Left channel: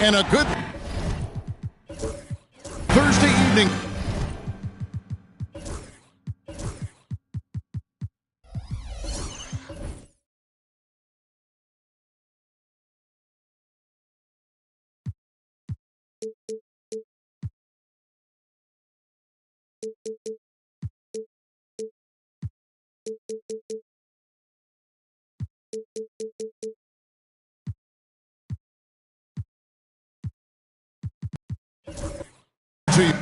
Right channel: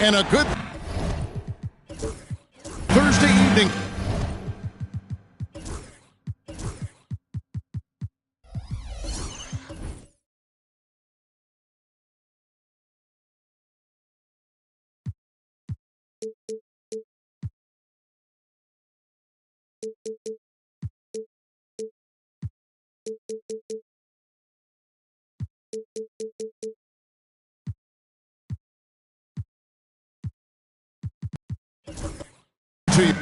And a good Thursday evening. To you.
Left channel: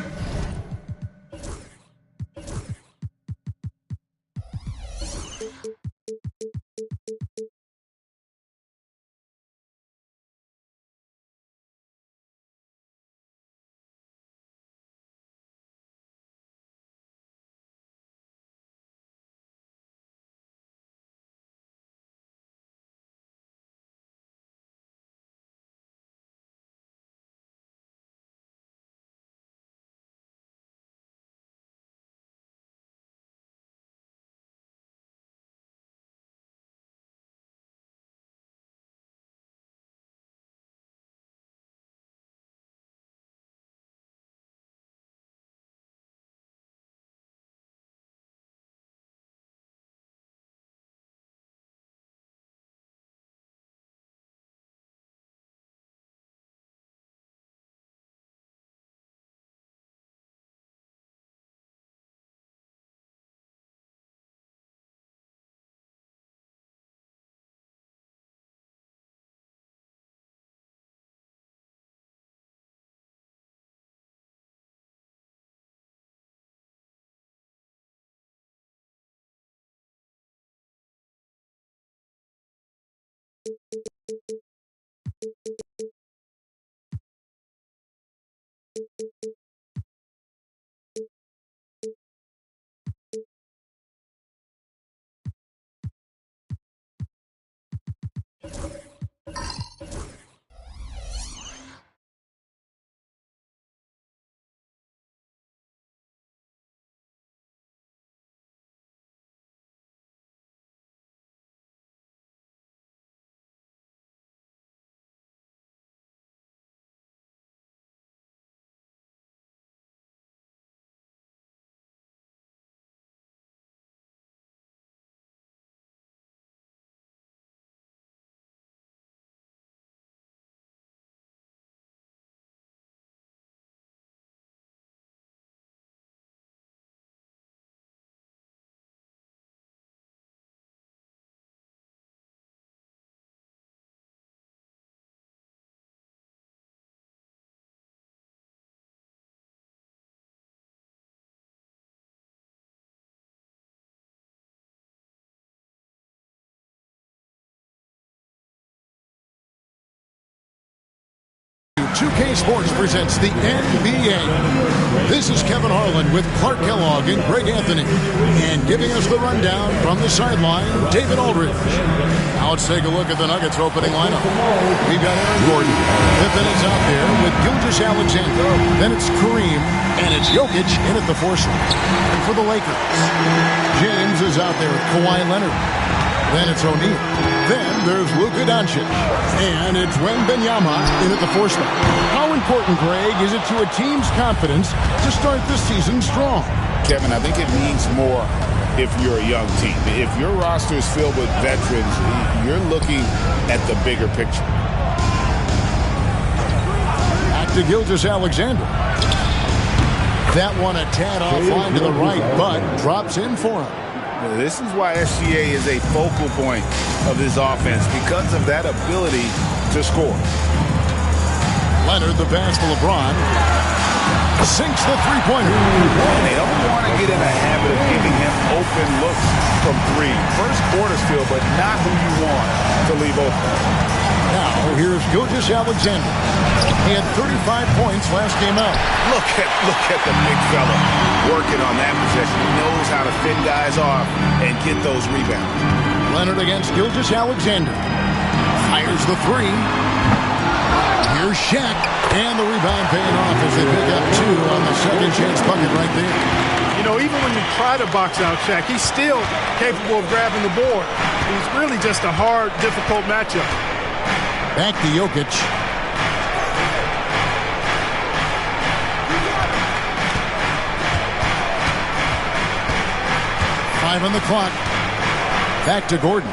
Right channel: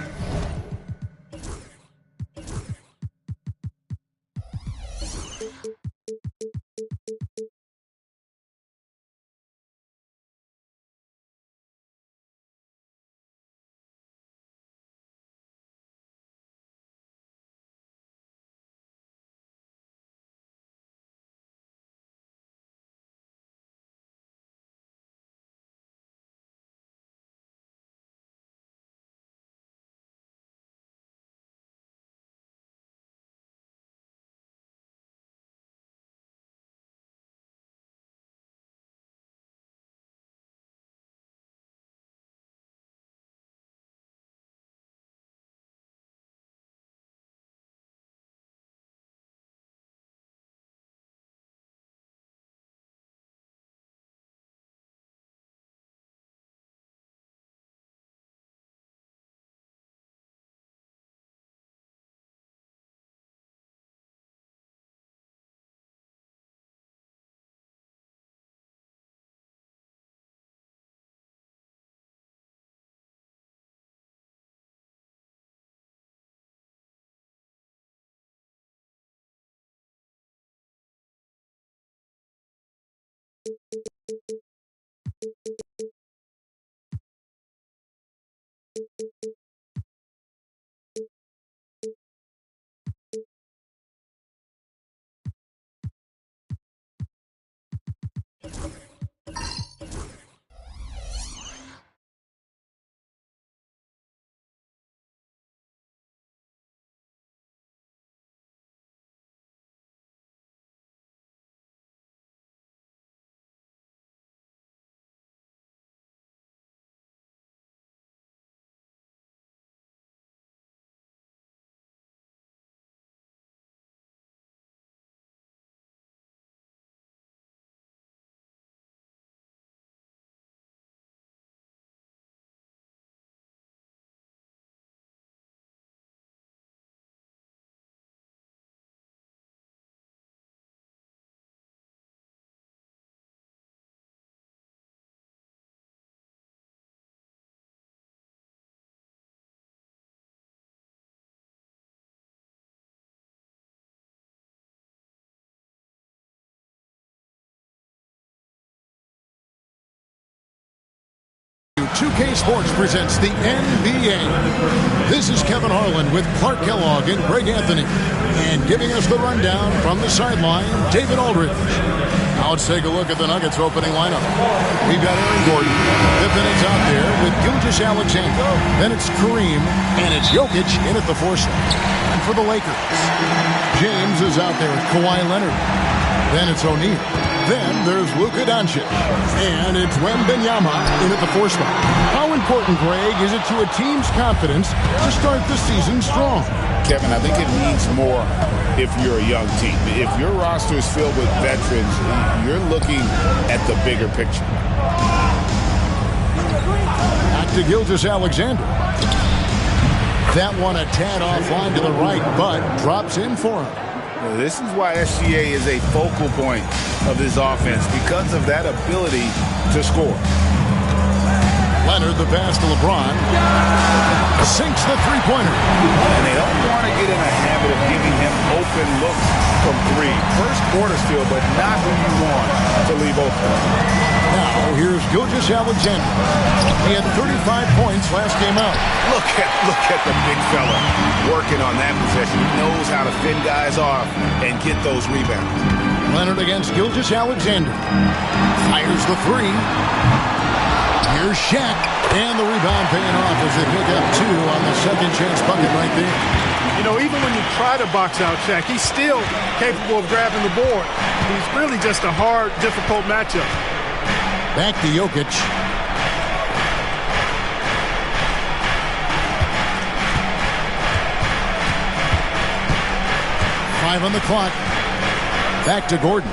Two-K Sports presents the NBA. This is Kevin Harlan with Clark Kellogg and Greg Anthony. And giving us the rundown from the sideline, David Aldridge. Now let's take a look at the Nuggets opening lineup. We've got Aaron Gordon. Pippen is out there with Gilgeous-Alexander. Then it's Kareem, and it's Jokic in at the 4 slot. And for the Lakers, James is out there with Kawhi Leonard. Then it's O'Neal. Then there's Luka Doncic. And it's Wembanyama in at the 4 spot. How important, Greg, is it to a team's confidence to start the season strong? Kevin, I think it means more if you're a young team. If your roster is filled with veterans, you're looking at the bigger picture. Back to Gilgeous-Alexander. That one a tad offline to the right, but drops in for him. This is why SGA is a focal point of this offense, because of that ability to score. Leonard, the pass to LeBron. Sinks the three-pointer. And they don't want to get in a habit of giving him open looks from three. First quarter's field, but not who you want to leave open. Now, here's Gilgeous-Alexander. He had 35 points last game out. Look at the big fella working on that possession. He knows how to fend guys off and get those rebounds. Leonard against Gilgeous-Alexander. Fires the three. Here's Shaq. And the rebound paying off as they pick up two on the second chance bucket right there. You know, even when you try to box out Shaq, he's still capable of grabbing the board. He's really just a hard, difficult matchup. Back to Jokic. Five on the clock. Back to Gordon.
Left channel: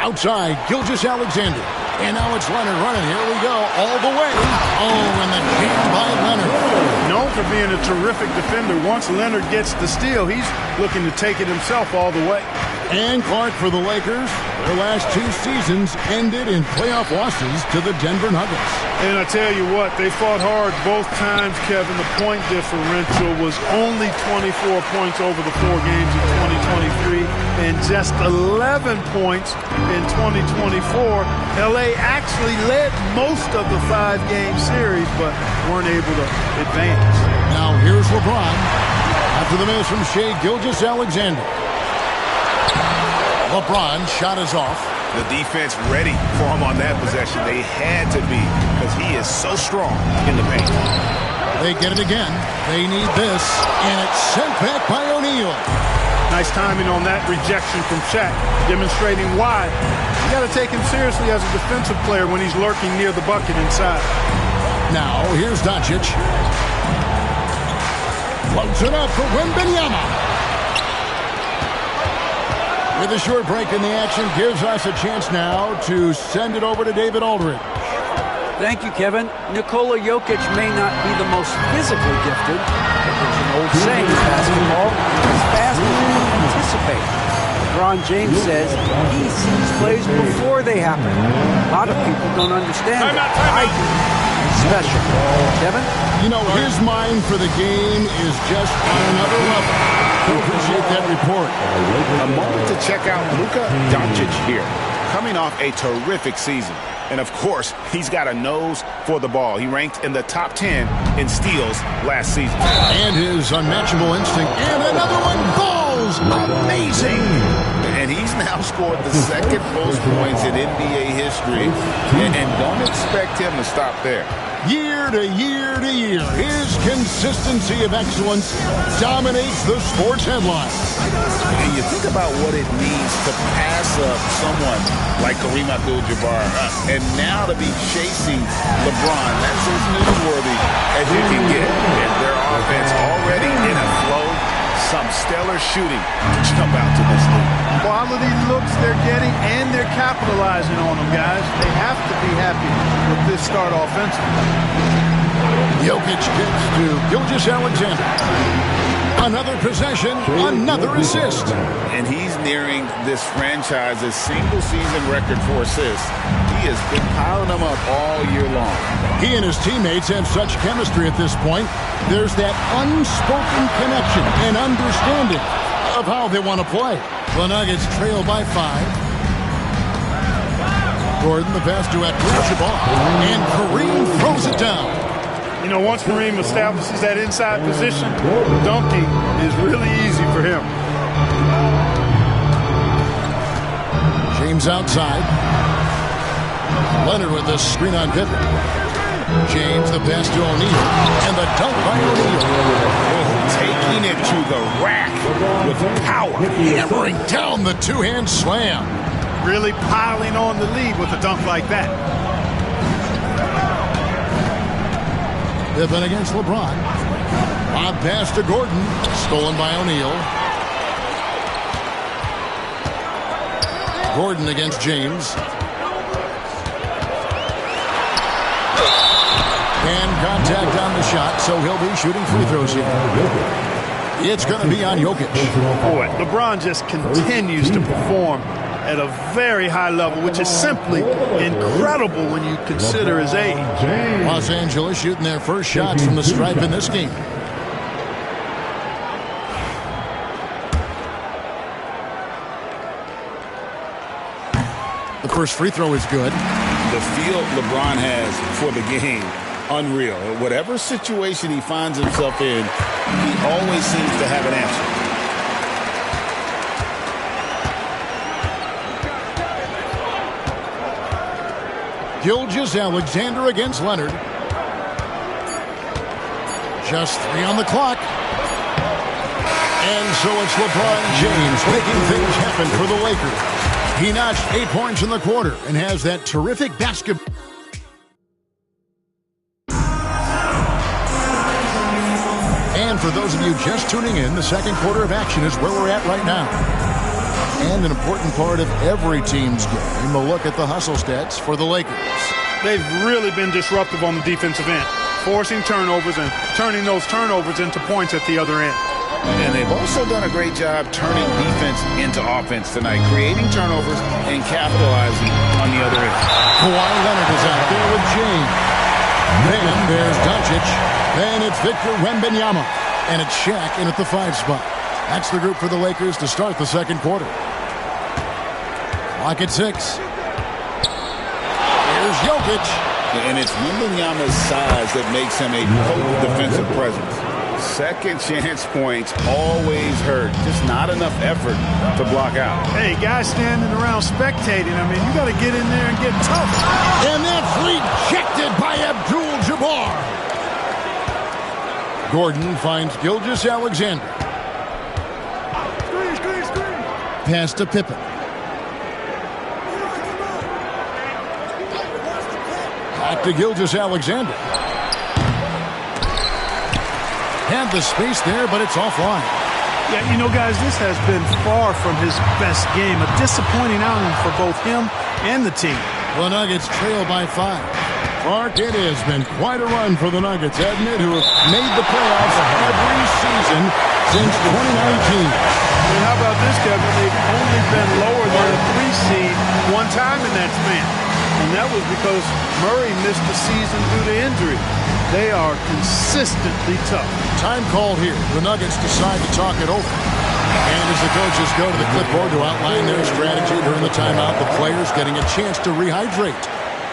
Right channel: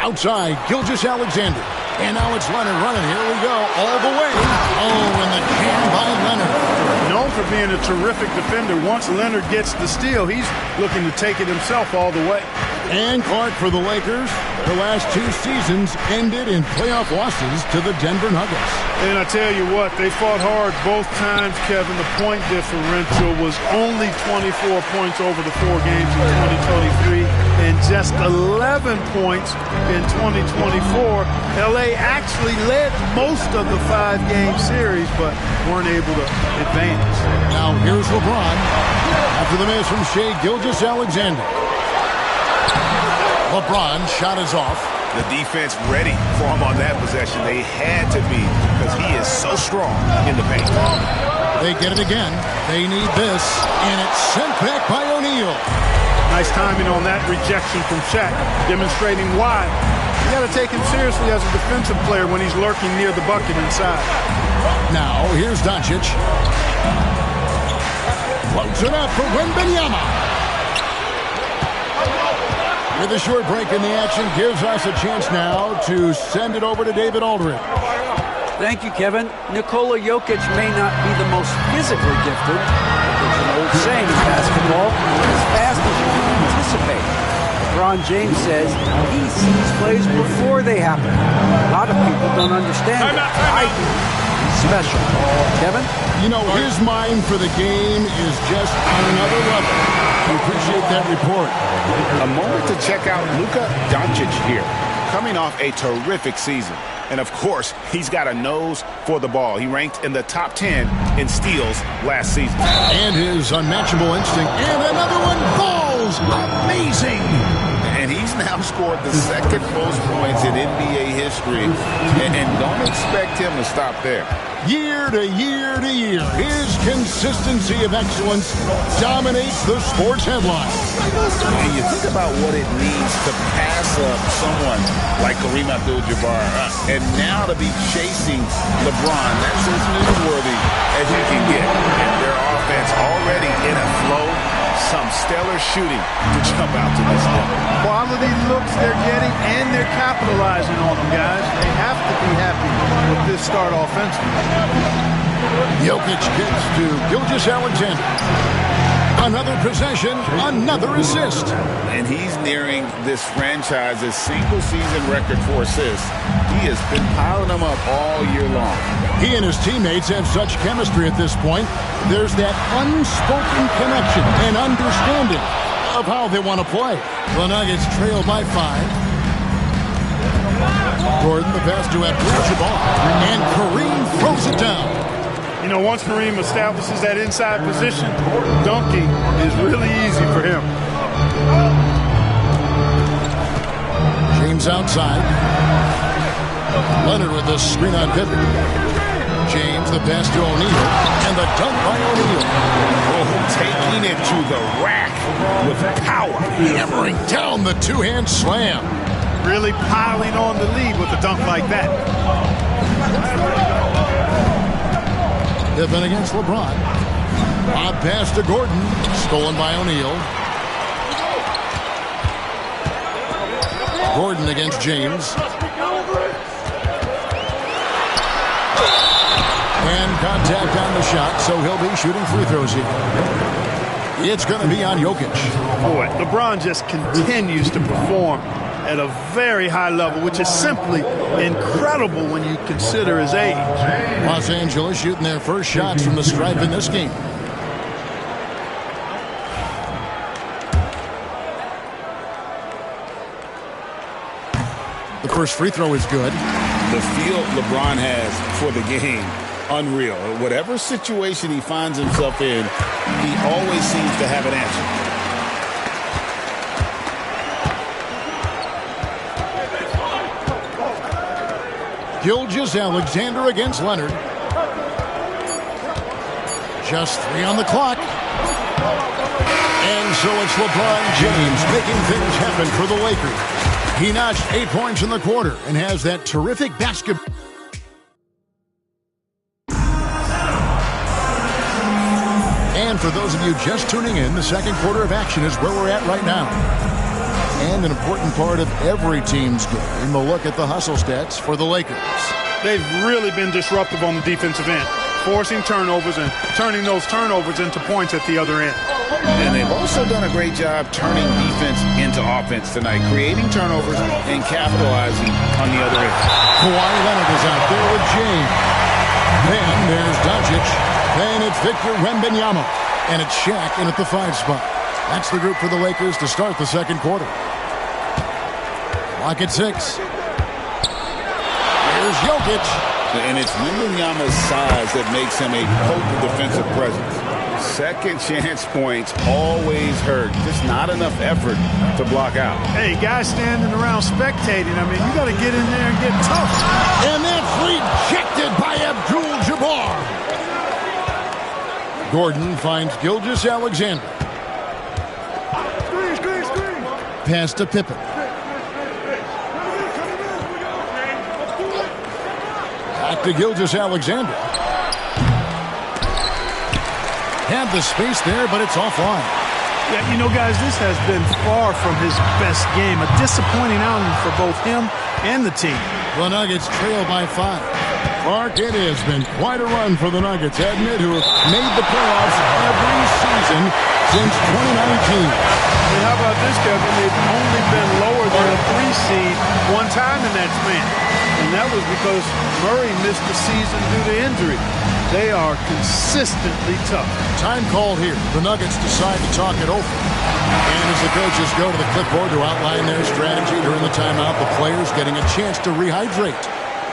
Outside, Gilgeous-Alexander. And now it's Leonard running. Here we go. All the way. Oh, and the jam by Leonard. Known for being a terrific defender. Once Leonard gets the steal, he's looking to take it himself all the way. And Clark for the Lakers. Their last two seasons ended in playoff losses to the Denver Nuggets. And I tell you what, they fought hard both times, Kevin. The point differential was only 24 points over the 4 games in 2023 and just 11 points in 2024. LA actually led most of the 5-game series, but weren't able to advance. Now here's LeBron. After the miss from Shai Gilgeous-Alexander. LeBron shot is off. The defense ready for him on that possession. They had to be because he is so strong in the paint. They get it again. They need this, and it's sent back by O'Neal. Nice timing on that rejection from Shaq, demonstrating why. You got to take him seriously as a defensive player when he's lurking near the bucket inside. Now, here's Doncic. Floats it up for Wembanyama. With a short break in the action, gives us a chance now to send it over to David Aldridge. Thank you, Kevin. Nikola Jokic may not be the most physically gifted, but there's an old saying in basketball, as fast as you can anticipate. LeBron James says he sees plays before they happen. A lot of people don't understand it. I do. He's special. Kevin? You know, his mind for the game is just on another level. I appreciate that report. A moment to check out Luka Doncic here, coming off a terrific season. And, of course, he's got a nose for the ball. He ranked in the top 10 in steals last season. And his unmatchable instinct. And another one falls. Amazing. And he's now scored the second most points in NBA history. And don't expect him to stop there. Year to year to year, his consistency of excellence dominates the sports headline. And you think about what it means to pass up someone like Kareem Abdul-Jabbar, and now to be chasing LeBron. That's as newsworthy as you can get. And their offense already in a flow. Some stellar shooting to jump out to this league. Quality looks they're getting, and they're capitalizing on them, guys. They have to be happy with this start offensively. Jokic gets to Gilgeous-Alexander. Another possession, another assist. And he's nearing this franchise's single-season record for assists. He has been piling them up all year long. He and his teammates have such chemistry at this point. There's that unspoken connection and understanding of how they want to play. The Nuggets trail by 5. Gordon, the pass to Abdul-Jabbar. And Kareem throws it down. You know, once Kareem establishes that inside position, dunking is really easy for him. James outside. Leonard with the screen on Pippen. James, the pass to O'Neal. And the dunk by O'Neal. Oh, taking it to the rack with power. Hammering down the two-hand slam. Really piling on the lead with a dunk like that. Pippen against LeBron. Lob pass to Gordon. Stolen by O'Neal. Gordon against James. And contact on the shot, so he'll be shooting free throws here. It's going to be on Jokic. Boy, LeBron just continues to perform at a very high level, which is simply incredible when you consider his age. Los Angeles shooting their first shots from the stripe in this game. The first free throw is good. The feel LeBron has for the game, unreal. Whatever situation he finds himself in, he always seems to have an answer. Gilgeous-Alexander against Leonard. Just 3 on the clock. And so it's LeBron James making things happen for the Lakers. He notched 8 points in the quarter and has that terrific basketball. And for those of you just tuning in, the second quarter of action is where we're at right now. And an important part of every team's game, a look at the hustle stats for the Lakers. They've really been disruptive on the defensive end, forcing turnovers and turning those turnovers into points at the other end. And they've also done a great job turning defense into offense tonight, creating turnovers and capitalizing on the other end. Kawhi Leonard is out there with James. Then there's Doncic. Then it's Victor Wembanyama. And it's Shaq in at the 5 spot. That's the group for the Lakers to start the second quarter. Clock at 6. Here's Jokic. And it's Wembanyama's size that makes him a potent defensive presence. Second chance points always hurt. Just not enough effort to block out. Hey, guys standing around spectating, I mean, you got to get in there and get tough. And that's rejected by Abdul-Jabbar. Gordon finds Gilgeous-Alexander. Pass to Pippen. Back to Gilgeous-Alexander. Had the space there, but it's offline. Yeah, you know, guys, this has been far from his best game. A disappointing outing for both him and the team. The Nuggets trail by 5. Clark, it has been quite a run for the Nuggets, hasn't it, who have made the playoffs every season since 2019. And how about this, Kevin? They've only been lower than a 3 seed one time in that span. And that was because Murray missed the season due to injury. They are consistently tough. Time called here. The Nuggets decide to talk it over. And as the coaches go to the clipboard to outline their strategy during the timeout, the players getting a chance to rehydrate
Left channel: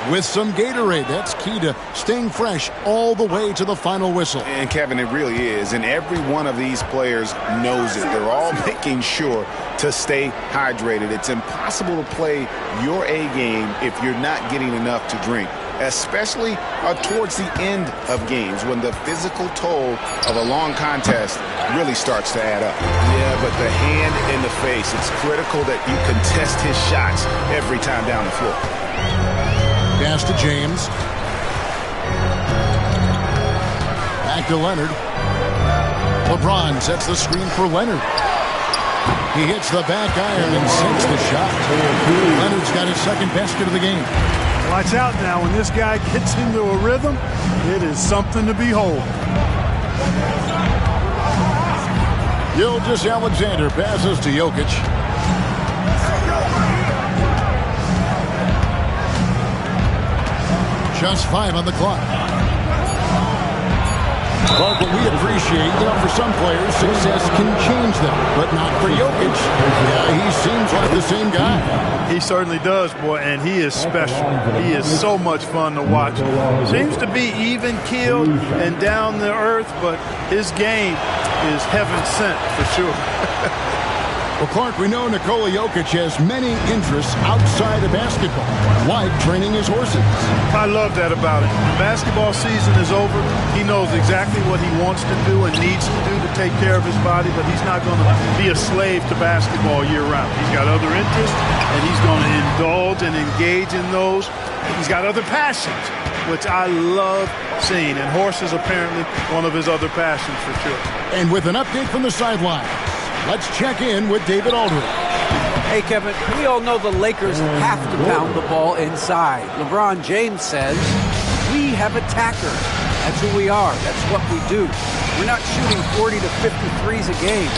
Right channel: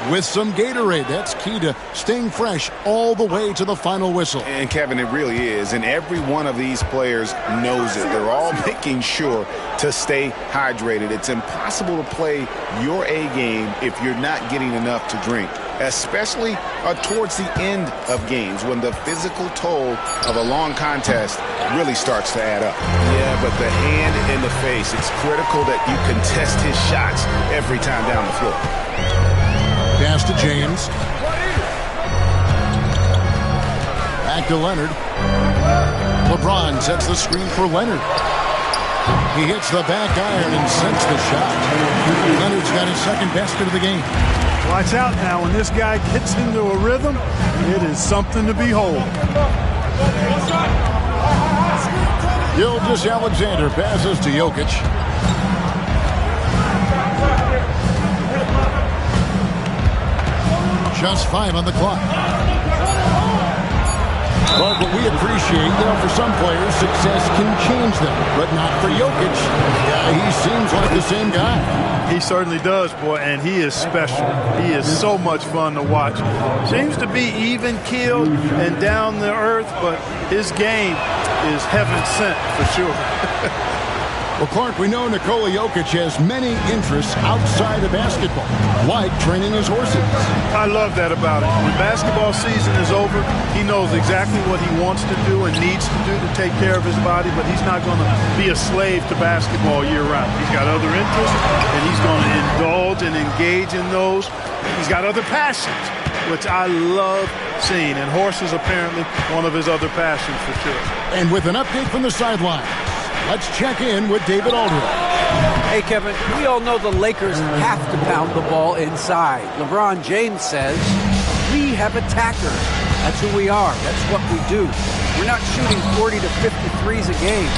with some Gatorade. That's key to staying fresh all the way to the final whistle. And, Kevin, it really is. And every one of these players knows it. They're all making sure to stay hydrated. It's impossible to play your A game if you're not getting enough to drink, especially towards the end of games when the physical toll of a long contest really starts to add up. Yeah, but the hand in the face, it's critical that you contest his shots every time down the floor. Pass to James. Back to Leonard. LeBron sets the screen for Leonard. He hits the back iron and sinks the shot. Leonard's got his second basket of the game. Watch out now. When this guy gets into a rhythm, it is something to behold. Gilgeous-Alexander passes to Jokic. Just 5 on the clock. But what we appreciate, for some players, success can change them, but not for Jokic. Yeah, he seems like the same guy. He certainly does, boy, and he is special. He is so much fun to watch. Seems to be even-keeled and down to earth, but his game is heaven sent for sure. Well, Clark, we know Nikola Jokic has many interests outside of basketball, like training his horses. I love that about him. When basketball season is over, he knows exactly what he wants to do and needs to do to take care of his body, but he's not going to be a slave to basketball year-round. He's got other interests, and he's going to indulge and engage in those. He's got other passions, which I love seeing, and horses apparently one of his other passions for sure. And with an update from the sidelines, let's check in with David Aldridge. Hey, Kevin, we all know the Lakers have to pound the ball inside. LeBron James says, we have attackers. That's who we are. That's what we do. We're not shooting 40 to 50 threes a game.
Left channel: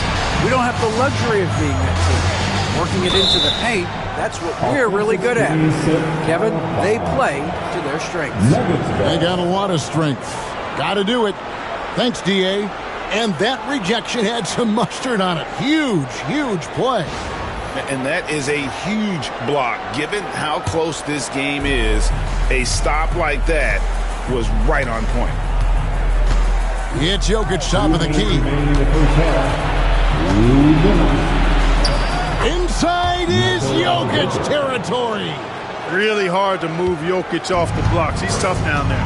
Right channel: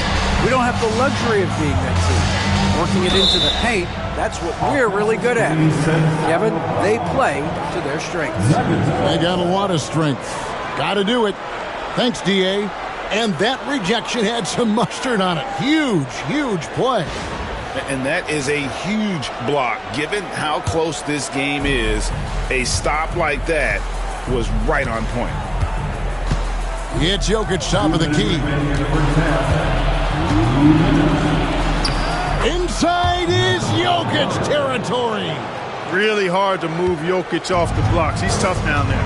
We don't have the luxury of being that team. Working it into the paint That's what we're really good at. Kevin, they play to their strengths. They got a lot of strength. Got to do it. Thanks, D.A. And that rejection had some mustard on it. Huge, huge play. And that is a huge block. Given how close this game is, a stop like that was right on point. It's Jokic, top of the key. Inside is Jokic territory. Really hard to move Jokic off the blocks. He's tough down there.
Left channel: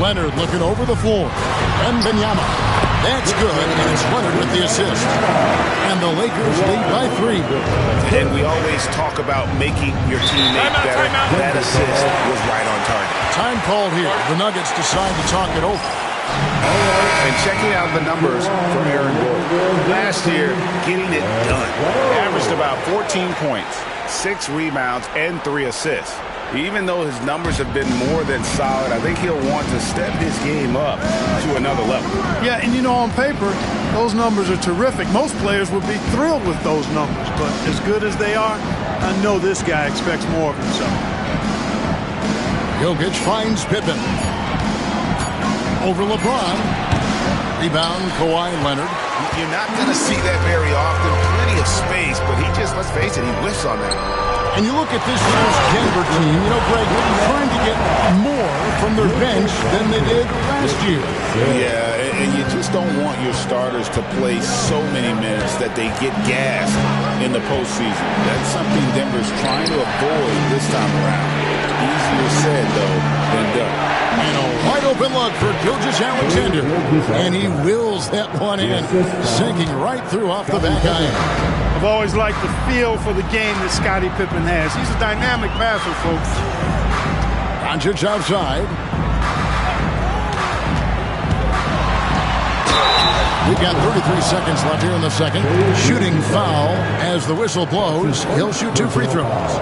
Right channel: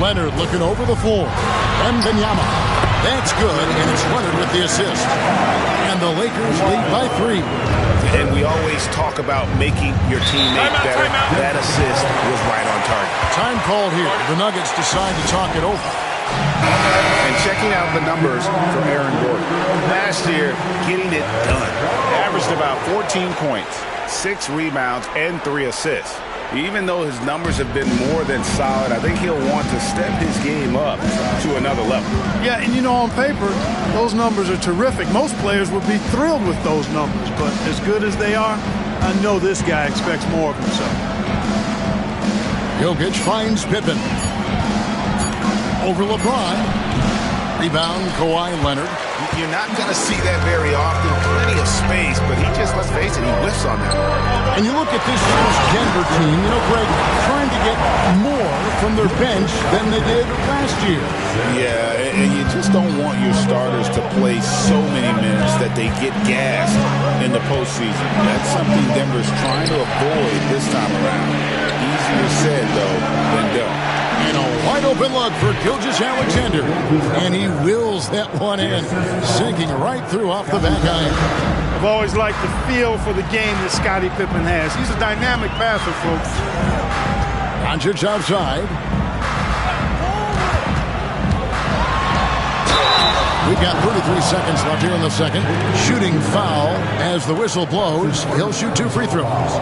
Leonard looking over the floor. Wembanyama. That's good, and it's Leonard with the assist. And the Lakers lead by 3. And we always talk about making your teammate better. That assist was right on target. Time called here. The Nuggets decide to talk it over. And checking out the numbers for Aaron Gordon. Last year, getting it done. Averaged about 14 points, 6 rebounds, and 3 assists. Even though his numbers have been more than solid, I think he'll want to step his game up to another level. Yeah, and you know, on paper, those numbers are terrific. Most players would be thrilled with those numbers, but as good as they are, I know this guy expects more of himself. Jokic finds Pippen. Over LeBron. Rebound, Kawhi Leonard. You're not going to see that very often. Plenty of space, but he just, let's face it, he whiffs on that. And you look at this year's Denver team, you know, Greg, trying to get more from their bench than they did last year. Yeah, and you just don't want your starters to play so many minutes that they get gassed in the postseason. That's something Denver's trying to avoid this time around. Easier said, though, than done. And a wide-open look for Gilgeous-Alexander. And he wills that one in, sinking right through off the back iron. I've always liked the feel for the game that Scottie Pippen has. He's a dynamic passer, folks. Doncic outside. We've got 33 seconds left here in the second. Shooting foul as the whistle blows. He'll shoot 2 free throws.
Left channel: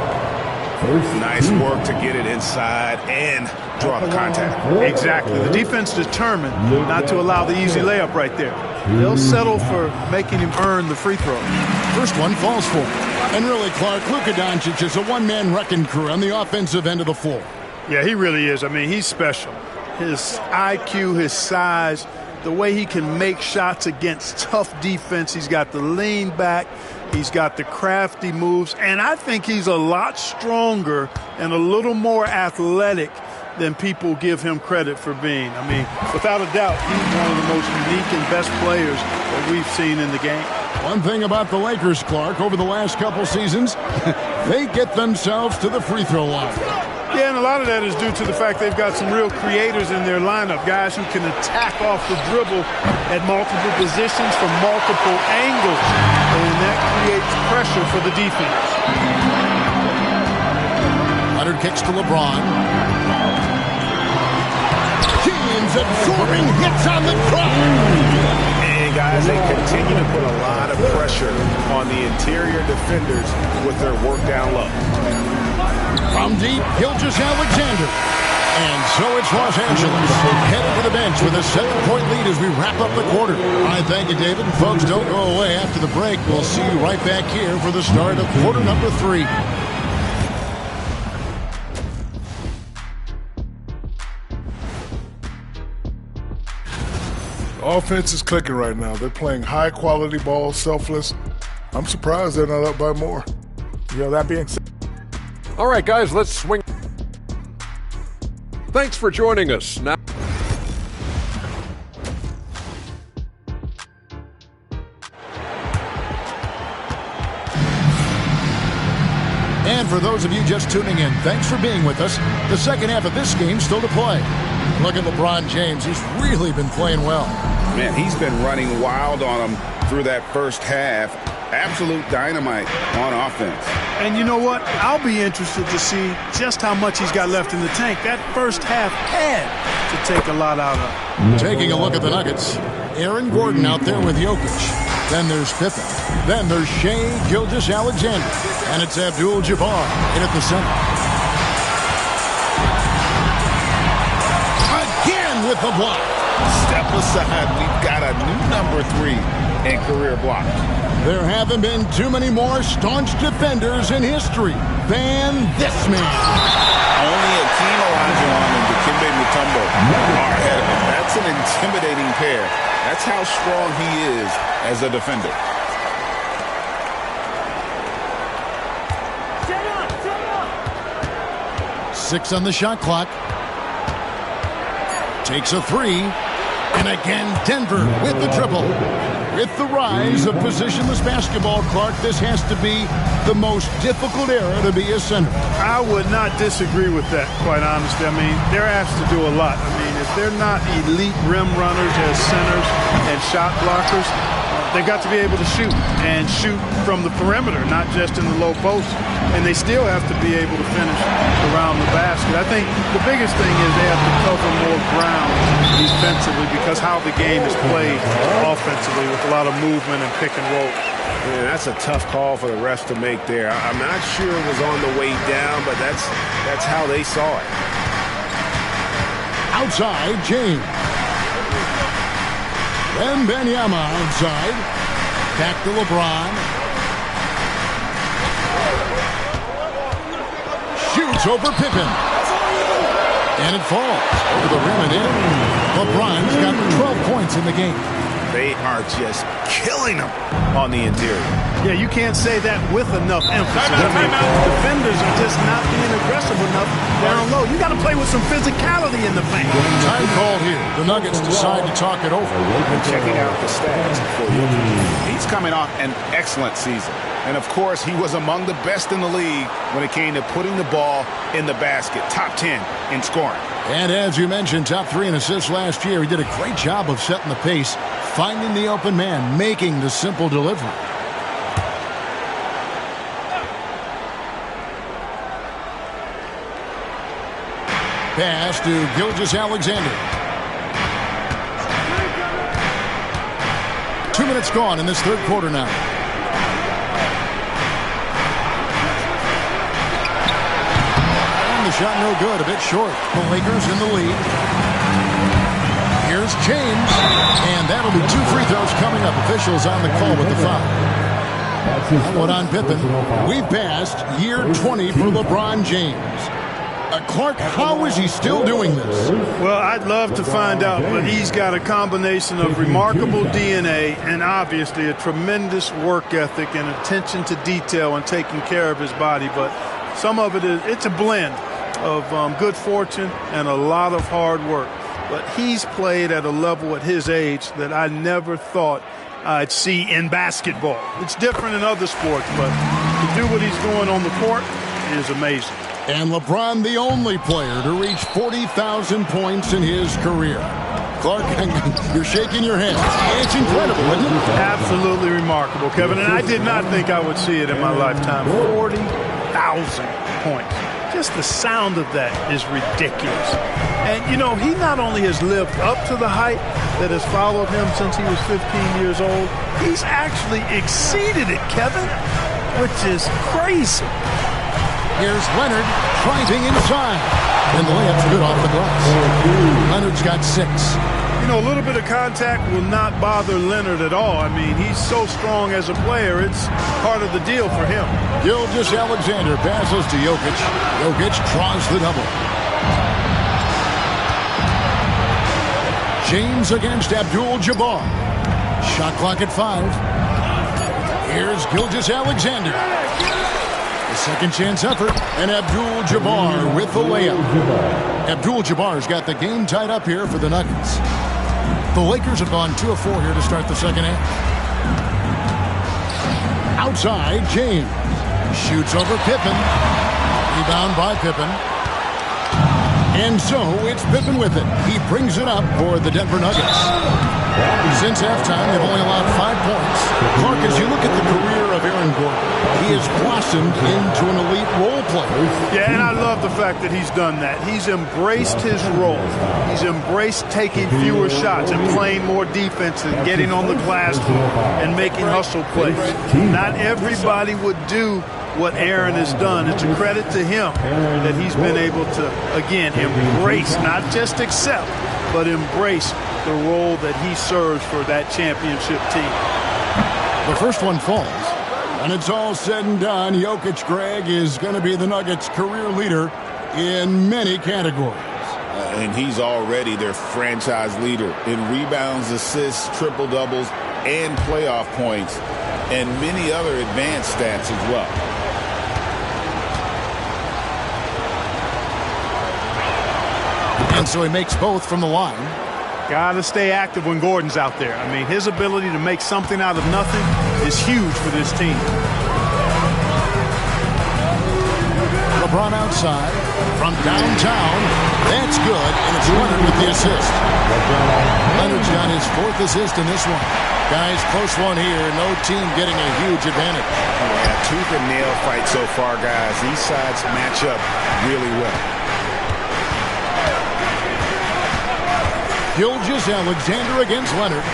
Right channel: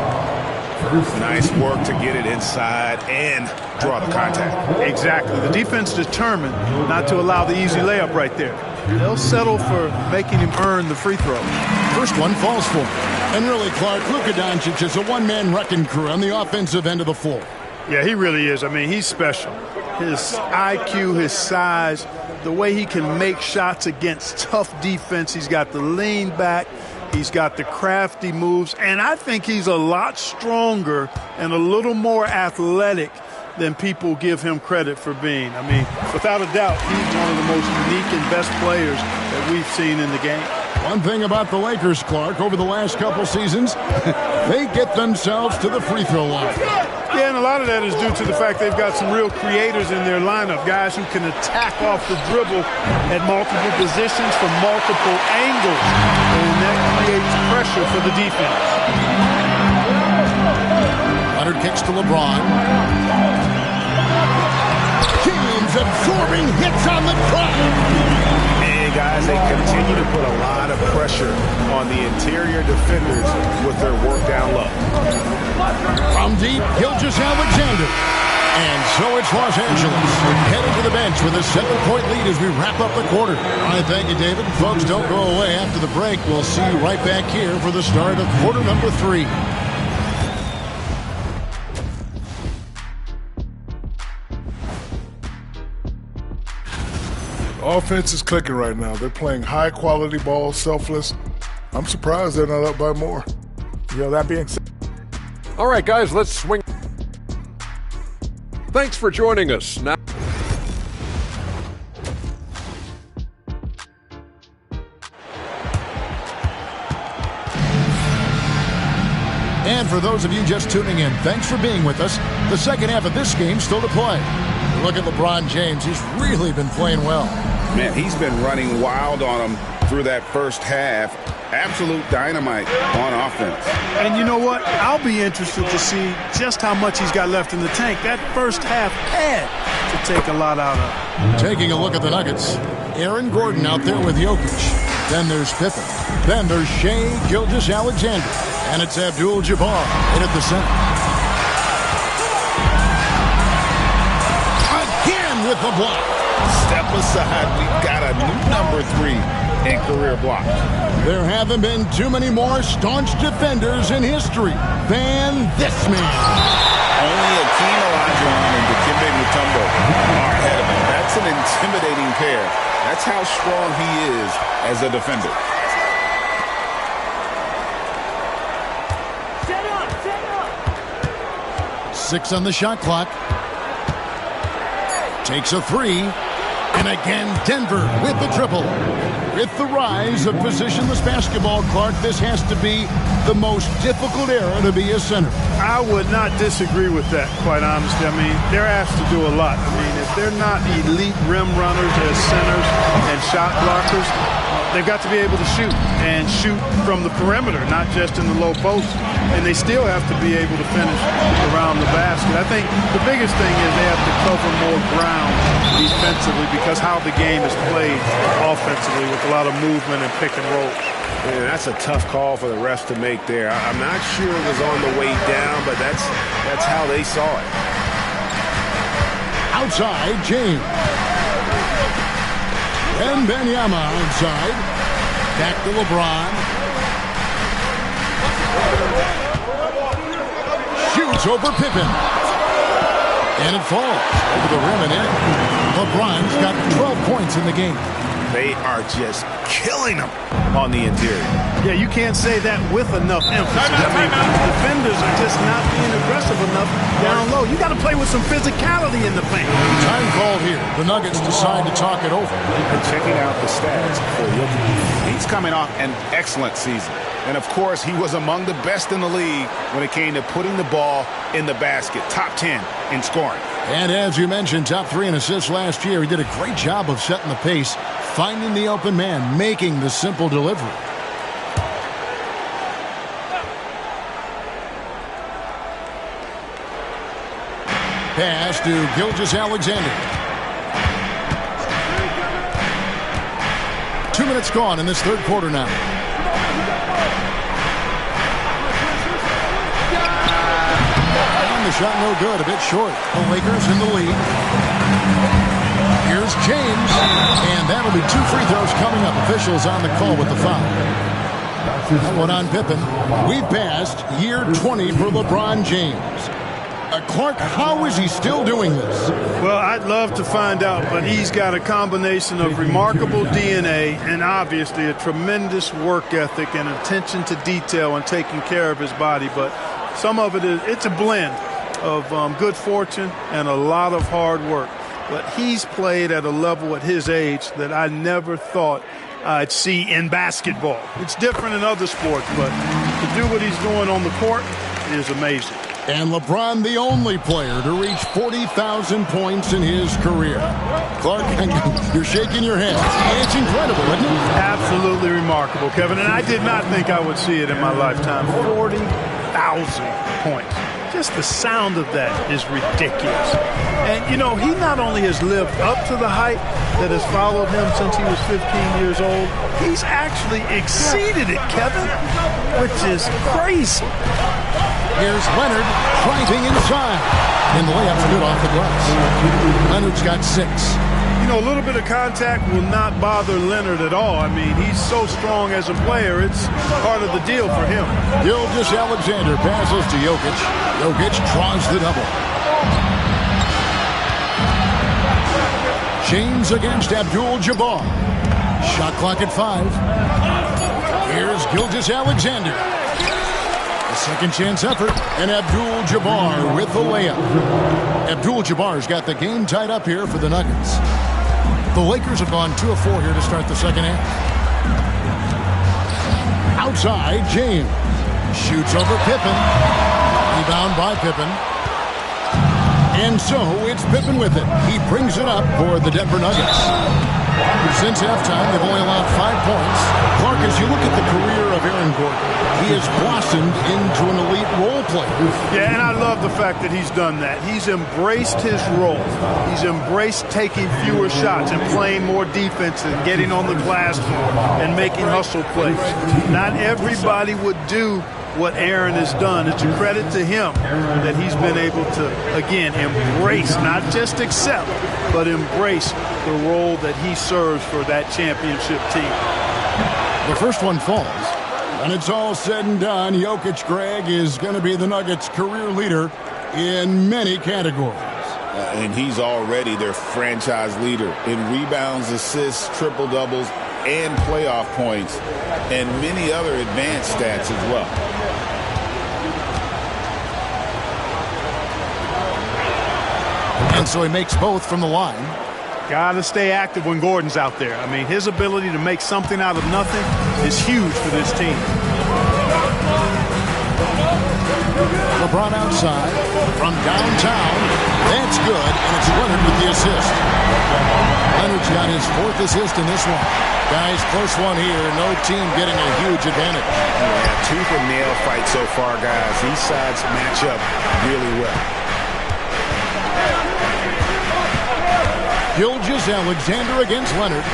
Nice work to get it inside and draw the contact. Exactly. The defense determined not to allow the easy layup right there. They'll settle for making him earn the free throws. First one falls for him. And really, Clark, Luka Doncic is a one-man wrecking crew on the offensive end of the floor. Yeah, he really is. I mean, he's special. His IQ, his size, the way he can make shots against tough defense. He's got the lean back. He's got the crafty moves. And I think he's a lot stronger and a little more athletic than people give him credit for being. I mean, without a doubt, he's one of the most unique and best players that we've seen in the game. One thing about the Lakers, Clark, over the last couple seasons, they get themselves to the free throw line. Yeah, and a lot of that is due to the fact they've got some real creators in their lineup, guys who can attack off the dribble at multiple positions from multiple angles, and that creates pressure for the defense. Leonard kicks to LeBron. James absorbing hits on the drive. And guys, they continue to put a lot of pressure on the interior defenders with their work down low. From deep, Gilgeous-Alexander. And so it's Los Angeles heading to the bench with a 7-point lead as we wrap up the quarter. All right, thank you, David. Folks, don't go away. After the break, we'll see you right back here for the start of quarter number 3. Offense is clicking right now. They're playing high-quality ball, selfless. I'm surprised they're not up by more. That being said. All right, guys, let's swing. Thanks for joining us. Now. And for those of you just tuning in, thanks for being with us. The second half of this game still to play. Look at LeBron James. He's really been playing well. Man, he's been running wild on them through that first half. Absolute dynamite on offense. And you know what? I'll be interested to see just how much he's got left in the tank. That first half had to take a lot out of. Taking a look at the Nuggets. Aaron Gordon out there with Jokic. Then there's Pippen. Then there's Shai Gilgeous-Alexander. And it's Abdul-Jabbar in at the center. Again with the block. Step aside. We've got a new number 3 in career block. There haven't been too many more staunch defenders in history than this man. Only Akeem Olajuwon and Dikembe Mutombo are ahead of him. That's an intimidating pair. That's how strong he is as a defender. Set up. 6 on the shot clock. Takes a 3. And again, Denver with the triple. With the rise of positionless basketball, Clark, this has to be the most difficult era to be a center. I would not disagree with that, quite honestly. I mean, they're asked to do a lot. I mean, if they're not elite rim runners as centers and shot blockers, they've got to be able to shoot and shoot from the perimeter, not just in the low post. And they still have to be able to finish around the basket. I think the biggest thing is they have to cover more ground defensively because how the game is played offensively with a lot of movement and pick and roll. Man, that's a tough call for the refs to make there. I'm not sure it was on the way down, but that's how they saw it. Outside, James. Wembanyama outside. Back to LeBron. Shoots over Pippen. And it falls over the rim and in. LeBron's got 12 points in the game. They are just killing them on the interior. Yeah, you can't say that with enough emphasis. Defenders are just not being aggressive enough down low. You got to play with some physicality in the paint. Time called here. The Nuggets decide to talk it over. And checking out the stats for Jokic. He's coming off an excellent season. And, of course, he was among the best in the league when it came to putting the ball in the basket. Top 10 in scoring. And as you mentioned, top 3 in assists last year. He did a great job of setting the pace, finding the open man, making the simple delivery. Pass to Gilgeous-Alexander. 2 minutes gone in this third quarter now. And the shot no good, a bit short. The Lakers in the lead. Here's James, and that'll be 2 free throws coming up. Officials on the call with the foul. That one on Pippen. We've passed year 20 for LeBron James. Clark, how is he still doing this? Well, I'd love to find out, but he's got a combination of remarkable DNA and obviously a tremendous work ethic and attention to detail and taking care of his body. But some of it's a blend of good fortune and a lot of hard work. But he's played at a level at his age that I never thought I'd see in basketball. It's different in other sports, but to do what he's doing on the court is amazing. And LeBron, the only player to reach 40,000 points in his career. Clark, you're shaking your head. It's incredible, isn't it? Absolutely remarkable, Kevin. And I did not think I would see it in my lifetime. 40,000 points. Just the sound of that is ridiculous. And, you know, he not only has lived up to the height that has followed him since he was 15 years old, he's actually exceeded it, Kevin, which is crazy. Here's Leonard driving inside. And the layup's good off the glass. Leonard's got 6. You know, a little bit of contact will not bother Leonard at all. I mean, he's so strong as a player, it's part of the deal for him. Gilgeous-Alexander passes to Jokic. Jokic draws the double. James against Abdul-Jabbar. Shot clock at 5. Here's Gilgeous-Alexander. A second chance effort, and Abdul-Jabbar with the layup. Abdul-Jabbar's got the game tied up here for the Nuggets. The Lakers have gone 2 of 4 here to start the second half. Outside, James. Shoots over Pippen. Rebound by Pippen. And so it's Pippen with it. He brings it up for the Denver Nuggets. Since halftime, they've only allowed 5 points. Clark, as you look at the career of Aaron Gordon, he has blossomed into an elite role player. Yeah, and I love the fact that he's done that. He's embraced his role. He's embraced taking fewer shots and playing more defense and getting on the glass more and making hustle plays. Not everybody would do what Aaron has done. It's a credit to him that he's been able to, again, embrace, not just accept, but embrace the role that he serves for that championship team. The first one falls. And it's all said and done. Jokic, Greg, is going to be the Nuggets' career leader in many categories. And he's already their franchise leader in rebounds, assists, triple-doubles, and playoff points, and many other advanced stats as well. And so he makes both from the line. Got to stay active when Gordon's out there. I mean, his ability to make something out of nothing is huge for this team. LeBron outside from downtown. That's good, and it's Leonard with the assist. Leonard's got his 4th assist in this one. Guys, close one here. No team getting a huge advantage. Yeah, tooth and nail fight so far, guys. These sides match up really well. Gilgeous-Alexander against Leonard.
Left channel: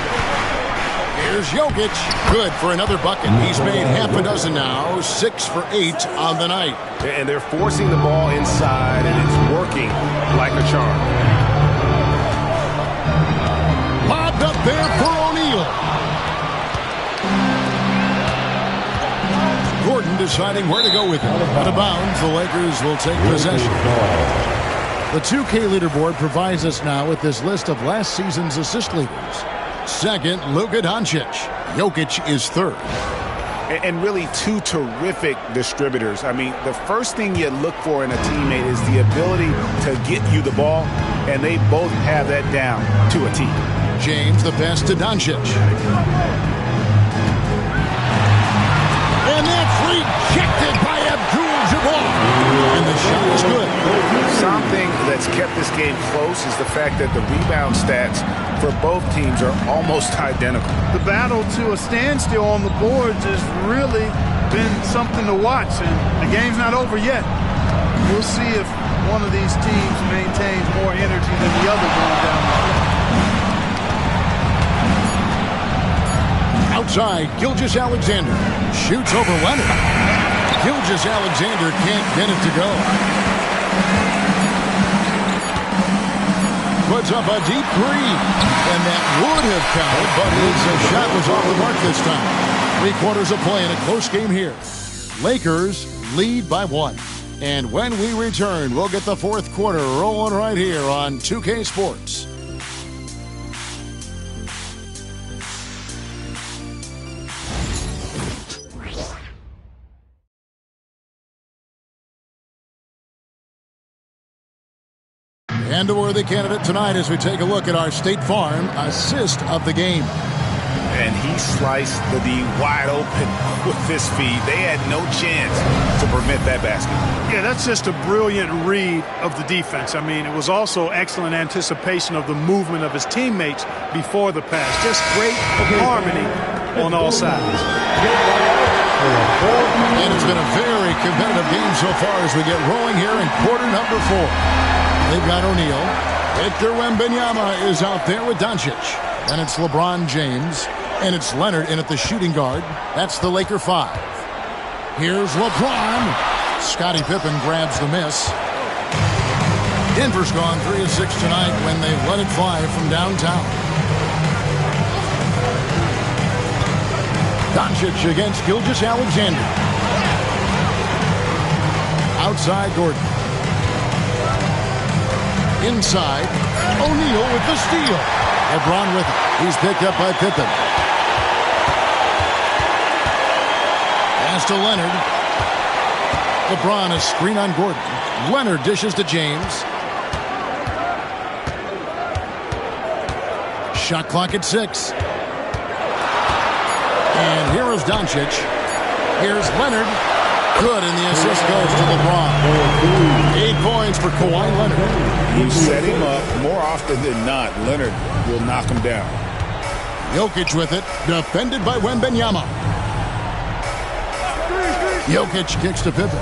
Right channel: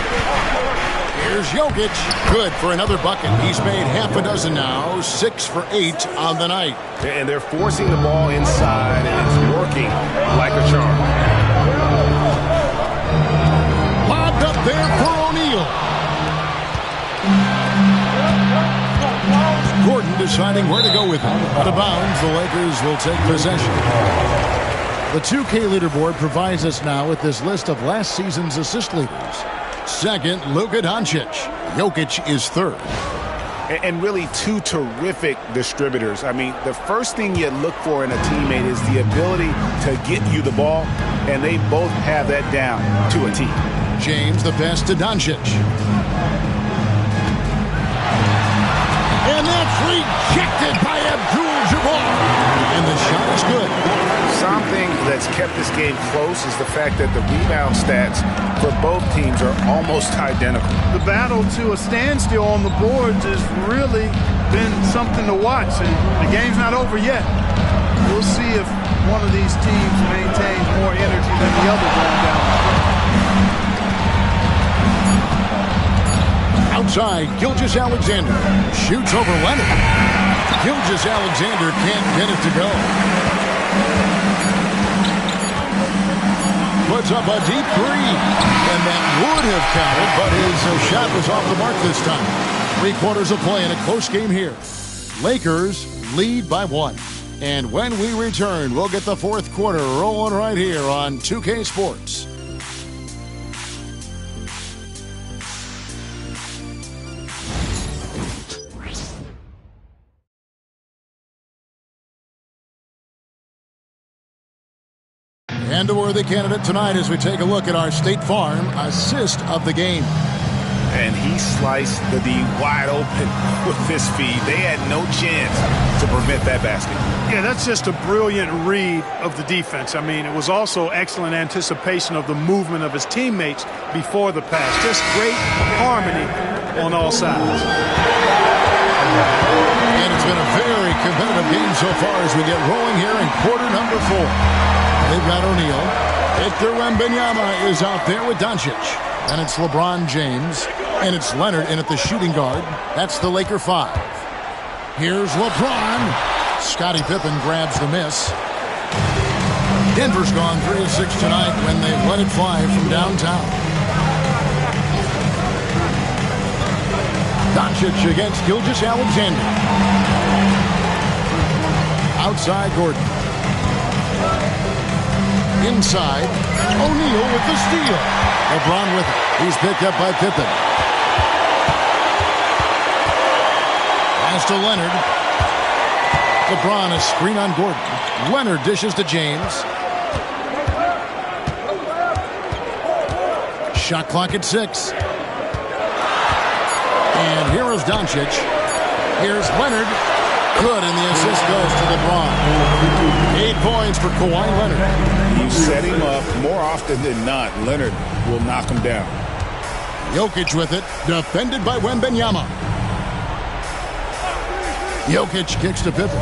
Here's Jokic. Good for another bucket. He's made half a dozen now. 6 for 8 on the night. And they're forcing the ball inside, and it's working like a charm. Lobbed up there for O'Neal. Gordon deciding where to go with it. Out of bounds, the Lakers will take possession. The 2K leaderboard provides us now with this list of last season's assist leaders. Second, Luka Doncic. Jokic is third. And really 2 terrific distributors. I mean, the first thing you look for in a teammate is the ability to get you the ball, and they both have that down to a T. James, the pass to Doncic. And that's rejected by Abdul-Jabbar. And the shot is good. Something that's kept this game close is the fact that the rebound stats for both teams are almost identical. The battle to a standstill on the boards has really been something to watch, and the game's not over yet. We'll see if one of these teams maintains more energy than the other going down the stretch. Outside, Gilgeous-Alexander shoots over Leonard. Gilgeous-Alexander can't get it to go. Puts up a deep 3, and that would have counted, but his shot was off the mark this time. 3 quarters of play in a close game here. Lakers lead by 1. And when we return, we'll get the 4th quarter rolling right here on 2K Sports. And a worthy candidate tonight as we take a look at our State Farm assist of the game. And he sliced the D wide open with this feed. They had no chance to prevent that basket. Yeah, that's just a brilliant read of the defense. I mean, it was also excellent anticipation of the movement of his teammates before the pass. Just great harmony on all sides. And it's been a very competitive game so far as we get rolling here in quarter number 4. They've got O'Neal. Victor Wembanyama is out there with Doncic. Then it's LeBron James. And it's Leonard in at the shooting guard. That's the Laker 5. Here's LeBron. Scottie Pippen grabs the miss. Denver's gone 3 of 6 tonight when they've let it fly from downtown. Doncic against Gilgeous-Alexander. Outside Gordon. Inside, O'Neal with the steal. LeBron with it. He's picked up by Pippen. Pass to Leonard. LeBron a screen on Gordon. Leonard dishes to James. Shot clock at 6. And here is Doncic. Here's Leonard. Good, and the assist goes to LeBron. 8 points for Kawhi Leonard. You set him up more often than not. Leonard will knock him down. Jokic with it, defended by Wembanyama. Jokic kicks to Pippen.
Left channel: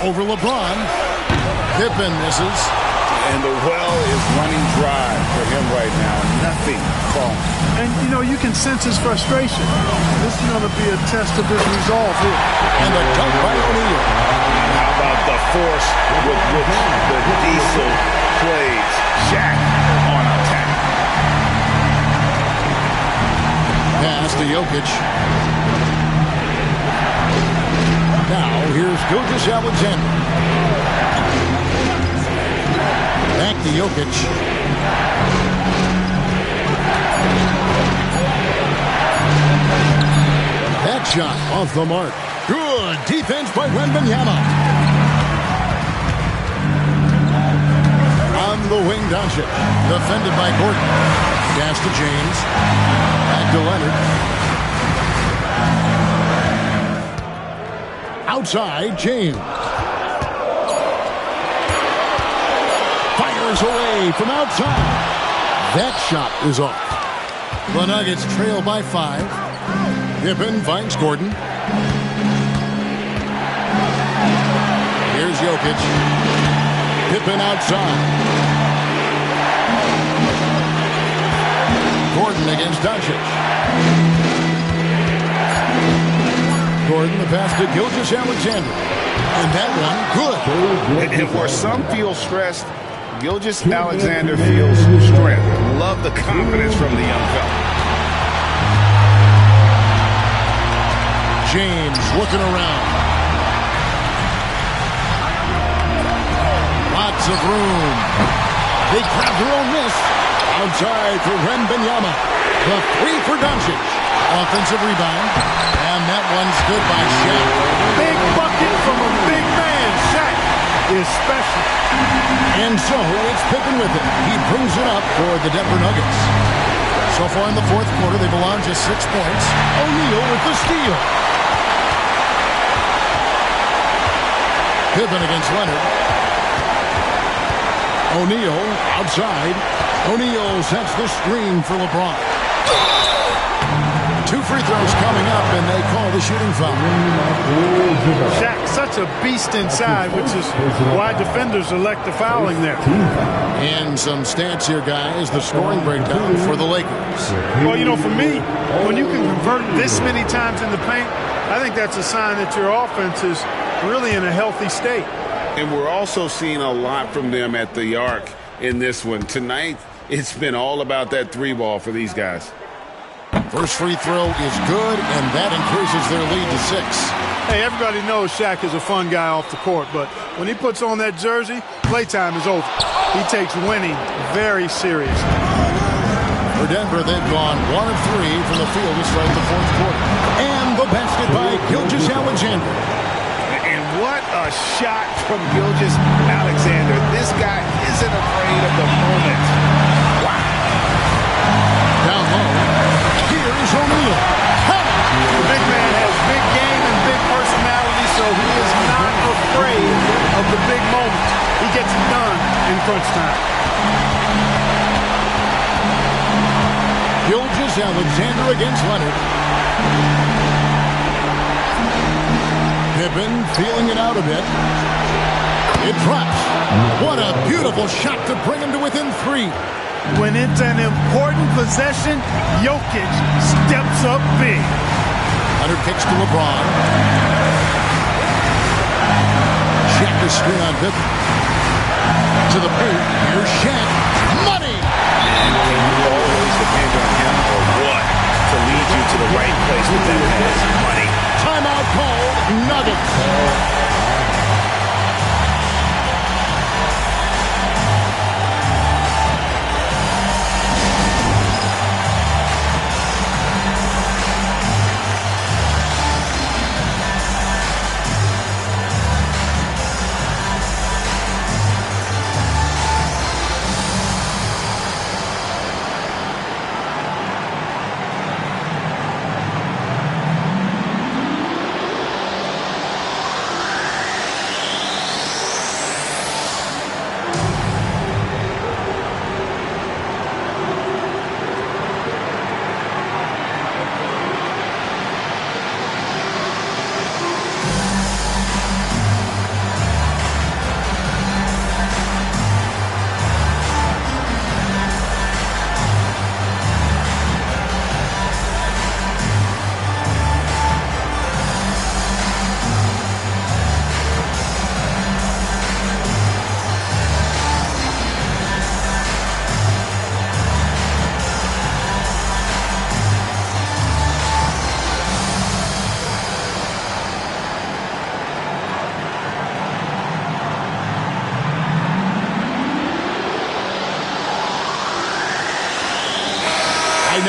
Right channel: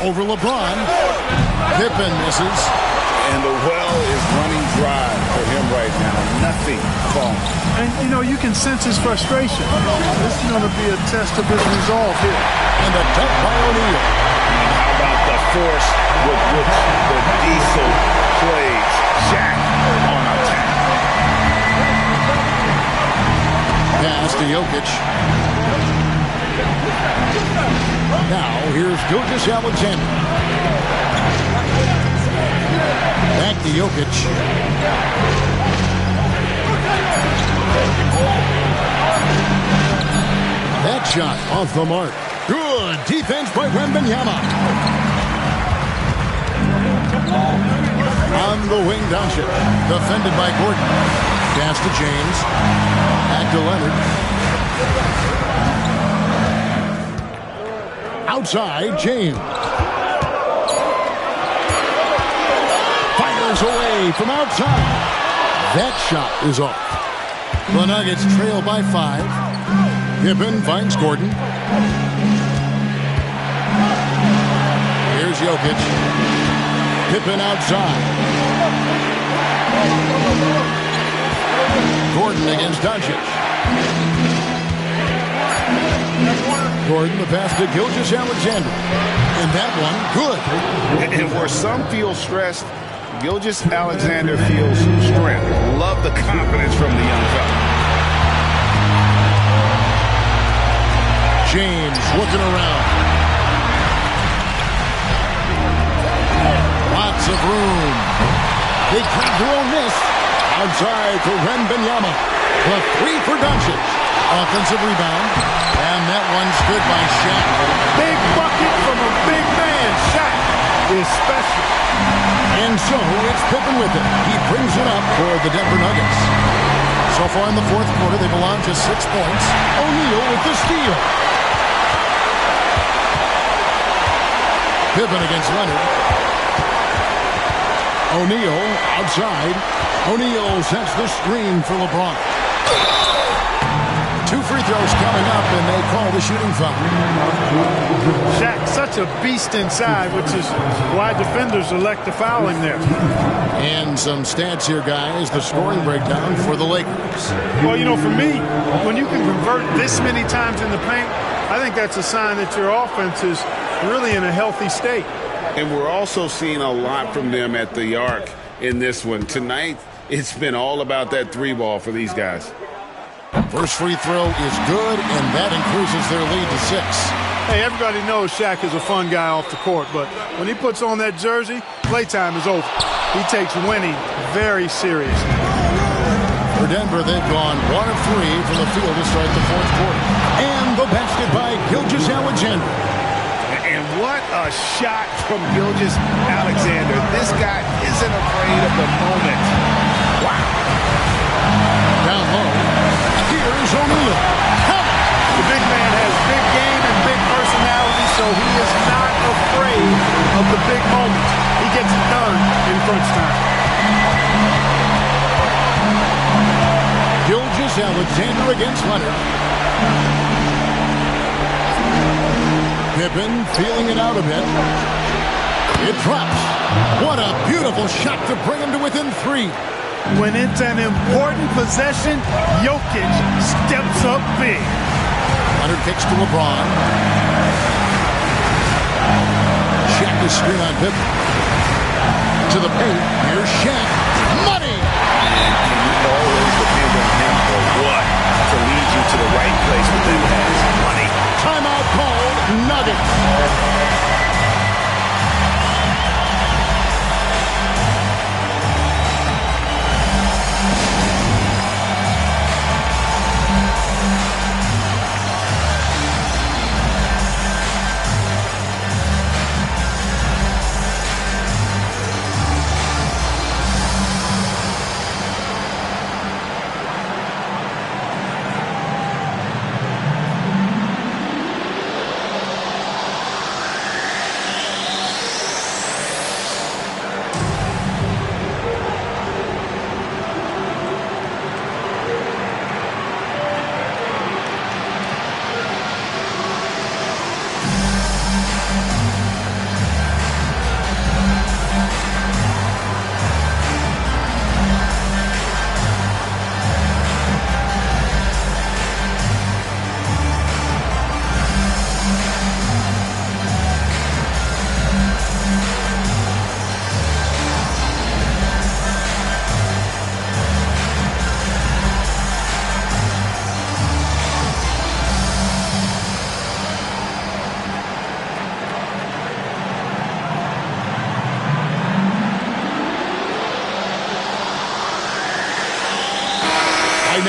Over LeBron. Pippen misses. And the well is running dry for him right now. Nothing falling. And, you know, you can sense his frustration. This is going to be a test of his resolve here. And the dunk by O'Neal. And how about the force with which the Diesel plays. Shaq on attack. Pass to Jokic. Now here's Gilgeous-Alexander. Back to Jokic. That shot off the mark. Good defense by Wembanyama. On the wing, Doncic. Defended by Gordon. Pass to James. Back to Leonard. Outside, James. Fires away from outside. That shot is off. The Nuggets trail by 5. Pippen finds Gordon. Here's Jokic. Pippen outside. Gordon against Doncic. Gordon, the pass to Gilgeous-Alexander. And that one, good. And where some feel stressed, Gilgeous-Alexander feels strength. Love the confidence from the young fella. James looking around. Lots of room. They grab their own miss. Outside for Wembanyama. The 3 for Doncic. Offensive rebound. And that one's good by Shaq. Big bucket from a big man. Shaq is special. And so it's Pippen with it. He brings it up for the Denver Nuggets. So far in the fourth quarter, they've allowed just 6 points. O'Neal with the steal. Pippen against Leonard. O'Neal outside. O'Neal sets the screen for LeBron. 2 free throws coming up, and they call the shooting foul. Shaq, such a beast inside, which is why defenders elect the fouling there. And some stats here, guys. The scoring breakdown for the Lakers. Well, you know, for me, when you can convert this many times in the paint, I think that's a sign that your offense is really in a healthy state. And we're also seeing a lot from them at the arc in this one. Tonight, it's been all about that 3-ball for these guys. First free throw is good, and that increases their lead to 6. Hey, everybody knows Shaq is a fun guy off the court, but when he puts on that jersey, playtime is over. He takes winning very seriously. For Denver, they've gone 1 of 3 from the field to start the fourth quarter. And the basket by Gilgeous-Alexander. And what a shot from Gilgeous-Alexander. This guy isn't afraid of the moment. Wow. Down low, here's O'Neal. The big man has big game and big personality, so he is not afraid of the big moments. He gets it done in crunch time. Gilgeous-Alexander against Leonard. Pippen feeling it out a bit. It drops. What a beautiful shot to bring him to within 3. When it's an important possession, Jokic steps up big. Leonard kicks to LeBron. Shaq is screen on Pippen. To the paint. Here's Shaq. Money! And can you always depend on him for what? To lead you to the right place with that pass. Money. Timeout called. Nuggets.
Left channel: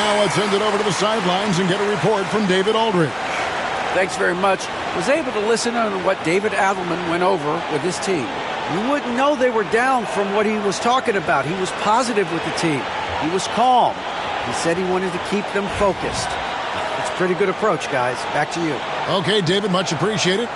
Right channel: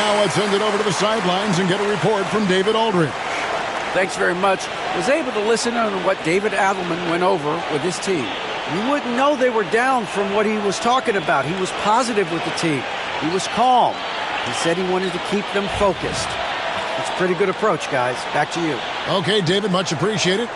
Now let's send it over to the sidelines and get a report from David Aldridge. Thanks very much. Was able to listen on what David Adelman went over with his team. You wouldn't know they were down from what he was talking about. He was positive with the team. He was calm. He said he wanted to keep them focused. It's a pretty good approach, guys. Back to you. Okay, David, much appreciated.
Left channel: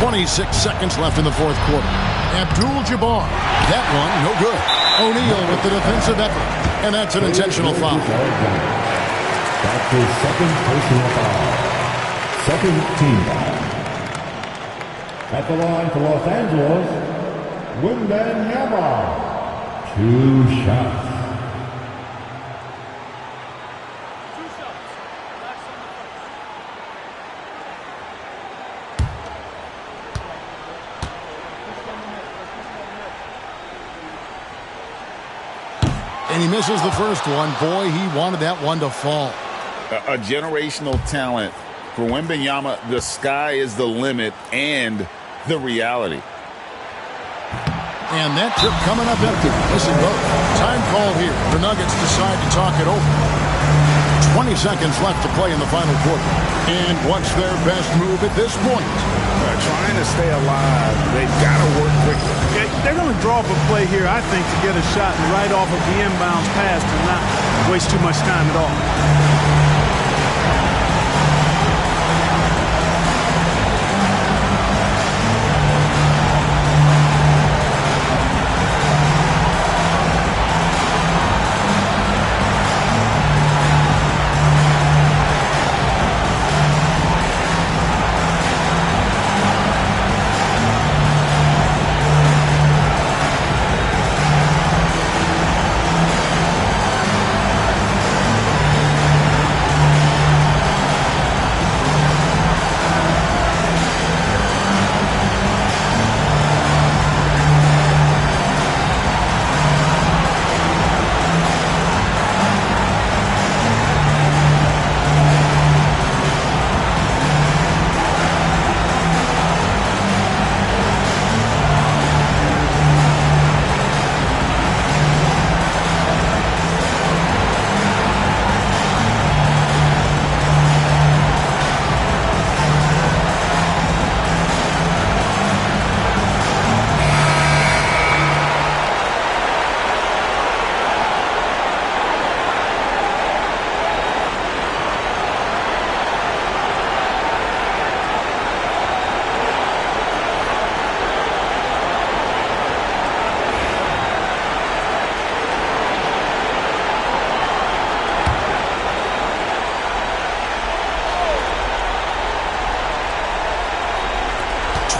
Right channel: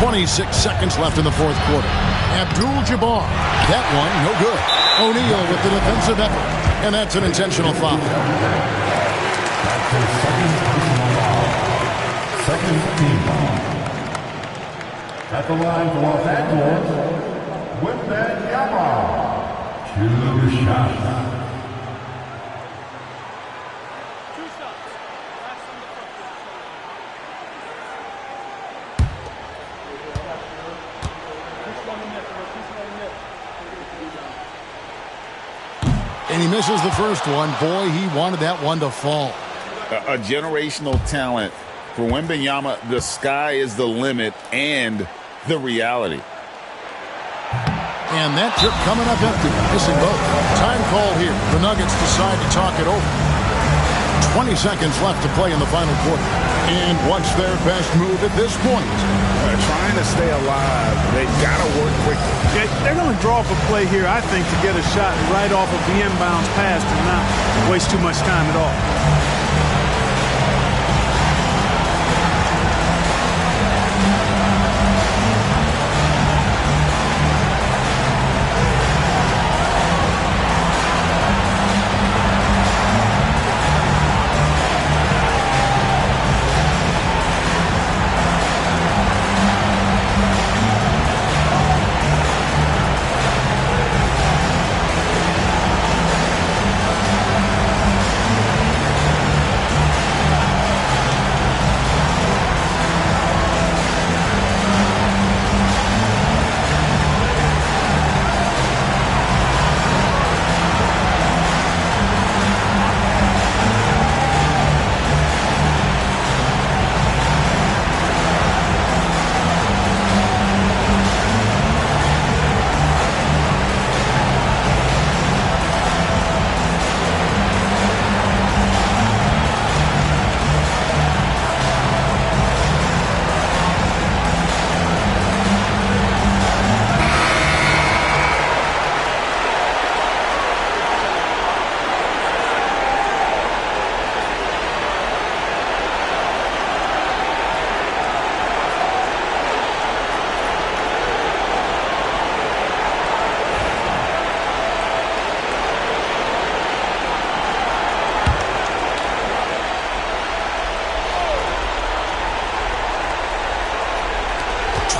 "26 seconds left in the fourth quarter. Abdul-Jabbar. That one, no good. O'Neal with the defensive effort. And that's an intentional foul. That's his second personal foul. Second team foul. At the line for Los Angeles, Wembanyama. 2 shots. 2 shots. Last on the first. And he misses the first one. Boy, he wanted that one to fall. A generational talent for Wembanyama. The sky is the limit and the reality. And that trip coming up empty. Missing both. Time called here. The Nuggets decide to talk it over. 20 seconds left to play in the final quarter. And what's their best move at this point? Trying to stay alive. They've got to work quickly. Yeah, they're going to draw up a play here, I think, to get a shot right off of the inbounds pass and not waste too much time at all.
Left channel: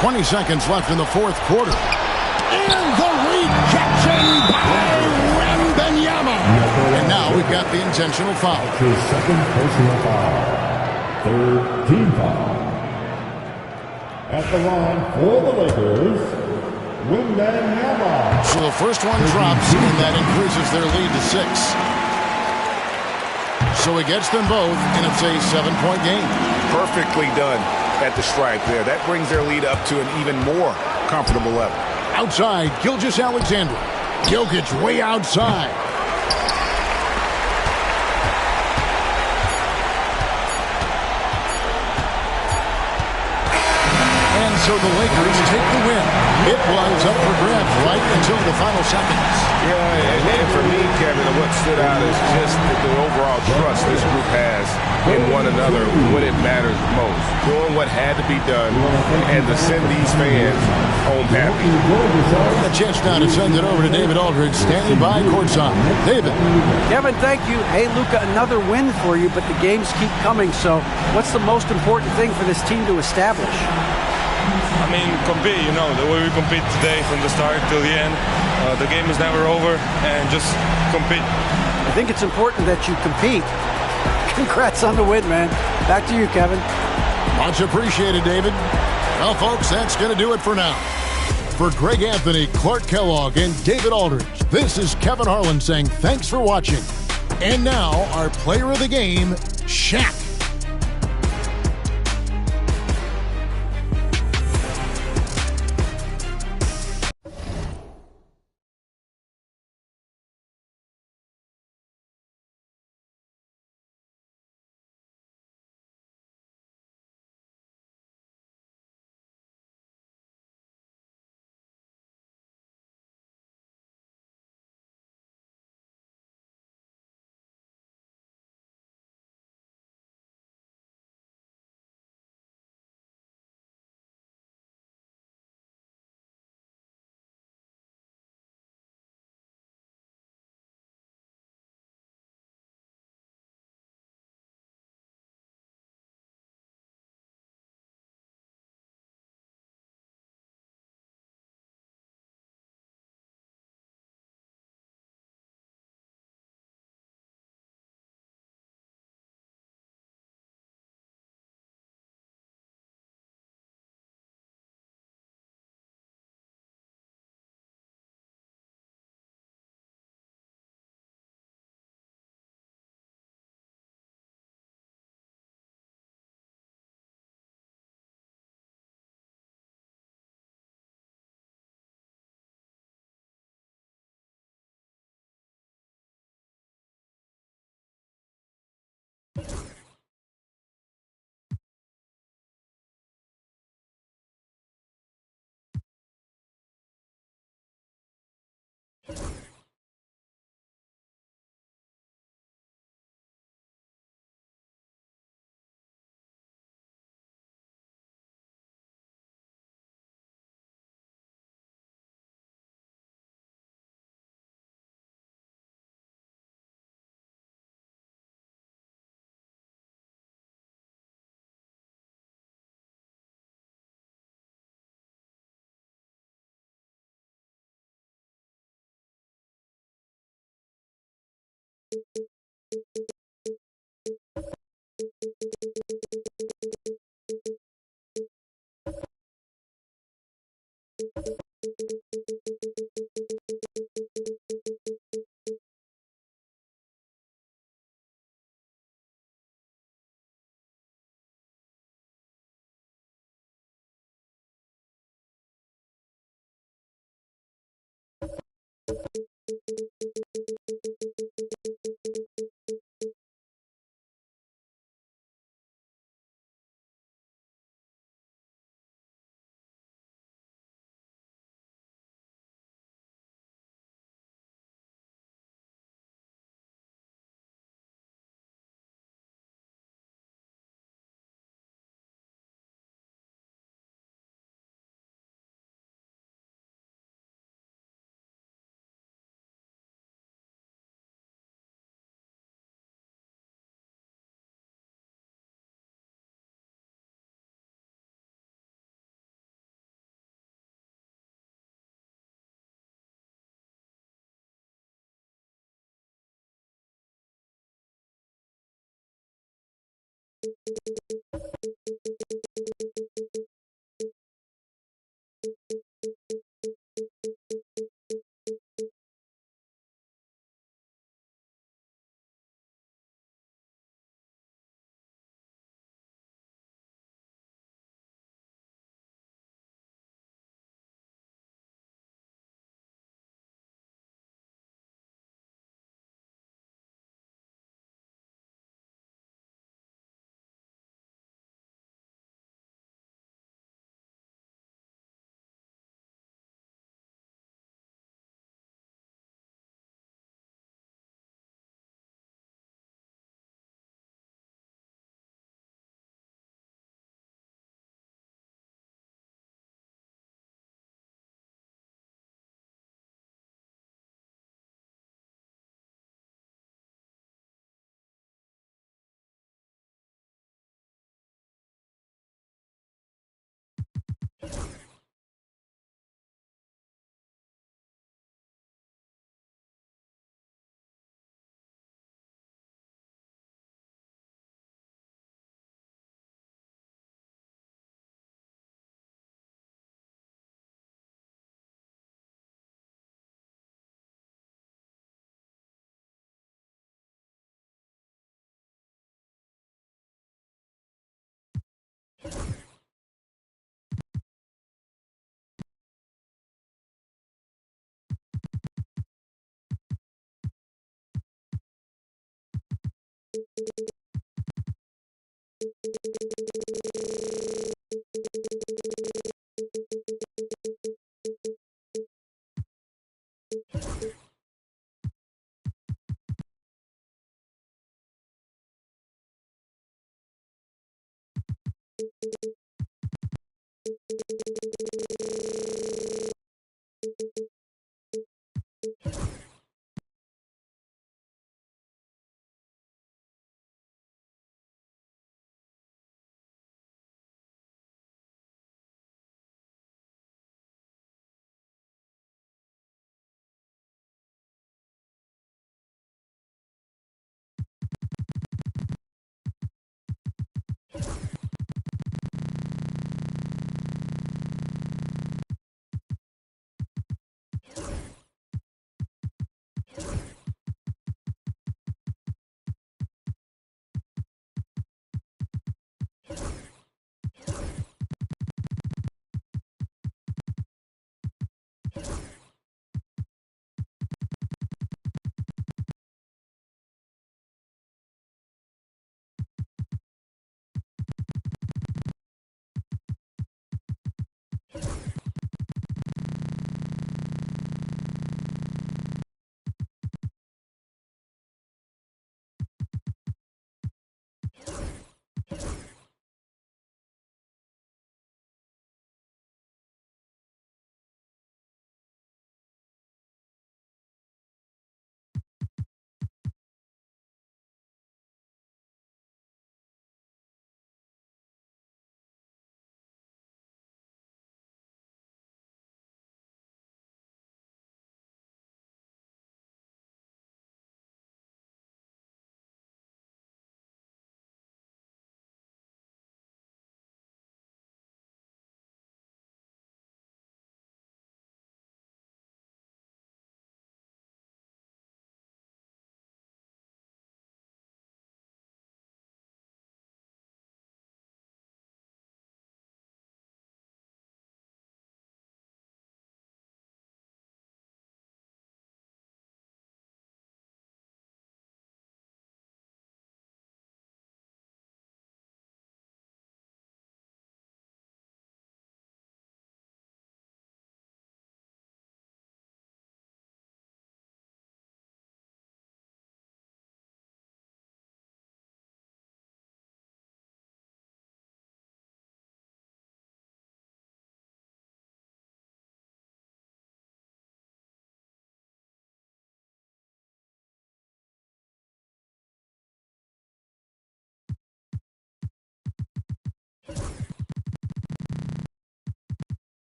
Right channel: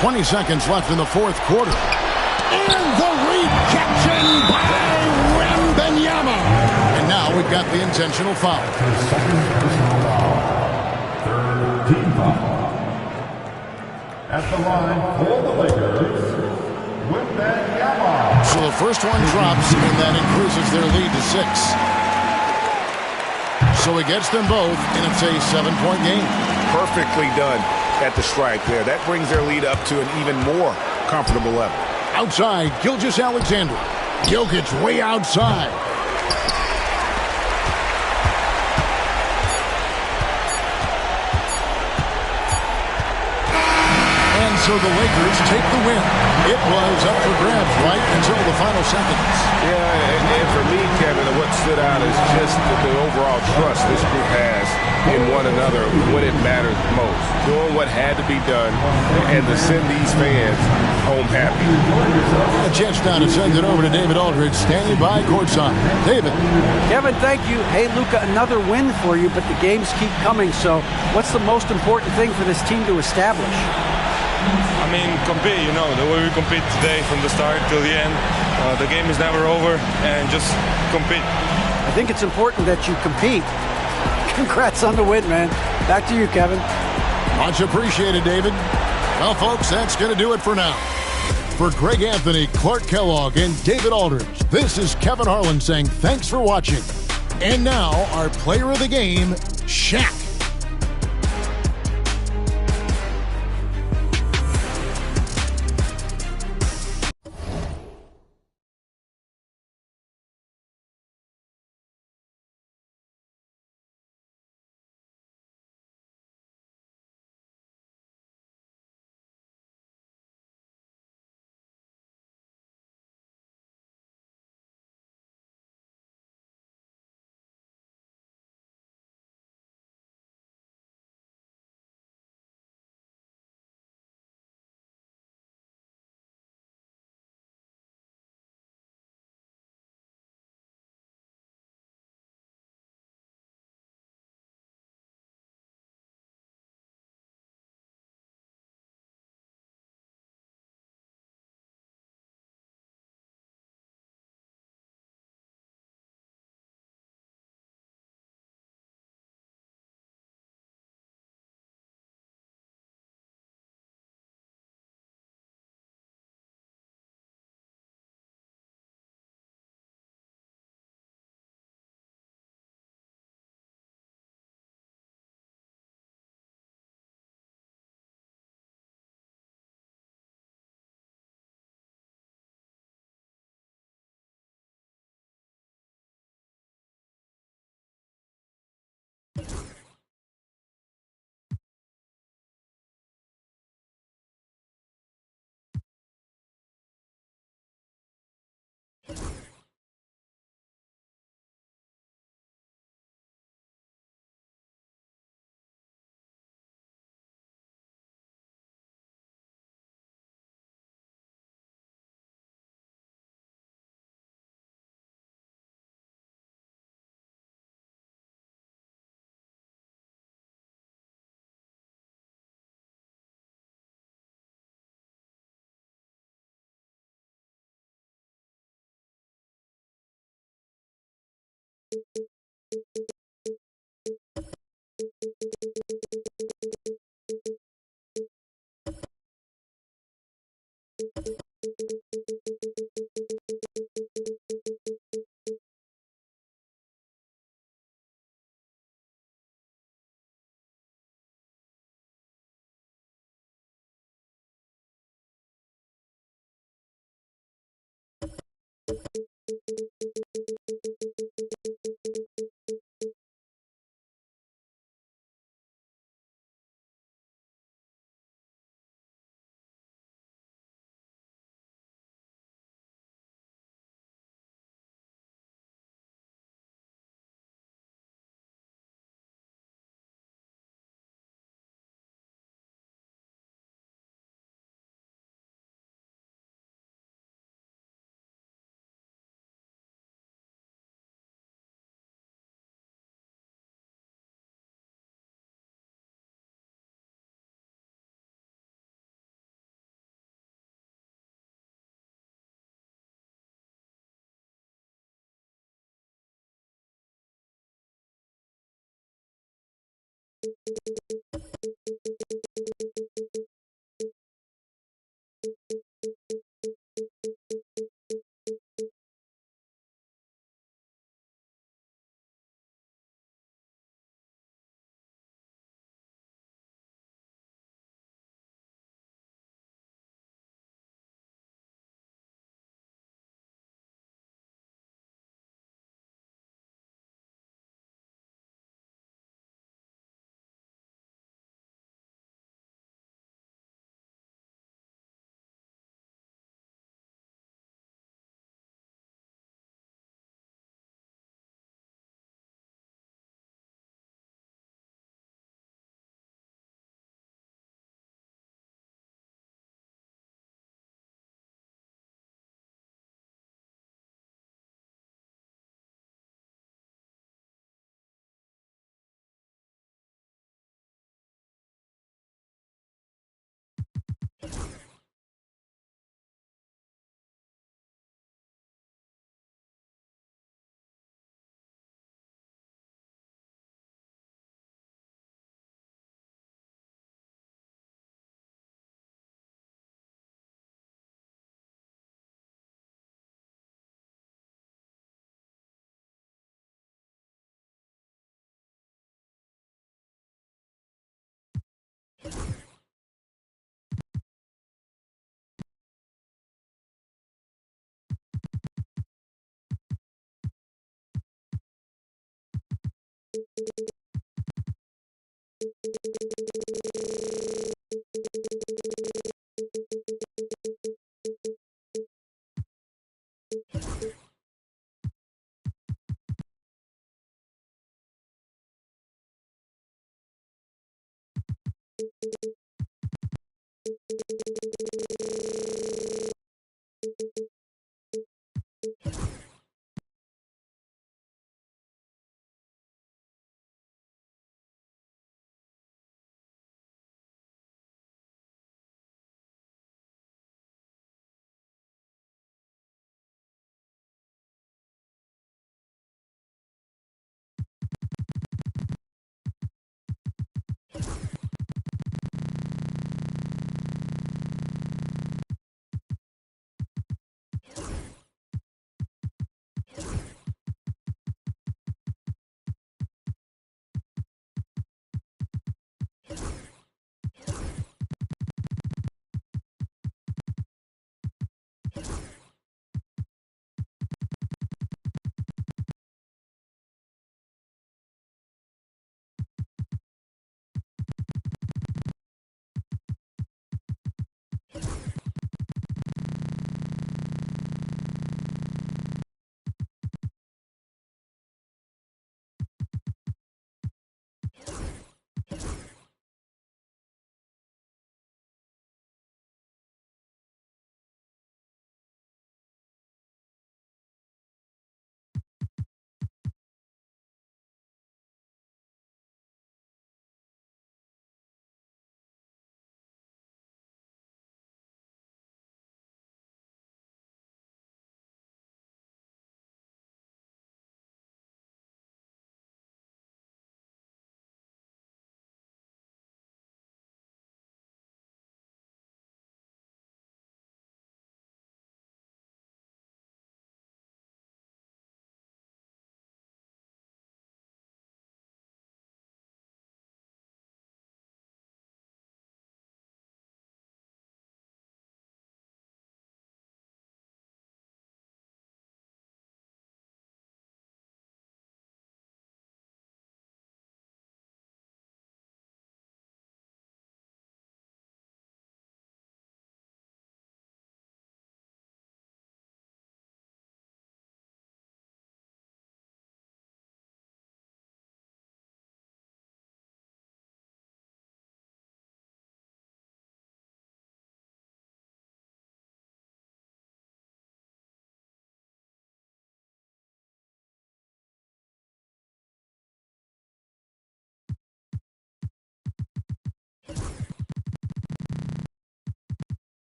.20 seconds left in the fourth quarter. And the rejection by Wembanyama. And now we've got the intentional foul. His second personal foul. Third team foul. At the line for the Lakers, Wembanyama. So the first one drops, and that increases their lead to 6. So he gets them both, and it's a 7-point game. Perfectly done at the stripe there. That brings their lead up to an even more comfortable level. Outside, Gilgeous-Alexander. Jokic way outside. And so the Lakers take the win. It was up for grabs right until the final seconds. Yeah, and for me, Kevin, what stood out is just the overall trust this group has in one another when it matters most. Doing what had to be done and to send these fans home happy. A chance now to send it over to David Aldridge, standing by courtside. David. Kevin, thank you. Hey, Luka, another win for you, but the games keep coming. So what's the most important thing for this team to establish? I mean, compete, you know, the way we compete today from the start till the end. The game is never over, and just compete. I think it's important that you compete. Congrats on the win, man. Back to you, Kevin. Much appreciated, David. Well, folks, that's going to do it for now. For Greg Anthony, Clark Kellogg, and David Aldridge, this is Kevin Harlan saying thanks for watching. And now, our player of the game, Shaq.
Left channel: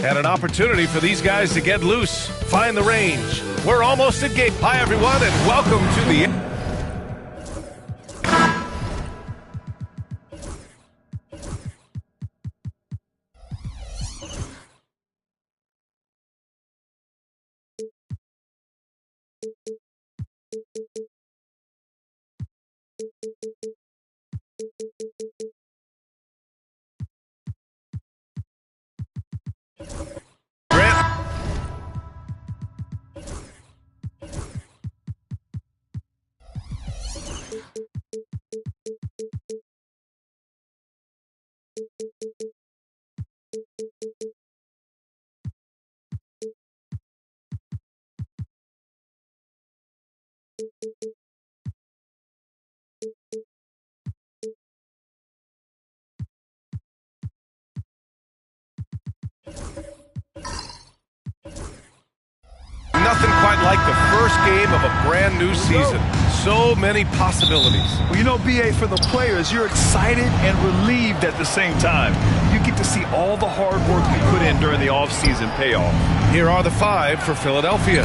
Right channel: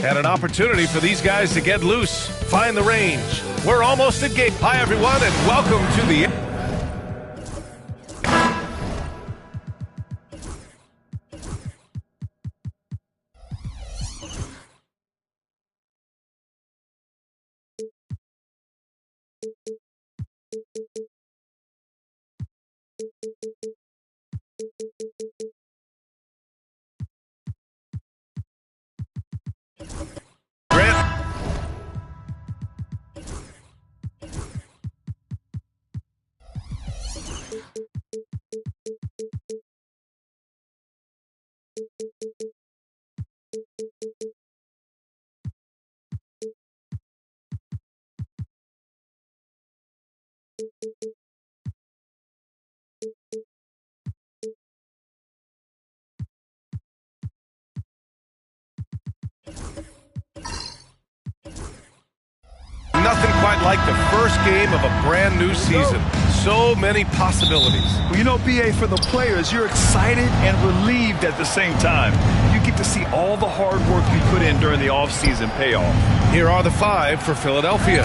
And an opportunity for these guys to get loose, find the range. We're almost at game. Hi, everyone, and welcome to the... Nothing quite like the first game of a brand new season. So many possibilities. Well, you know, B.A., for the players, you're excited and relieved at the same time. You get to see all the hard work you put in during the offseason pay off. Here are the 5 for Philadelphia.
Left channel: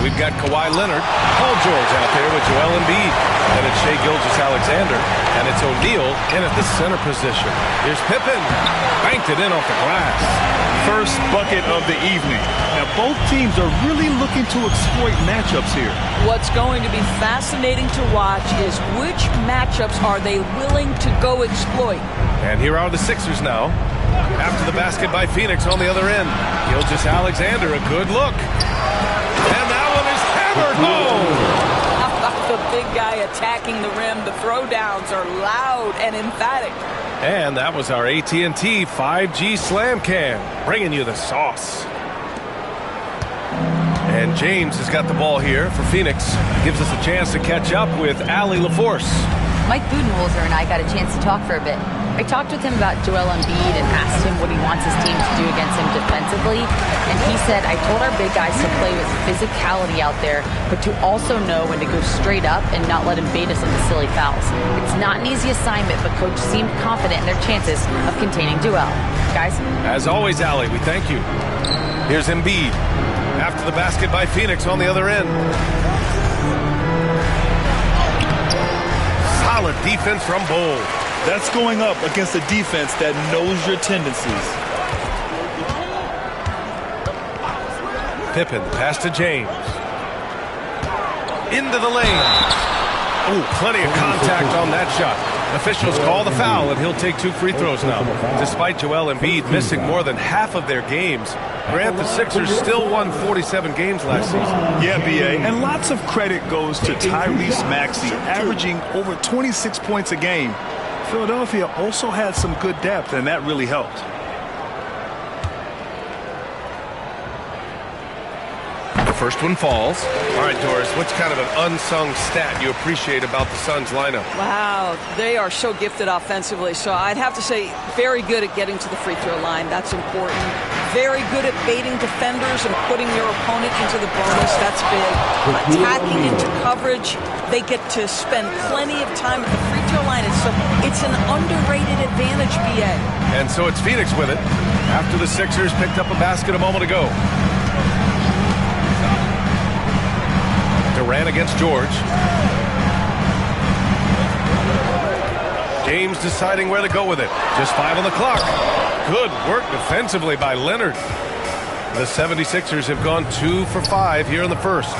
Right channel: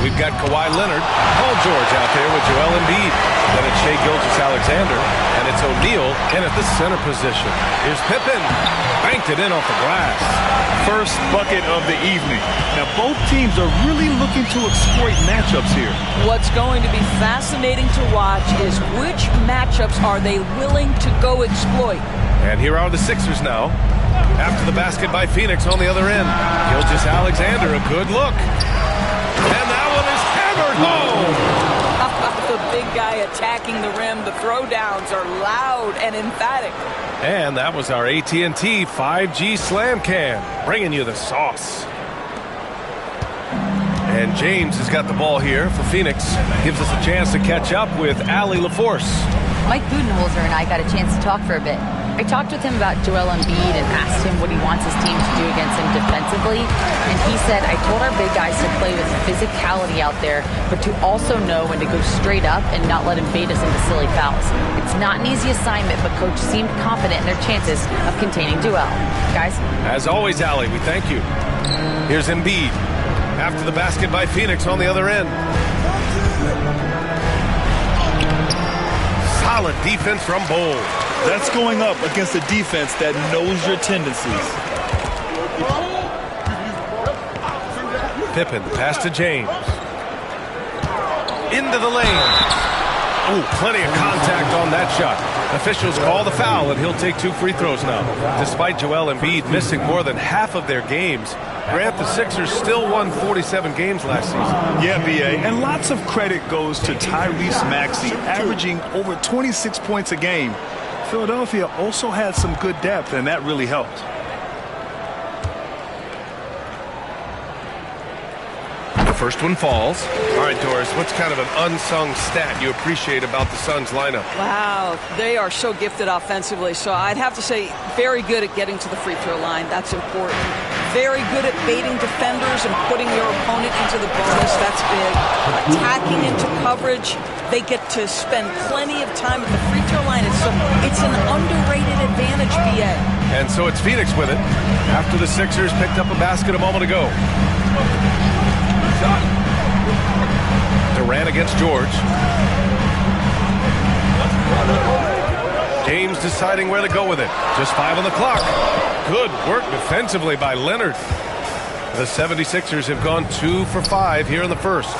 We've got Kawhi Leonard, Paul George out there with Joel Embiid. Then it's Shai Gilgeous-Alexander, and it's O'Neal in at the center position. Here's Pippen, banked it in off the glass. First bucket of the evening. Now, both teams are really looking to exploit matchups here. What's going to be fascinating to watch is which matchups are they willing to go exploit. And here are the Sixers now. After the basket by Phoenix on the other end. Gilgeous-Alexander, a good look. And that one is hammered home. How about the big guy attacking the rim? The throwdowns are loud and emphatic. And that was our AT&T 5G Slam Cam, bringing you the sauce. And James has got the ball here for Phoenix. Gives us a chance to catch up with Allie LaForce. Mike Budenholzer and I got a chance to talk for a bit. I talked with him about Joel Embiid and asked him what he wants his team to do against him defensively. And he said, I told our big guys to play with physicality out there, but to also know when to go straight up and not let him bait us into silly fouls. It's not an easy assignment, but Coach seemed confident in their chances of containing Joel. Guys? As always, Allie, we thank you. Here's Embiid. After the basket by Phoenix on the other end. Solid defense from Bol. That's going up against a defense that knows your tendencies. Pippen, pass to James. Into the lane. Oh, plenty of contact on that shot. Officials call the foul, and he'll take 2 free throws now. Despite Joel Embiid missing more than half of their games, Grant, the Sixers still won 47 games last season. Yeah, B.A., and lots of credit goes to Tyrese Maxey, averaging over 26 points a game. Philadelphia also had some good depth, and that really helped. The first one falls. All right, Doris, what's kind of an unsung stat you appreciate about the Suns lineup? Wow, they are so gifted offensively. So I'd have to say very good at getting to the free throw line. That's important. Very good at baiting defenders and putting your opponent into the bonus. That's big. Attacking into coverage. They get to spend plenty of time at the free throw line. It's an underrated advantage, B.A. And so it's Phoenix with it after the Sixers picked up a basket a moment ago. Durant against George. James deciding where to go with it. Just 5 on the clock. Good work defensively by Leonard. The 76ers have gone 2 for 5 here in the first.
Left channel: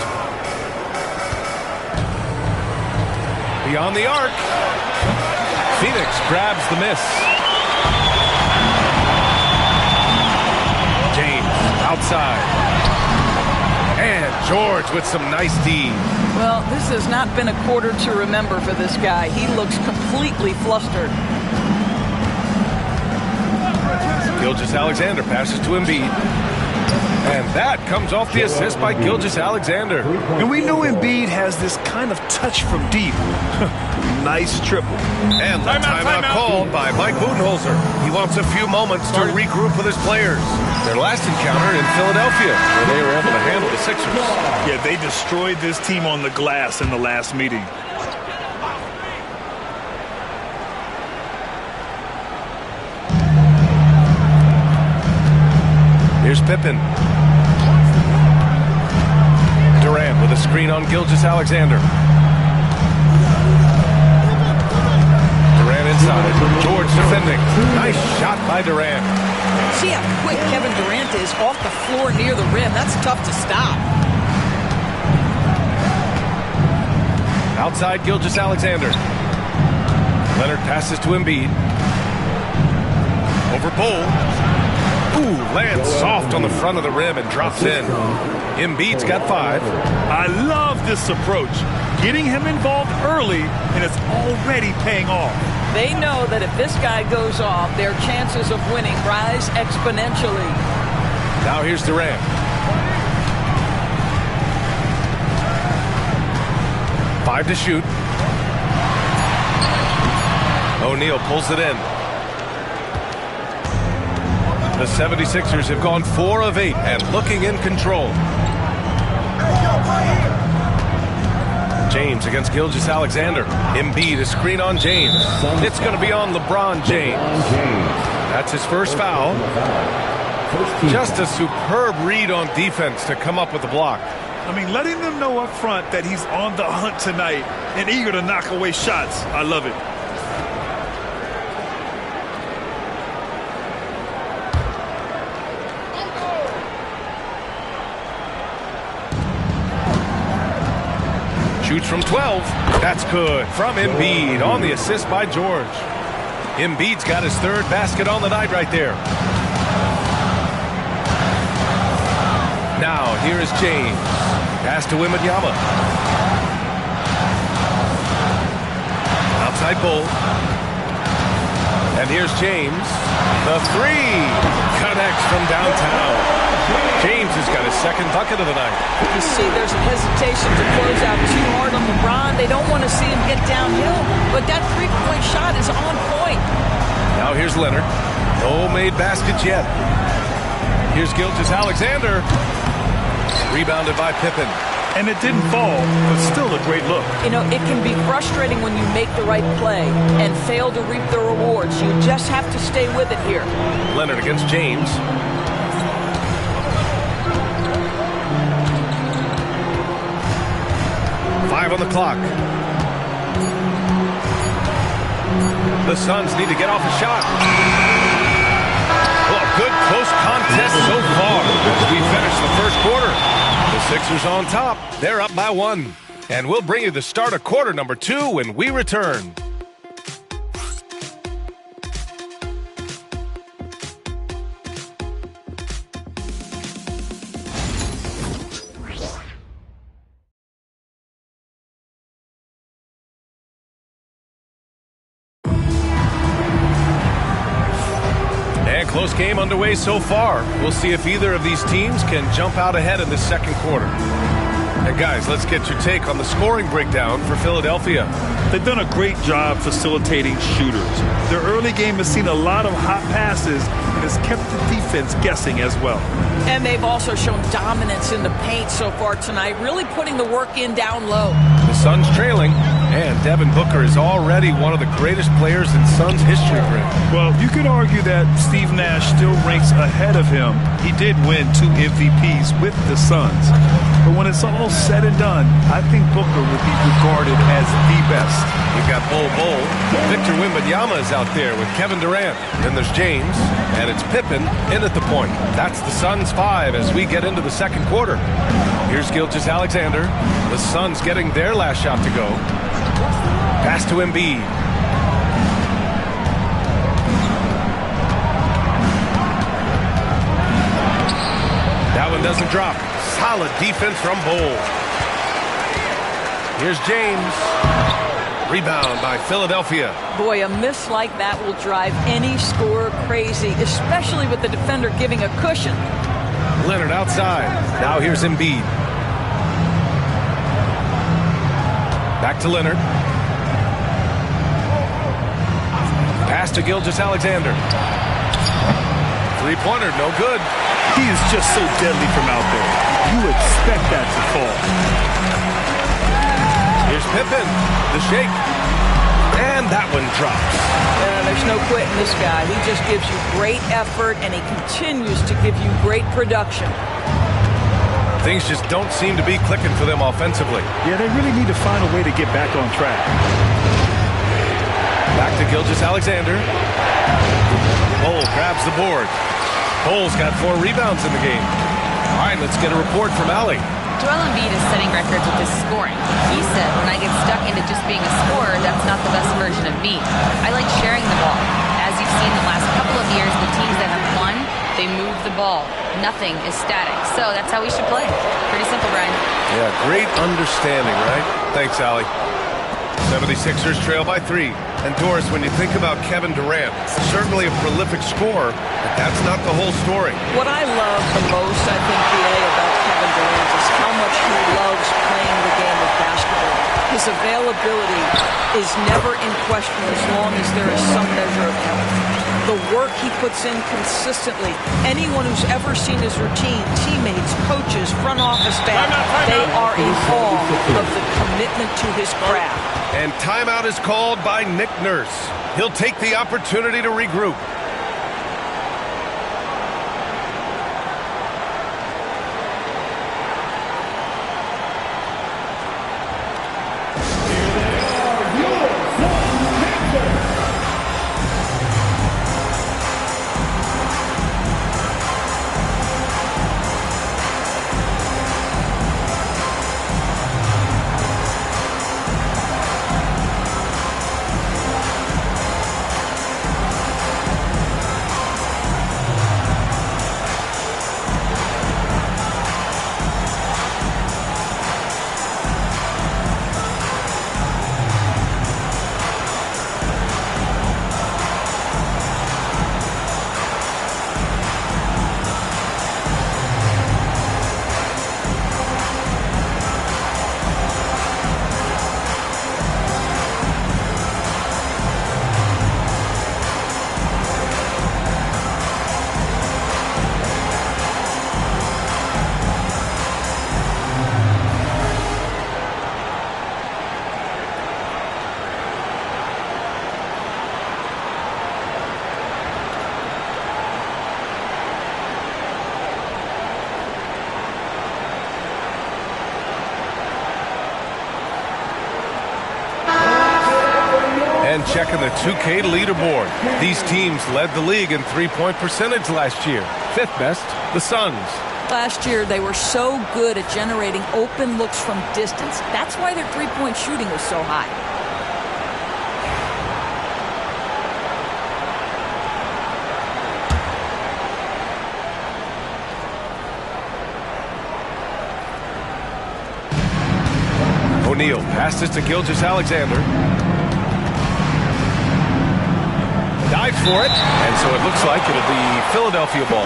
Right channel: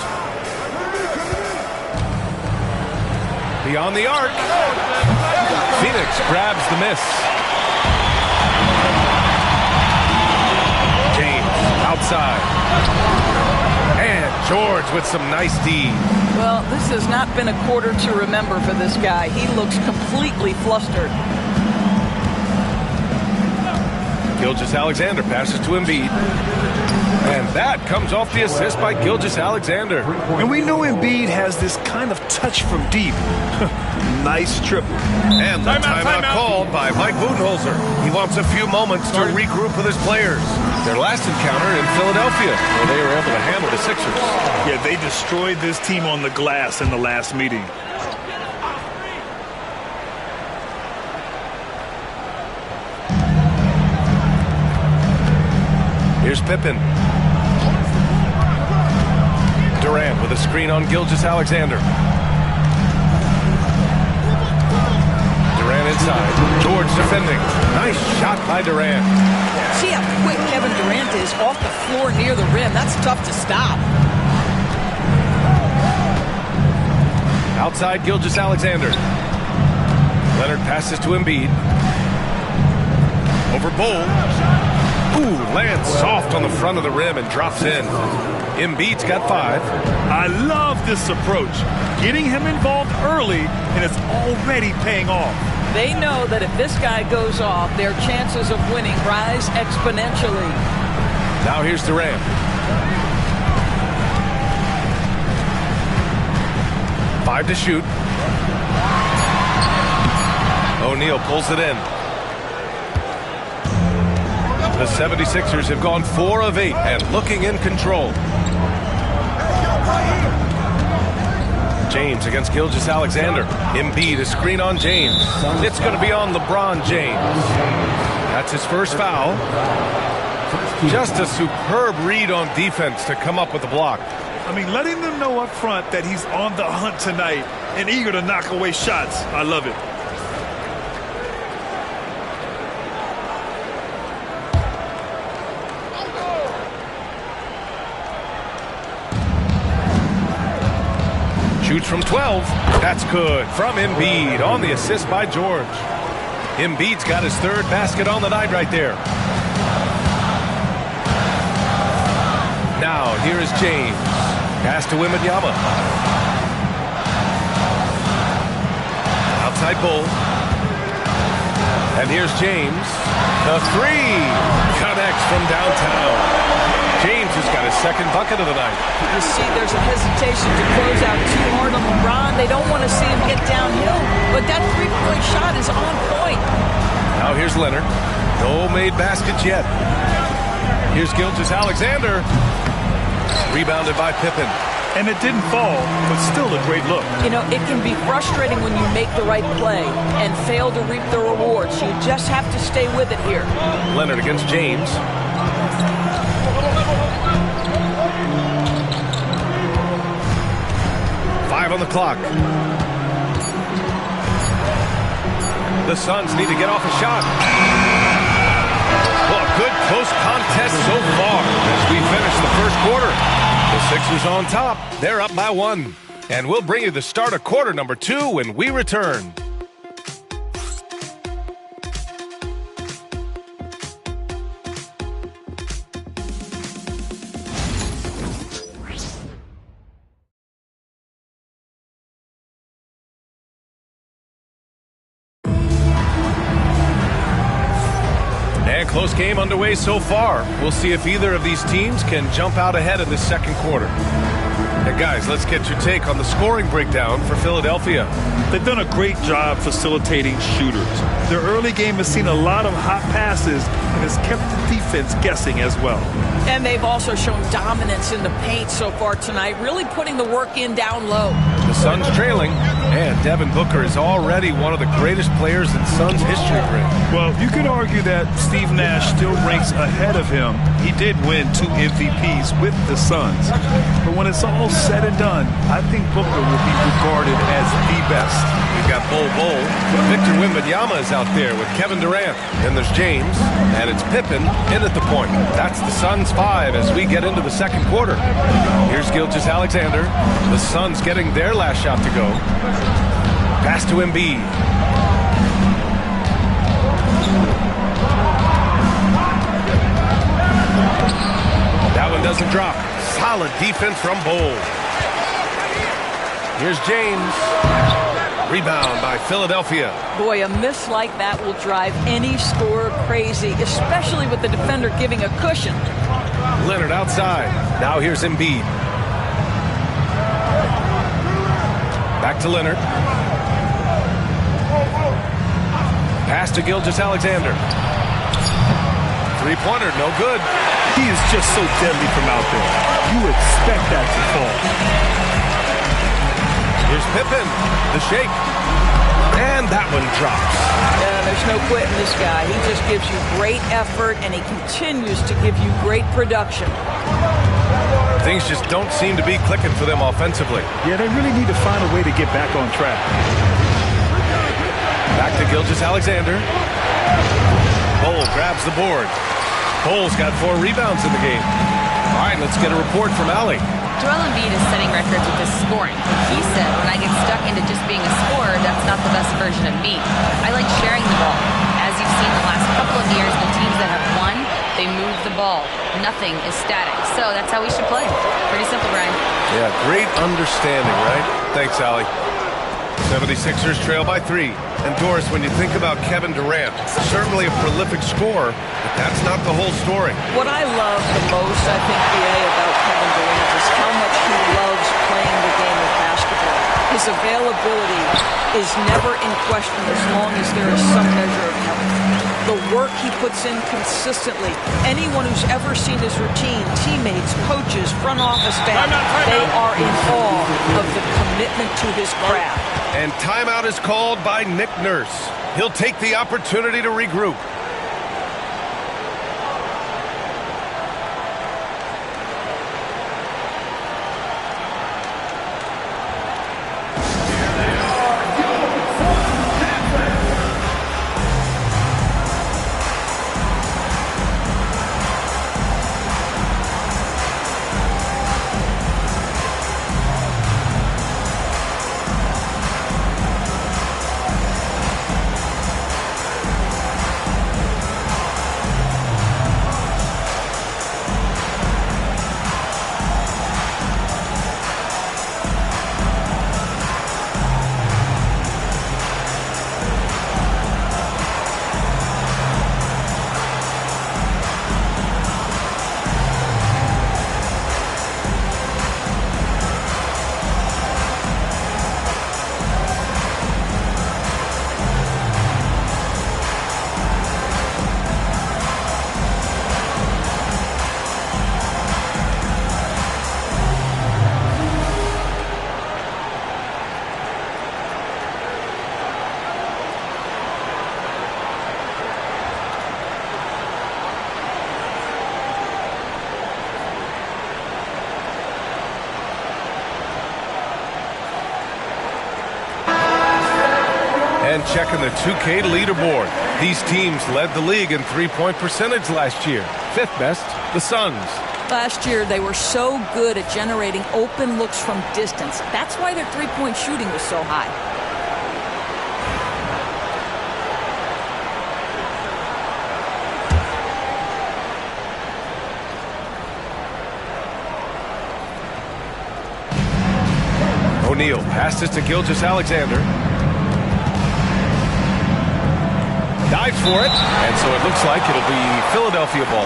Beyond the arc. Phoenix grabs the miss. James outside. And George with some nice D. Well, this has not been a quarter to remember for this guy. He looks completely flustered. Gilgeous-Alexander passes to Embiid. And that comes off the assist by Gilgeous-Alexander. And we know Embiid has this kind of touch from deep. Nice triple. And the timeout called by Mike Budenholzer. He wants a few moments to regroup with his players. Their last encounter in Philadelphia, where they were able to handle the Sixers. Yeah, they destroyed this team on the glass in the last meeting. Here's Pippen. Durant with a screen on Gilgeous-Alexander. Durant inside. George defending. Nice shot by Durant. See how quick Kevin Durant is off the floor near the rim. That's tough to stop. Outside Gilgeous-Alexander. Leonard passes to Embiid. Over Bol. Ooh, lands soft on the front of the rim and drops in. Embiid's got 5. I love this approach. Getting him involved early, and it's already paying off. They know that if this guy goes off, their chances of winning rise exponentially. Now here's Durant. Five to shoot. O'Neal pulls it in. The 76ers have gone 4 of 8 and looking in control. James against Gilgeous-Alexander. Embiid, a screen on James. It's going to be on LeBron James. That's his first foul. Just a superb read on defense to come up with the block. I mean, letting them know up front that he's on the hunt tonight and eager to knock away shots. I love it. Shoots from 12. That's good. From Embiid on the assist by George. Embiid's got his 3rd basket on the night right there. Now, here is James. Pass to Wembanyama. Outside Bol. And here's James. The 3 connects from downtown. James has got his 2nd bucket of the night. You see, there's a hesitation to close out too hard on LeBron. They don't want to see him get downhill, but that 3-point shot is on point. Now here's Leonard. No made baskets yet. Here's Gilgeous-Alexander. Rebounded by Pippen. And it didn't fall, but still a great look. You know, it can be frustrating when you make the right play and fail to reap the rewards. You just have to stay with it here. Leonard against James. Five on the clock. The Suns need to get off a shot. Well, a good close contest so far as we finish the first quarter. The Sixers on top. They're up by 1. And we'll bring you the start of quarter number 2 when we return. And close game underway so far. We'll see if either of these teams can jump out ahead in this second quarter. And guys, let's get your take on the scoring breakdown for Philadelphia. They've done a great job facilitating shooters. Their early game has seen a lot of hot passes and has kept the defense guessing as well. And they've also shown dominance in the paint so far tonight, really putting the work in down low. The Suns trailing, and Devin Booker is already one of the greatest players in Suns history, Greg. Well, you could argue that Steve Nash still ranks ahead of him. He did win 2 MVPs with the Suns. But when it's all said and done, I think Booker will be regarded as the best. We've got Bol. Victor Wembanyama is out there with Kevin Durant. Then there's James, and it's Pippen in at the point. That's the Suns 5 as we get into the second quarter. Here's Gilgeous-Alexander. The Suns getting their last shot to go. Pass to Embiid. That one doesn't drop. Solid defense from Bol. Here's James. Rebound by Philadelphia. Boy, a miss like that will drive any scorer crazy, especially with the defender giving a cushion. Leonard outside. Now here's Embiid. Back to Leonard. Pass to Gilgeous-Alexander. Three-pointer, no good. He is just so deadly from out there. You expect that to fall. Here's Pippen. The shake. And that one drops. There's no quitting this guy. He just gives you great effort, and he continues to give you great production. Things just don't seem to be clicking for them offensively. Yeah, they really need to find a way to get back on track. Back to Gilgeous-Alexander. Bol grabs the board. Bol's got 4 rebounds in the game. All right, let's get a report from Allie. Joel Embiid is setting records with his scoring. He said, when I get stuck into just being a scorer, that's not the best version of me. I like sharing the ball. As you've seen the last couple of years, the teams that have won, they move the ball. Nothing is static. So that's how we should play. Pretty simple, Brian. Yeah, great understanding, right? Thanks, Allie. 76ers trail by 3. And Doris, when you think about Kevin Durant, certainly a prolific scorer, but that's not the whole story. What I love the most, I think, BA, about Kevin Durant is how much he loves playing the game of basketball. His availability is never in question as long as there is some measure of health. The work he puts in consistently. Anyone who's ever seen his routine, teammates, coaches, front office staff, they are in awe of the commitment to his craft. And timeout is called by Nick Nurse. He'll take the opportunity to regroup. And checking the 2K leaderboard. These teams led the league in three-point percentage last year. 5th best, the Suns. Last year, they were so good at generating open looks from distance. That's why their three-point shooting was so high. O'Neal passes to Gilgeous-Alexander. Dives for it, and so it looks like it'll be Philadelphia ball.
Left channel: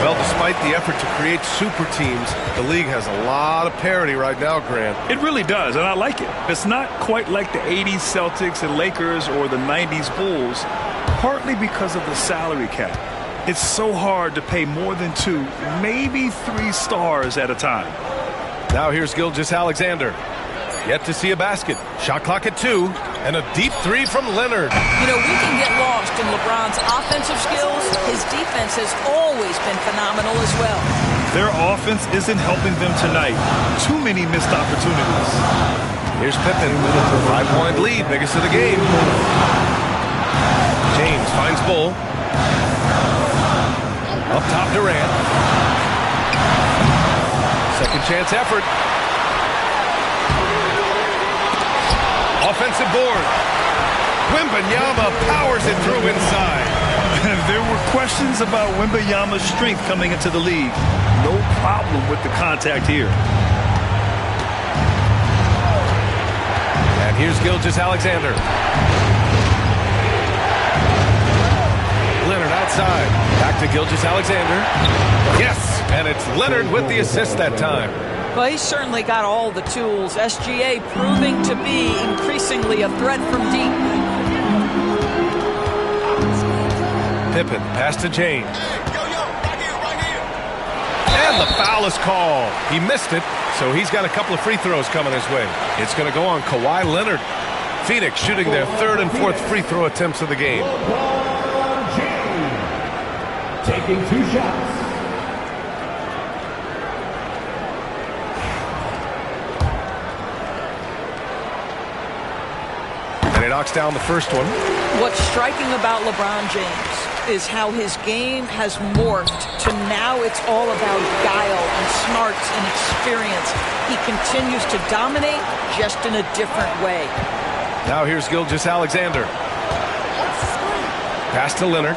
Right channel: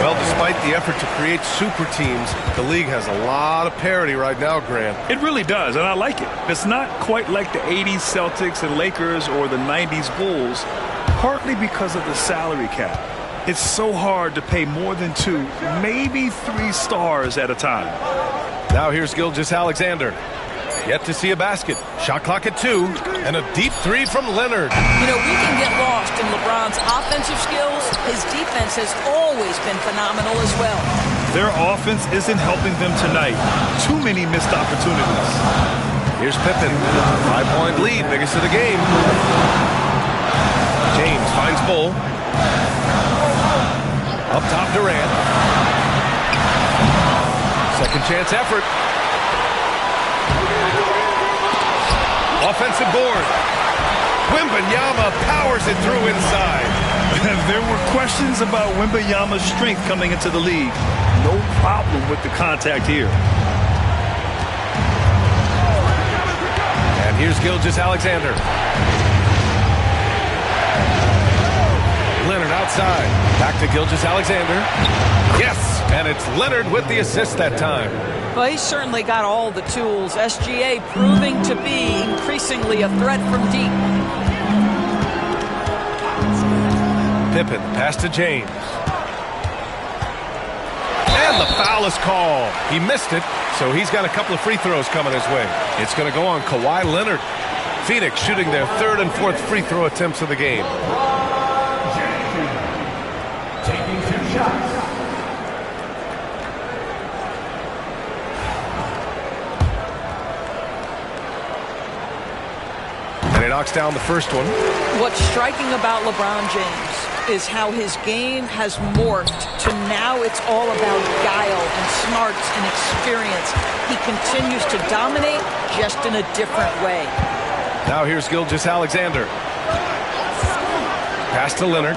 Well, despite the effort to create super teams, the league has a lot of parity right now, Grant. It really does, and I like it. It's not quite like the 80s Celtics and Lakers or the 90s Bulls, partly because of the salary cap. It's so hard to pay more than 2, maybe 3 stars at a time. Now here's Gilgeous-Alexander. Yet to see a basket. Shot clock at 2, and a deep 3 from Leonard. You know, we can get lost in LeBron's offensive skills. His defense has always been phenomenal as well. Their offense isn't helping them tonight. Too many missed opportunities. Here's Pippen. 5-point lead, biggest of the game. James finds Bol. Up top, Durant. Second chance effort. Offensive board. Wembanyama powers it through inside. There were questions about Wembanyama's strength coming into the league. No problem with the contact here. And here's Gilgeous-Alexander. Leonard outside. Back to Gilgeous-Alexander. Yes, and it's Leonard with the assist that time. Well, he's certainly got all the tools. SGA proving to be increasingly a threat from deep. Pippen, pass to James. And the foul is called. He missed it, so he's got a couple of free throws coming his way. It's going to go on Kawhi Leonard. Phoenix shooting their third and fourth free throw attempts of the game. Taking 2 shots. And he knocks down the first one. What's striking about LeBron James is how his game has morphed to now it's all about guile and smarts and experience. He continues to dominate just in a different way. Now here's Gilgeous-Alexander. Pass to Leonard.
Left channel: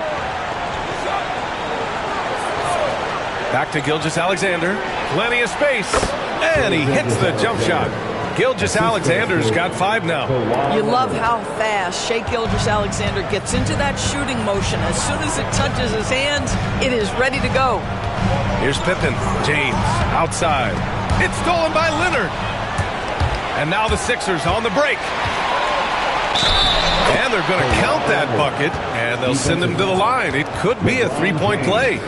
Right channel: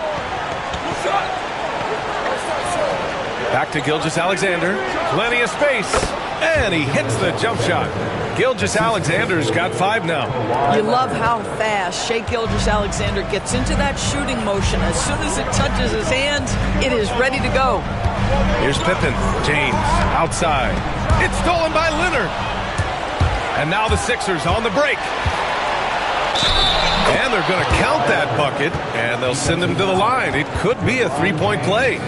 Back to Gilgeous-Alexander. Plenty of space. And he hits the jump shot. Gilgeous-Alexander's got 5 now. You love how fast Shai Gilgeous-Alexander gets into that shooting motion. As soon as it touches his hands, it is ready to go. Here's Pippen. James outside. It's stolen by Leonard. And now the Sixers on the break. And they're going to count that bucket, and they'll send him to the line. It could be a 3-point play.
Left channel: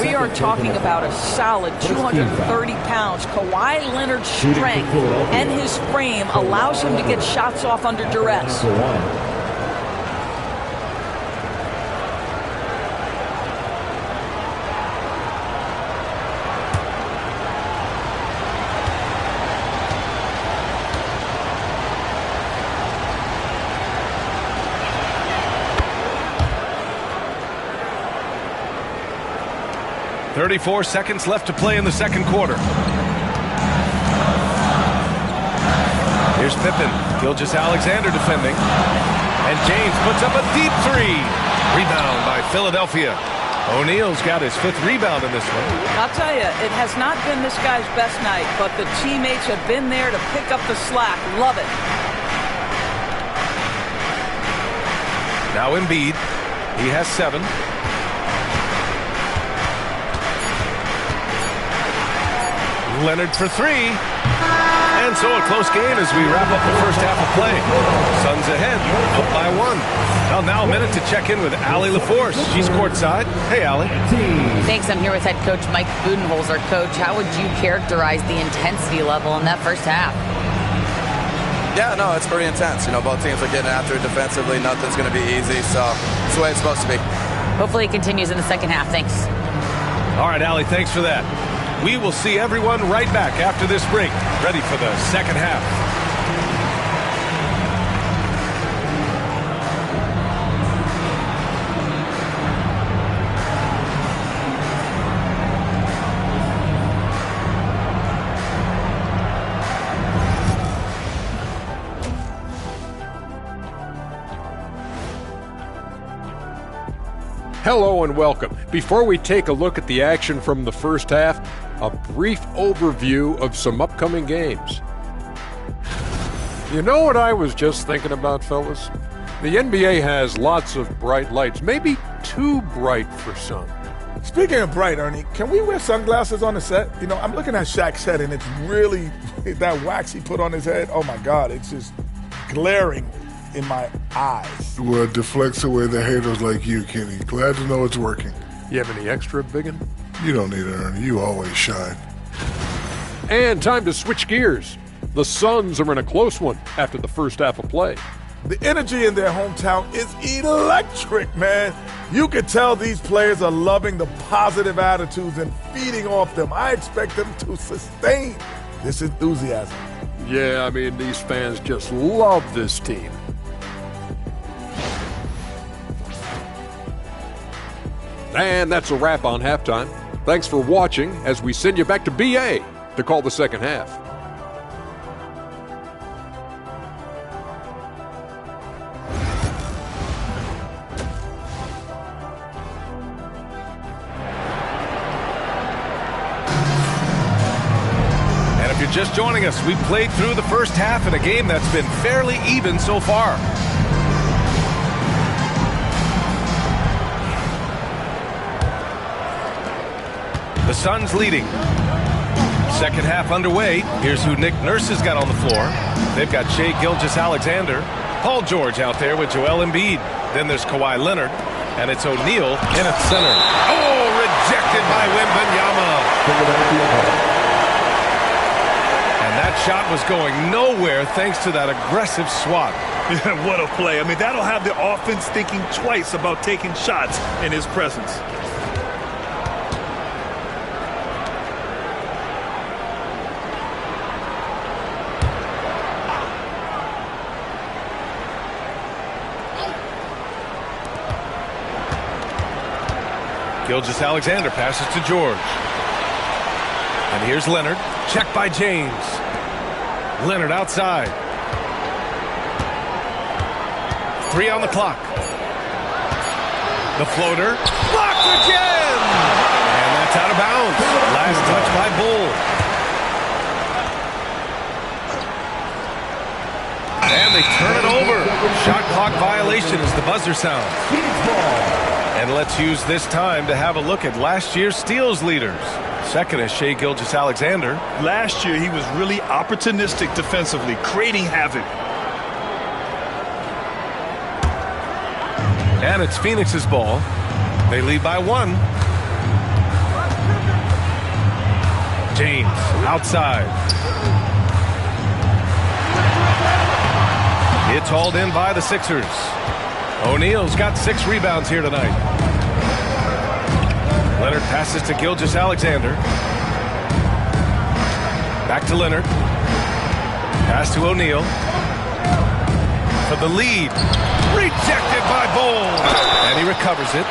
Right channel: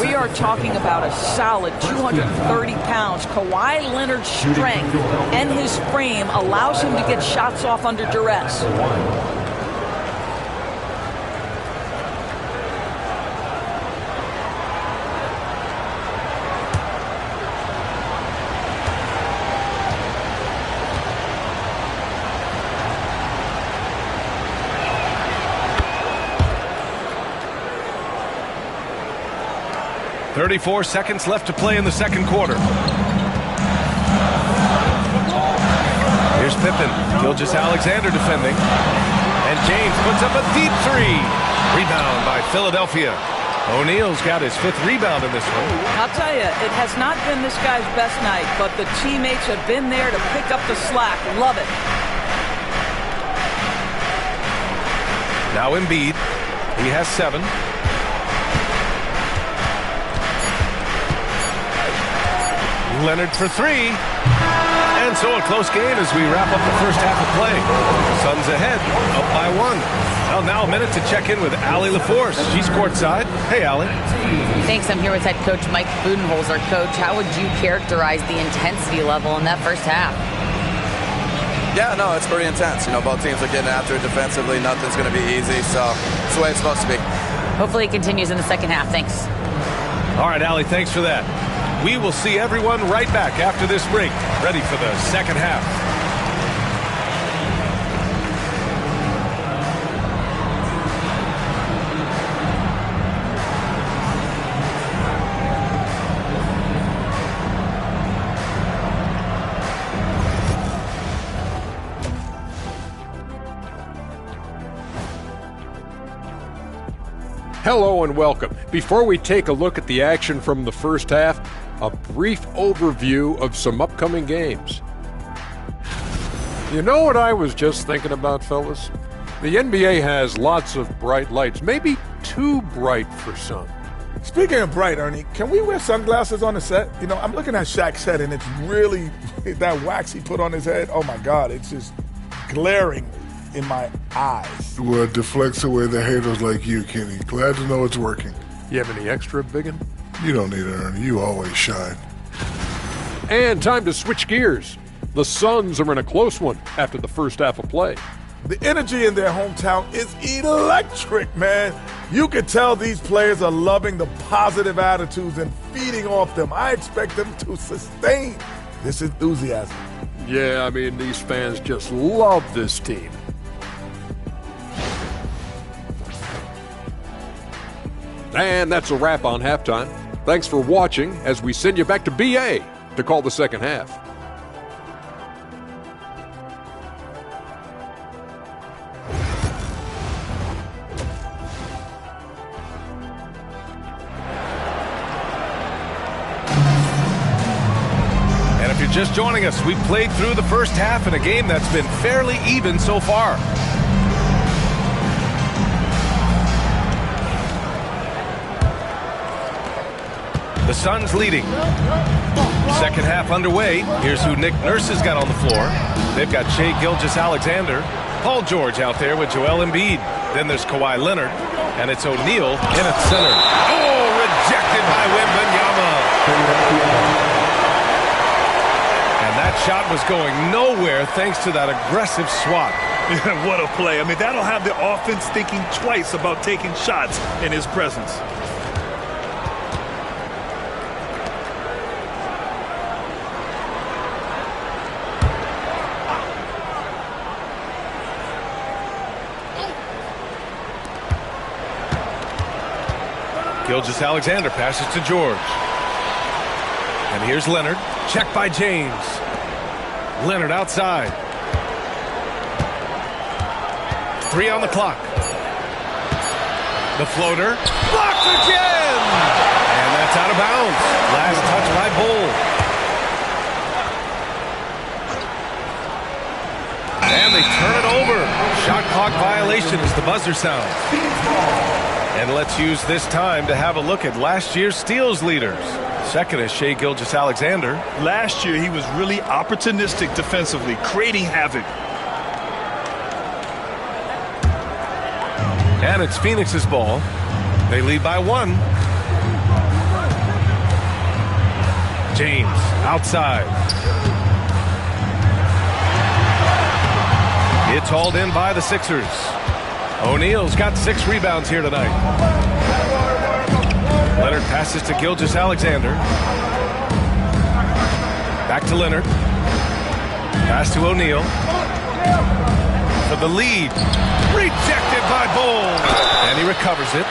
We are talking about a solid 230 pounds. Kawhi Leonard's strength and his frame allows him to get shots off under duress. .34 seconds left to play in the second quarter. Here's Pippen. Gilgeous-Alexander defending. And James puts up a deep 3. Rebound by Philadelphia. O'Neal's got his 5th rebound in this one. I'll tell you, it has not been this guy's best night, but the teammates have been there to pick up the slack. Love it. Now Embiid. He has 7. Leonard for 3. And so a close game as we wrap up the first half of play. Suns ahead, up by 1. Well, now a minute to check in with Allie LaForce. She's courtside. Hey, Allie. Thanks. I'm here with head coach Mike Budenholzer. Coach, how would you characterize the intensity level in that first half? Yeah, no, it's pretty intense. You know, both teams are getting after it defensively. Nothing's going to be easy, so it's the way it's supposed to be. Hopefully it continues in the second half. Thanks. All right, Allie, thanks for that. We will see everyone right back after this break, ready for the second half. Hello and welcome. Before we take a look at the action from the first half, a brief overview of some upcoming games. You know what I was just thinking about, fellas? The NBA has lots of bright lights, maybe too bright for some. Speaking of bright, Ernie, can we wear sunglasses on the set? You know, I'm looking at Shaq's head, and it's really, that wax he put on his head, oh my God, it's just glaring in my eyes. Well, it deflects away the haters like you, Kenny. Glad to know it's working. You have any extra, biggin? You don't need it, Ernie. You always shine. And time to switch gears. The Suns are in a close one after the first half of play. The energy in their hometown is electric, man. You can tell these players are loving the positive attitudes and feeding off them. I expect them to sustain this enthusiasm. Yeah, I mean, these fans just love this team. And that's a wrap on halftime. Thanks for watching as we send you back to BA to call the second half. And if you're just joining us, we played through the first half in a game that's been fairly even so far. The Suns leading. Second half underway. Here's who Nick Nurse has got on the floor. They've got Shai Gilgeous-Alexander, Paul George out there with Joel Embiid. Then there's Kawhi Leonard, and it's O'Neal in at center. Oh, rejected by Wembanyama. And And that shot was going nowhere thanks to that aggressive swat. What a play. I mean, that'll have the offense thinking twice about taking shots in his presence. Gilgeous-Alexander passes to George. And here's Leonard. Check by James. Leonard outside. 3 on the clock. The floater. Blocked again! And that's out of bounds. Last touch by Bull. And they turn it over. Shot clock violation as the buzzer sounds. And let's use this time to have a look at last year's steals leaders. Second is Shai Gilgeous-Alexander. Last year, he was really opportunistic defensively, creating havoc. And it's Phoenix's ball. They lead by 1. James outside. It's hauled in by the Sixers. O'Neal's got 6 rebounds here tonight. Leonard passes to Gilgeous-Alexander. Back to Leonard. Pass to O'Neal. For the lead. Rejected by Bull. And he recovers it.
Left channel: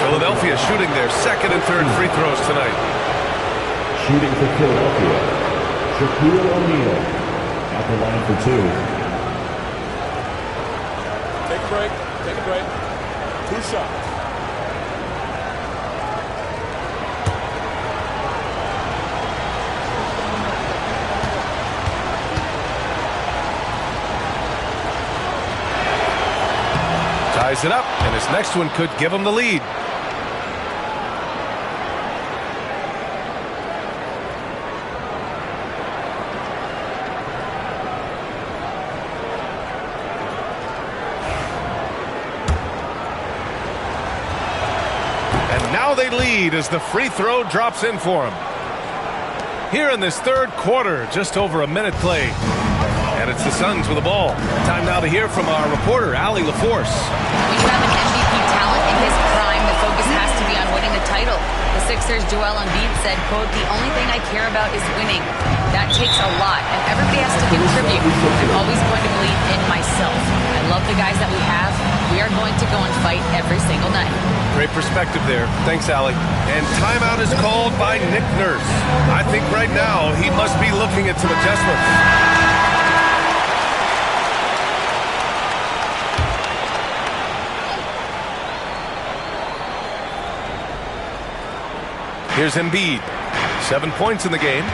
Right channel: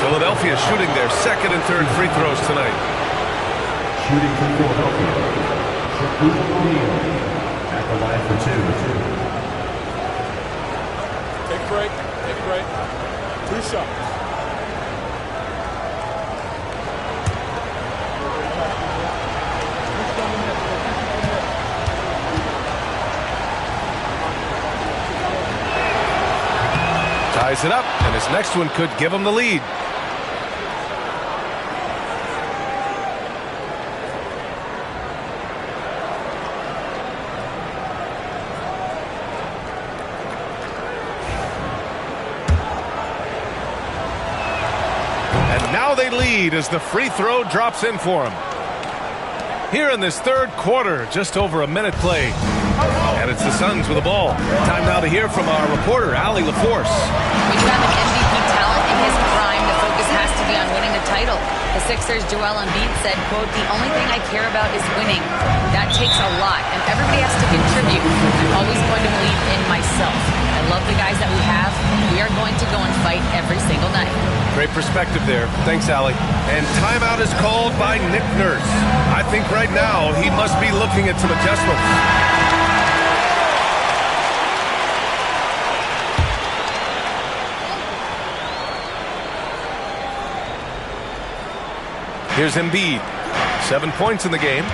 Philadelphia shooting their second and third free throws tonight. Shooting for Philadelphia, Shaquille O'Neal at the line for 2. Take a break. Take a break. 2 shots. Ties it up, and his next one could give him the lead. And now they lead as the free throw drops in for him. Here in this third quarter, just over a minute played. And it's the Suns with the ball. Time now to hear from our reporter, Allie LaForce. When you have an MVP talent in his prime, the focus has to be on winning the title. The Sixers' Joel Embiid said, quote, "The only thing I care about is winning. That takes a lot, and everybody has to contribute. I'm always going to believe in myself. I love the guys that we have. We are going to go and fight every single night." Great perspective there. Thanks, Allie. And timeout is called by Nick Nurse. I think right now he must be looking at some adjustments. Here's Embiid. 7 points in the game.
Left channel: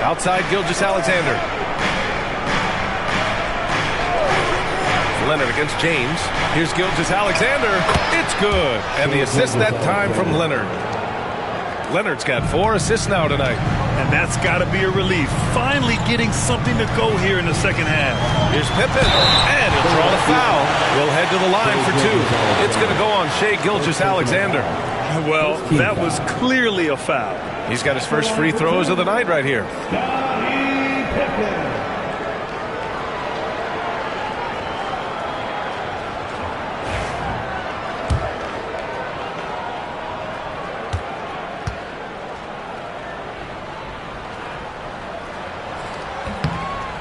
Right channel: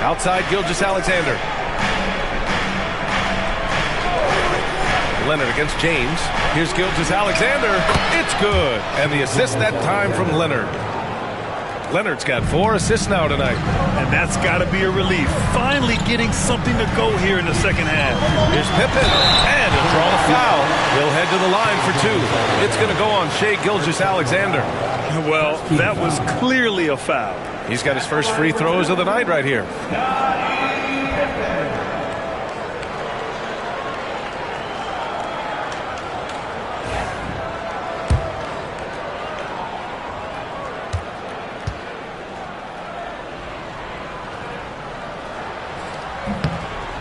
Outside Gilgeous-Alexander. Leonard against James. Here's Gilgeous-Alexander. It's good. And the assist that time from Leonard. Leonard's got 4 assists now tonight. And that's got to be a relief. Finally getting something to go here in the second half. Here's Pippen. And he'll draw the foul. He'll head to the line for 2. It's going to go on Shai Gilgeous-Alexander. Well, that was clearly a foul. He's got his first free throws of the night right here.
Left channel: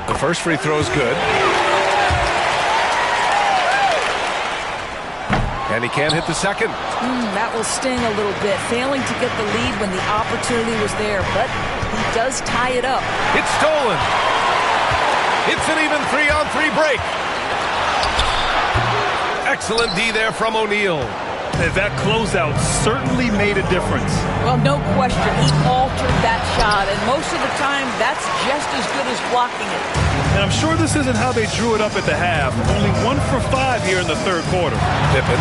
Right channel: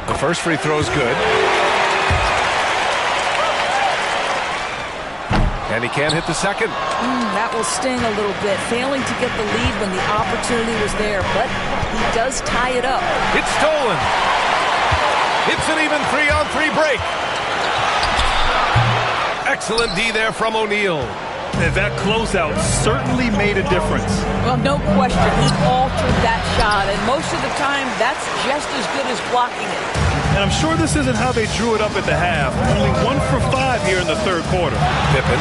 The first free throw is good. And he can't hit the second. That will sting a little bit, failing to get the lead when the opportunity was there, but he does tie it up. It's stolen. It's an even 3-on-3 break. Excellent D there from O'Neal. And that closeout certainly made a difference. Well, no question. He altered that shot, and most of the time, that's just as good as blocking it. And I'm sure this isn't how they drew it up at the half. Only 1 for 5 here in the third quarter. Pippen.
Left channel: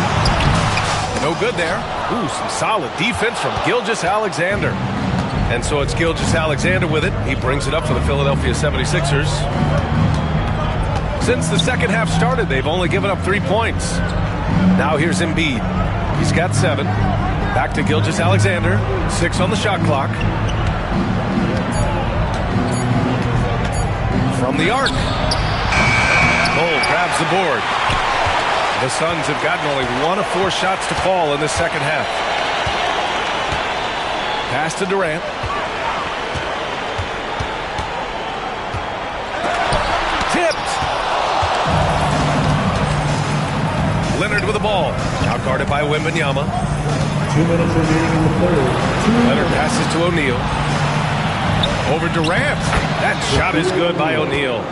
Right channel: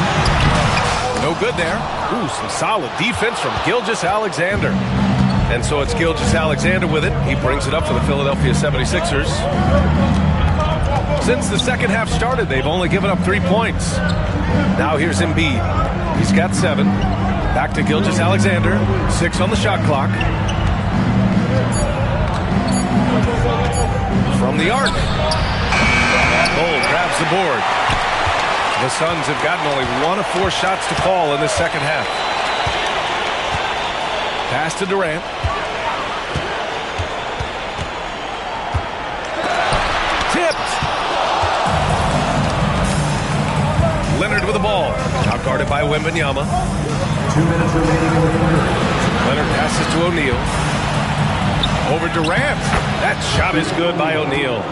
No good there. Ooh, some solid defense from Gilgeous-Alexander. And so it's Gilgeous-Alexander with it. He brings it up for the Philadelphia 76ers. Since the second half started, they've only given up 3 points. Now here's Embiid. He's got 7. Back to Gilgeous-Alexander. 6 on the shot clock. From the arc. Bull grabs the board. The Suns have gotten only 1 of 4 shots to fall in the second half. Pass to Durant. Tipped. Leonard with the ball. Out guarded by Wembanyama. 2 minutes remaining in the third. Leonard passes to O'Neal. Over Durant. That shot is good by O'Neal.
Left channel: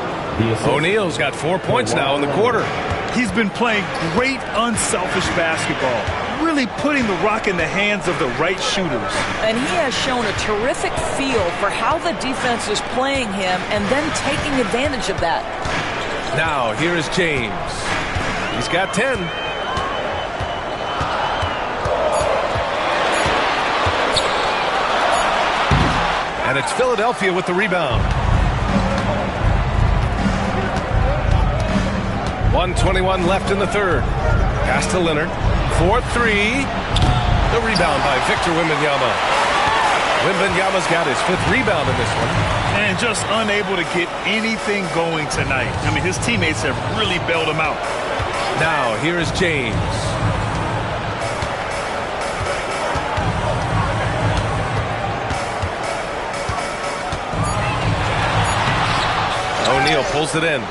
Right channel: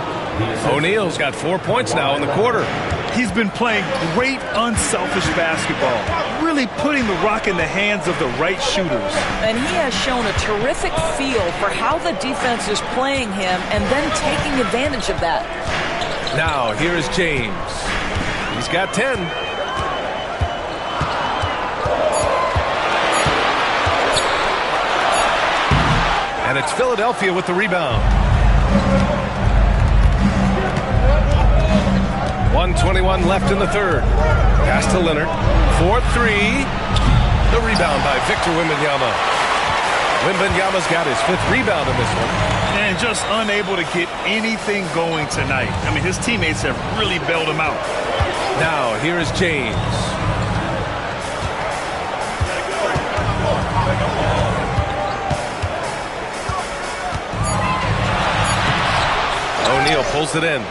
O'Neal's got 4 points now in the quarter. He's been playing great unselfish basketball, really putting the rock in the hands of the right shooters. And he has shown a terrific feel for how the defense is playing him and then taking advantage of that. Now, here is James. He's got 10. And it's Philadelphia with the rebound. 1:21 left in the third. Pass to Leonard. 4-3. The rebound by Victor Wembanyama. Wembanyama's got his 5th rebound in this one. And just unable to get anything going tonight. I mean, his teammates have really bailed him out. Now, here is James. O'Neal pulls it in.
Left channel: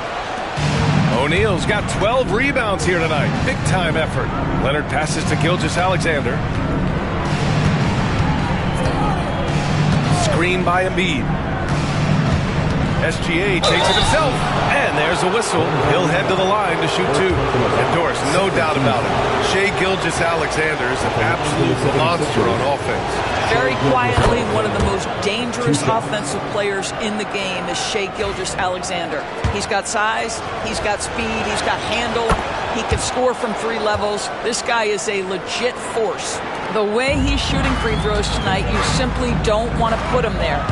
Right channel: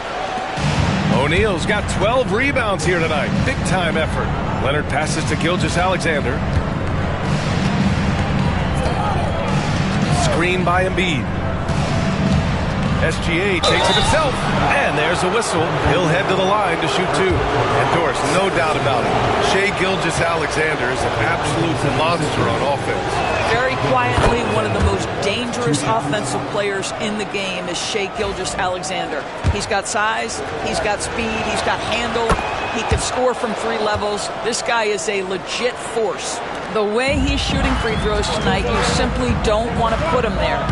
O'Neal's got 12 rebounds here tonight. Big time effort. Leonard passes to Gilgeous-Alexander. Screen by Embiid. SGA takes it himself. And there's a whistle. He'll head to the line to shoot 2. And Doris, no doubt about it, Shai Gilgeous-Alexander is an absolute monster on offense. Very quietly, one of the most dangerous offensive players in the game is Shai Gilgeous-Alexander. He's got size, he's got speed, he's got handle, he can score from 3 levels. This guy is a legit force. The way he's shooting free throws tonight, you simply don't want to put him there.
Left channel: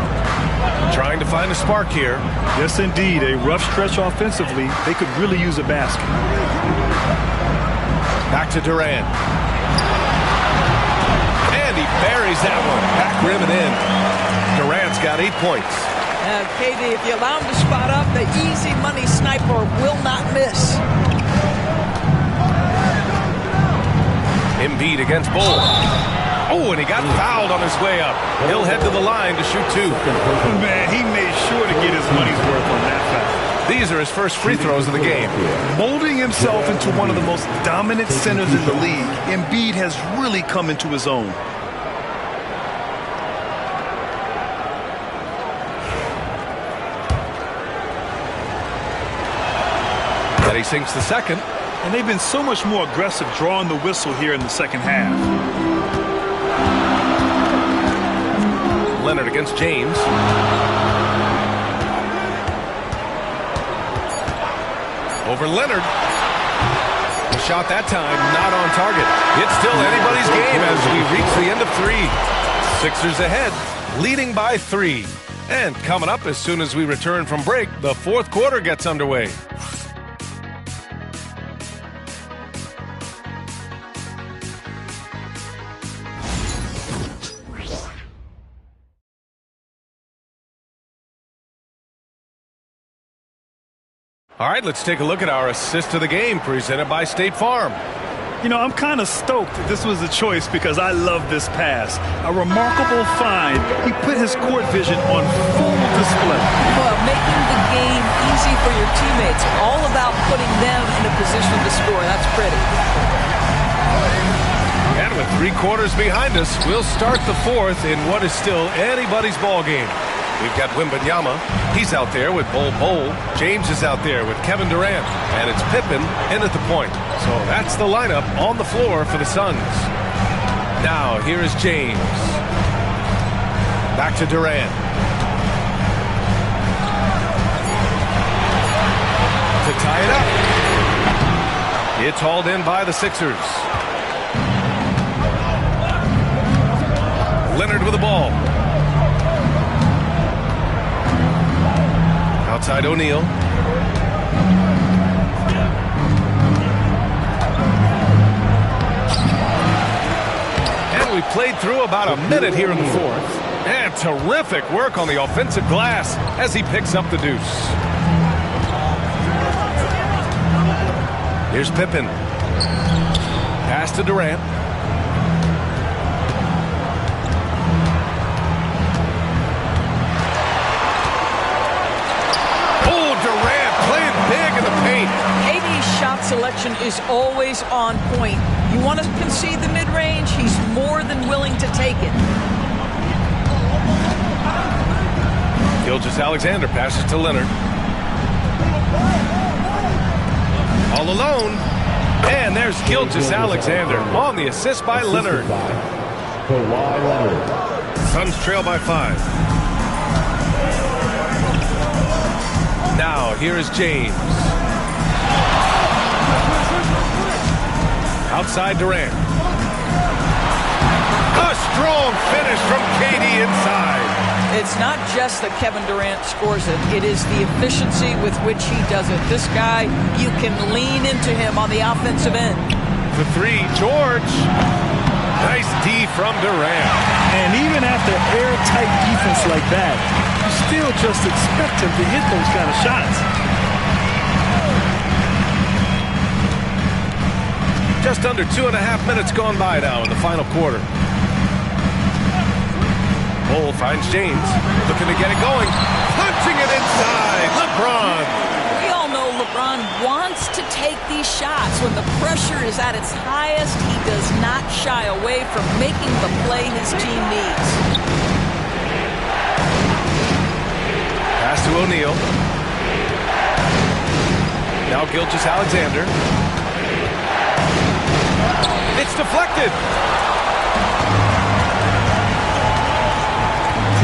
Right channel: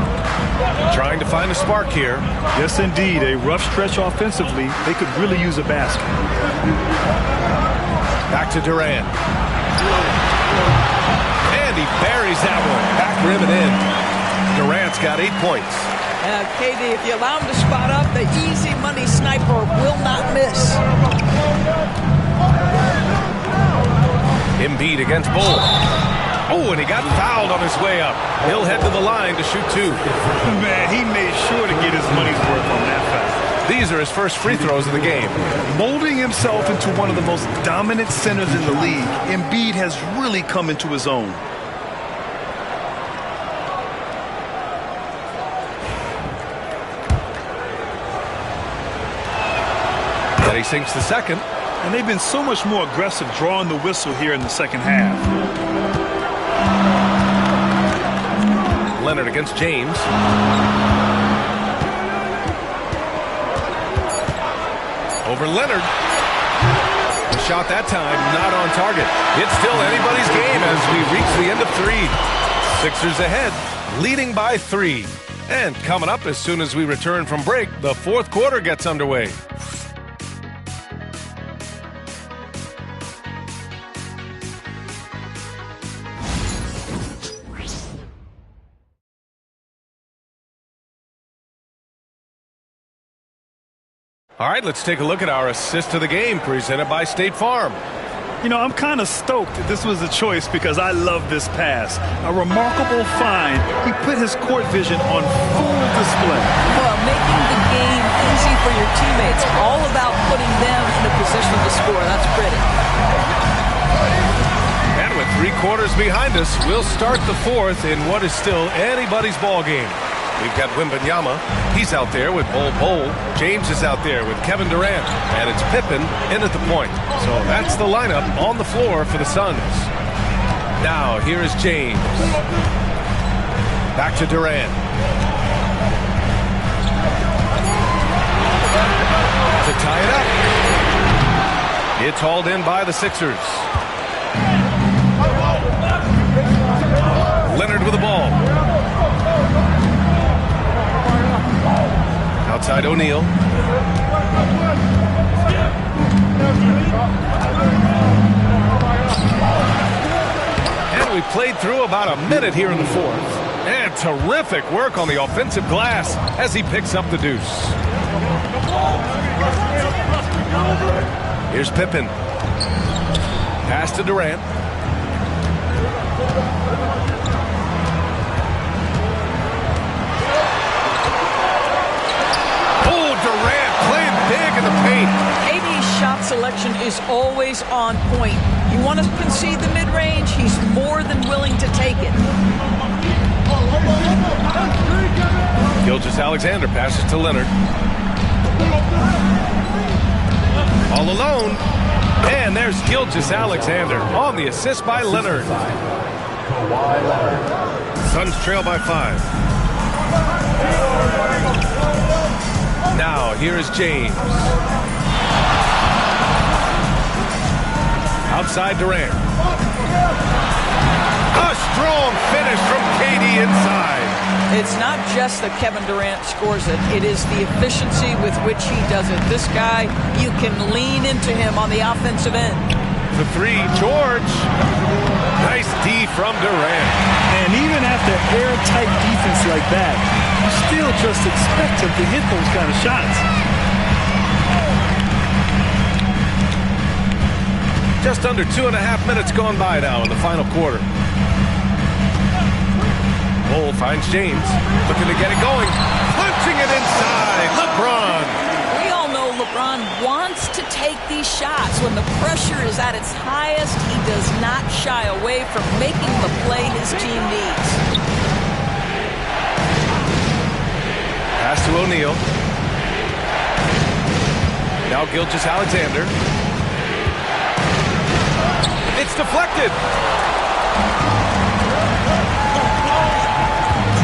Trying to find a spark here. Yes, indeed. A rough stretch offensively. They could really use a basket. Back to Durant. And he buries that one. Back rim and in. Durant's got 8 points. KD, if you allow him to spot up, the easy money sniper will not miss. Embiid against Bull. Oh, and he got fouled on his way up. He'll head to the line to shoot 2. Man, he made sure to get his money's worth on that foul. These are his first free throws of the game. Molding himself into one of the most dominant centers in the league, Embiid has really come into his own. And he sinks the second. And they've been so much more aggressive drawing the whistle here in the second half. Leonard against James. Over Leonard. The shot that time not on target. It's still anybody's game as we reach the end of 3. Sixers ahead, leading by 3. And coming up as soon as we return from break, the 4th quarter gets underway. All right, let's take a look at our assist of the game presented by State Farm. You know, I'm kind of stoked that this was a choice because I love this pass. A remarkable find. He put his court vision on full display. Well, making the game easy for your teammates. All about putting them in a position to score. That's pretty. And with 3 quarters behind us, we'll start the 4th in what is still anybody's ball game. We've got Wembanyama. He's out there with Bol. James is out there with Kevin Durant. And it's Pippen in at the point. So that's the lineup on the floor for the Suns. Now, here is James. Back to Durant. To tie it up. It's hauled in by the Sixers. Leonard with the ball. Outside O'Neal. And we we played through about a minute here in the fourth. And terrific work on the offensive glass as he picks up the deuce. Here's Pippen. Pass to Durant. Oh, Durant playing big in the paint. KD's shot selection is always on point. You want to concede the mid-range, he's more than willing to take it. Gilgeous-Alexander passes to Leonard. All alone. And there's Gilgeous-Alexander on the assist by Leonard. Suns trail by 5. Now here is James. Outside Durant. A strong finish from KD inside. It's not just that Kevin Durant scores it. It is the efficiency with which he does it. This guy, you can lean into him on the offensive end. The three, George. Nice D from Durant. And even after airtight defense like that, you still just expect him to hit those kind of shots. Just under 2.5 minutes gone by now in the final quarter. Cole finds James, looking to get it going. Punching it inside, LeBron. We all know LeBron wants to take these shots. When the pressure is at its highest, he does not shy away from making the play his team needs. Pass to O'Neal. Now Gilgeous-Alexander. It's deflected.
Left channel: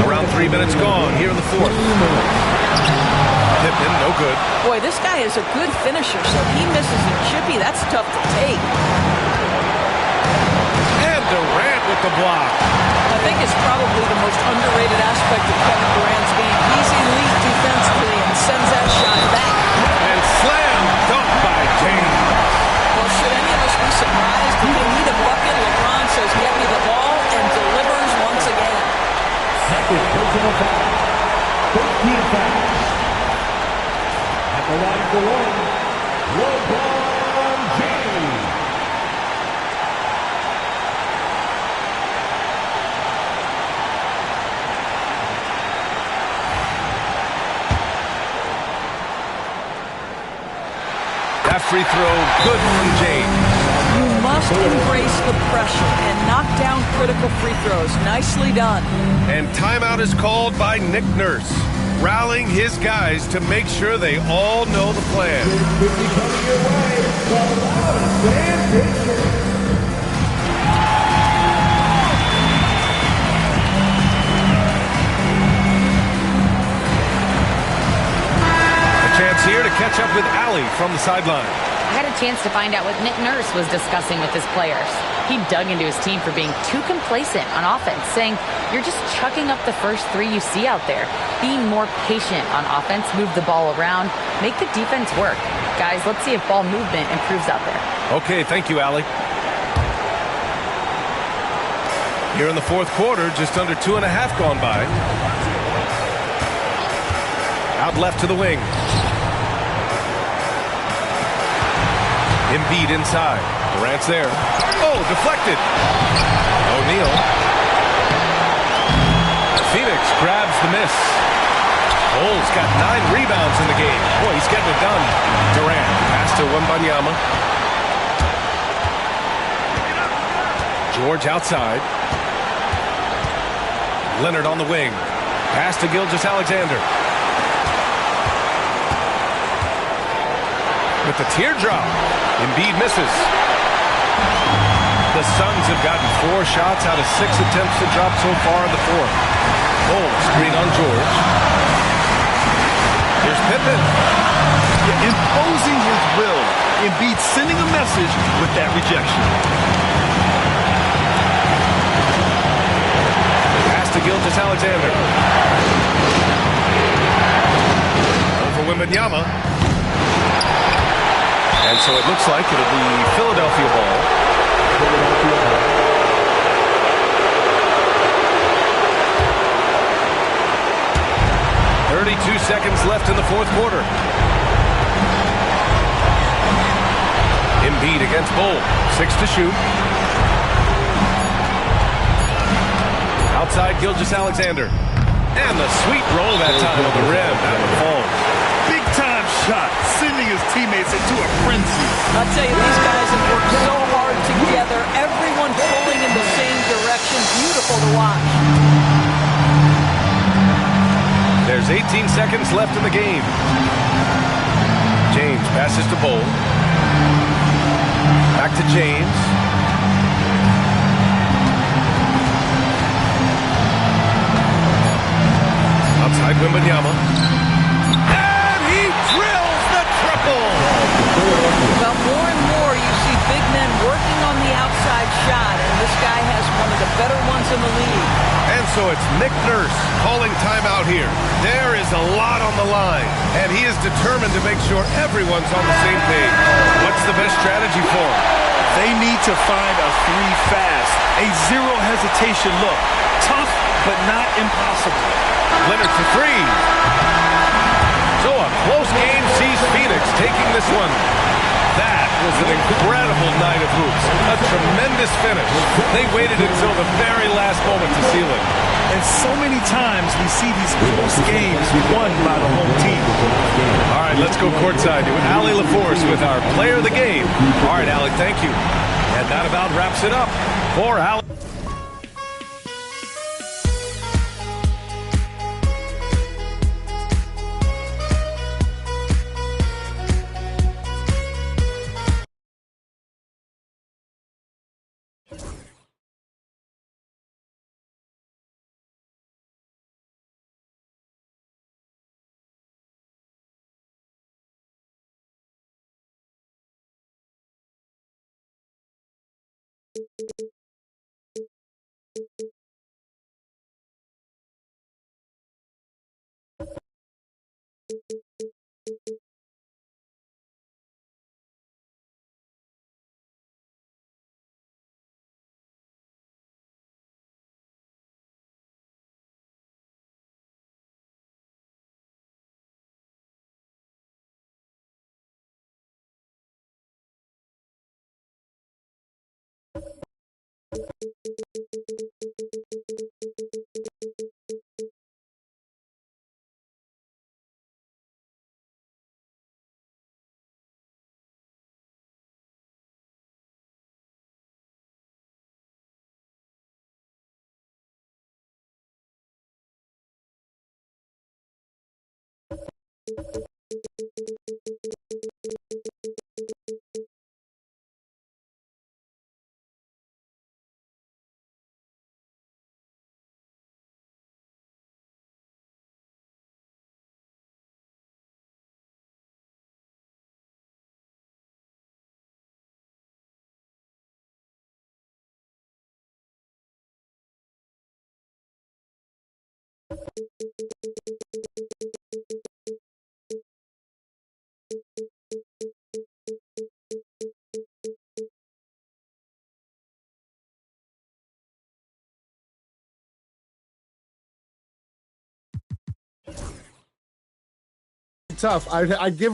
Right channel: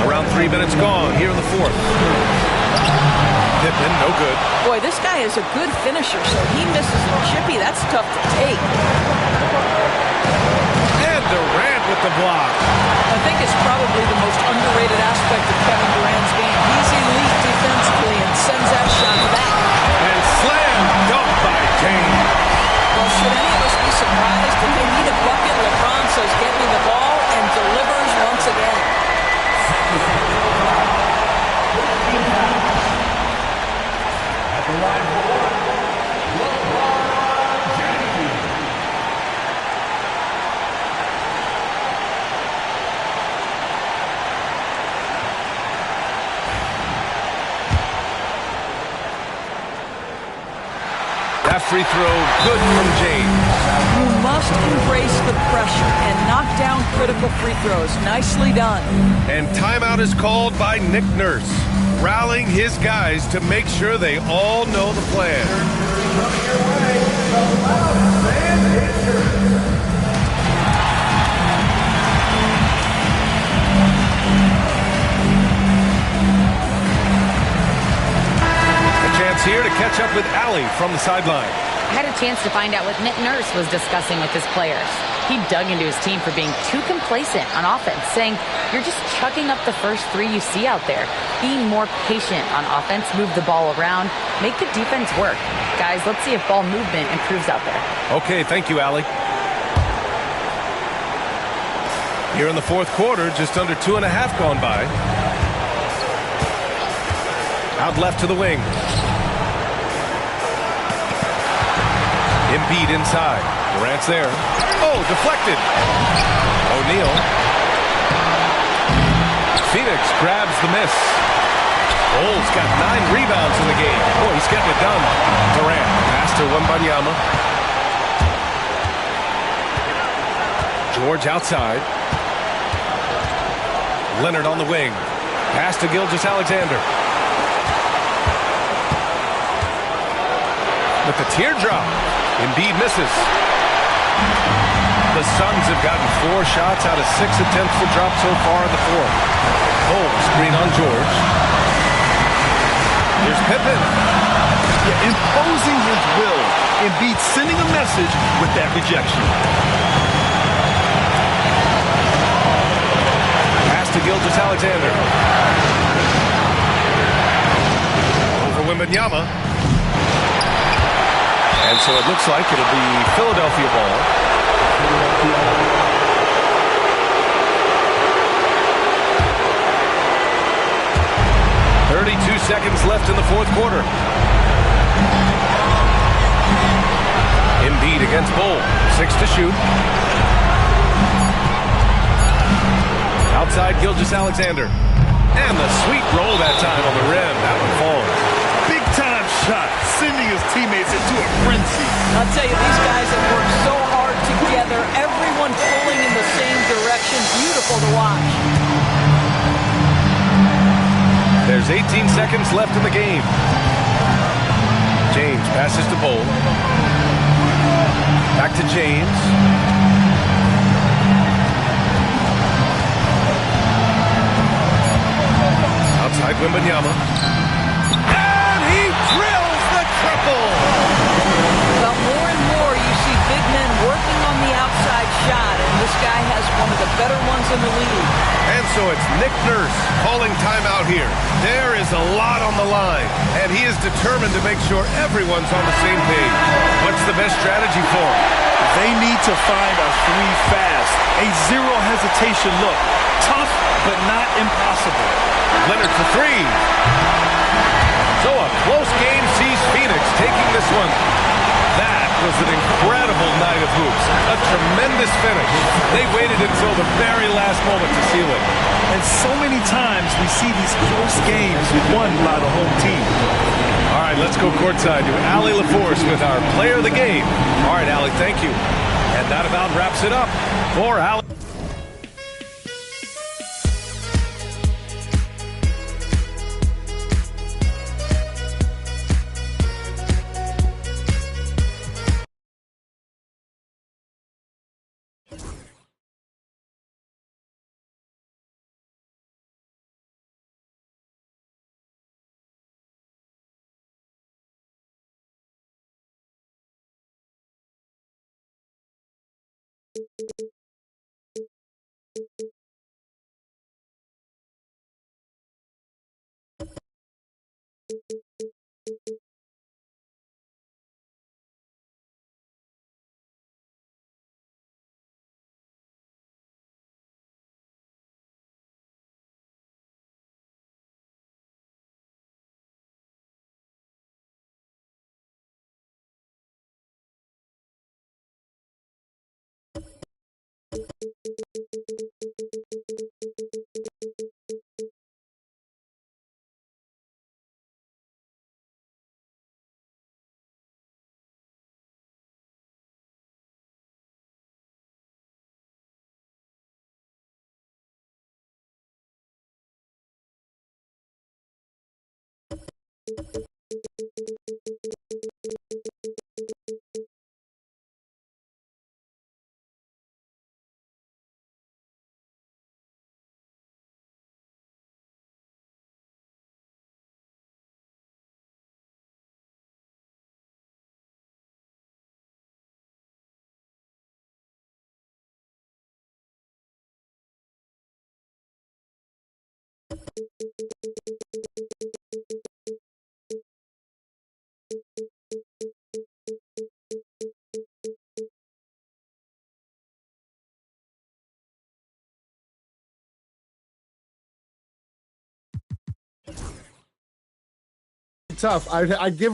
Around 3 minutes gone here in the fourth. Pippen, no good. Boy, this guy is a good finisher, so he misses a chippy. That's tough to take. And Durant with the block. I think it's probably the most underrated aspect of Kevin Durant's game. He's elite defensively and sends that shot back. And slam dunk by James. Well, should any of us be surprised when they need a bucket? LeBron says, "Get me the ball," and delivers once again. Second personal foul. 13 fouls. At the line for one, LeBron James. That free throw good from James. You must embrace the pressure and knock down critical free throws. Nicely done. And timeout is called by Nick Nurse, rallying his guys to make sure they all know the plan. A chance here to catch up with Allie from the sideline. I had a chance to find out what Nick Nurse was discussing with his players. He dug into his team for being too complacent on offense, saying, "You're just chucking up the first three you see out there. Be more patient on offense, move the ball around, make the defense work. Guys, let's see if ball movement improves out there." Okay, thank you, Allie. Here in the fourth quarter, just under 2.5 gone by. Out left to the wing. Embiid inside. Durant's there. Oh, deflected. O'Neal. Phoenix grabs the miss. Cole's got 9 rebounds in the game. Boy, he's getting it done. Durant. Pass to Wembanyama. George outside. Leonard on the wing. Pass to Gilgeous-Alexander. With the teardrop. Embiid misses. The Suns have gotten 4 shots out of 6 attempts to drop so far in the fourth. Cole, screen on George. Here's Pippen. Yeah, imposing his will. Embiid sending a message with that rejection. Pass to Gilgeous-Alexander. Over Wembanyama. And so it looks like it'll be Philadelphia ball. 2 seconds left in the fourth quarter. Embiid against Bol. 6 to shoot. Outside Gilgeous-Alexander. And the sweet roll that time on the rim. That one falls. Big-time shot, sending his teammates into a frenzy. I'll tell you, these guys have worked so hard together. Everyone pulling in the same direction. Beautiful to watch. There's 18 seconds left in the game. James passes to Bol. Back to James. Outside Wembanyama. And he drills the triple! Well, more and more you see big men working on the outside shot, and this guy has one of the better ones in the league. And so it's Nick Nurse calling timeout here. There is a lot on the line, and he is determined to make sure everyone's on the same page. What's the best strategy for him? They need to find a three fast, a zero hesitation look. Tough, but not impossible. Leonard for three. So a close game sees Phoenix taking this one. That was an incredible night of hoops. A tremendous finish. They waited until the very last moment to seal it. And so many times we see these close games won by the home team. All right, let's go courtside to Allie LaForce with our player of the game. All right, Allie, thank you. And that about wraps it up for Allie. Tough. I give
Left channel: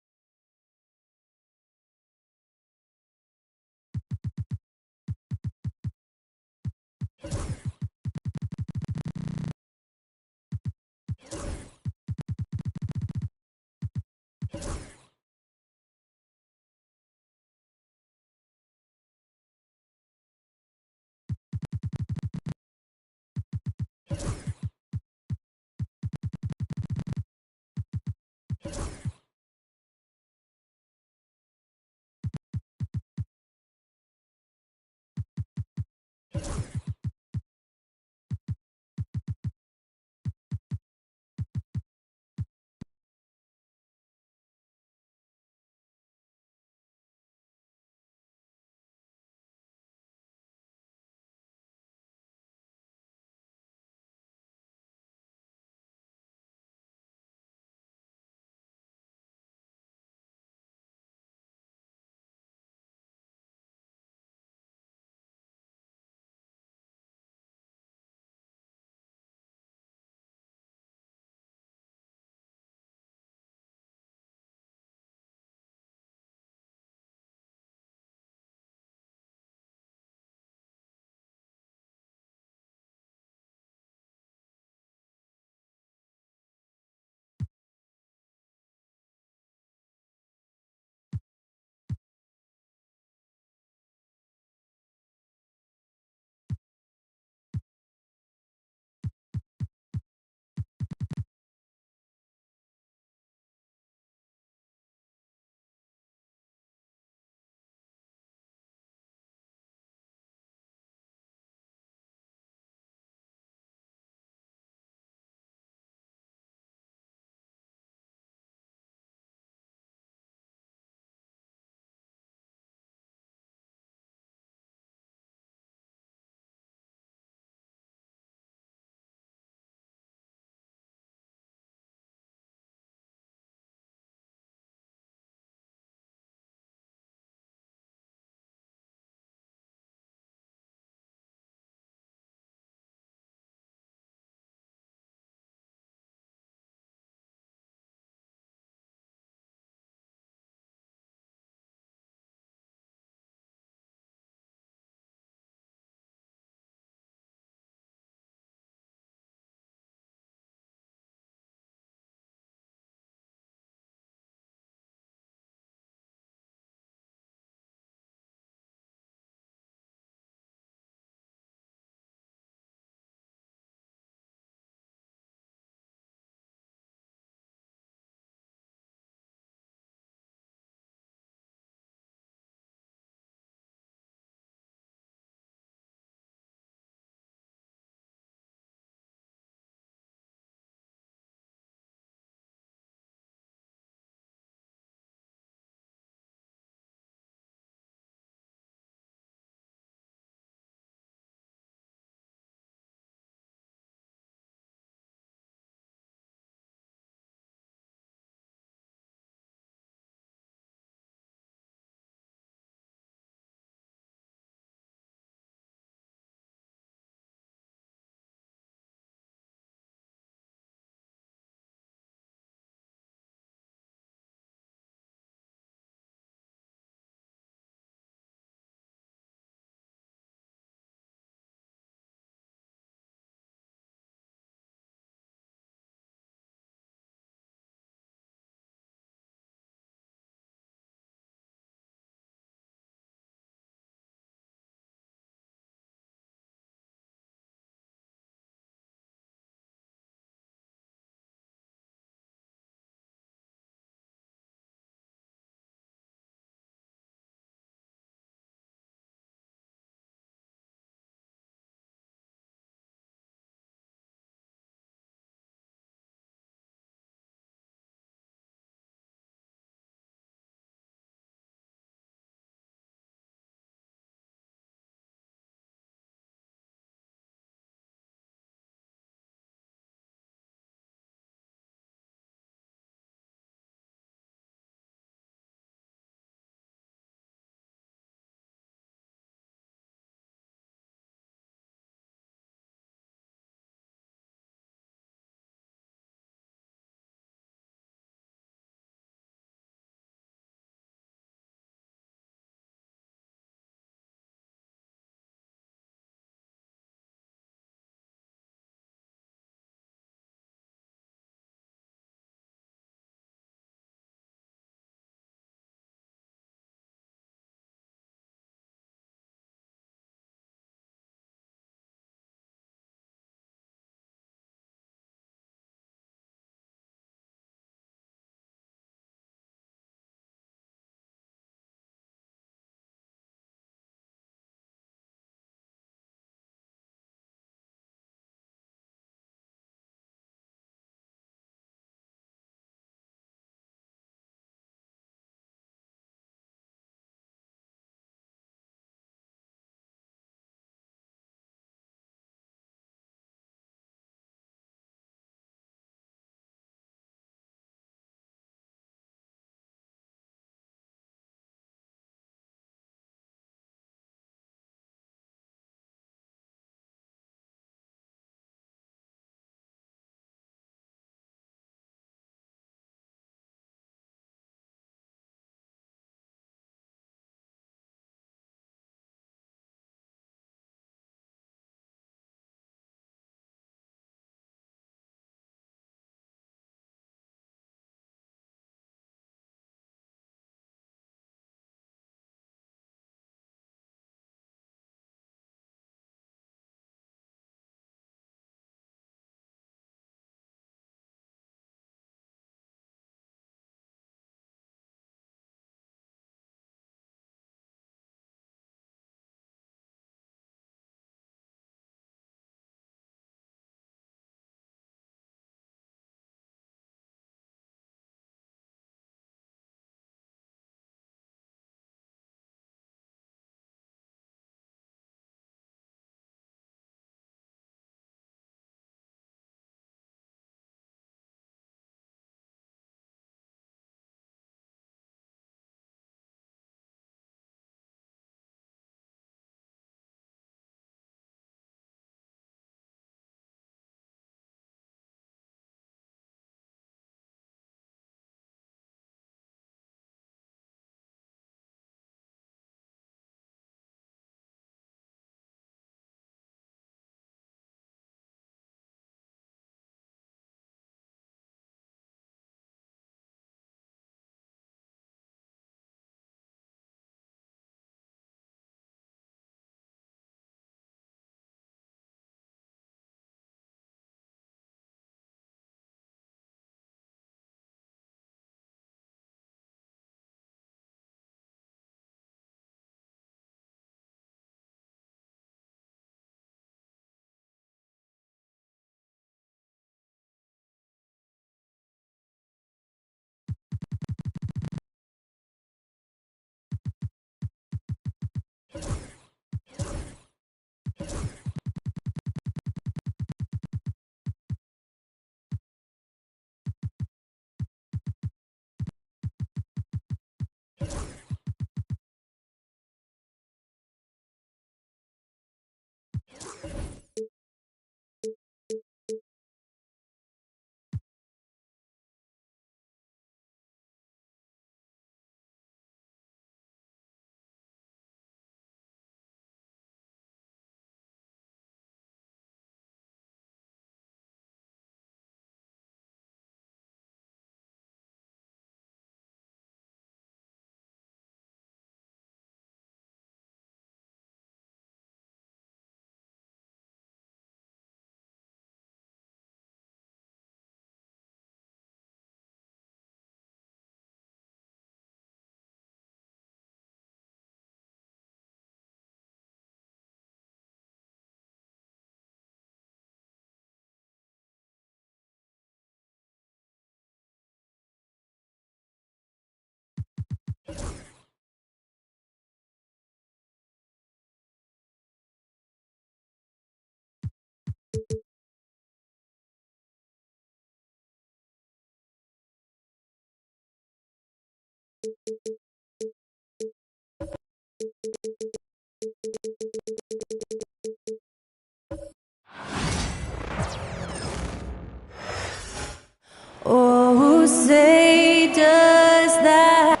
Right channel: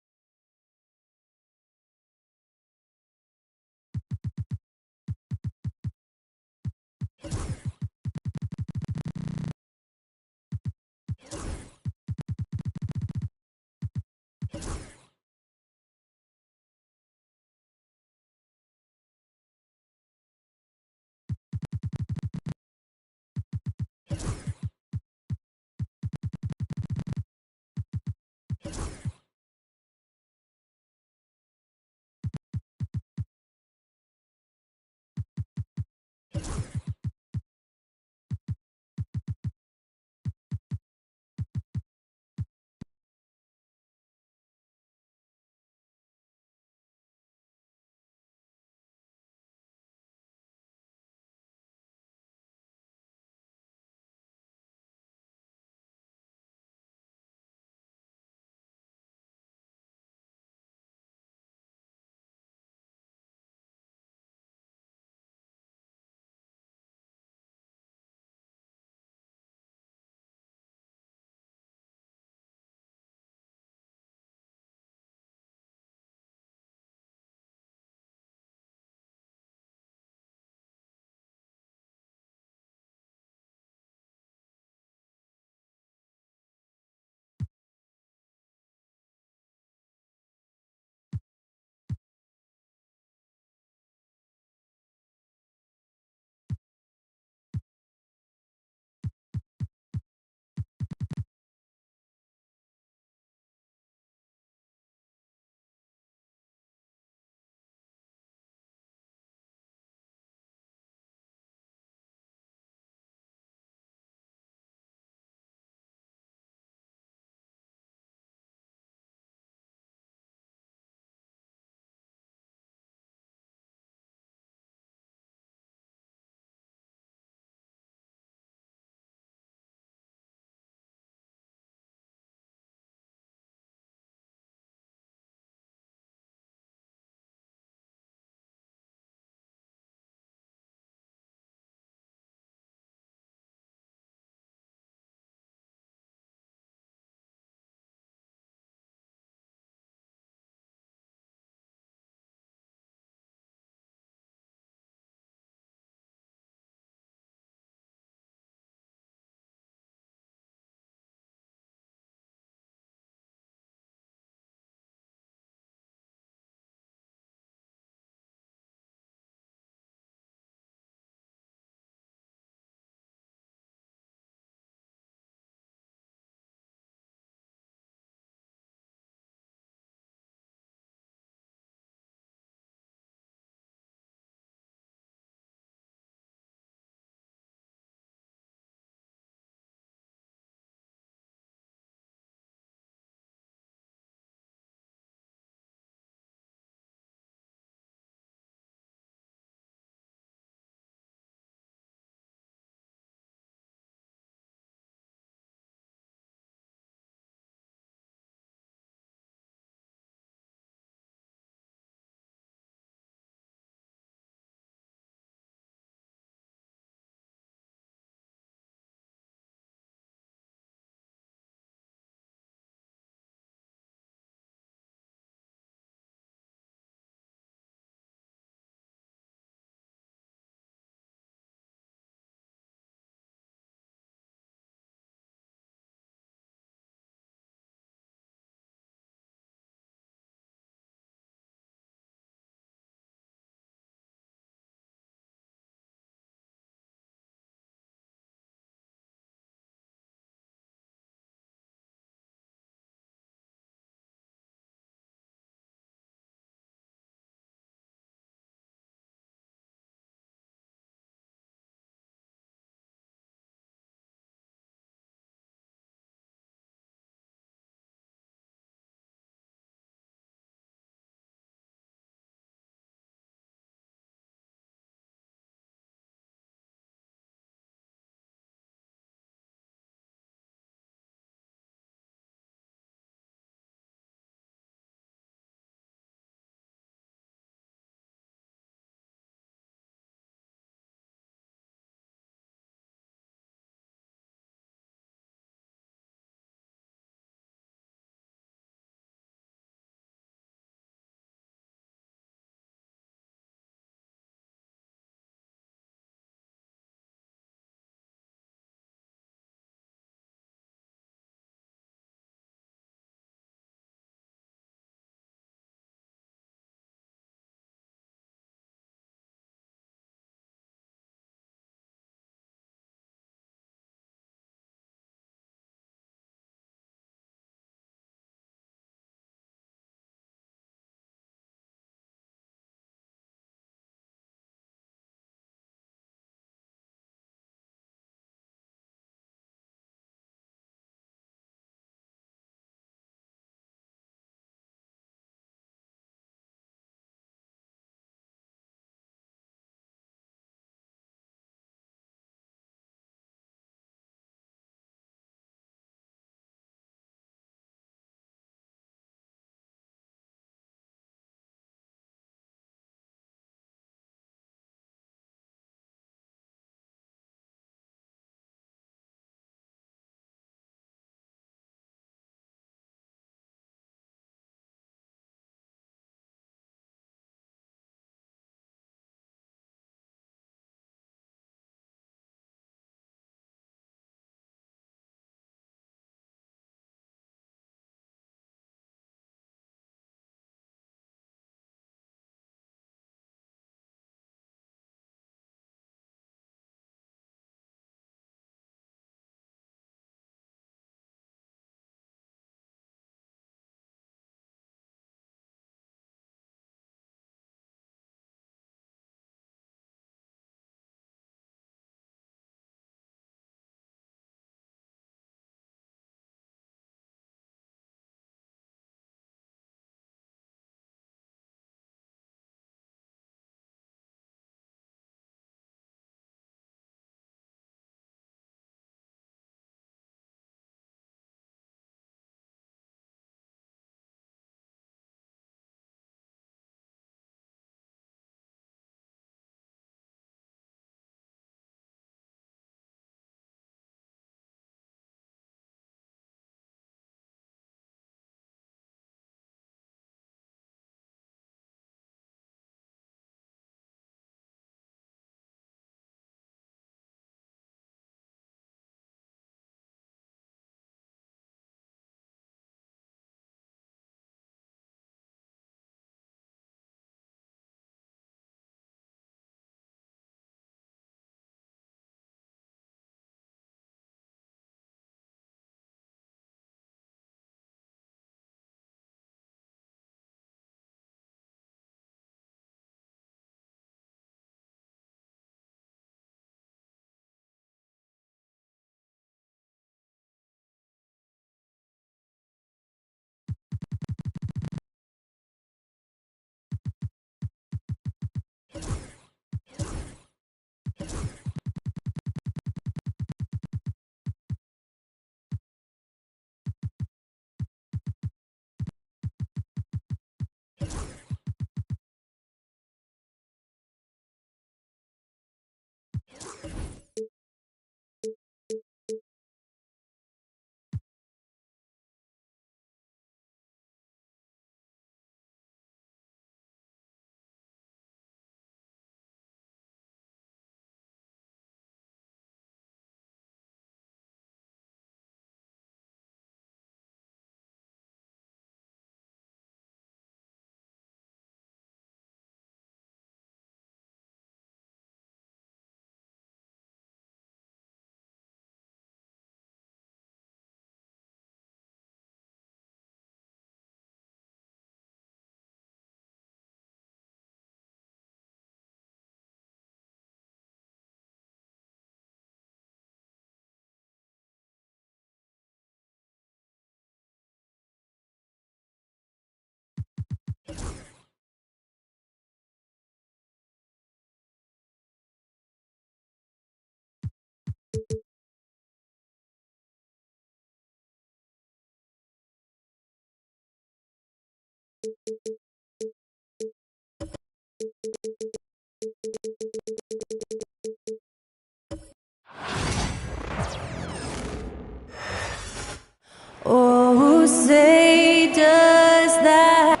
Oh, say does that.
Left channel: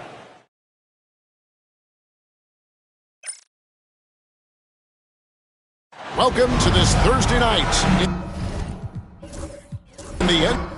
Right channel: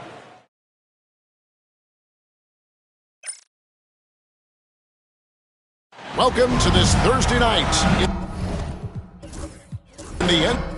Welcome to this Thursday night in the end.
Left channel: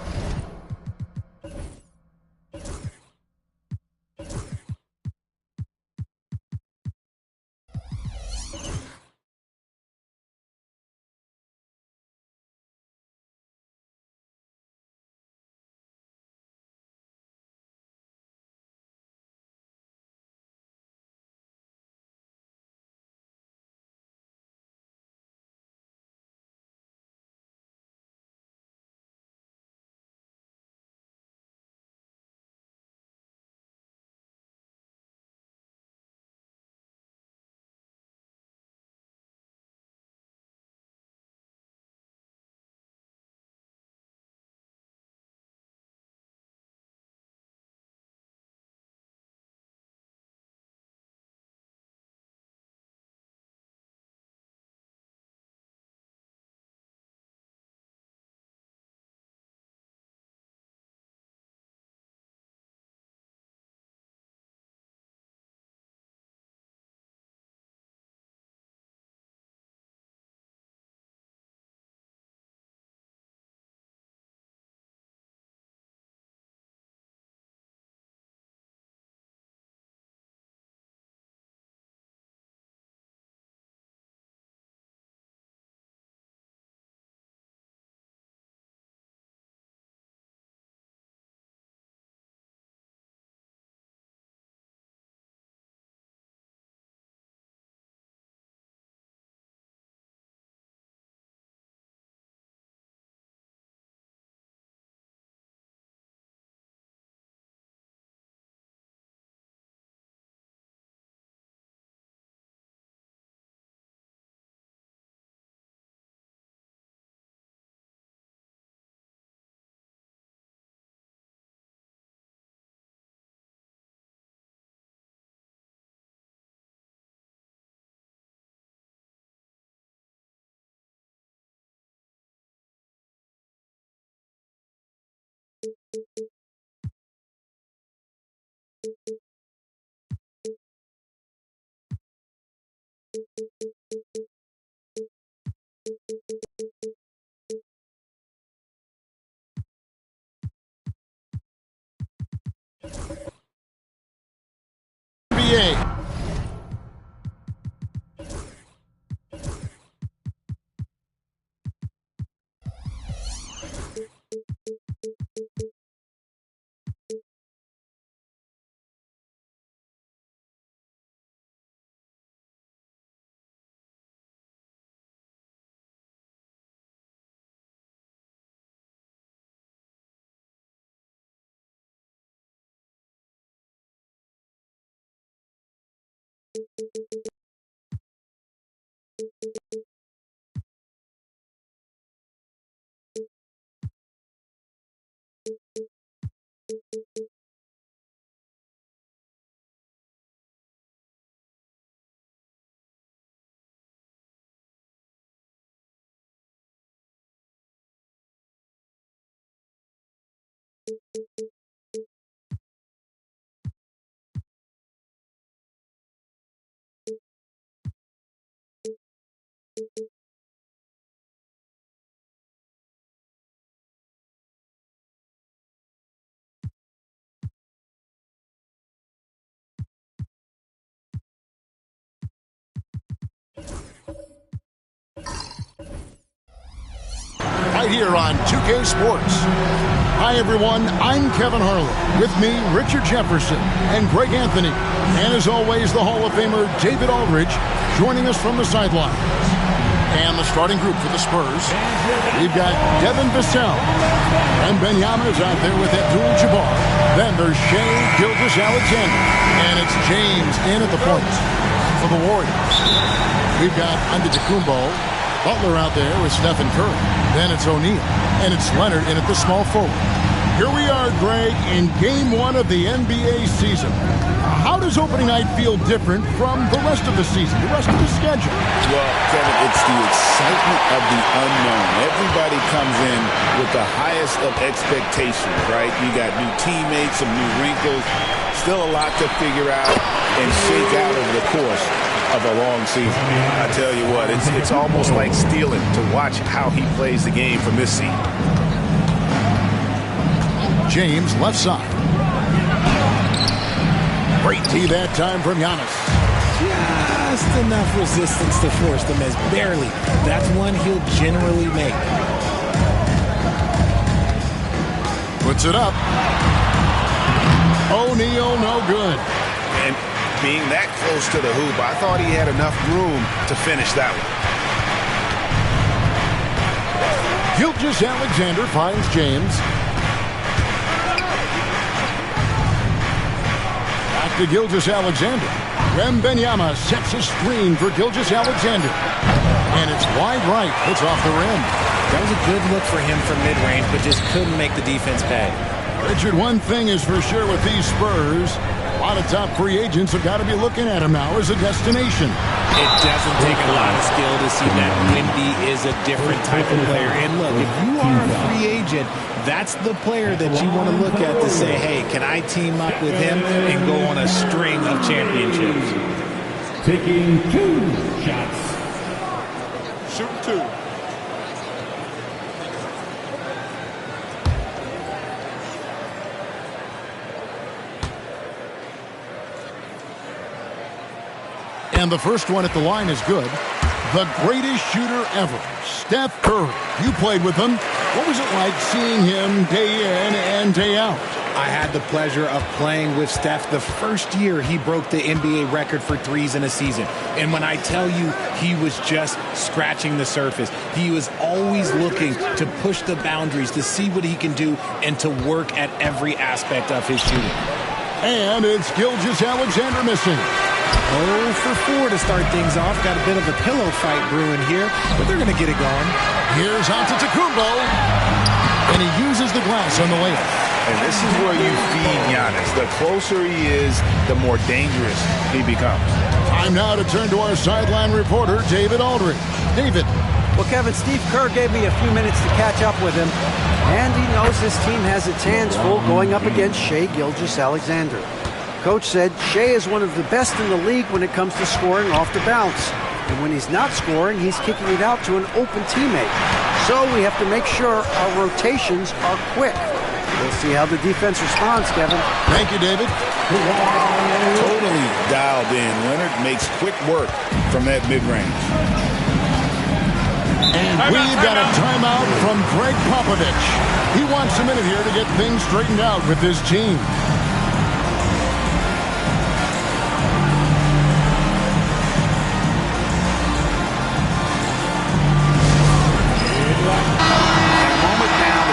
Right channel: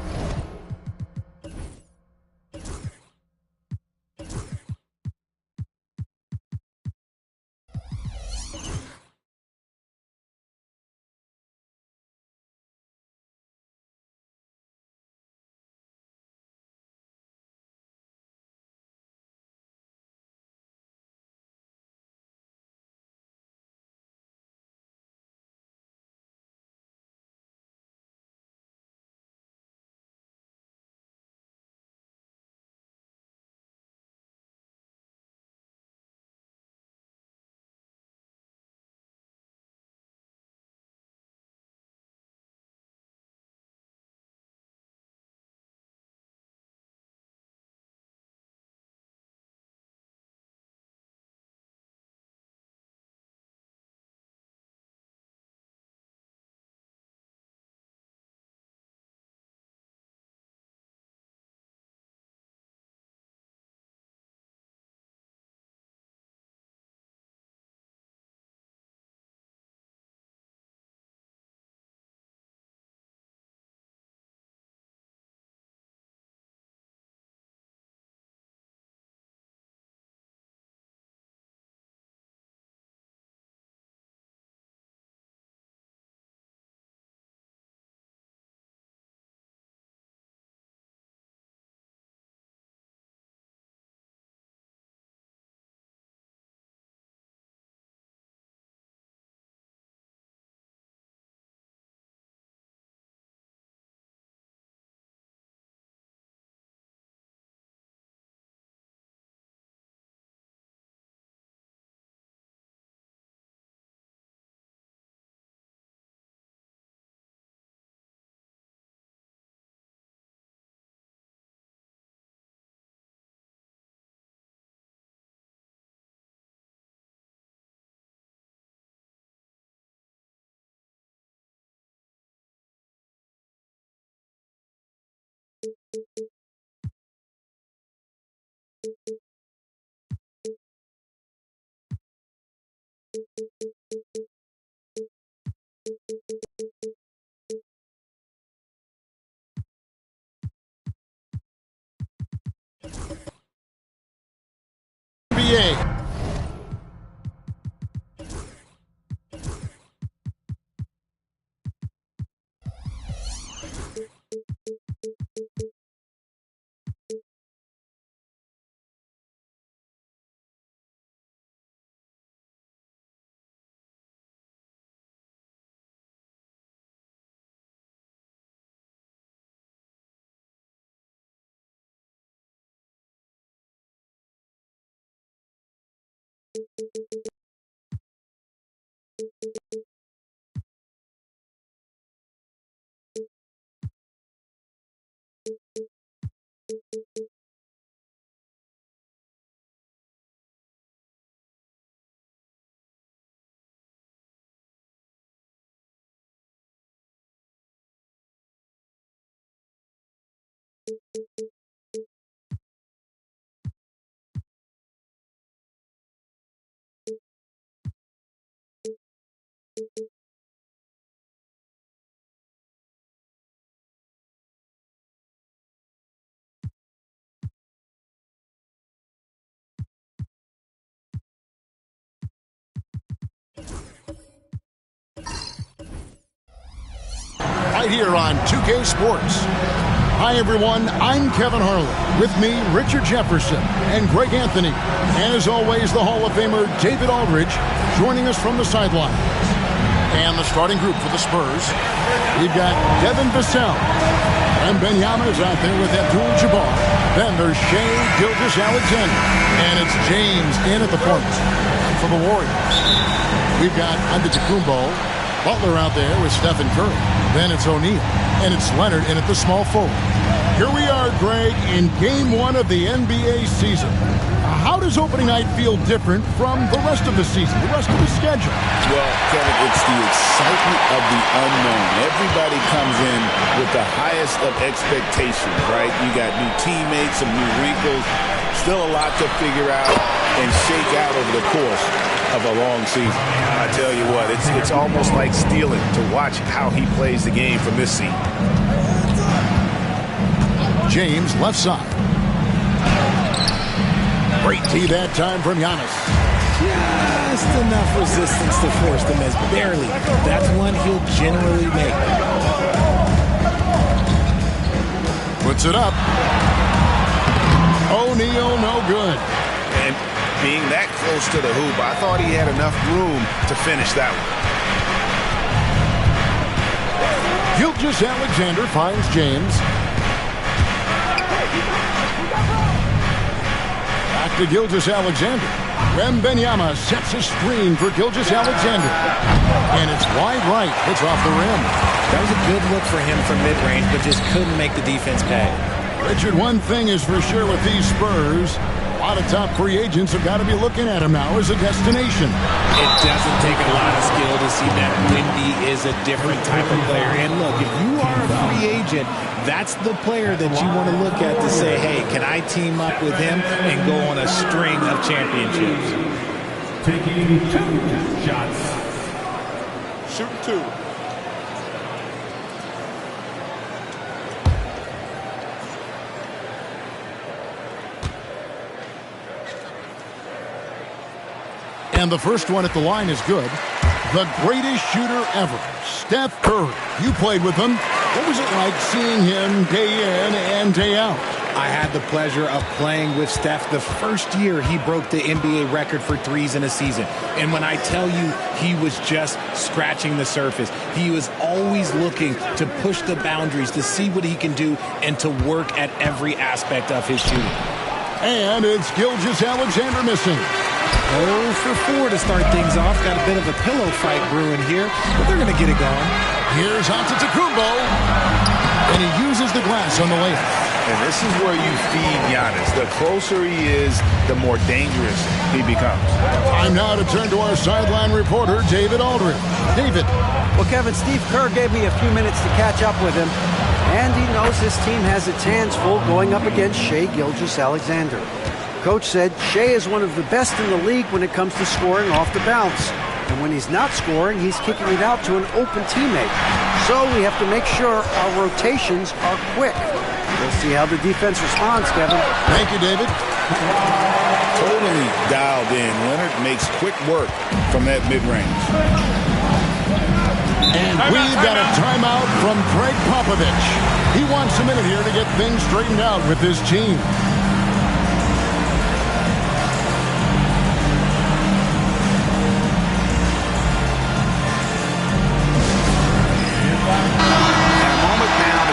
NBA. Right here on 2K Sports. Hi, everyone. I'm Kevin Harlan. With me, Richard Jefferson and Greg Anthony. And as always, the Hall of Famer David Aldridge joining us from the sidelines. And the starting group for the Spurs. We've got Devin Vassell. And Benyama is out there with Abdul-Jabbar. Then there's Shai Gilgeous-Alexander. And it's James in at the point for the Warriors. We've got Antetokounmpo. Butler out there with Stephen Curry. Then it's O'Neal. And it's Leonard in at the small forward. Here we are, Greg, in Game 1 of the NBA season. How does opening night feel different from the rest of the season, the rest of the schedule? Well, Kevin, it's the excitement of the unknown. Everybody comes in with the highest of expectations, right? You got new teammates, some new wrinkles, still a lot to figure out and shake out over the course of a long season. I tell you what, it's almost like stealing to watch how he plays the game from this seat. James, left side. Great tee that time from Giannis. Just enough resistance to force the miss. Barely. That's one he'll generally make. Puts it up. O'Neal, no good. And being that close to the hoop, I thought he had enough room to finish that one. Gilgeous-Alexander finds James. Back to Gilgeous-Alexander. Wembanyama sets a screen for Gilgeous-Alexander. And it's wide right. It's off the rim. That was a good look for him from mid-range, but just couldn't make the defense pay. Richard, one thing is for sure with these Spurs, a lot of top free agents have got to be looking at him now as a destination. It doesn't take a lot of skill to see that Wendy is a different type of player. And look, if you are a free agent, that's the player that you want to look at to say, hey, can I team up with him and go on a string of championships? Taking 2 shots. Shooting 2. And the first one at the line is good. The greatest shooter ever, Steph Curry. You played with him. What was it like seeing him day in and day out? I had the pleasure of playing with Steph the first year he broke the NBA record for threes in a season. And when I tell you he was just scratching the surface, he was always looking to push the boundaries, to see what he can do, and to work at every aspect of his shooting. And it's Gilgeous-Alexander missing. 0 for 4 to start things off. Got a bit of a pillow fight brewing here, but they're going to get it going. Here's Antetokounmpo, and he uses the glass on the layup. And this is where you feed Giannis. The closer he is, the more dangerous he becomes. Time now to turn to our sideline reporter, David Aldridge. David. Well, Kevin, Steve Kerr gave me a few minutes to catch up with him, and he knows his team has its hands full going up against Shai Gilgeous-Alexander. Coach said Shai is one of the best in the league when it comes to scoring off the bounce. And when he's not scoring, he's kicking it out to an open teammate. So we have to make sure our rotations are quick. We'll see how the defense responds, Kevin. Thank you, David. Totally dialed in. Leonard makes quick work from that mid-range. And we've got a timeout from Greg Popovich. He wants a minute here to get things straightened out with his team.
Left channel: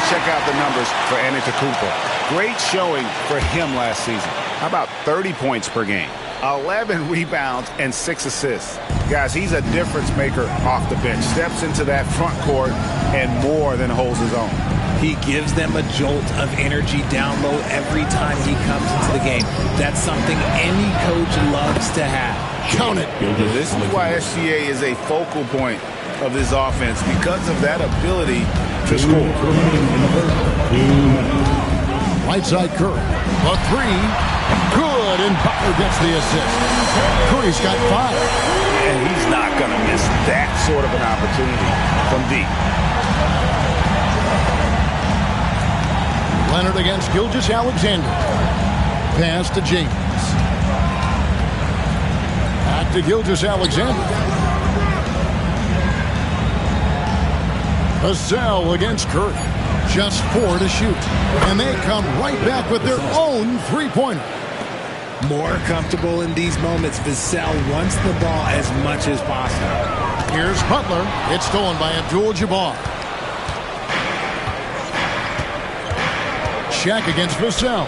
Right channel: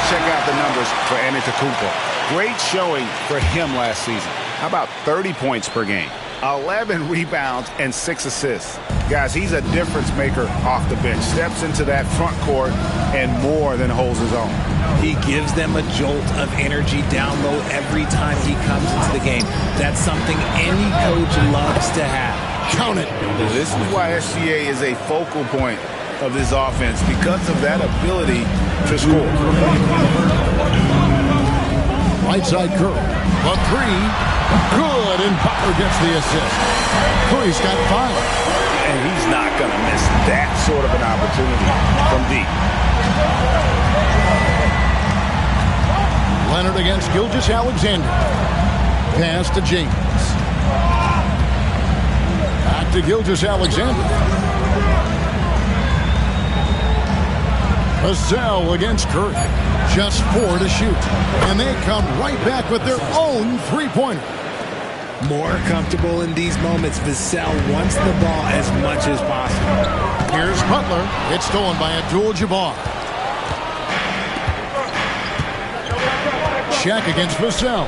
Check out the numbers for Antetokounmpo. Great showing for him last season. How about 30 points per game, 11 rebounds, and 6 assists? Guys, he's a difference maker off the bench. Steps into that front court and more than holds his own. He gives them a jolt of energy down low every time he comes into the game. That's something any coach loves to have. Count it. This is why SGA is a focal point of this offense, because of that ability to score. Right side Curry. The 3. Good, and Butler gets the assist. Curry's got 5. And he's not going to miss that sort of an opportunity from deep. Leonard against Gilgeous-Alexander. Pass to James. Back to Gilgeous-Alexander. Vassell against Curry. Just 4 to shoot. And they come right back with their own three-pointer. More comfortable in these moments. Vassell wants the ball as much as possible. Here's Butler. It's stolen by Abdul-Jabbar. Shaq against Vassell.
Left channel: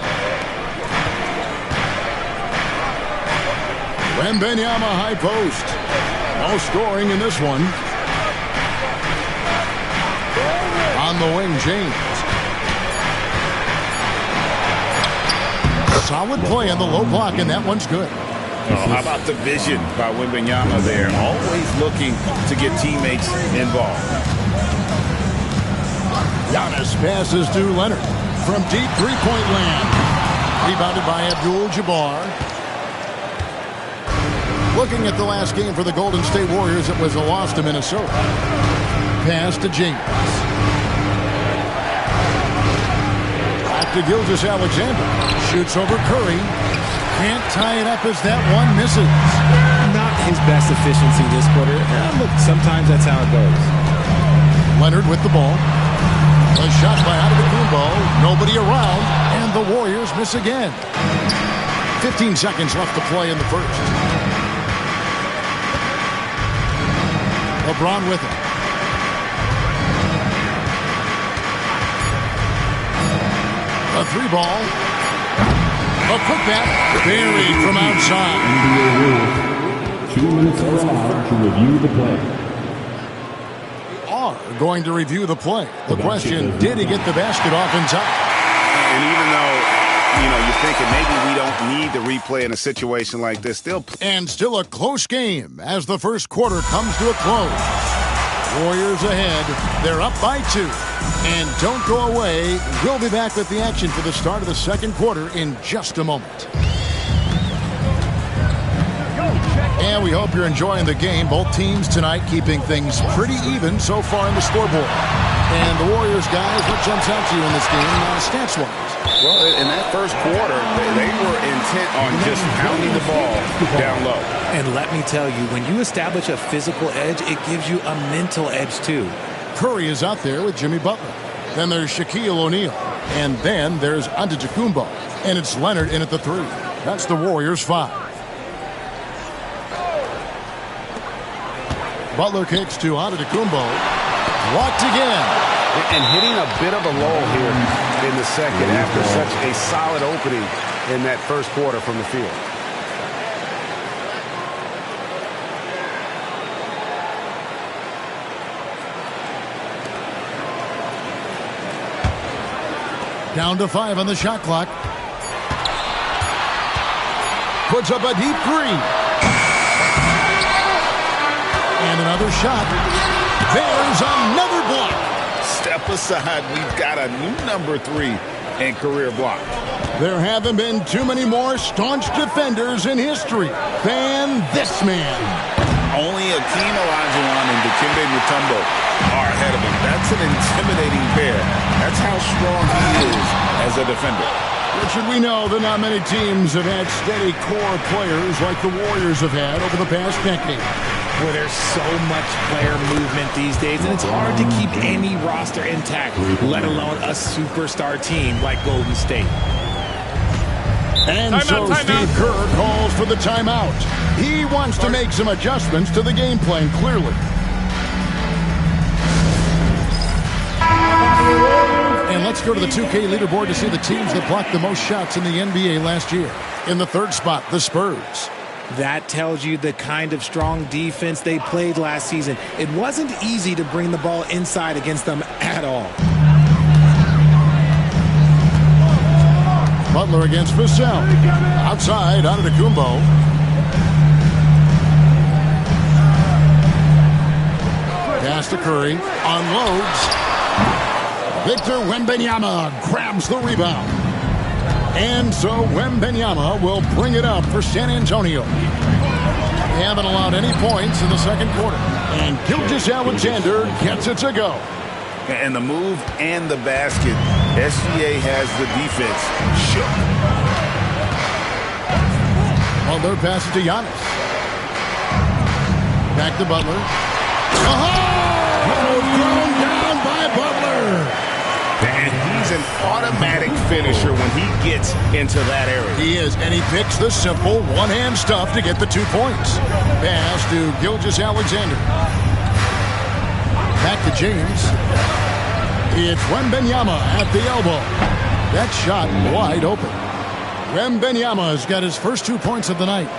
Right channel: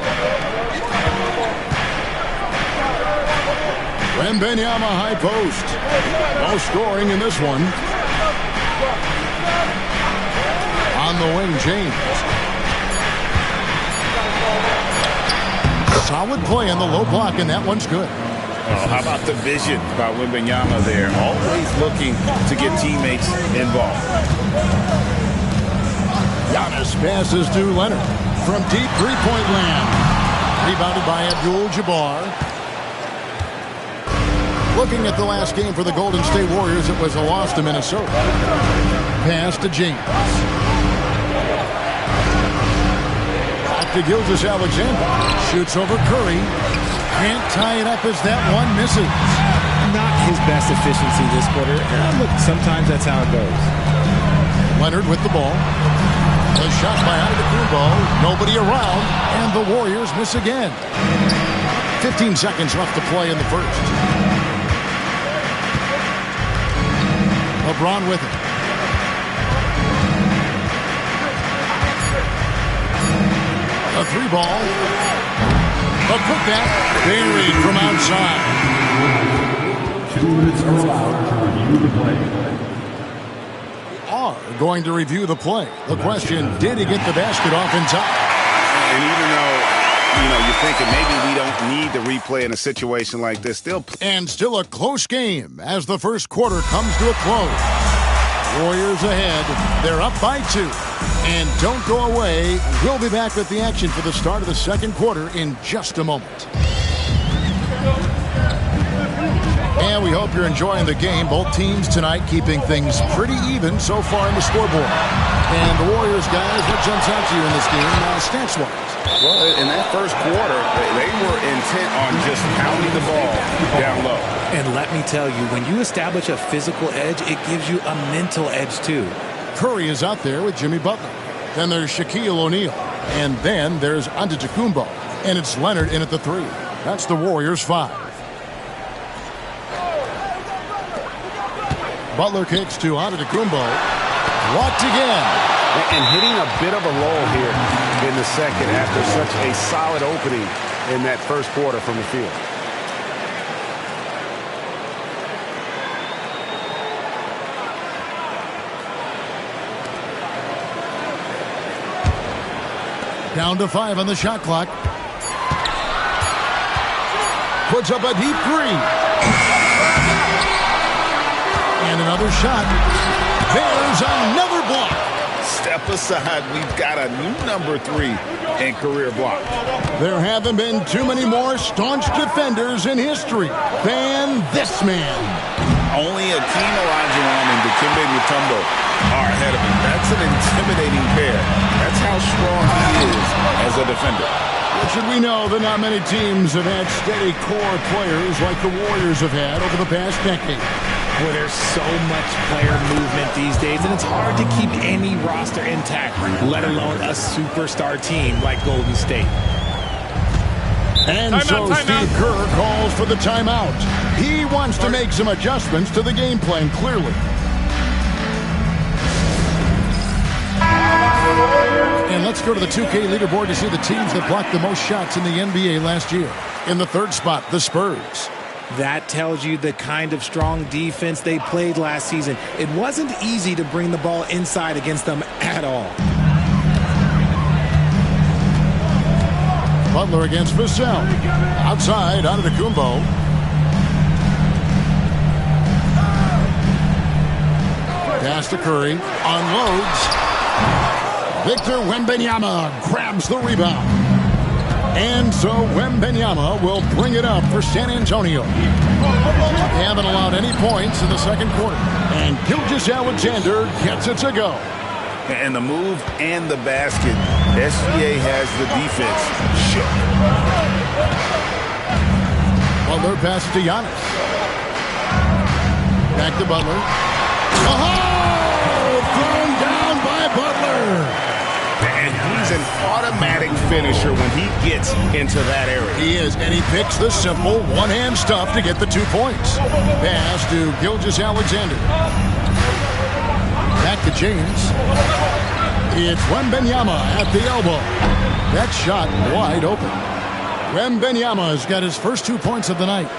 Wembanyama high post. No scoring in this one. On the wing, James. Solid play on the low block, and that one's good. Oh, how about the vision by Wembanyama there? Always looking to get teammates involved. Giannis passes to Leonard from deep three-point land. Rebounded by Abdul-Jabbar. Looking at the last game for the Golden State Warriors, it was a loss to Minnesota. Pass to James. Back to Gilgeous-Alexander. Shoots over Curry. Can't tie it up as that one misses. Not his best efficiency this quarter. Look, sometimes that's how it goes. Leonard with the ball. A shot by Antetokounmpo. Nobody around, and the Warriors miss again. 15 seconds left to play in the first. LeBron with it. A three ball. A putback. Buried from outside. 2 minutes are allowed to review the play. Are going to review the play. The question, did he get the basket off in time? And even though, you're thinking maybe we don't need to replay in a situation like this, still a close game as the first quarter comes to a close. Warriors ahead. They're up by 2. And don't go away. We'll be back with the action for the start of the second quarter in just a moment. And we hope you're enjoying the game. Both teams tonight keeping things pretty even so far in the scoreboard. And the Warriors, guys, what jumps out to you in this game, stats-wise? Well, in that first quarter, they were intent on just pounding the ball down low. And let me tell you, when you establish a physical edge, it gives you a mental edge, too. Curry is out there with Jimmy Butler. Then there's Shaquille O'Neal. And then there's Antetokounmpo. And it's Leonard in at the 3. That's the Warriors' 5. Butler kicks to Antetokounmpo. Blocked again. And hitting a bit of a lull here in the second after such a solid opening in that first quarter from the field. Down to 5 on the shot clock. Puts up a deep 3. And another shot. There's another block. Step aside. We've got a new number 3 in career block. There haven't been too many more staunch defenders in history than this man. Only Akeem Olajuwon and Dikembe Mutombo are ahead of him. That's an intimidating pair. That's how strong he is as a defender. What should we know that not many teams have had steady core players like the Warriors have had over the past decade? Well, there's so much player movement these days, and it's hard to keep any roster intact, let alone a superstar team like Golden State. And so Steve Kerr calls for the timeout. He wants to make some adjustments to the game plan, clearly. And let's go to the 2K leaderboard to see the teams that blocked the most shots in the NBA last year. In the third spot, the Spurs. That tells you the kind of strong defense they played last season. It wasn't easy to bring the ball inside against them at all. Butler against Vassell. Outside, Antetokounmpo. Pass to Curry. Unloads. Victor Wembanyama grabs the rebound. And so Wembanyama will bring it up for San Antonio. They haven't allowed any points in the second quarter. And Gilgeous-Alexander gets it to go. And the move and the basket. SGA has the defense shook. Butler passes to Giannis. Back to Butler. Oh! Thrown down by Butler. And he's an automatic finisher when he gets into that area. He is, and he picks the simple one-hand stuff to get the 2 points. Pass to Gilgeous-Alexander. Back to James. It's Wembanyama at the elbow. That shot wide open. Wembanyama's got his first 2 points of the night.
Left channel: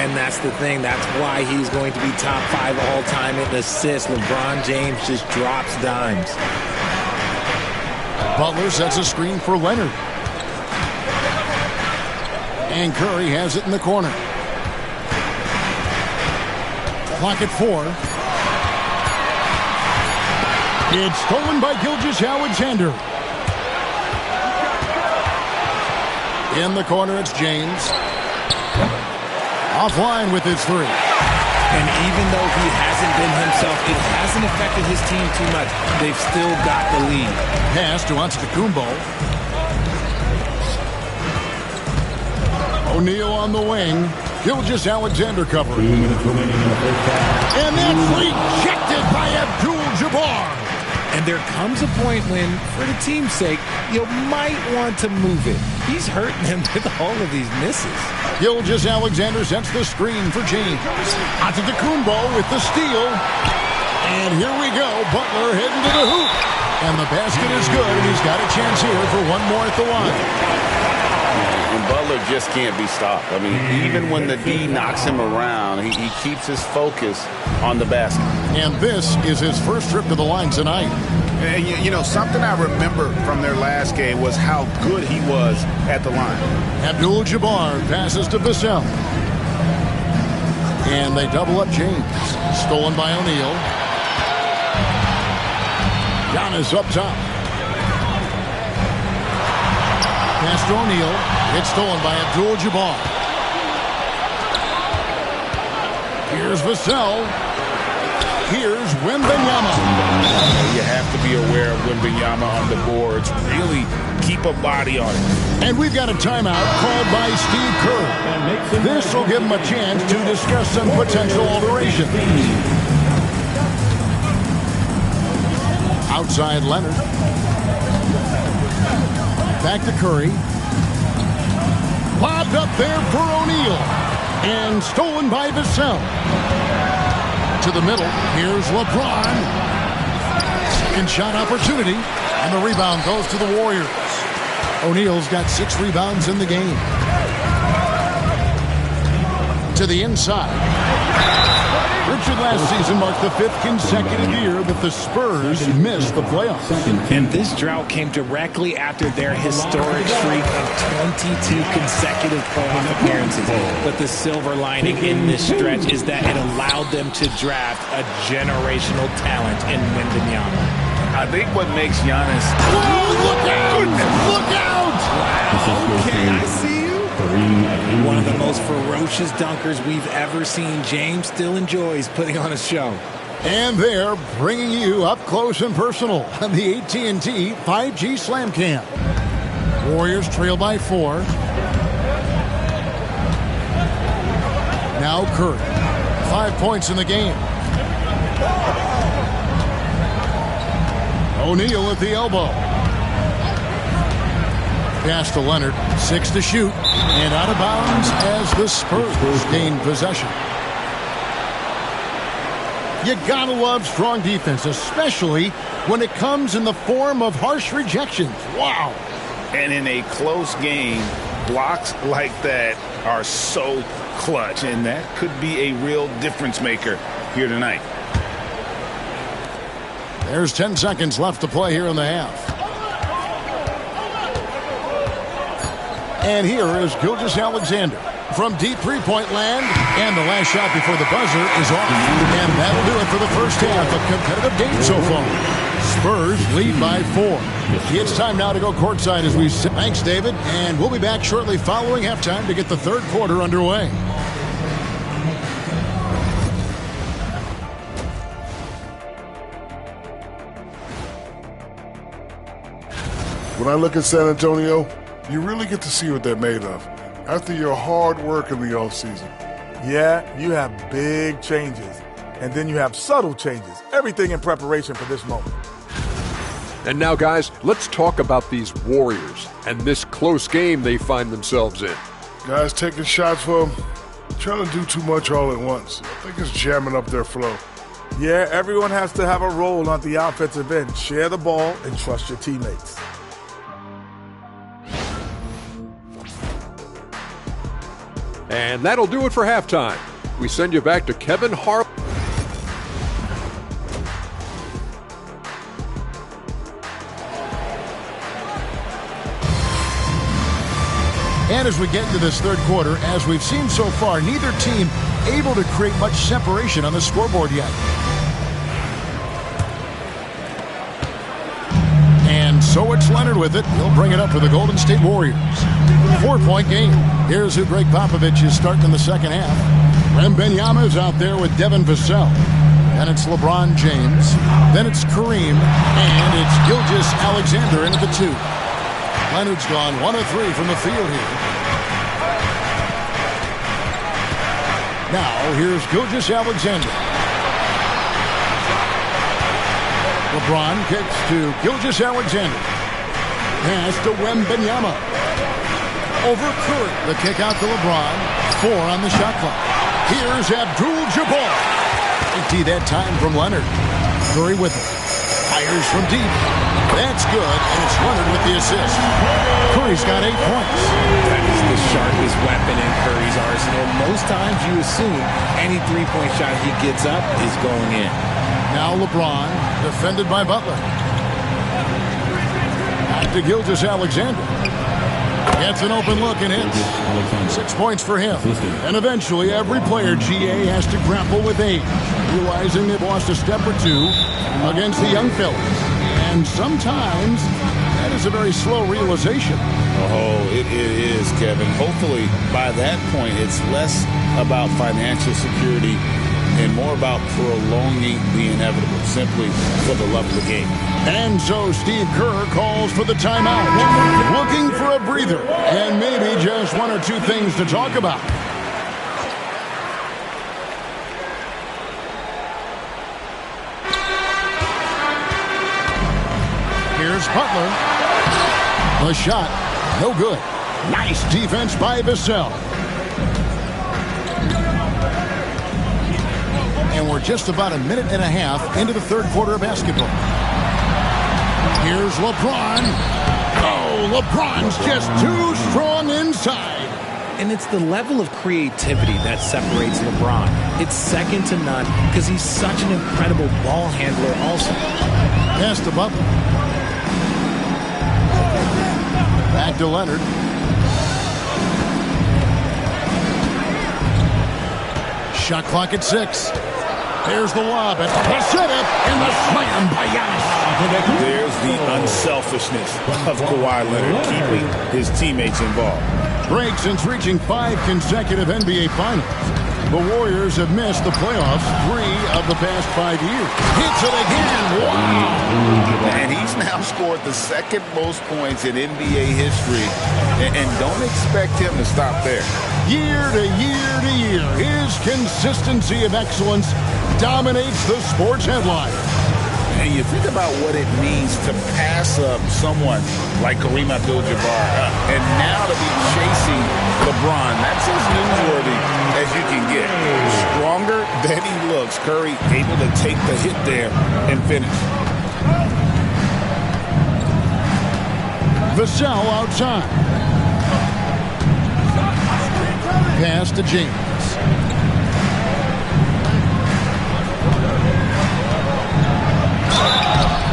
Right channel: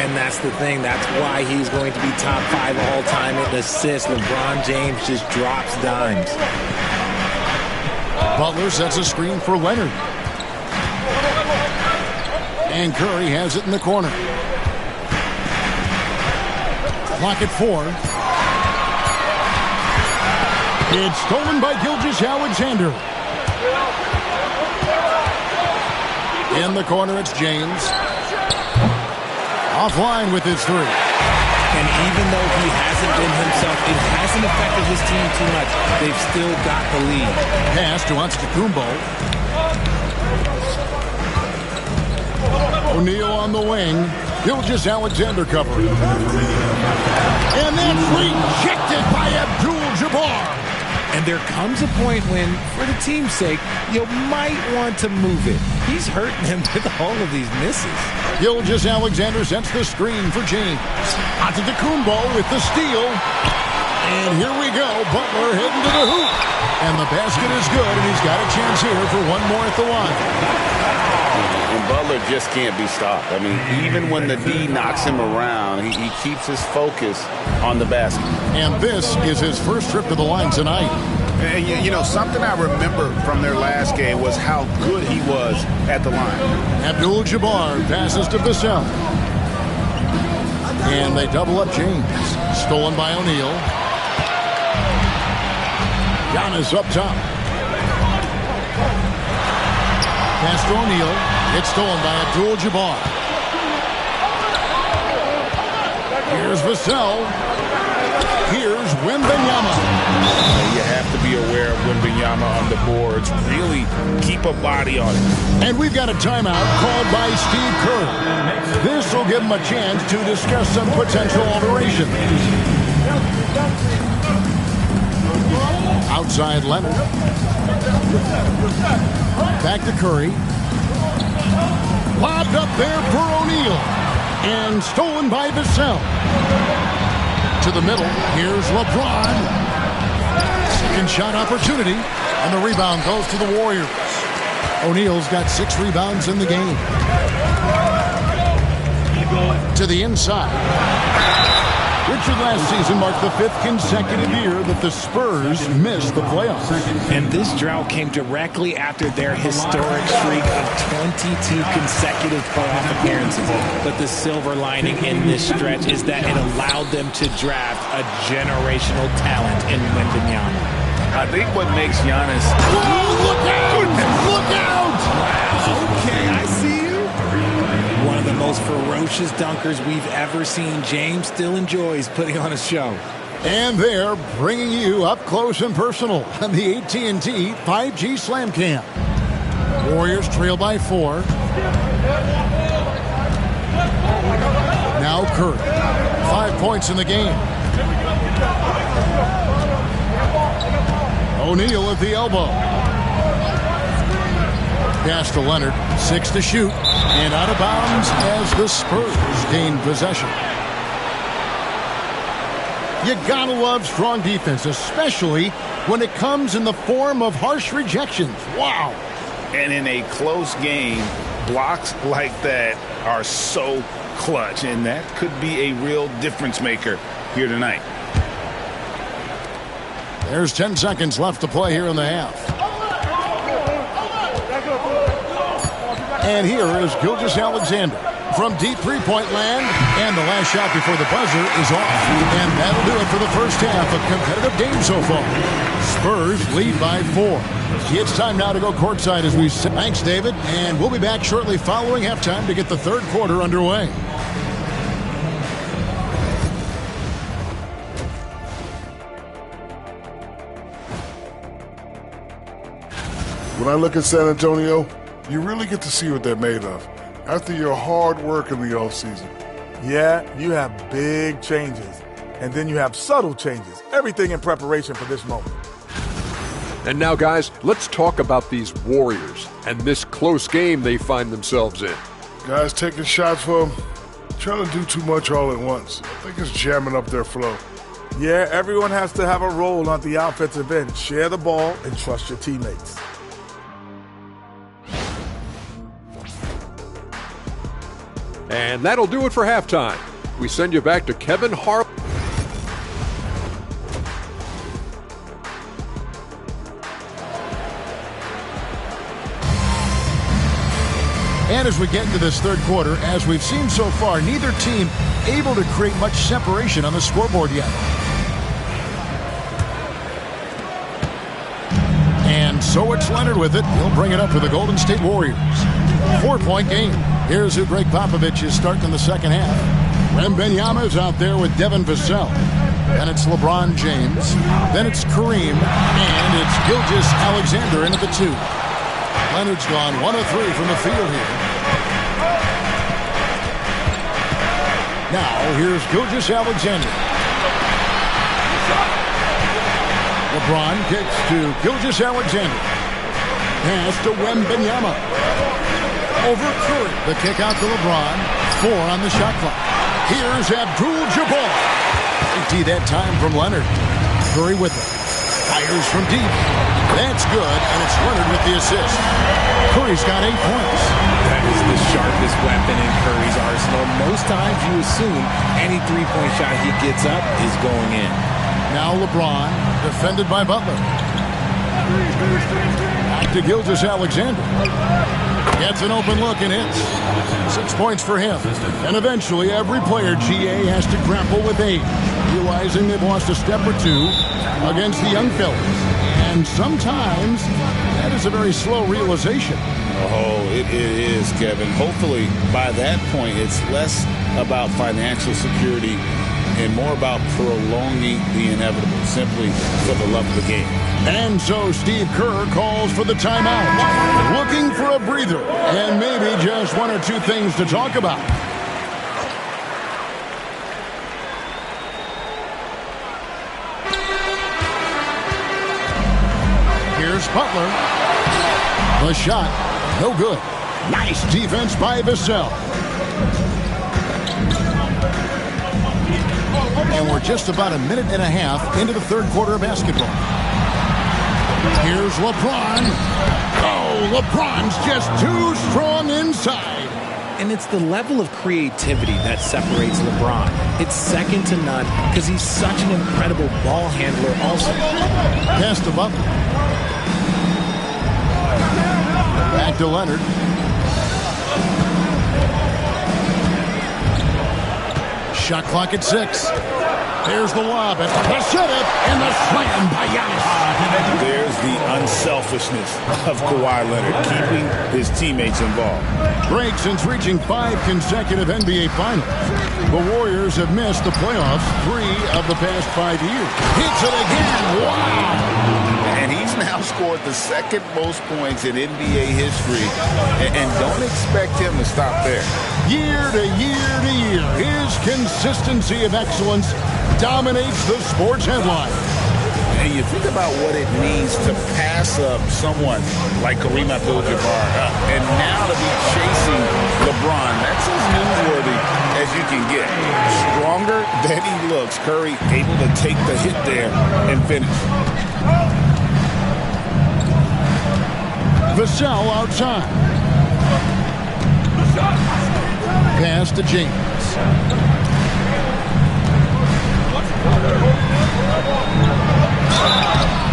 And that's the thing. That's why he's going to be top 5 all-time in assists. LeBron James just drops dimes. Butler sets a screen for Leonard. And Curry has it in the corner. Clock at 4. It's stolen by Gilgeous-Alexander. In the corner, it's James. Offline with his 3. And even though he hasn't been himself, it hasn't affected his team too much. They've still got the lead. Pass to Antetokounmpo. O'Neal on the wing. Gilgeous-Alexander covering. And that's rejected by Abdul-Jabbar. And there comes a point when, for the team's sake, you might want to move it. He's hurting him with all of these misses. Gilgeous-Alexander sets the screen for James. Antetokounmpo with the steal. And here we go. Butler heading to the hoop. And the basket is good, and he's got a chance here for one more at the line. And Butler just can't be stopped. I mean, even when the D knocks him around, he keeps his focus on the basket. And this is his first trip to the line tonight. And you know, something I remember from their last game was how good he was at the line. Abdul-Jabbar passes to Vassell. And they double up James. Stolen by O'Neal. Giannis up top. Pass to O'Neal. It's stolen by Abdul-Jabbar. Here's Vassell. Here's Wembanyama. You have to be aware of Wembanyama on the boards. Really keep a body on it. And we've got a timeout called by Steve Kerr. This will give him a chance to discuss some potential alterations. Outside Leonard. Back to Curry. Lobbed up there for O'Neal. And stolen by Vassell. To the middle. Here's LeBron. Second shot opportunity. And the rebound goes to the Warriors. O'Neal's got 6 rebounds in the game. To the inside. Richard last season marked the 5th consecutive year that the Spurs missed the playoffs. And this drought came directly after their historic streak of 22 consecutive playoff appearances. But the silver lining in this stretch is that it allowed them to draft a generational talent in Wembanyama. I think what makes Giannis... Whoa, look out! Look out! Wow, okay, I see you. One of the most ferocious dunkers we've ever seen. James still enjoys putting on a show. And they're bringing you up close and personal on the AT&T 5G Slam Cam. Warriors trail by 4. Now Curry. 5 points in the game. O'Neal at the elbow. Pass to Leonard. 6 to shoot. And out of bounds as the Spurs gain possession. You gotta love strong defense, especially when it comes in the form of harsh rejections. Wow. And in a close game, blocks like that are so clutch, and that could be a real difference maker here tonight. There's 10 seconds left to play here in the half. And here is Gilgeous-Alexander from deep three-point land. And the last shot before the buzzer is off. And that'll do it for the first half. A competitive game so far. Spurs lead by 4. It's time now to go courtside as we... Thanks, David. And we'll be back shortly following halftime to get the third quarter underway. When I look at San Antonio, you really get to see what they're made of after your hard work in the offseason. Yeah, you have big changes, and then you have subtle changes. Everything in preparation for this moment. And now, guys, let's talk about these Warriors and this close game they find themselves in. Guys taking shots for them, trying to do too much all at once. I think it's jamming up their flow. Yeah, everyone has to have a role on the offensive end. Share the ball and trust your teammates. And that'll do it for halftime. We send you back to Kevin Harlan. And as we get into this third quarter, as we've seen so far, neither team able to create much separation on the scoreboard yet. And so it's Leonard with it. He'll bring it up for the Golden State Warriors. 4-point game. Here's who Greg Popovich is starting in the second half. Wembanyama is out there with Devin Vassell. Then it's LeBron James. Then it's Kareem. And it's Gilgeous-Alexander in at the 2. Leonard's gone 1 of 3 from the field here. Now here's Gilgeous-Alexander. LeBron kicks to Gilgeous-Alexander. Pass to Wembanyama. Over Curry. The kick out to LeBron. 4 on the shot clock. Here's Abdul-Jabbar. Big T that time from Leonard. Curry with it. Fires from deep. That's good, and it's Leonard with the assist. Curry's got 8 points. That is the sharpest weapon in Curry's arsenal. Most times you assume any three-point shot he gets up is going in. Now LeBron, defended by Butler. Back to Gilgeous-Alexander. Gets an open look and hits. 6 points for him. And eventually every player, GA, has to grapple with age, realizing they've lost a step or two against the young fellas. And sometimes that is a very slow realization. Oh, it is, Kevin. Hopefully by that point it's less about financial security and more about prolonging the inevitable, simply for the love of the game. And so Steve Kerr calls for the timeout, looking for a breather and maybe just 1 or 2 things to talk about. Here's Butler. The shot, no good. Nice defense by Vassell. And we're just about a minute and a half into the third quarter of basketball. Here's LeBron. Oh, LeBron's just too strong inside. And it's the level of creativity that separates LeBron. It's second to none because he's such an incredible ball handler also. Pass to Butler. Back to Leonard. Shot clock at 6. There's the lob at the setup and the slam by Giannis. There's the unselfishness of Kawhi Leonard, keeping his teammates involved. Greg, since reaching 5 consecutive NBA Finals, the Warriors have missed the playoffs 3 of the past 5 years. Hits it again. Wow. And he's now scored the second most points in NBA history. And don't expect him to stop there. Year to year to year, his consistency of excellence dominates the sports headline. And you think about what it means to pass up someone like Kareem Abdul-Jabbar and now to be chasing LeBron. That's as newsworthy as you can get. Stronger than he looks. Curry able to take the hit there and finish. Vassell outside. Pass to James.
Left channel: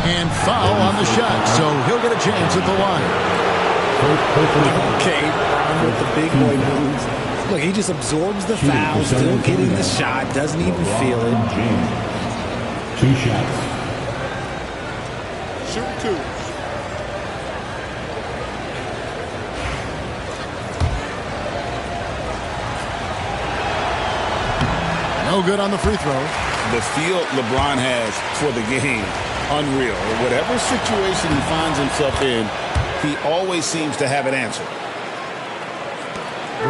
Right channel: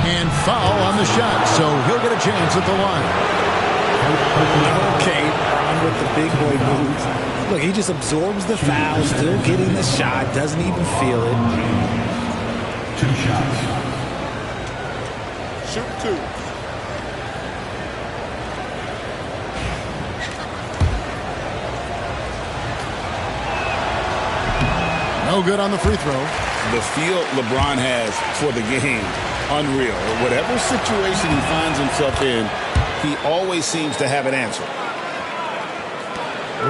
And foul on the shot, so he'll get a chance at the line. Okay, Bron with the big boy moves. Look, he just absorbs the foul, still getting the shot, doesn't even feel it. 2 shots. Shoot 2. No good on the free throw. The feel LeBron has for the game, unreal. Whatever situation he finds himself in, he always seems to have an answer.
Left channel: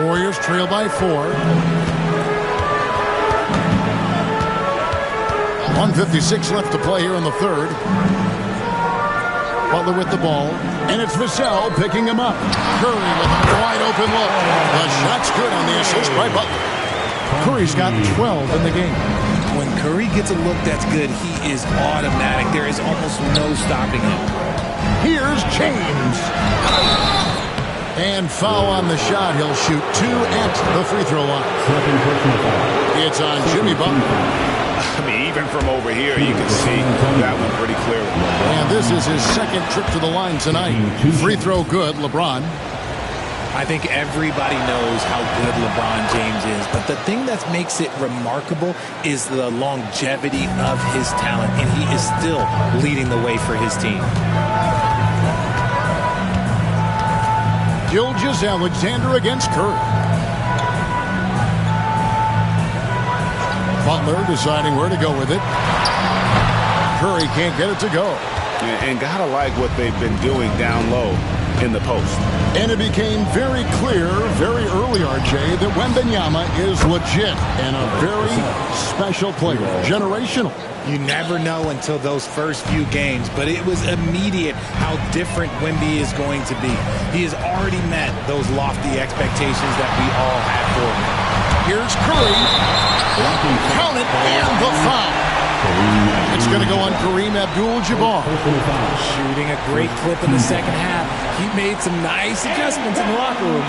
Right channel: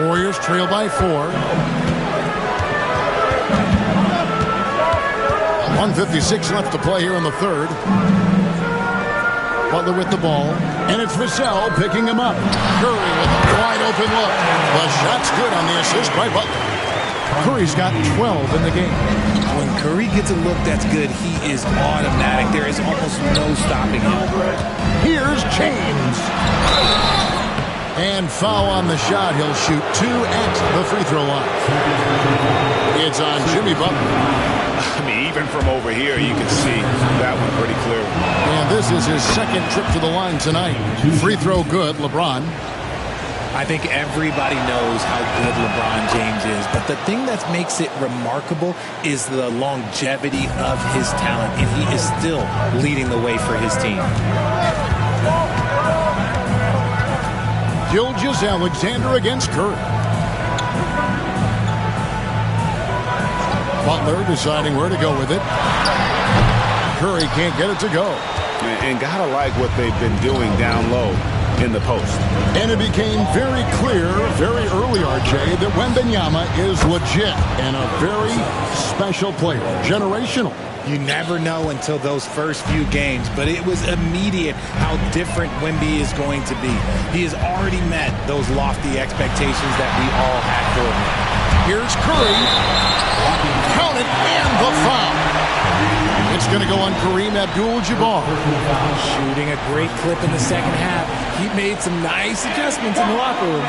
Warriors trail by 4. 1:56 left to play here in the third. Butler with the ball, and it's Vassell picking him up. Curry with a wide open look. The shot's good on the assist by Butler. Curry's got 12 in the game. When Curry gets a look that's good, he is automatic. There is almost no stopping him. Here's James. And foul on the shot. He'll shoot 2 at the free throw line. It's on Jimmy Butler. I mean, even from over here, you can see that one pretty clearly. And this is his second trip to the line tonight. Free throw good, LeBron. I think everybody knows how good LeBron James is, but the thing that makes it remarkable is the longevity of his talent, and he is still leading the way for his team. Gilgeous-Alexander against Curry. Butler deciding where to go with it. Curry can't get it to go. And gotta like what they've been doing down low in the post. And it became very clear very early, RJ, that Wembanyama is legit and a very special player. Generational. You never know until those first few games, but it was immediate how different Wemby is going to be. He has already met those lofty expectations that we all had for him. Here's Curry. Count it, and the foul. It's going to go on Kareem Abdul-Jabbar. Shooting a great clip in the second half. He made some nice adjustments in the locker room.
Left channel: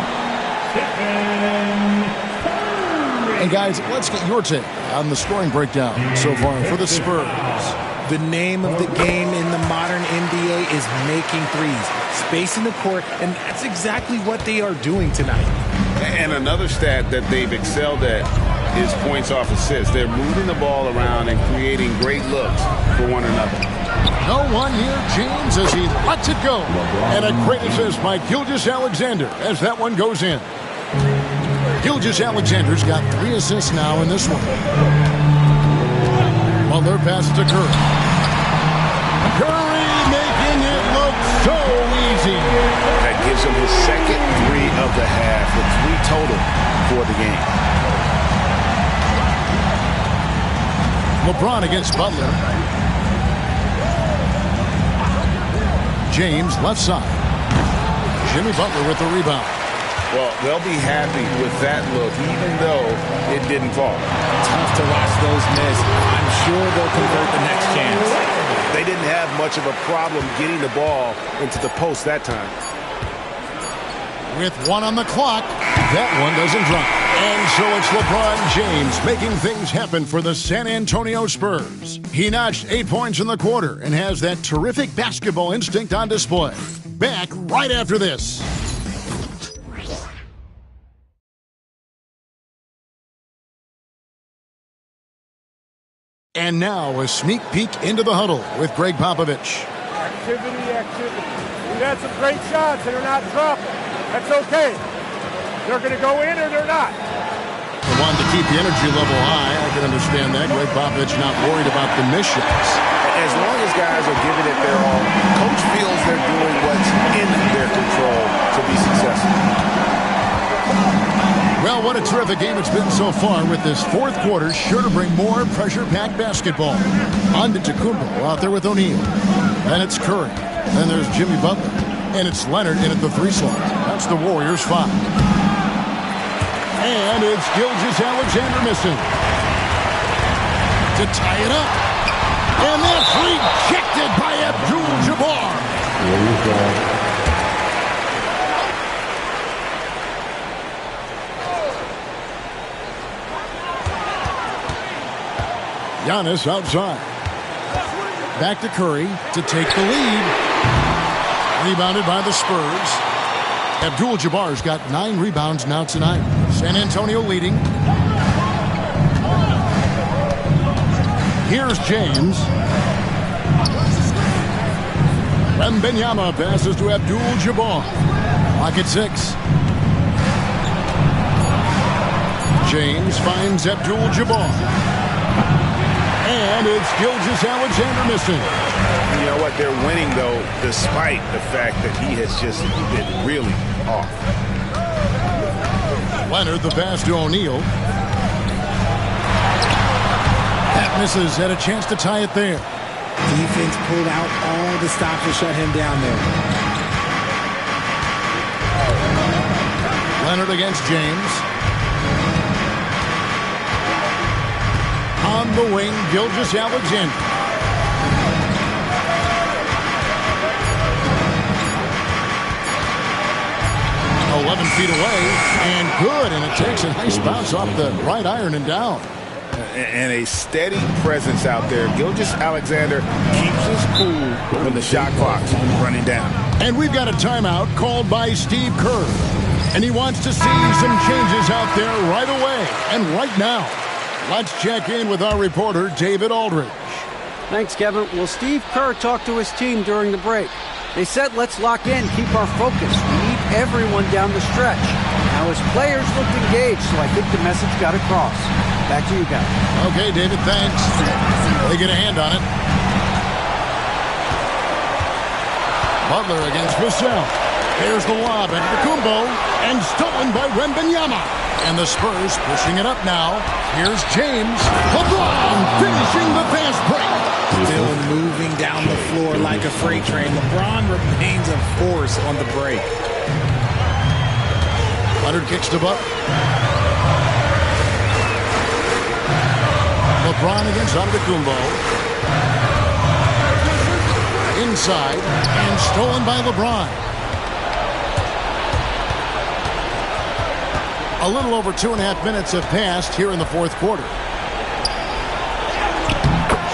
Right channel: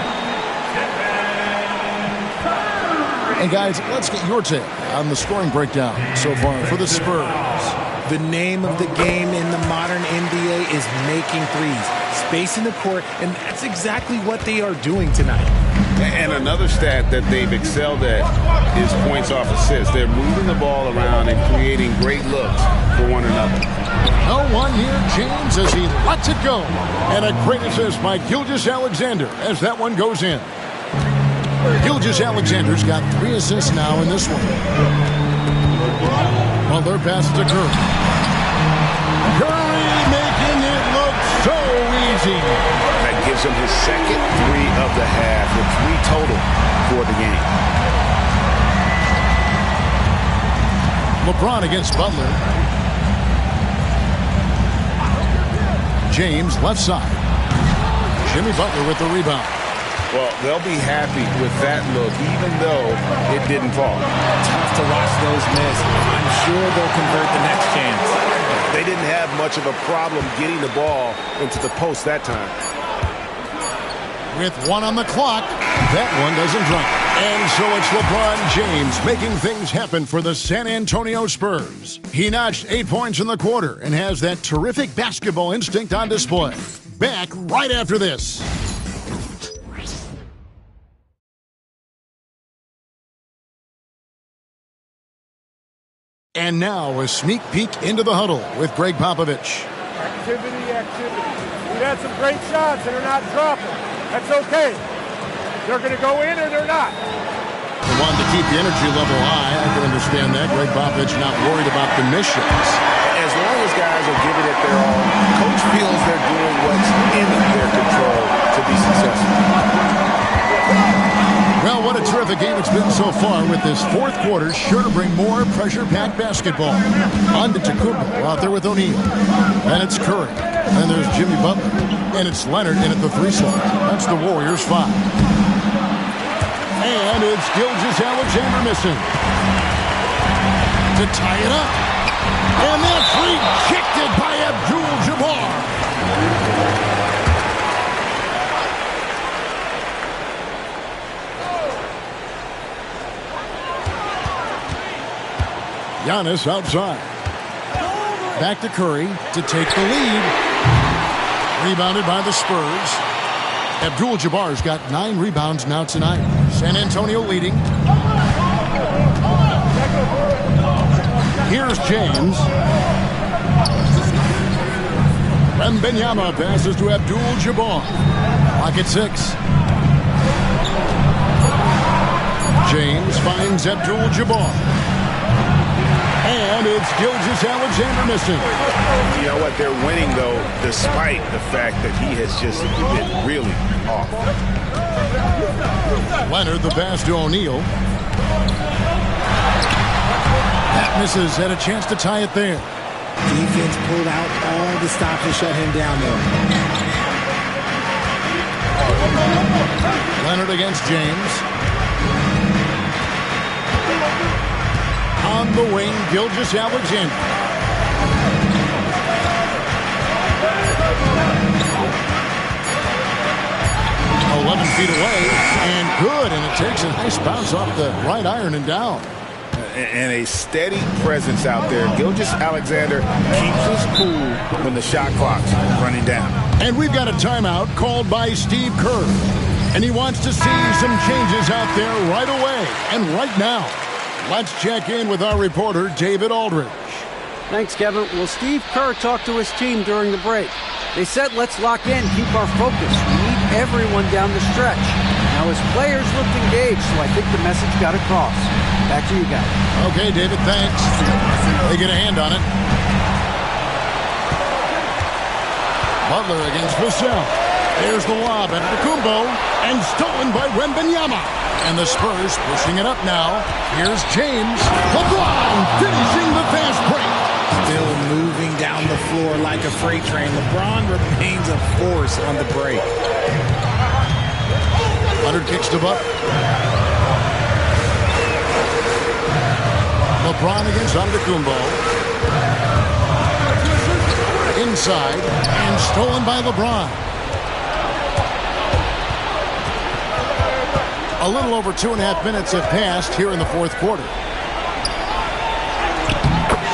And guys, let's get your take on the scoring breakdown so far for the Spurs. The name of the game in the modern NBA is making threes, spacing the court, and that's exactly what they are doing tonight. And another stat that they've excelled at is points off assists. They're moving the ball around and creating great looks for one another. No one near James as he lets it go. And a great assist by Gilgeous-Alexander as that one goes in. Gilgeous-Alexander's got 3 assists now in this one. Butler passes to Curry. Curry making it look so easy. That gives him his second 3 of the half, with 3 total for the game. LeBron against Butler. James left side. Jimmy Butler with the rebound. Well, they'll be happy with that look, even though it didn't fall. Tough to watch those miss. I'm sure they'll convert the next chance. They didn't have much of a problem getting the ball into the post that time. With 1 on the clock, that one doesn't drop. And so it's LeBron James making things happen for the San Antonio Spurs. He notched 8 points in the quarter and has that terrific basketball instinct on display. Back right after this. And now a sneak peek into the huddle with Greg Popovich. Activity. We've had some great shots and they're not dropping. That's okay. They're going to go in or they're not. They wanted to keep the energy level high. I can understand that. Greg Popovich not worried about the missed shots. As long as guys are giving it their all, coach feels they're doing what's in their control to be successful. Well, what a terrific game it's been so far, with this fourth quarter sure to bring more pressure-packed basketball. Antetokounmpo out there with O'Neal. Then it's Curry. Then there's Jimmy Butler. And it's Leonard in at the 3 slot. That's the Warriors' 5. And it's Gilgeous-Alexander missing. To tie it up. And that's rejected by Abdul-Jabbar. Giannis outside. Back to Curry to take the lead. Rebounded by the Spurs. Abdul-Jabbar's got 9 rebounds now tonight. San Antonio leading. Here's James. Wembanyama passes to Abdul-Jabbar. Clock at 6. James finds Abdul-Jabbar. And it's Gilgeous-Alexander missing. You know what? They're winning, though, despite the fact that he has just been really off. Leonard, the pass to O'Neal. That misses. Had a chance to tie it there. Defense pulled out all the stops to shut him down there. Leonard against James. On the wing, Gilgeous-Alexander. "11 feet away, and good, and it takes a nice bounce off the right iron and down." And a steady presence out there. Gilgeous-Alexander keeps his cool when the shot clock's running down. And we've got a timeout called by Steve Kerr. And he wants to see some changes out there right away and right now. Let's check in with our reporter, David Aldridge. Thanks, Kevin. Well, Steve Kerr talked to his team during the break. They said, let's lock in, keep our focus. We need everyone down the stretch. Now, his players looked engaged, so I think the message got across. Back to you guys. Okay, David, thanks. They get a hand on it. Butler against Vassell. There's the lob at Kumbo, and stolen by Wembanyama. And the Spurs pushing it up now. Here's James. LeBron finishing the fast break. Still moving down the floor like a freight train. LeBron remains a force on the break. Leonard kicks to Buck. LeBron against Antetokounmpo. Inside, and stolen by LeBron. A little over 2.5 minutes have passed here in the fourth quarter.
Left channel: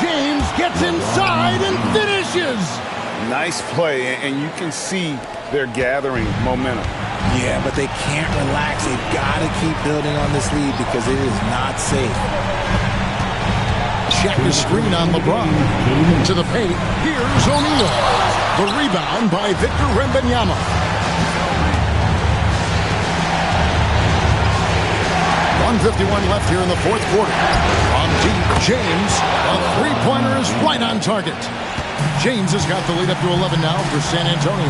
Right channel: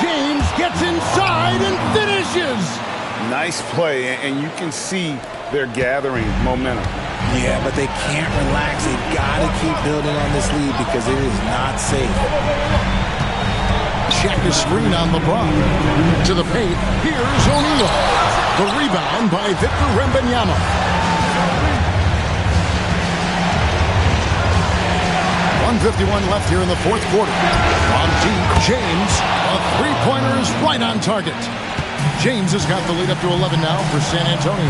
James gets inside and finishes. Nice play, and you can see they're gathering momentum. Yeah, but they can't relax. They've got to keep building on this lead because it is not safe. Check the screen on LeBron. To the paint, here's O'Neal. The rebound by Victor Wembanyama. 1:51 left here in the fourth quarter. From deep, James. A three-pointer is right on target. James has got the lead up to 11 now for San Antonio.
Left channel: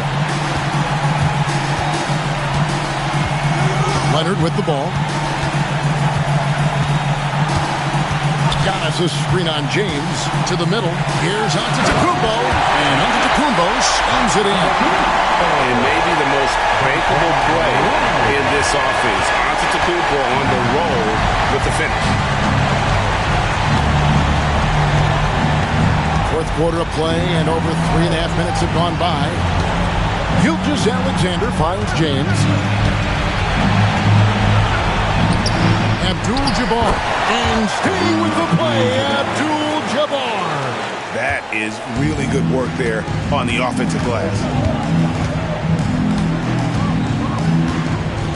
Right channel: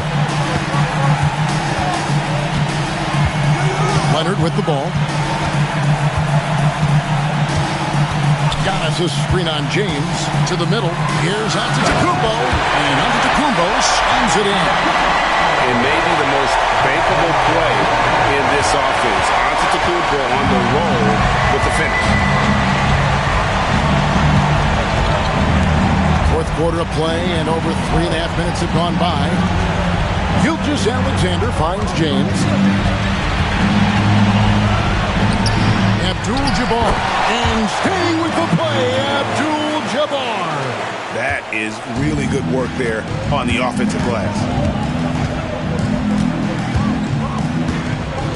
Leonard with the ball. Giannis' screen on James. To the middle. Here's Antetokounmpo. And Antetokounmpo slams it in. It may be the most bankable play in this offense. Antetokounmpo on the roll with the finish. Fourth quarter of play, and over 3.5 minutes have gone by. Gilgeous-Alexander finds James. Abdul-Jabbar. And staying with the play, Abdul-Jabbar. That is really good work there on the offensive glass.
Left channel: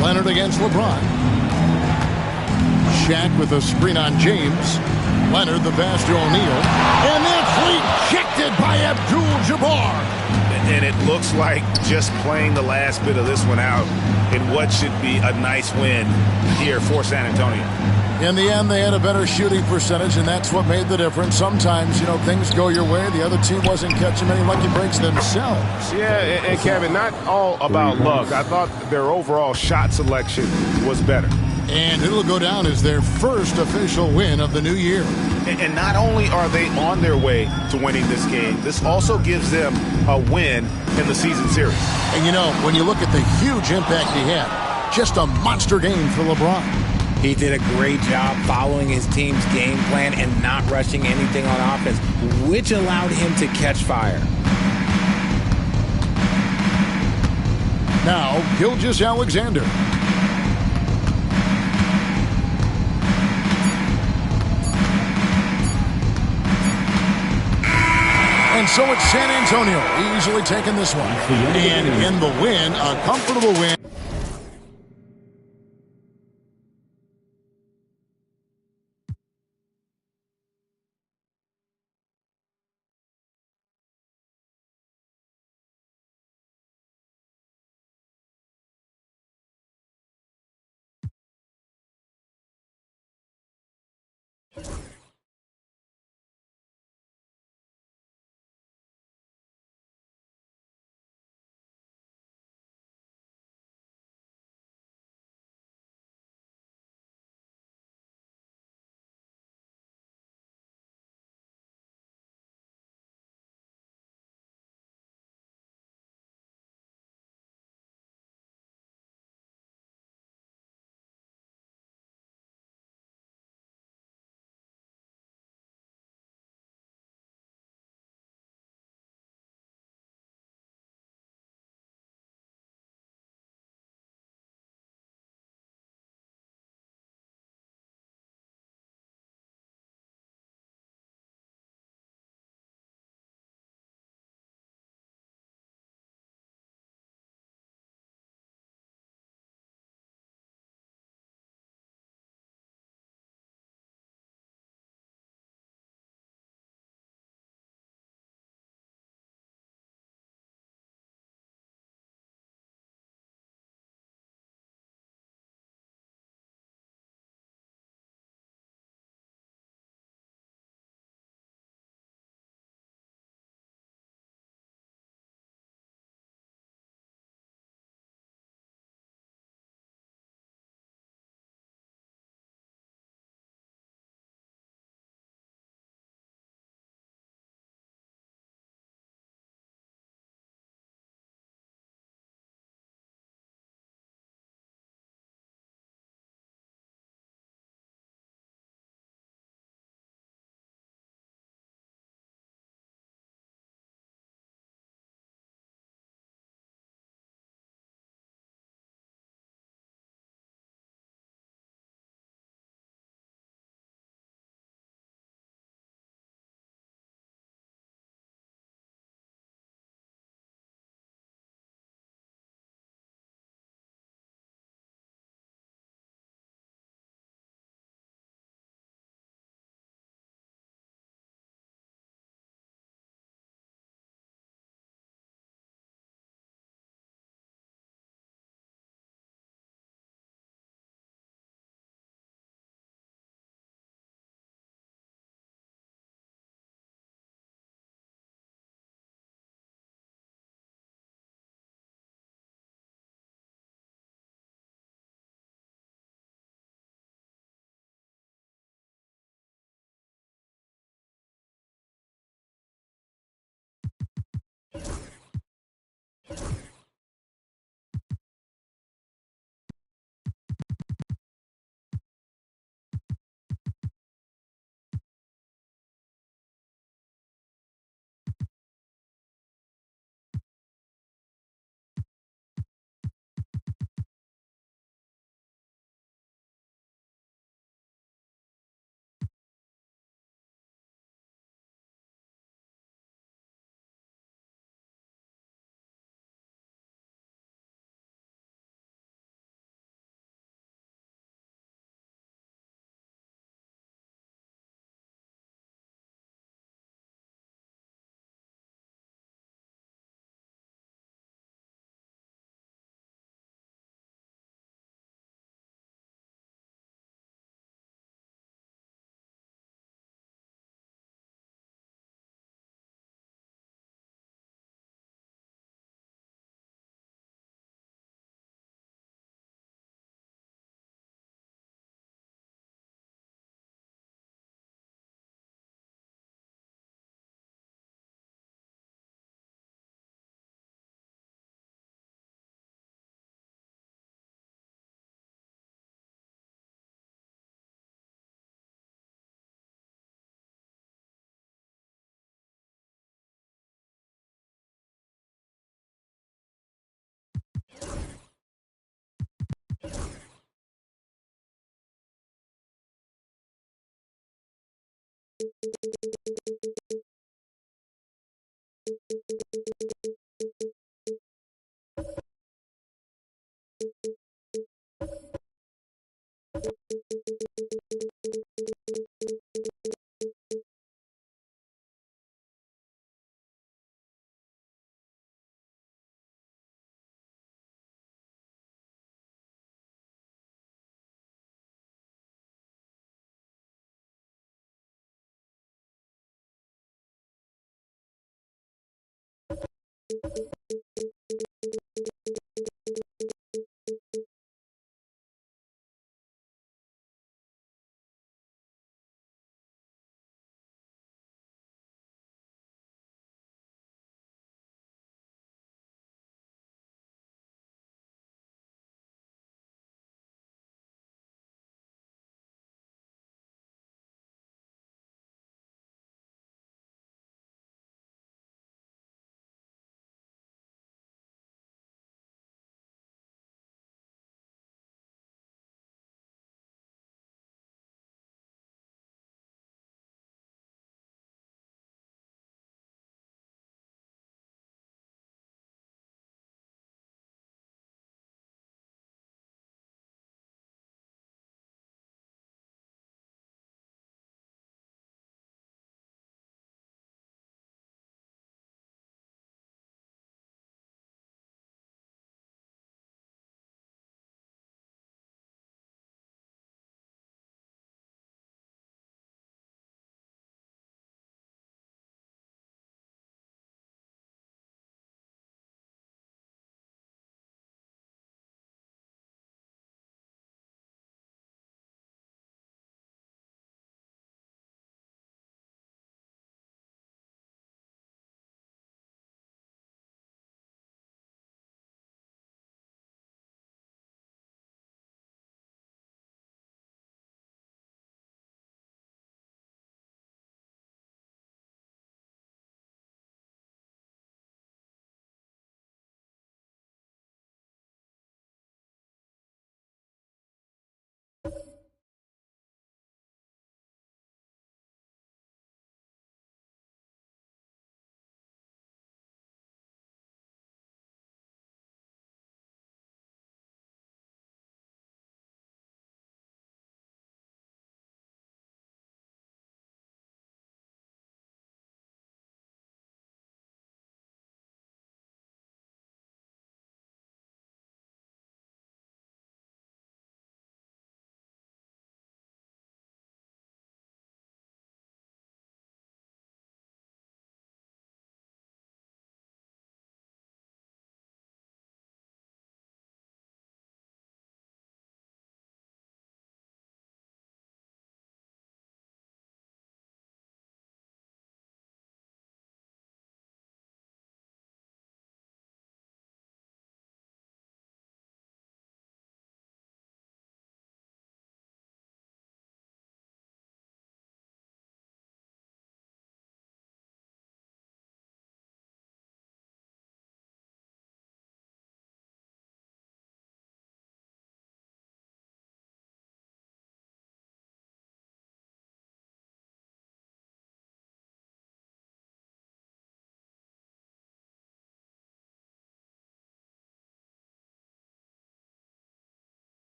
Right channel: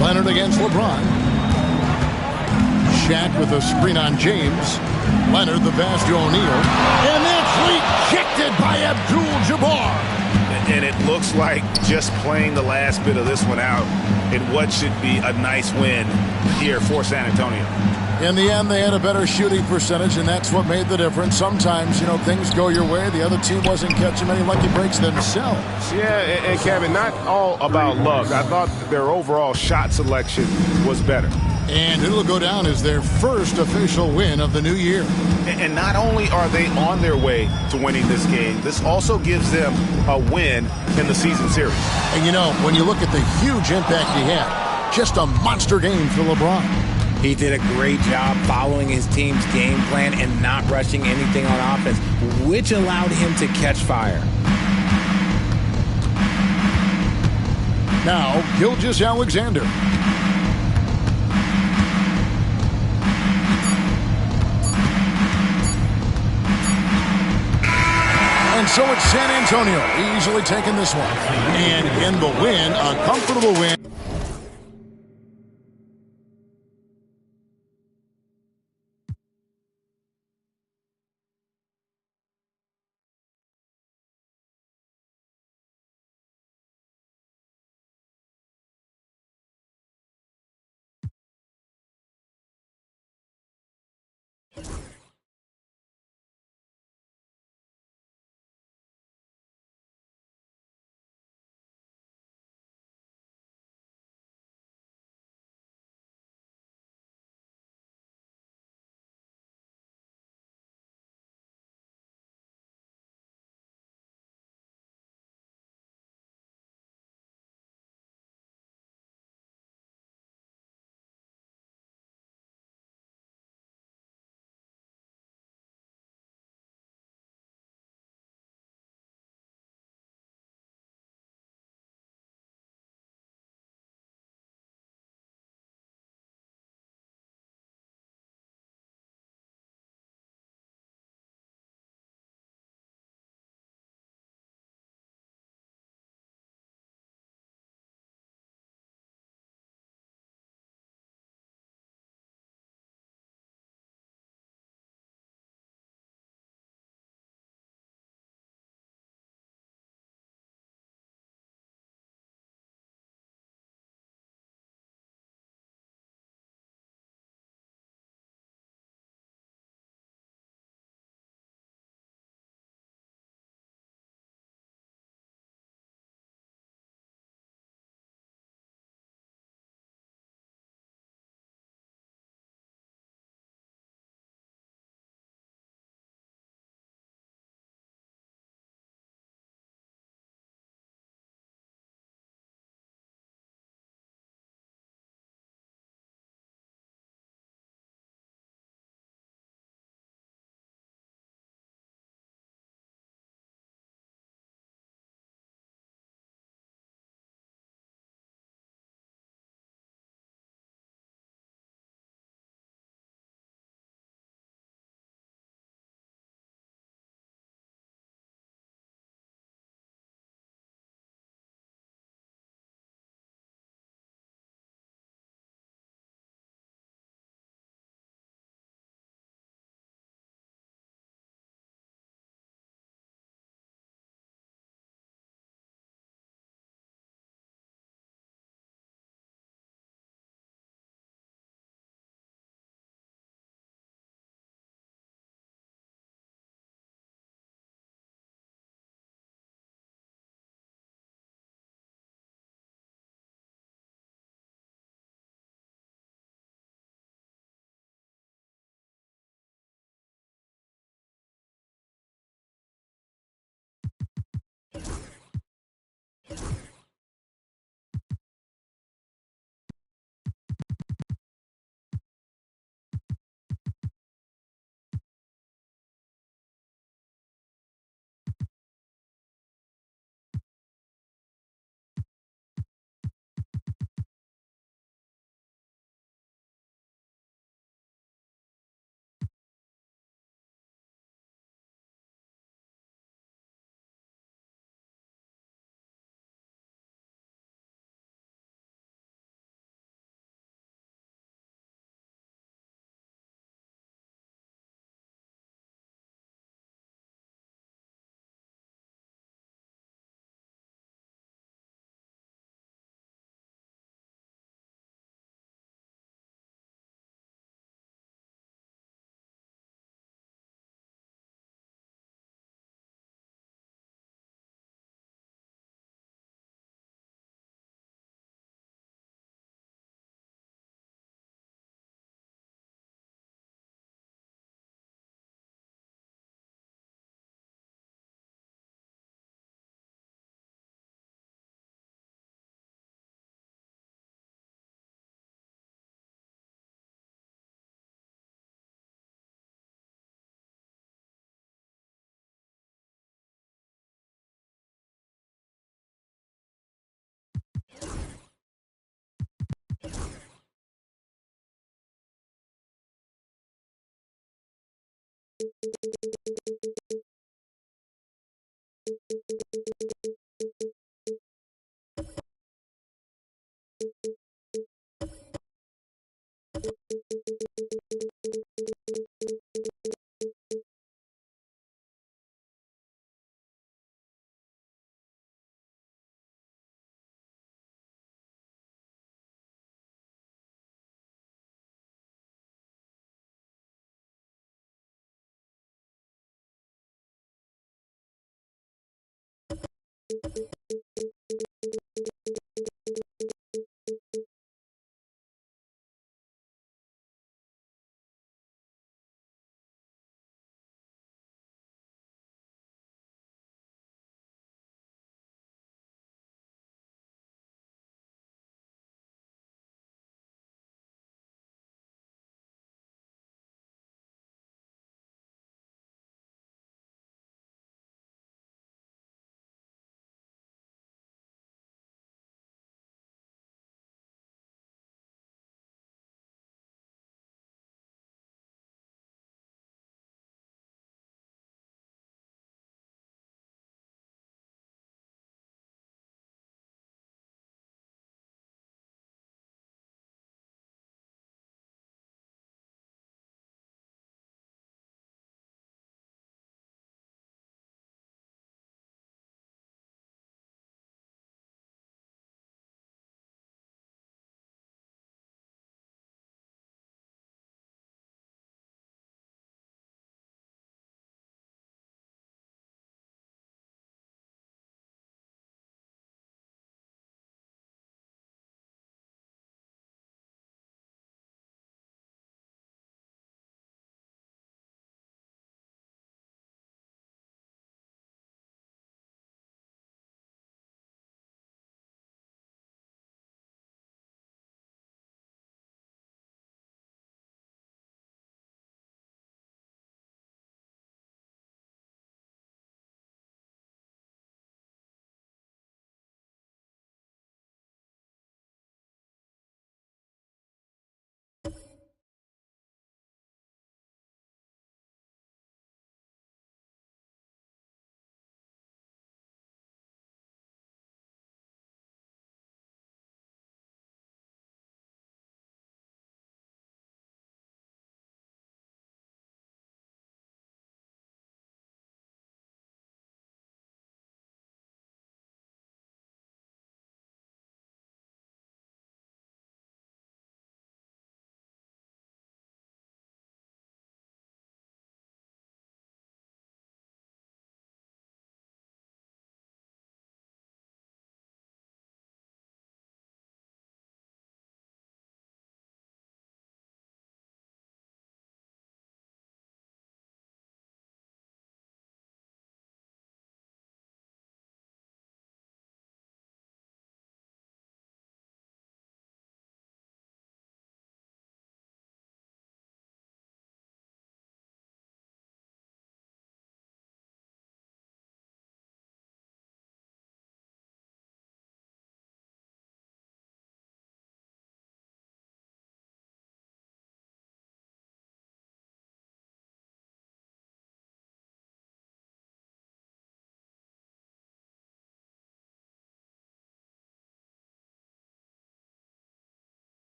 Leonard against LeBron. Shaq with a screen on James. Leonard the pass to O'Neal. And that's rejected by Abdul-Jabbar. And it looks like just playing the last bit of this one out in what should be a nice win here for San Antonio. In the end, they had a better shooting percentage, and that's what made the difference. Sometimes, things go your way. The other team wasn't catching many lucky breaks themselves. Yeah, and Kevin, not all about luck. I thought their overall shot selection was better. And it'll go down as their first official win of the new year. And not only are they on their way to winning this game, this also gives them a win in the season series. And when you look at the huge impact he had, just a monster game for LeBron. He did a great job following his team's game plan and not rushing anything on offense, which allowed him to catch fire. Now, Gilgeous-Alexander. And so it's San Antonio easily taking this one. And in the win, a comfortable win.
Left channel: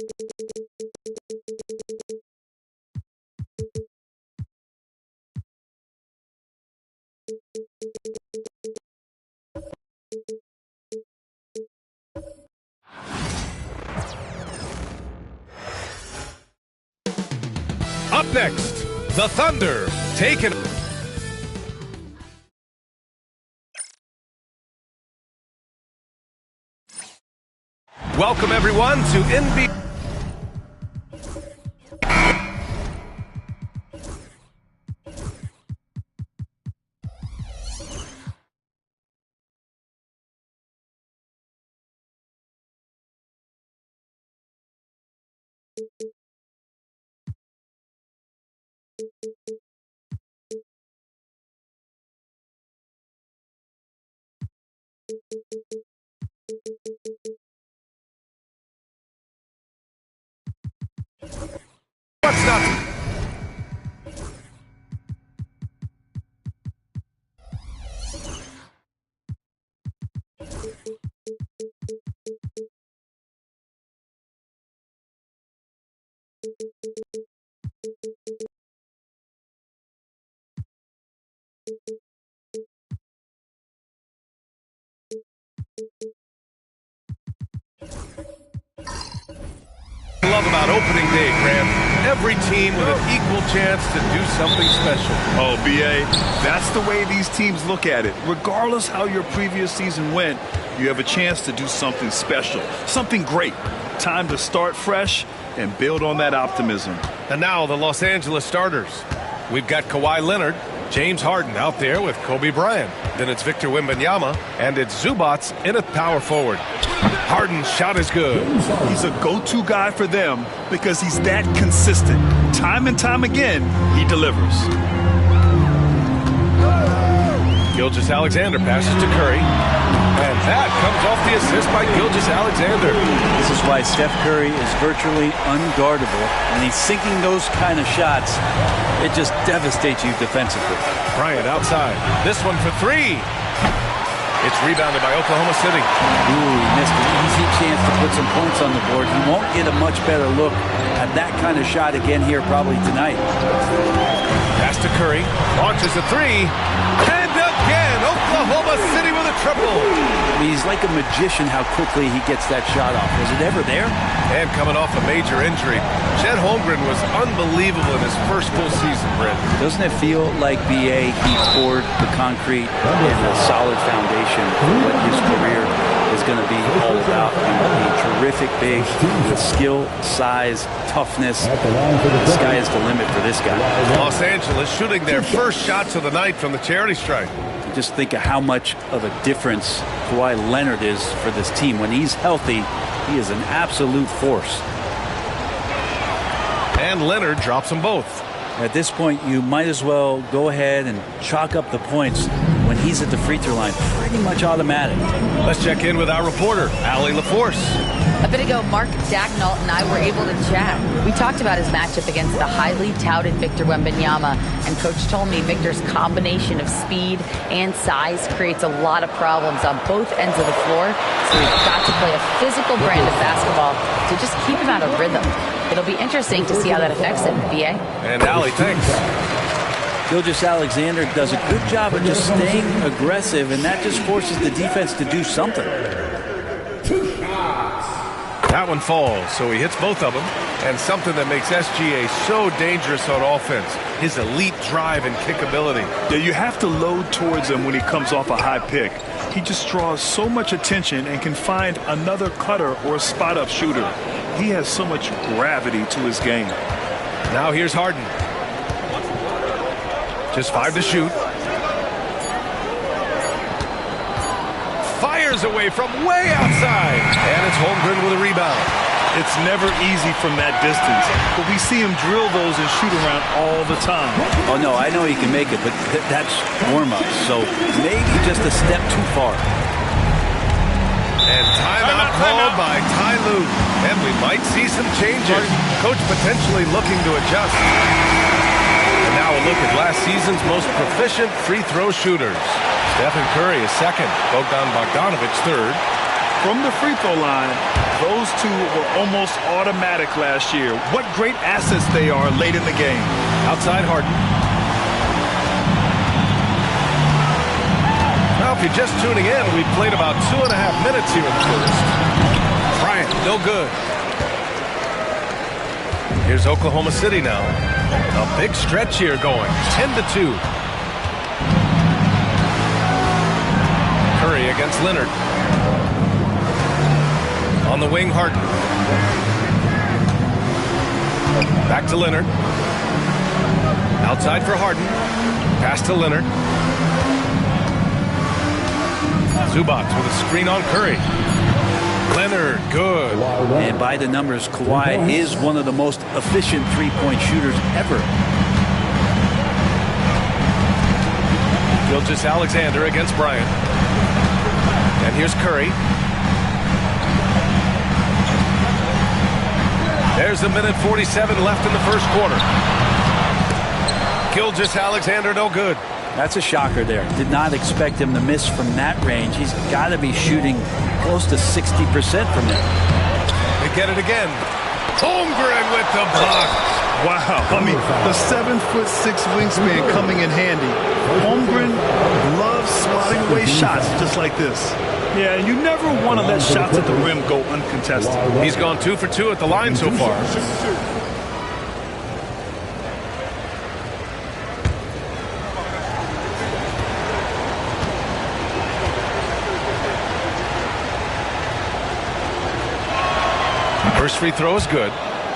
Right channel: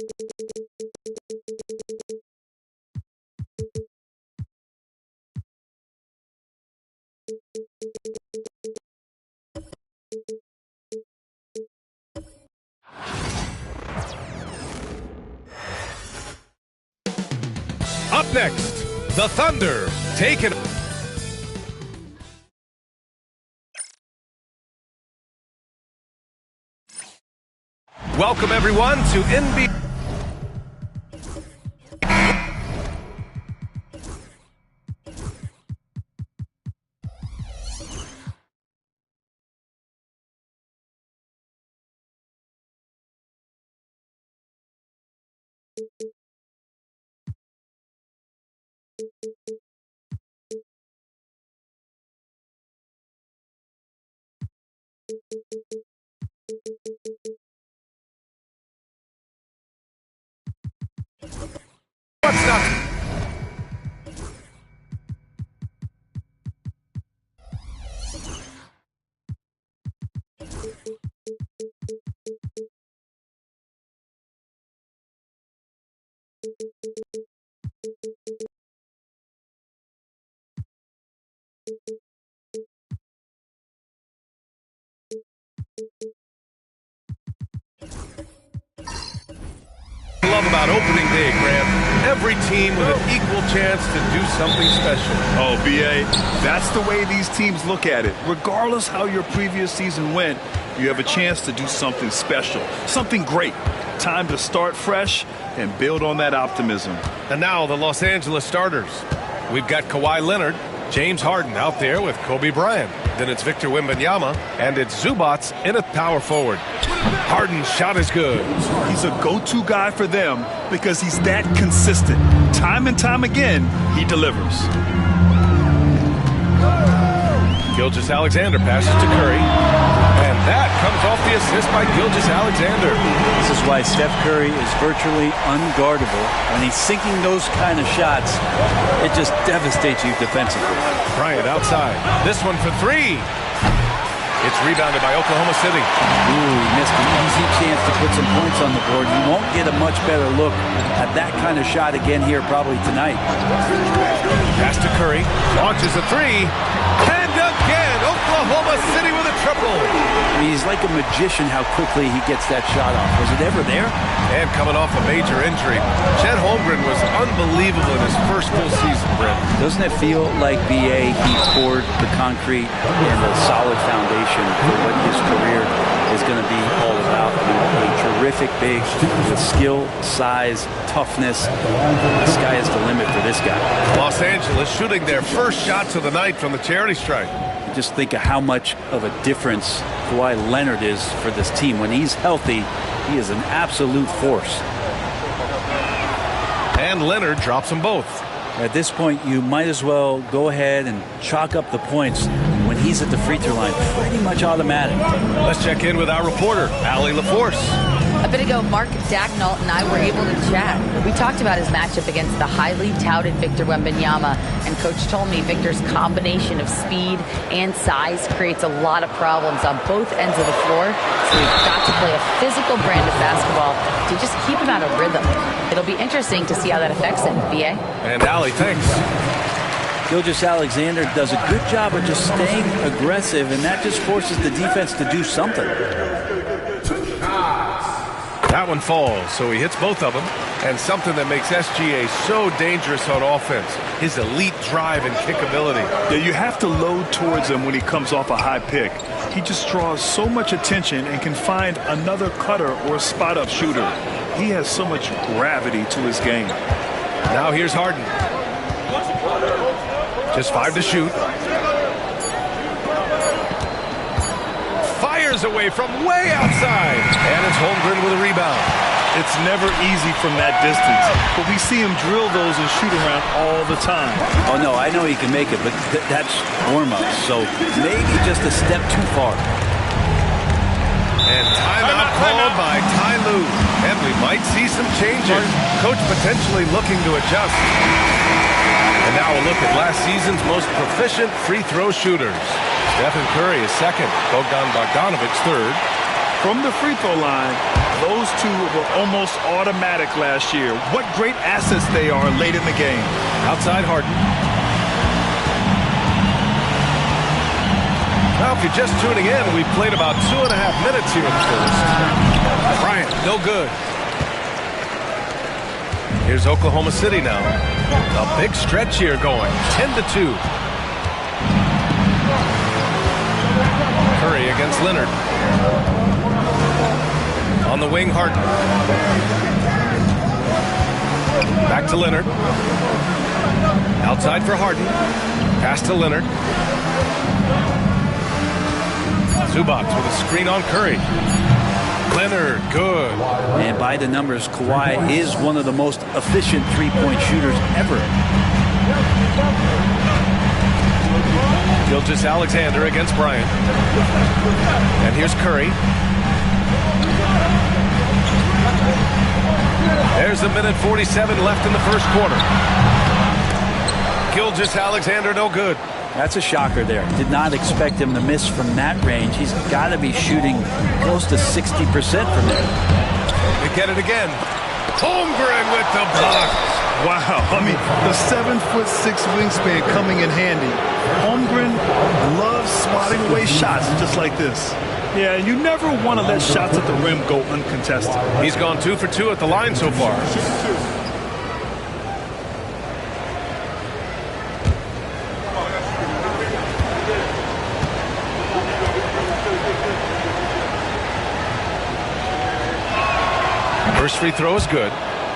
Up next, the Thunder taking. Welcome everyone to NBA. What's not? Love about opening day, Grant. Every team with an equal chance to do something special. Oh, B.A., that's the way these teams look at it. Regardless how your previous season went, you have a chance to do something special, something great. Time to start fresh and build on that optimism. And now the Los Angeles starters. We've got Kawhi Leonard, James Harden out there with Kobe Bryant. Then it's Victor Wembanyama, and it's Zubats in at power forward. Harden's shot is good. He's a go-to guy for them because he's that consistent. Time and time again, he delivers. Gilgeous-Alexander passes to Curry. And that comes off the assist by Gilgeous-Alexander. This is why Steph Curry is virtually unguardable. When he's sinking those kind of shots, it just devastates you defensively. Bryant outside. This one for three. It's rebounded by Oklahoma City. Ooh, he missed an easy chance to put some points on the board. He won't get a much better look at that kind of shot again here probably tonight. Pass to Curry. Launches a three. And again, Oklahoma City with a triple. I mean, he's like a magician how quickly he gets that shot off. Was it ever there? And coming off a major injury, Chet Holmgren was unbelievable in his first full season, Brent. Doesn't it feel like B.A. he poured the concrete and a solid foundation for what his career is going to be all about? A terrific big with skill, size, toughness. The sky is the limit for this guy. Los Angeles shooting their first shots of the night from the charity stripe. Just think of how much of a difference Kawhi Leonard is for this team. When he's healthy, he is an absolute force. And Leonard drops them both. At this point, you might as well go ahead and chalk up the points when he's at the free throw line. Pretty much automatic. Let's check in with our reporter, Allie LaForce. A bit ago, Mark Dagnall and I were able to chat. We talked about his matchup against the highly touted Victor Wembanyama, and Coach told me Victor's combination of speed and size creates a lot of problems on both ends of the floor, so we've got to play a physical brand of basketball to just keep him out of rhythm. It'll be interesting to see how that affects him, B.A. And Allie, thanks. Gilgeous-Alexander does a good job of just staying aggressive, and that just forces the defense to do something. That one falls, so he hits both of them. And something that makes SGA so dangerous on offense, his elite drive and kickability. Yeah, you have to load towards him when he comes off a high pick. He just draws so much attention and can find another cutter or spot-up shooter. He has so much gravity to his game. Now here's Harden. Just 5 to shoot. Fires away from way outside. And it's Holmgren with a rebound. It's never easy from that distance, but we see him drill those and shoot around all the time. Oh, no, I know he can make it, but that's warm-up, so maybe just a step too far. And timeout called by Ty Lue. And we might see some changes. Coach potentially looking to adjust. And now a look at last season's most proficient free throw shooters. Stephen Curry is second. Bogdan Bogdanovic third. From the free throw line, Those two were almost automatic last year. What great assets they are late in the game. Outside Harden. Now, if you're just tuning in, we've played about 2.5 minutes here in the first. Bryant, no good. Here's Oklahoma City now. A big stretch here going. 10-2. Curry against Leonard. On the wing, Harden. Back to Leonard. Outside for Harden. Pass to Leonard. Zubac with a screen on Curry. Leonard, good. And by the numbers, Kawhi is one of the most efficient three-point shooters ever. Gilgeous-Alexander against Bryant. And here's Curry. There's 1:47 left in the first quarter. Gilgeous-Alexander, no good. That's a shocker there. Did not expect him to miss from that range. He's got to be shooting close to 60% from there. They get it again. Holmgren with the block. Wow. I mean, the 7'6" wingspan coming in handy. Holmgren loves swatting away shots just like this. Yeah, and you never want to let shots at the rim go uncontested. He's gone 2 for 2 at the line so far. First free throw is good.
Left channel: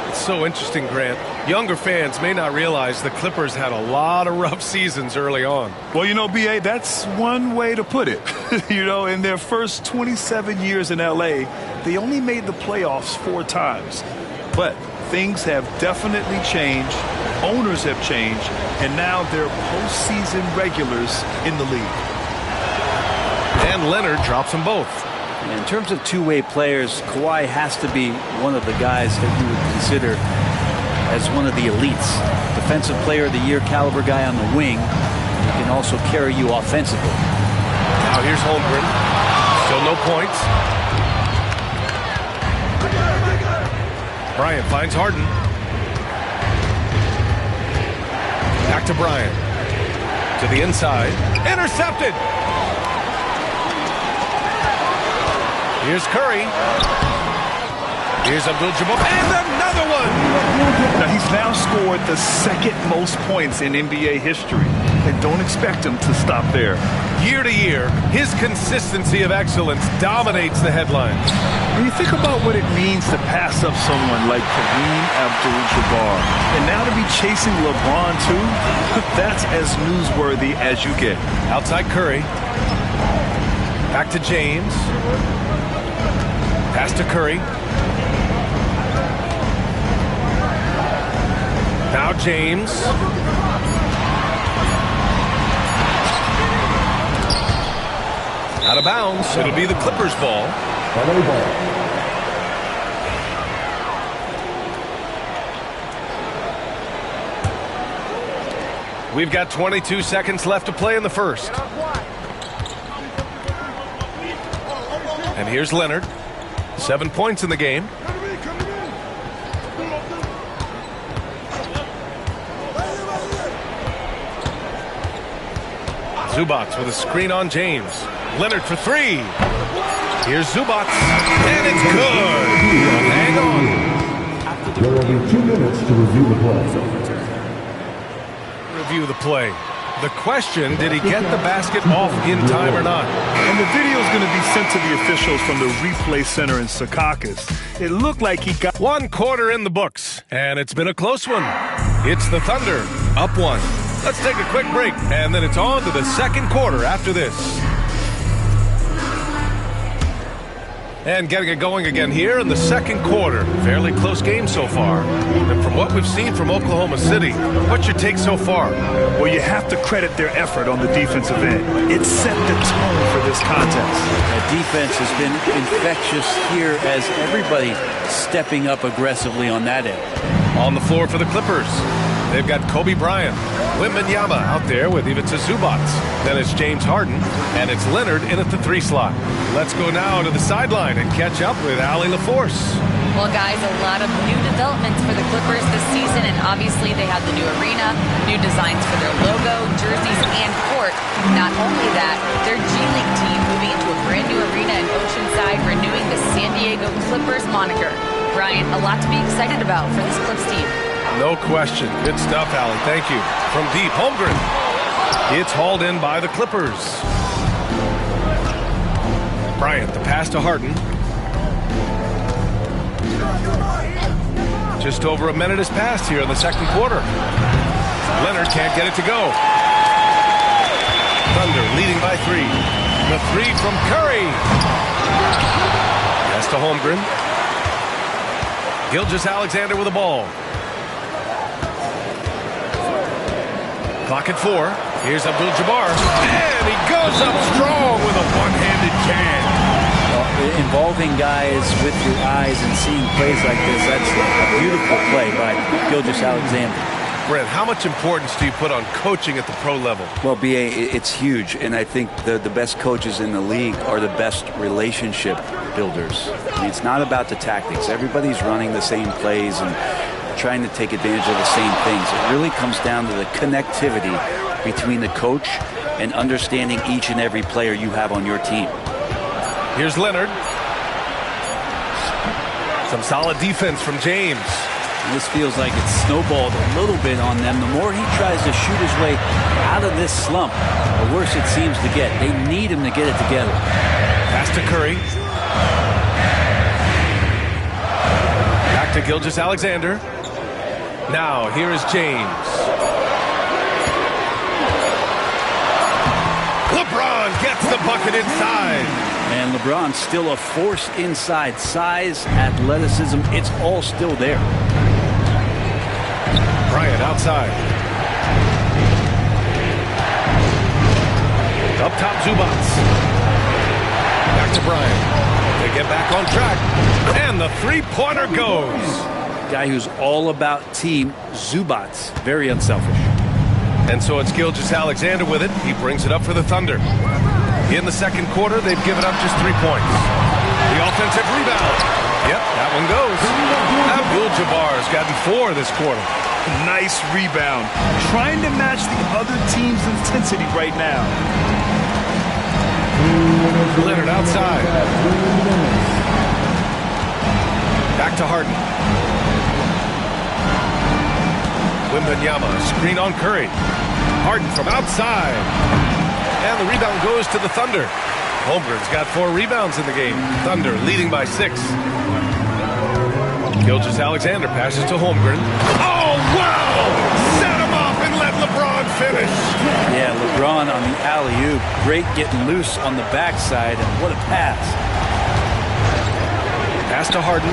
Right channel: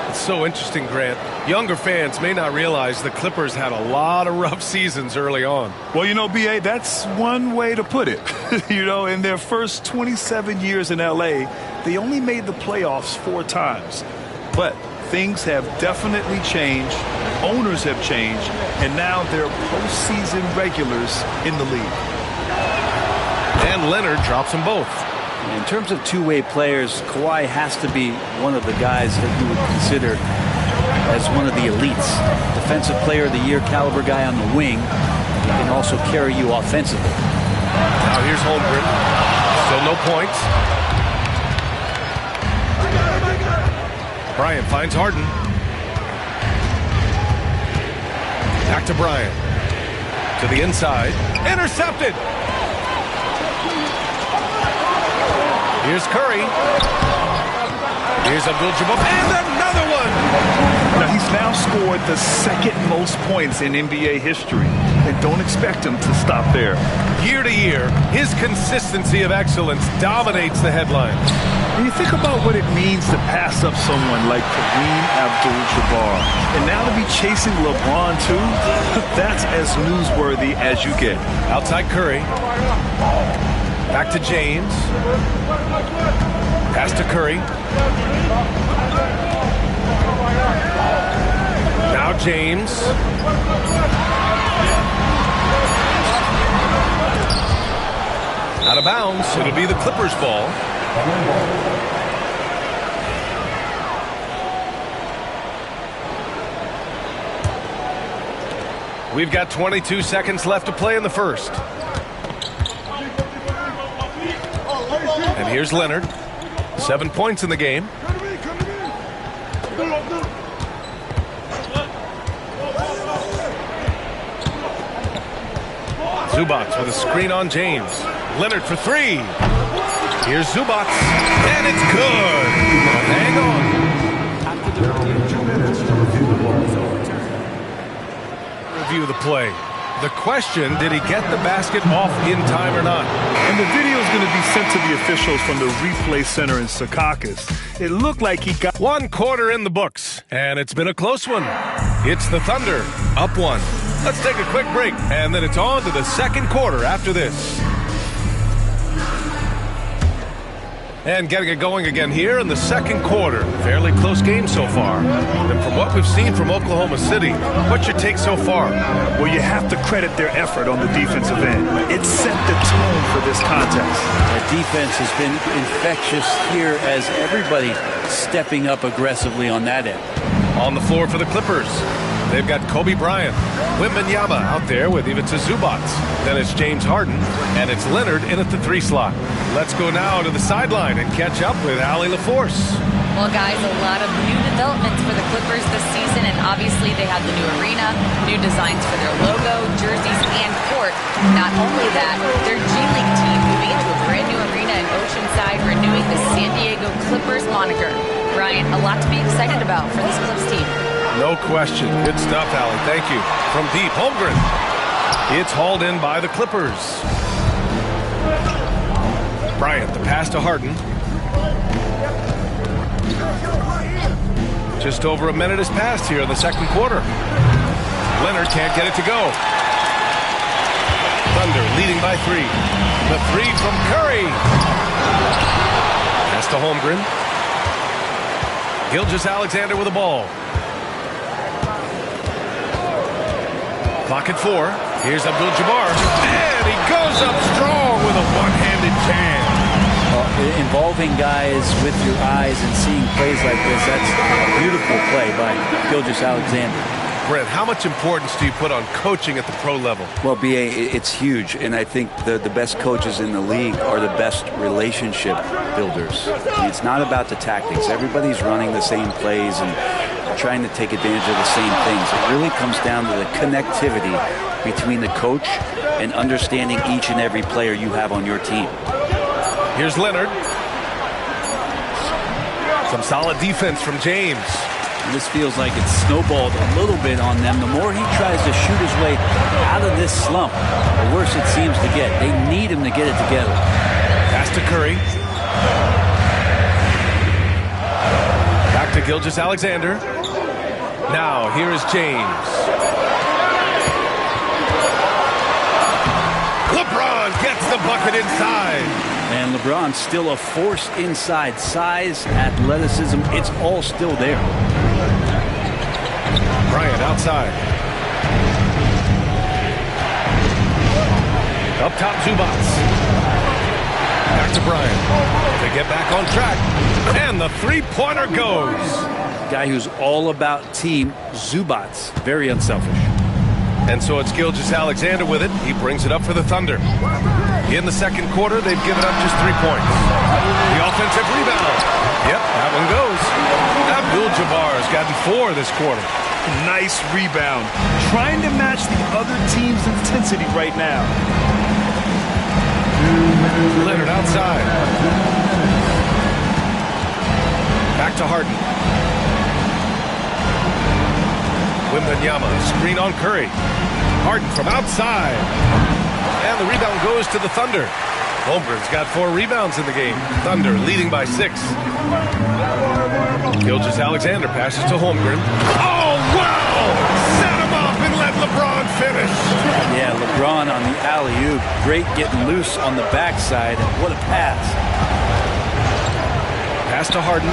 It's so interesting, Grant. Younger fans may not realize the Clippers had a lot of rough seasons early on. Well, you know, B.A., that's one way to put it. You know, in their first 27 years in L.A., they only made the playoffs 4 times. But things have definitely changed. Owners have changed. And now they're postseason regulars in the league. And Leonard drops them both. In terms of two-way players, Kawhi has to be one of the guys that you would consider as one of the elites. Defensive Player of the Year caliber guy on the wing. He can also carry you offensively. Now here's Holmgren. Still no points. Bryant finds Harden. Back to Bryant. To the inside. Intercepted. Here's Curry. Here's Abdul-Jabbar. And another one! Now, he's now scored the second most points in NBA history. And don't expect him to stop there. Year to year, his consistency of excellence dominates the headlines. When you think about what it means to pass up someone like Kareem Abdul-Jabbar, and now to be chasing LeBron too, that's as newsworthy as you get. Outside Curry. Back to James. Pass to Curry. Now James. Out of bounds. It'll be the Clippers' ball. We've got 22 seconds left to play in the first. And here's Leonard. 7 points in the game. Zubac with a screen on James. Leonard for 3. Here's Zubac. And it's good. Hang on. There will be 2 minutes to review the play. Review the play. The question, did he get the basket off in time or not? And the video is going to be sent to the officials from the replay center in Secaucus. It looked like he got 1 quarter in the books, and it's been a close one. It's the Thunder, up 1. Let's take a quick break, and then it's on to the second quarter after this. And getting it going again here in the second quarter. Fairly close game so far. And from what we've seen from Oklahoma City, what's your take so far? Well, you have to credit their effort on the defensive end. It set the tone for this contest. That defense has been infectious here as everybody stepping up aggressively on that end. On the floor for the Clippers, they've got Kobe Bryant. Wembanyama out there with Ivica Zubac. Then it's James Harden, and it's Leonard in at the 3 slot. Let's go now to the sideline and catch up with Allie LaForce. Well, guys, a lot of new developments for the Clippers this season, and obviously they have the new arena, new designs for their logo, jerseys, and court. Not only that, their G League team moving into a brand new arena in Oceanside, renewing the San Diego Clippers moniker. Brian, a lot to be excited about for this Clips team. No question. Good stuff, Allie. Thank you. From deep, Holmgren. It's hauled in by the Clippers. Bryant, the pass to Harden. Just over a minute has passed here in the second quarter. Leonard can't get it to go. Thunder leading by 3. The 3 from Curry. Pass to Holmgren. Gilgeous-Alexander with the ball. Clock at 4. Here's Abdul-Jabbar. And he goes up strong with a one-handed jam. Involving guys with your eyes and seeing plays like this, that's a beautiful play by Gilgeous-Alexander. Brent, how much importance do you put on coaching at the pro level? Well, B.A., it's huge, and I think the best coaches in the league are the best relationship builders. I mean, it's not about the tactics. Everybody's running the same plays and trying to take advantage of the same things. It really comes down to the connectivity between the coach and understanding each and every player you have on your team. Here's Leonard. Some solid defense from James. And this feels like it's snowballed a little bit on them. The more he tries to shoot his way out of this slump, the worse it seems to get. They need him to get it together. Pass to Curry. Back to Gilgeous-Alexander. Now, here is James. LeBron gets the bucket inside. And LeBron's still a force inside. Size, athleticism, it's all still there. Bryant outside. Up top, Zubac. Back to Bryant. They get back on track. And the three-pointer goes. Guy who's all about team, Zubac. Very unselfish. And so it's Gilgeous-Alexander with it. He brings it up for the Thunder. In the second quarter, they've given up just 3 points. The offensive rebound. Yep, that one goes. Abdul-Jabbar's gotten 4 this quarter. Nice rebound. Trying to match the other team's intensity right now. Leonard outside. Back to Harden. Wembanyama, screen on Curry. Harden from outside. And the rebound goes to the Thunder. Holmgren's got 4 rebounds in the game. Thunder leading by 6. Gilgeous-Alexander passes to Holmgren. Oh, wow! Set him up and let LeBron finish. Yeah, LeBron on the alley-oop. Great getting loose on the backside, and what a pass. Pass to Harden.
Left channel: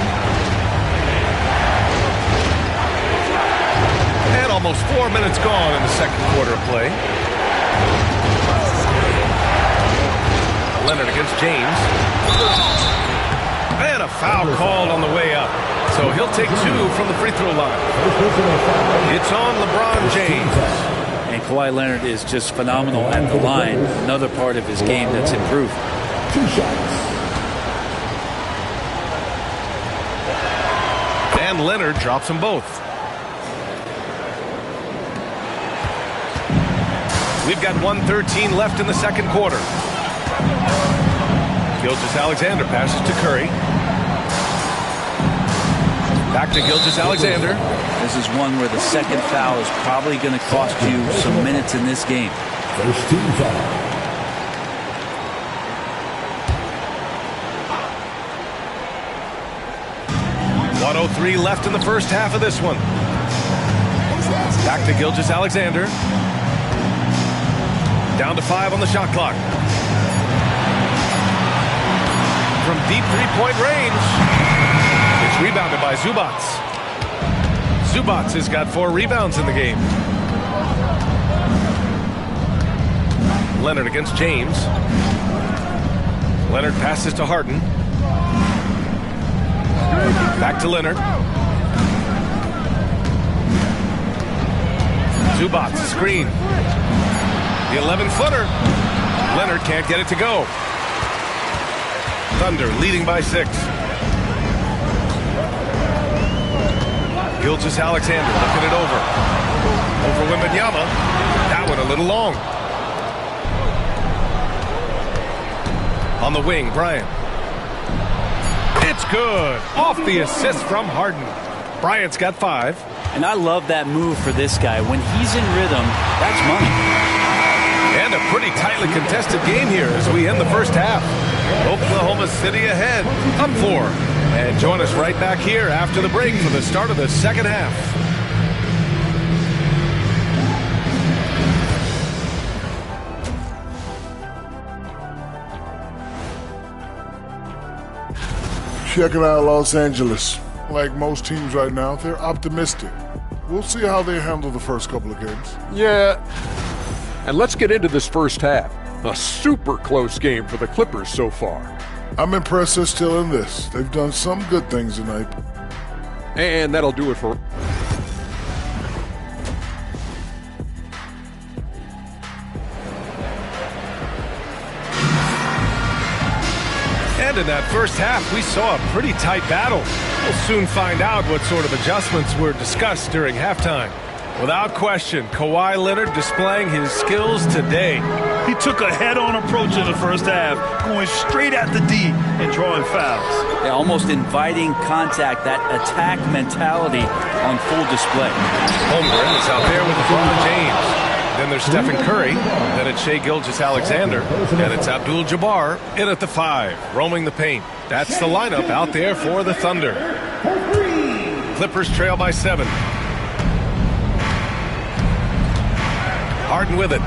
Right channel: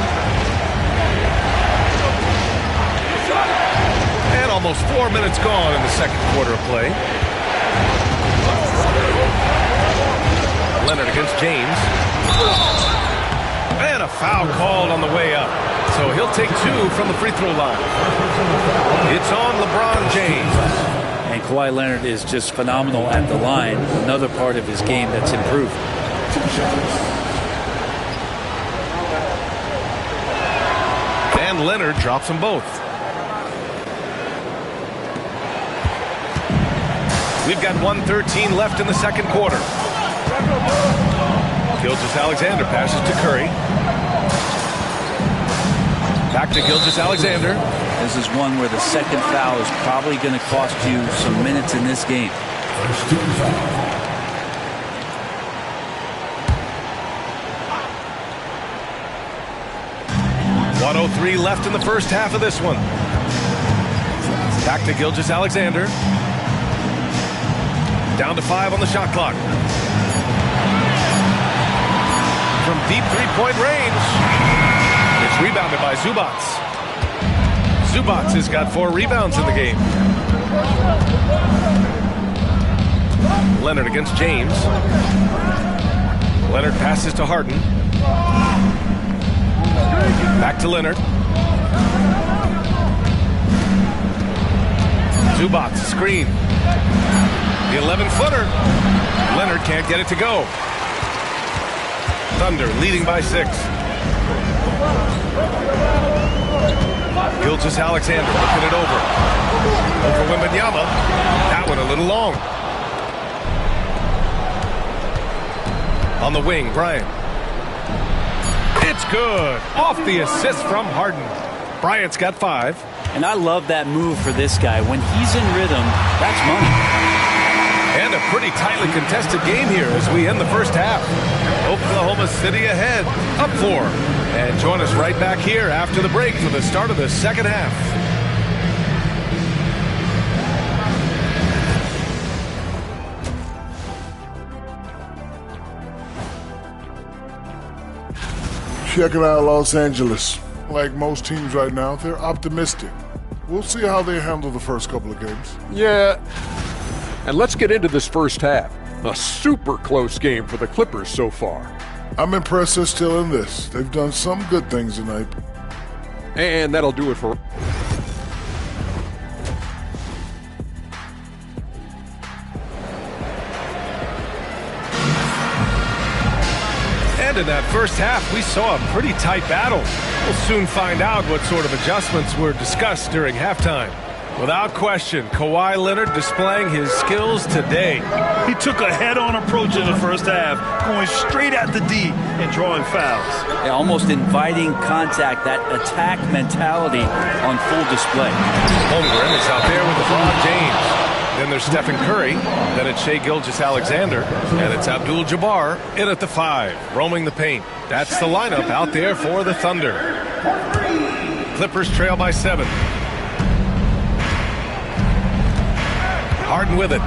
And almost 4 minutes gone in the second quarter of play. Leonard against James. And a foul called on the way up. So he'll take 2 from the free throw line. It's on LeBron James. And Kawhi Leonard is just phenomenal at the line. Another part of his game that's improved. 2 shots. And Leonard drops them both. We've got 1:13 left in the second quarter. Gilgeous-Alexander passes to Curry. Back to Gilgeous-Alexander. This is one where the second foul is probably going to cost you some minutes in this game. First team foul. .103 left in the first half of this one. Back to Gilgeous-Alexander. Down to 5 on the shot clock. From deep three-point range. It's rebounded by Zubac. Zubac has got 4 rebounds in the game. Leonard against James. Leonard passes to Harden. Back to Leonard. Zubac, screen. The 11-footer. Leonard can't get it to go. Thunder leading by 6. Gilgeous-Alexander looking it over. Over Wembanyama. That one a little long. On the wing, Bryant. It's good. Off the assist from Harden. Bryant's got 5. And I love that move for this guy. When he's in rhythm, that's money. And a pretty tightly contested game here as we end the first half. Oklahoma City ahead, up 4. And join us right back here after the break for the start of the second half. Checking out Los Angeles. Like most teams right now, they're optimistic. We'll see how they handle the first couple of games. Yeah. And let's get into this first half. A super close game for the Clippers so far. I'm impressed they're still in this. They've done some good things tonight. And that'll do it for... And in that first half, we saw a pretty tight battle. We'll soon find out what sort of adjustments were discussed during halftime. Without question, Kawhi Leonard displaying his skills today. He took a head-on approach in the first half, going straight at the D and drawing fouls. Yeah, almost inviting contact, that attack mentality on full display. Holmgren is out there with LeBron James. Then there's Stephen Curry. Then it's Shai Gilgeous-Alexander. And it's Abdul-Jabbar in at the 5, roaming the paint. That's the lineup out there for the Thunder. Clippers trail by 7. Harden with it.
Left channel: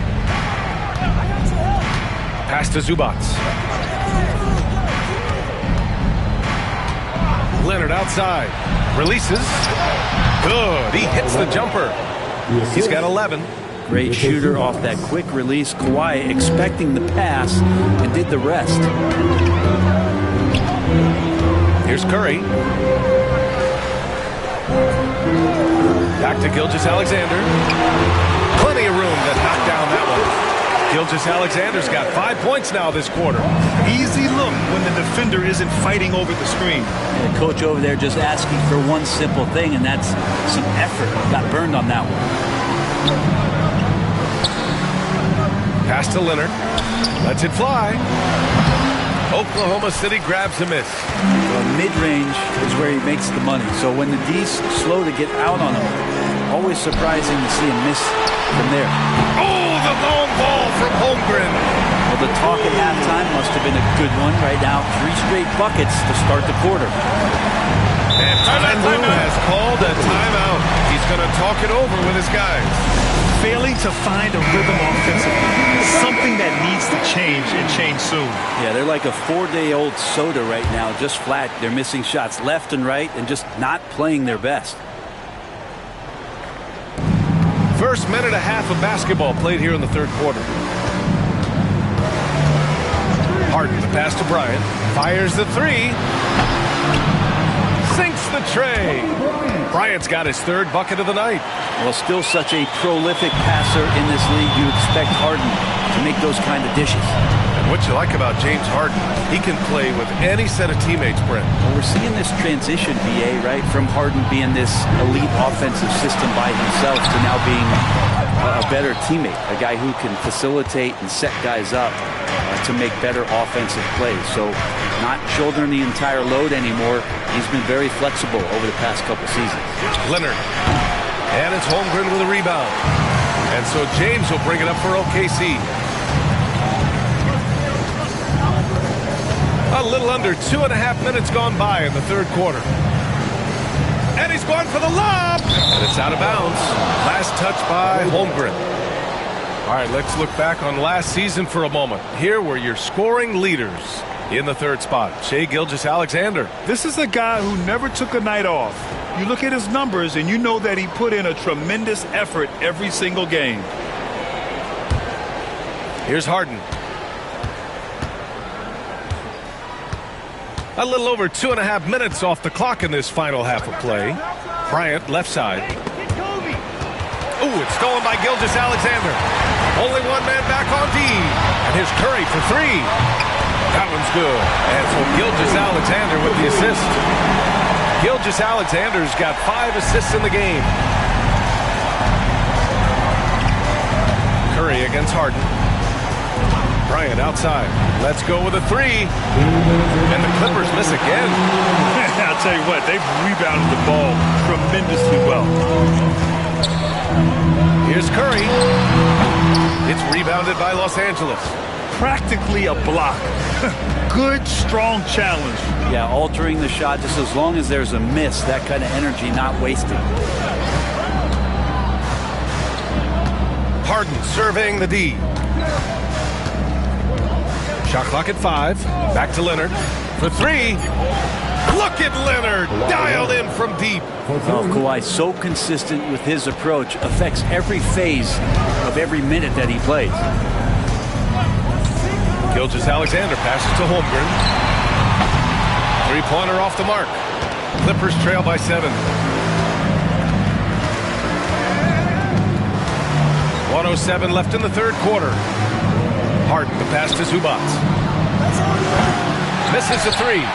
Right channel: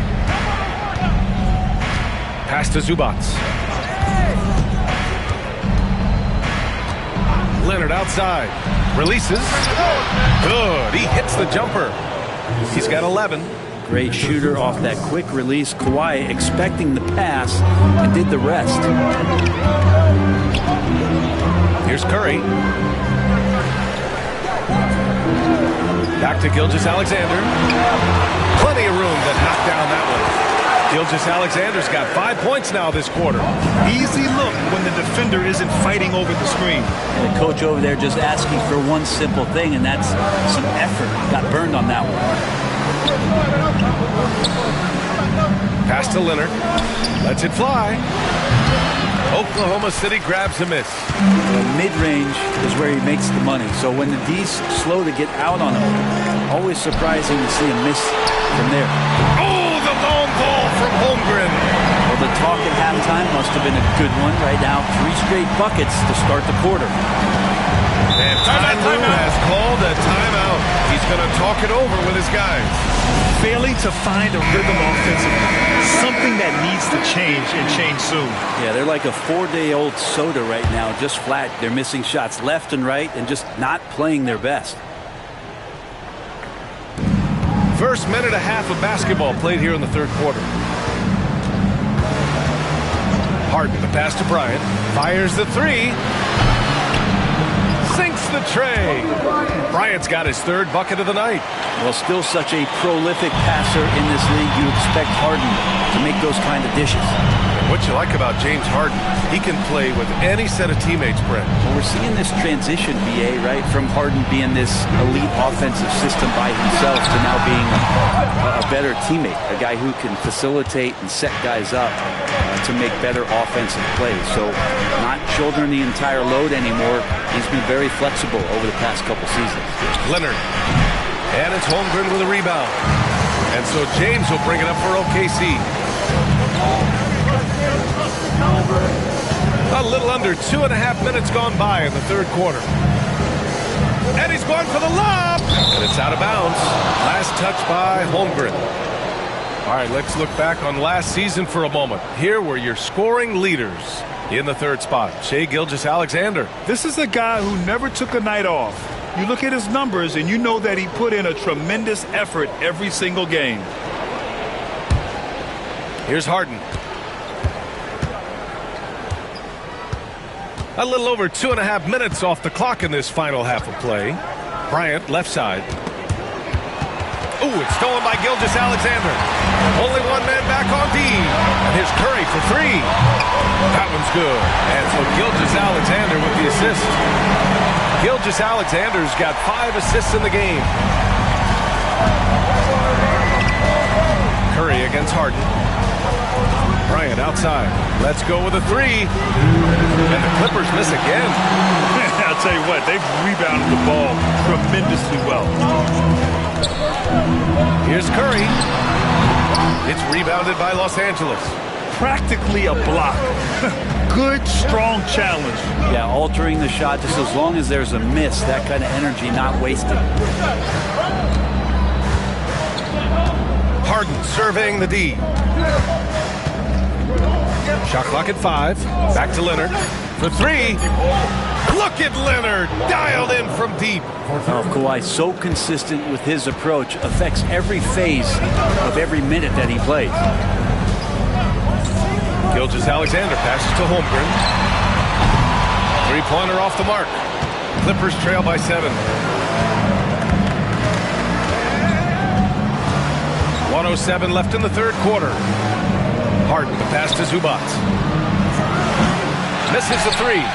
Pass to Zubac. Leonard outside. Releases. Good. He hits the jumper. He's got 11. Great shooter off that quick release. Kawhi expecting the pass and did the rest. Here's Curry. Back to Gilgeous-Alexander. Plenty of room to knock down that one. Gilgeous-Alexander's got 5 points now this quarter. Easy look when the defender isn't fighting over the screen. And the coach over there just asking for one simple thing, and that's some effort. Got burned on that one. Pass to Leonard. Lets it fly. Oklahoma City grabs a miss. Well, mid-range is where he makes the money. So when the D's slow to get out on him, always surprising to see him miss from there. Oh, the long ball from Holmgren. Well, the talk at halftime must have been a good one. Right now, 3 straight buckets to start the quarter. And Ty Lue has called a timeout. He's going to talk it over with his guys. Failing to find a rhythm offensively. Something that needs to change and change soon. Yeah, they're like a 4-day-old soda right now, just flat. They're missing shots left and right and just not playing their best. First minute and a half of basketball played here in the third quarter. Harden, the pass to Bryant. Fires the 3. Sinks the tray. Bryant's got his 3rd bucket of the night. Well, still such a prolific passer in this league. You expect Harden to make those kind of dishes. And what you like about James Harden, he can play with any set of teammates, Brent. Well, we're seeing this transition, BA, right? From Harden being this elite offensive system by himself to now being a better teammate, a guy who can facilitate and set guys up to make better offensive plays. So not shouldering the entire load anymore. He's been very flexible over the past couple seasons. Leonard. And it's Holmgren with a rebound. And so James will bring it up for OKC. A little under 2.5 minutes gone by in the third quarter. And he's going for the lob. And it's out of bounds. Last touch by Holmgren. All right, let's look back on last season for a moment. Here were your scoring leaders in the third spot. Shai Gilgeous-Alexander. This is a guy who never took a night off. You look at his numbers and you know that he put in a tremendous effort every single game. Here's Harden. A little over 2.5 minutes off the clock in this final half of play. Bryant, left side. Ooh, it's stolen by Gilgeous-Alexander. Only one man back on D. And here's Curry for three. That one's good. And so Gilgeous-Alexander with the assist. Gilgeous-Alexander's got 5 assists in the game. Curry against Harden. Bryant outside. Let's go with a three. And the Clippers miss again. I'll tell you what, they've rebounded the ball tremendously well. Here's Curry. It's rebounded by Los Angeles. Practically a block. Good, strong challenge. Yeah, altering the shot just as long as there's a miss. That kind of energy not wasted. Harden surveying the D. Shot clock at 5. Back to Leonard for three. Look at Leonard, dialed in from deep. Oh, Kawhi, so consistent with his approach, affects every phase of every minute that he plays. Gilgeous-Alexander passes to Holmgren. Three-pointer off the mark. Clippers trail by 7. 1:07 left in the third quarter. Harden the pass to Zubac. Misses a three.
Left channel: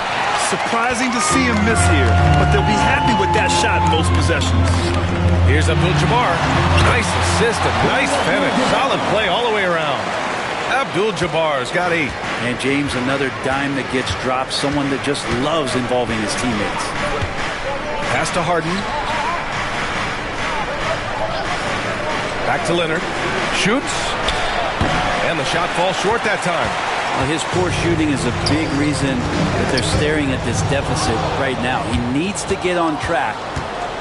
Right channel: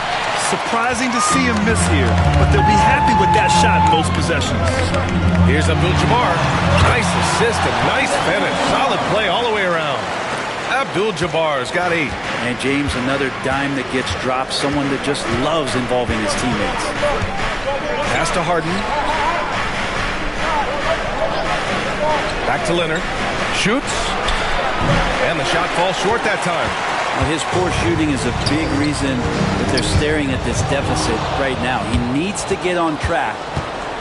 Surprising to see him miss here, but they'll be happy with that shot in most possessions. Here's Abdul-Jabbar. Nice assist and nice finish. Solid play all the way around. Abdul-Jabbar's got 8. And James, another dime that gets dropped. Someone that just loves involving his teammates. Pass to Harden. Back to Leonard. Shoots. And the shot falls short that time. Well, his poor shooting is a big reason that they're staring at this deficit right now. He needs to get on track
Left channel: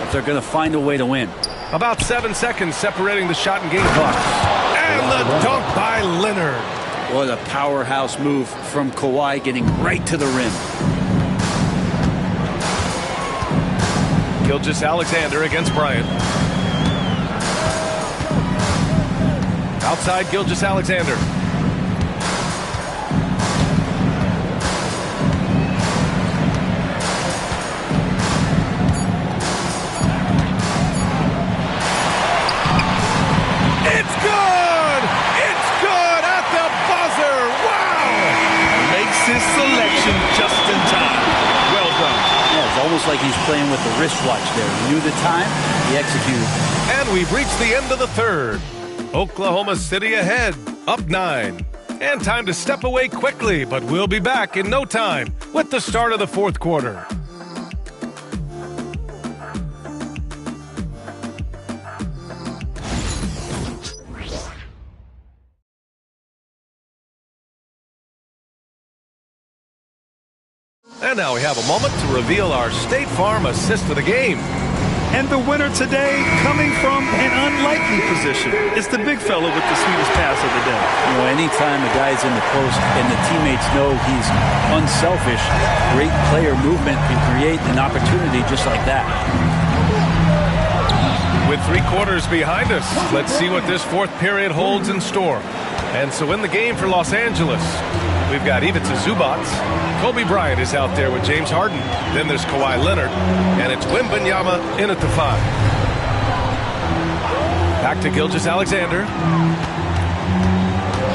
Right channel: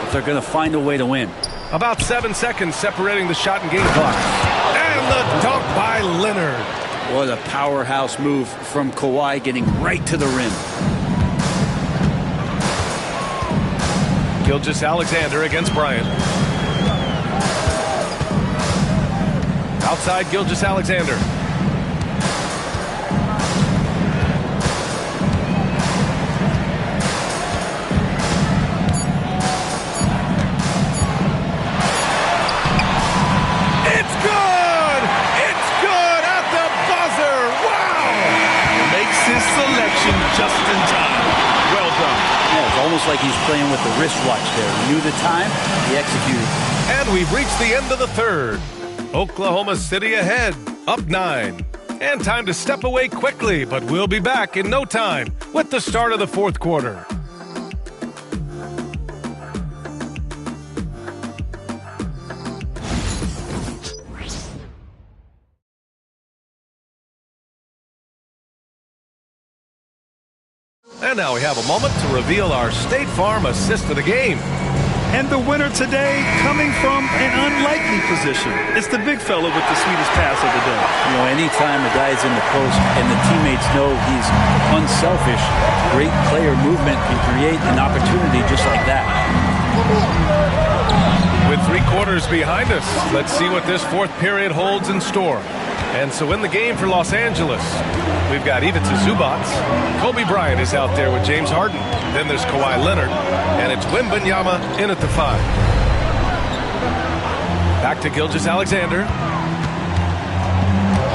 if they're going to find a way to win. About 7 seconds separating the shot and game clocks. And the dunk by Leonard. What a powerhouse move from Kawhi, getting right to the rim. Gilgeous-Alexander against Bryant. Outside Gilgeous-Alexander. It's good! It's good at the buzzer! Wow! Makes his selection just in time. Well done. Yeah, it's almost like he's playing with the wristwatch there. He knew the time, he executed. And we've reached the end of the third. Oklahoma City ahead, up 9. And time to step away quickly, but we'll be back in no time with the start of the fourth quarter. And now we have a moment to reveal our State Farm assist of the game. And the winner today coming from an unlikely position. It's the big fella with the sweetest pass of the day. You know, anytime a guy's in the post and the teammates know he's unselfish, great player movement can create an opportunity just like that. With 3 quarters behind us, let's see what this fourth period holds in store. And so in the game for Los Angeles, we've got Ivica Zubac. Kobe Bryant is out there with James Harden. Then there's Kawhi Leonard. And it's Wembanyama in at the 5. Back to Gilgeous-Alexander.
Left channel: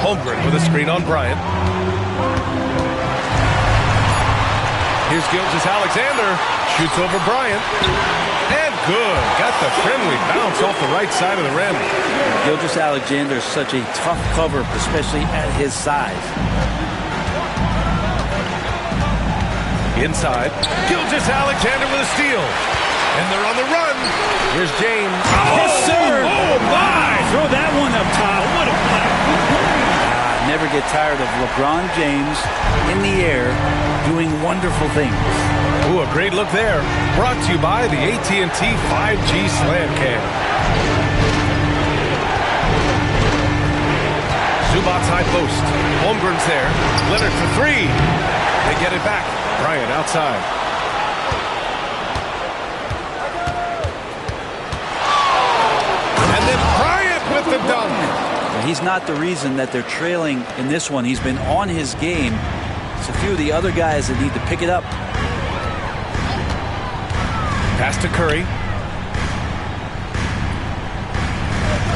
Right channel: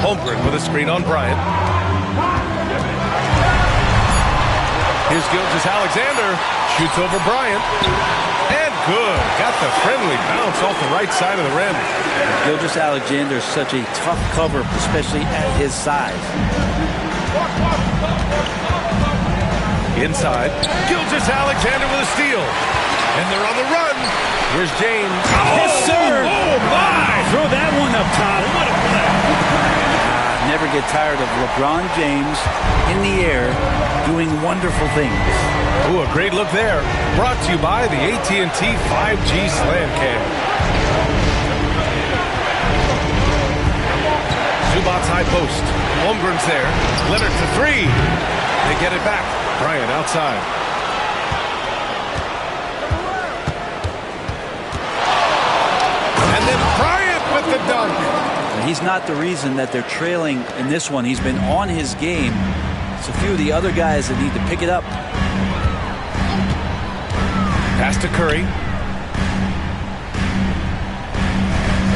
Holmgren with a screen on Bryant. Here's Gilgeous-Alexander. Shoots over Bryant. And good. Got the friendly bounce off the right side of the rim. Gilgeous-Alexander is such a tough cover, especially at his size. Inside, Gilgeous-Alexander with a steal. And they're on the run. Here's James. Yes, sir. Oh, my. Throw that one up top. What a play. Never get tired of LeBron James in the air doing wonderful things. Ooh, a great look there. Brought to you by the AT&T 5G Slam Cam. Zubac's high post. Holmgren's there. Leonard for 3. They get it back. Bryant outside. And then Bryant with the dunk. He's not the reason that they're trailing in this one. He's been on his game. It's a few of the other guys that need to pick it up. Pass to Curry.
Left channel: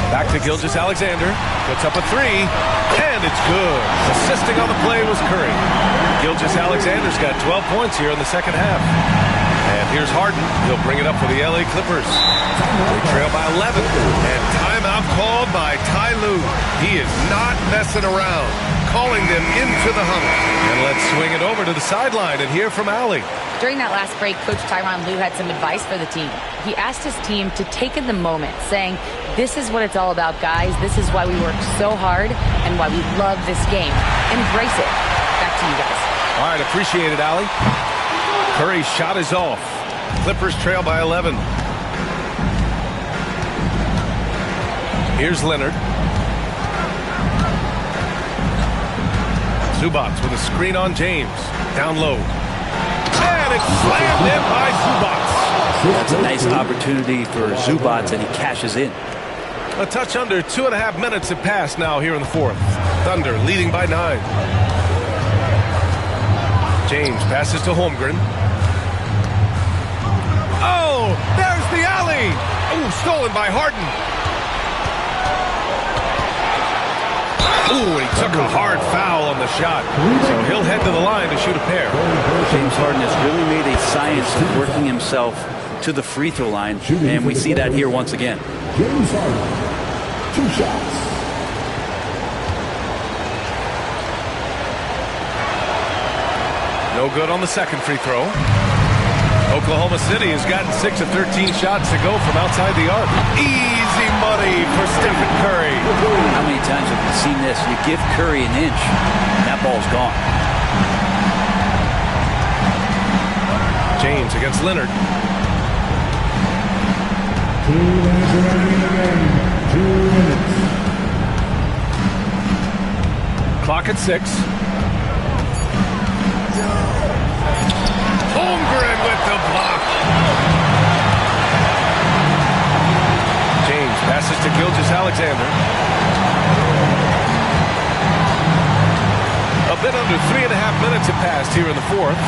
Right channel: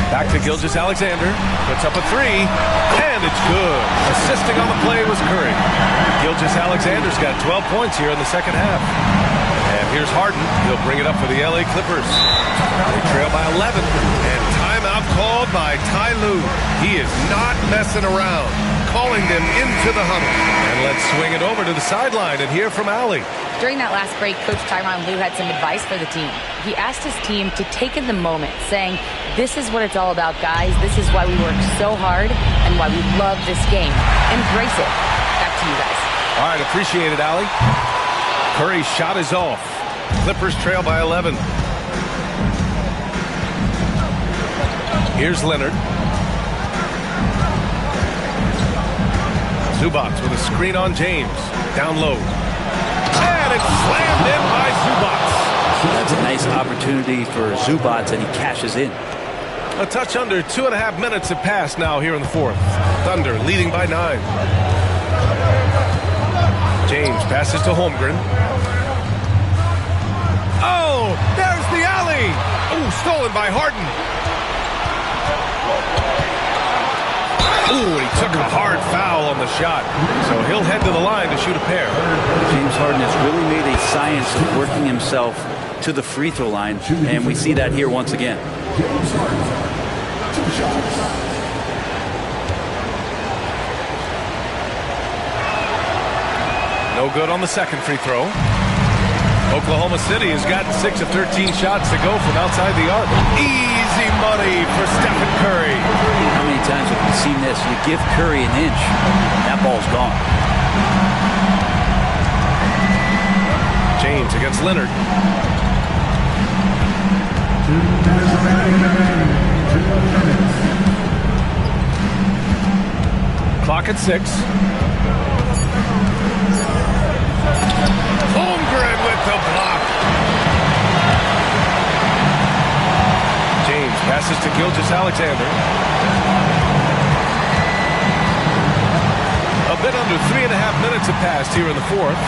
Back to Gilgeous-Alexander. Puts up a three, and it's good. Assisting on the play was Curry. Gilgeous-Alexander's got 12 points here in the second half. And here's Harden. He'll bring it up for the LA Clippers. They trail by 11. And timeout called by Ty Lue. He is not messing around. Calling them into the huddle. And let's swing it over to the sideline and hear from Allie. During that last break, Coach Tyronn Lue had some advice for the team. He asked his team to take in the moment, saying, this is what it's all about, guys. This is why we work so hard and why we love this game. Embrace it. Back to you guys. All right, appreciate it, Allie. Curry's shot is off. Clippers trail by 11. Here's Leonard. Zubac with a screen on James. Down low. And it's slammed in by Zubac. That's a nice opportunity for Zubac, and he cashes in. A touch under 2.5 minutes have passed now here in the fourth. Thunder leading by 9. James passes to Holmgren. Oh, there's the alley. Oh, stolen by Harden. Ooh, he took a hard foul on the shot. So he'll head to the line to shoot a pair. James Harden has really made a science of working himself to the free throw line, and we see that here once again. James Harden, 2 shots. No good on the second free throw. Oklahoma City has gotten 6 of 13 shots to go from outside the arc. Easy money for Stephen Curry. How many times have we seen this? You give Curry an inch, that ball's gone. James against Leonard. 2 minutes remaining in the game. 2 minutes. Clock at 6. Holmgren with the block. James passes to Gilgeous-Alexander. A bit under 3.5 minutes have passed here in the fourth.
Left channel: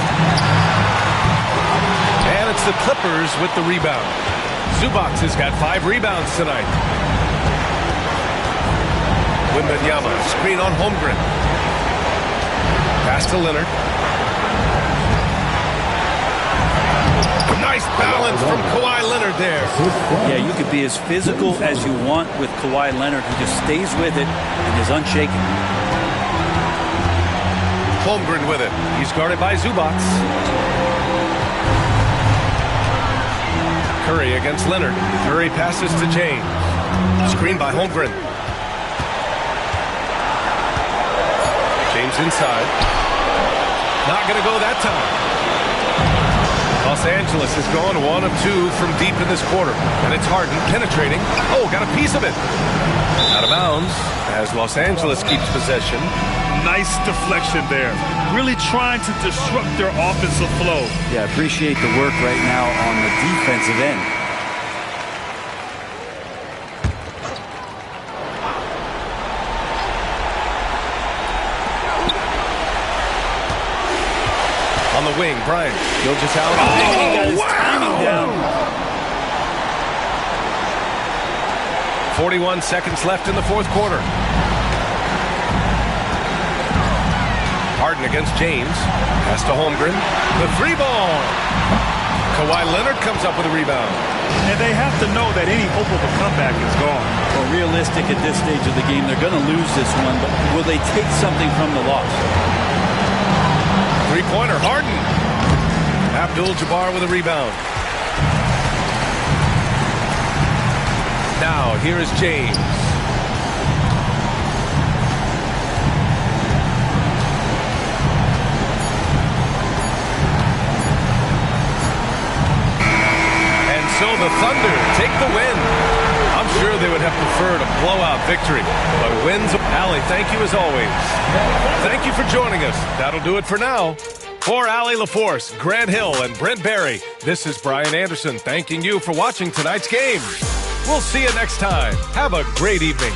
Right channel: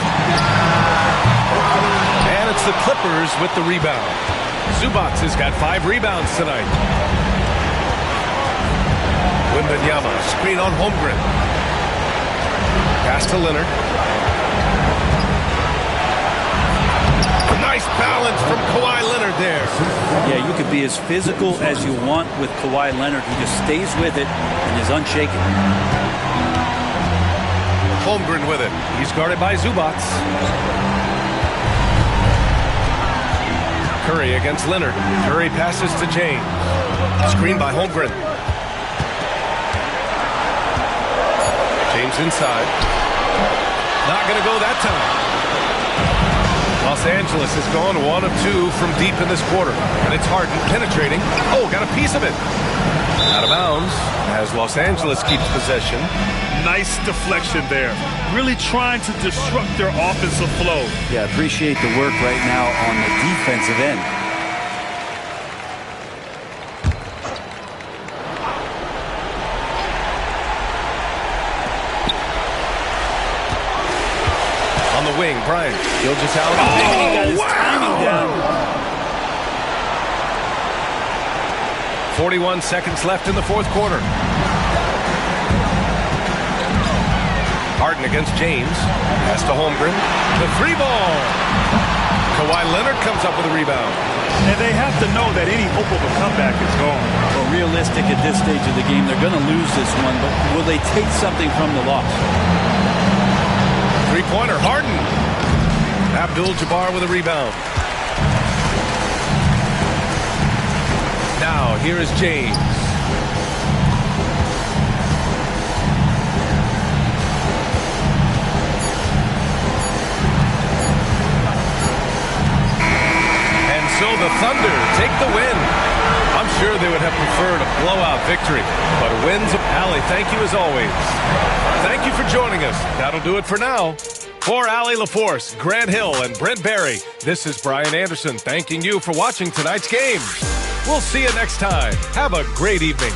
And it's the Clippers with the rebound. Zubac has got 5 rebounds tonight. Wembanyama, screen on Holmgren. Pass to Leonard. Nice balance from Kawhi Leonard there. Yeah, you could be as physical as you want with Kawhi Leonard. He just stays with it and is unshaken. Holmgren with it. He's guarded by Zubac. Curry against Leonard. Curry passes to James. Screen by Holmgren. James inside. Not going to go that time. Los Angeles has gone 1 of 2 from deep in this quarter. And it's Harden penetrating. Oh, got a piece of it. Out of bounds as Los Angeles keeps possession. Nice deflection there. Really trying to disrupt their offensive flow. Yeah, appreciate the work right now on the defensive end. On the wing, Bryant. Gilgeous-Alexander. He got his timing down. 41 seconds left in the fourth quarter. Harden against James. Pass to Holmgren. The 3 ball. Kawhi Leonard comes up with a rebound. And they have to know that any hope of a comeback is gone. Well, realistic at this stage of the game, they're going to lose this one, but will they take something from the loss? 3-pointer, Harden. Abdul-Jabbar with a rebound. Now, here is James. And so the Thunder take the win. I'm sure they would have preferred a blowout victory, but a win's a... Allie, thank you as always. Thank you for joining us. That'll do it for now. For Allie LaForce, Grant Hill, and Brent Barry, this is Brian Anderson thanking you for watching tonight's game. We'll see you next time. Have a great evening.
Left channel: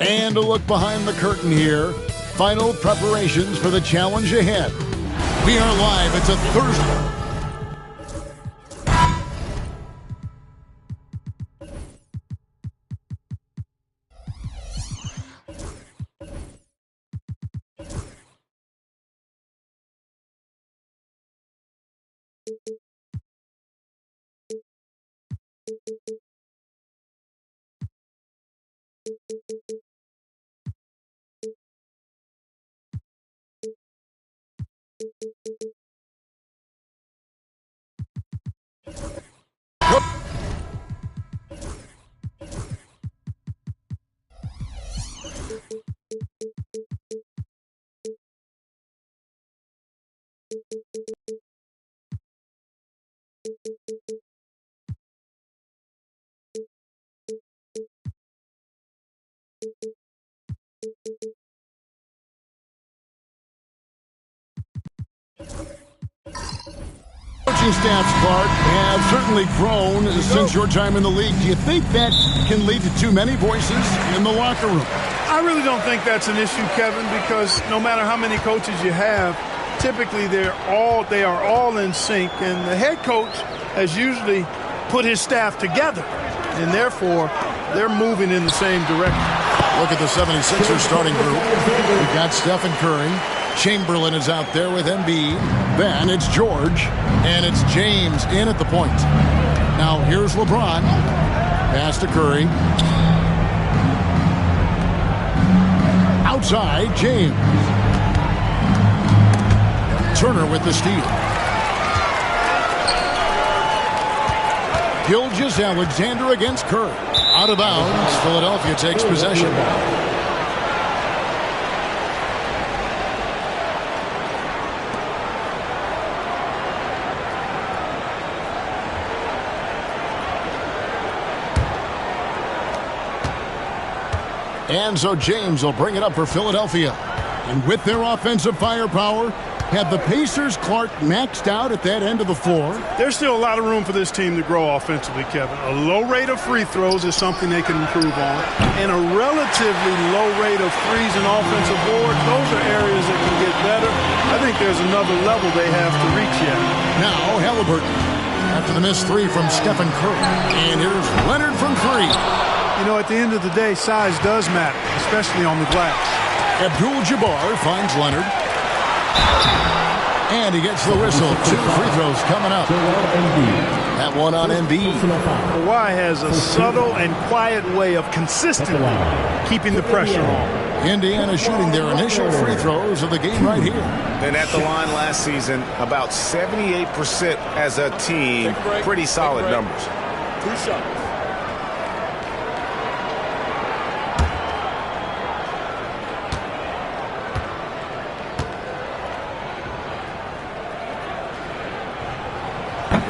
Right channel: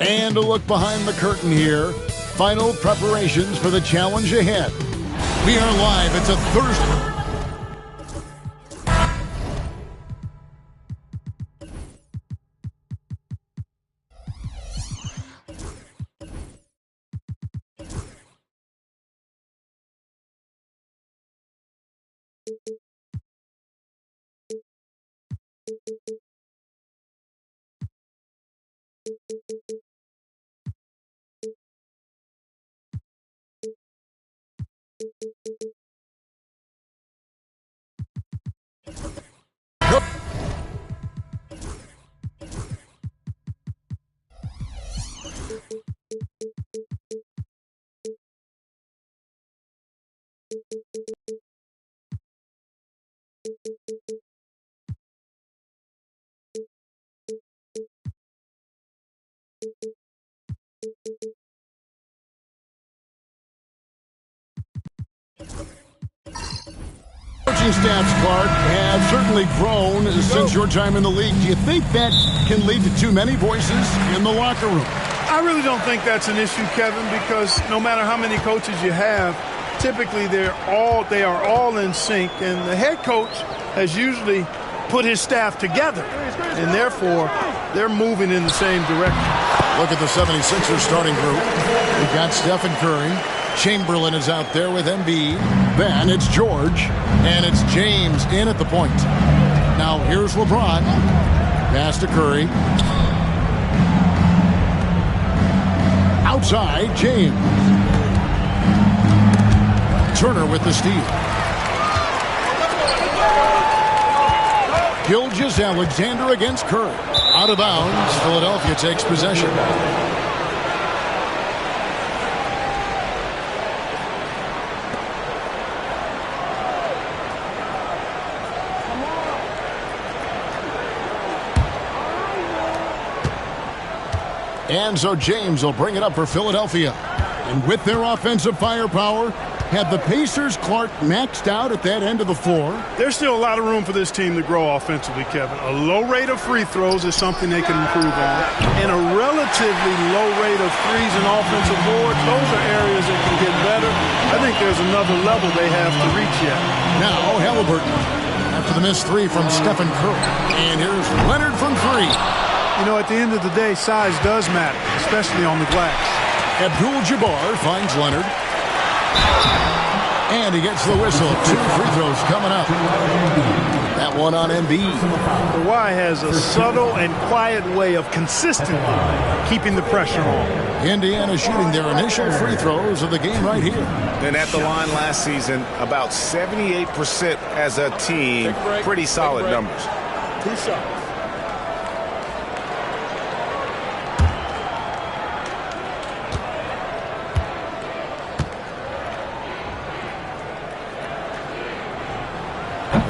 And a look behind the curtain here. Final preparations for the challenge ahead. We are live. It's a Thursday. Coaching staffs, Clark, have certainly grown since your time in the league. Do you think that can lead to too many voices in the locker room? I really don't think that's an issue, Kevin, because no matter how many coaches you have, typically they are all in sync, and the head coach has usually put his staff together, and therefore they're moving in the same direction. Look at the 76ers starting group. We've got Stephen Curry. Chamberlain is out there with Embiid. Then it's George, and it's James in at the point. Now here's LeBron. Pass to Curry. Outside, James. Turner with the steal. Gilgeous-Alexander against Curry. Out of bounds, Philadelphia takes possession. And so James will bring it up for Philadelphia. And with their offensive firepower, have the Pacers, Clark, maxed out at that end of the floor? There's still a lot of room for this team to grow offensively, Kevin. A low rate of free throws is something they can improve on. And a relatively low rate of threes and offensive boards, those are areas that can get better. I think there's another level they have to reach yet. Now Halliburton after the missed three from Stephen Curry. And here's Leonard from three. You know, at the end of the day, size does matter, especially on the glass. Abdul-Jabbar finds Leonard. And he gets the whistle. 2 free throws coming up. That one on Embiid. Kawhi has a subtle and quiet way of consistently keeping the pressure on. Indiana shooting their initial free throws of the game right here. And at the line last season, about 78% as a team. Pretty solid numbers. 2 shots.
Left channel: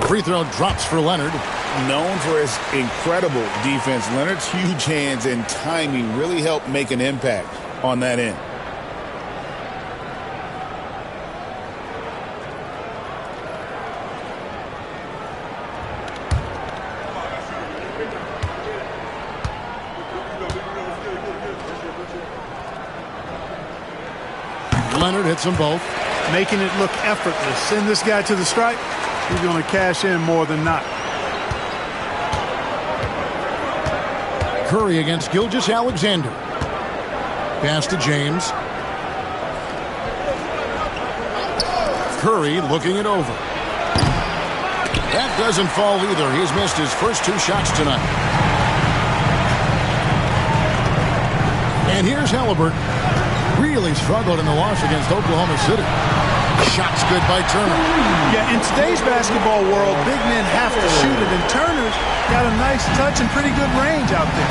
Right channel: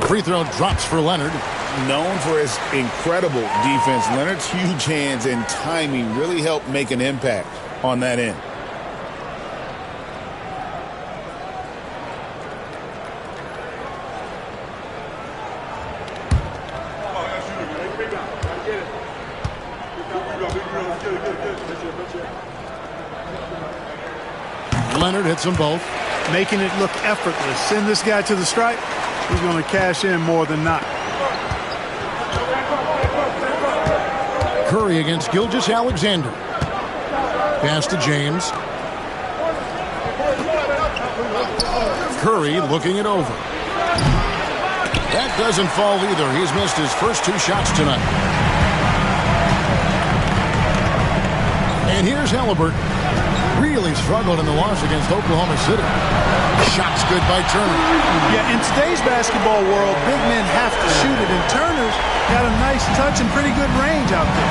Free throw drops for Leonard. Known for his incredible defense, Leonard's huge hands and timing really helped make an impact on that end. Leonard hits them both. Making it look effortless. Send this guy to the stripe. He's going to cash in more than not. Curry against Gilgeous-Alexander. Pass to James. Curry looking it over. That doesn't fall either. He's missed his first 2 shots tonight. And here's Halliburton. Really struggled in the loss against Oklahoma City. Shots good by Turner. Yeah, in today's basketball world, big men have to shoot it, and Turner's got a nice touch and pretty good range out there.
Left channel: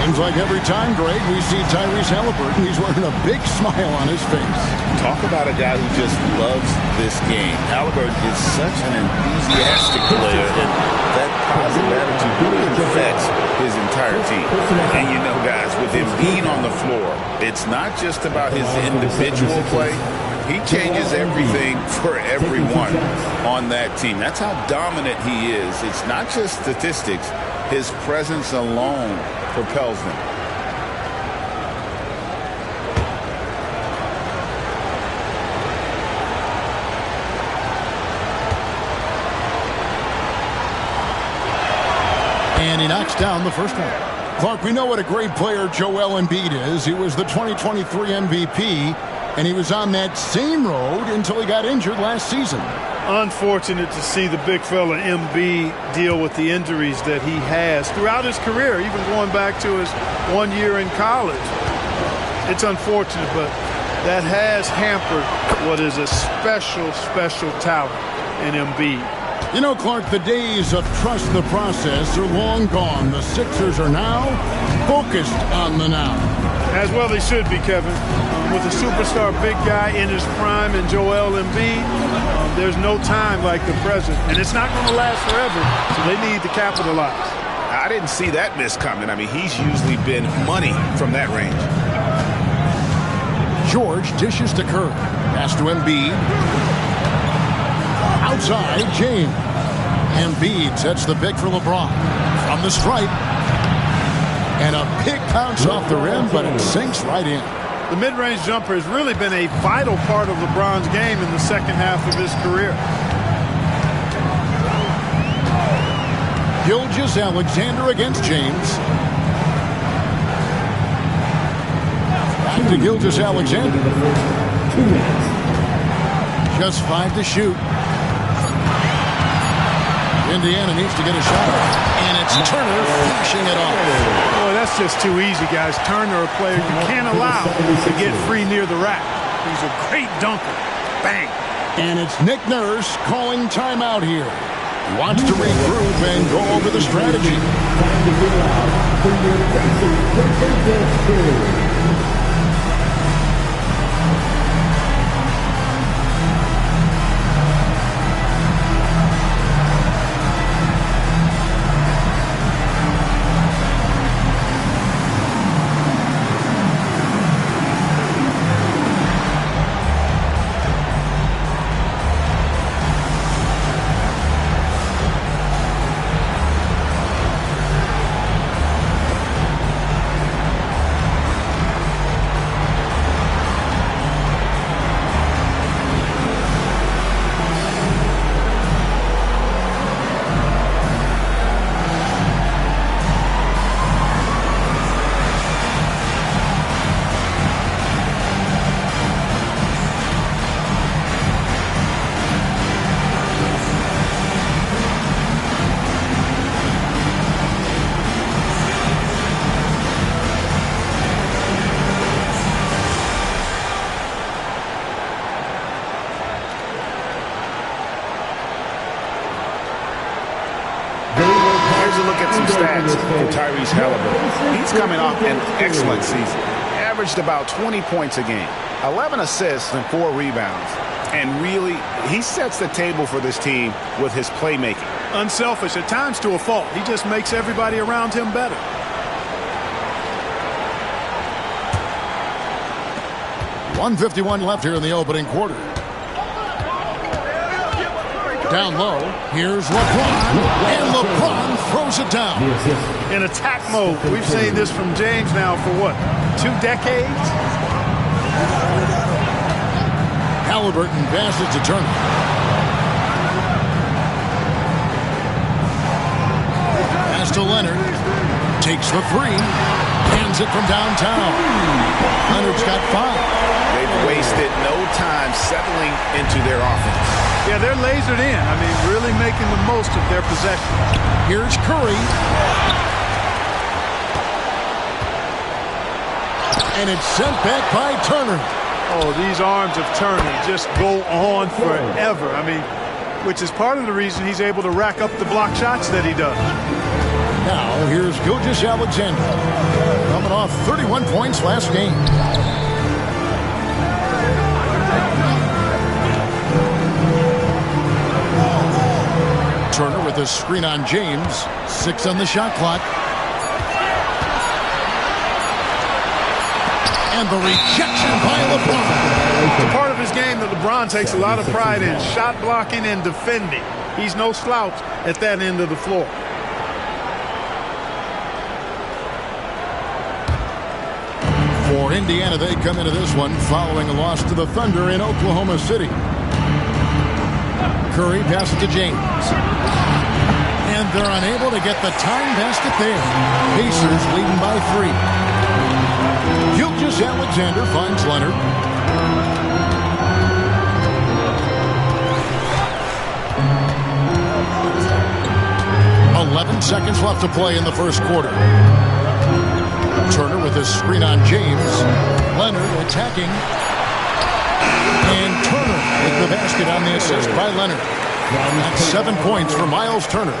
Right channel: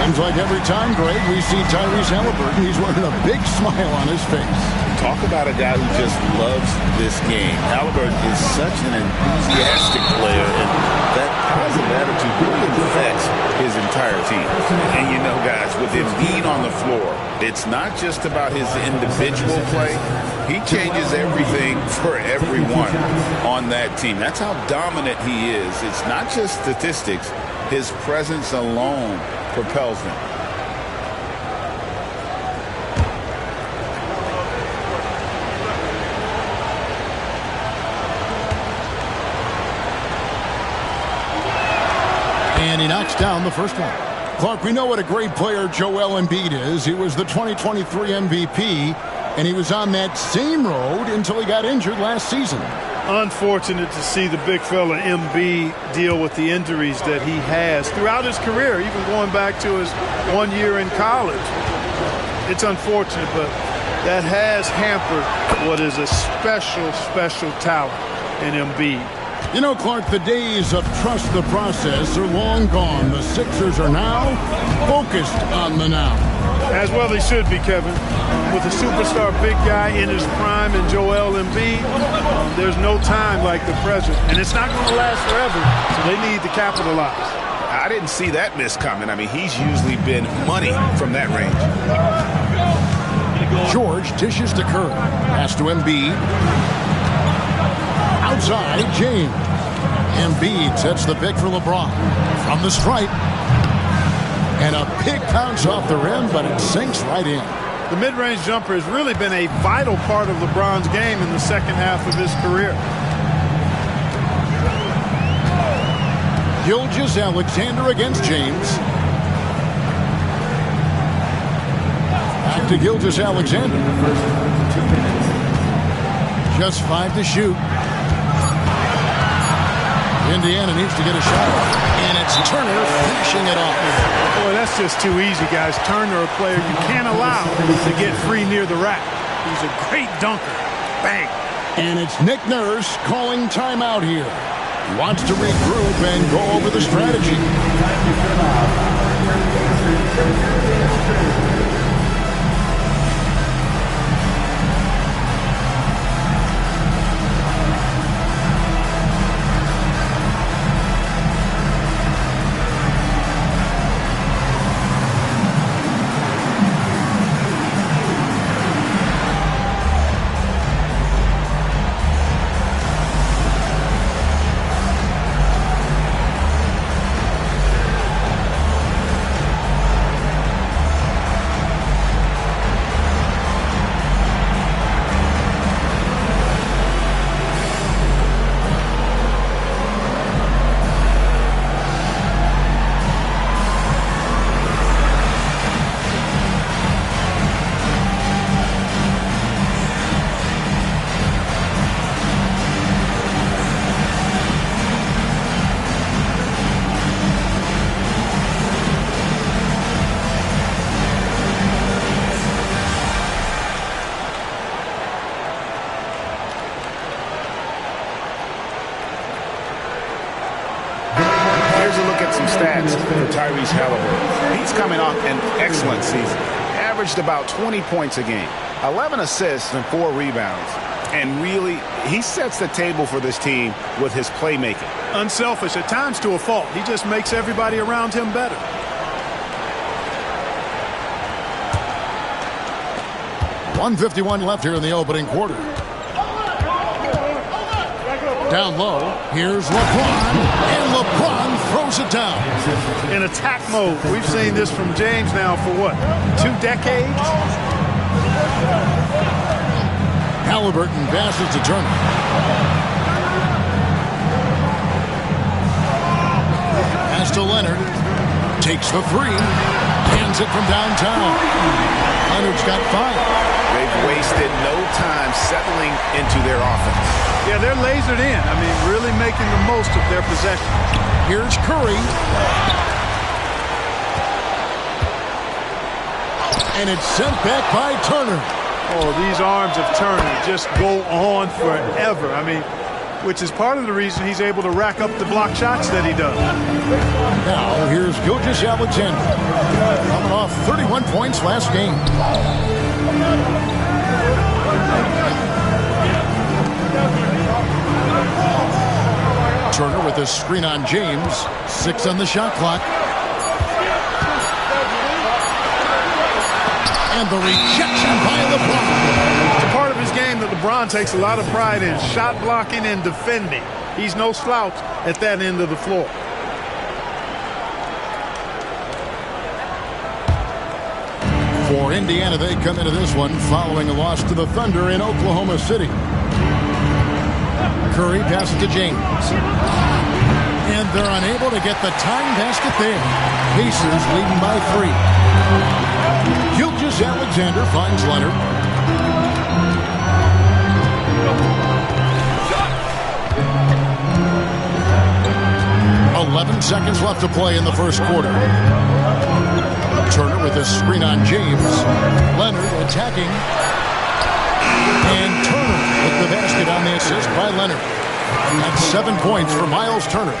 Seems like every time, Greg, we see Tyrese Halliburton, he's wearing a big smile on his face. Talk about a guy who just loves this game. Halliburton is such an enthusiastic player, and that positive attitude really affects his entire team. And you know, guys, with Embiid on the floor, it's not just about his individual play. He changes everything for everyone on that team. That's how dominant he is. It's not just statistics. His presence alone propels them. And he knocks down the first one. Clark, we know what a great player Joel Embiid is. He was the 2023 MVP. And he was on that same road until he got injured last season. Unfortunate to see the big fella Embiid deal with the injuries that he has throughout his career, even going back to his 1 year in college. It's unfortunate, but that has hampered what is a special, special talent in Embiid. You know, Clark, the days of trust the process are long gone. The Sixers are now focused on the now. As well they should be, Kevin. With a superstar big guy in his prime and Joel Embiid, there's no time like the present. And it's not going to last forever, so they need to capitalize. I didn't see that miss coming. I mean, he's usually been money from that range. George dishes to Curry. Pass to Embiid. Outside, James. Embiid sets the pick for LeBron. From the stripe. And a big bounce off the rim, but it sinks right in. The mid-range jumper has really been a vital part of LeBron's game in the second half of his career. Gilgeous-Alexander against James. Back to Gilgeous-Alexander. Just 5 to shoot. Indiana needs to get a shot off. And it's Turner finishing it off. Boy, that's just too easy, guys. Turner, a player you can't allow to get free near the rack. He's a great dunker. Bang. And it's Nick Nurse calling timeout here. He wants to regroup and go over the strategy. some stats for Tyrese Halliburton. He's coming off an excellent season. Averaged about 20 points a game, 11 assists and 4 rebounds. And really, he sets the table for this team with his playmaking. Unselfish, at times to a fault. He just makes everybody around him better. .151 left here in the opening quarter. Down low, here's LeBron, and LeBron throws it down. In attack mode. We've seen this from James now for what, 2 decades? Halliburton passes to Turner. Pass to Leonard. Takes the 3. Hands it from downtown. Leonard's got 5. They've wasted no time settling into their offense. Yeah, they're lasered in. I mean, really making the most of their possession. Here's Curry. And it's sent back by Turner. Oh, these arms of Turner just go on forever. I mean, which is part of the reason he's able to rack up the block shots that he does. Now, here's Gilgeous-Alexander. Coming off 31 points last game. Turner with a screen on James. 6 on the shot clock. And the rejection by LeBron. It's a part of his game that LeBron takes a lot of pride in. Shot blocking and defending. He's no slouch at that end of the floor. For Indiana, they come into this one following a loss to the Thunder in Oklahoma City. Curry passes to James. And they're unable to get the tying basket there. Pacers leading by 3. Gilgeous-Alexander finds Leonard. .11 seconds left to play in the first quarter. Turner with a screen on James. Leonard attacking. And Turner with the basket on the assist by Leonard. That's 7 points for Miles Turner.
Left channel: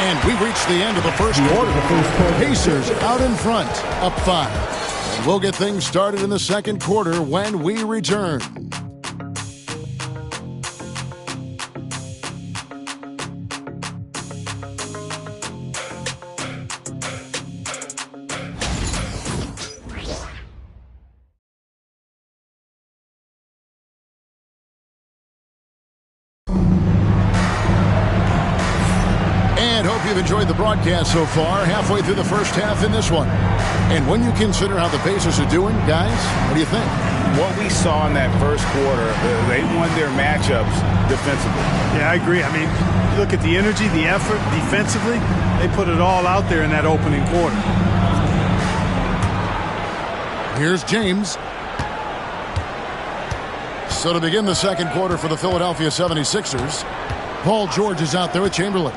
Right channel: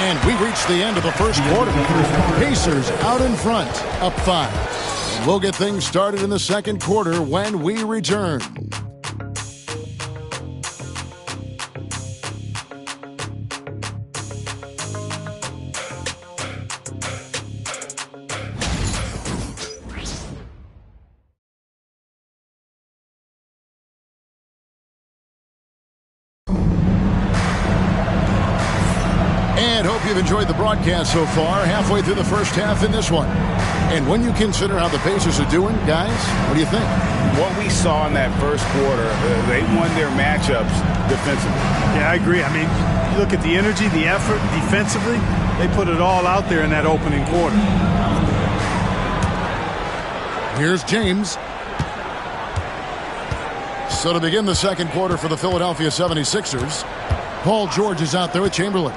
And we reach the end of the first quarter. Pacers out in front, up 5. And we'll get things started in the second quarter when we return. And hope you've enjoyed the broadcast so far, halfway through the first half in this one. And when you consider how the Pacers are doing, guys, what do you think? What we saw in that first quarter, they won their matchups defensively. Yeah, I agree. I mean, you look at the energy, the effort defensively, they put it all out there in that opening quarter. Here's James. So to begin the second quarter for the Philadelphia 76ers, Paul George is out there with Chamberlain.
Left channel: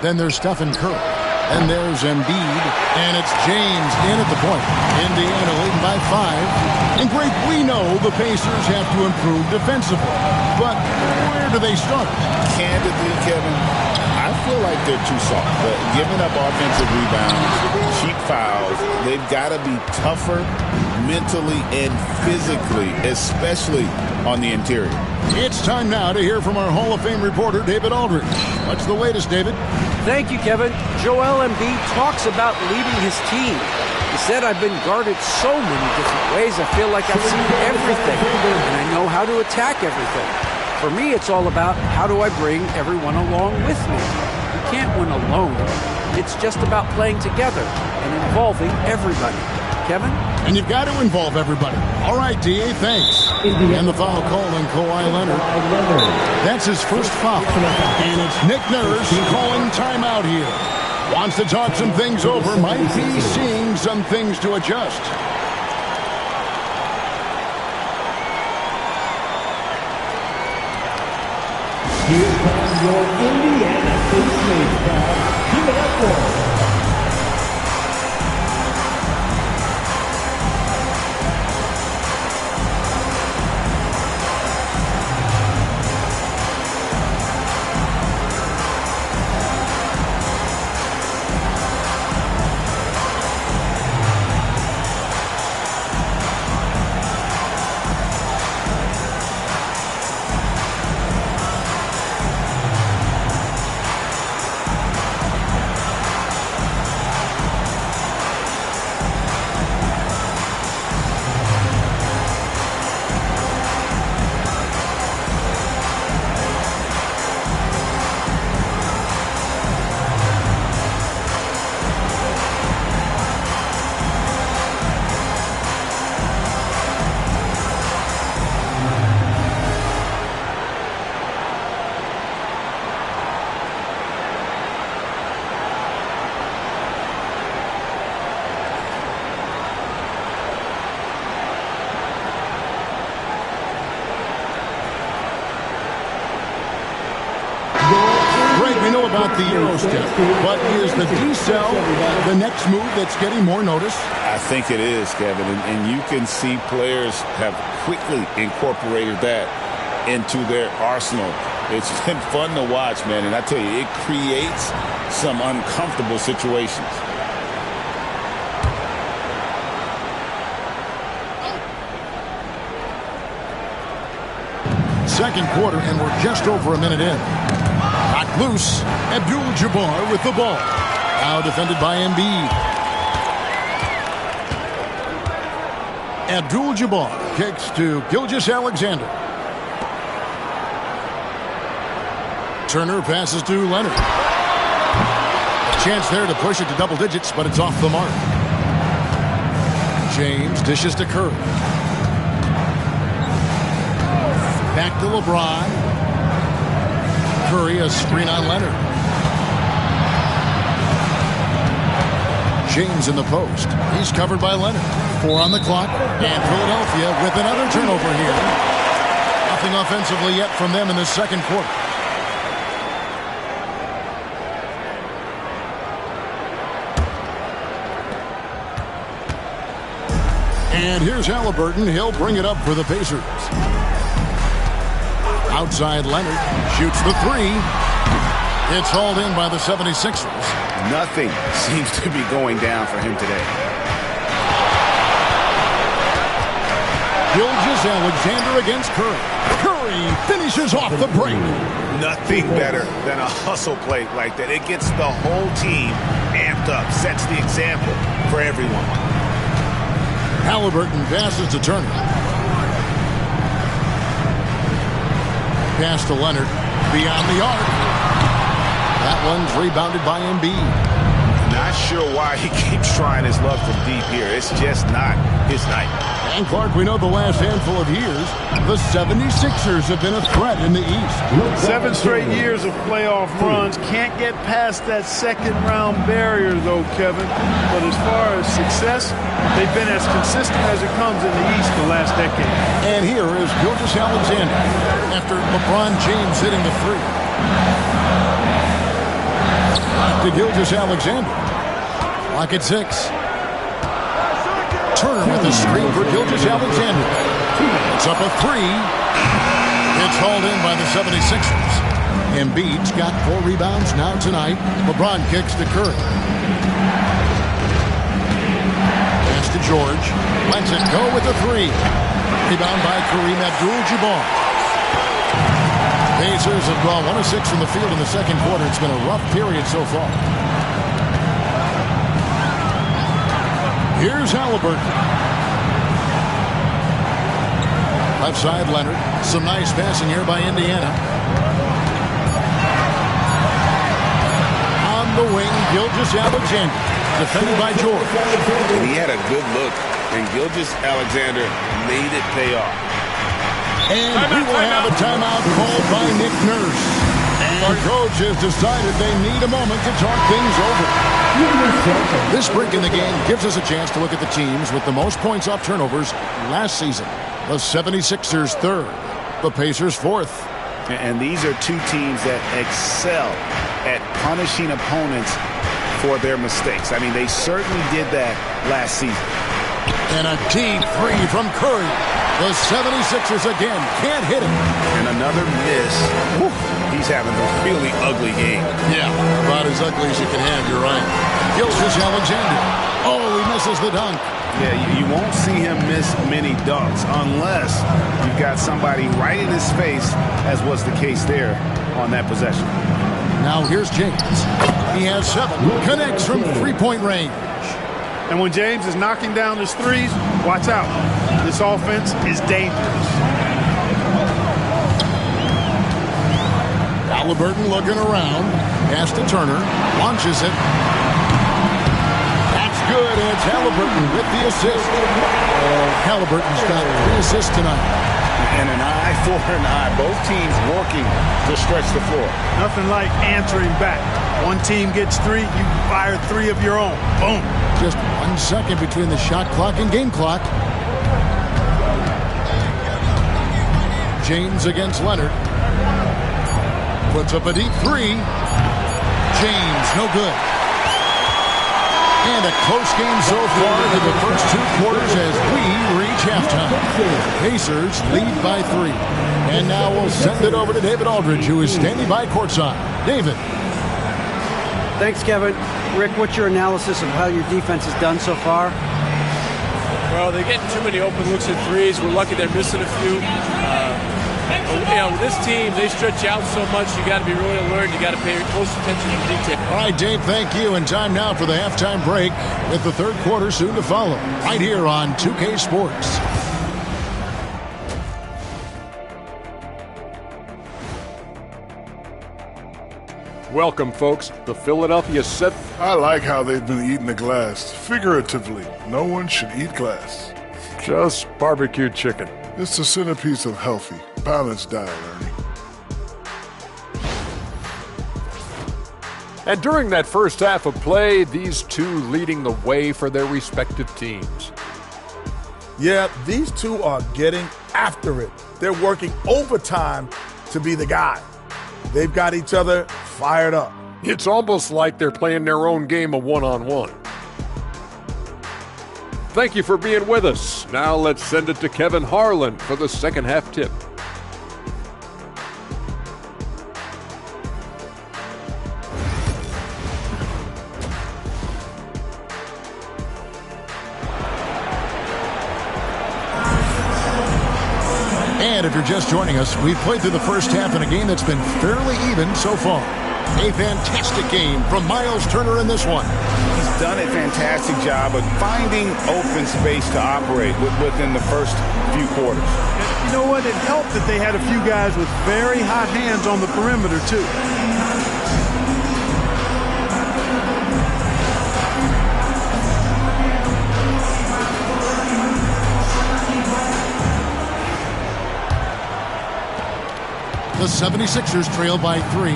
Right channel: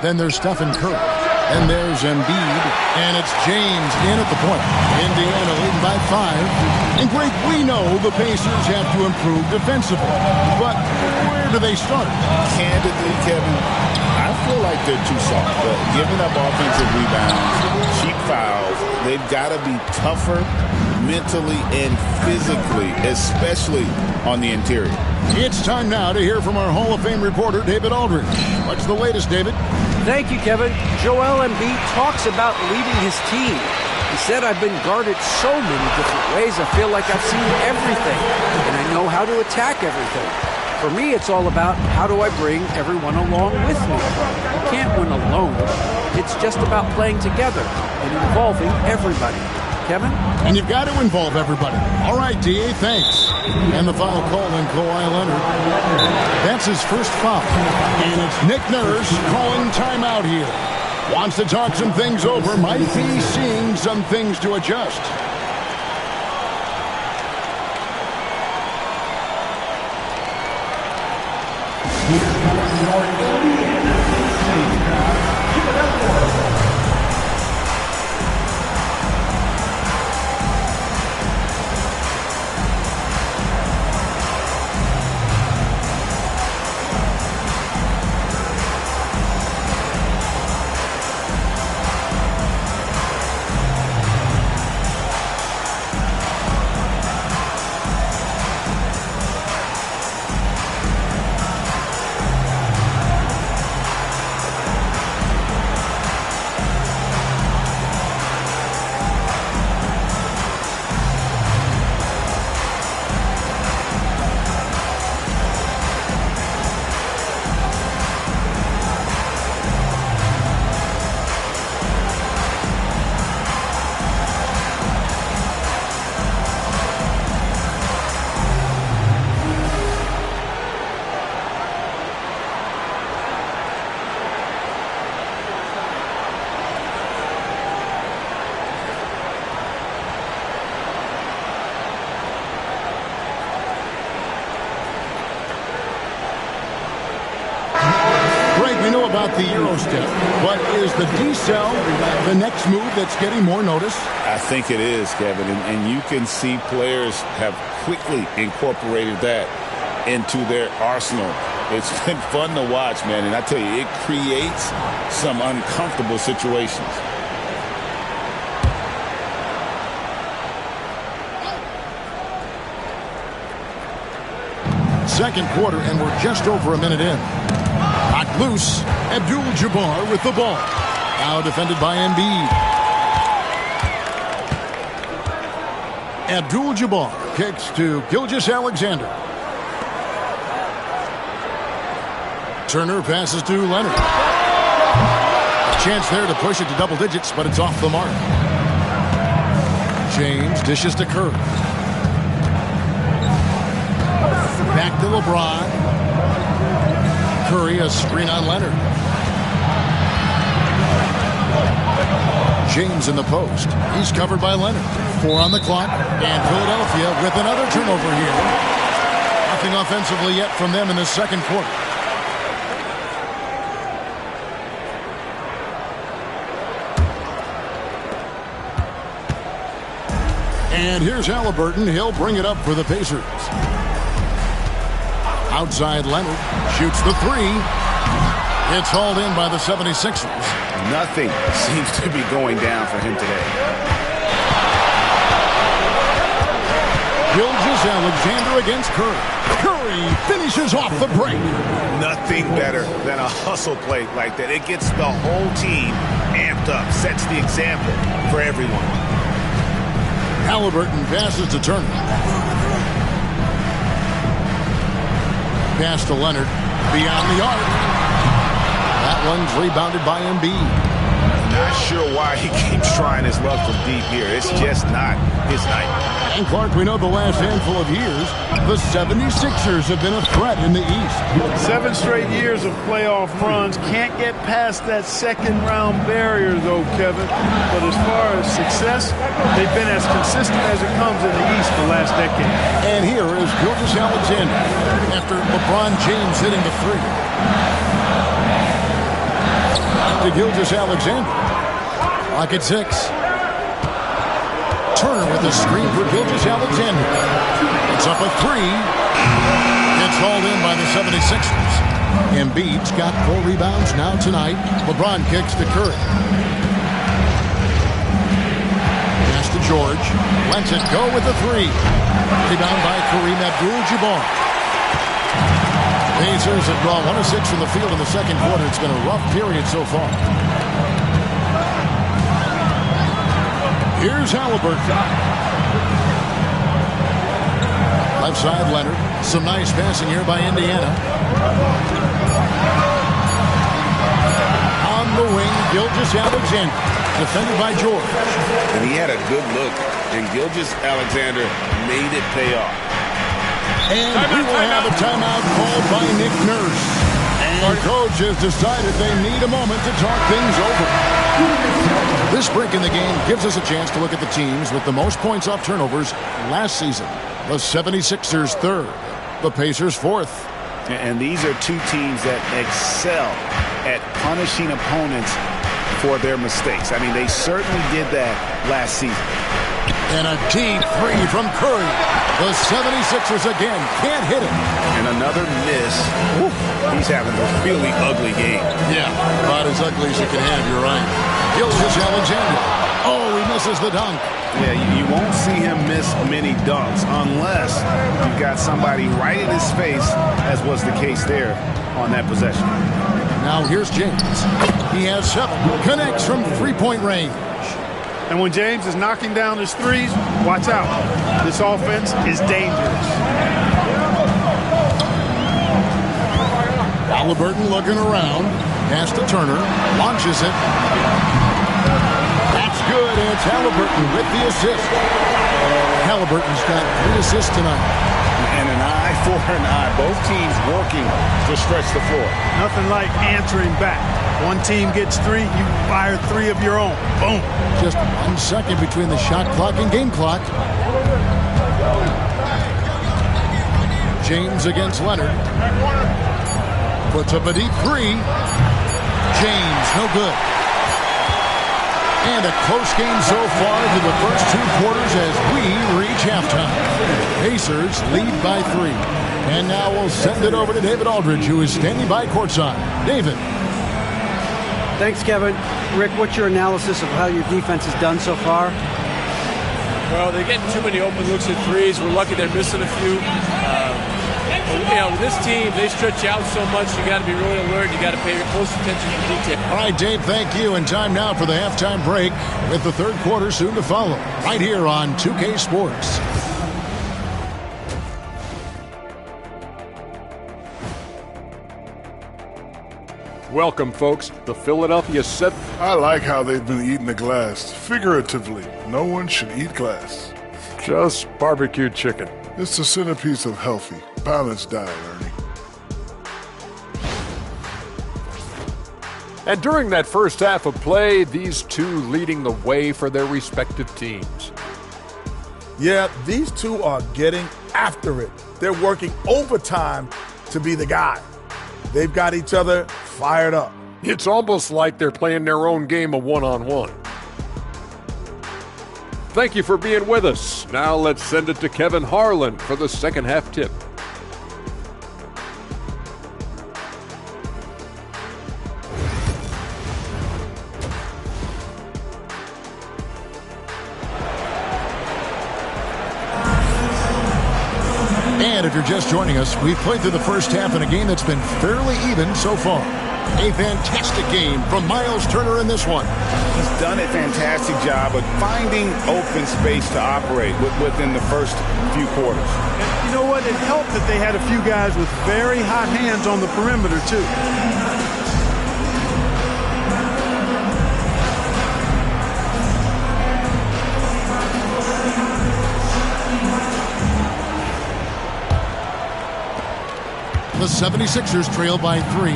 Then there's Stephen Curry. And there's Embiid. And it's James in at the point. Indiana leading by 5. And Greg, we know the Pacers have to improve defensively. But where do they start? Candidly, Kevin, I feel like they're too soft. Giving up offensive rebounds, cheap fouls, they've got to be tougher mentally and physically, especially on the interior. It's time now to hear from our Hall of Fame reporter, David Aldridge. What's the latest, David? Thank you, Kevin. Joel Embiid talks about leading his team. He said, I've been guarded so many different ways, I feel like I've seen everything, and I know how to attack everything. For me, it's all about how do I bring everyone along with me. You can't win alone. It's just about playing together and involving everybody. Kevin? And you've got to involve everybody. All right, D.A., thanks. And the foul called on Kawhi Leonard. That's his first foul. And it's Nick Nurse calling timeout here. Wants to talk some things over. Might be seeing some things to adjust. Here comes your Indiana Pacers crowd. Give it up for them. know about the Euro step, but is the decel the next move that's getting more notice? I think it is, Kevin, and you can see players have quickly incorporated that into their arsenal. It's been fun to watch, man, and I tell you, it creates some uncomfortable situations. Second quarter, and we're just over a minute in. Knocked loose. Abdul-Jabbar with the ball. Now defended by Embiid. Abdul-Jabbar kicks to Gilgeous-Alexander. Turner passes to Leonard. A chance there to push it to double digits, but it's off the mark. James dishes to Curry. Back to LeBron. Curry, a screen on Leonard. James in the post. He's covered by Leonard. 4 on the clock. And Philadelphia with another turnover here. Nothing offensively yet from them in the second quarter. And here's Halliburton. He'll bring it up for the Pacers. Outside Leonard shoots the three. It's hauled in by the 76ers. Nothing seems to be going down for him today. Gilgeous-Alexander against Curry. Curry finishes off the break. Nothing better than a hustle play like that. It gets the whole team amped up, sets the example for everyone. Halliburton passes to Turner. Pass to Leonard. Beyond the arc. That one's rebounded by Embiid. Not sure why he keeps trying his luck from deep here. It's just not his night. And Clark, we know the last handful of years, the 76ers have been a threat in the East. 7 straight years of playoff runs. Can't get past that second round barrier, though, Kevin. But as far as success, they've been as consistent as it comes in the East the last decade. And here is Gilgeous-Alexander after LeBron James hitting the three. To Gilgeous-Alexander. Clock at 6. Turner with a screen for Gilgeous-Alexander. It's up a three. It's hauled in by the 76ers. Embiid's got 4 rebounds now tonight. LeBron kicks to Curry. Pass to George. Lets it go with the three. Rebound by Kareem Abdul-Jabbar. Pacers have gone 1 of 6 from the field in the second quarter. It's been a rough period so far. Here's Halliburton. Left side, Leonard. Some nice passing here by Indiana. On the wing, Gilgeous-Alexander. Defended by George. And he had a good look, and Gilgeous-Alexander made it pay off. And we will have a timeout called by Nick Nurse. And our coach has decided they need a moment to talk things over. This break in the game gives us a chance to look at the teams with the most points off turnovers last season. The 76ers 3rd, the Pacers 4th. And these are two teams that excel at punishing opponents for their mistakes. I mean, they certainly did that last season. And a deep three from Curry. The 76ers again can't hit it. And another miss. Woo. He's having a really ugly game. Yeah, about as ugly as you can have, you're right. Gilgeous-Alexander. Oh, he misses the dunk. Yeah, you won't see him miss many dunks unless you've got somebody right in his face, as was the case there on that possession. Now here's James. He has 7. Connects from three-point range. And when James is knocking down his threes, watch out. This offense is dangerous. Halliburton looking around. Pass to Turner. Launches it. That's good. And it's Halliburton with the assist. Halliburton's got 3 assists tonight. And an eye for an eye. Both teams working to stretch the floor. Nothing like answering back. One team gets 3, you fire 3 of your own. Boom. Just 1 second between the shot clock and game clock. James against Leonard. Puts up a deep 3. James, no good. And a close game so far to the first 2 quarters as we reach halftime. Pacers lead by 3. And now we'll send it over to David Aldridge, who is standing by courtside. David. Thanks, Kevin. Rick, what's your analysis of how your defense has done so far? Well, they're getting too many open looks at threes. We're lucky they're missing a few. With this team, they stretch out so much. You got to be really alert. You got to pay close attention to detail. All right, Dave, thank you. And time now for the halftime break with the third quarter soon to follow. Right here on 2K Sports. Welcome, folks. The Philadelphia 7. I like how they've been eating the glass. Figuratively, no one should eat glass. Just barbecued chicken. It's the centerpiece of healthy, balanced diet, Ernie. And during that first half of play, these two leading the way for their respective teams. Yeah, these two are getting after it. They're working overtime to be the guy. They've got each other fired up. It's almost like they're playing their own game of one-on-one. Thank you for being with us. Now let's send it to Kevin Harlan for the second half tip. And if you're just joining us, we've played through the first half in a game that's been fairly even so far. A fantastic game from Miles Turner in this one. He's done a fantastic job of finding open space to operate within the first few quarters. And you know what? It helped that they had a few guys with very hot hands on the perimeter, too. The 76ers trail by 3.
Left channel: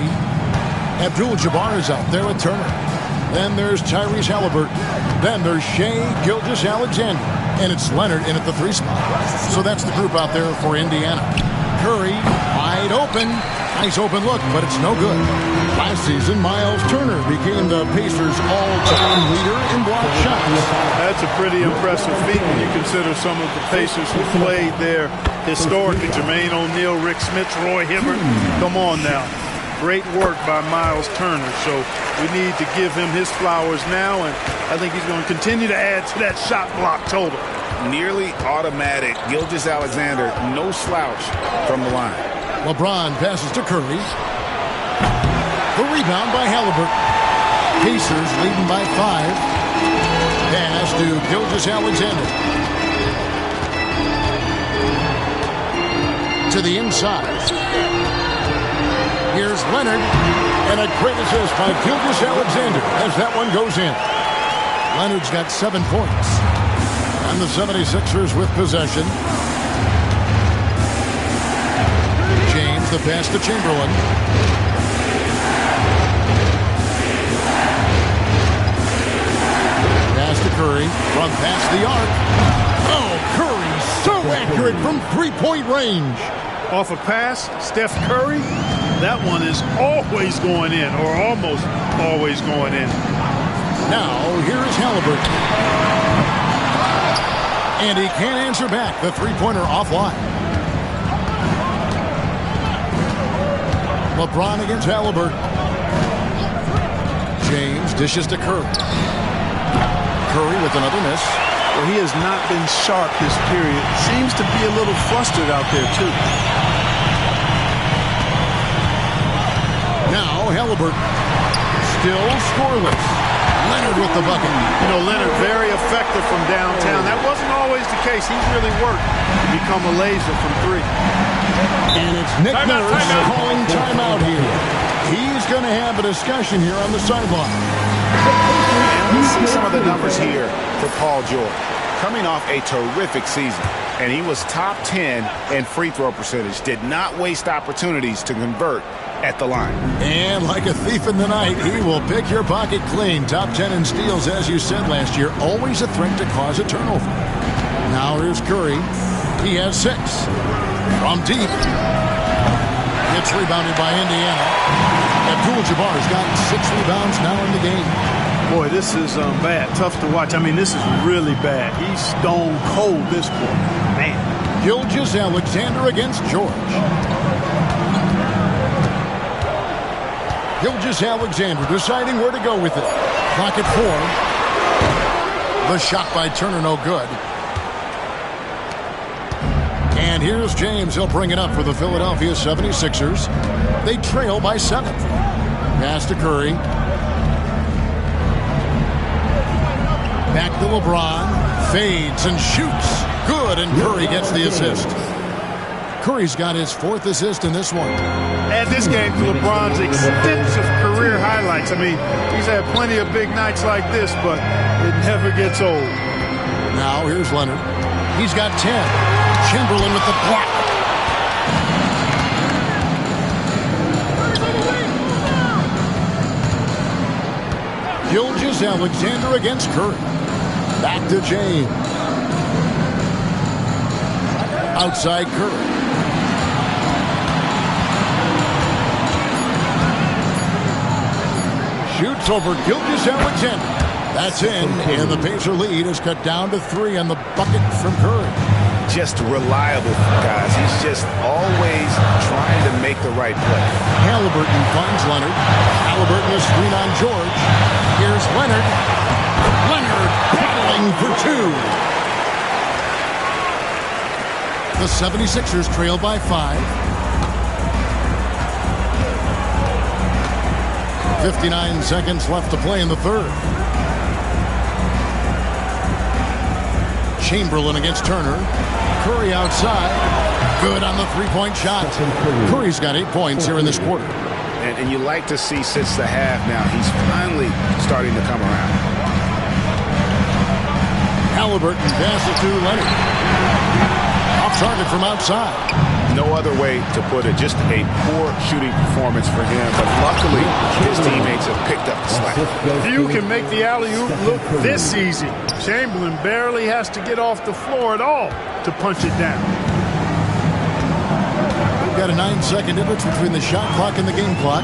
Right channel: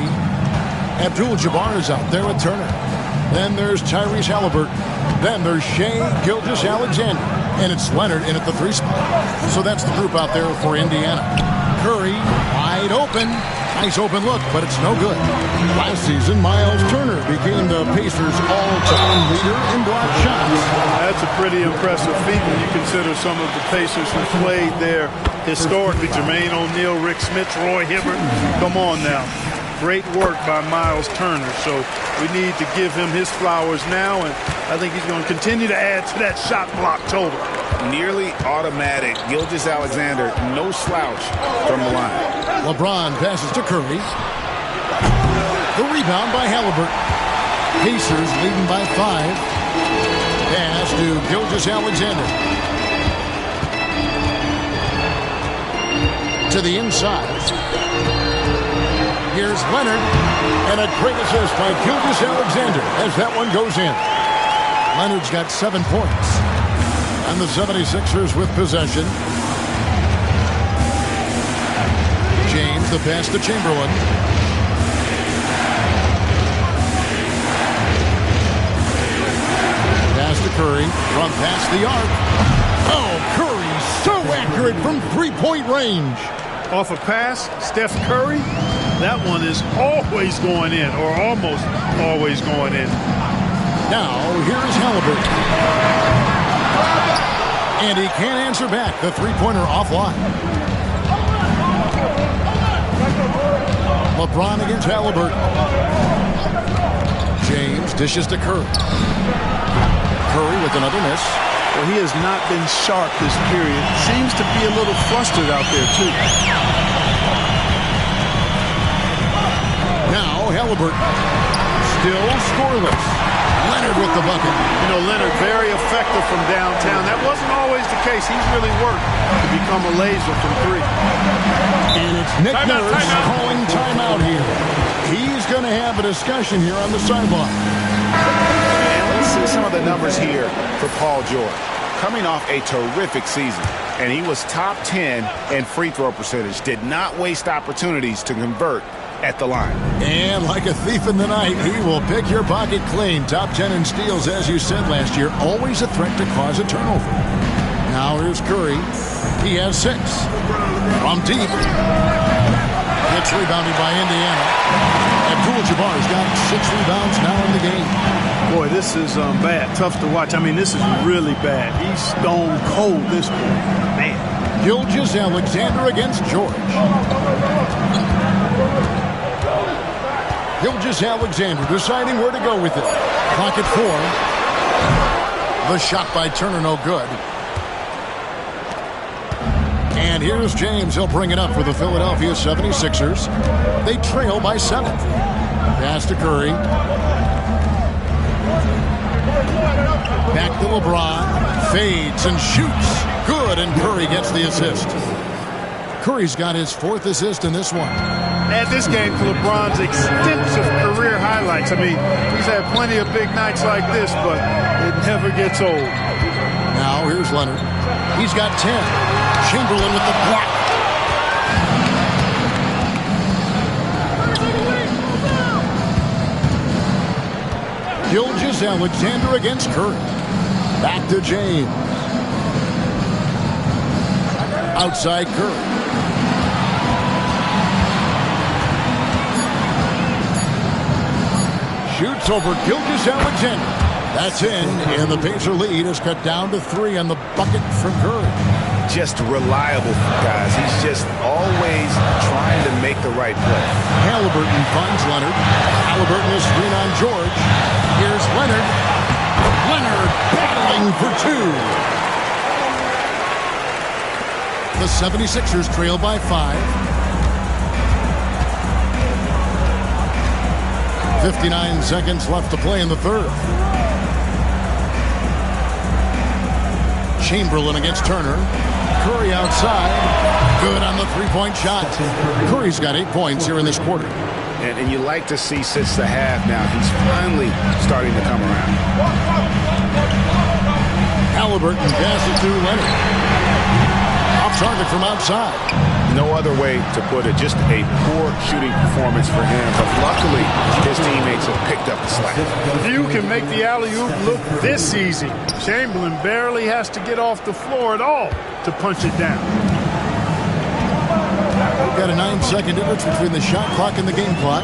Abdul-Jabbar is out there with Turner. Then there's Tyrese Halliburton. Then there's Shai Gilgeous-Alexander. And it's Leonard in at the 3 spot. So that's the group out there for Indiana. Curry, wide open. Nice open look, but it's no good. Last season, Miles Turner became the Pacers' all-time leader in block shots. That's a pretty impressive feat when you consider some of the Pacers who played there historically. Jermaine O'Neal, Rick Smits, Roy Hibbert. Come on now. Great work by Miles Turner. So we need to give him his flowers now, and I think he's going to continue to add to that shot block total. Nearly automatic. Gilgeous-Alexander, no slouch from the line. LeBron passes to Curry. The rebound by Halliburton. Pacers leading by 5. Pass to Gilgeous-Alexander. To the inside. Here's Leonard. And a great assist by Gilgeous-Alexander as that one goes in. Leonard's got 7 points. And the 76ers with possession. James, the pass to Chamberlain. Pass to Curry from past the arc. Oh, Curry so accurate from three-point range. Off a pass, Steph Curry, that one is always going in, or almost always going in. Now, here is Halliburton. And he can't answer back. The three-pointer offline. LeBron against Halliburton. James dishes to Curry. Curry with another miss. Well, he has not been sharp this period. Seems to be a little flustered out there, too. Now, Halliburton. Still scoreless. Leonard with the bucket. You know, Leonard very effective from downtown. That wasn't always the case. He's really worked to become a laser from 3. And it's Nick Nurse calling timeout here. He's going to have a discussion here on the sideline. And let's see some of the numbers here for Paul George. Coming off a terrific season, and he was top 10 in free throw percentage. Did not waste opportunities to convert at the line. And like a thief in the night, he will pick your pocket clean. Top 10 in steals, as you said last year. Always a threat to cause a turnover. Now here's Curry. He has 6. From deep. It's rebounded by Indiana. Abdul-Jabbar's got 6 rebounds now in the game. Boy, this is bad. Tough to watch. I mean, this is really bad. He's stone cold this quarter. Man. Gilgeous-Alexander against George. Gilgeous-Alexander deciding where to go with it. Clock at 4. The shot by Turner, no good. And here's James. He'll bring it up for the Philadelphia 76ers. They trail by 7. Pass to Curry. Back to LeBron. Fades and shoots. Good, and Curry gets the assist. Curry's got his 4th assist in this one. Add this game to LeBron's extensive career highlights. I mean, he's had plenty of big nights like this, but it never gets old. Now here's Leonard. He's got 10. Chamberlain with the block. Gilgeous-Alexander against Curry. Back to James. Outside Curry. Shoots over Gilgeous-Alexander. That's in, and the Pacer lead is cut down to 3 on the bucket from Curry. Just reliable, guys. He's just always trying to make the right play. Halliburton finds Leonard. Halliburton is screen on George. Here's Leonard. Leonard battling for 2. The 76ers trail by 5. 59 seconds left to play in the third. Chamberlain against Turner. Curry outside. Good on the three-point shot. Curry's got 8 points here in this quarter. And you like to see since the half now, he's finally starting to come around. Halliburton passes to Leonard. Off target from outside. No other way to put it. Just a poor shooting performance for him. But luckily, his teammates have picked up the slack. Few can make the alley-oop look this easy. Chamberlain barely has to get off the floor at all to punch it down. We've got a 9-second difference between the shot clock and the game clock.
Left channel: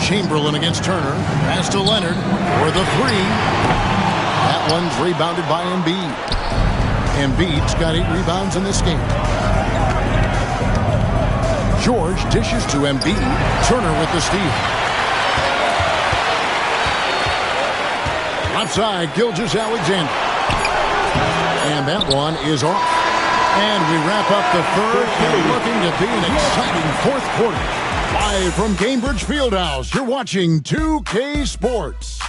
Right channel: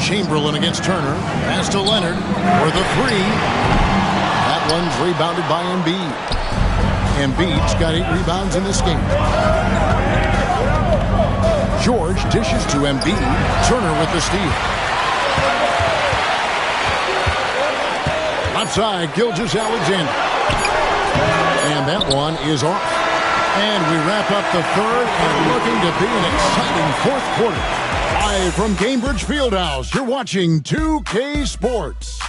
Chamberlain against Turner. Pass to Leonard for the 3. That one's rebounded by Embiid. Embiid's got 8 rebounds in this game. George dishes to Embiid. Turner with the steal. Outside, Gilgeous-Alexander. And that one is off. And we wrap up the third and looking to be an exciting fourth quarter. Live from Cambridge Fieldhouse, you're watching 2K Sports.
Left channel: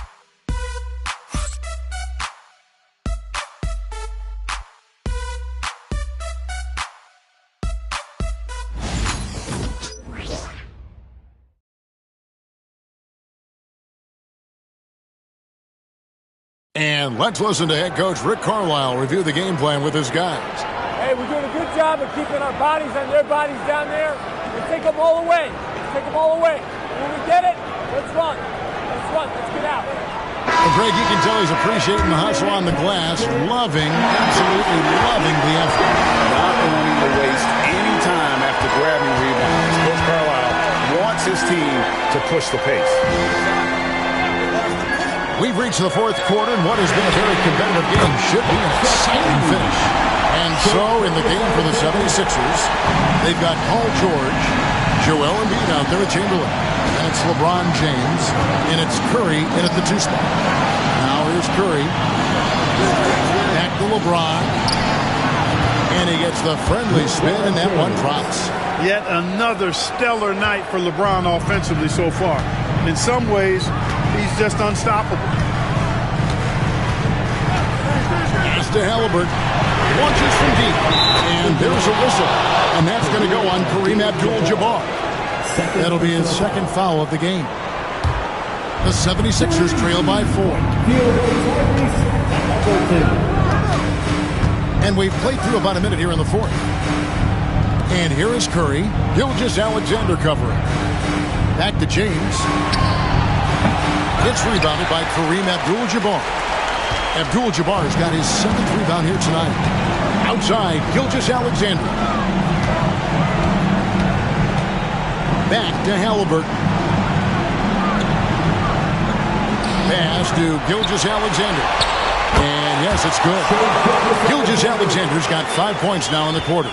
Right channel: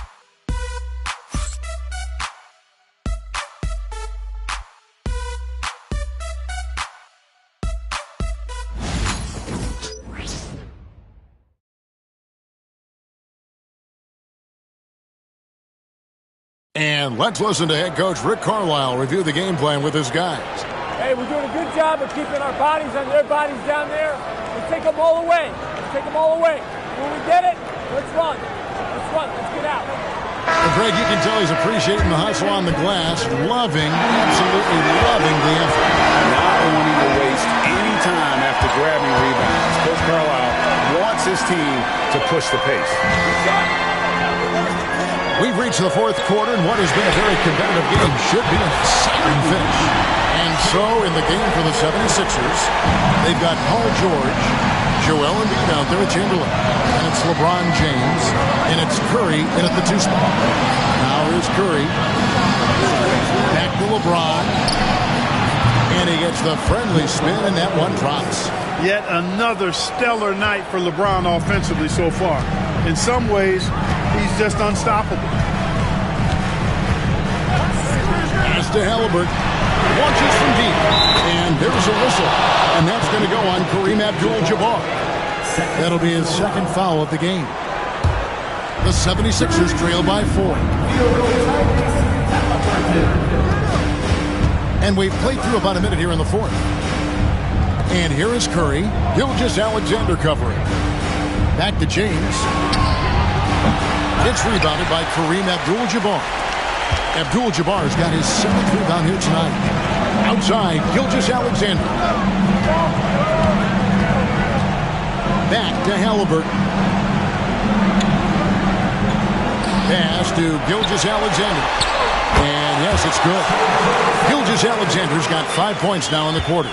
And let's listen to head coach Rick Carlisle review the game plan with his guys. Hey, we're doing a good job of keeping our bodies on their bodies down there. Let's take them all away. Let's take them all away. When we get it, let's run. Let's run. Let's get out. Well, Greg, you can tell he's appreciating the hustle on the glass. Absolutely loving the effort. Not wanting to waste any time after grabbing rebounds. Coach Carlisle wants his team to push the pace. We've reached the fourth quarter, and what has been a very competitive game should be an exciting finish. And so, in the game for the 76ers, they've got Paul George, Joel Embiid out there at Chamberlain. And it's LeBron James, and it's Curry in at the 2 spot. Now here's Curry. Back to LeBron. And he gets the friendly spin, and that one drops. Yet another stellar night for LeBron offensively so far. In some ways, he's just unstoppable. Pass to Halliburton. Launches from deep. And there's a whistle. And that's going to go on Kareem Abdul-Jabbar. That'll be his second foul of the game. The 76ers trail by 4. And we've played through about a minute here in the fourth. And here is Curry. Gilgeous-Alexander covering. Back to James. It's rebounded by Kareem Abdul-Jabbar. Abdul-Jabbar's got his 7th rebound here tonight. Outside, Gilgeous-Alexander. Back to Halliburton. Pass to Gilgeous-Alexander. And yes, it's good. Gilgeous-Alexander's got 5 points now in the quarter.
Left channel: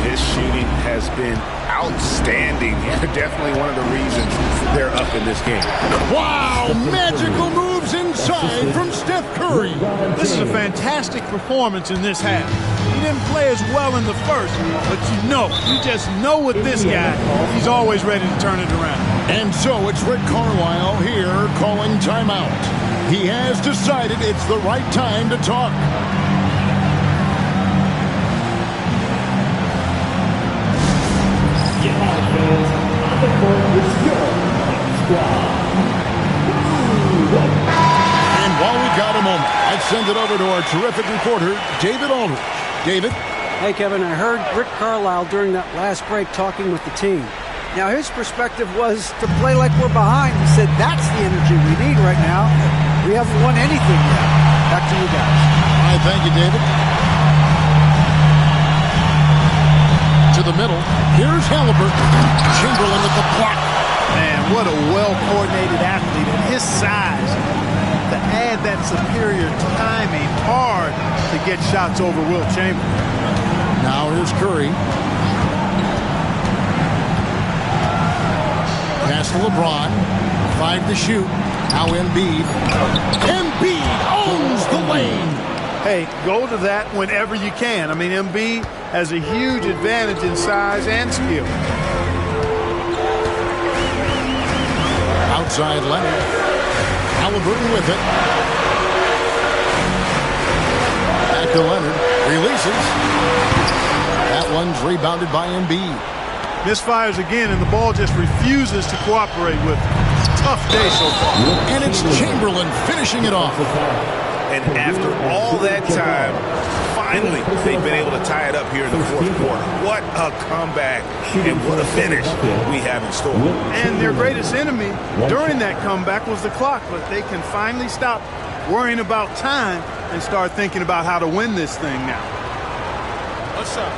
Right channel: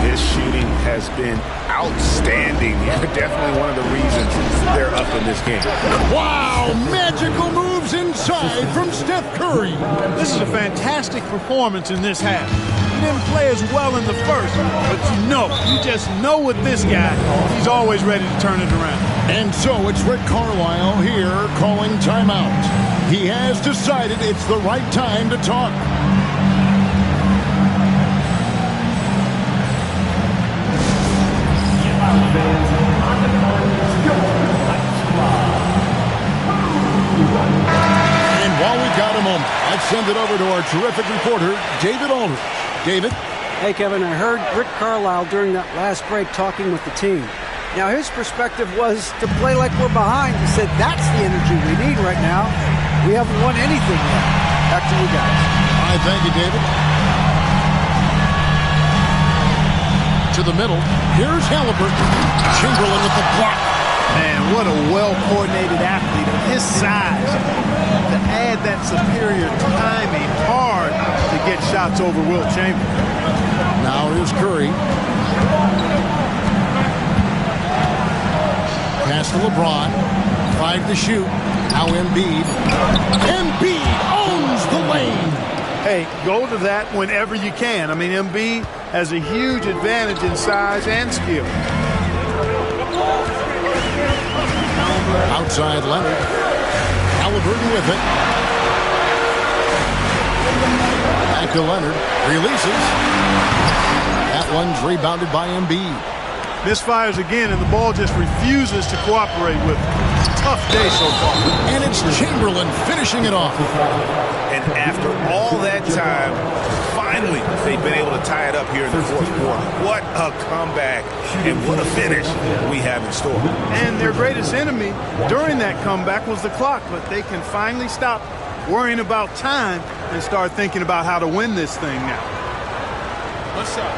His shooting has been outstanding. Definitely one of the reasons they're up in this game. Wow, magical moves inside from Steph Curry. This is a fantastic performance in this half. He didn't play as well in the first, but you just know with this guy, he's always ready to turn it around. And so it's Rick Carlisle here calling timeout. He has decided it's the right time to talk. And while we've got a moment, I'd send it over to our terrific reporter, David Aldridge. David? Hey, Kevin, I heard Rick Carlisle during that last break talking with the team. Now, his perspective was to play like we're behind. He said that's the energy we need right now. We haven't won anything yet. Back to you guys. All right, thank you, David. To the middle. Here's Halliburton. Chamberlain with the block. Man, what a well-coordinated athlete at his size. To add that superior timing, hard to get shots over Wilt Chamberlain. Now here's Curry. Pass to LeBron. 5 to shoot. Now Embiid. Embiid owns the lane. Hey, go to that whenever you can. I mean, Embiid has a huge advantage in size and skill. Outside Leonard. Halliburton with it. Back to Leonard. Releases. That one's rebounded by Embiid. Misfires again, and the ball just refuses to cooperate with him. It's a tough day so far. And it's Chamberlain finishing it off. And after all that time, finally, they've been able to tie it up here in the fourth quarter. What a comeback and what a finish we have in store. And their greatest enemy during that comeback was the clock, but they can finally stop worrying about time and start thinking about how to win this thing now. What's up?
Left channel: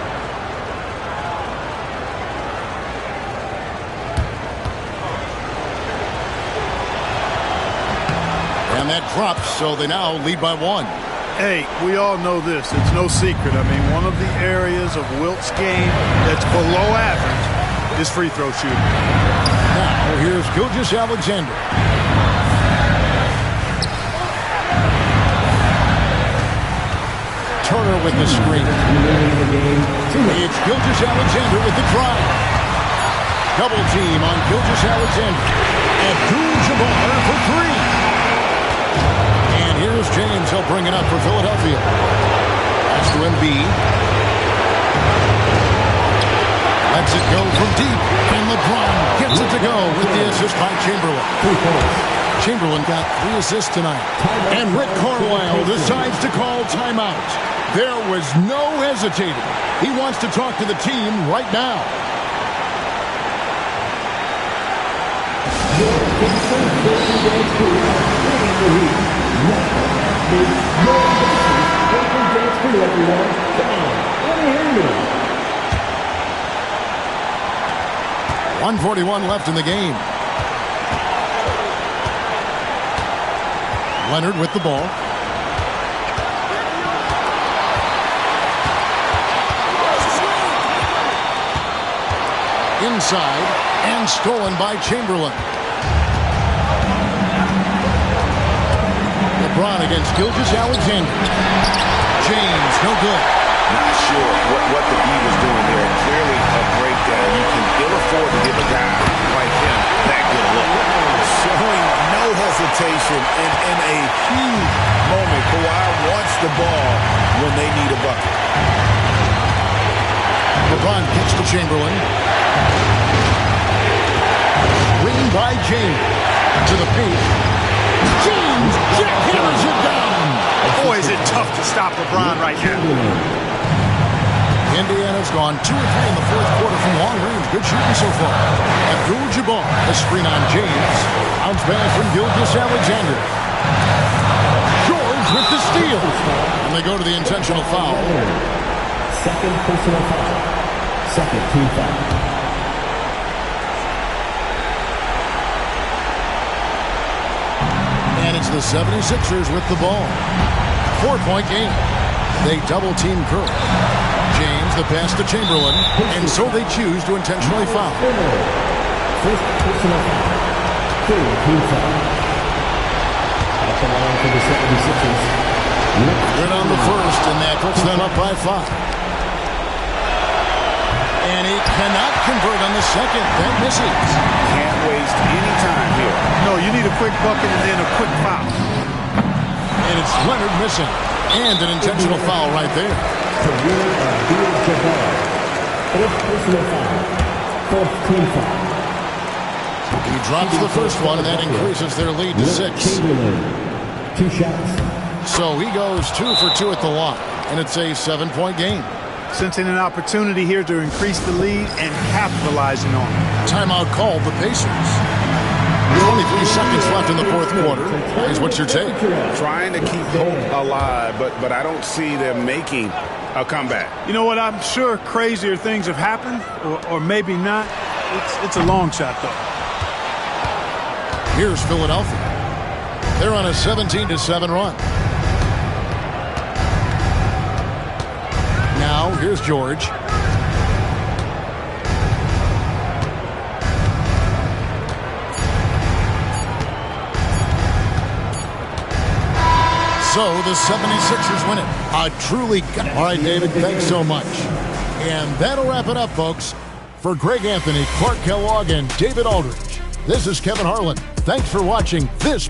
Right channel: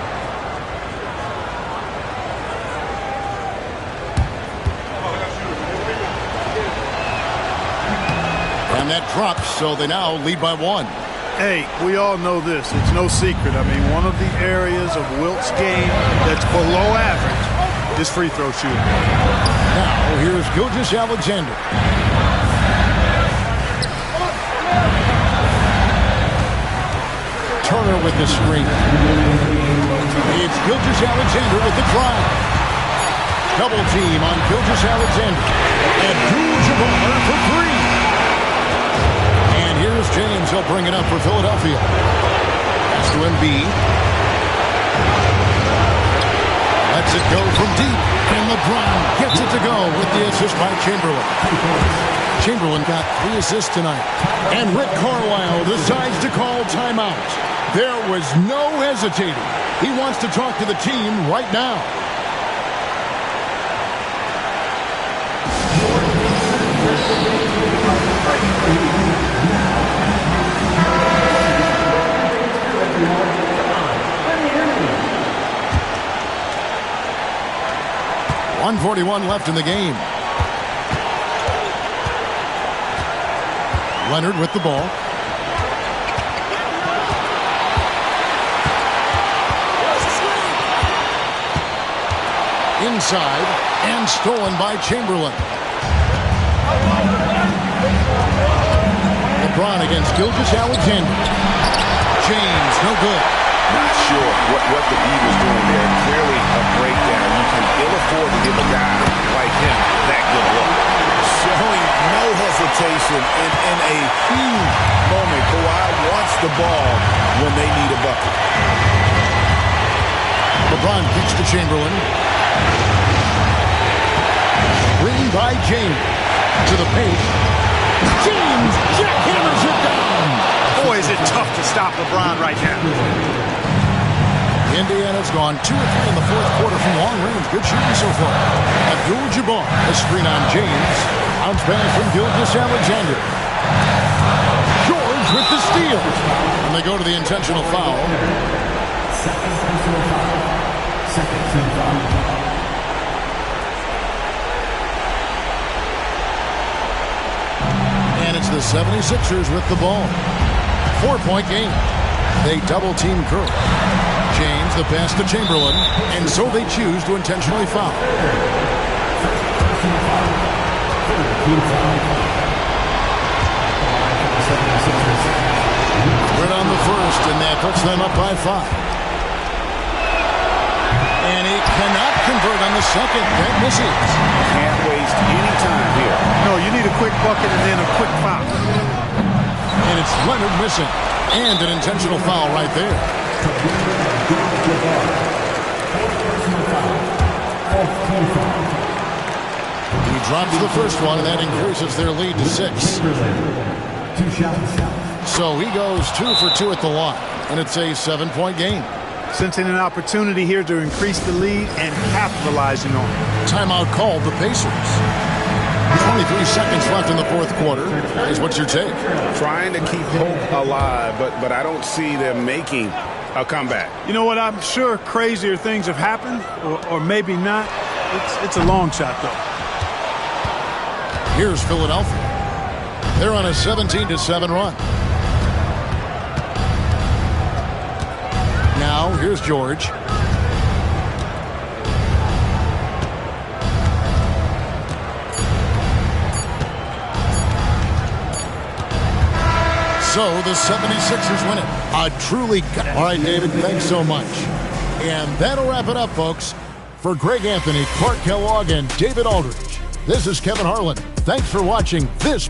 And that drops, so they now lead by 1. Hey, we all know this. It's no secret. I mean, one of the areas of Wilt's game that's below average is free throw shooting. Now, here's Gilgeous-Alexander. Turner with the screen. It's Gilgeous-Alexander with the drive. Double team on Gilgeous-Alexander. Abdul-Jabbar for 3. And here's James. He'll bring it up for Philadelphia. Pass to Embiid. Lets it go from deep. And LeBron gets it to go with the assist by Chamberlain. Chamberlain got 3 assists tonight. And Rick Carlisle decides to call timeout. There was no hesitating. He wants to talk to the team right now. .141 left in the game. Leonard with the ball. Inside and stolen by Chamberlain. LeBron against Gilgeous-Alexander. James, no good. Not sure what the D was doing there. Clearly a breakdown. You can ill afford to give a guy like him that good look. Showing no hesitation and in a huge moment. Kawhi wants the ball when they need a bucket. LeBron kicks to Chamberlain. Screen by James. To the paint. James jackhammers it down. Boy, is it tough to stop LeBron right now. Indiana's gone 2 or 3 in the fourth quarter from long range. Good shooting so far. Abdul-Jabbar, a screen on James. Bounce pass from Gilgeous-Alexander. George with the steal. And they go to the intentional foul. Second personal foul. Second team foul. And it's the 76ers with the ball. 4-point game. They double-team Curry. James, the pass to Chamberlain, and so they choose to intentionally foul. First personal foul. Third team foul. At the line for the 76ers. Good on the first, and that puts them up by 5. And he cannot convert on the second. That misses. Can't waste any time here. No, you need a quick bucket and then a quick foul. And it's Leonard missing. And an intentional foul right there. Fourth personal foul. Fourth team foul. He drops the first one, and that increases their lead to 6. 2 shots. So he goes 2 for 2 at the line, and it's a 7-point game. Sensing an opportunity here to increase the lead and capitalizing on it. Timeout called the Pacers. 23 seconds left in the fourth quarter. Guys, what's your take? Trying to keep hope alive, but I don't see them making a comeback. You know what? I'm sure crazier things have happened, or maybe not. It's a long shot, though. Here's Philadelphia. They're on a 17-7 run. Now, here's George. So the 76ers win it. All right, David, thanks so much. And that'll wrap it up, folks. For Greg Anthony, Clark Kellogg, and David Aldridge, this is Kevin Harlan. Thanks for watching this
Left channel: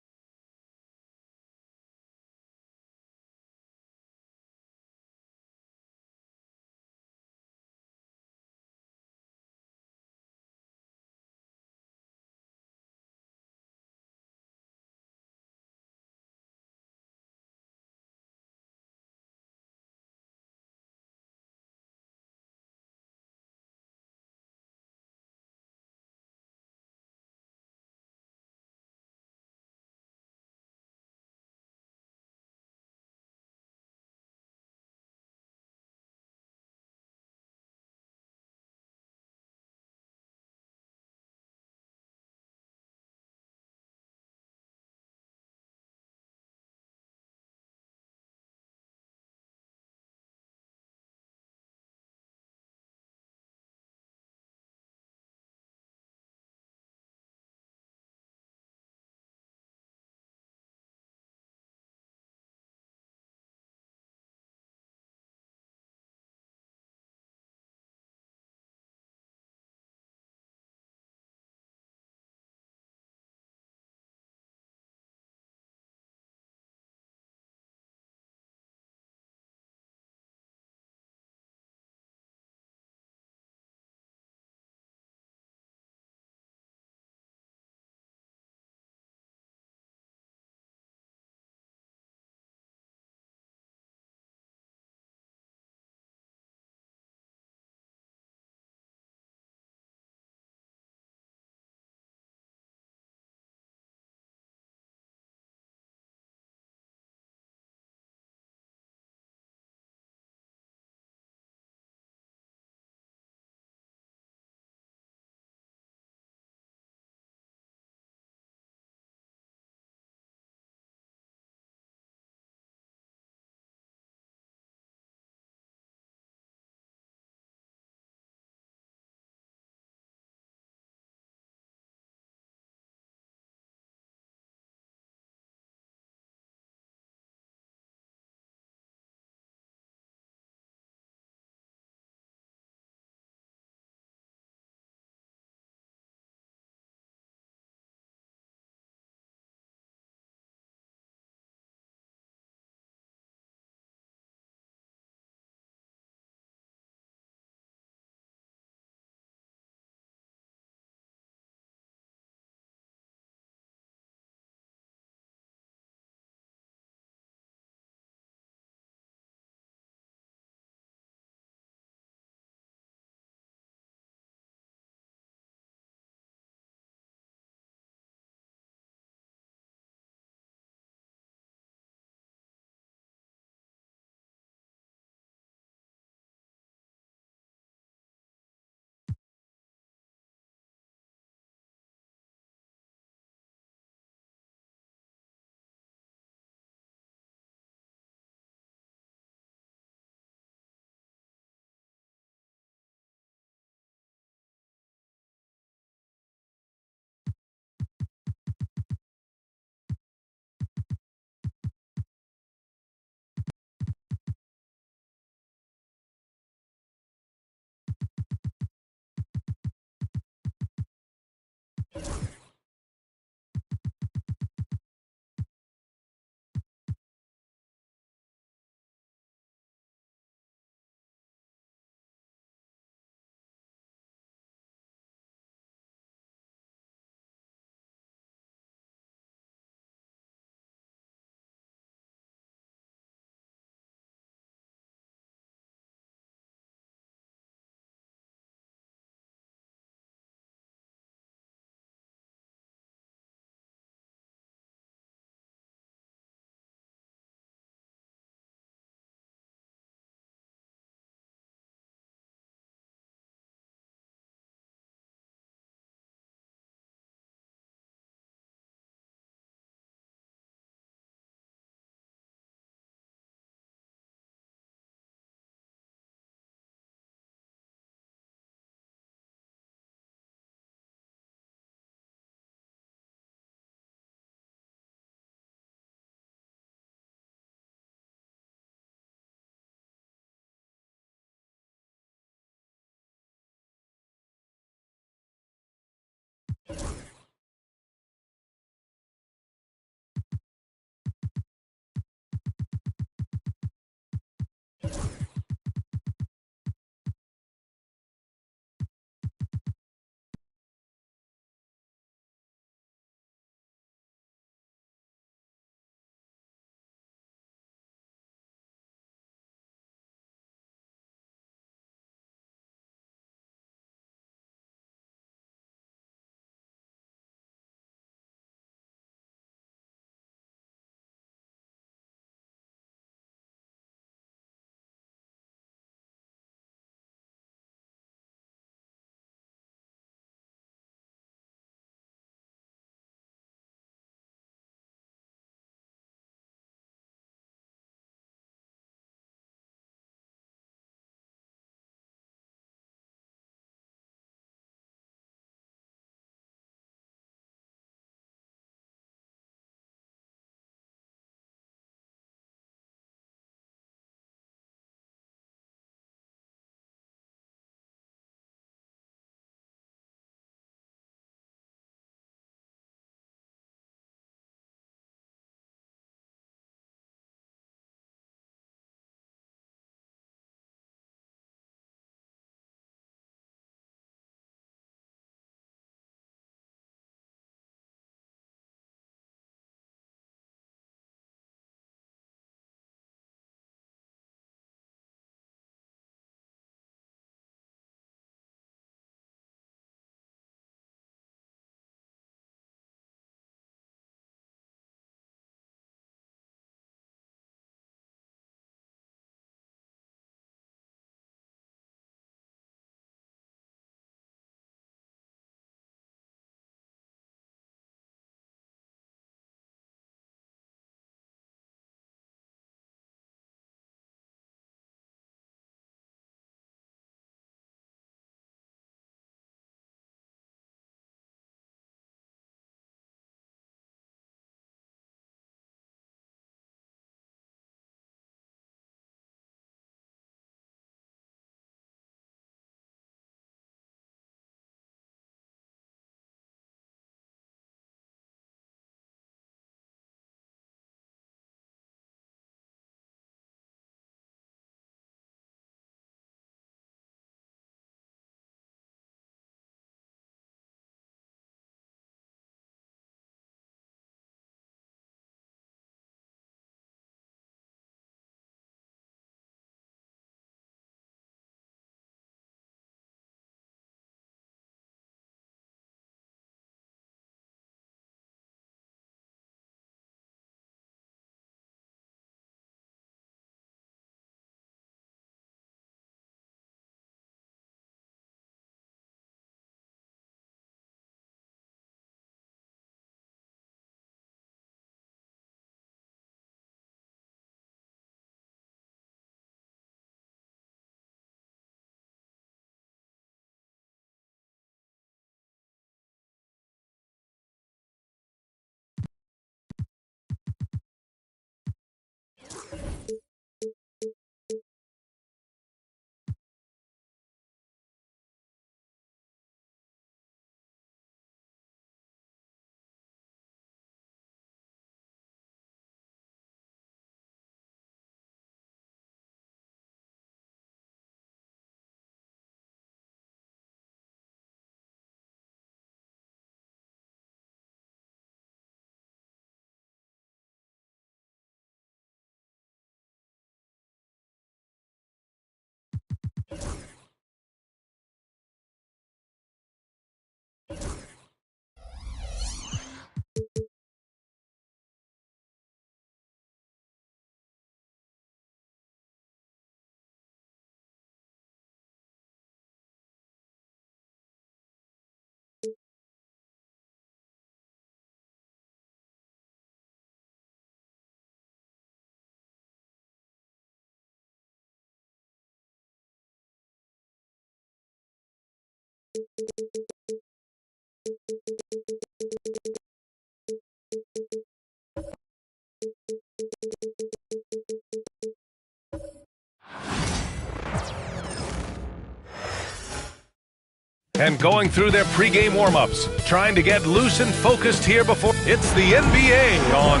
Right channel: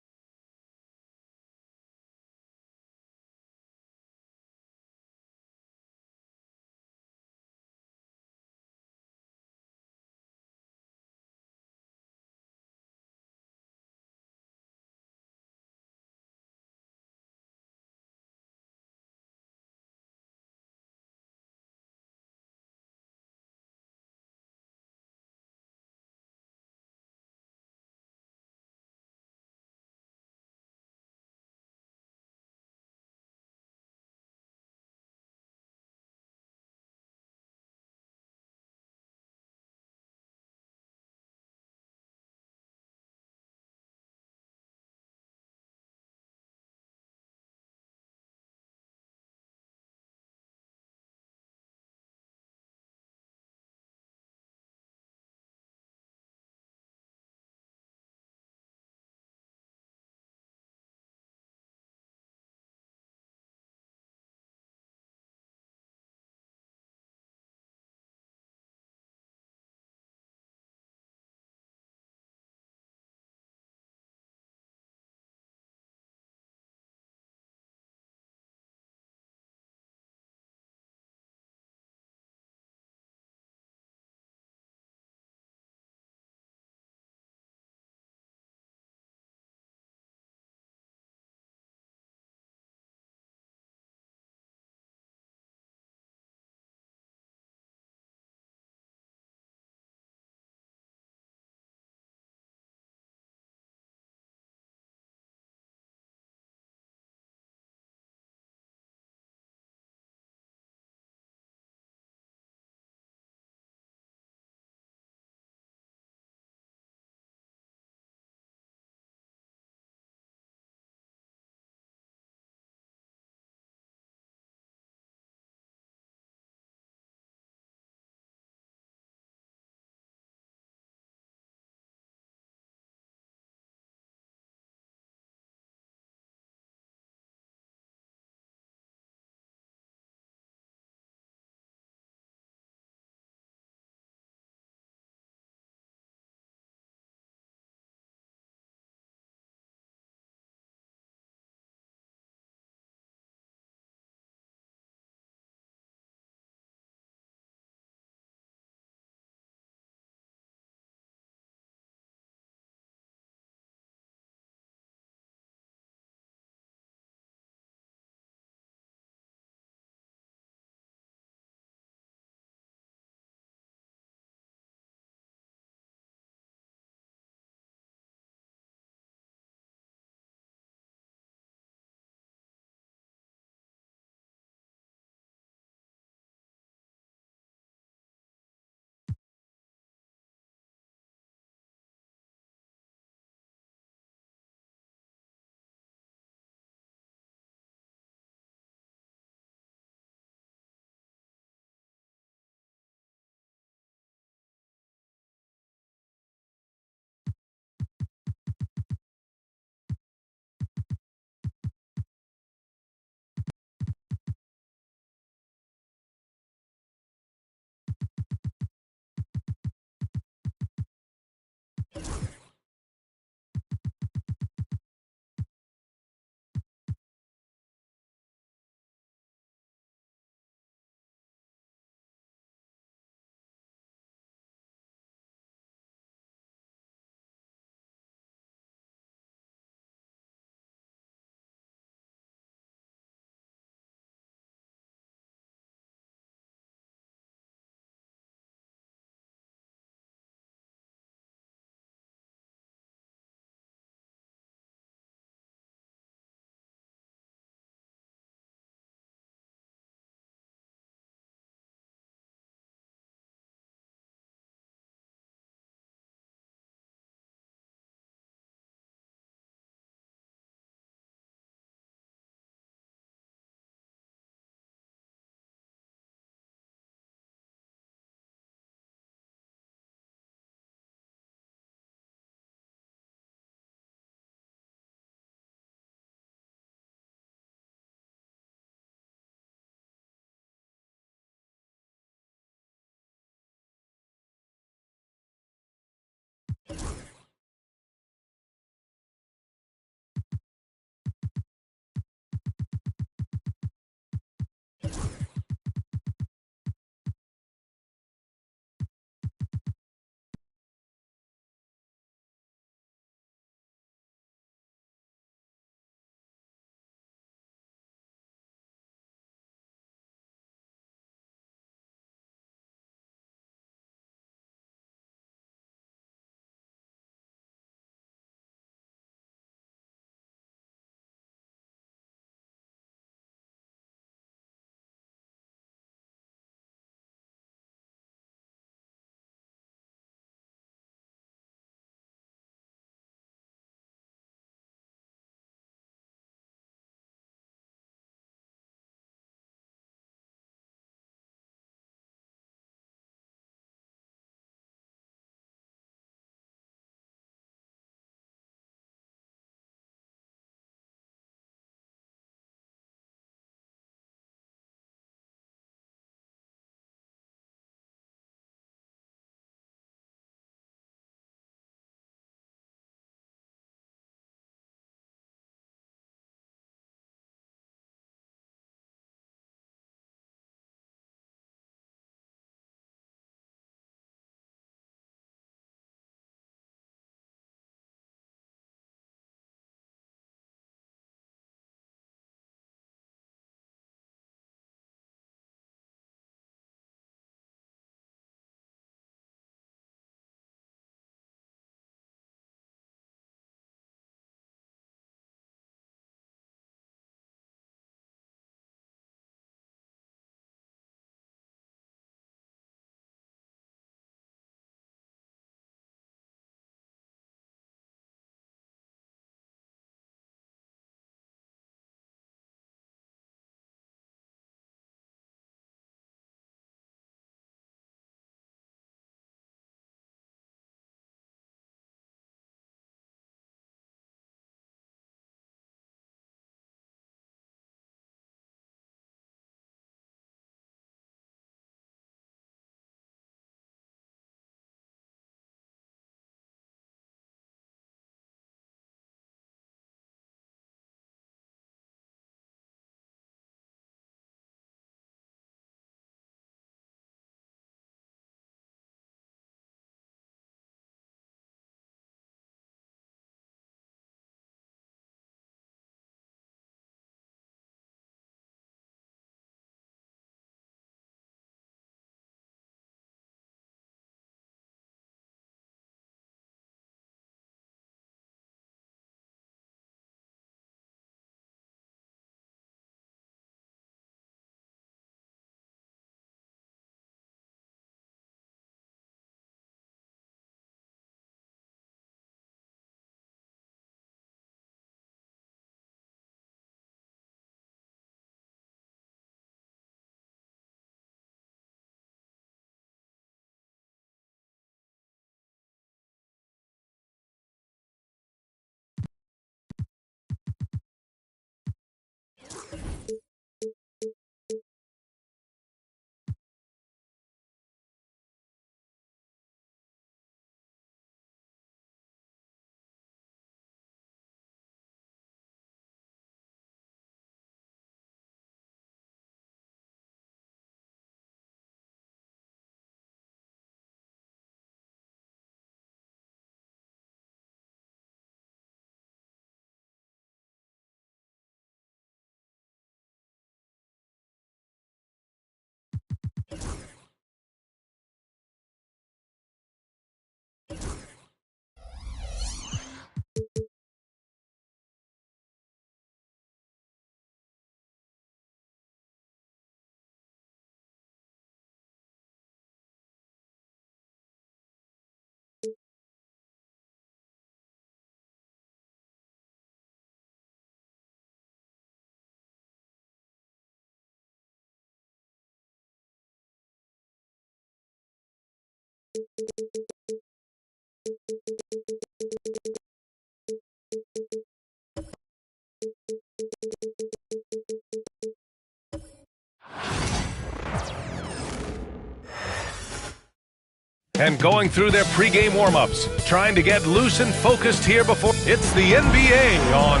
And going through their pregame warm-ups, trying to get loose and focused here before it's the NBA on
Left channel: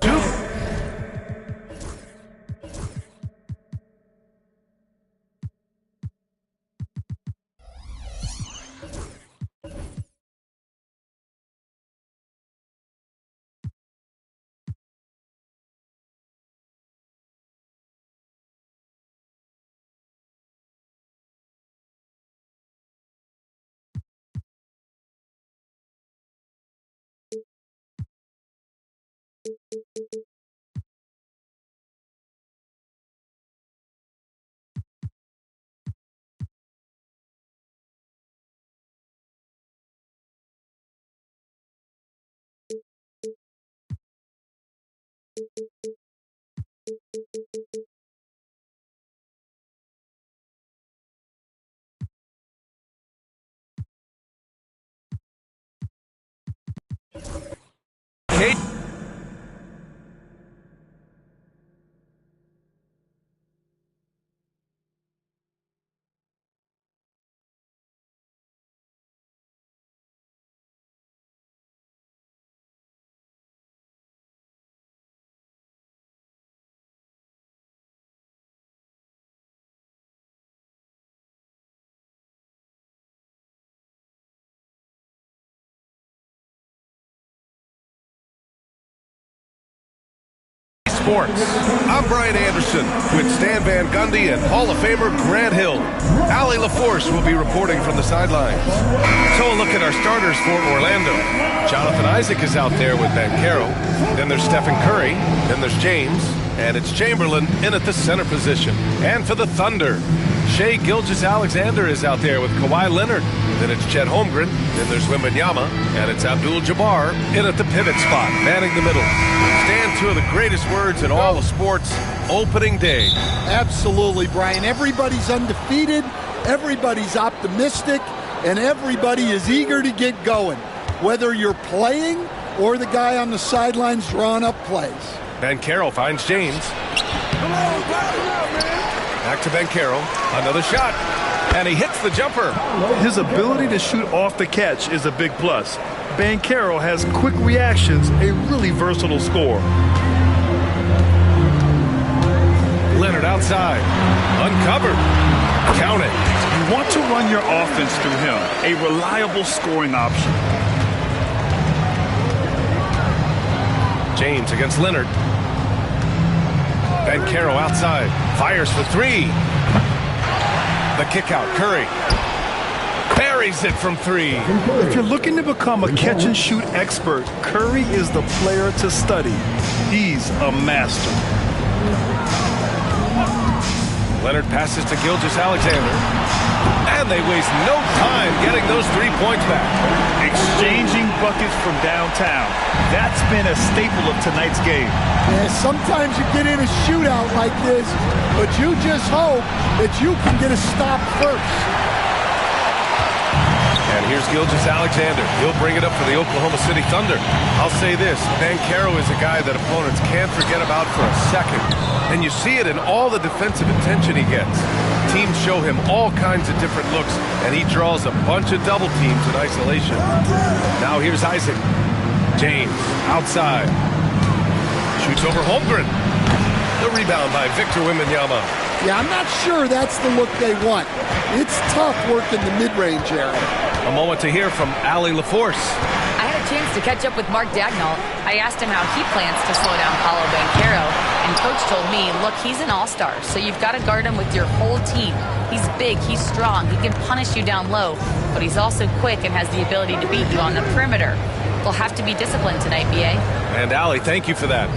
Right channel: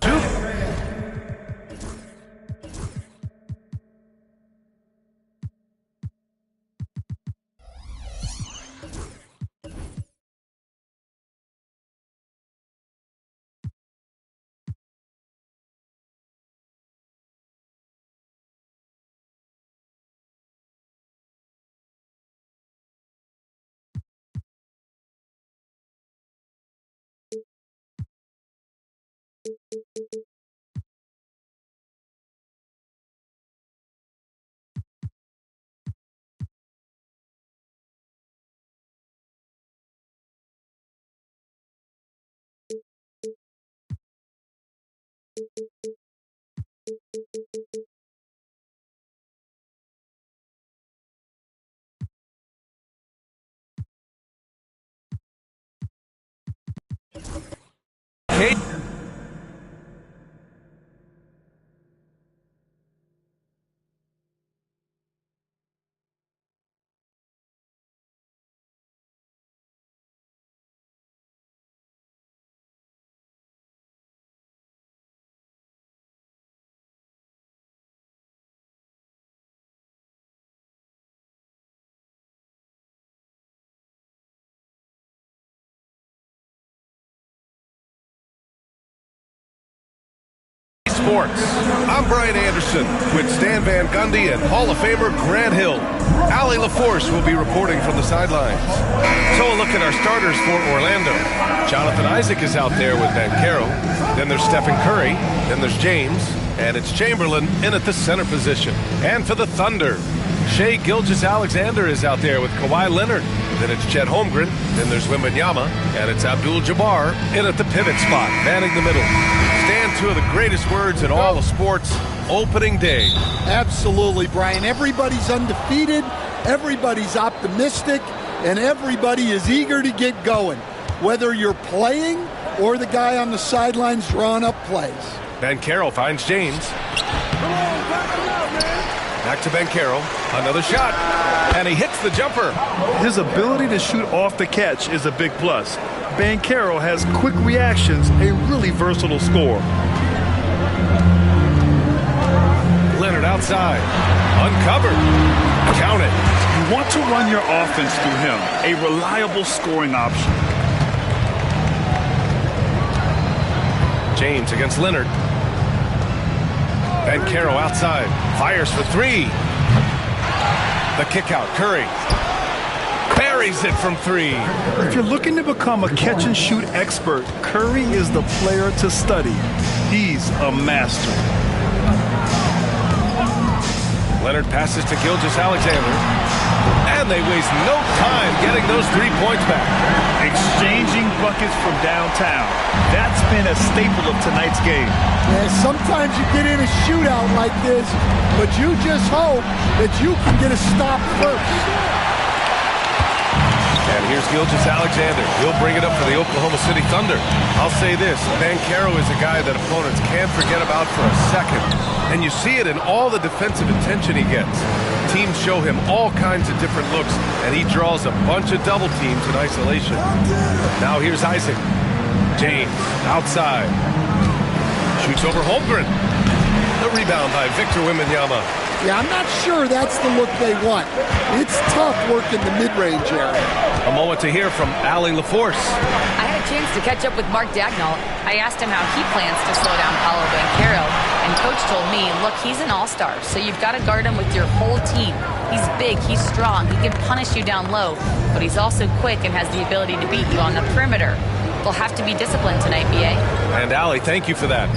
two. Kate. Sports. I'm Brian Anderson with Stan Van Gundy and Hall of Famer Grant Hill. Allie LaForce will be reporting from the sidelines. So a look at our starters for Orlando. Jonathan Isaac is out there with Banchero. Then there's Stephen Curry. Then there's James. And it's Chamberlain in at the center position. And for the Thunder, Shai Gilgeous-Alexander is out there with Kawhi Leonard. Then it's Chet Holmgren. Then there's Wembanyama. And it's Abdul-Jabbar in at the pivot spot, manning the middle. Stand two of the greatest words in all of sports, opening day. Absolutely, Brian. Everybody's undefeated, everybody's optimistic, and everybody is eager to get going, whether you're playing or the guy on the sidelines drawing up plays. Banchero finds James. Back to Banchero. Another shot. And he hits the jumper. His ability to shoot off the catch is a big plus. Banchero has quick reactions, a really versatile scorer. Leonard outside. Uncovered. Count it. You want to run your offense through him, a reliable scoring option. James against Leonard. Banchero outside. Fires for three. The kick out. Curry. Buries it from three. If you're looking to become a catch-and-shoot expert, Curry is the player to study. He's a master. Leonard passes to Gilgeous-Alexander. And they waste no time getting those 3 points back. Exchanging buckets from downtown. That's been a staple of tonight's game. Yeah, sometimes you get in a shootout like this, but you just hope that you can get a stop first. And here's Gilgeous-Alexander. He'll bring it up for the Oklahoma City Thunder. I'll say this, Banchero is a guy that opponents can't forget about for a second. And you see it in all the defensive attention he gets. Teams show him all kinds of different looks, and he draws a bunch of double teams in isolation. Now here's Isaac. James, outside. Shoots over Holmgren. The rebound by Victor Wembanyama. Yeah, I'm not sure that's the look they want. It's tough working the mid-range area. A moment to hear from Allie LaForce. I had a chance to catch up with Mark Dagnall. I asked him how he plans to slow down Paolo Banchero, and Coach told me, look, he's an all-star, so you've got to guard him with your whole team. He's big, he's strong, he can punish you down low, but he's also quick and has the ability to beat you on the perimeter. They'll have to be disciplined tonight, B.A. And Allie, thank you for that.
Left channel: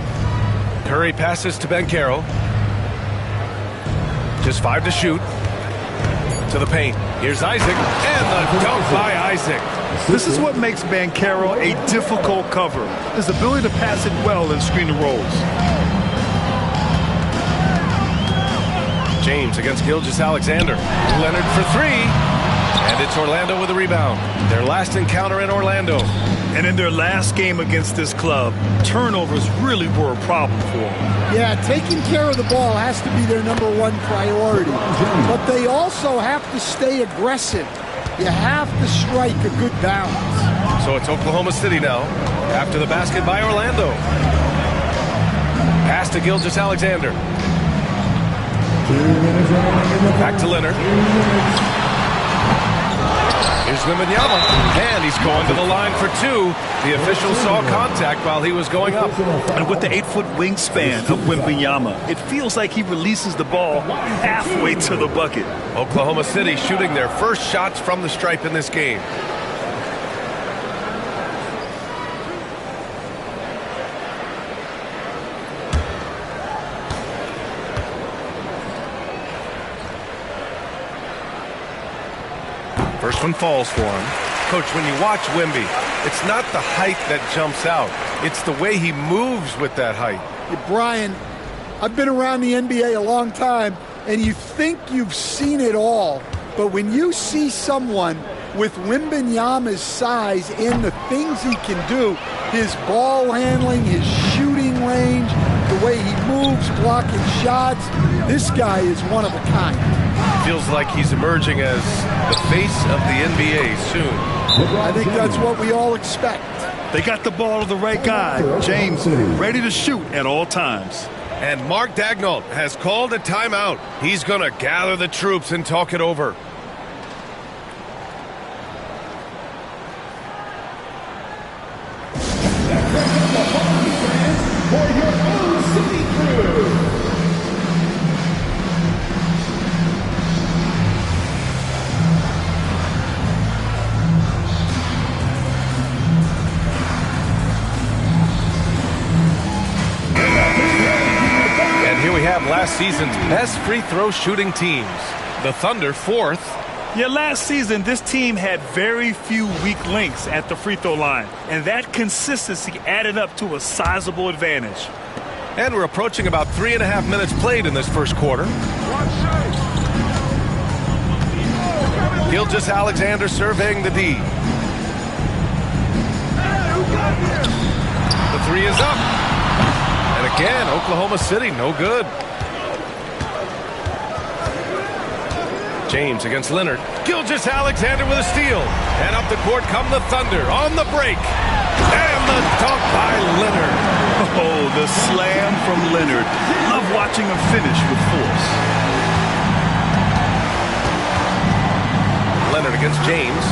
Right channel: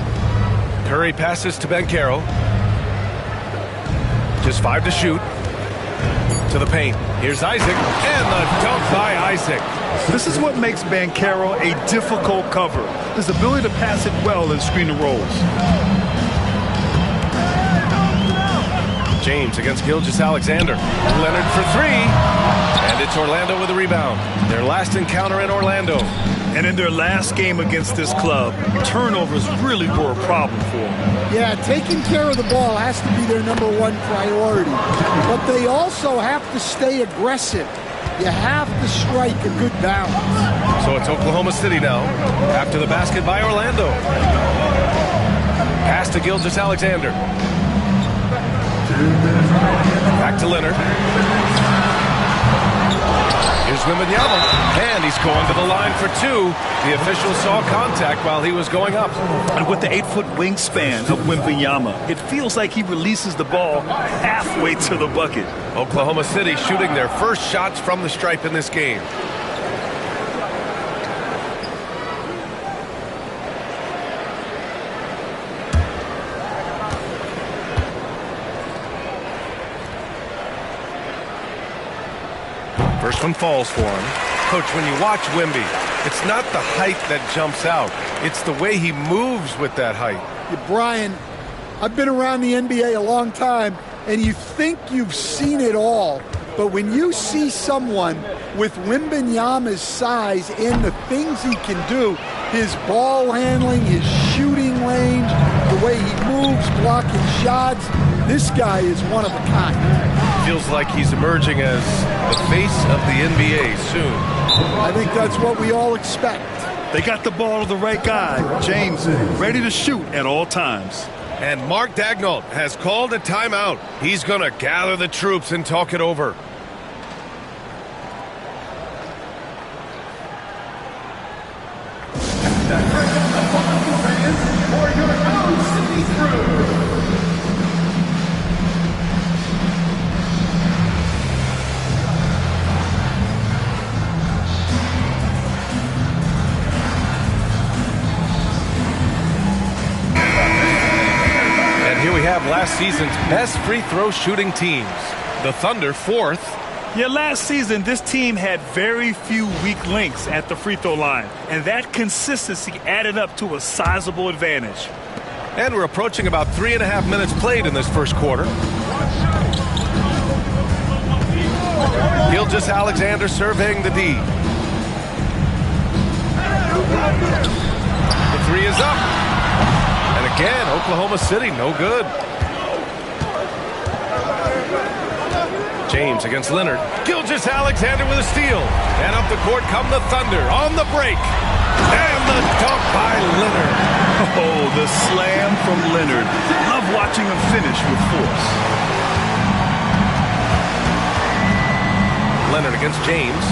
Curry passes to Banchero. Just 5 to shoot. To the paint. Here's Isaac. And the dunk by Isaac. This is what makes Banchero a difficult cover. His ability to pass it well in screen and rolls. James against Gilgeous-Alexander. Leonard for three. And it's Orlando with a rebound. Their last encounter in Orlando. And in their last game against this club, turnovers really were a problem for them. Yeah, taking care of the ball has to be their #1 priority. But they also have to stay aggressive. You have to strike a good balance. So it's Oklahoma City now, after the basket by Orlando. Pass to Gilgeous-Alexander. Back to Leonard. Here's Wembanyama, and he's going to the line for two. The official saw contact while he was going up. And with the 8-foot wingspan of Wembanyama, it feels like he releases the ball halfway to the bucket. Oklahoma City shooting their first shots from the stripe in this game. First one falls for him. Coach, when you watch Wemby, it's not the height that jumps out. It's the way he moves with that height. Yeah, Brian, I've been around the NBA a long time, and you think you've seen it all. But when you see someone with Wembanyama's size and the things he can do, his ball handling, his shooting range, the way he moves, blocking shots, this guy is one of a kind. Feels like he's emerging as the face of the NBA soon. I think that's what we all expect. They got the ball to the right guy, James, ready to shoot at all times. And Mark Daigneault has called a timeout. He's going to gather the troops and talk it over. For your O-City crew. And here we have last season's best free throw shooting teams. The Thunder, 4th. Yeah, last season, this team had very few weak links at the free throw line, and that consistency added up to a sizable advantage. And we're approaching about 3.5 minutes played in this first quarter. Gilgeous-Alexander surveying the D. The three is up. And again, Oklahoma City, no good. James against Leonard. Gilgeous-Alexander with a steal. And up the court come the Thunder on the break. And the dunk by Leonard. Oh, the slam from Leonard. Love watching him finish with force. Leonard against James.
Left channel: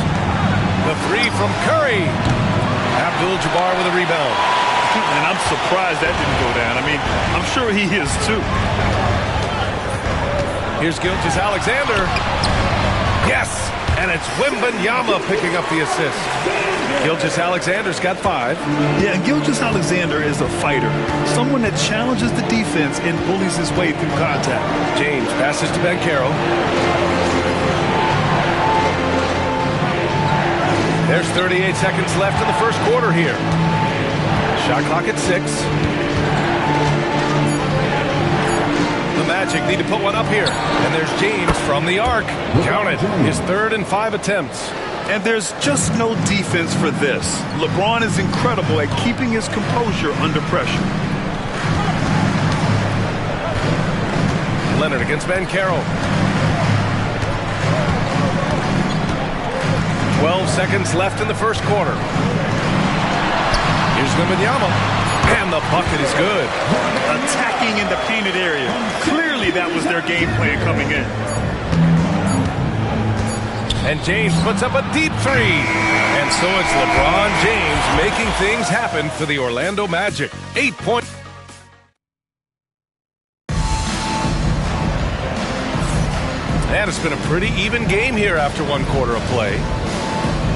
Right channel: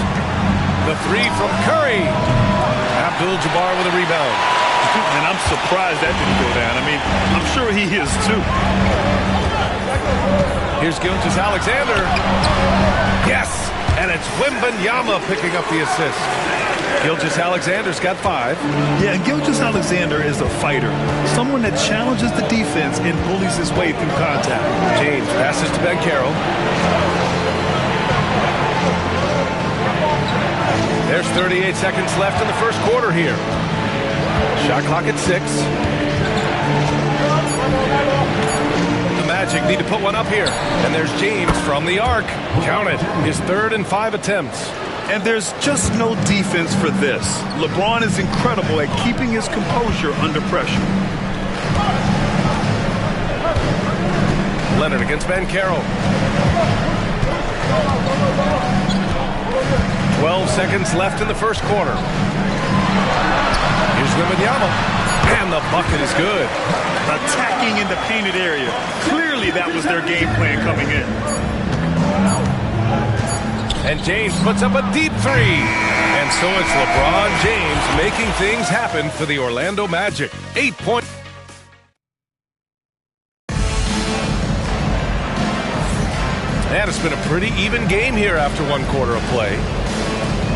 The three from Curry. Abdul-Jabbar with a rebound. And I'm surprised that didn't go down. I mean, I'm sure he is too. Here's Gilgeous-Alexander. Yes! And it's Wembanyama picking up the assist. Gilgeous-Alexander's got 5. Yeah, and Gilgeous-Alexander is a fighter. Someone that challenges the defense and bullies his way through contact. James passes to Banchero. There's 38 seconds left in the first quarter here. Shot clock at 6. The Magic need to put one up here. And there's James from the arc. Count it. His 3rd and 5 attempts. And there's just no defense for this. LeBron is incredible at keeping his composure under pressure. Leonard against Banchero. 12 seconds left in the first quarter. Here's Wembanyama. And the bucket is good. Attacking in the painted area. Clearly that was their game plan coming in. And James puts up a deep 3. And so it's LeBron James making things happen for the Orlando Magic. 8 points. And it's been a pretty even game here after 1 quarter of play.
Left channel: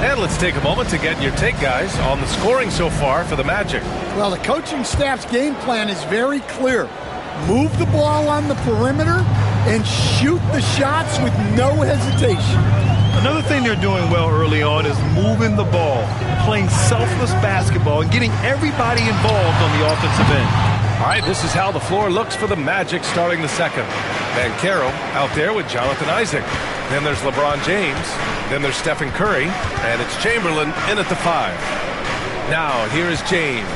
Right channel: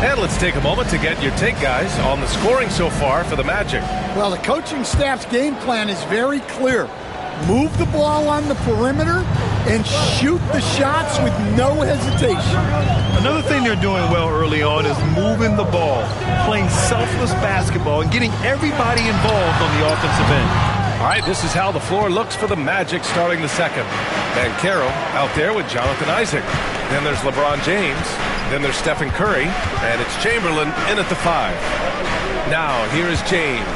And let's take a moment to get your take, guys, on the scoring so far for the Magic. Well, the coaching staff's game plan is very clear. Move the ball on the perimeter and shoot the shots with no hesitation. Another thing they're doing well early on is moving the ball, playing selfless basketball, and getting everybody involved on the offensive end. All right, this is how the floor looks for the Magic starting the second. Banchero out there with Jonathan Isaac. Then there's LeBron James. Then there's Stephen Curry. And it's Chamberlain in at the 5. Now, here is James.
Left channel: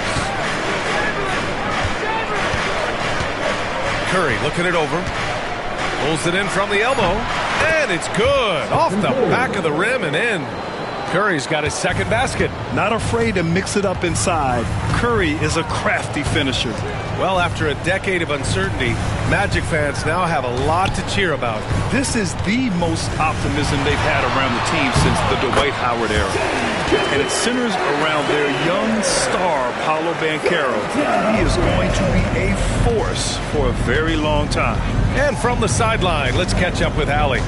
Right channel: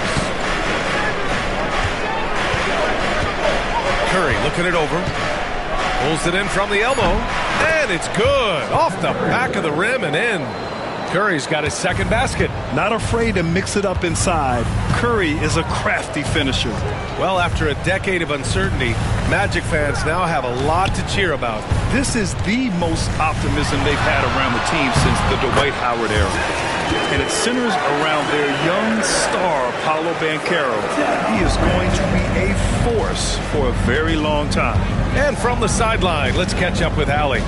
Curry looking it over. Pulls it in from the elbow. And it's good. Off the back of the rim and in. Curry's got his second basket. Not afraid to mix it up inside. Curry is a crafty finisher. Well, after a decade of uncertainty, Magic fans now have a lot to cheer about. This is the most optimism they've had around the team since the Dwight Howard era. And it centers around their young star, Paolo Banchero. He is going to be a force for a very long time. And from the sideline, let's catch up with Allie.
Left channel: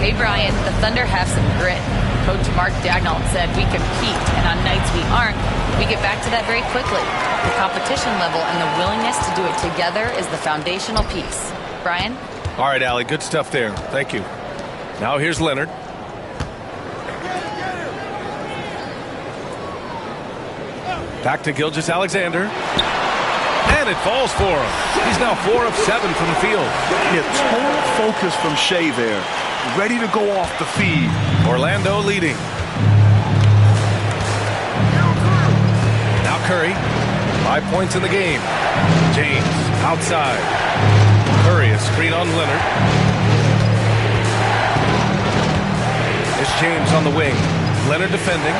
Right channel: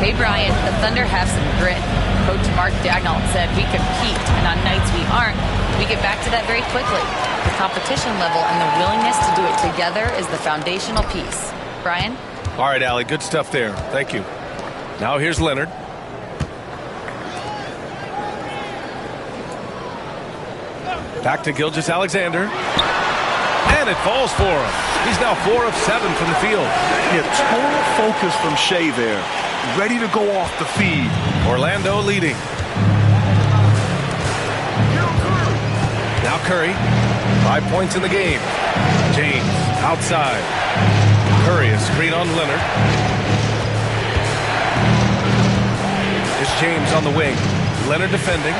Hey, Brian, the Thunder have some grit. Coach Mark Daigneault said we compete, and on nights we aren't, we get back to that very quickly. The competition level and the willingness to do it together is the foundational piece. Brian? All right, Allie, good stuff there. Thank you. Now here's Leonard. Back to Gilgeous-Alexander. And it falls for him. He's now 4 of 7 from the field. Yeah, total focus from Shea there. Ready to go off the feed. Orlando leading. Now Curry. 5 points in the game. James outside. Curry, a screen on Leonard. It's James on the wing. Leonard defending.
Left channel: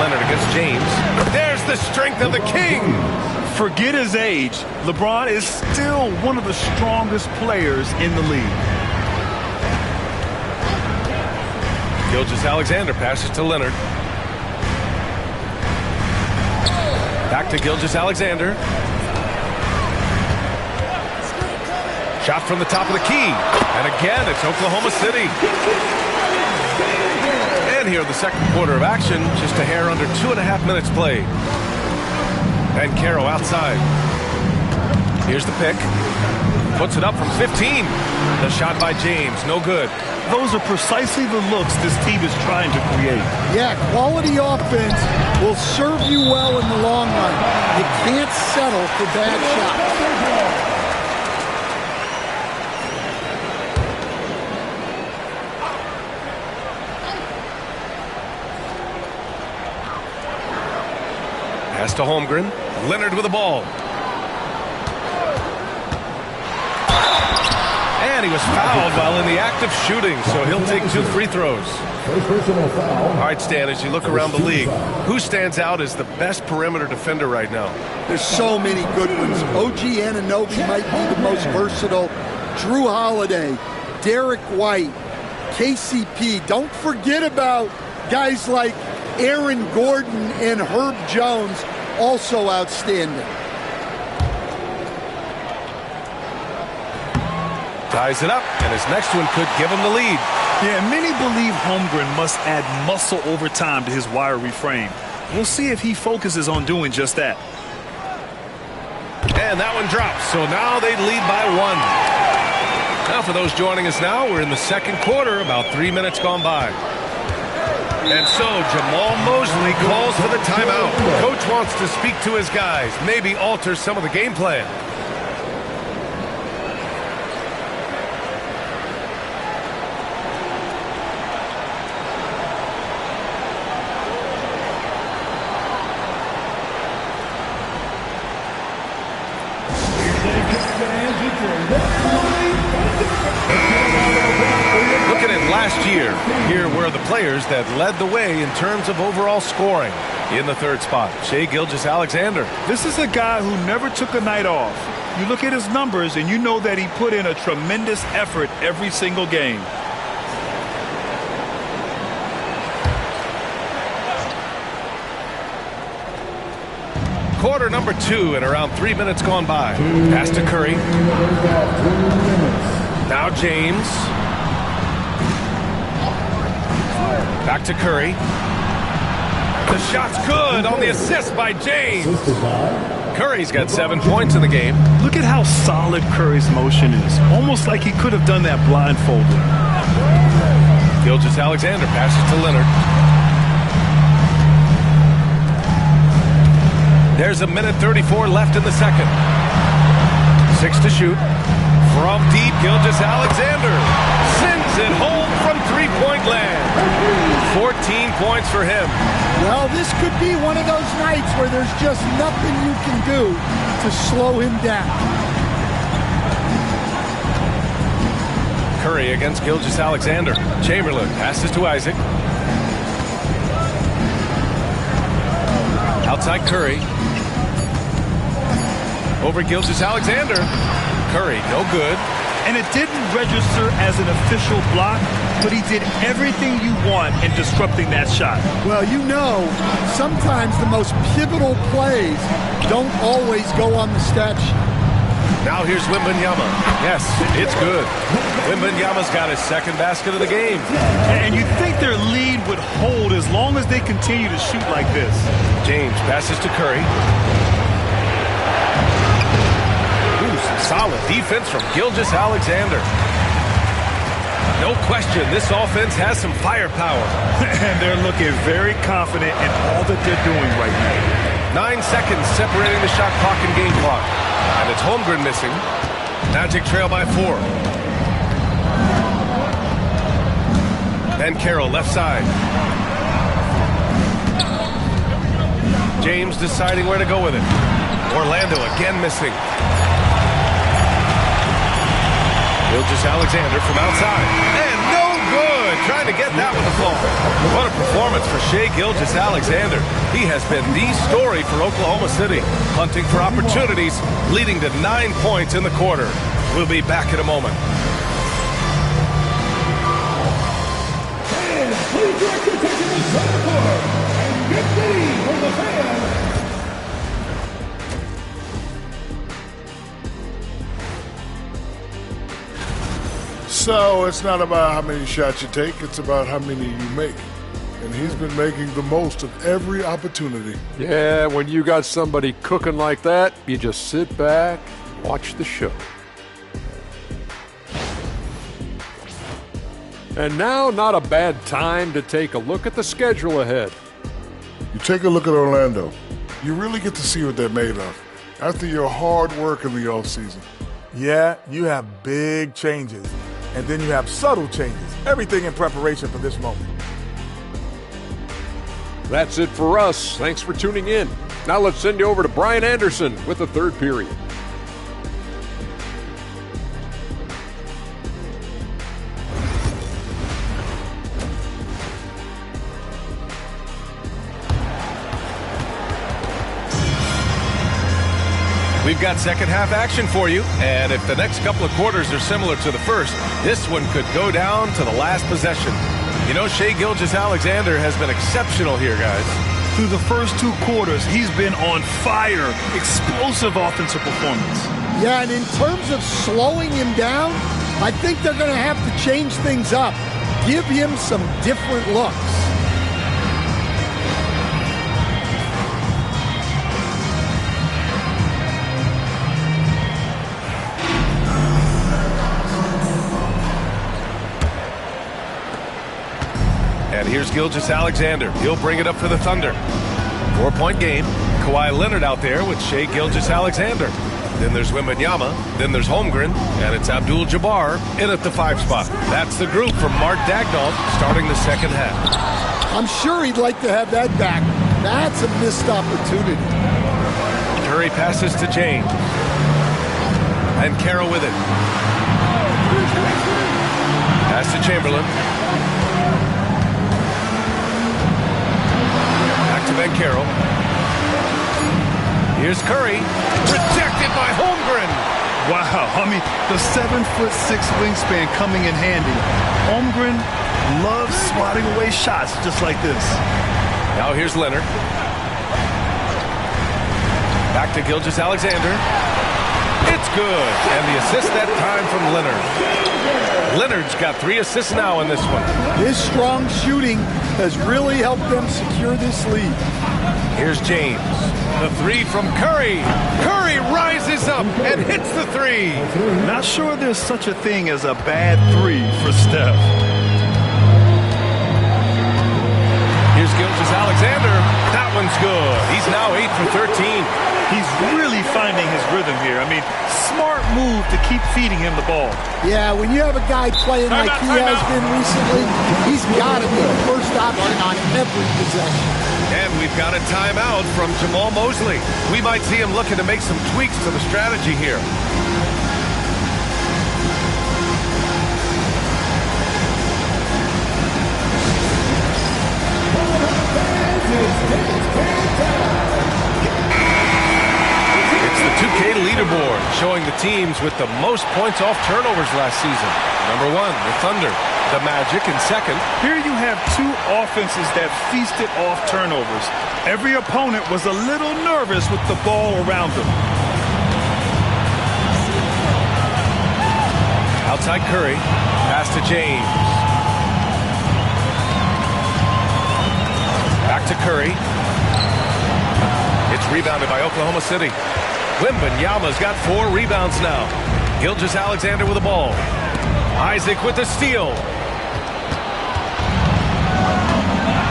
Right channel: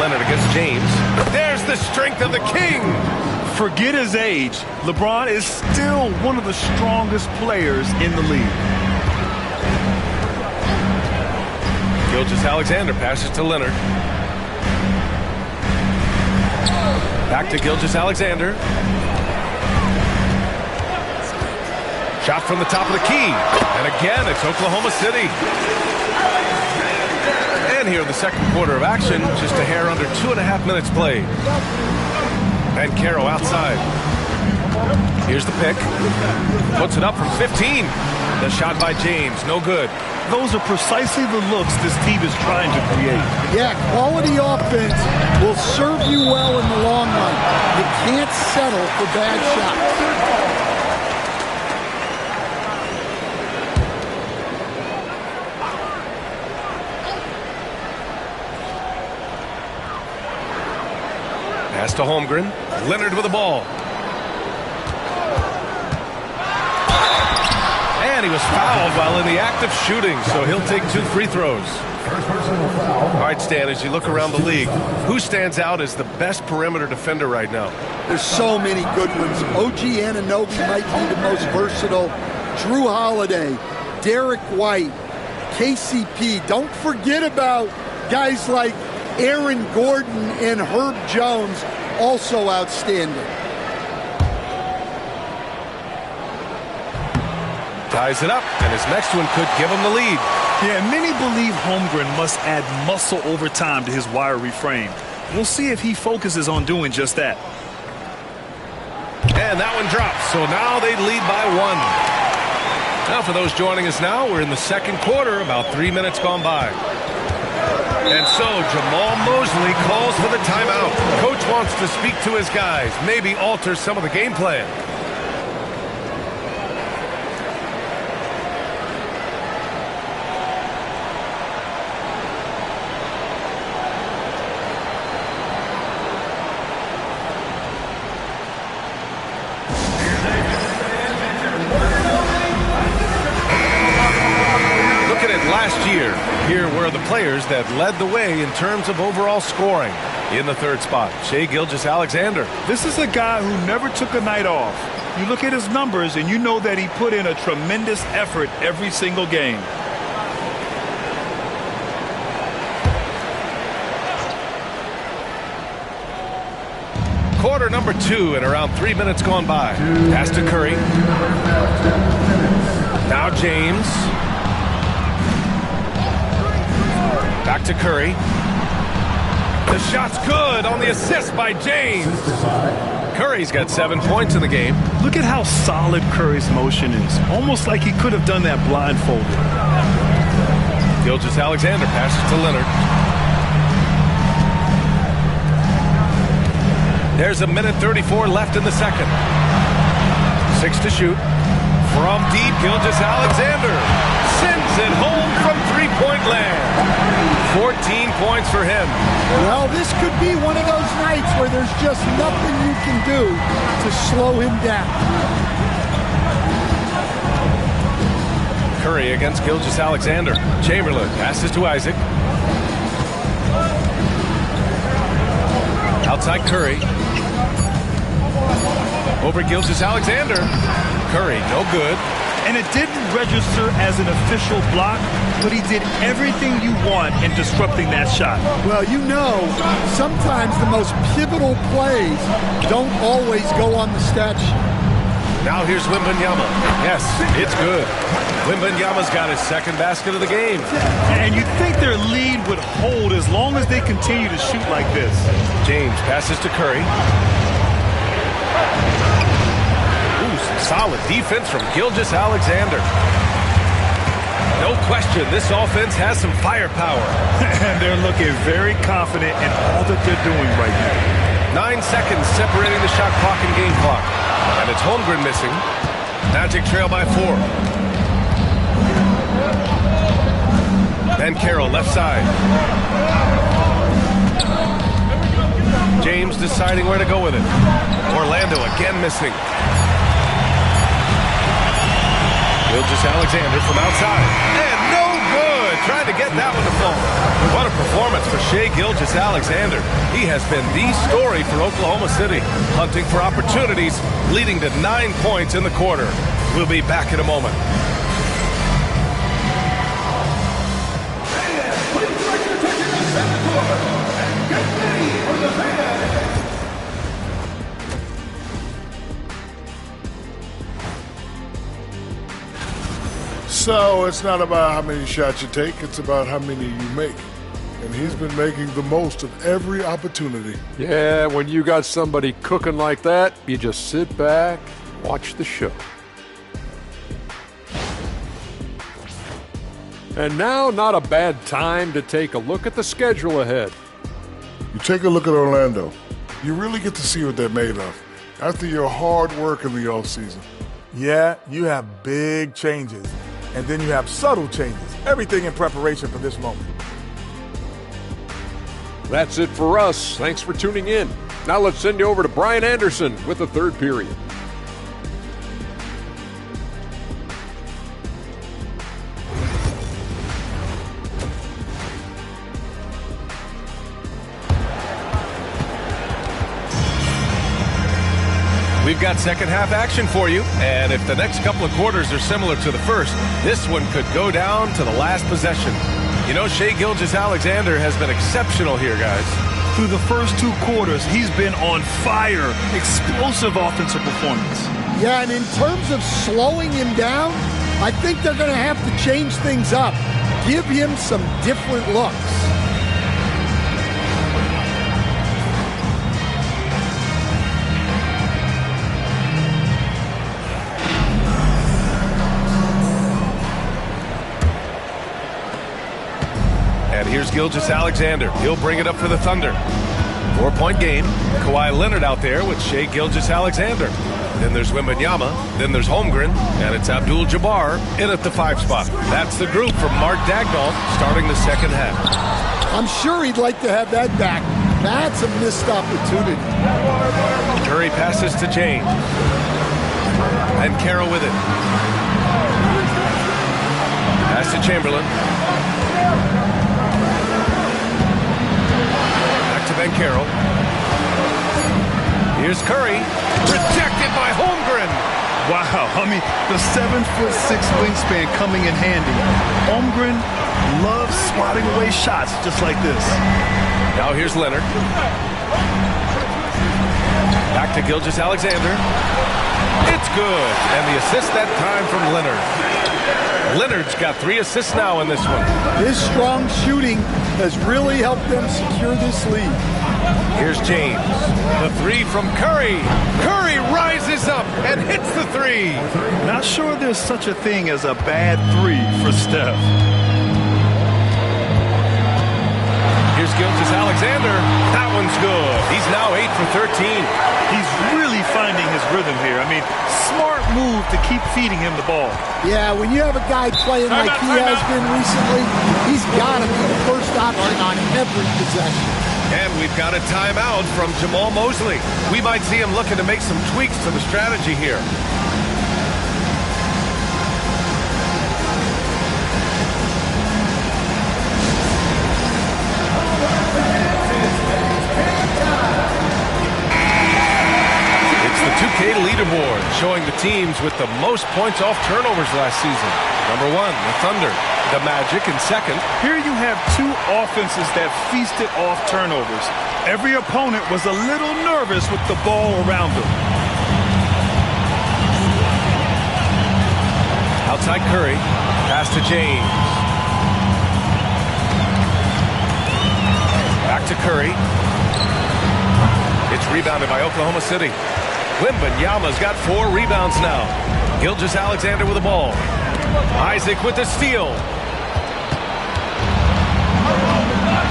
Leonard against James. There's the strength of the king. Forget his age. LeBron is still one of the strongest players in the league. Gilgeous-Alexander passes to Leonard. Back to Gilgeous-Alexander. Shot from the top of the key. And again, it's Oklahoma City. And here in the second quarter of action, just a hair under 2.5 minutes played. Banchero outside. Here's the pick. Puts it up from 15. The shot by James, no good. Those are precisely the looks this team is trying to create. Yeah, quality offense will serve you well in the long run. You can't settle for bad shots. Pass to Holmgren. Leonard with the ball. And he was fouled while in the act of shooting, so he'll take 2 free throws. First personal foul. All right, Stan, as you look around the league, who stands out as the best perimeter defender right now? There's so many good ones. OG Anunoby might be the most versatile. Drew Holiday, Derek White, KCP. Don't forget about guys like Aaron Gordon and Herb Jones, also outstanding. Ties it up, and his next one could give him the lead. Yeah, many believe Holmgren must add muscle over time to his wiry frame. We'll see if he focuses on doing just that. And that one drops, so now they lead by 1. Now for those joining us now, we're in the second quarter, about 3 minutes gone by. And so Jamal Mosley calls for the timeout. Coach wants to speak to his guys, maybe alter some of the game plan. Last year, here were the players that led the way in terms of overall scoring. In the third spot, Shai Gilgeous-Alexander. This is a guy who never took a night off. You look at his numbers and you know that he put in a tremendous effort every single game. Quarter number 2 and around 3 minutes gone by. Pass to Curry. Now James. Back to Curry. The shot's good on the assist by James. Curry's got 7 points in the game. Look at how solid Curry's motion is. Almost like he could have done that blindfolded. Gilgeous-Alexander passes to Leonard. There's 1:34 left in the second. 6 to shoot. From deep, Gilgeous-Alexander sends it home from three-point land. 14 points for him. Well, this could be one of those nights where there's just nothing you can do to slow him down. Curry against Gilgeous-Alexander. Chamberlain passes to Isaac. Outside Curry. Over Gilgeous-Alexander. Curry, no good. And it didn't register as an official block, but he did everything you want in disrupting that shot. Well, you know, sometimes the most pivotal plays don't always go on the stat sheet. Now here's Wembanyama. Yes, it's good. Wembanyama's got his second basket of the game. And you'd think their lead would hold as long as they continue to shoot like this. James passes to Curry. Ooh, some solid defense from Gilgeous-Alexander. No question, this offense has some firepower. And they're looking very confident in all that they're doing right now. 9 seconds separating the shot clock and game clock. And it's Holmgren missing. Magic trail by 4. Banchero left side. James deciding where to go with it. Orlando again missing. Gilgeous-Alexander from outside. And no good. Trying to get that one to fall. What a performance for Shai Gilgeous-Alexander. He has been the story for Oklahoma City. Hunting for opportunities, leading to 9 points in the quarter. We'll be back in a moment. Please direct your attention to center court and get ready for the fans. So it's not about how many shots you take, it's about how many you make. And he's been making the most of every opportunity. Yeah, when you got somebody cooking like that, you just sit back, watch the show. And now, not a bad time to take a look at the schedule ahead. You take a look at Orlando, you really get to see what they're made of after your hard work in the offseason. Yeah, you have big changes, and then you have subtle changes. Everything in preparation for this moment. That's it for us. Thanks for tuning in. Now let's send you over to Brian Anderson with the third period. We've got second half action for you, and if the next couple of quarters are similar to the first, this one could go down to the last possession. You know, Shai Gilgeous-Alexander has been exceptional here, guys. Through the first 2 quarters, he's been on fire. Explosive offensive performance. Yeah, and in terms of slowing him down, I think they're going to have to change things up. Give him some different looks. And here's Gilgeous-Alexander. He'll bring it up for the Thunder. 4-point game. Kawhi Leonard out there with Shai Gilgeous-Alexander. Then there's Wembanyama. Then there's Holmgren. And it's Abdul-Jabbar in at the 5 spot. That's the group from Mark Daigneault starting the second half. I'm sure he'd like to have that back. That's a missed opportunity. Curry passes to James. And Banchero with it. Pass to Chamberlain. To Banchero. Here's Curry. Rejected by Holmgren. Wow, I mean, the 7'6" wingspan coming in handy. Holmgren loves swatting away shots just like this. Now here's Leonard. Back to Gilgeous-Alexander. It's good. And the assist that time from Leonard. Leonard's got 3 assists now in this one. His strong shooting has really helped them secure this lead. Here's James. The 3 from Curry. Curry rises up and hits the 3. Not sure there's such a thing as a bad 3 for Steph. Here's Gilgeous-Alexander. That one's good. He's now 8 for 13. He's really finding his rhythm here. I mean, smart move to keep feeding him the ball. Yeah, when you have a guy playing like he has been recently, he's got to be the first option on every possession. And we've got a timeout from Jamal Mosley. We might see him looking to make some tweaks to the strategy here. It's the 2K leaderboard showing the teams with the most points off turnovers last season. Number 1, the Thunder. The Magic in second. Here you have two offenses that feasted off turnovers. Every opponent was a little nervous with the ball around them. Outside Curry. Pass to James. Back to Curry. It's rebounded by Oklahoma City. Wembanyama's got 4 rebounds now. Gilgeous-Alexander with the ball. Isaac with the steal.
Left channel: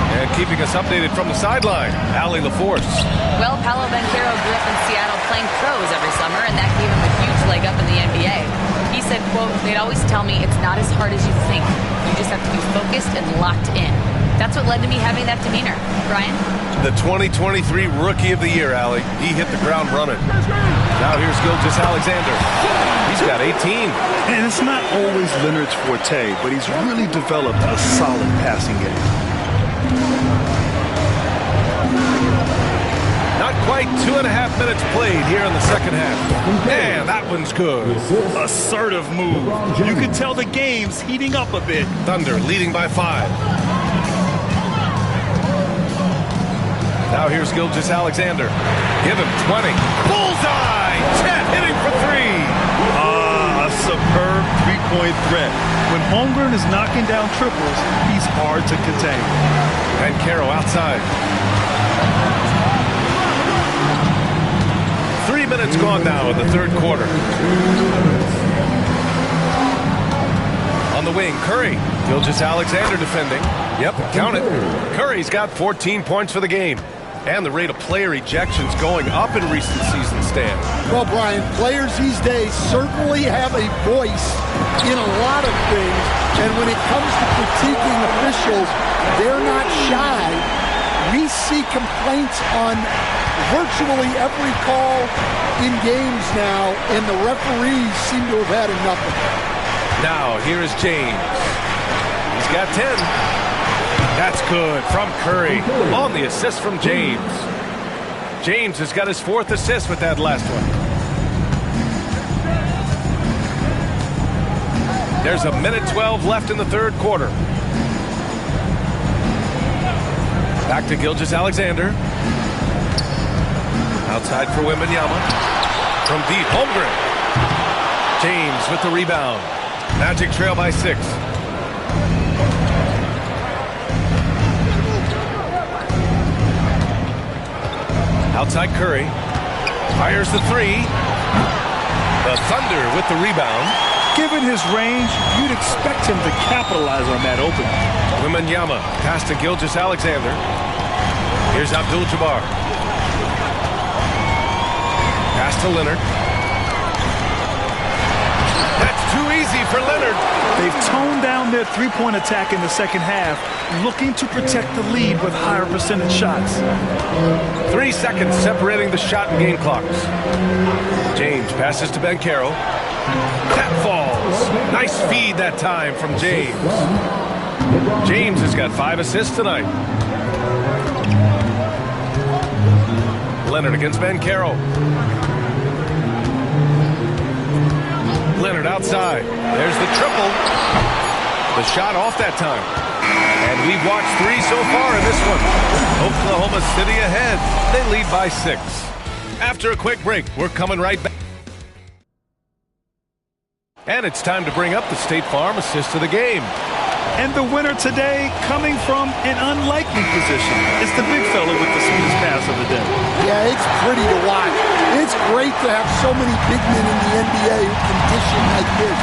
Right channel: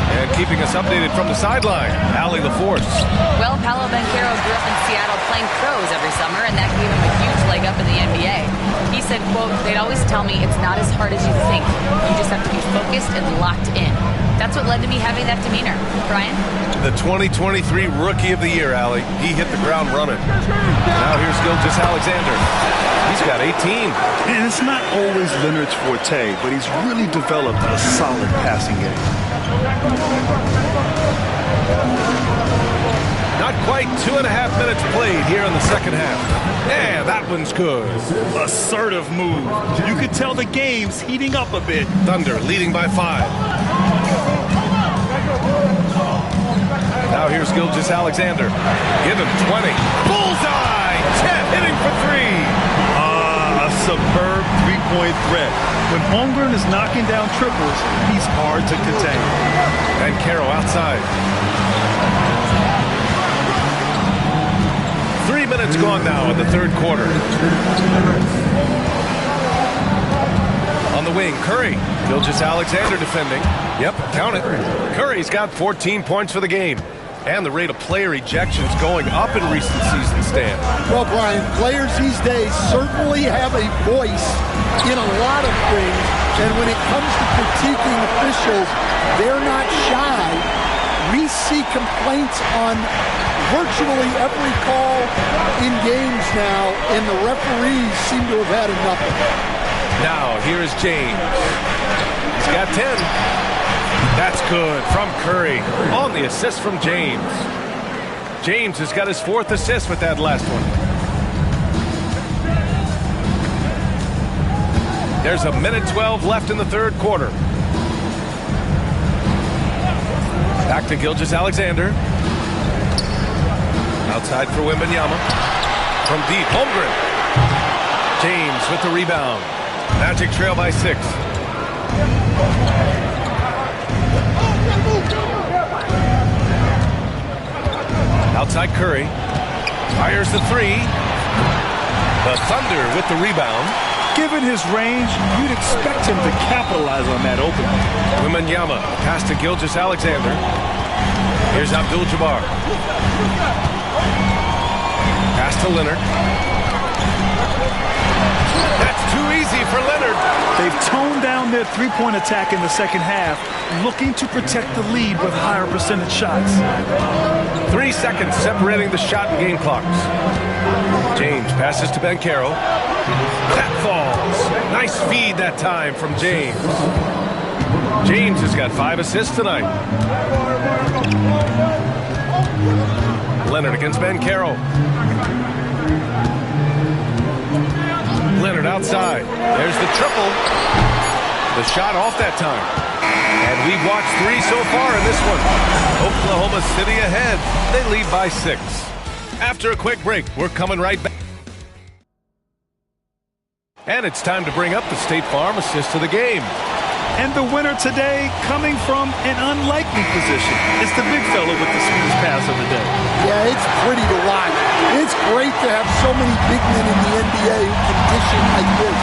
And keeping us updated from the sideline, Allie LaForce. Well, Paolo Banchero grew up in Seattle playing pros every summer, and that gave him a huge leg up in the NBA. He said, quote, "They'd always tell me it's not as hard as you think. You just have to be focused and locked in." That's what led to me having that demeanor. Brian? The 2023 Rookie of the Year, Allie. He hit the ground running. Now here's Gilgeous-Alexander. He's got 18. And it's not always Leonard's forte, but he's really developed a solid passing game. Not quite 2.5 minutes played here in the second half. And that one's good. Assertive move. You could tell the game's heating up a bit. Thunder leading by 5. Now here's Gilgeous-Alexander. Give him 20. Bullseye! Chet hitting for 3. A superb three-point threat. When Holmgren is knocking down triples, he's hard to contain. And Caro outside. 3 minutes gone now in the third quarter. On the wing, Curry. Gilgeous-Alexander defending. Yep, count it. Curry's got 14 points for the game. And the rate of player ejections going up in recent seasons, Stan. Well, Brian, players these days certainly have a voice in a lot of things. And when it comes to critiquing officials, they're not shy. We see complaints on virtually every call in games now, and the referees seem to have had enough of it. Now, here is James. He's got 10. That's good from Curry on the assist from James. James has got his 4th assist with that last one. There's 1:12 left in the third quarter. Back to Gilgeous-Alexander. Outside for Wembanyama. From deep, Holmgren. James with the rebound. Magic trail by 6. Outside Curry. Fires the 3. The Thunder with the rebound. Given his range, you'd expect him to capitalize on that opening. Wembanyama pass to Gilgeous-Alexander. Here's Abdul-Jabbar. Pass to Leonard. That's too easy for Leonard. They've toned down their three-point attack in the second half, looking to protect the lead with higher percentage shots. 3 seconds separating the shot and game clocks. James passes to Banchero. That falls. Nice feed that time from James. James has got 5 assists tonight. Leonard against Banchero. Leonard outside. There's the triple. The shot off that time. And we've watched 3 so far in this one. Oklahoma City ahead. They lead by 6. After a quick break, we're coming right back. And it's time to bring up the State Farm assist of the game. And the winner today coming from an unlikely position. It's the big fella with the sweetest pass of the day. Yeah, it's pretty to watch. It's great to have so many big men in the NBA who can dish it like this.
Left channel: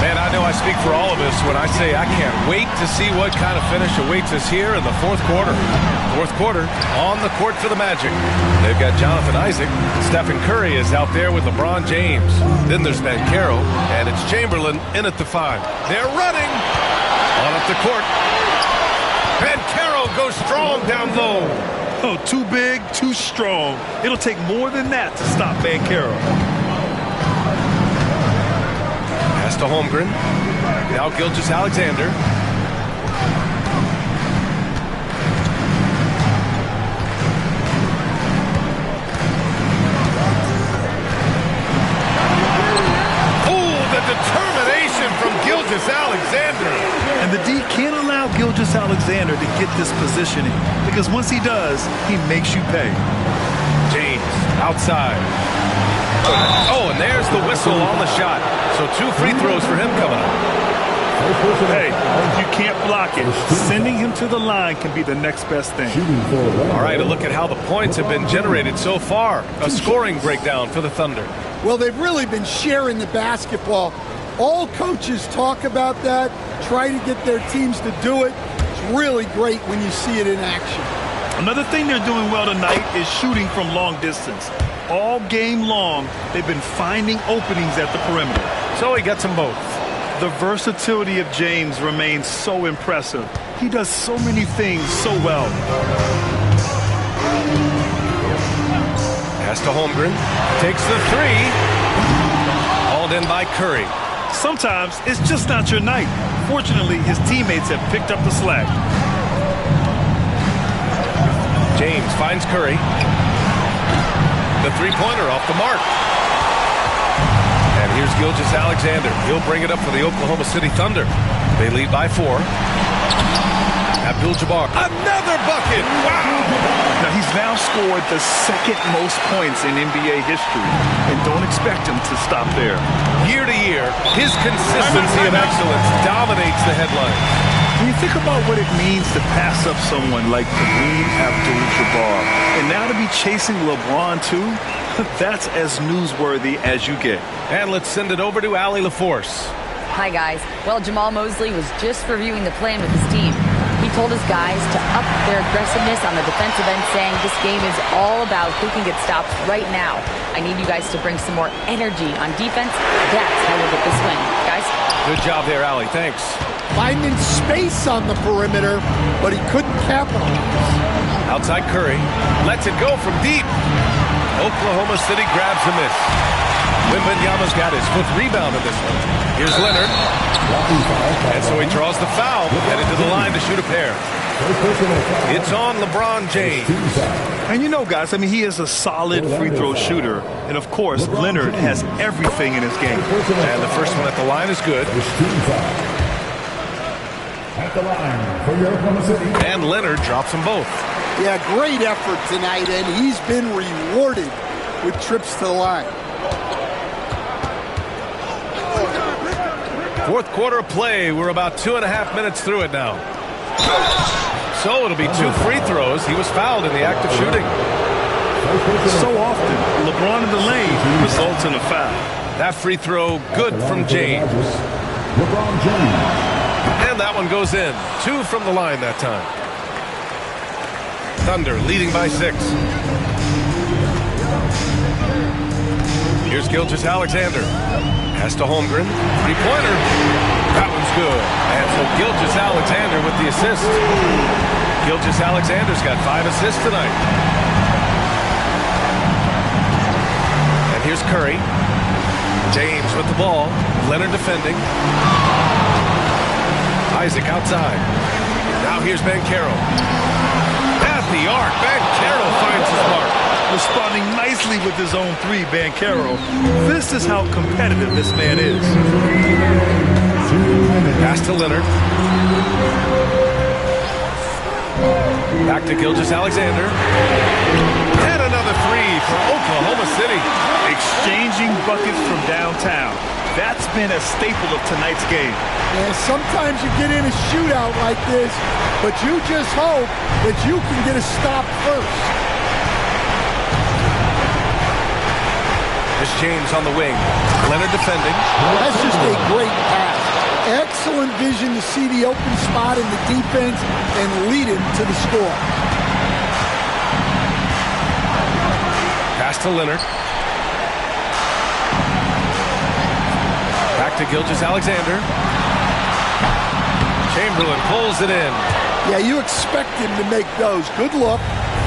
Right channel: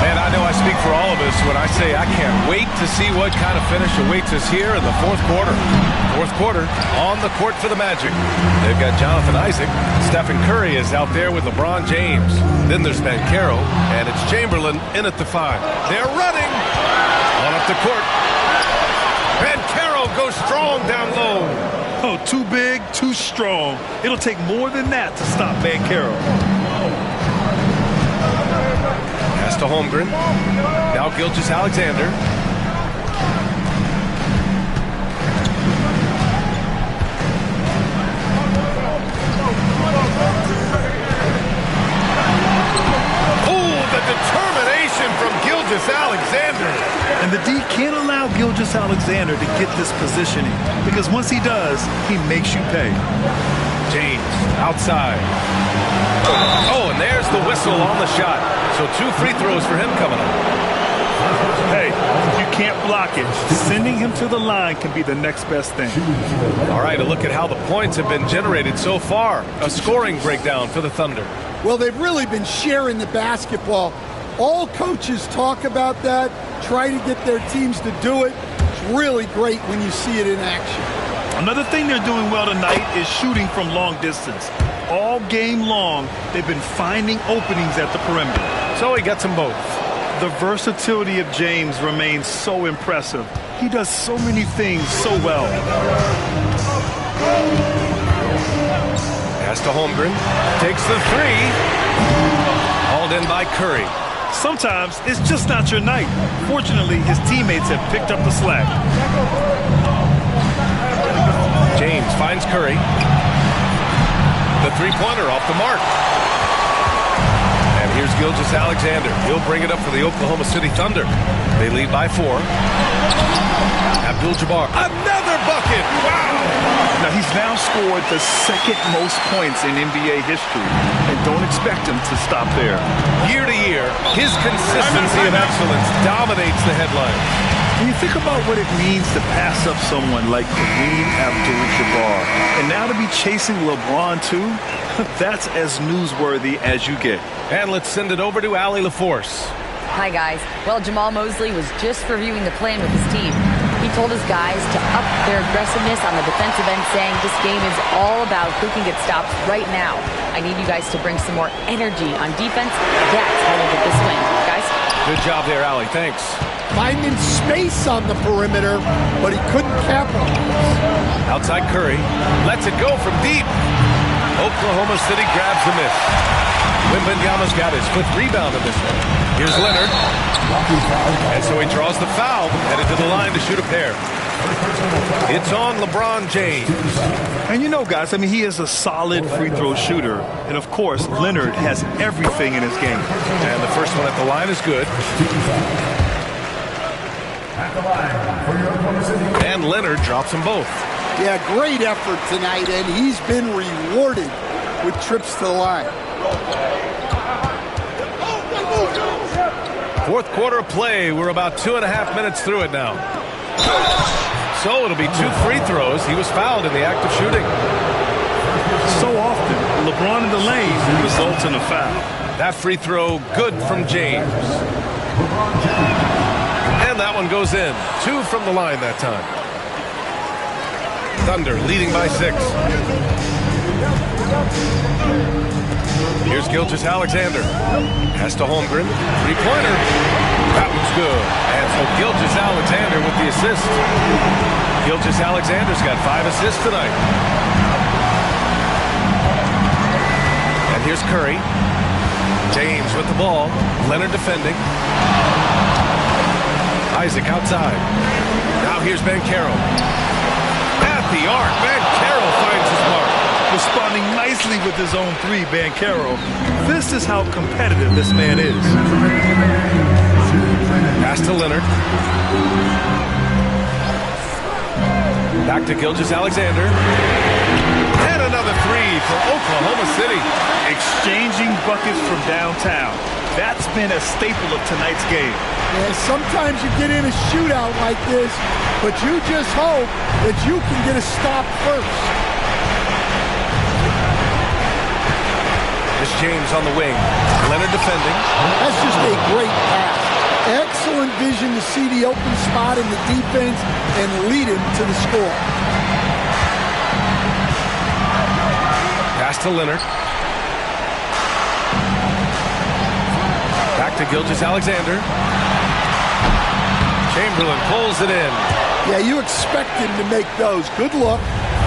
Man, I know I I speak for all of us when I say I can't wait to see what kind of finish awaits us here in the fourth quarter. Fourth quarter on the court for the Magic. They've got Jonathan Isaac. Stephen Curry is out there with LeBron James. Then there's Banchero, and it's Chamberlain in at the 5. They're running on up the court. Banchero goes strong down low. Oh, too big, too strong. It'll take more than that to stop Banchero. Pass to Holmgren. Now Gilgeous-Alexander. Oh, the determination from Gilgeous-Alexander. And the D can't allow Gilgeous-Alexander to get this positioning, because once he does, he makes you pay. James outside. Oh, and there's the whistle on the shot. So 2 free throws for him coming up. Hey, if you can't block it, sending him to the line can be the next best thing. All right, a look at how the points have been generated so far. A scoring breakdown for the Thunder. Well, they've really been sharing the basketball. All coaches talk about that, try to get their teams to do it. It's really great when you see it in action. Another thing they're doing well tonight is shooting from long distance. All game long, they've been finding openings at the perimeter. So he gets them both. The versatility of James remains so impressive. He does so many things so well. Pass to Holmgren. Takes the 3. Hauled in by Curry. Sometimes it's just not your night. Fortunately, his teammates have picked up the slack. James finds Curry. The three-pointer off the mark. And here's Gilgeous-Alexander. He'll bring it up for the Oklahoma City Thunder. They lead by 4. Abdul-Jabbar. Another bucket! Wow! Now, he's now scored the second most points in NBA history. And don't expect him to stop there. Year to year, his consistency of excellence dominates the headlines. When you think about what it means to pass up someone like Kareem Abdul-Jabbar, and now to be chasing LeBron too, that's as newsworthy as you get. And let's send it over to Allie LaForce. Hi, guys. Well, Jamal Mosley was just reviewing the plan with his team. He told his guys to up their aggressiveness on the defensive end, saying this game is all about who can get stops right now. I need you guys to bring some more energy on defense. That's how we'll get this win. Guys? Good job there, Allie. Thanks. Finding space on the perimeter, but he couldn't capitalize. Outside Curry. Lets it go from deep. Oklahoma City grabs the miss. Wembanyama's got his 5th rebound in this one. Here's Leonard. And so he draws the foul, headed to the line to shoot a pair. It's on LeBron James. And you know, guys, I mean, he is a solid free throw shooter. And, of course, Leonard has everything in his game. And the first one at the line is good. At the line for your Oklahoma City. And Leonard drops them both. Yeah, great effort tonight, and he's been rewarded with trips to the line. Fourth quarter of play. We're about 2.5 minutes through it now. So it'll be 2 free throws. He was fouled in the act of shooting. So often, LeBron in the lane results in a foul. That free throw good from James. And that one goes in. 2 from the line that time. Thunder leading by 6. Here's Gilgeous-Alexander. Pass to Holmgren. 3-pointer. That one's good. And so Gilgeous-Alexander with the assist. Gilgeous-Alexander's got 5 assists tonight. And here's Curry. James with the ball. Leonard defending. Isaac outside. Now here's Banchero. At the arc. Banchero finds his mark. Responding nicely with his own 3, Banchero. This is how competitive this man is. Pass to Leonard. Back to Gilgeous-Alexander. And another 3 for Oklahoma City. Exchanging buckets from downtown. That's been a staple of tonight's game. Yeah, sometimes you get in a shootout like this, but you just hope that you can get a stop first. Here's James on the wing. Leonard defending. That's just a great pass. Excellent vision to see the open spot in the defense and lead him to the score. Pass to Leonard. Back to Gilgeous-Alexander. Chamberlain pulls it in. Yeah, you expect him to make those. Good look.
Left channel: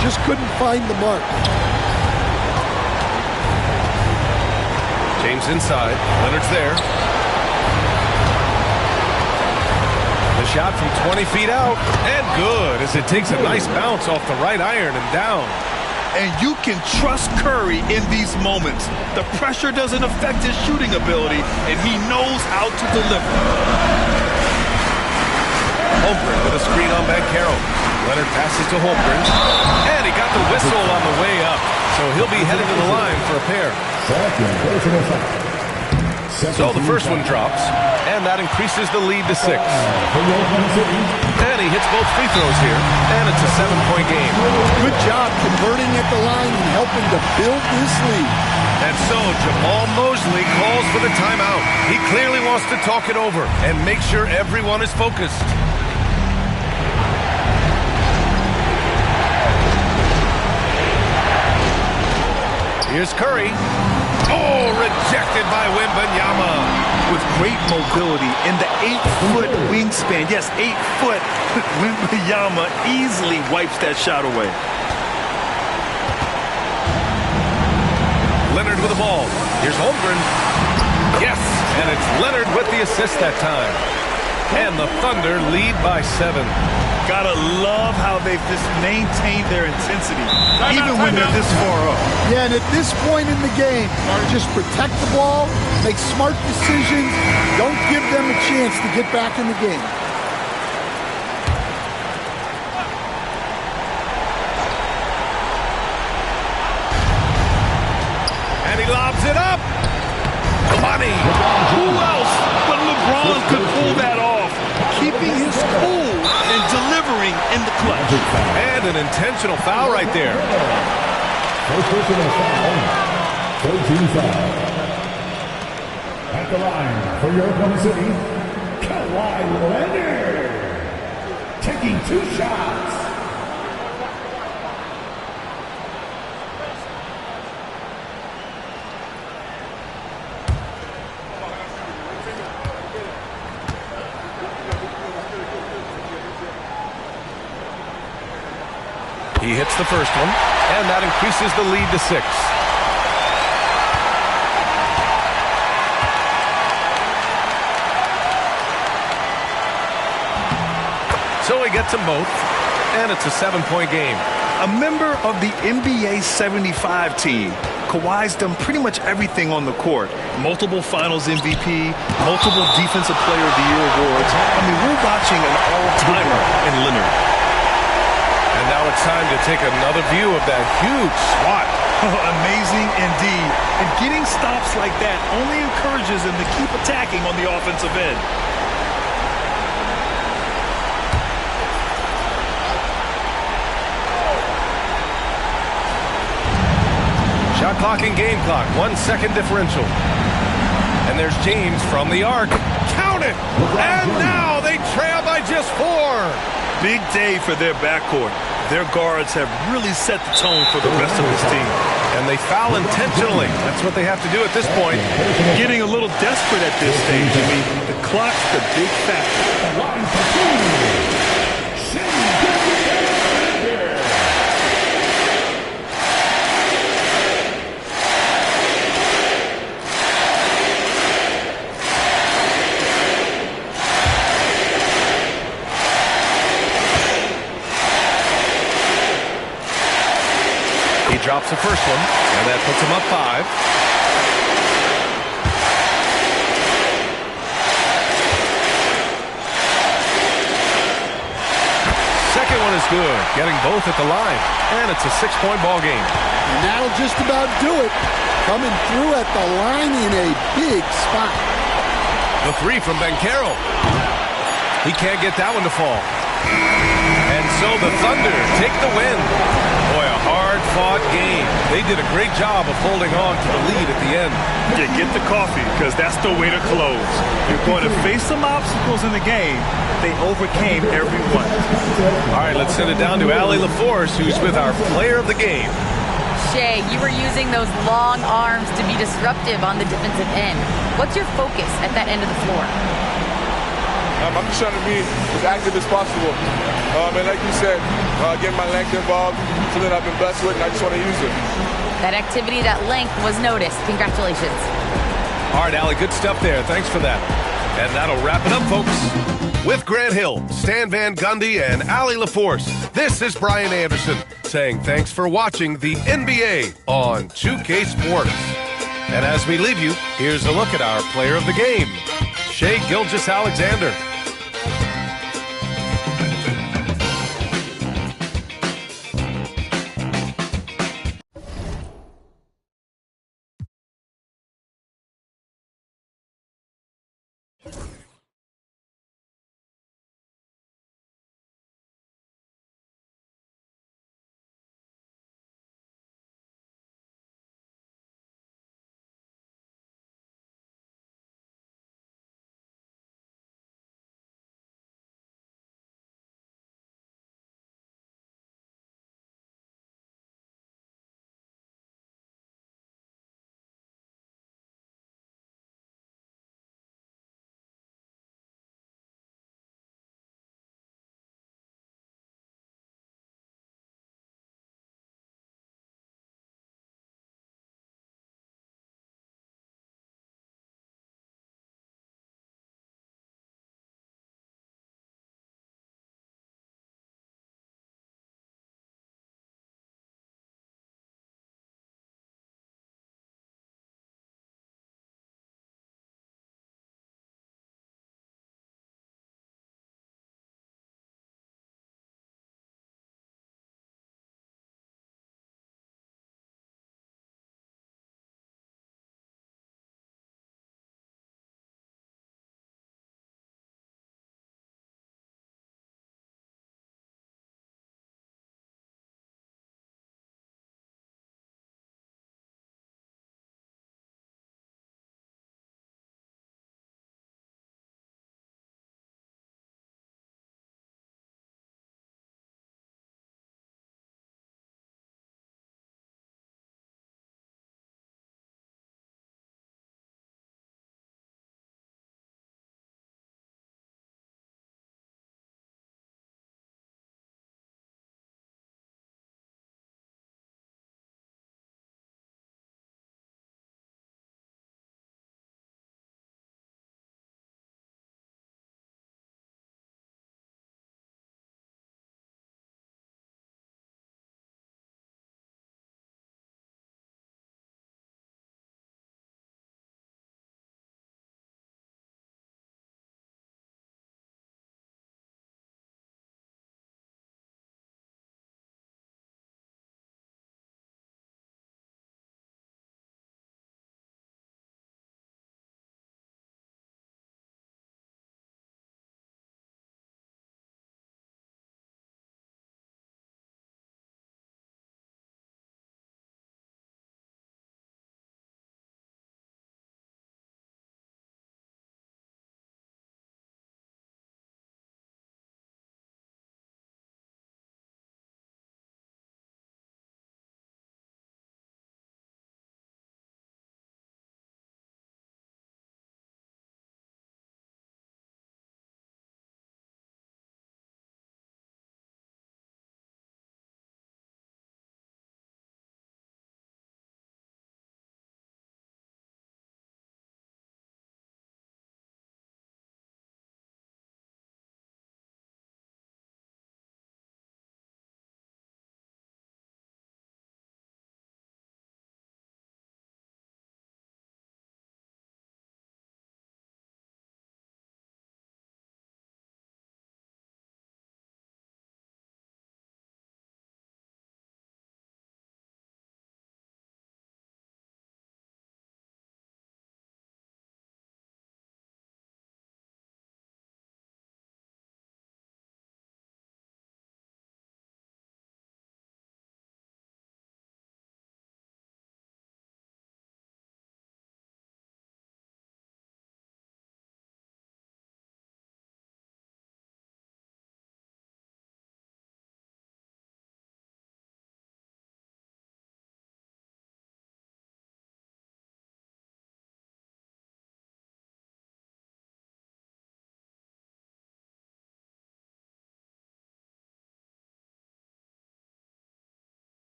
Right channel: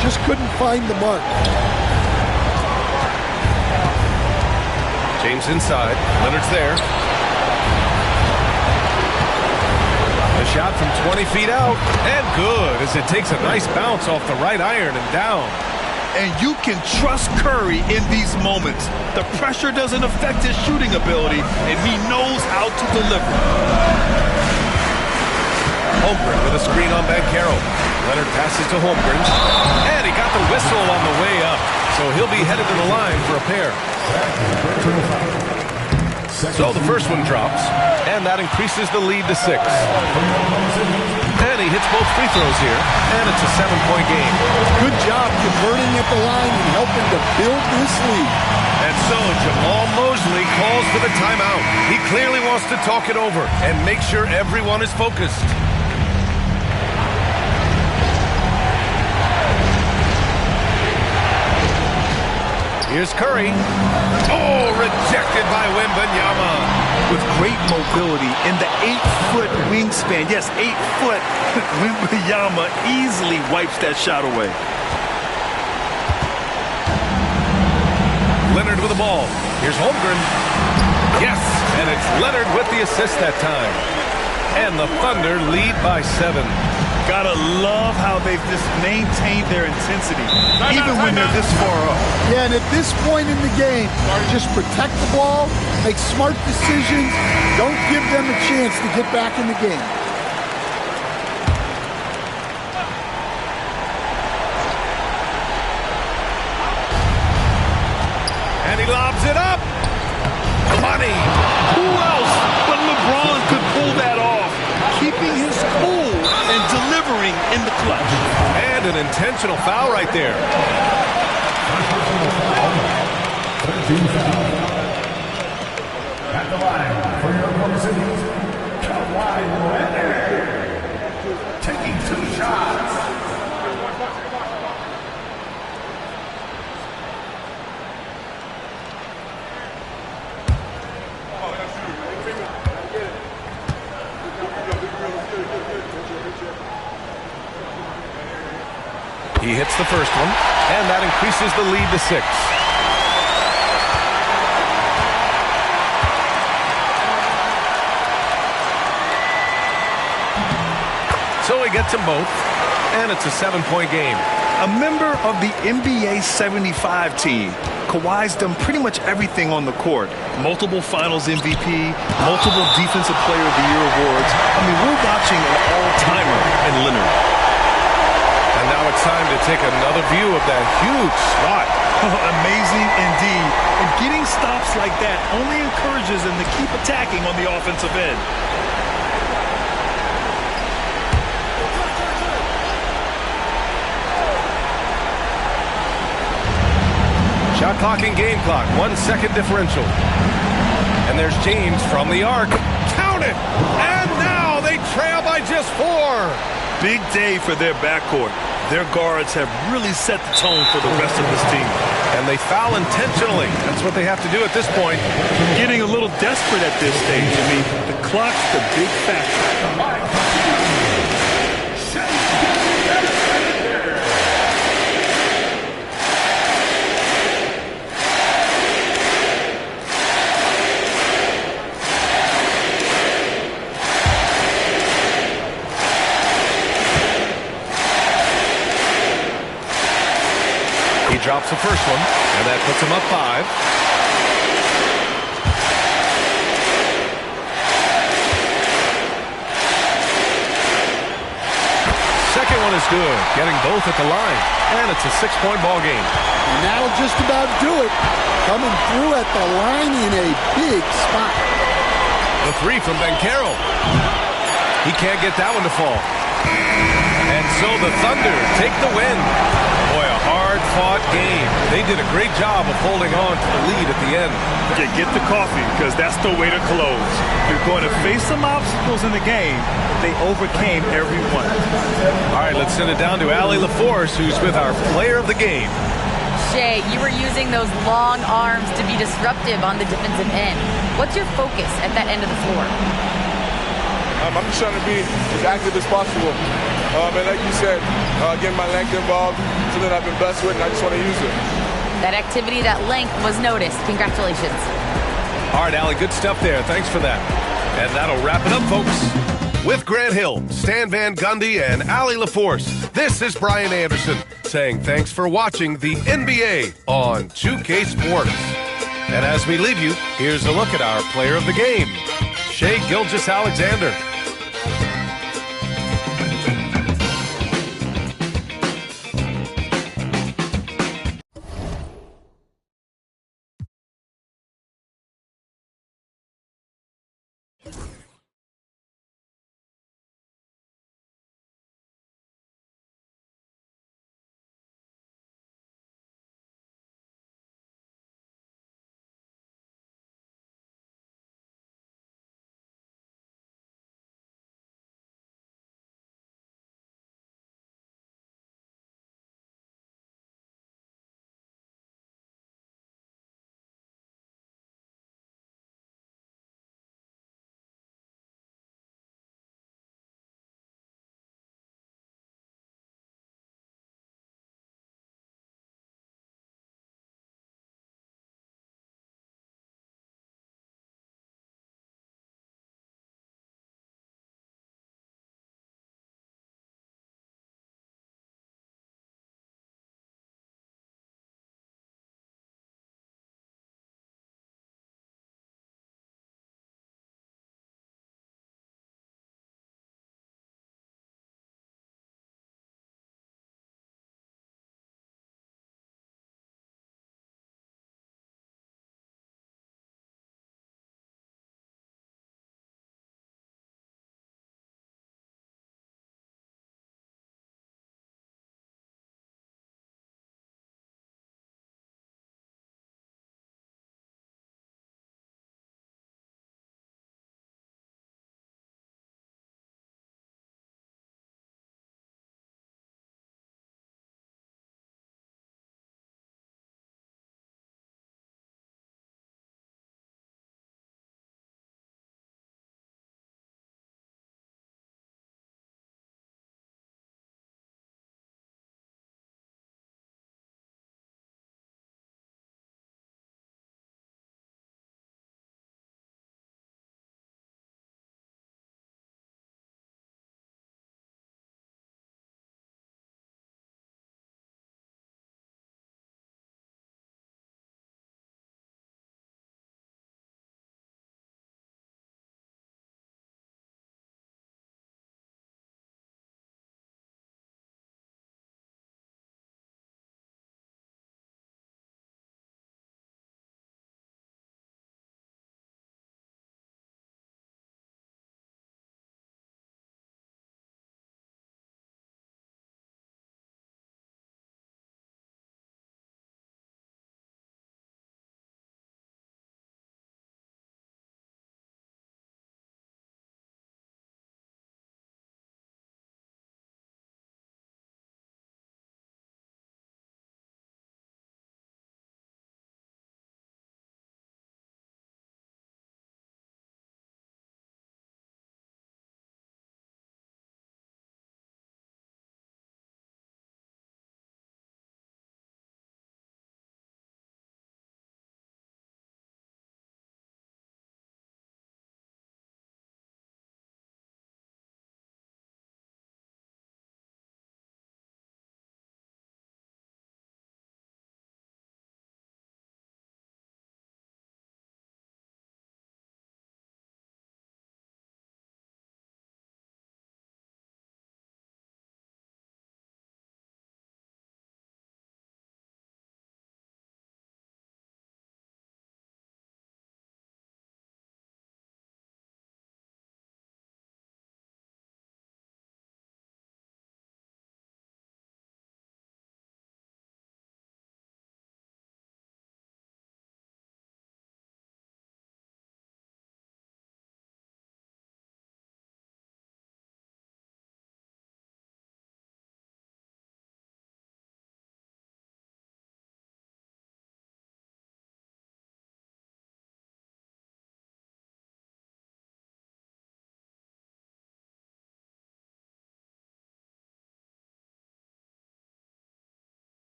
Just couldn't find the mark. James inside. Leonard's there. The shot from 20 feet out. And good as it takes a nice bounce off the right iron and down. And you can trust Curry in these moments. The pressure doesn't affect his shooting ability, and he knows how to deliver. Holmgren with a screen on Banchero. Leonard passes to Holmgren. And he got the whistle on the way up. So he'll be headed to the line for a pair. So the first one drops, and that increases the lead to 6. And he hits both free throws here, and it's a 7-point game. Good job converting at the line and helping to build this lead. And so Jamal Mosley calls for the timeout. He clearly wants to talk it over and make sure everyone is focused. Here's Curry. Oh, rejected by Wembanyama. With great mobility in the 8-foot wingspan. Yes, 8 foot. Wembanyama easily wipes that shot away. Leonard with the ball. Here's Holmgren. Yes, and it's Leonard with the assist that time. And the Thunder lead by 7. Gotta love how they've just maintained their intensity, even when they're this far up. Yeah, and at this point in the game, just protect the ball, make smart decisions, don't give them a chance to get back in the game. And he lobs it up. Money. Who else but LeBron could pull that off? Keeping his cool and delivering in the clutch. And an intentional foul right there. First personal foul. 13 foul. At the line for your Oklahoma City, Kawhi Leonard. Taking 2 shots. He hits the first one, and that increases the lead to 6. So he gets them both, and it's a 7-point game. A member of the NBA 75 team, Kawhi's done pretty much everything on the court. Multiple Finals MVP, multiple Defensive Player of the Year awards. I mean, we're watching an all-timer in Leonard. And now it's time to take another view of that huge swat. Amazing indeed. And getting stops like that only encourages him to keep attacking on the offensive end. Shot clock and game clock, 1 second differential. And there's James from the arc. Count it! And now they trail by just 4. Big day for their backcourt. Their guards have really set the tone for the rest of this team. And they foul intentionally. That's what they have to do at this point. Getting a little desperate at this stage. I mean, the clock's the big factor. He drops the first one, and that puts him up 5. Second one is good, getting both at the line, and it's a 6-point ball game. And that'll just about do it. Coming through at the line in a big spot. The 3 from Banchero. He can't get that one to fall. And so the Thunder take the win. Boy, a hard-fought game. They did a great job of holding on to the lead at the end. Get the coffee, because that's the way to close. You're going to face some obstacles in the game. They overcame every one. All right, let's send it down to Allie LaForce, who's with our player of the game. Shea, you were using those long arms to be disruptive on the defensive end. What's your focus at that end of the floor? I'm just trying to be as active as possible. And like you said, getting my length involved, something I've been blessed with, and I just want to use it. That activity, that length was noticed. Congratulations. All right, Allie, good stuff there. Thanks for that. And that'll wrap it up, folks. With Grant Hill, Stan Van Gundy, and Allie LaForce, this is Brian Anderson saying thanks for watching the NBA on 2K Sports. And as we leave you, here's a look at our player of the game, Shai Gilgeous-Alexander.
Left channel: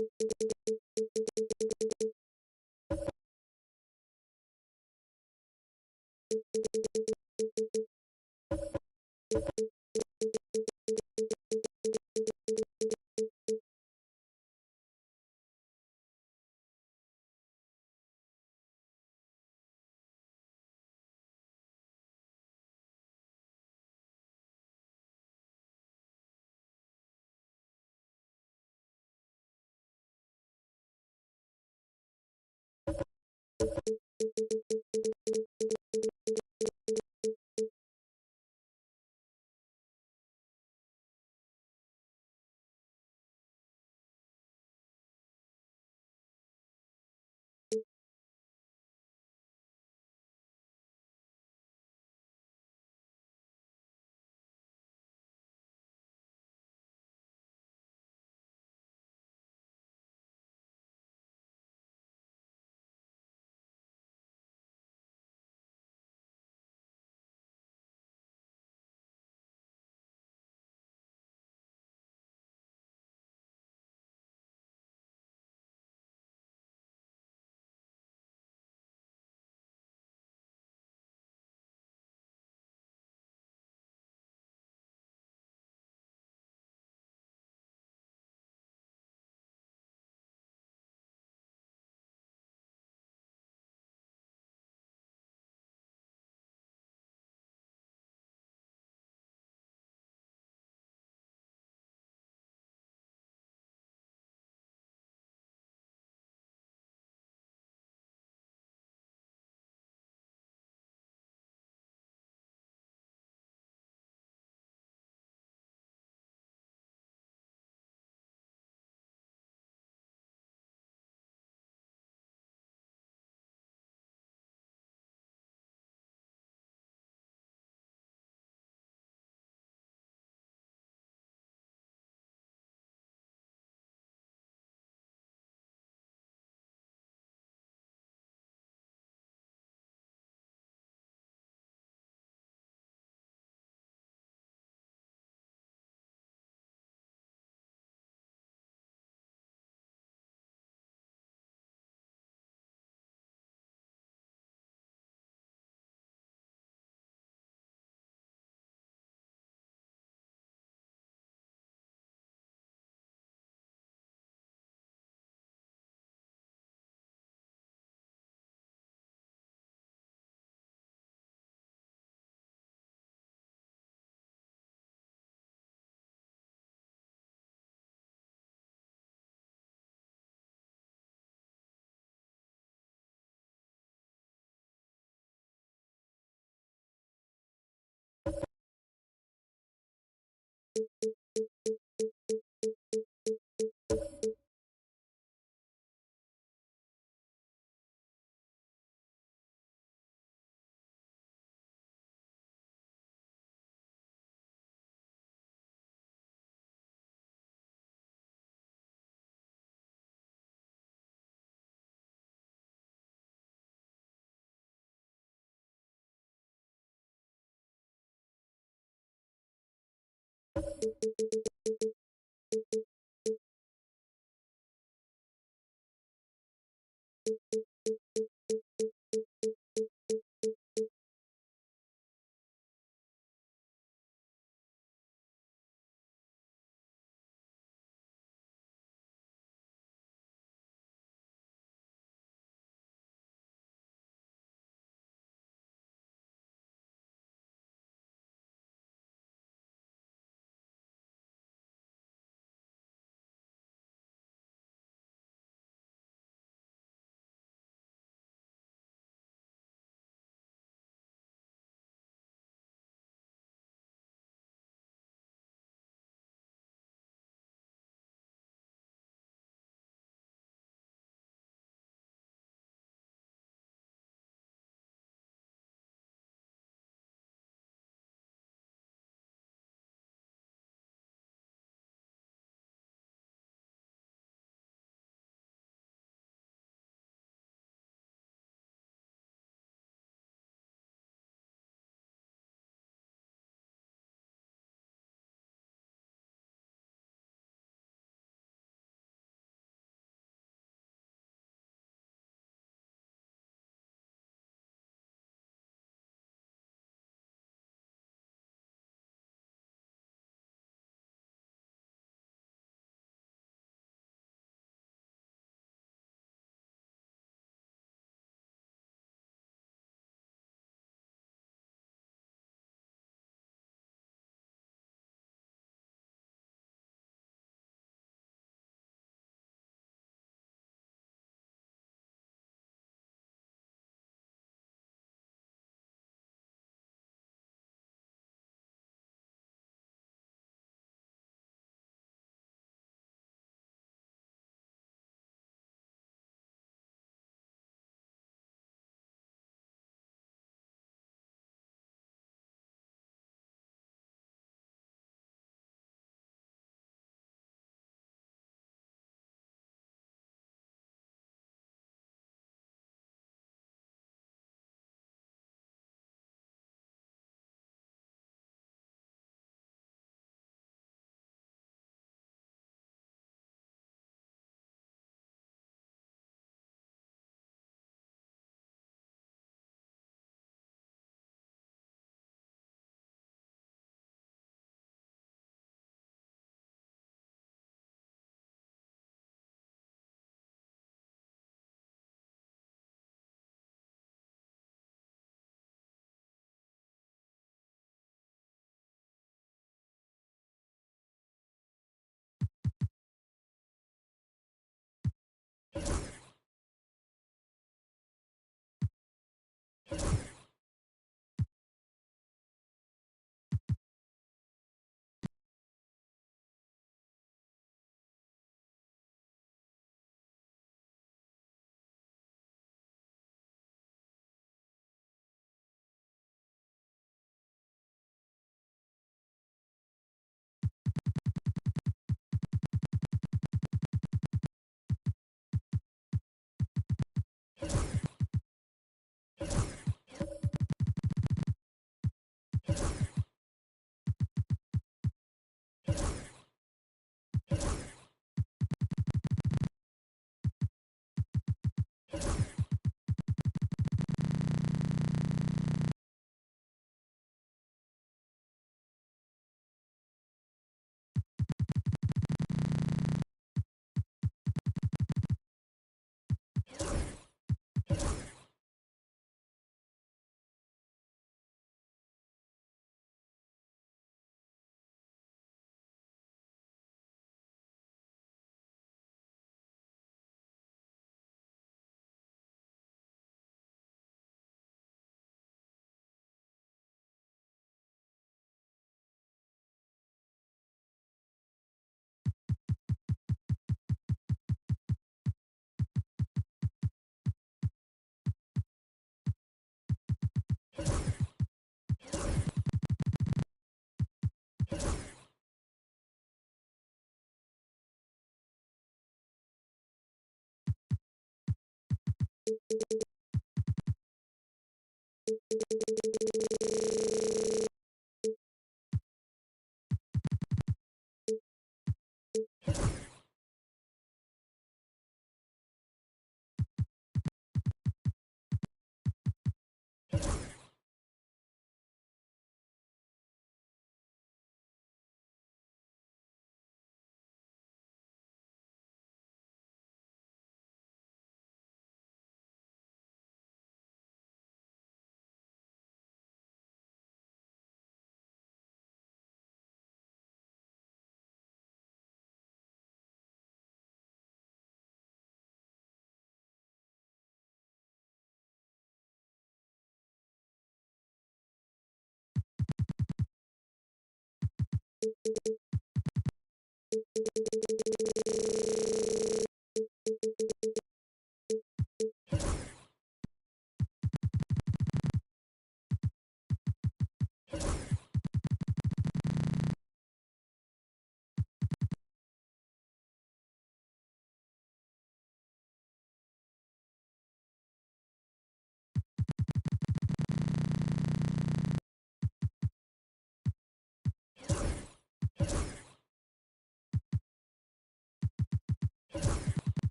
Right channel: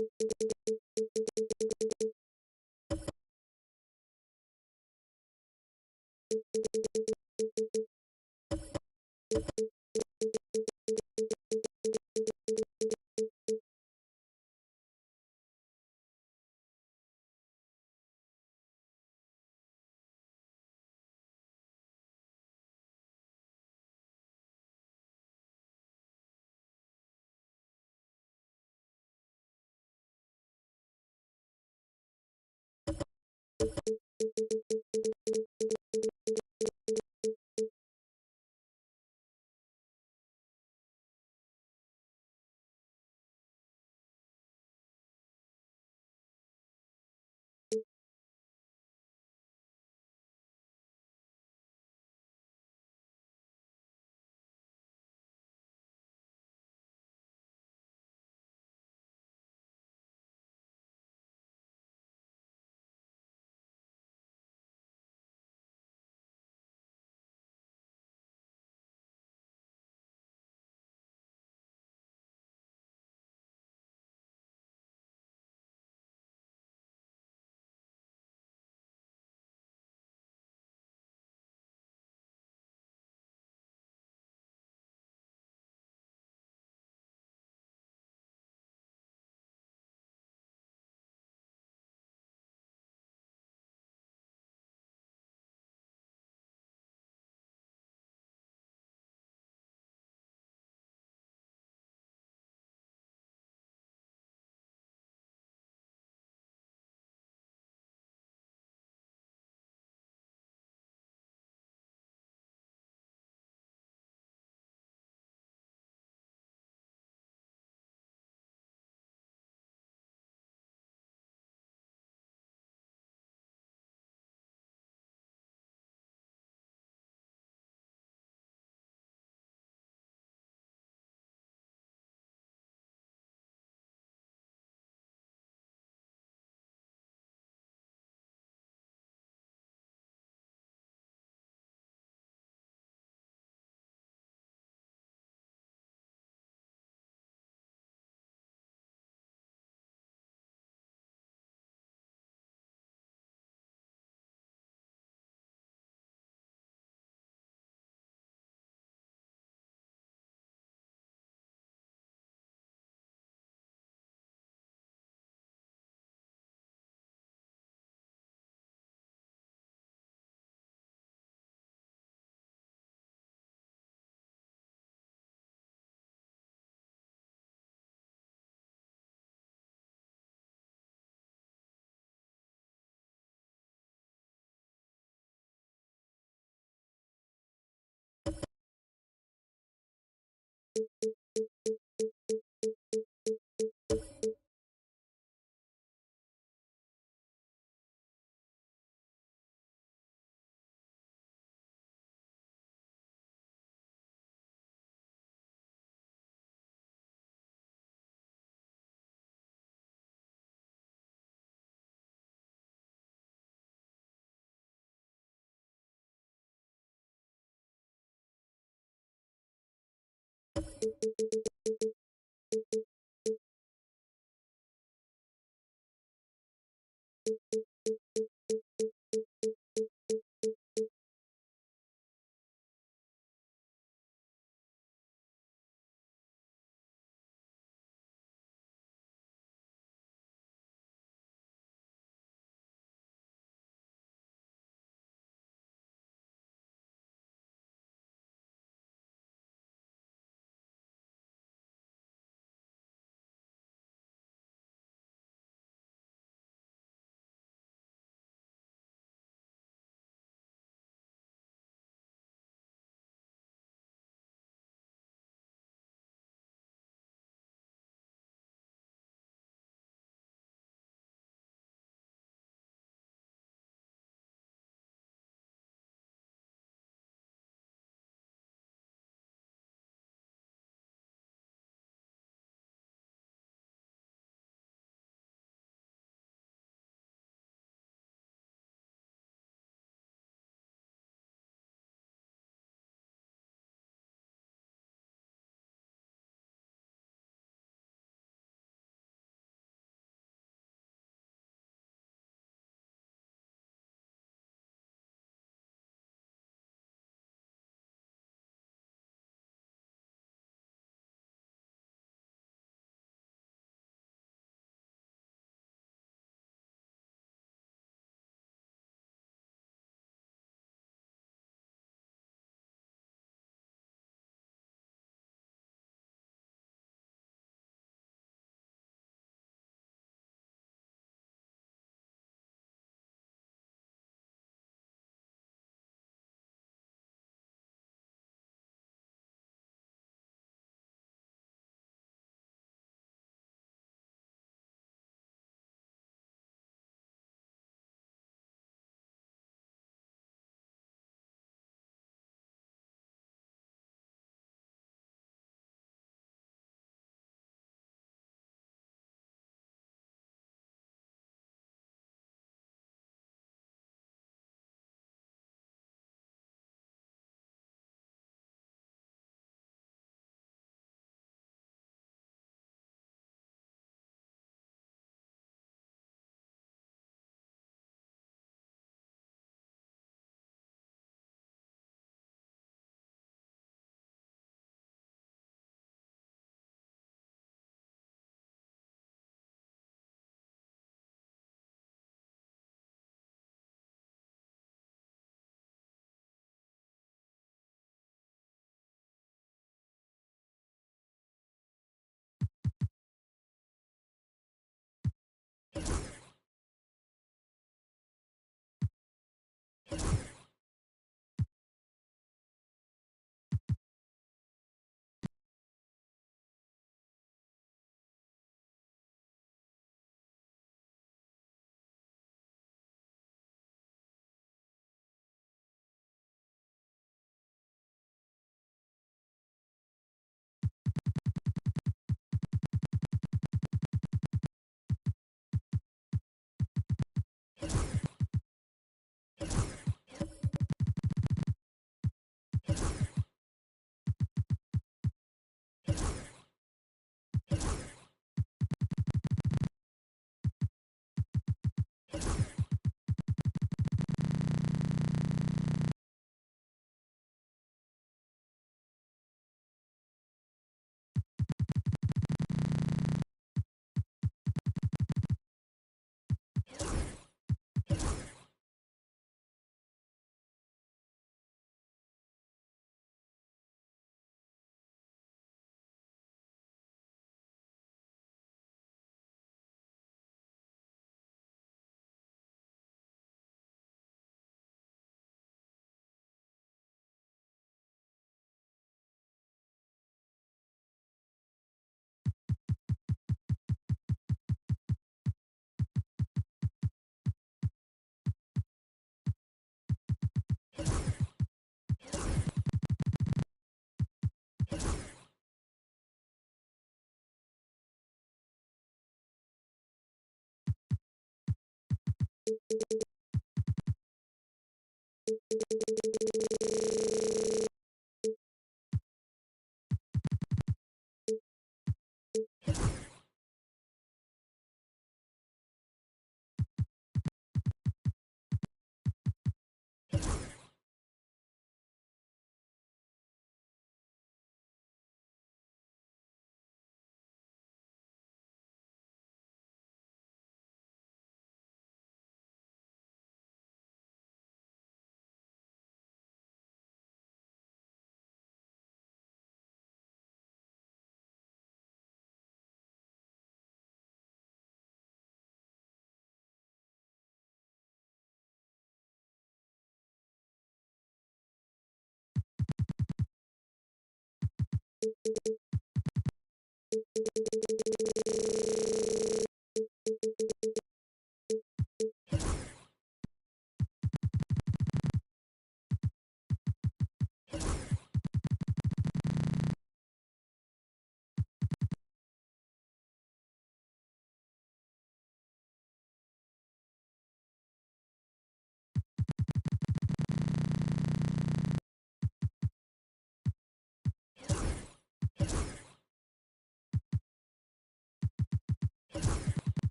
You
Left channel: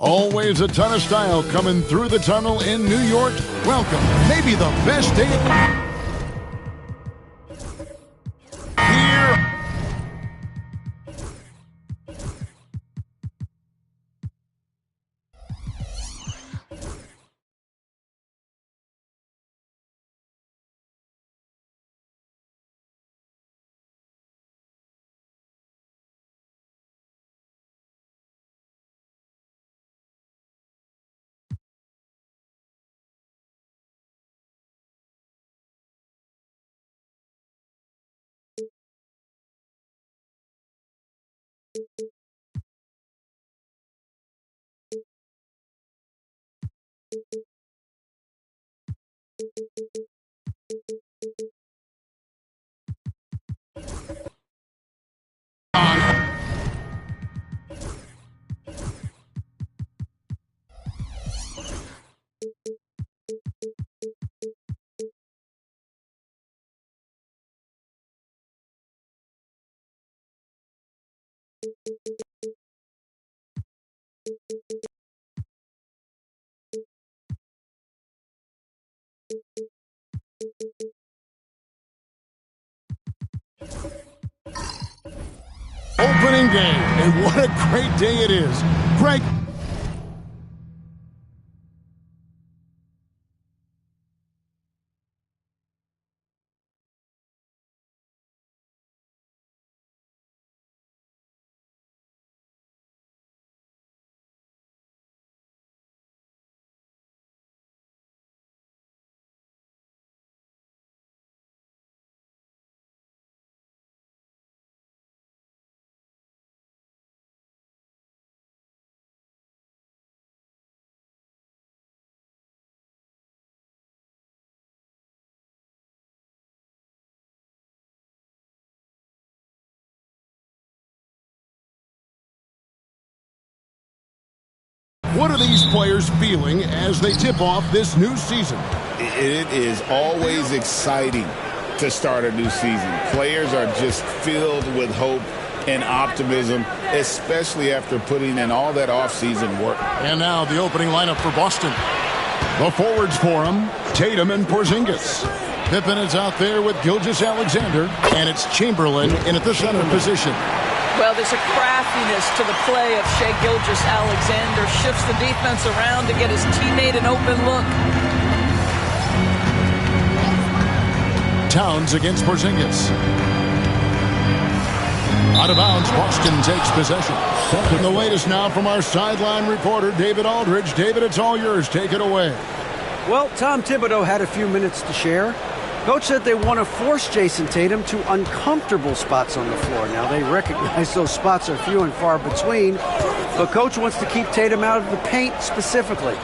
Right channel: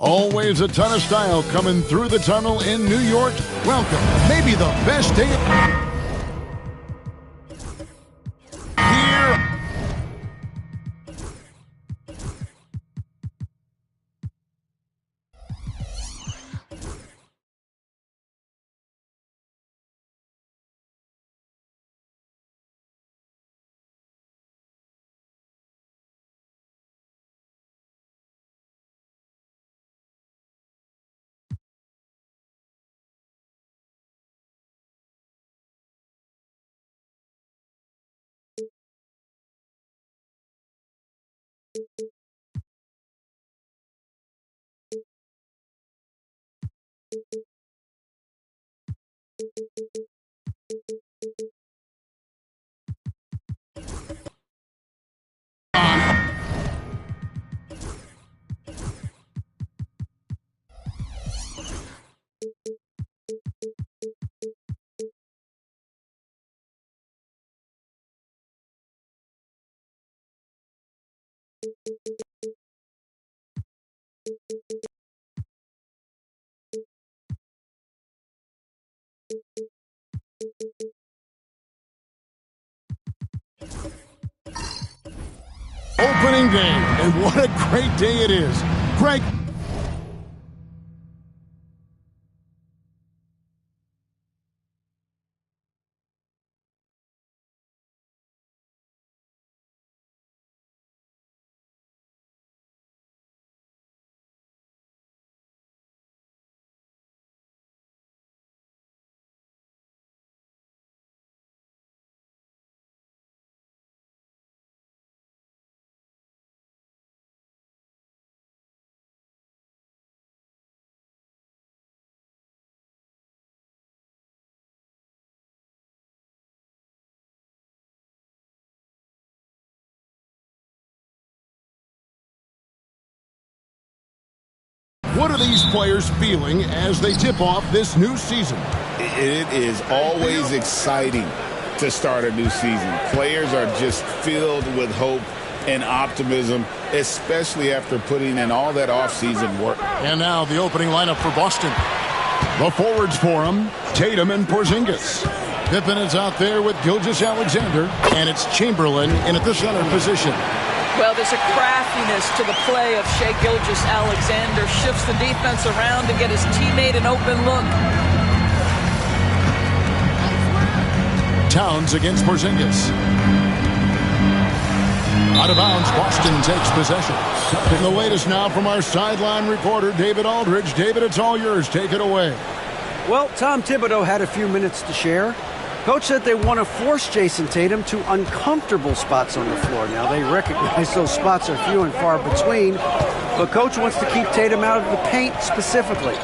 Always a ton of style coming through the tunnel in New York. Welcome. Maybe the best day here. Opening day, and what a great day it is. Greg. What are these players feeling as they tip off this new season? It is always exciting to start a new season. Players are just filled with hope and optimism, especially after putting in all that offseason work. And now the opening lineup for Boston. The forwards for them, Tatum and Porzingis. Pippen is out there with Gilgeous-Alexander, and it's Chamberlain in at the center position. Well, there's a craftiness to the play of Shai Gilgeous-Alexander. Shifts the defense around to get his teammate an open look. Towns against Porzingis. Out of bounds, Boston takes possession. And the latest now from our sideline reporter, David Aldridge. David, it's all yours. Take it away. Well, Tom Thibodeau had a few minutes to share. Coach said they want to force Jason Tatum to uncomfortable spots on the floor. Now, they recognize those spots are few and far between, but Coach wants to keep Tatum out of the paint specifically.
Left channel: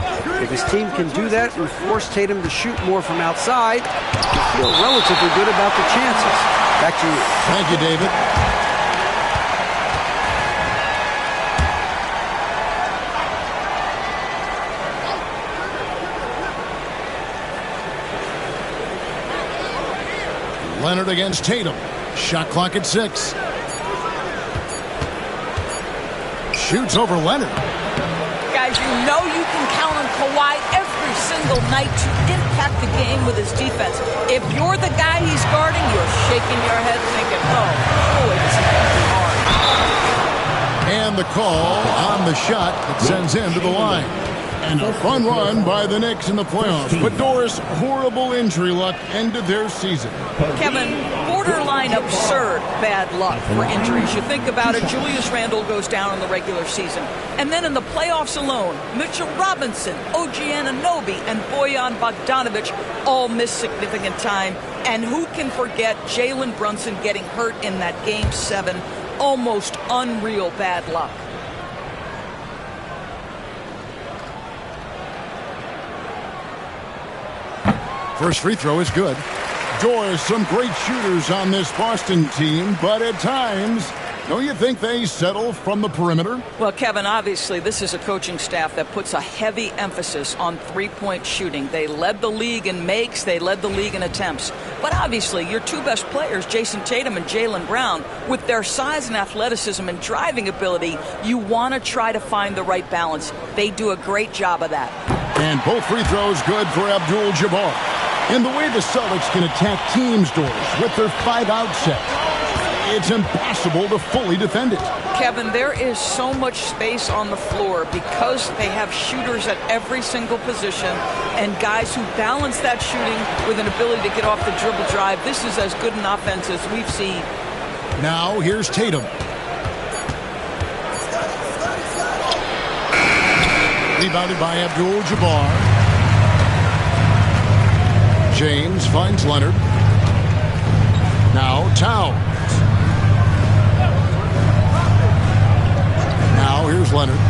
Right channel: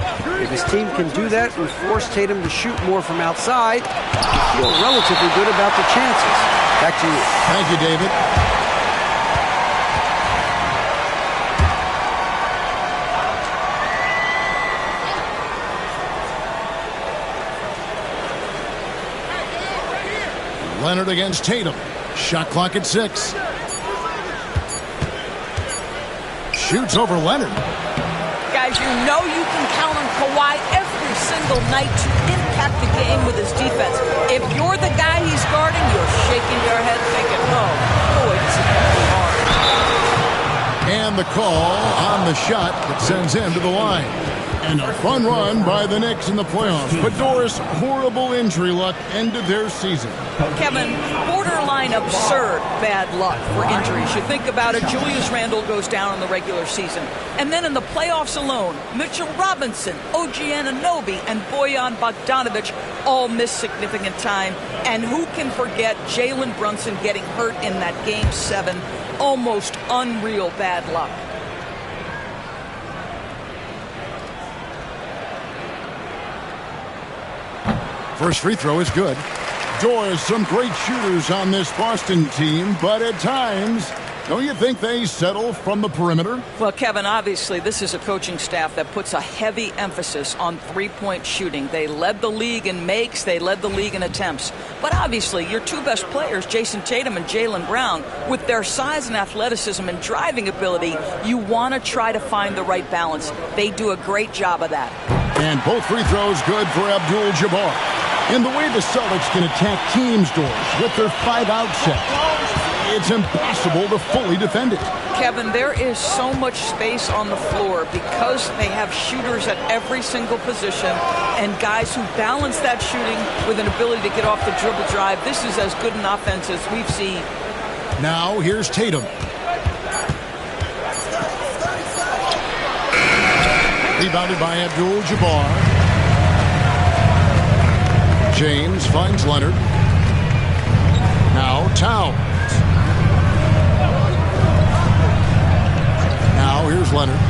If his team can do that and force Tatum to shoot more from outside, they feel relatively good about the chances. Back to you. Thank you, David. Leonard against Tatum. Shot clock at 6. Shoots over Leonard. Guys, you know you can count on Kawhi every single night to impact the game with his defense. If you're the guy he's guarding, you're shaking your head thinking, oh, boy, this is going to be hard. And the call on the shot that sends him to the line. And a fun run by the Knicks in the playoffs. But Doris, horrible injury luck ended their season. Kevin, borderline absurd bad luck for injuries. You think about it, Julius Randle goes down in the regular season. And then in the playoffs alone, Mitchell Robinson, OG Anunoby, and Bojan Bogdanovic all missed significant time. And who can forget Jalen Brunson getting hurt in that Game 7? Almost unreal bad luck. First free throw is good. Doris, some great shooters on this Boston team, but at times, don't you think they settle from the perimeter? Well, Kevin, obviously, this is a coaching staff that puts a heavy emphasis on three-point shooting. They led the league in makes. They led the league in attempts. But obviously, your two best players, Jason Tatum and Jaylen Brown, with their size and athleticism and driving ability, you want to try to find the right balance. They do a great job of that. And both free throws good for Abdul-Jabbar. And the way the Celtics can attack teams, Doris, with their 5-out set, it's impossible to fully defend it. Kevin, there is so much space on the floor because they have shooters at every single position and guys who balance that shooting with an ability to get off the dribble drive. This is as good an offense as we've seen. Now here's Tatum. Rebounded by Abdul-Jabbar. James finds Leonard. Now Towns. Now here's Leonard.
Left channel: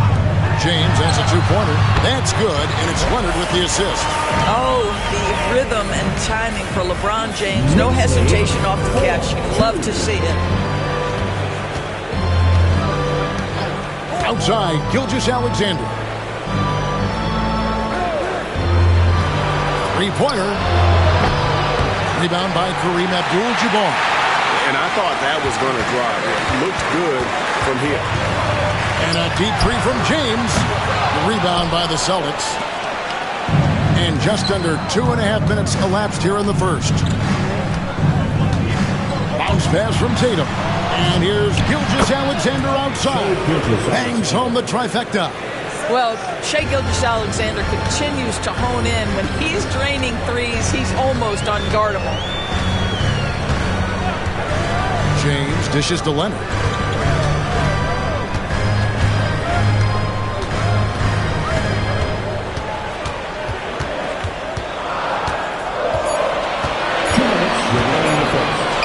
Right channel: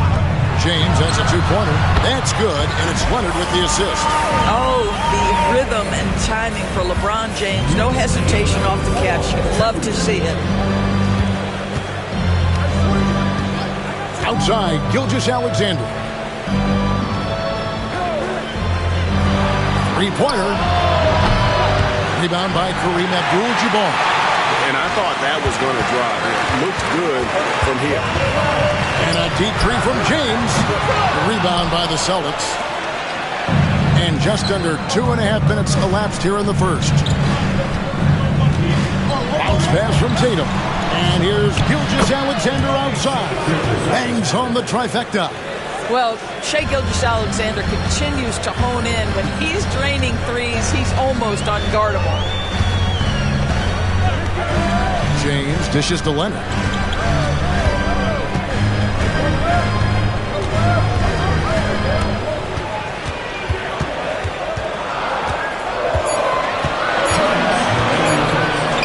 James has a two-pointer. That's good, and it's Leonard with the assist. Oh, the rhythm and timing for LeBron James. No hesitation off the catch. You'd love to see it. Outside, Gilgeous-Alexander. Three-pointer. Rebound by Kareem Abdul-Jabbar. And I thought that was going to drive. It looked good from here. And a deep three from James. The rebound by the Celtics. And just under 2.5 minutes elapsed here in the first. Bounce pass from Tatum. And here's Gilgeous-Alexander outside. Bangs home the trifecta. Well, Shai Gilgeous-Alexander continues to hone in. When he's draining threes, he's almost unguardable. James dishes to Leonard.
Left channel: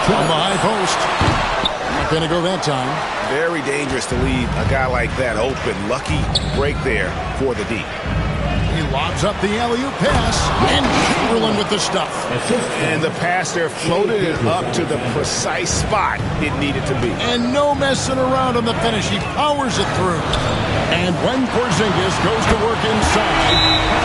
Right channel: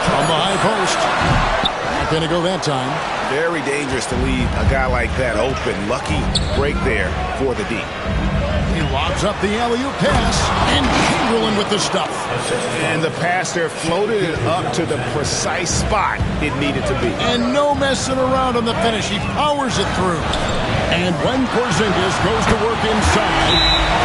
From the high post. Not going to go that time. Very dangerous to leave a guy like that open. Lucky break there for the D. He lobs up the alley-oop pass, and Chamberlain with the stuff. And the pass there floated it up to the precise spot it needed to be. And no messing around on the finish. He powers it through. And when Porzingis goes to work inside,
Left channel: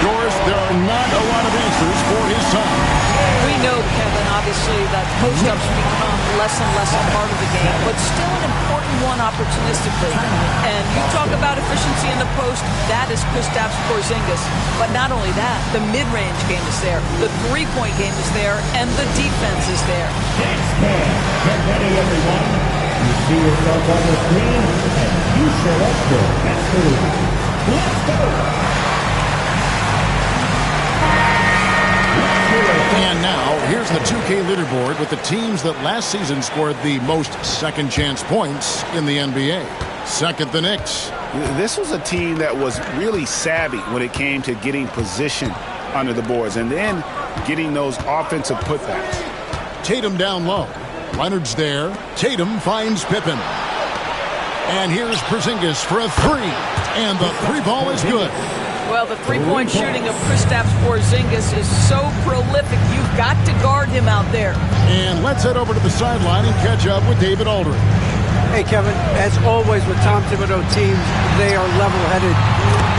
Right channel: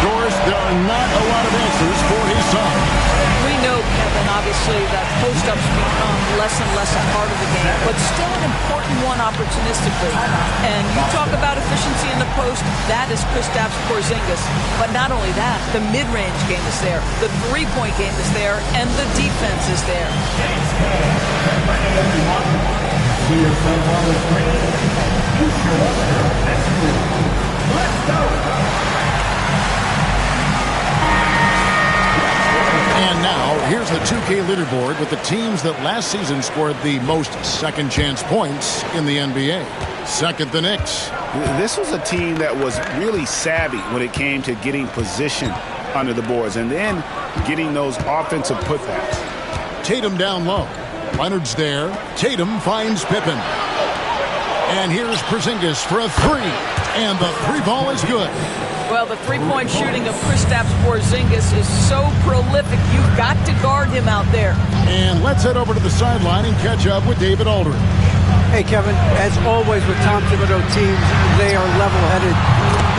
Doris, there are not a lot of answers for his son. We know, Kevin, obviously, that post-ups become less and less a part of the game, but still an important one opportunistically. And you talk about efficiency in the post, that is Kristaps Porzingis. But not only that, the mid-range game is there, the three-point game is there, and the defense is there. Get ready, everyone. You see yourself on the screen, and you should watch the best move. Let's go! And now, here's the 2K leaderboard with the teams that last season scored the most second-chance points in the NBA. Second, the Knicks. This was a team that was really savvy when it came to getting position under the boards and then getting those offensive putbacks. Tatum down low. Leonard's there. Tatum finds Pippen. And here's Porzingis for a three. And the three ball is good. Well, the three-point shooting of Kristaps Porzingis is so prolific. You've got to guard him out there. And let's head over to the sideline and catch up with David Aldridge. Hey, Kevin, as always with Tom Thibodeau teams, they are level-headed.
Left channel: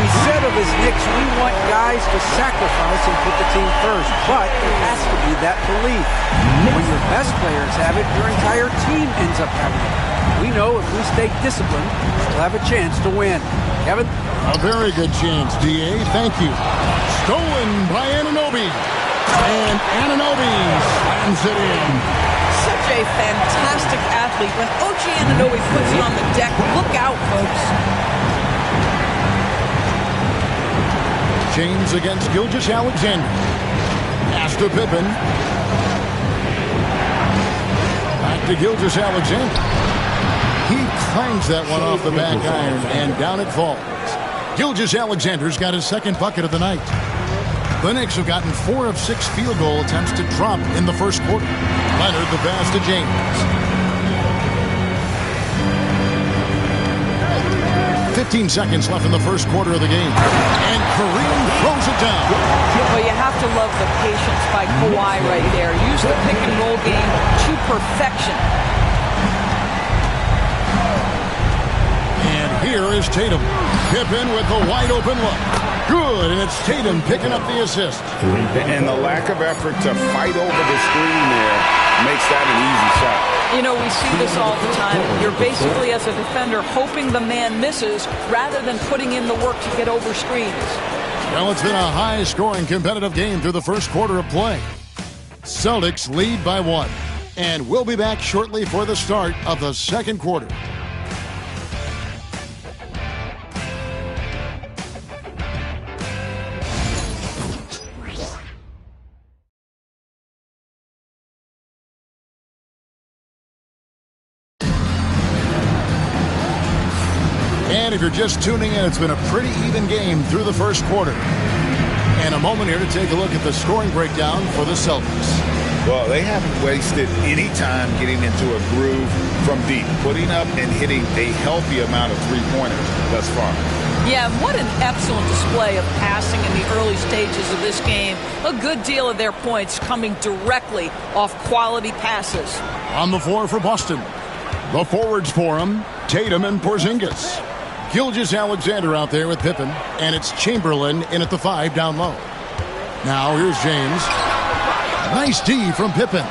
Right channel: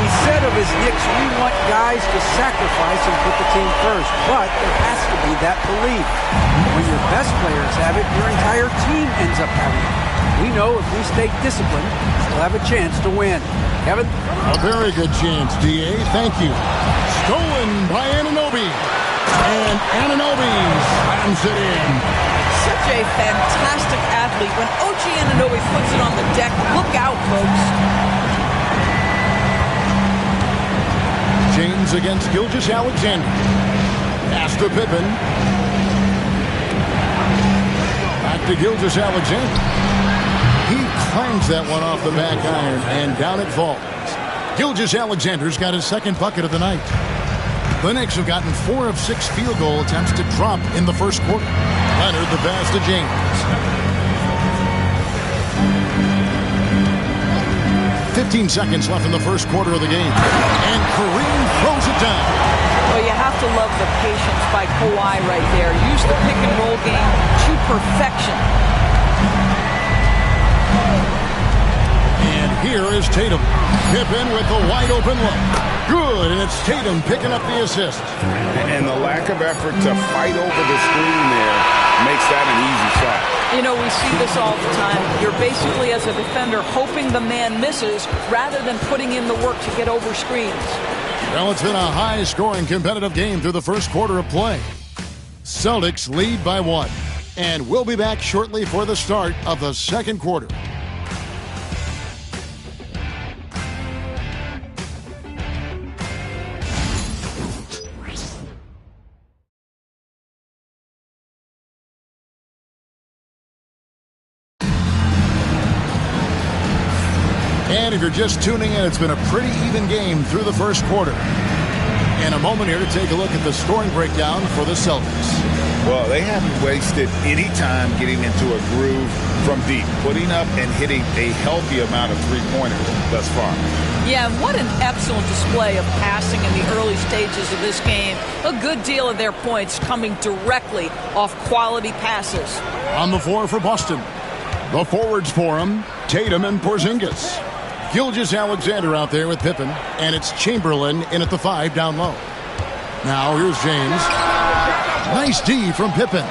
He said of his Knicks, we want guys to sacrifice and put the team first, but there has to be that belief. When your best players have it, your entire team ends up having it. We know if we stay disciplined, we'll have a chance to win. Kevin? A very good chance, D.A. Thank you. Stolen by Anunoby. And Anunoby slams it in. Such a fantastic athlete. When OG Anunoby puts it on the deck, look out, folks. James against Gilgeous-Alexander. Pass to Pippen. Back to Gilgeous-Alexander. He clangs that one off the back iron, and down it falls. Gilgeous-Alexander's got his second bucket of the night. The Knicks have gotten 4 of 6 field goal attempts to drop in the first quarter. Leonard the pass to James. 15 seconds left in the first quarter of the game. And Kareem throws it down. Well, you have to love the patience by Kawhi right there. Use the pick and roll game to perfection. And here is Tatum. Pippen with the wide open look. Good, and it's Tatum picking up the assist. And the lack of effort to fight over the screen there makes that an easy shot. You know, we see this all the time. You're basically, as a defender, hoping the man misses rather than putting in the work to get over screens. Well, it's been a high-scoring competitive game through the first quarter of play. Celtics lead by 1. And we'll be back shortly for the start of the second quarter. And if you're just tuning in, it's been a pretty even game through the first quarter. And a moment here to take a look at the scoring breakdown for the Celtics. Well, they haven't wasted any time getting into a groove from deep, putting up and hitting a healthy amount of three-pointers thus far. Yeah, what an excellent display of passing in the early stages of this game. A good deal of their points coming directly off quality passes. On the floor for Boston, the forwards for him, Tatum and Porzingis. Gilgeous-Alexander out there with Pippen, and it's Chamberlain in at the 5 down low. Now here's James. Nice D from Pippen.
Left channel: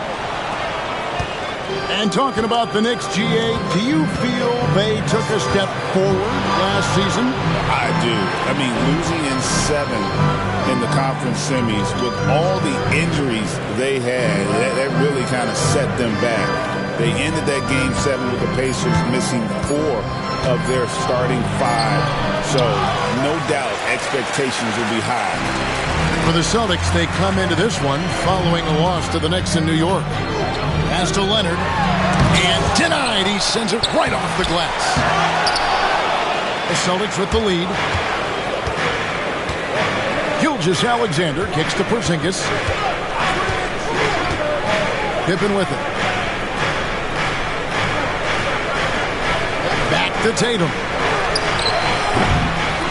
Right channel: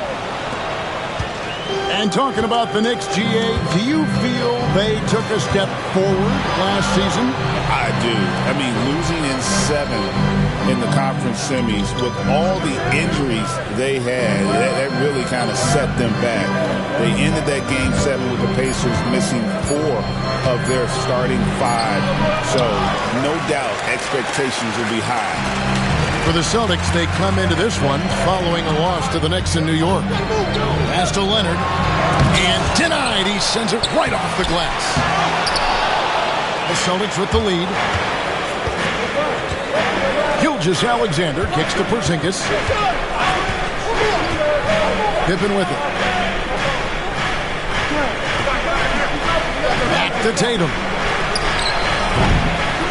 And talking about the Knicks, GA, do you feel they took a step forward last season? I do. I mean, losing in 7 in the conference semis with all the injuries they had, that really kind of set them back. They ended that game 7 with the Pacers missing 4 of their starting 5. So, no doubt, expectations will be high. For the Celtics, they come into this one following a loss to the Knicks in New York. Pass to Leonard. And denied. He sends it right off the glass. The Celtics with the lead. Gilgeous-Alexander kicks to Porzingis. Pippen with it. Back to Tatum.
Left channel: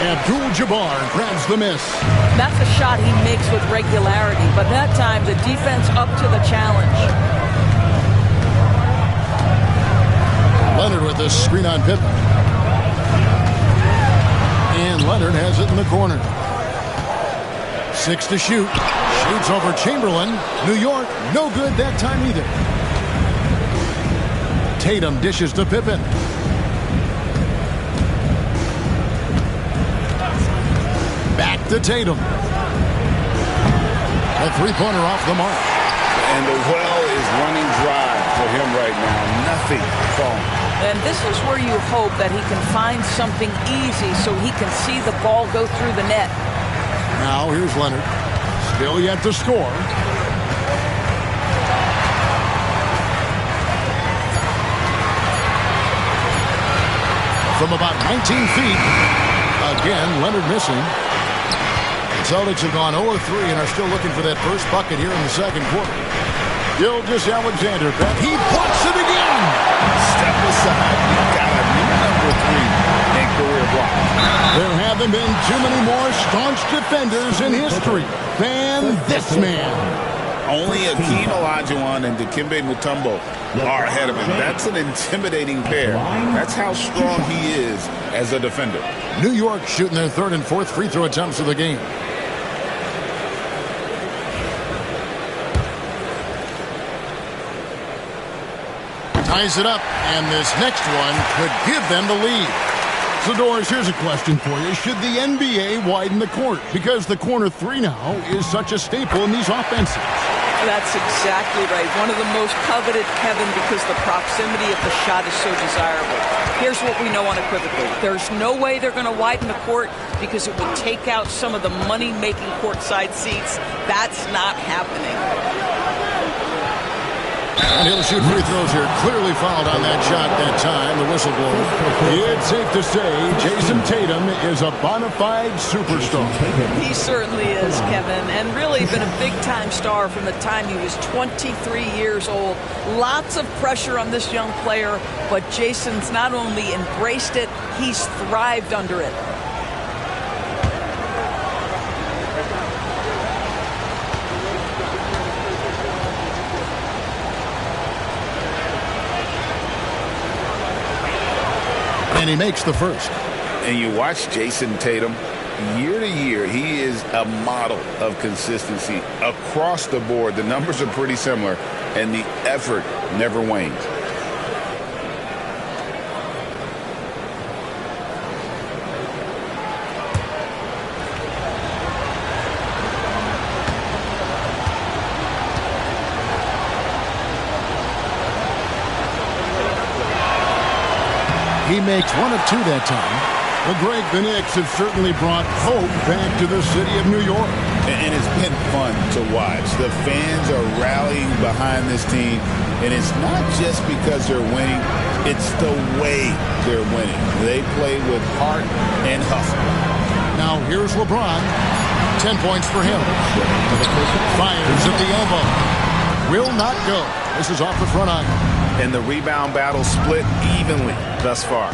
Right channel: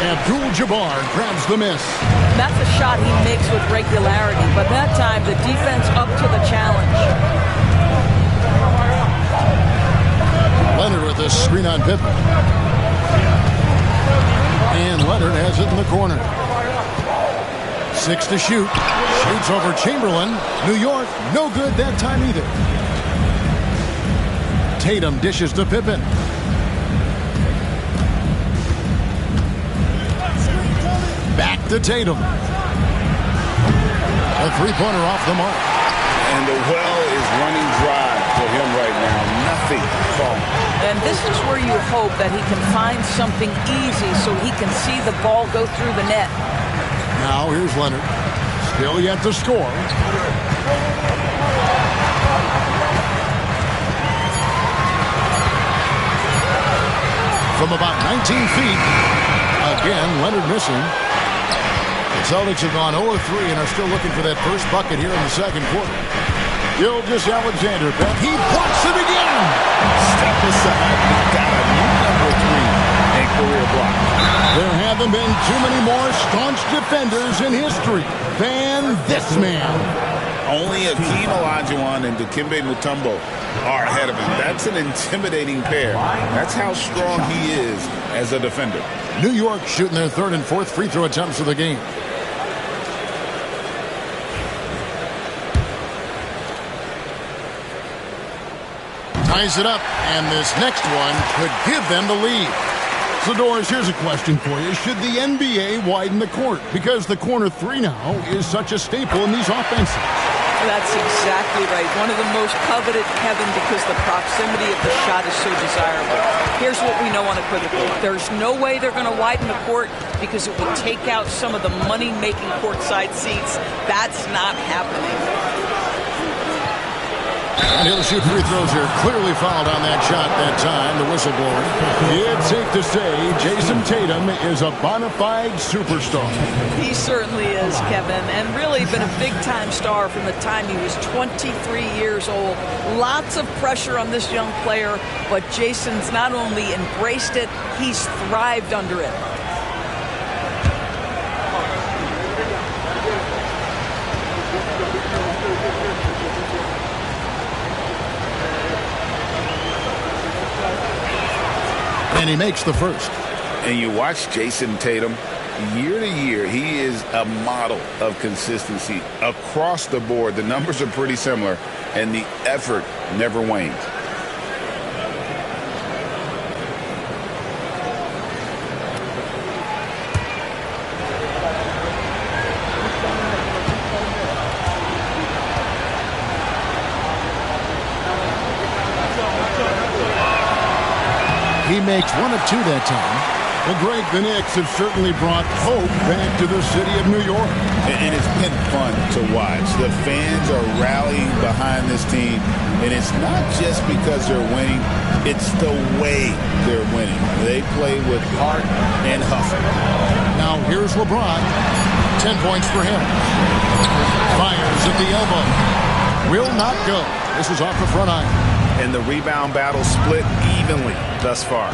Abdul-Jabbar grabs the miss. That's a shot he makes with regularity, but that time the defense up to the challenge. Leonard with the screen on Pippen. And Leonard has it in the corner. 6 to shoot. Shoots over Chamberlain. New York, no good that time either. Tatum dishes to Pippen. Back to Tatum. A three-pointer off the mark. And the well is running dry for him right now. Nothing falling. And this is where you hope that he can find something easy so he can see the ball go through the net. Now here's Leonard. Still yet to score. from about 19 feet. Again, Leonard missing. The Celtics have gone 0-3 and are still looking for that first bucket here in the second quarter. Gilgeous-Alexander, he blocks it again. Step aside. We've got a new number 3 in career block. There haven't been too many more staunch defenders in history than this man. Only Akeem Olajuwon and Dikembe Mutombo are ahead of him. That's an intimidating pair. That's how strong he is as a defender. New York shooting their third and fourth free throw attempts of the game. Ties it up, and this next one could give them the lead. So, Doris, here's a question for you. Should the NBA widen the court? Because the corner 3 now is such a staple in these offenses. That's exactly right. One of the most coveted, Kevin, because the proximity of the shot is so desirable. Here's what we know unequivocally. There's no way they're going to widen the court because it would take out some of the money-making courtside seats. That's not happening. And he'll shoot free throws here. Clearly fouled on that shot that time, the whistleblower. It's safe to say Jason Tatum is a bona fide superstar. He certainly is, Kevin, and really been a big-time star from the time he was 23 years old. Lots of pressure on this young player, but Jason's not only embraced it, he's thrived under it. And he makes the first. And you watch Jason Tatum, year to year, he is a model of consistency across the board. The numbers are pretty similar, and the effort never wanes. He makes 1 of 2 that time. Well, Greg, the Knicks have certainly brought hope back to the city of New York. And it's been fun to watch. The fans are rallying behind this team, and it's not just because they're winning, it's the way they're winning. They play with heart and hustle. Now here's LeBron. 10 points for him. Fires at the elbow. Will not go. This is off the front iron. And the rebound battle split evenly thus far.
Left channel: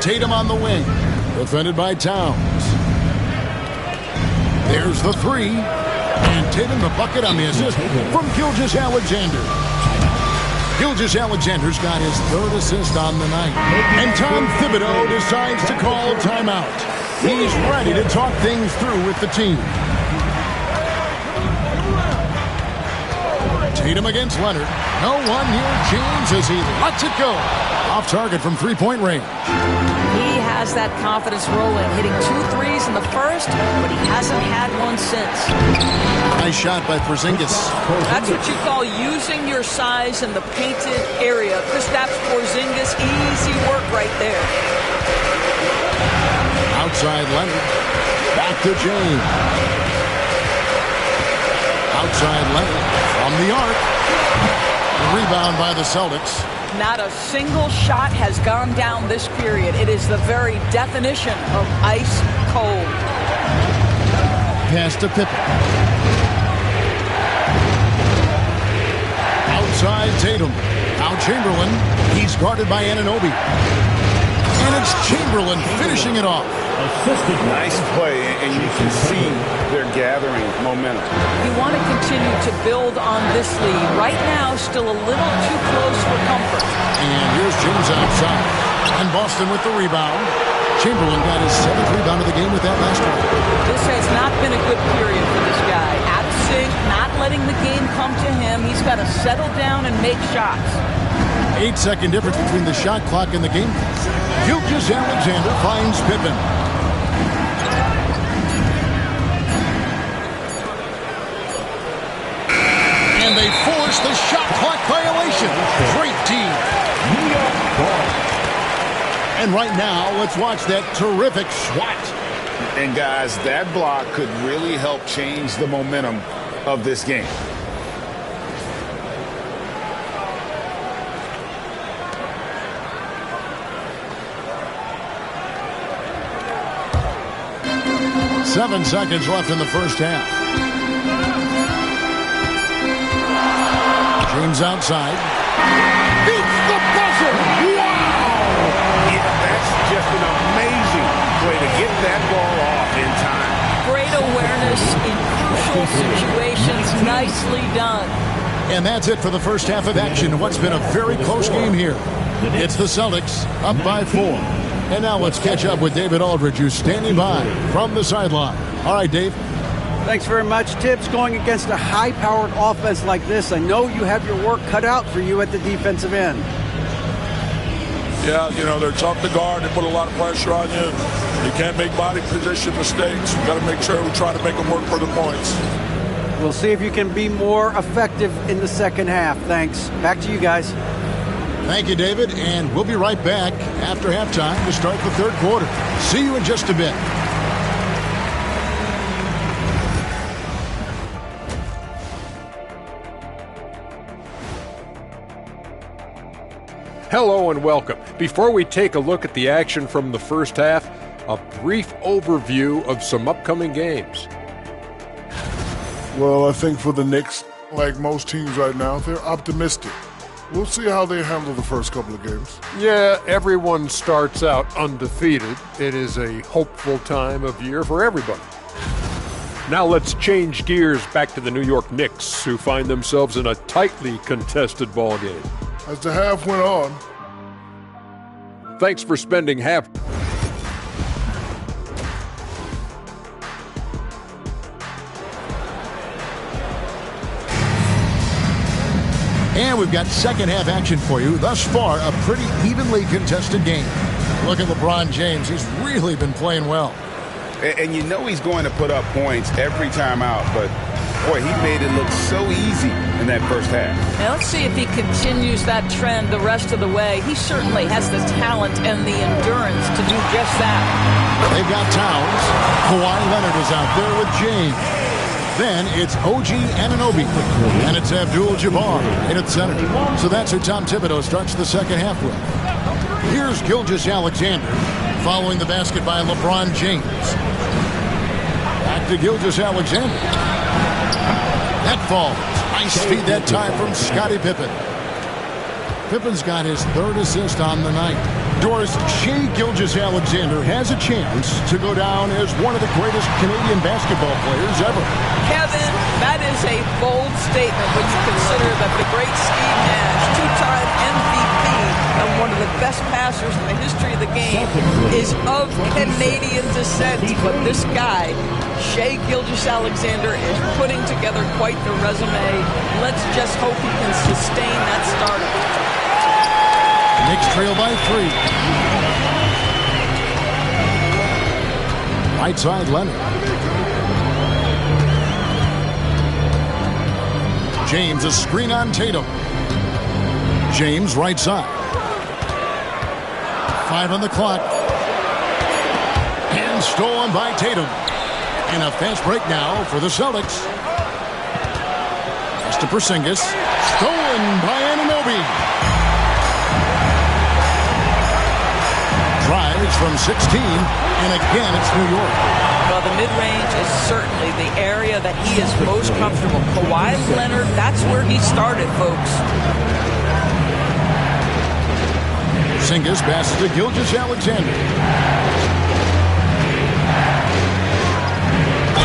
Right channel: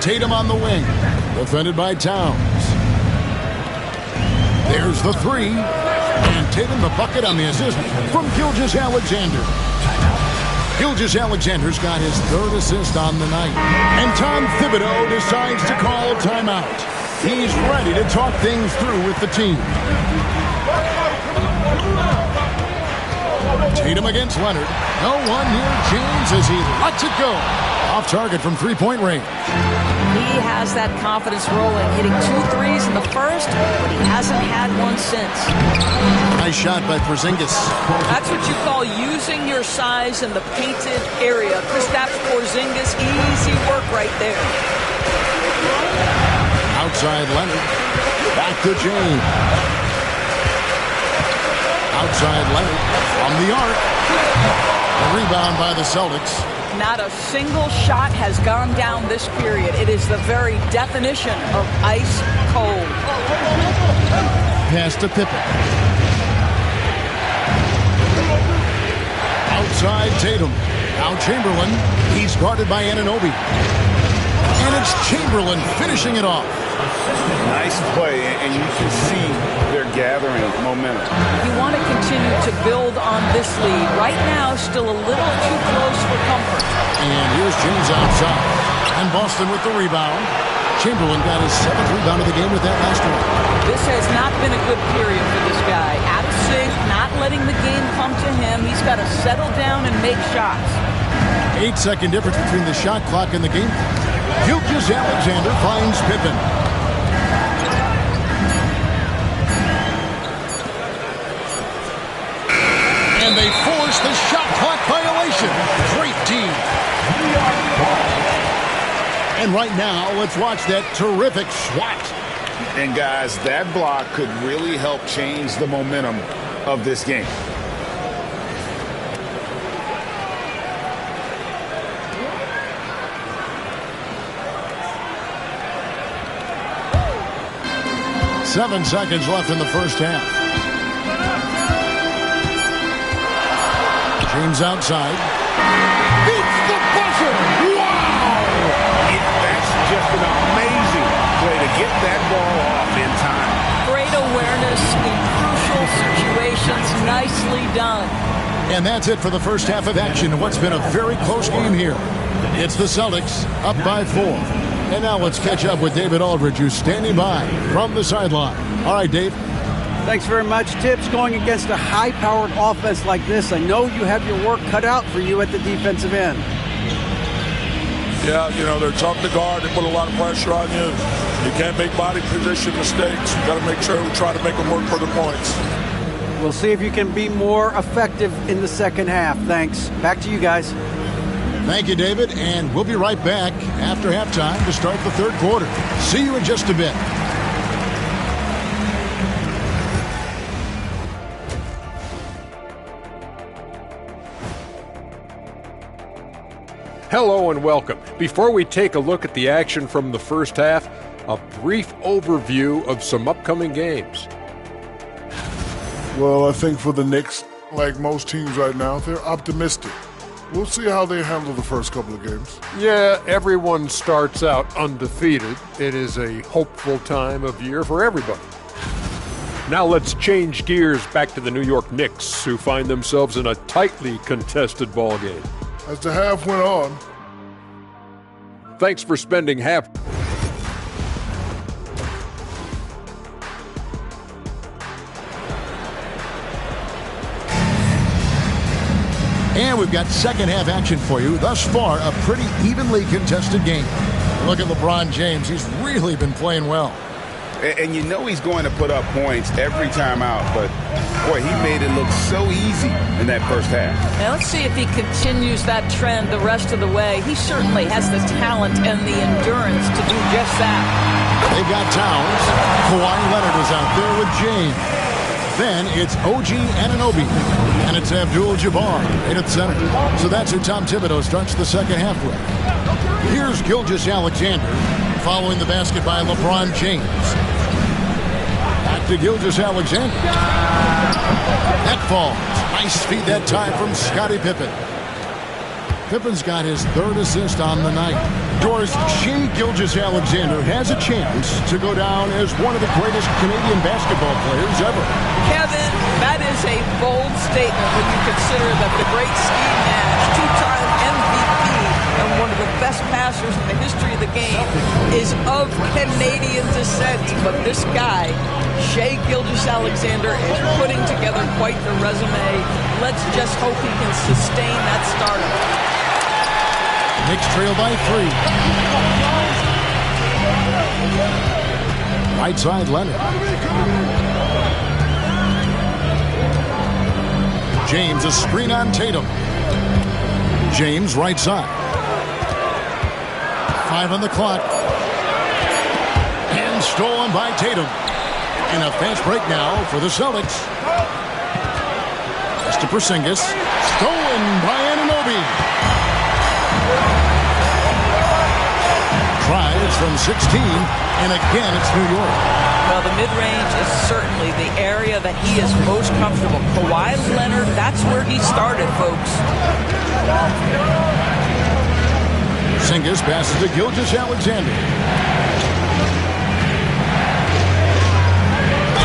Tatum on the wing, defended by Towns. There's the 3, and Tatum the bucket on the assist from Gilgeous-Alexander. Gilgeous-Alexander's got his 3rd assist on the night, and Tom Thibodeau decides to call timeout. He's ready to talk things through with the team. Tatum against Leonard. No one near James as he lets it go. Off target from 3-point range. He has that confidence rolling, hitting 2 threes in the first, but he hasn't had one since. Nice shot by Porzingis. That's what you call using your size in the painted area. Kristaps Porzingis, easy work right there. Outside Leonard. Back to James. Outside Leonard from the arc. The rebound by the Celtics. Not a single shot has gone down this period. It is the very definition of ice cold. Pass to Pippen. Outside Tatum. Now Chamberlain. He's guarded by Anunoby. And it's Chamberlain finishing it off. Nice play, and you can see they're gathering momentum. You want to continue to build on this lead. Right now, still a little too close for comfort. And here's James outside. And Boston with the rebound. Chamberlain got his 7th rebound of the game with that last one. This has not been a good period for this guy. Out of sync, not letting the game come to him. He's got to settle down and make shots. 8-second difference between the shot clock and the game clock. Gilgeous-Alexander finds Pippen. And they force the shot clock violation. Great team. New York ball. And right now, let's watch that terrific swat. And guys, that block could really help change the momentum of this game. 7 seconds left in the first half. James outside. Beats the buzzer. Wow! Yeah, that's just an amazing play to get that ball off in time. Great awareness in crucial situations. Nicely done. And that's it for the first half of action. What's been a very close game here. It's the Celtics up by 4. And now let's catch up with David Aldridge, who's standing by from the sideline. All right, Dave. Thanks very much, Tibbs. Going against a high-powered offense like this, I know you have your work cut out for you at the defensive end. Yeah, they're tough to guard. They put a lot of pressure on you. You can't make body position mistakes. You got to make sure we try to make them work for the points. We'll see if you can be more effective in the second half. Thanks. Back to you guys. Thank you, David. And we'll be right back after halftime to start the third quarter. See you in just a bit. Hello and welcome. Before we take a look at the action from the first half, a brief overview of some upcoming games. Well, I think for the Knicks, like most teams right now, they're optimistic. We'll see how they handle the first couple of games. Yeah, everyone starts out undefeated. It is a hopeful time of year for everybody. Now let's change gears back to the New York Knicks, who find themselves in a tightly contested ball game. As the half went on. Thanks for spending half. And we've got second half action for you. Thus far, a pretty evenly contested game. Look at LeBron James. He's really been playing well. And you know he's going to put up points every time out, but boy, he made it look so easy in that first half. Now let's see if he continues that trend the rest of the way. He certainly has the talent and the endurance to do just that. They've got Towns. Kawhi Leonard is out there with James. Then it's OG Anunoby. And it's Abdul-Jabbar in at center. So that's who Tom Thibodeau starts the second half with. Here's Gilgeous-Alexander following the basket by LeBron James. Back to Gilgeous-Alexander. That falls. Nice feed that time from Scottie Pippen. Pippen's got his third assist on the night. Doris, Shai Gilgeous-Alexander has a chance to go down as one of the greatest Canadian basketball players ever. Kevin, that is a bold statement when you consider that the great Steve Nash, two-time MVP and one of the best passers in the history of the game, is of Canadian descent. But this guy, Shai Gilgeous-Alexander, is putting together quite the resume. Let's just hope he can sustain that stardom. Knicks trail by 3. Right side, Leonard. James, a screen on Tatum. James, right side. 5 on the clock. And stolen by Tatum. And a fast break now for the Celtics. Just to Porzingis. Stolen by Anunoby. Tries from 16, and again it's New York. Well, the mid-range is certainly the area that he is most comfortable. Kawhi Leonard, that's where he started, folks. Porzingis passes to Gilgeous-Alexander.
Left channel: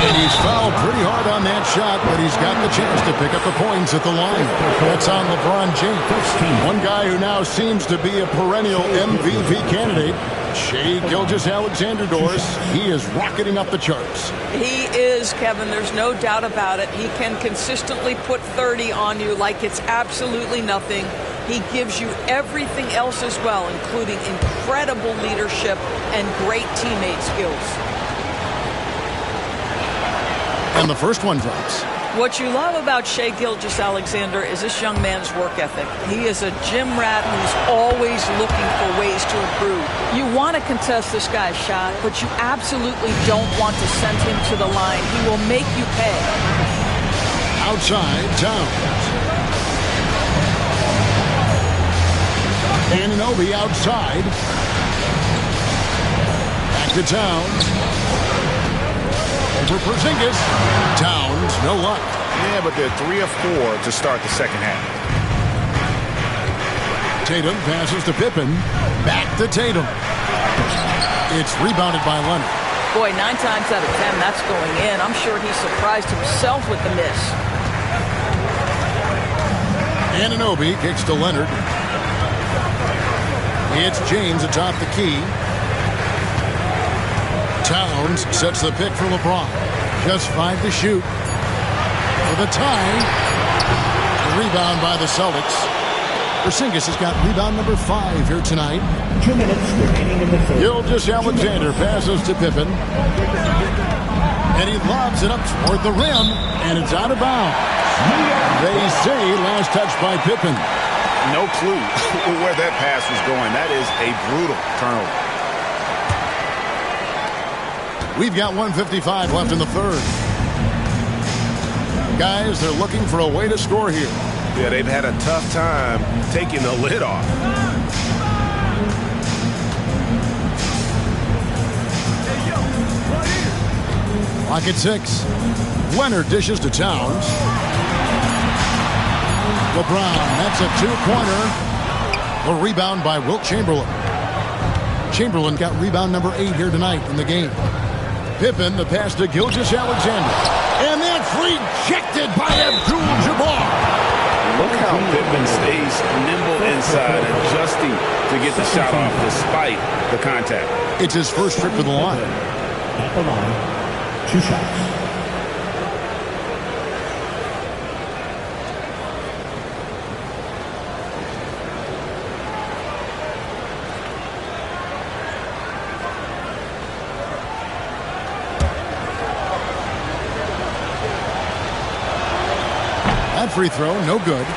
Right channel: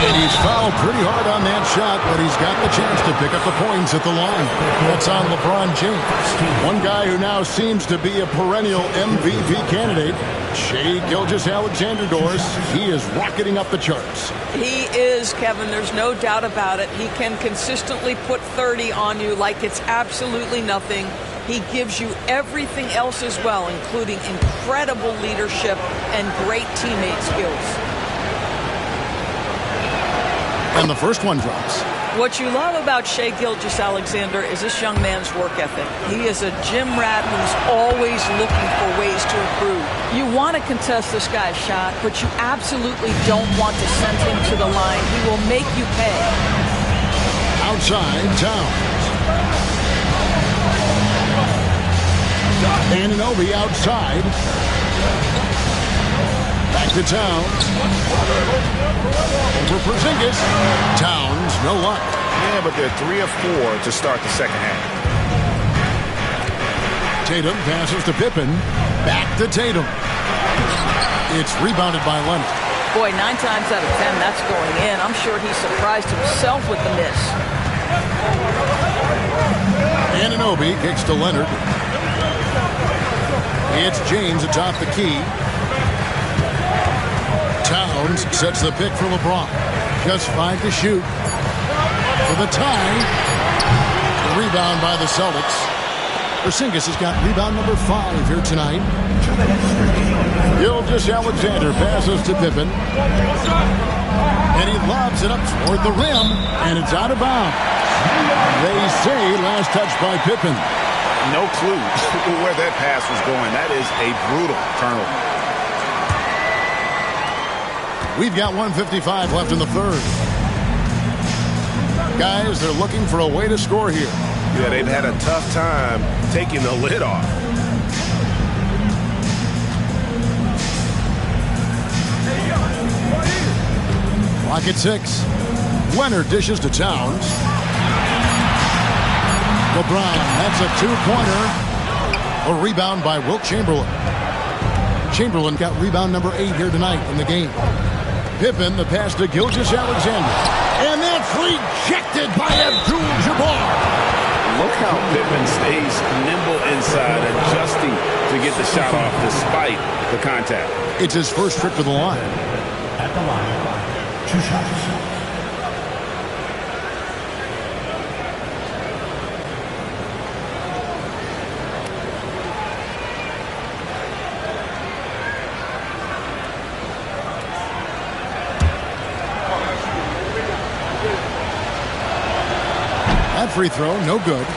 And he's fouled pretty hard on that shot, but he's got the chance to pick up the points at the line. That's on LeBron James. One guy who now seems to be a perennial MVP candidate, Shai Gilgeous-Alexander, Doris. He is rocketing up the charts. He is, Kevin. There's no doubt about it. He can consistently put 30 on you like it's absolutely nothing. He gives you everything else as well, including incredible leadership and great teammate skills. And the first one drops. What you love about Shai Gilgeous-Alexander is this young man's work ethic. He is a gym rat who's always looking for ways to improve. You want to contest this guy's shot, but you absolutely don't want to send him to the line. He will make you pay. Outside, Towns. Anunoby outside. Back to Towns. Over Porzingis. Towns, no luck. Yeah, but they're 3 of 4 to start the second half. Tatum passes to Pippen. Back to Tatum. It's rebounded by Leonard. Boy, 9 times out of 10, that's going in. I'm sure he surprised himself with the miss. Anunoby kicks to Leonard. It's James atop the key. Towns sets the pick for LeBron. Just 5 to shoot. For the tie. The rebound by the Celtics. Porzingis has got rebound number 5 here tonight. 2 minutes remaining in the first. Gilgeous-Alexander passes to Pippen. And he lobs it up toward the rim. And it's out of bounds. They say last touch by Pippen. No clue where that pass was going. That is a brutal turnover. We've got 1:55 left in the third. Guys, they're looking for a way to score here. Yeah, they've had a tough time taking the lid off. Clock at 6. Leonard dishes to Towns. LeBron, that's a 2-pointer. A rebound by Wilt Chamberlain. Chamberlain got rebound number 8 here tonight in the game. Pippen, the pass to Gilgeous-Alexander. And that's rejected by Abdul-Jabbar. Look how Pippen stays nimble inside, adjusting to get the shot off despite the contact. It's his first trip to the line. At the line, 2 shots. That free throw, no good.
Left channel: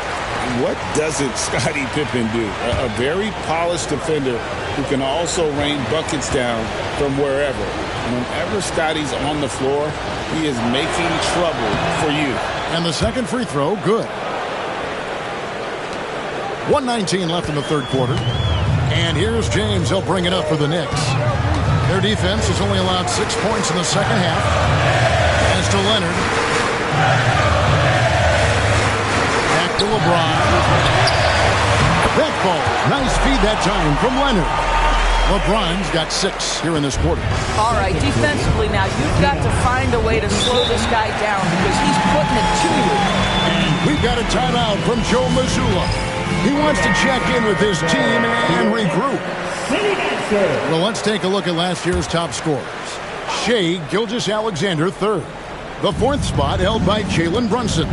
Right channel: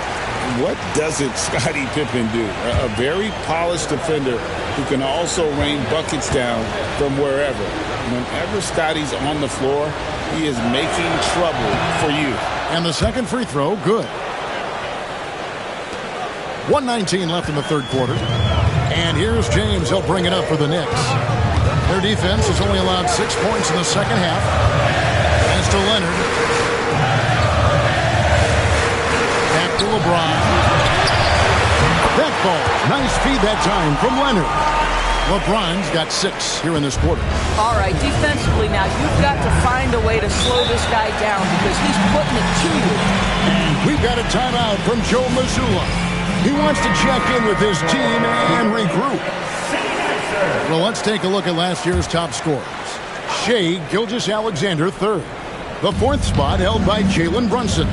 What doesn't Scottie Pippen do? A very polished defender who can also rain buckets down from wherever. Whenever Scottie's on the floor, he is making trouble for you. And the second free throw, good. 1:19 left in the third quarter. And here's James. He'll bring it up for the Knicks. Their defense has only allowed 6 points in the second half. As to Leonard. Back to LeBron. That ball. Nice feed that time from Leonard. LeBron's got 6 here in this quarter. All right, defensively now, you've got to find a way to slow this guy down because he's putting it to you. And we've got a timeout from Joe Mazzulla. He wants to check in with his team and regroup. Well, let's take a look at last year's top scorers. Shai Gilgeous-Alexander, 3rd. The 4th spot held by Jalen Brunson.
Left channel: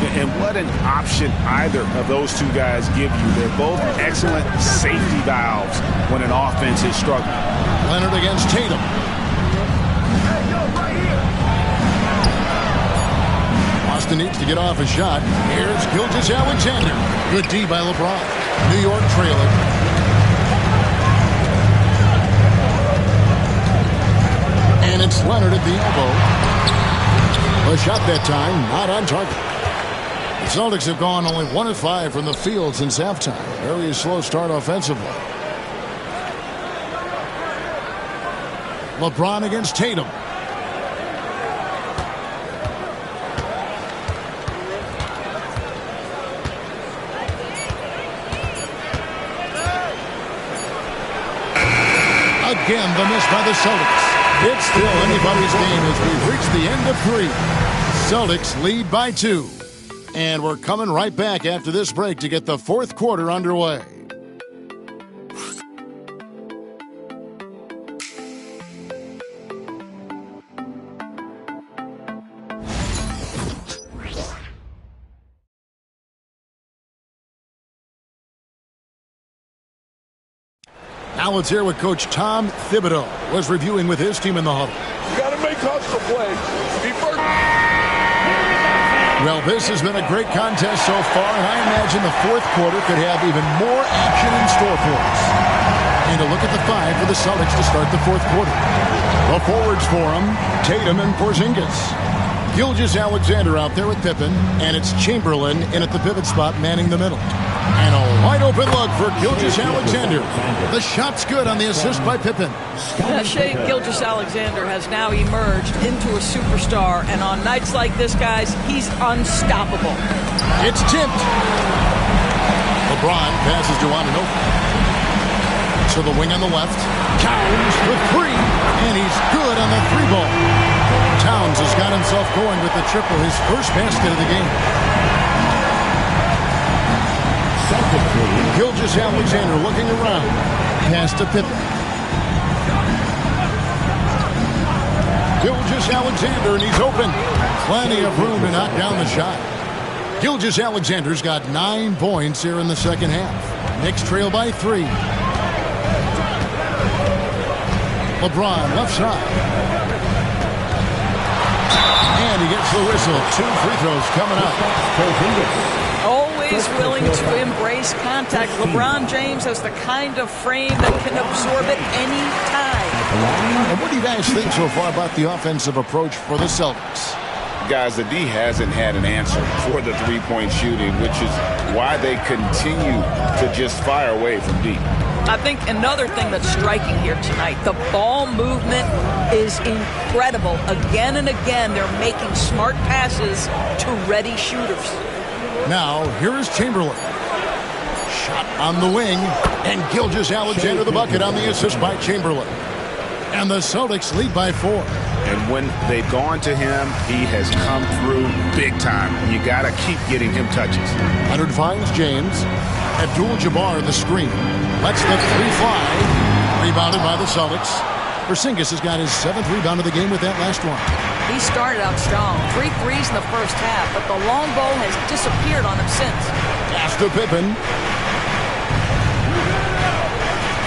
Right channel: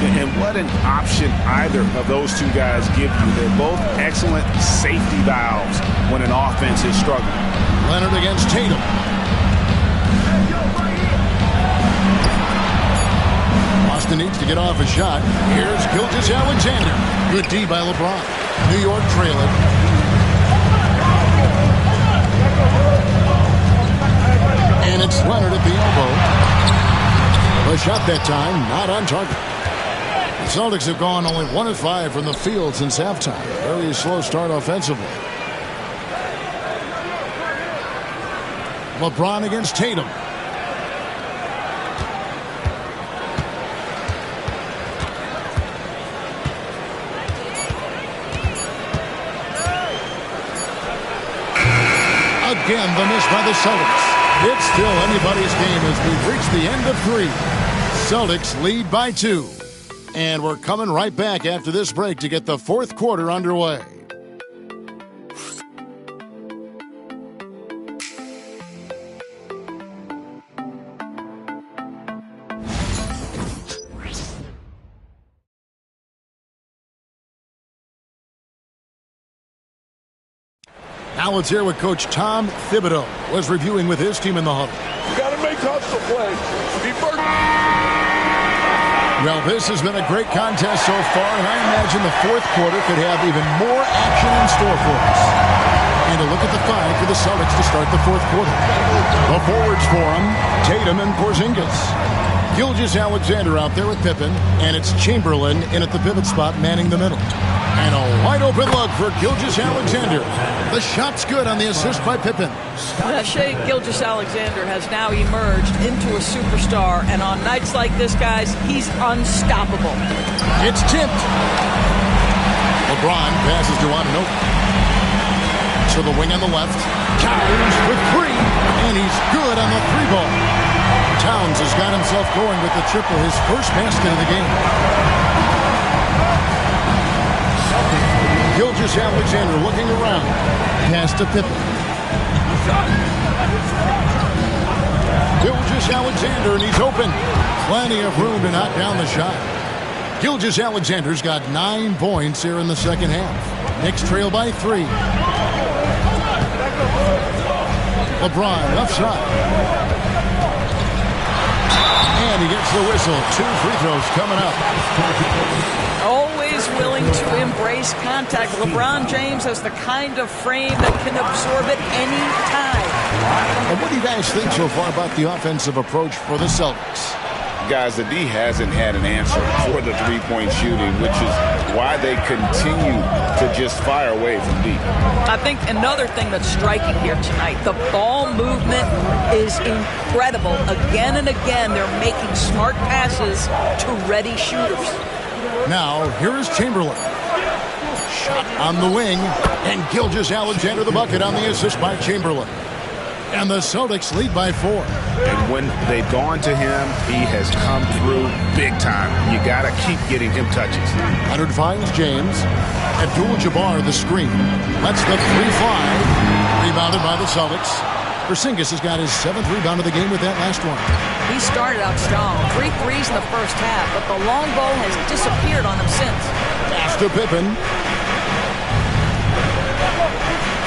And what an option either of those two guys give you. They're both excellent safety valves when an offense is struggling. Leonard against Tatum. Boston needs to get off a shot. Here's Gilgeous-Alexander. Good D by LeBron. New York trailing. And it's Leonard at the elbow. A shot that time, not on target. The Celtics have gone only 1 of 5 from the field since halftime. Very slow start offensively. LeBron against Tatum. Again, the miss by the Celtics. It's still anybody's game as we've reached the end of 3. Celtics lead by 2. And we're coming right back after this break to get the 4th quarter underway. Now let's hear what Coach Tom Thibodeau was reviewing with his team in the huddle. You got to make hustle plays. Be first. Well, this has been a great contest so far, and I imagine the 4th quarter could have even more action in store for us. And a look at the 5 for the Celtics to start the 4th quarter. The forwards for them, Tatum and Porzingis. Gilgeous-Alexander out there with Pippen, and it's Chamberlain in at the pivot spot, manning the middle. And a wide open look for Gilgeous-Alexander. The shot's good on the assist by Pippen. Shai Gilgeous-Alexander has now emerged into a superstar, and on nights like this, guys, he's unstoppable. It's tipped. LeBron passes to Anunoby. To the wing on the left. Towns for three, and he's good on the three ball. Towns has got himself going with the triple, his first basket of the game. Gilgeous-Alexander looking around. Pass to Pippen. Gilgeous-Alexander, and he's open. Plenty of room to knock down the shot. Gilgeous-Alexander's got 9 points here in the second half. Knicks trail by 3. LeBron, left side. And he gets the whistle. 2 free throws coming up. Always willing to embrace contact. LeBron James has the kind of frame that can absorb it any time. And what do you guys think so far about the offensive approach for the Celtics? Guys, the D hasn't had an answer for the three-point shooting, which is why they continue to just fire away from deep. I think another thing that's striking here tonight, the ball movement is incredible. Again and again, they're making smart passes to ready shooters. Now, here is Chamberlain. Shot on the wing, and Gilgeous-Alexander the bucket on the assist by Chamberlain. And the Celtics lead by 4. And when they've gone to him, he has come through big time. You got to keep getting him touches. Leonard finds James. Abdul-Jabbar the screen. Lets the three fly. Rebounded by the Celtics. Porzingis has got his 7th rebound of the game with that last one. He started out strong. 3 threes in the first half, but the long ball has disappeared on him since. Pass to Pippen.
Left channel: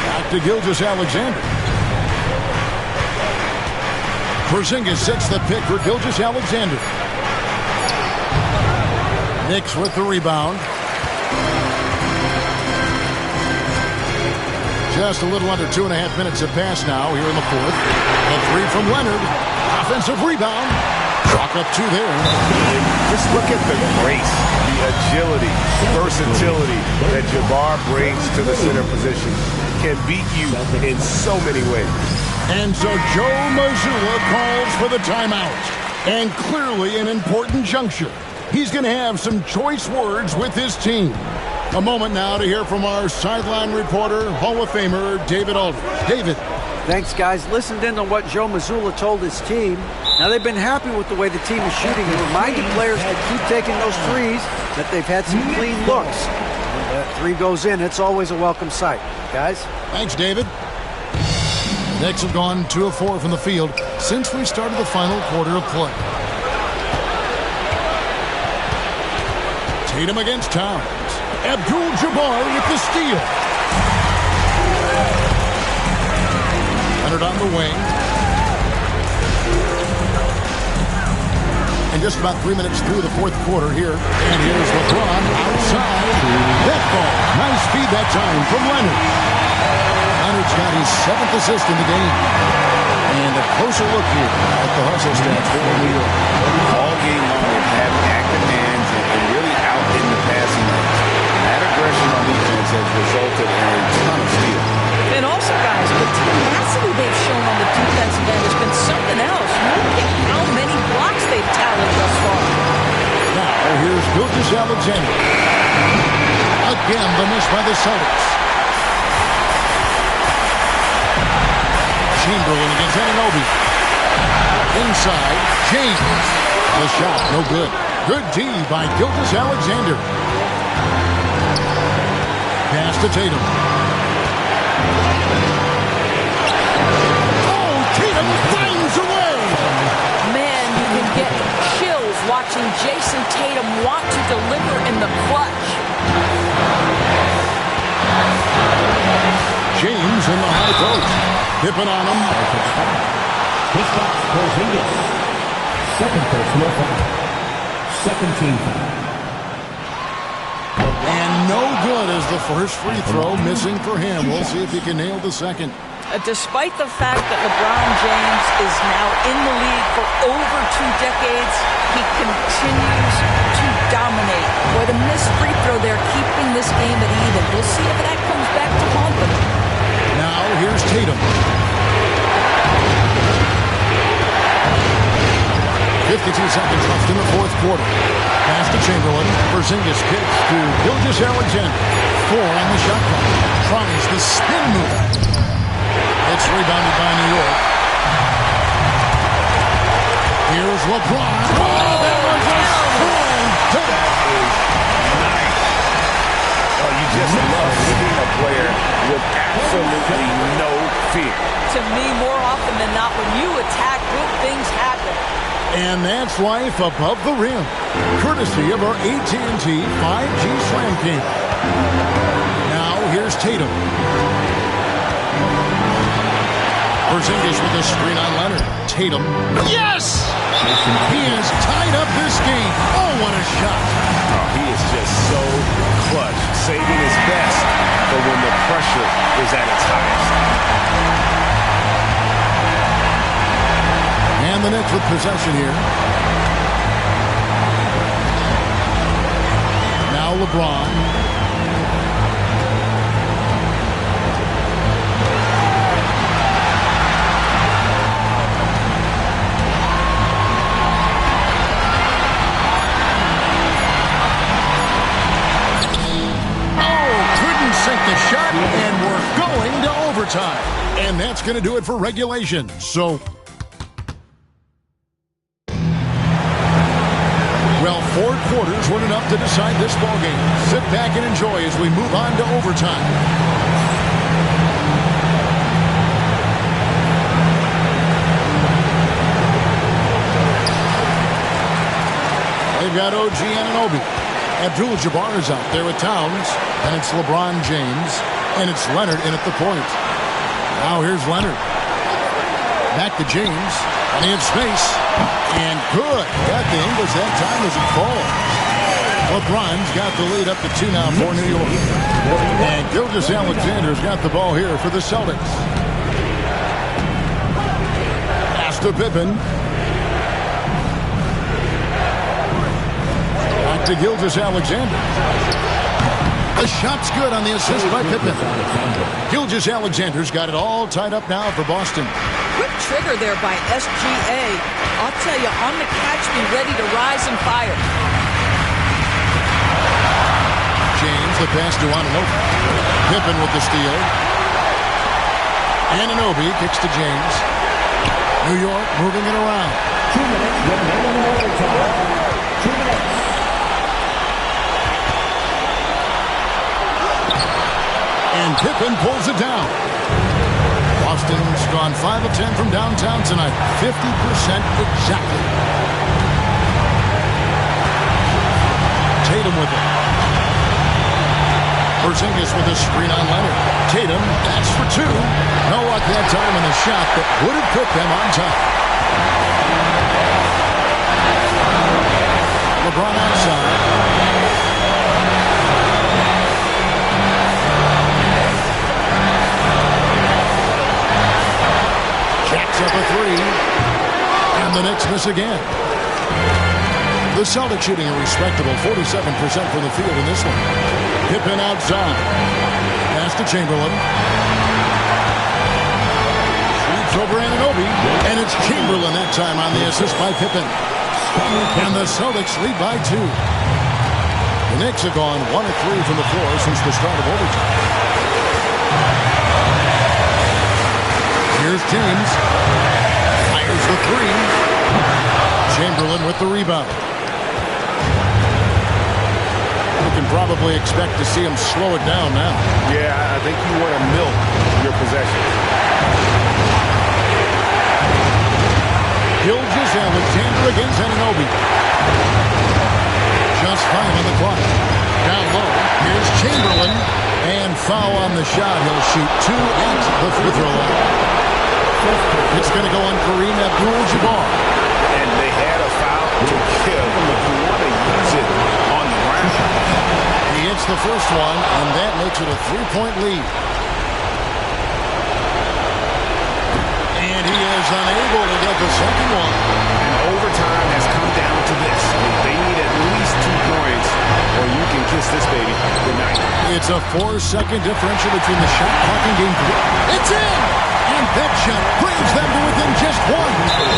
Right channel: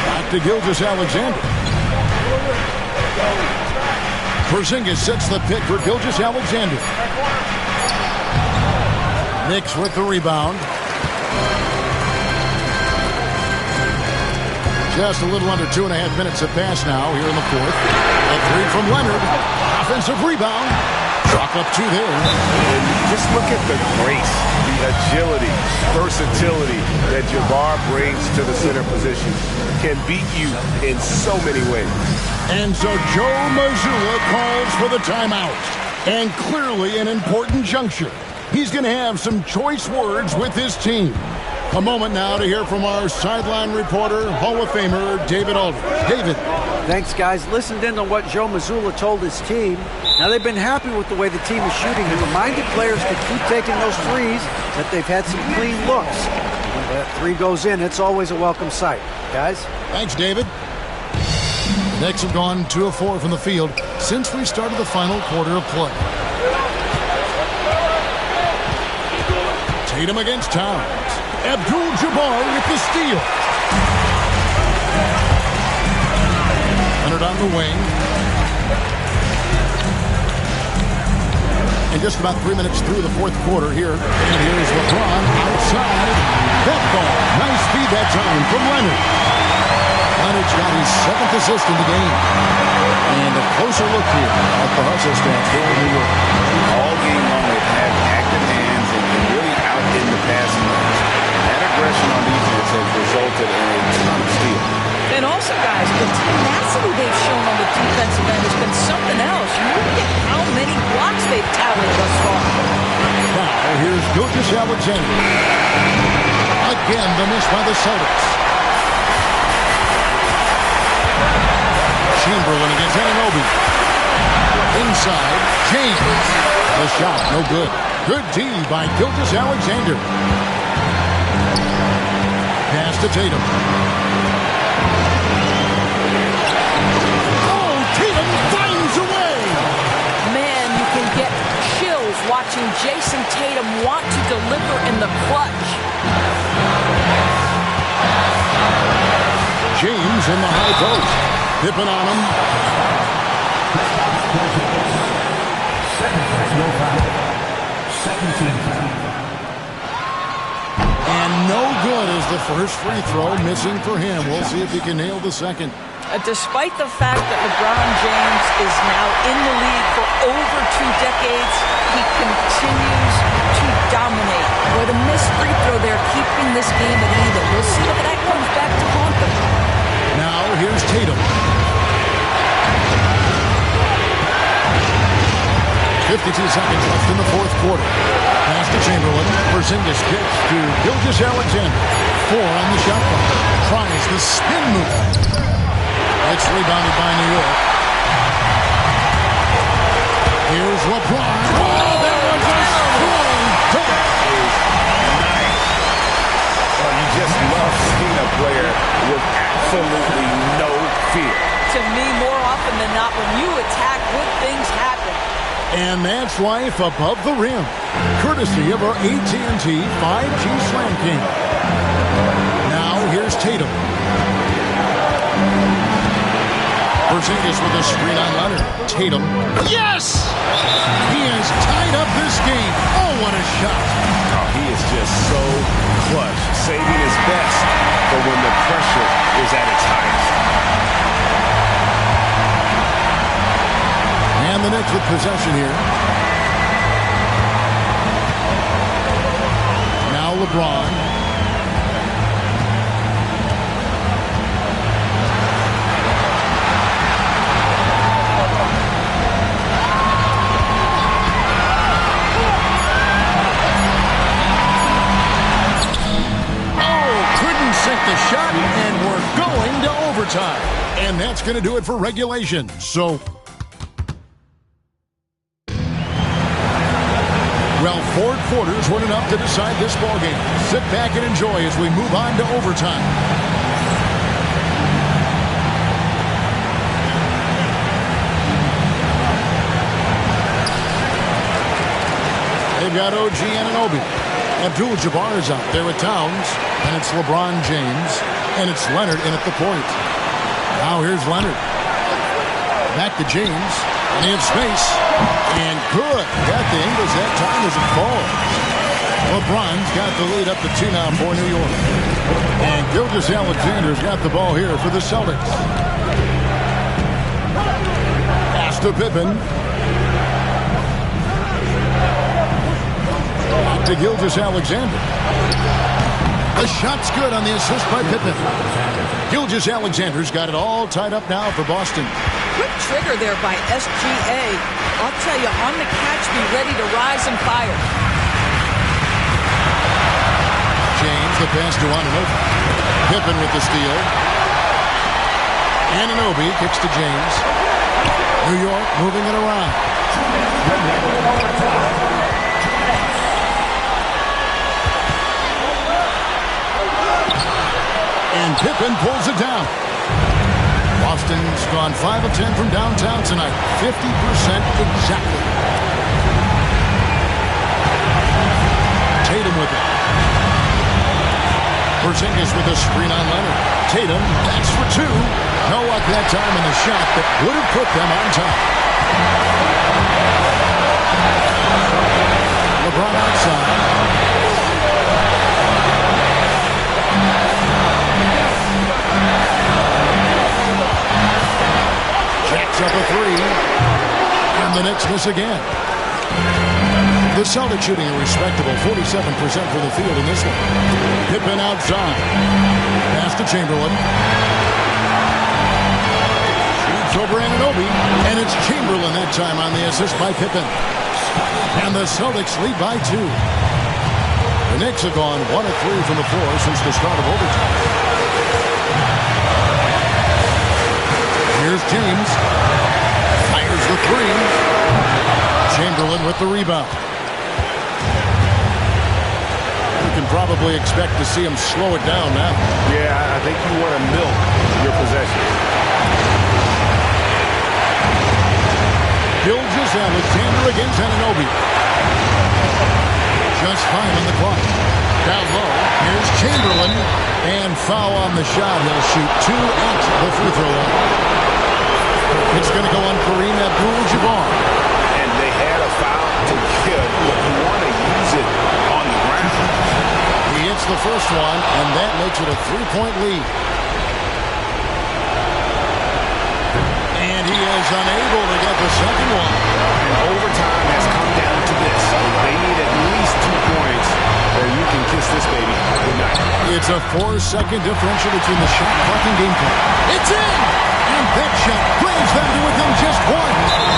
Back to Gilgeous-Alexander. Porzingis sets the pick for Gilgeous-Alexander. Knicks with the rebound. Just a little under 2.5 minutes have passed now here in the fourth. The three from Leonard. Offensive rebound. Chalk up 2 there. And just look at the grace, the agility, versatility that Jabbar brings to the center position. Can beat you in so many ways. And so Joe Mazzulla calls for the timeout. And clearly an important juncture. He's going to have some choice words with his team. A moment now to hear from our sideline reporter, Hall of Famer David Aldridge. David. Thanks, guys. Listened in on what Joe Mazzulla told his team. Now, they've been happy with the way the team is shooting. He reminded players to keep taking those threes, that they've had some clean looks. When that three goes in, it's always a welcome sight. Guys? Thanks, David. The Knicks have gone 2 of 4 from the field since we started the final quarter of play. Tatum against Towns. Abdul-Jabbar with the steal. Leonard on the wing. And just about 3 minutes through the fourth quarter here. And here's LeBron outside. That ball. Nice feed that time from Leonard. Leonard's got his 7th assist in the game. And a closer look here at the hustle stats for New York. All game long, they've had active hands and really out in the passing lanes. That aggression on defense has resulted in a ton of steals. And also, guys, the tenacity they've shown on the defensive end has been something else. You look at how many blocks they've tallied thus far. Now, here's Gilgeous-Alexander. Again, the miss by the Celtics. Chamberlain against Anunoby. Inside, James. The shot, no good. Good D by Gilgeous-Alexander. Pass to Tatum. Oh, Tatum finds a way. Man, you can get chills watching Jason Tatum want to deliver in the clutch. James in the high post. Pippen on him. Second personal foul. Second team foul. And no good as the first free throw missing for him. We'll see if he can nail the second. Despite the fact that LeBron James is now in the league for over 2 decades, he continues to dominate. Boy, the missed free throw there keeping this game at even. We'll see if that comes back to haunt them. Now here's Tatum. 52 seconds left in the fourth quarter. Pass to Chamberlain. Porzingis kicks to Gilgeous-Alexander. 4 on the shot clock. Tries the spin move. It's rebounded by New York. Here's LeBron. Oh, that was a strong dunk. That is nice. Oh, you just love seeing a player with absolutely no fear. To me, more often than not, when you attack, good things happen. And that's life above the rim. Courtesy of our AT&T 5G Slam King. Now here's Tatum. Porzingis with a screen on Leonard. Tatum. Yes! He has tied up this game. Oh, what a shot. Oh, he is just so clutch, saving his best for when the pressure is at its highest. And the Knicks with possession here. Now LeBron. Sink the shot, and we're going to overtime. And that's going to do it for regulation. So, well, 4 quarters weren't enough to decide this ballgame. Sit back and enjoy as we move on to overtime. They've got OG Anunoby. Abdul-Jabbar is out there with Towns. And it's LeBron James. And it's Leonard in at the point. Now here's Leonard. Back to James. And he has space. And good. Got the Ingles that time as it falls. LeBron's got the lead up to 2 now for New York. And Gilgeous-Alexander's got the ball here for the Celtics. Pass to Pippen. Back to Gilgeous-Alexander. The shot's good on the assist by Pippen. Gilgeous-Alexander's got it all tied up now for Boston. Quick trigger there by SGA. I'll tell you, on the catch, be ready to rise and fire. James, the pass to Anunoby. Pippen with the steal. Anunoby kicks to James. New York moving it around. And Pippen pulls it down. Boston's gone 5 of 10 from downtown tonight. 50% exactly. Tatum with it. Porzingis with a screen on Leonard. Tatum, that's for 2. No luck that time on the shot that would have put them on top. LeBron outside. Jacks up a 3. And the Knicks miss again. The Celtics shooting a respectable 47% from the field in this one. Pippen outside. Pass to Chamberlain. Shoots over Anunoby. And it's Chamberlain that time on the assist by Pippen. And the Celtics lead by 2. The Knicks have gone 1 of 3 from the floor since the start of overtime. Here's James. Fires the 3. Chamberlain with the rebound. We can probably expect to see him slow it down now. Yeah, I think you want to milk your possessions. Gilgeous-Alexander against Anunoby. Just 5 on the clock. Down low. Here's Chamberlain. And foul on the shot. He'll shoot 2 at the free throw line. It's going to go on Kareem Abdul-Jabbar. And they had a foul to give, but you want to use it on the ground. He hits the first one, and that makes it a 3-point lead. And he is unable to get the second one. And overtime has come down to this. They need at least 2 points, or you can kiss this baby goodnight. It's a 4-second differential between the shot clock and game clock. It's in! And that shot brings them to within just one.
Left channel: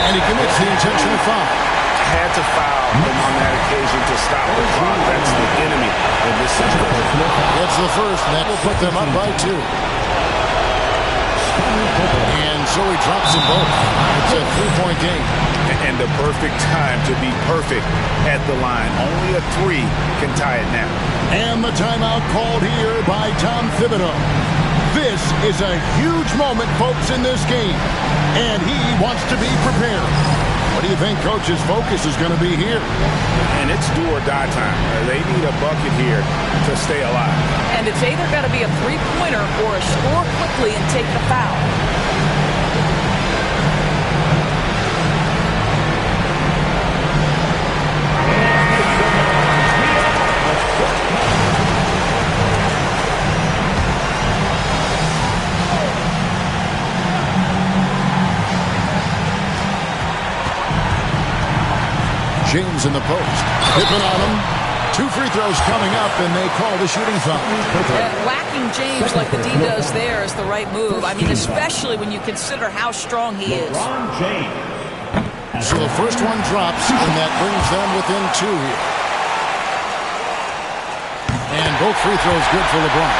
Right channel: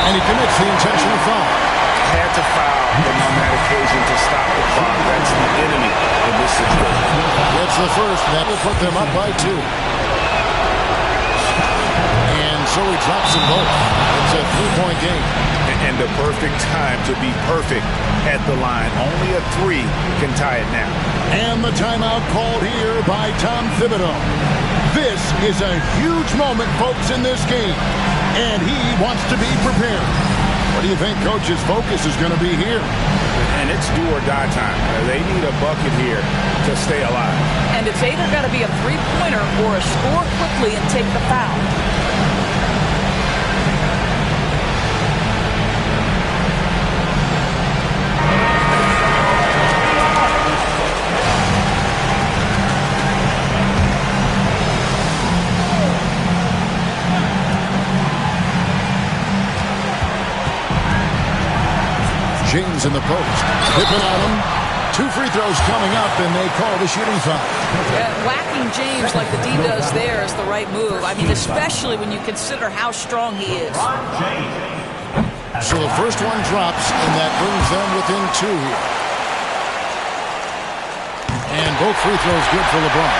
And he commits the intentional foul. Had to foul them on that occasion to stop the clock. That's the enemy in this situation. It's the first, and that will put them up by 2. And so he drops them both. It's a 3-point game. And the perfect time to be perfect at the line. Only a 3 can tie it now. And the timeout called here by Tom Thibodeau. This is a huge moment, folks, in this game. And he wants to be prepared. What do you think Coach's focus is going to be here? And it's do or die time. They need a bucket here to stay alive. And it's either got to be a three-pointer or a score quickly and take the foul. James in the post. Pippen on him. 2 free throws coming up, and they call the shooting foul. Whacking James like the D does there is the right move. I mean, especially when you consider how strong he is. So the first one drops, and that brings them within 2 here. And both free throws good for LeBron.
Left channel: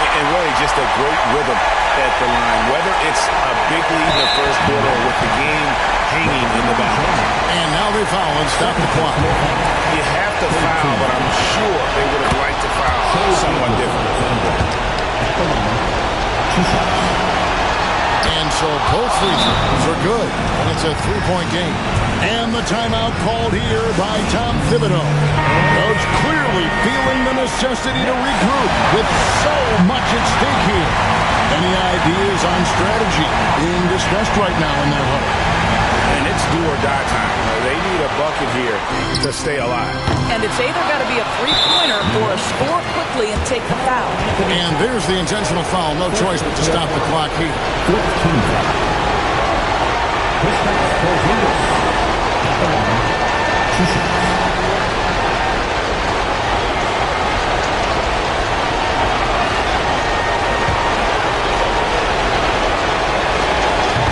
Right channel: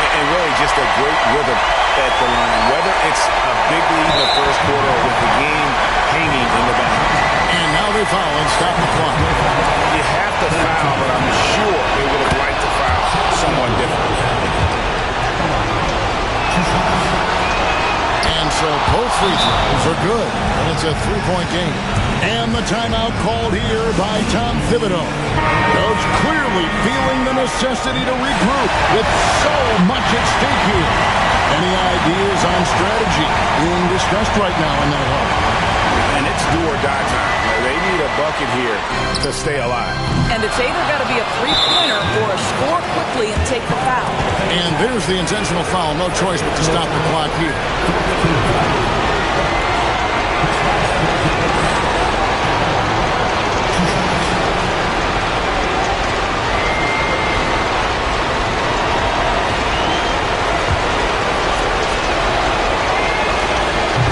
And really just a great rhythm at the line, whether it's a big lead in the first quarter or with the game hanging in the balance. And now they foul and stop the clock. You have to foul, but I'm sure they would have liked to foul someone different. And so both free throws are good, and it's a 3-point game. And the timeout called here by Tom Thibodeau. Coach clearly feeling the necessity to regroup with so much at stake here. Any ideas on strategy being discussed right now in that huddle? And it's do or die time. They need a bucket here to stay alive. And it's either got to be a three-pointer or a score quickly and take the foul. And there's the intentional foul. No choice but to stop the clock here.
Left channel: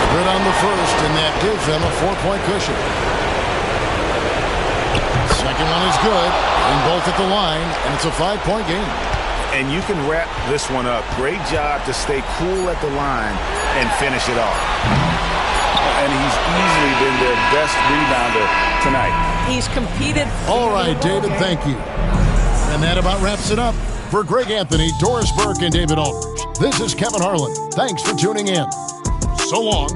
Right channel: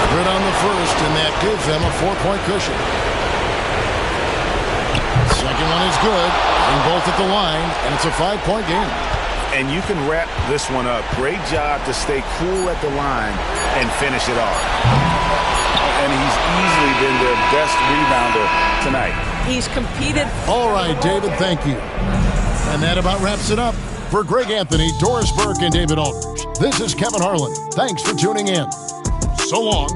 Good on the first, and that gives them a 4-point cushion. Second one is good. Getting both at the line, and it's a 5-point game. And you can wrap this one up. Great job to stay cool at the line and finish it off. And he's easily been their best rebounder tonight. He's competed. All right, David, thank you. And that about wraps it up. For Greg Anthony, Doris Burke, and David Aldridge, this is Kevin Harlan. Thanks for tuning in. So long.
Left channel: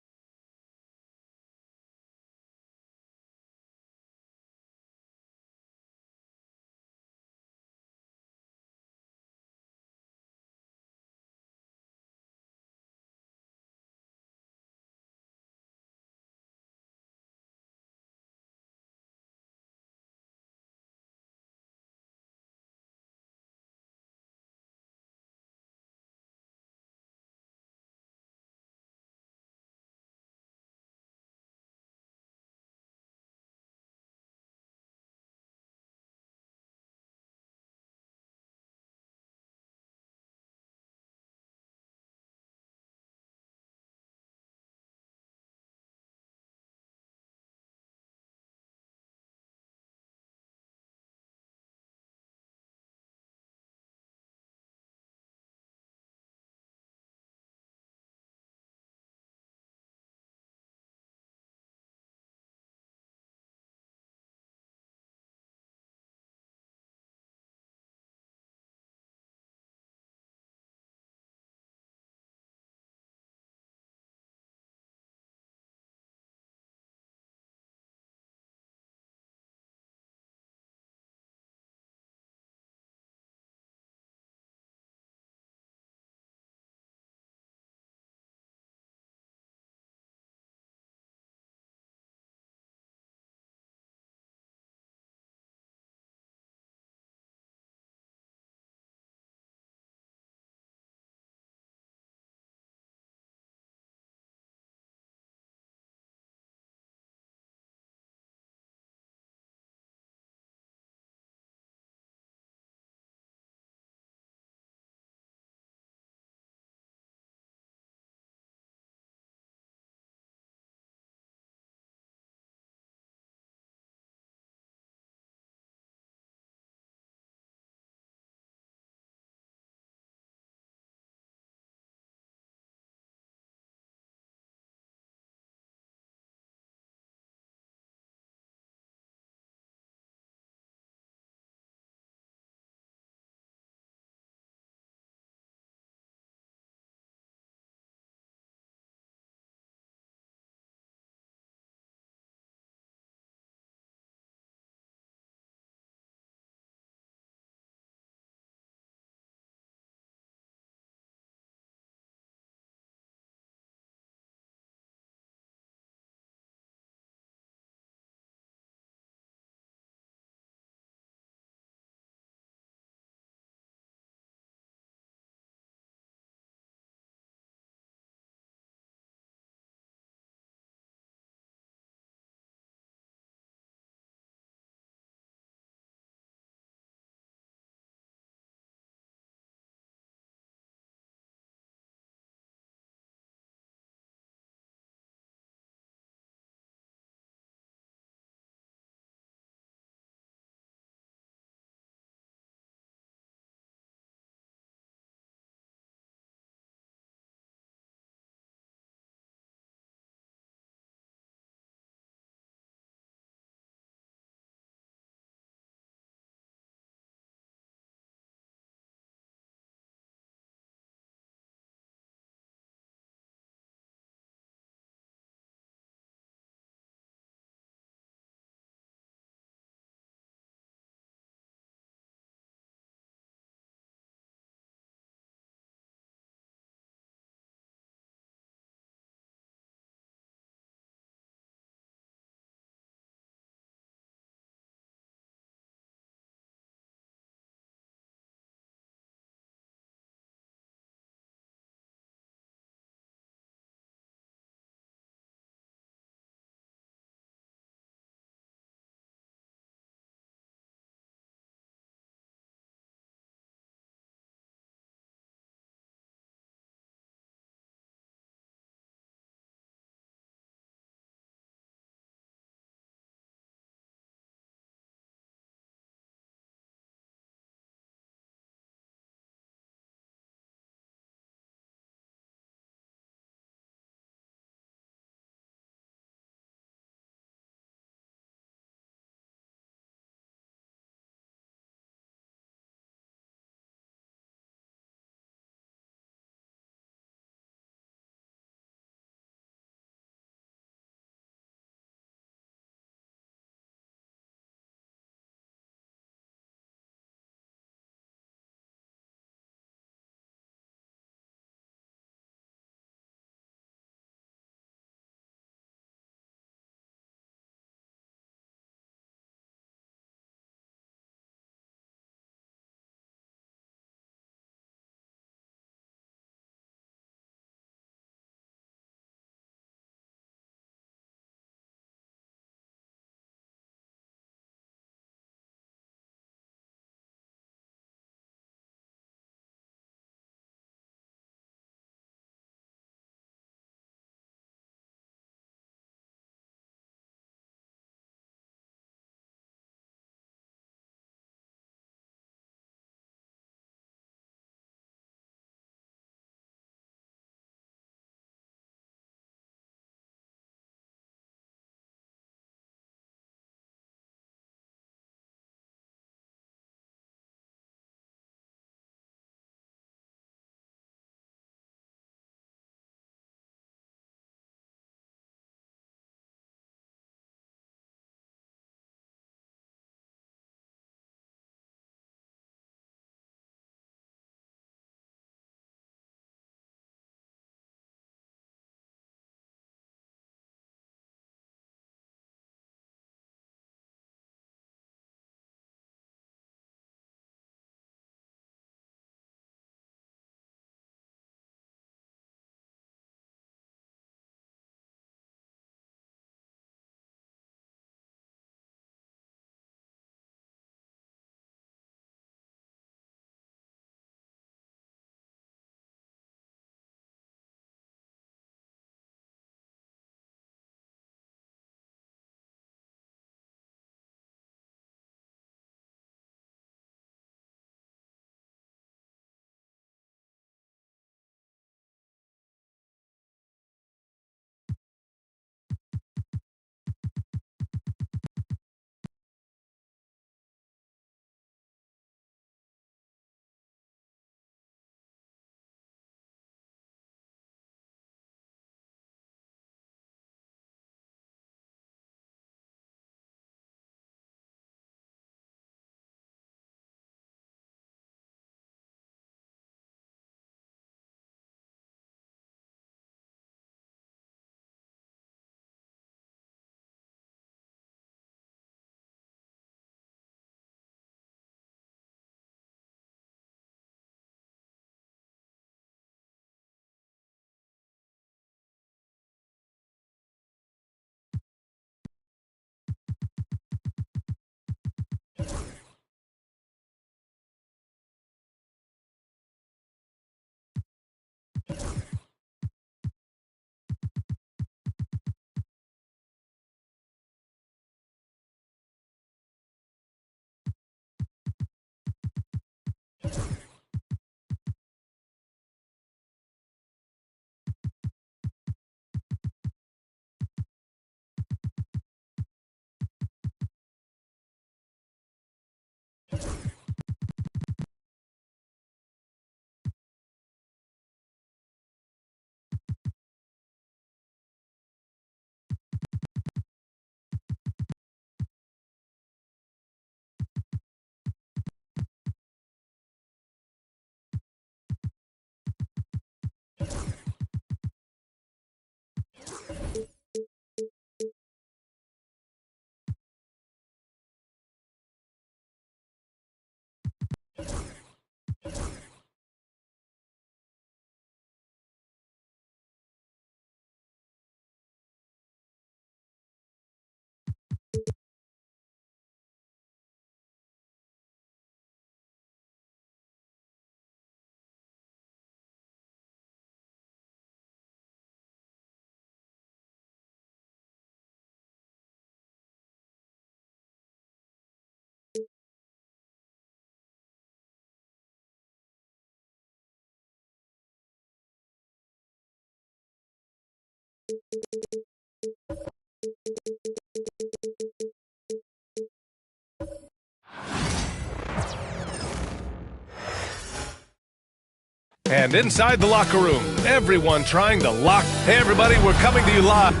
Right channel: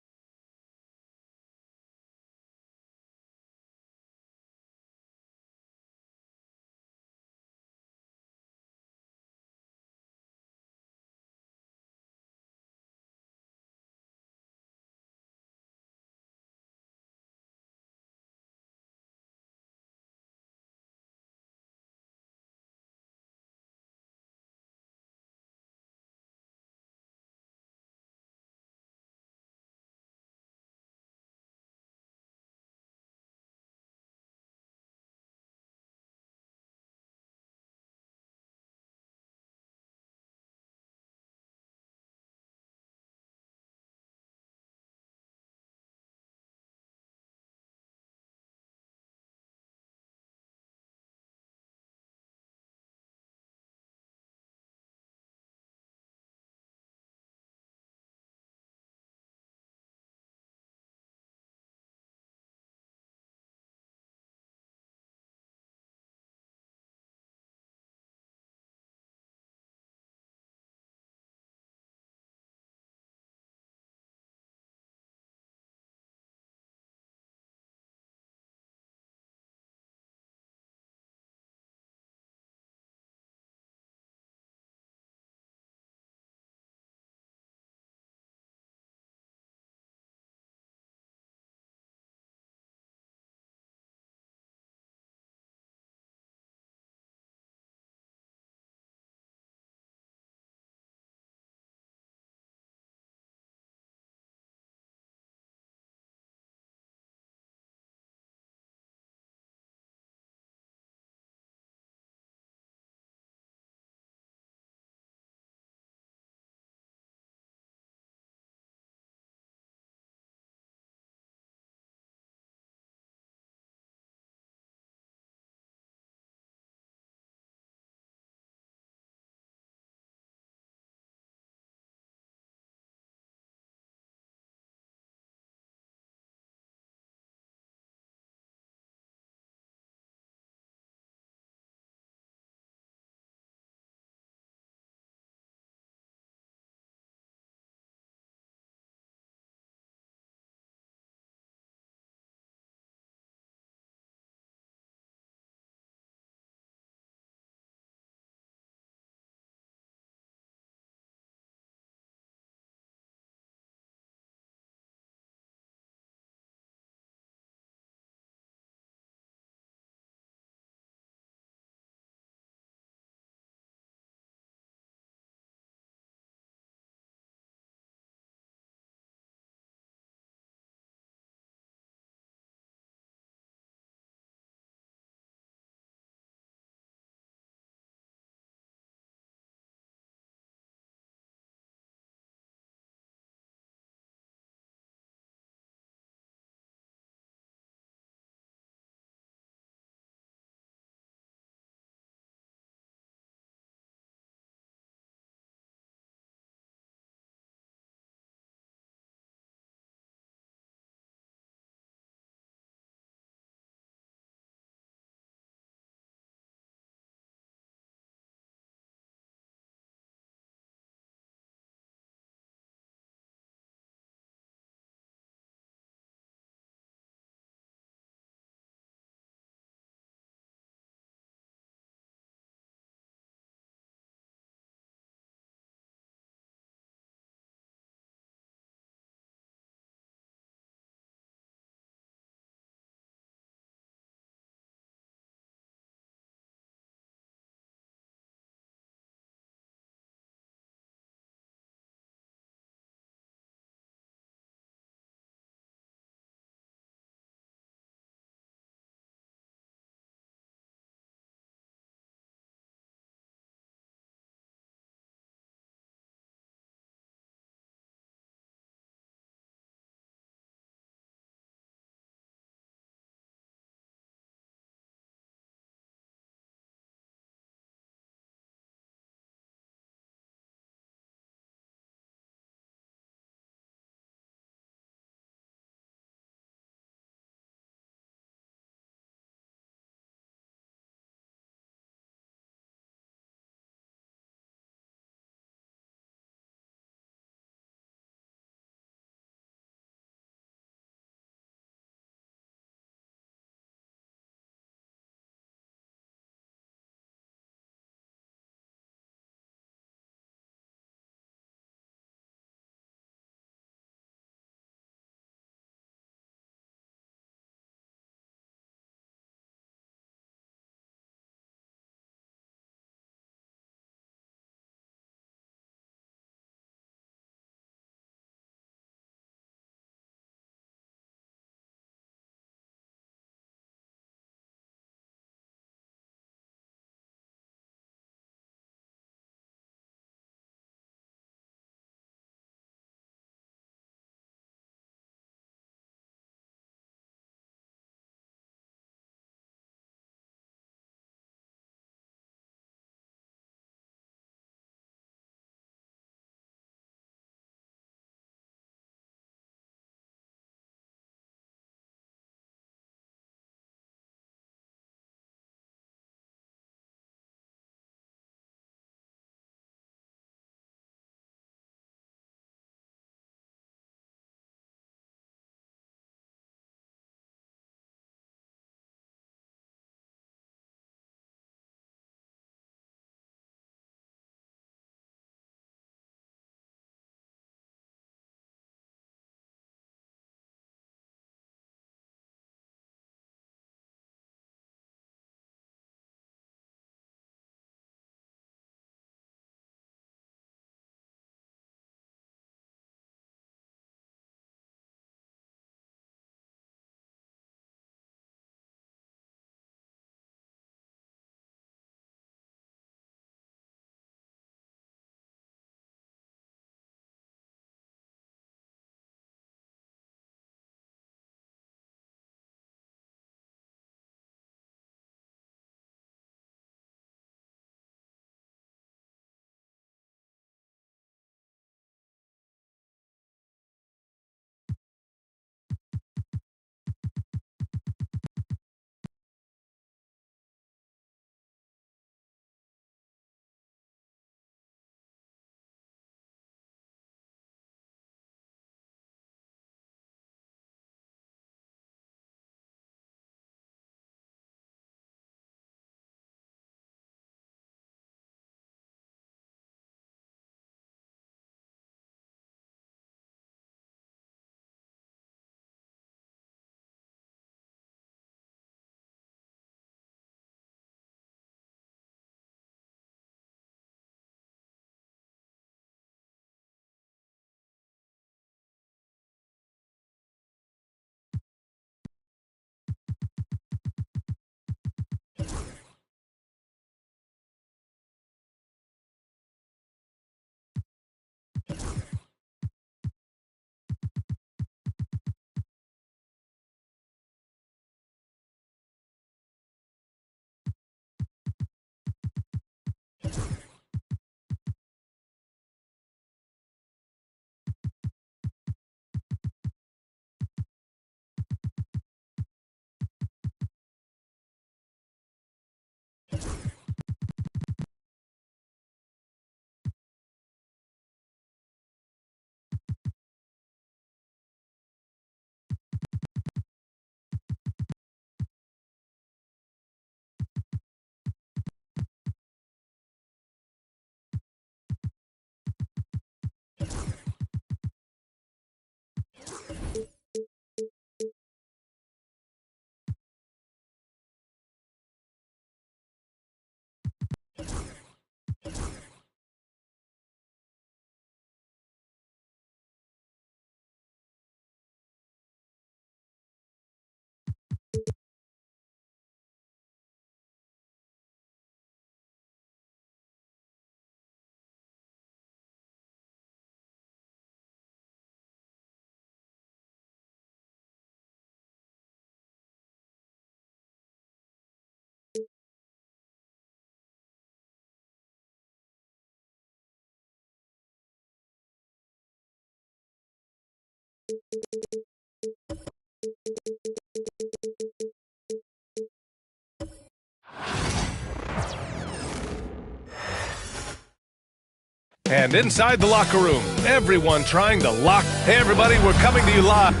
And inside the locker room, everyone trying to lock. Hey, everybody, we're coming to you live.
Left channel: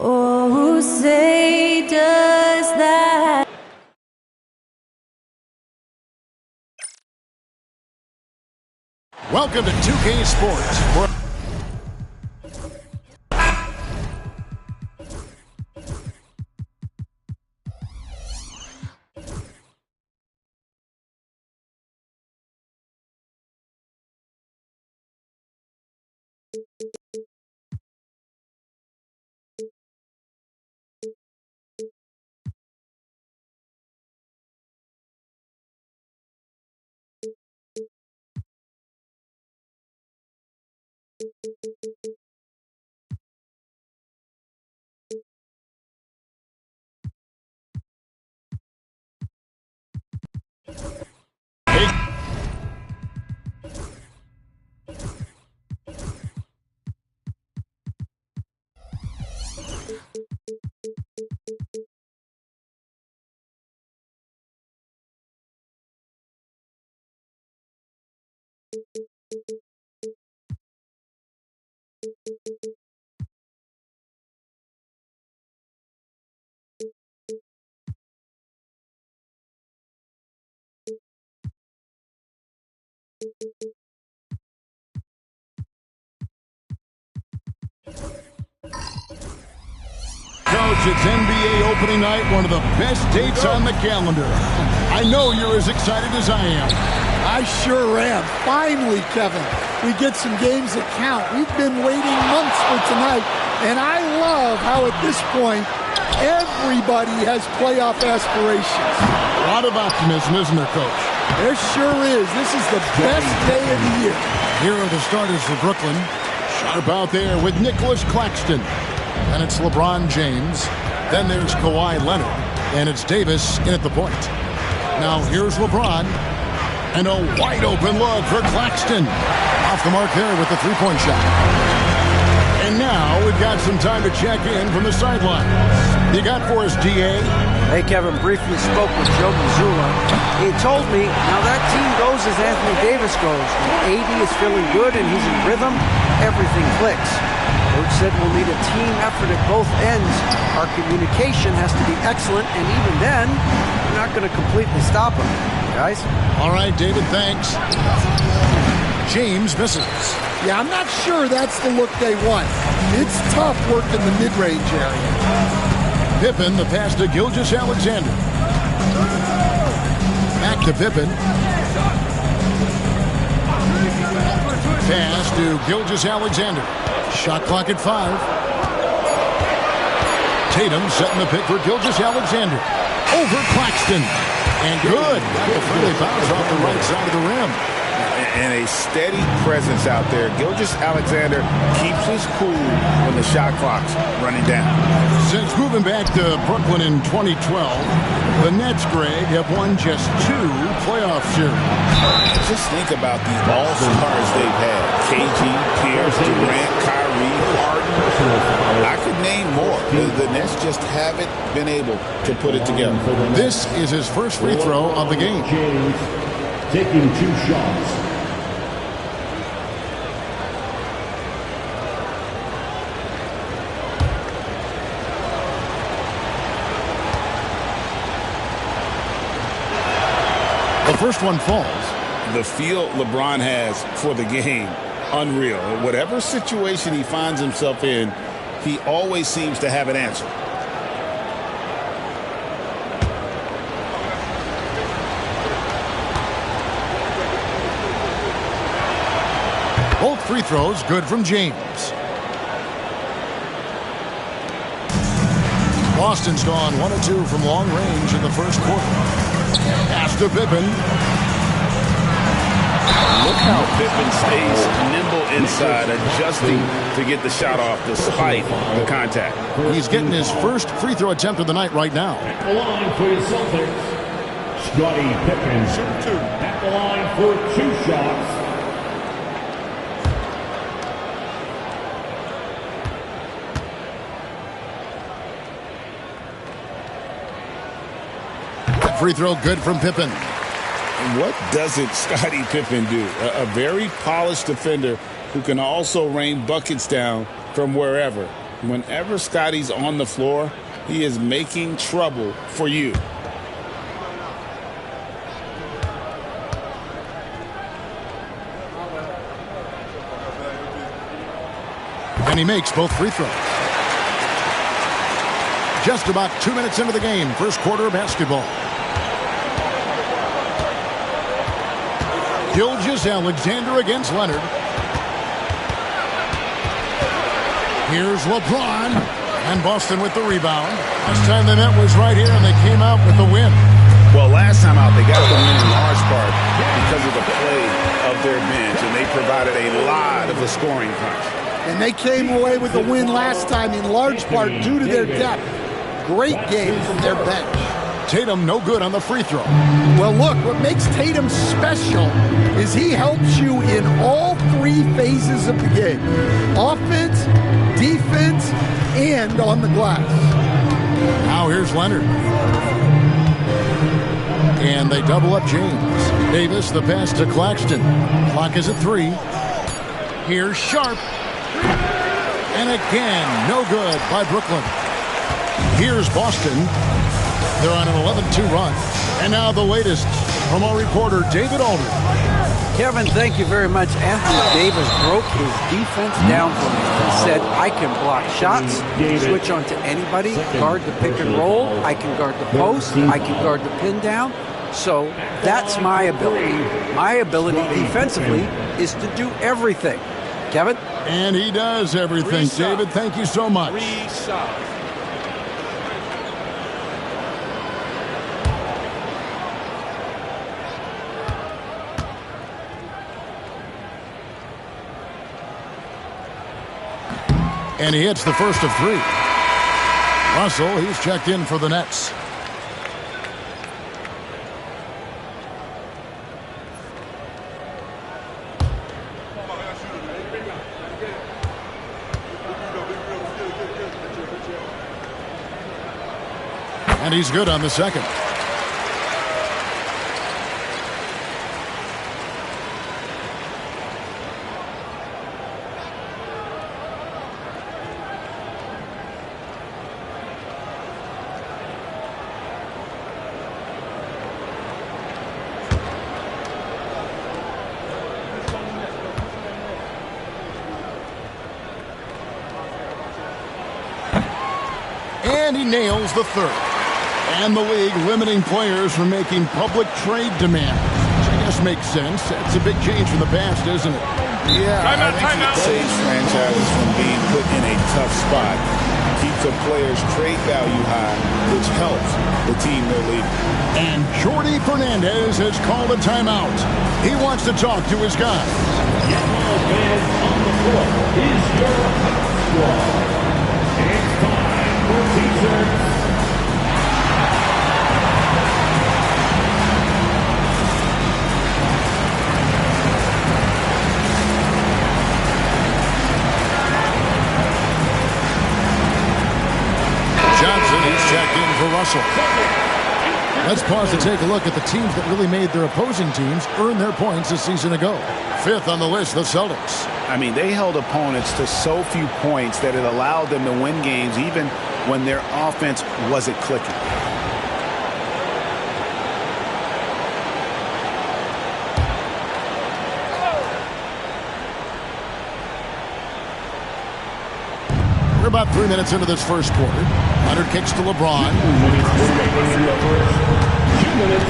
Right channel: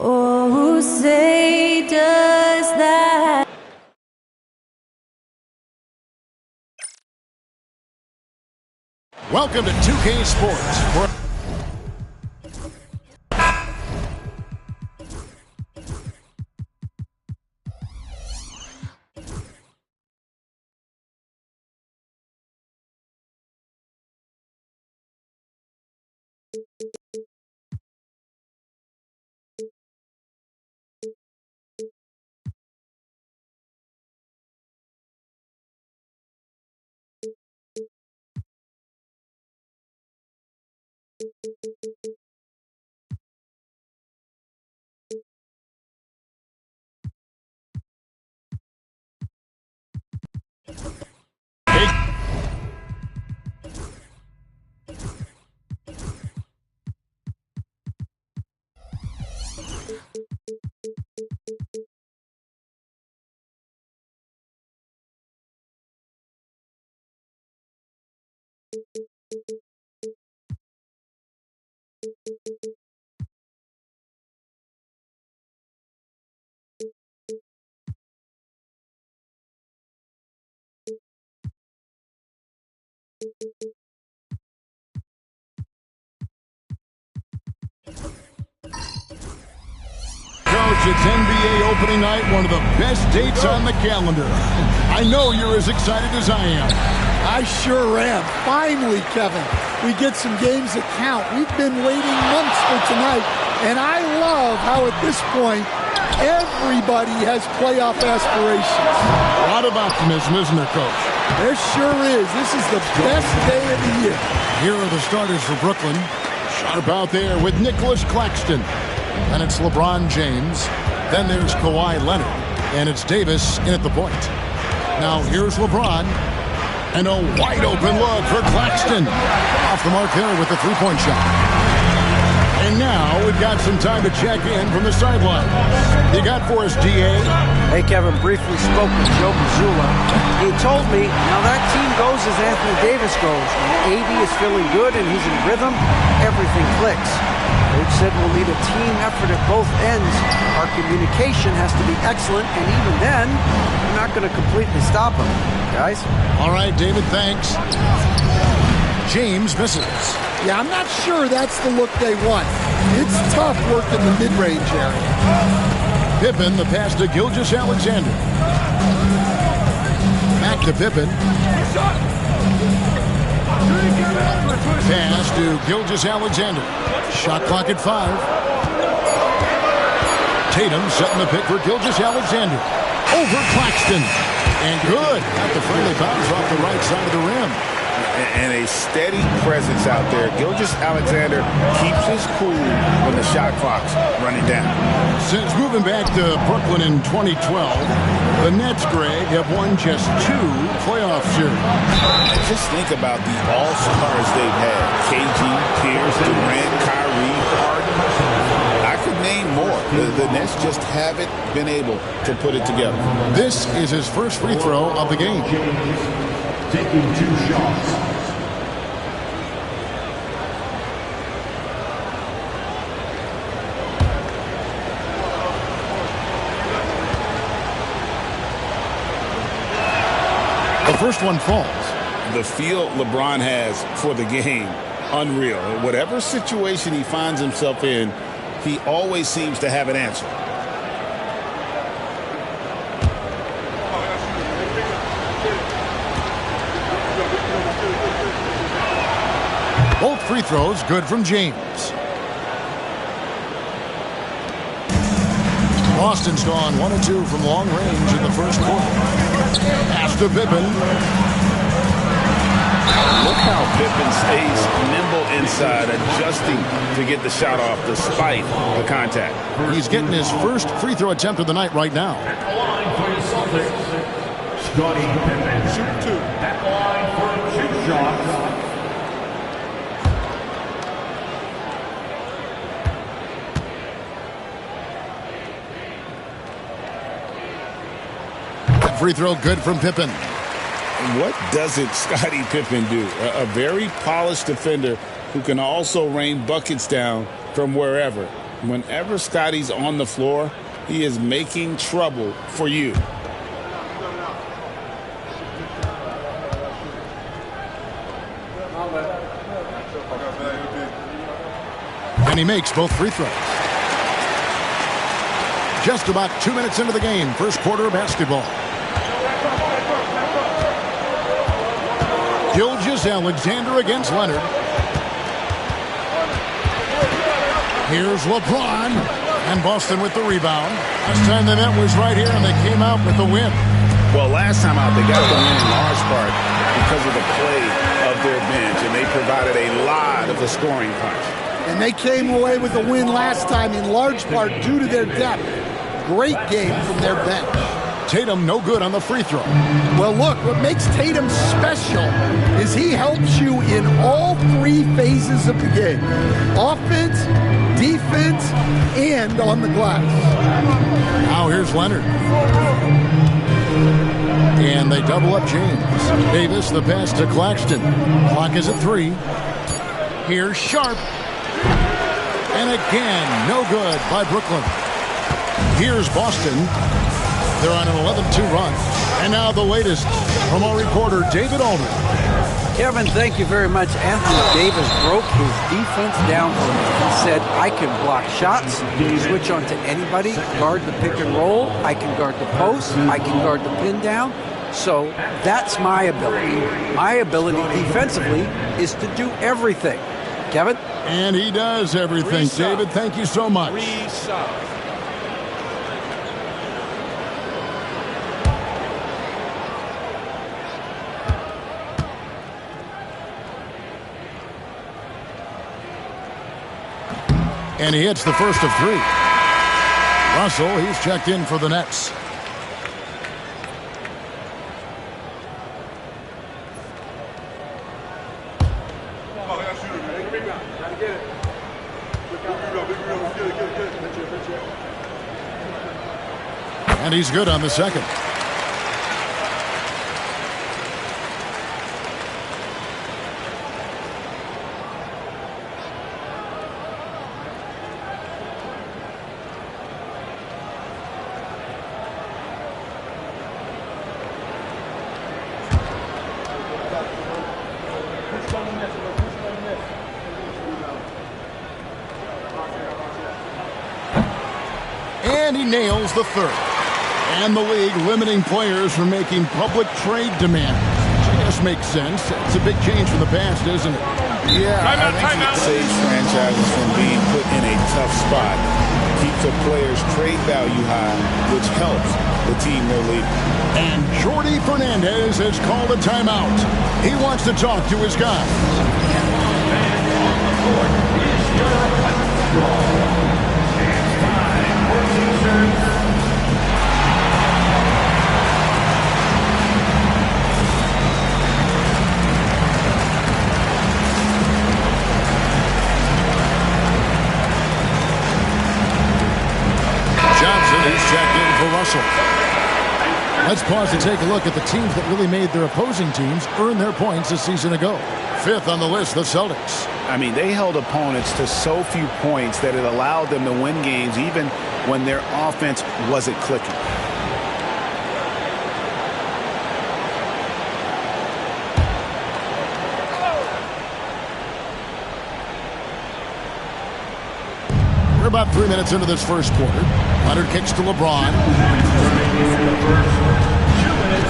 Oh, who say does that? Welcome to 2K Sports. Coach, it's NBA opening night, one of the best dates on the calendar. I know you're as excited as I am. I sure am. Finally, Kevin, we get some games that count. We've been waiting months for tonight, and I love how at this point, everybody has playoff aspirations. A lot of optimism, isn't there, Coach? There sure is. This is the best day of the year. Here are the starters for Brooklyn. Sharp out there with Nicholas Claxton. Then it's LeBron James. Then there's Kawhi Leonard. And it's Davis in at the point. Now here's LeBron. And a wide open look for Claxton. Off the mark there with the three-point shot. And now we've got some time to check in from the sidelines. You got for us, D.A.? Hey, Kevin, briefly spoke with Joe Mazzulla. He told me, now that team goes as Anthony Davis goes. When AD is feeling good and he's in rhythm, everything clicks. Coach said we'll need a team effort at both ends. Our communication has to be excellent, and even then, we're not going to completely stop them. Guys? All right, David, thanks. James misses. Yeah, I'm not sure that's the look they want. It's tough working the mid-range area. Pippen, the pass to Gilgeous-Alexander. Back to Pippen. Pass to Gilgeous-Alexander. Shot clock at 5. Tatum setting the pick for Gilgeous-Alexander. Over Claxton. And good. Got the friendly bounce off the right side of the rim. and a steady presence out there. Gilgeous-Alexander keeps his cool when the shot clock's running down. Since moving back to Brooklyn in 2012, the Nets, Greg, have won just 2 playoff series. Just think about the all-stars they've had. KG, Pierce, Durant, Kyrie, Harden. I could name more. The Nets just haven't been able to put it together. This is his first free throw of the game. James taking 2 shots. The first one falls. The feel LeBron has for the game, unreal. Whatever situation he finds himself in, he always seems to have an answer. Both free throws good from James. Boston's gone 1 of 2 from long range in the first quarter. Pass to Pippen. Look how Pippen stays nimble inside, adjusting to get the shot off despite the contact. He's getting his first free throw attempt of the night right now. At the line for your Celtics, Scottie Pippen. Shoot 2. At the line for 2 shots. Free throw good from Pippen. What doesn't Scottie Pippen do? A very polished defender who can also rain buckets down from wherever. Whenever Scottie's on the floor, he is making trouble for you. And he makes both free throws. Just about 2 minutes into the game, first quarter of basketball. Gilgeous-Alexander against Leonard. Here's LeBron. And Boston with the rebound. Last time they met was right here, and they came out with the win. Well, last time out, they got the win in large part because of the play of their bench, and they provided a lot of the scoring punch. And they came away with the win last time in large part due to their depth. Great game from their bench. Tatum no good on the free throw. Well, look, what makes Tatum special is he helps you in all 3 phases of the game. Offense, defense, and on the glass. Now here's Leonard. And they double up James. Davis, the pass to Claxton. Clock is at 3. Here's Sharp. And again, no good by Brooklyn. Here's Boston. They're on an 11-2 run. And now the latest from our reporter, David Aldridge. Kevin, thank you very much. Anthony Davis broke his defense down for me. He said, I can block shots, switch on to anybody, guard the pick and roll, I can guard the post, I can guard the pin down. So that's my ability. My ability defensively is to do everything. Kevin? And he does everything. David, thank you so much. And he hits the first of 3. Russell, he's checked in for the Nets. And he's good on the second. And he nails the third. And the league limiting players from making public trade demands, which I guess makes sense. It's a big change from the past, isn't it? Yeah, I think it saves franchises from being put in a tough spot. keeps a player's trade value high, which helps the team they're leading. And Jordi Fernandez has called a timeout. He wants to talk to his guys. Johnson, he's checked in for Russell. Let's pause to take a look at the teams that really made their opposing teams earn their points a season ago. Fifth on the list, the Celtics. I mean, they held opponents to so few points that it allowed them to win games even when their offense wasn't clicking. We're about 3 minutes into this first quarter. Leonard kicks to LeBron. 2 minutes.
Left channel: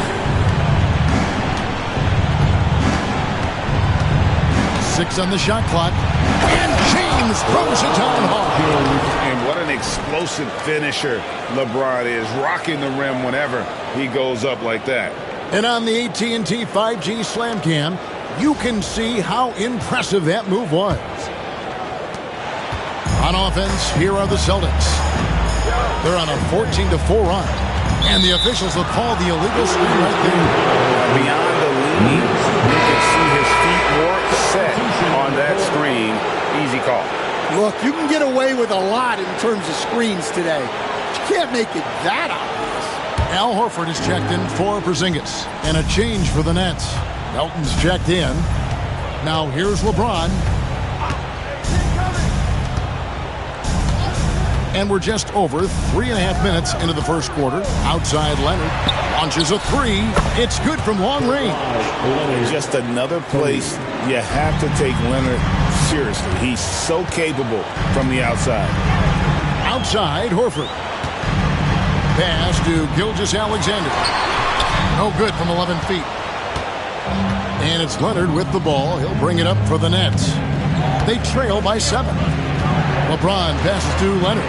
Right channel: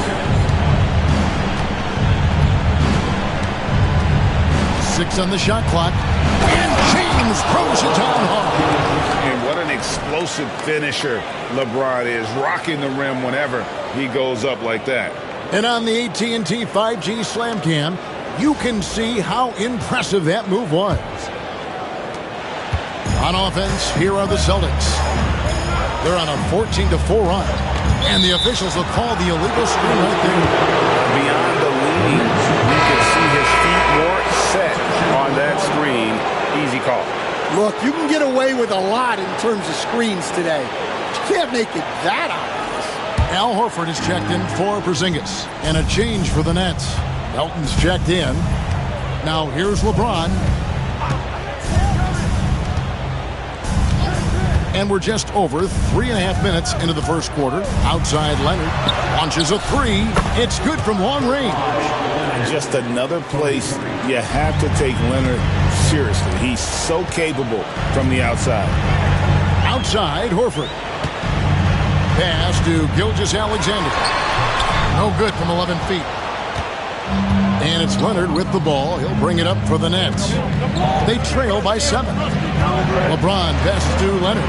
6 on the shot clock. And James throws it down hard. And what an explosive finisher LeBron is, rocking the rim whenever he goes up like that. And on the AT&T 5G Slam Cam, you can see how impressive that move was. On offense, here are the Celtics. They're on a 14-4 run. And the officials will call the illegal screen right there. Beyond the leaning, you can see his feet more set on that screen. Easy call. Look, you can get away with a lot in terms of screens today. But you can't make it that obvious. Al Horford is checked in for Porzingis. And a change for the Nets. Melton's checked in. Now here's LeBron. And we're just over 3.5 minutes into the first quarter. Outside Leonard launches a three. It's good from long range. Just another place you have to take Leonard seriously. He's so capable from the outside. Outside Horford. Pass to Gilgeous-Alexander. No good from 11 feet. And it's Leonard with the ball. He'll bring it up for the Nets. They trail by 7. LeBron passes to Leonard.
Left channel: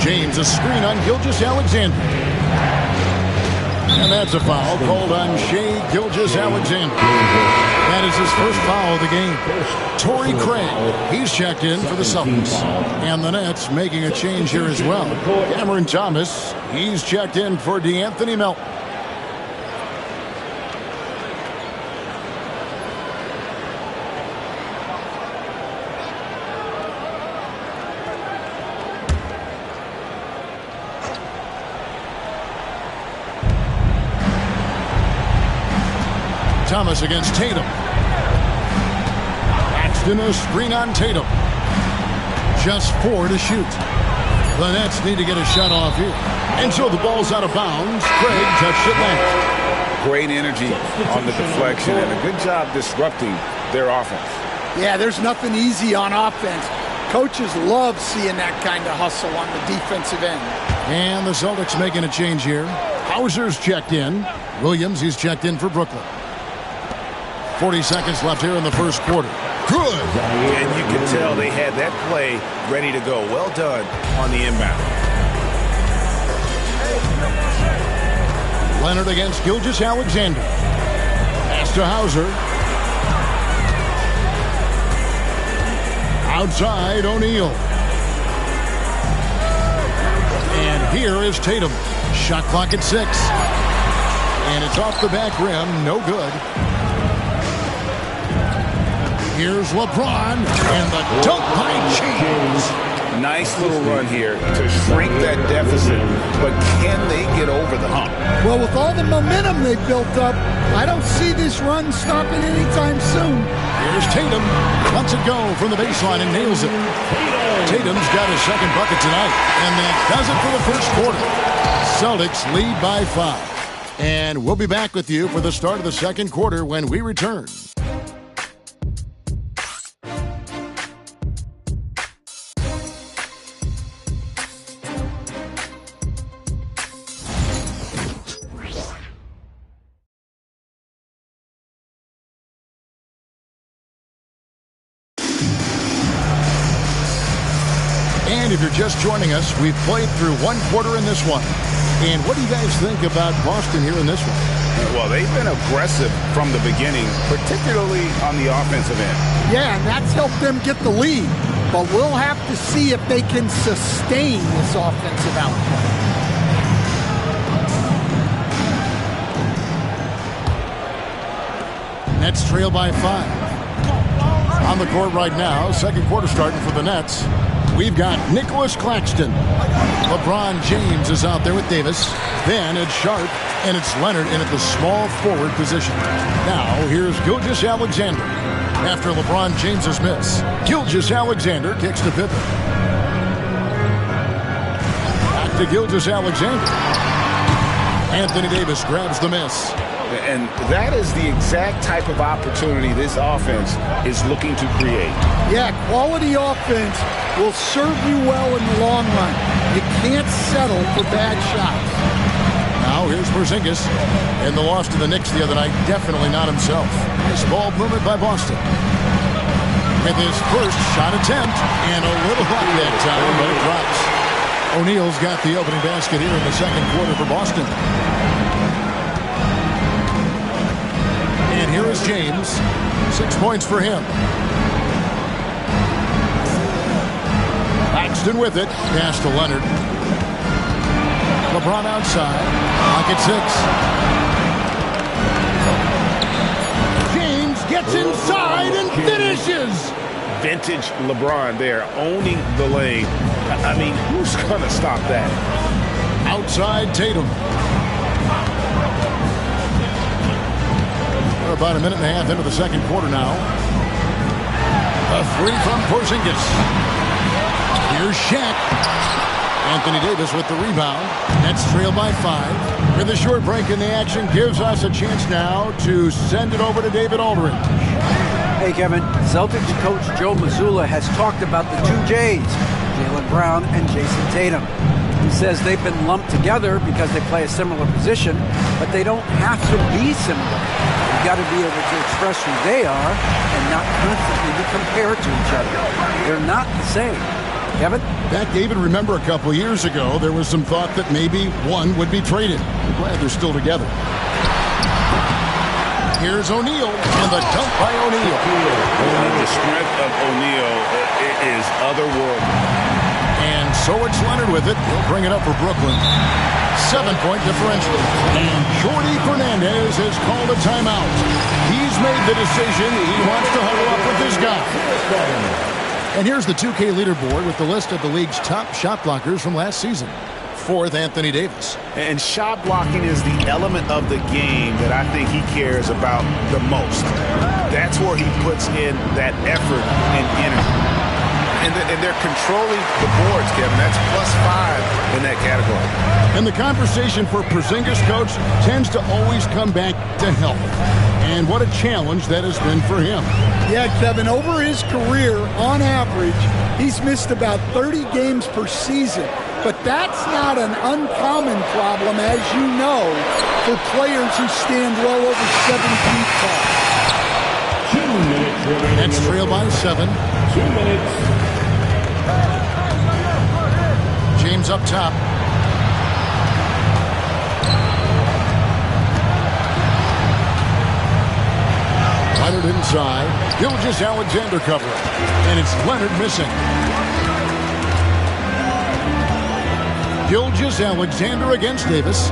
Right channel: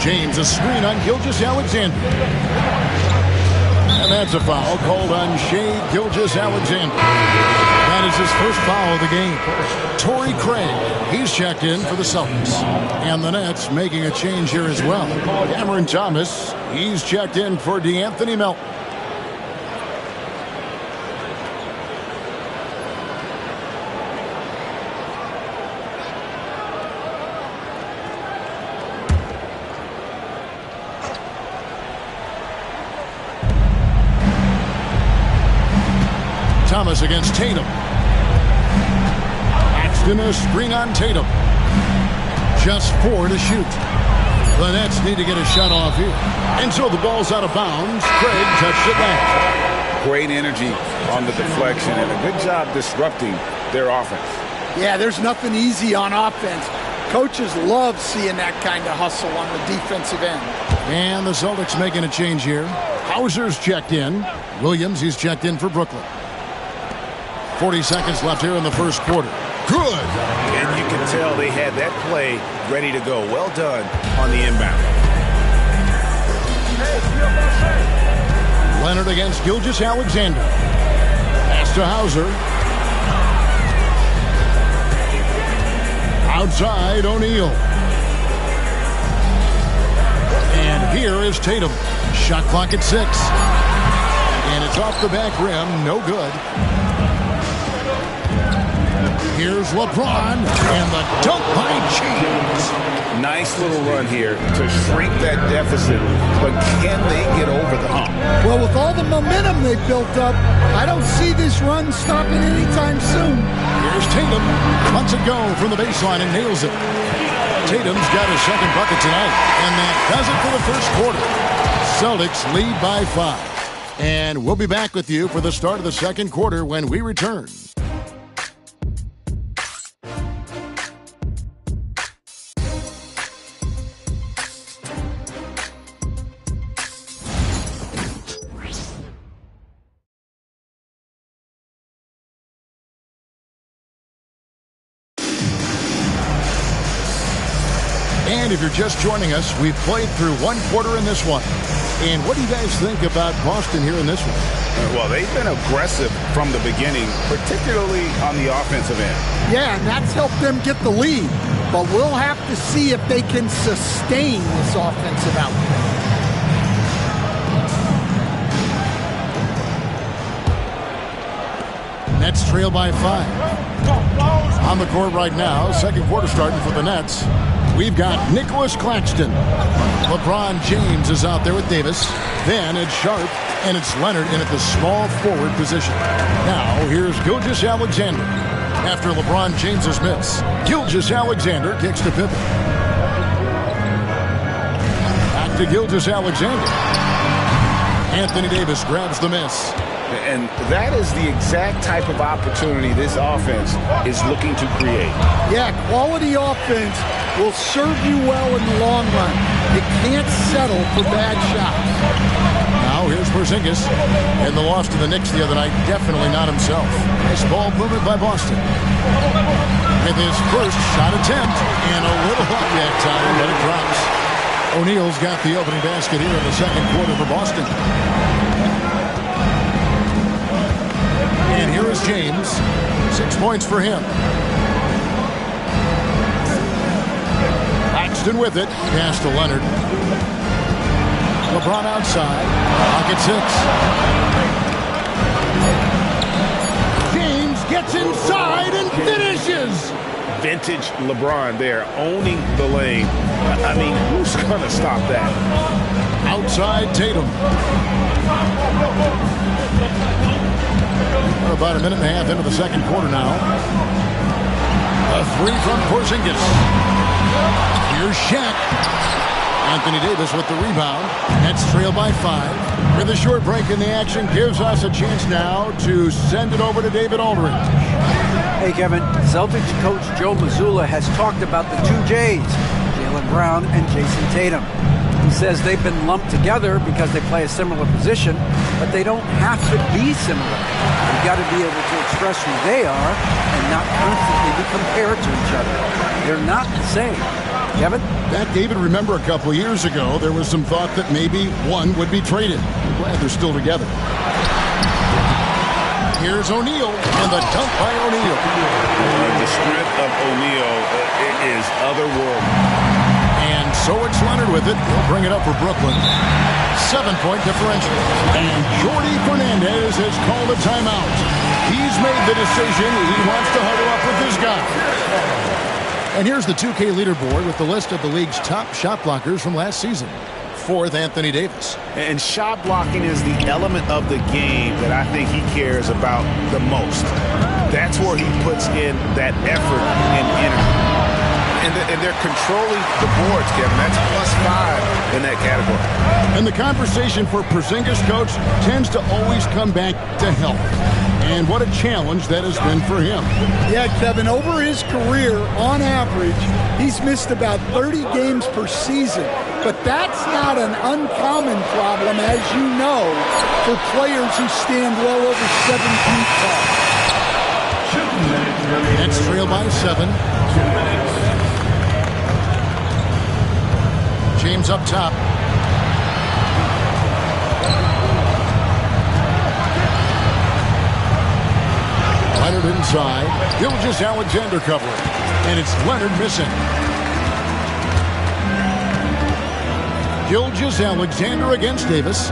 James, a screen on Gilgeous-Alexander. And that's a foul called on Shai Gilgeous-Alexander. That is his first foul of the game. Torrey Craig, he's checked in for the Celtics. And the Nets making a change here as well. Cameron Thomas, he's checked in for DeAnthony Melton. Thomas against Tatum. Paxton, a screen on Tatum. Just 4 to shoot. The Nets need to get a shot off here. And so the ball's out of bounds. Craig touched it last. Great energy on the deflection and a good job disrupting their offense. Yeah, there's nothing easy on offense. Coaches love seeing that kind of hustle on the defensive end. And the Celtics making a change here. Hauser's checked in. Williams, he's checked in for Brooklyn. 40 seconds left here in the first quarter. Good. And you can tell they had that play ready to go. Well done on the inbound. Leonard against Gilgeous-Alexander. Pass to Hauser. Outside O'Neal. And here is Tatum. Shot clock at 6. And it's off the back rim. No good. Here's LeBron, and the dunk by James. Nice little run here to shrink that deficit, but can they get over the hump? Well, with all the momentum they've built up, I don't see this run stopping anytime soon. Here's Tatum. Lets it go from the baseline and nails it. Tatum's got his second bucket tonight, and that does it for the first quarter. Celtics lead by 5. And we'll be back with you for the start of the second quarter when we return. And if you're just joining us, we've played through one quarter in this one. And what do you guys think about Boston here in this one? Well, they've been aggressive from the beginning, particularly on the offensive end. Yeah, and that's helped them get the lead. But we'll have to see if they can sustain this offensive output. Nets trail by 5. On the court right now, second quarter starting for the Nets. We've got Nicholas Claxton. LeBron James is out there with Davis. Then it's Sharp, and it's Leonard in at the small forward position. Now, here's Gilgeous-Alexander. After LeBron James's miss, Gilgeous-Alexander kicks to Pippen. Back to Gilgeous-Alexander. Anthony Davis grabs the miss. And that is the exact type of opportunity this offense is looking to create. Yeah, quality offense will serve you well in the long run. You can't settle for bad shots. Now here's Porzingis. In the loss to the Knicks the other night, definitely not himself. Nice ball movement by Boston. With his first shot attempt, and a little luck that time, but it drops. O'Neal's got the opening basket here in the second quarter for Boston. And here is James. 6 points for him. Claxton with it. Pass to Leonard. LeBron outside. Pocket 6. James gets inside and finishes. Vintage LeBron there, owning the lane. I mean, who's going to stop that? Outside Tatum. We're about a minute and a half into the second quarter now. A three from Porzingis. Here's Shaq. Anthony Davis with the rebound. Nets trail by 5. With a short break in the action, gives us a chance now to send it over to David Aldridge. Hey, Kevin. Celtics coach Joe Mazzulla has talked about the two J's, Jaylen Brown and Jason Tatum. He says they've been lumped together because they play a similar position, but they don't have to be similar. You've got to be able to express who they are and not constantly be compared to each other. They're not the same. Kevin? That, David, remember a couple of years ago, there was some thought that maybe one would be traded. I'm glad they're still together. Here's O'Neal, and the dunk by O'Neal. The strength of O'Neal is otherworldly. And so it's Leonard with it. He'll bring it up for Brooklyn. 7-point differential. And Jordi Fernandez has called a timeout. He's made the decision. He wants to huddle up with this guy. And here's the 2K leaderboard with the list of the league's top shot blockers from last season. 4th, Anthony Davis. And shot blocking is the element of the game that I think he cares about the most. That's where he puts in that effort and energy. And they're controlling the boards, Kevin. That's +5 in that category. And the conversation for Porzingis, coach, tends to always come back to health. And what a challenge that has been for him. Yeah, Kevin, over his career, on average, he's missed about 30 games per season. But that's not an uncommon problem, as you know, for players who stand well over 7 feet tall. 2 minutes remaining. Nets trail by 7. 2 minutes. James up top. Leonard inside. Gilgeous-Alexander covering. And it's Leonard missing. Gilgeous-Alexander against Davis.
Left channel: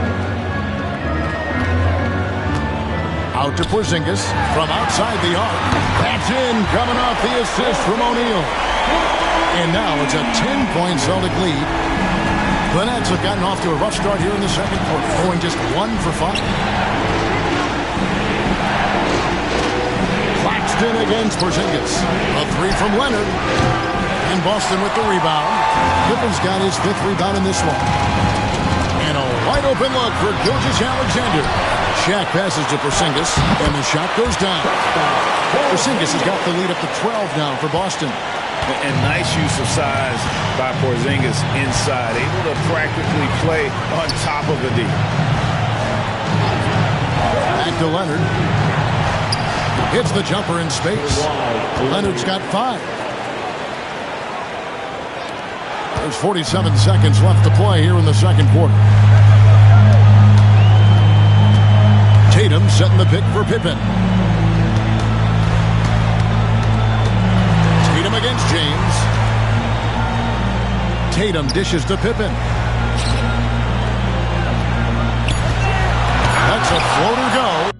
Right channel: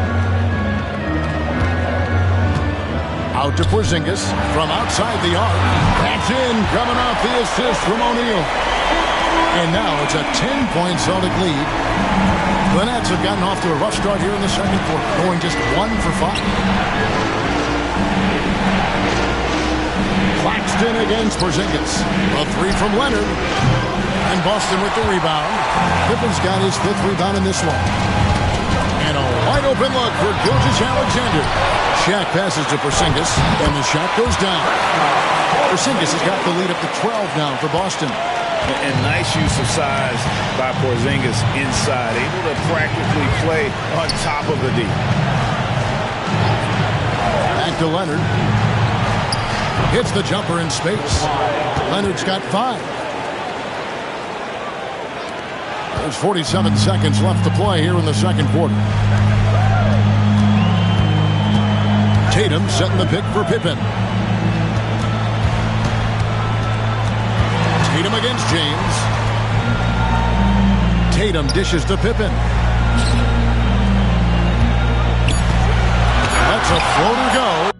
Out to Porzingis from outside the arc. That's in, coming off the assist from O'Neal. And now it's a 10-point Celtic lead. The Nets have gotten off to a rough start here in the second quarter, going just 1 for 5. Claxton against Porzingis. A 3 from Leonard. And Boston with the rebound. Pippen's got his 5th rebound in this one. And a wide open look for Gilgeous-Alexander. Shaq passes to Porzingis, and the shot goes down. Porzingis has got the lead up to 12 now for Boston. And nice use of size by Porzingis inside, able to practically play on top of the D. Back to Leonard. Hits the jumper in space. Leonard's got 5. There's 47 seconds left to play here in the second quarter. Tatum setting the pick for Pippen. Tatum against James. Tatum dishes to Pippen. That's a floater go.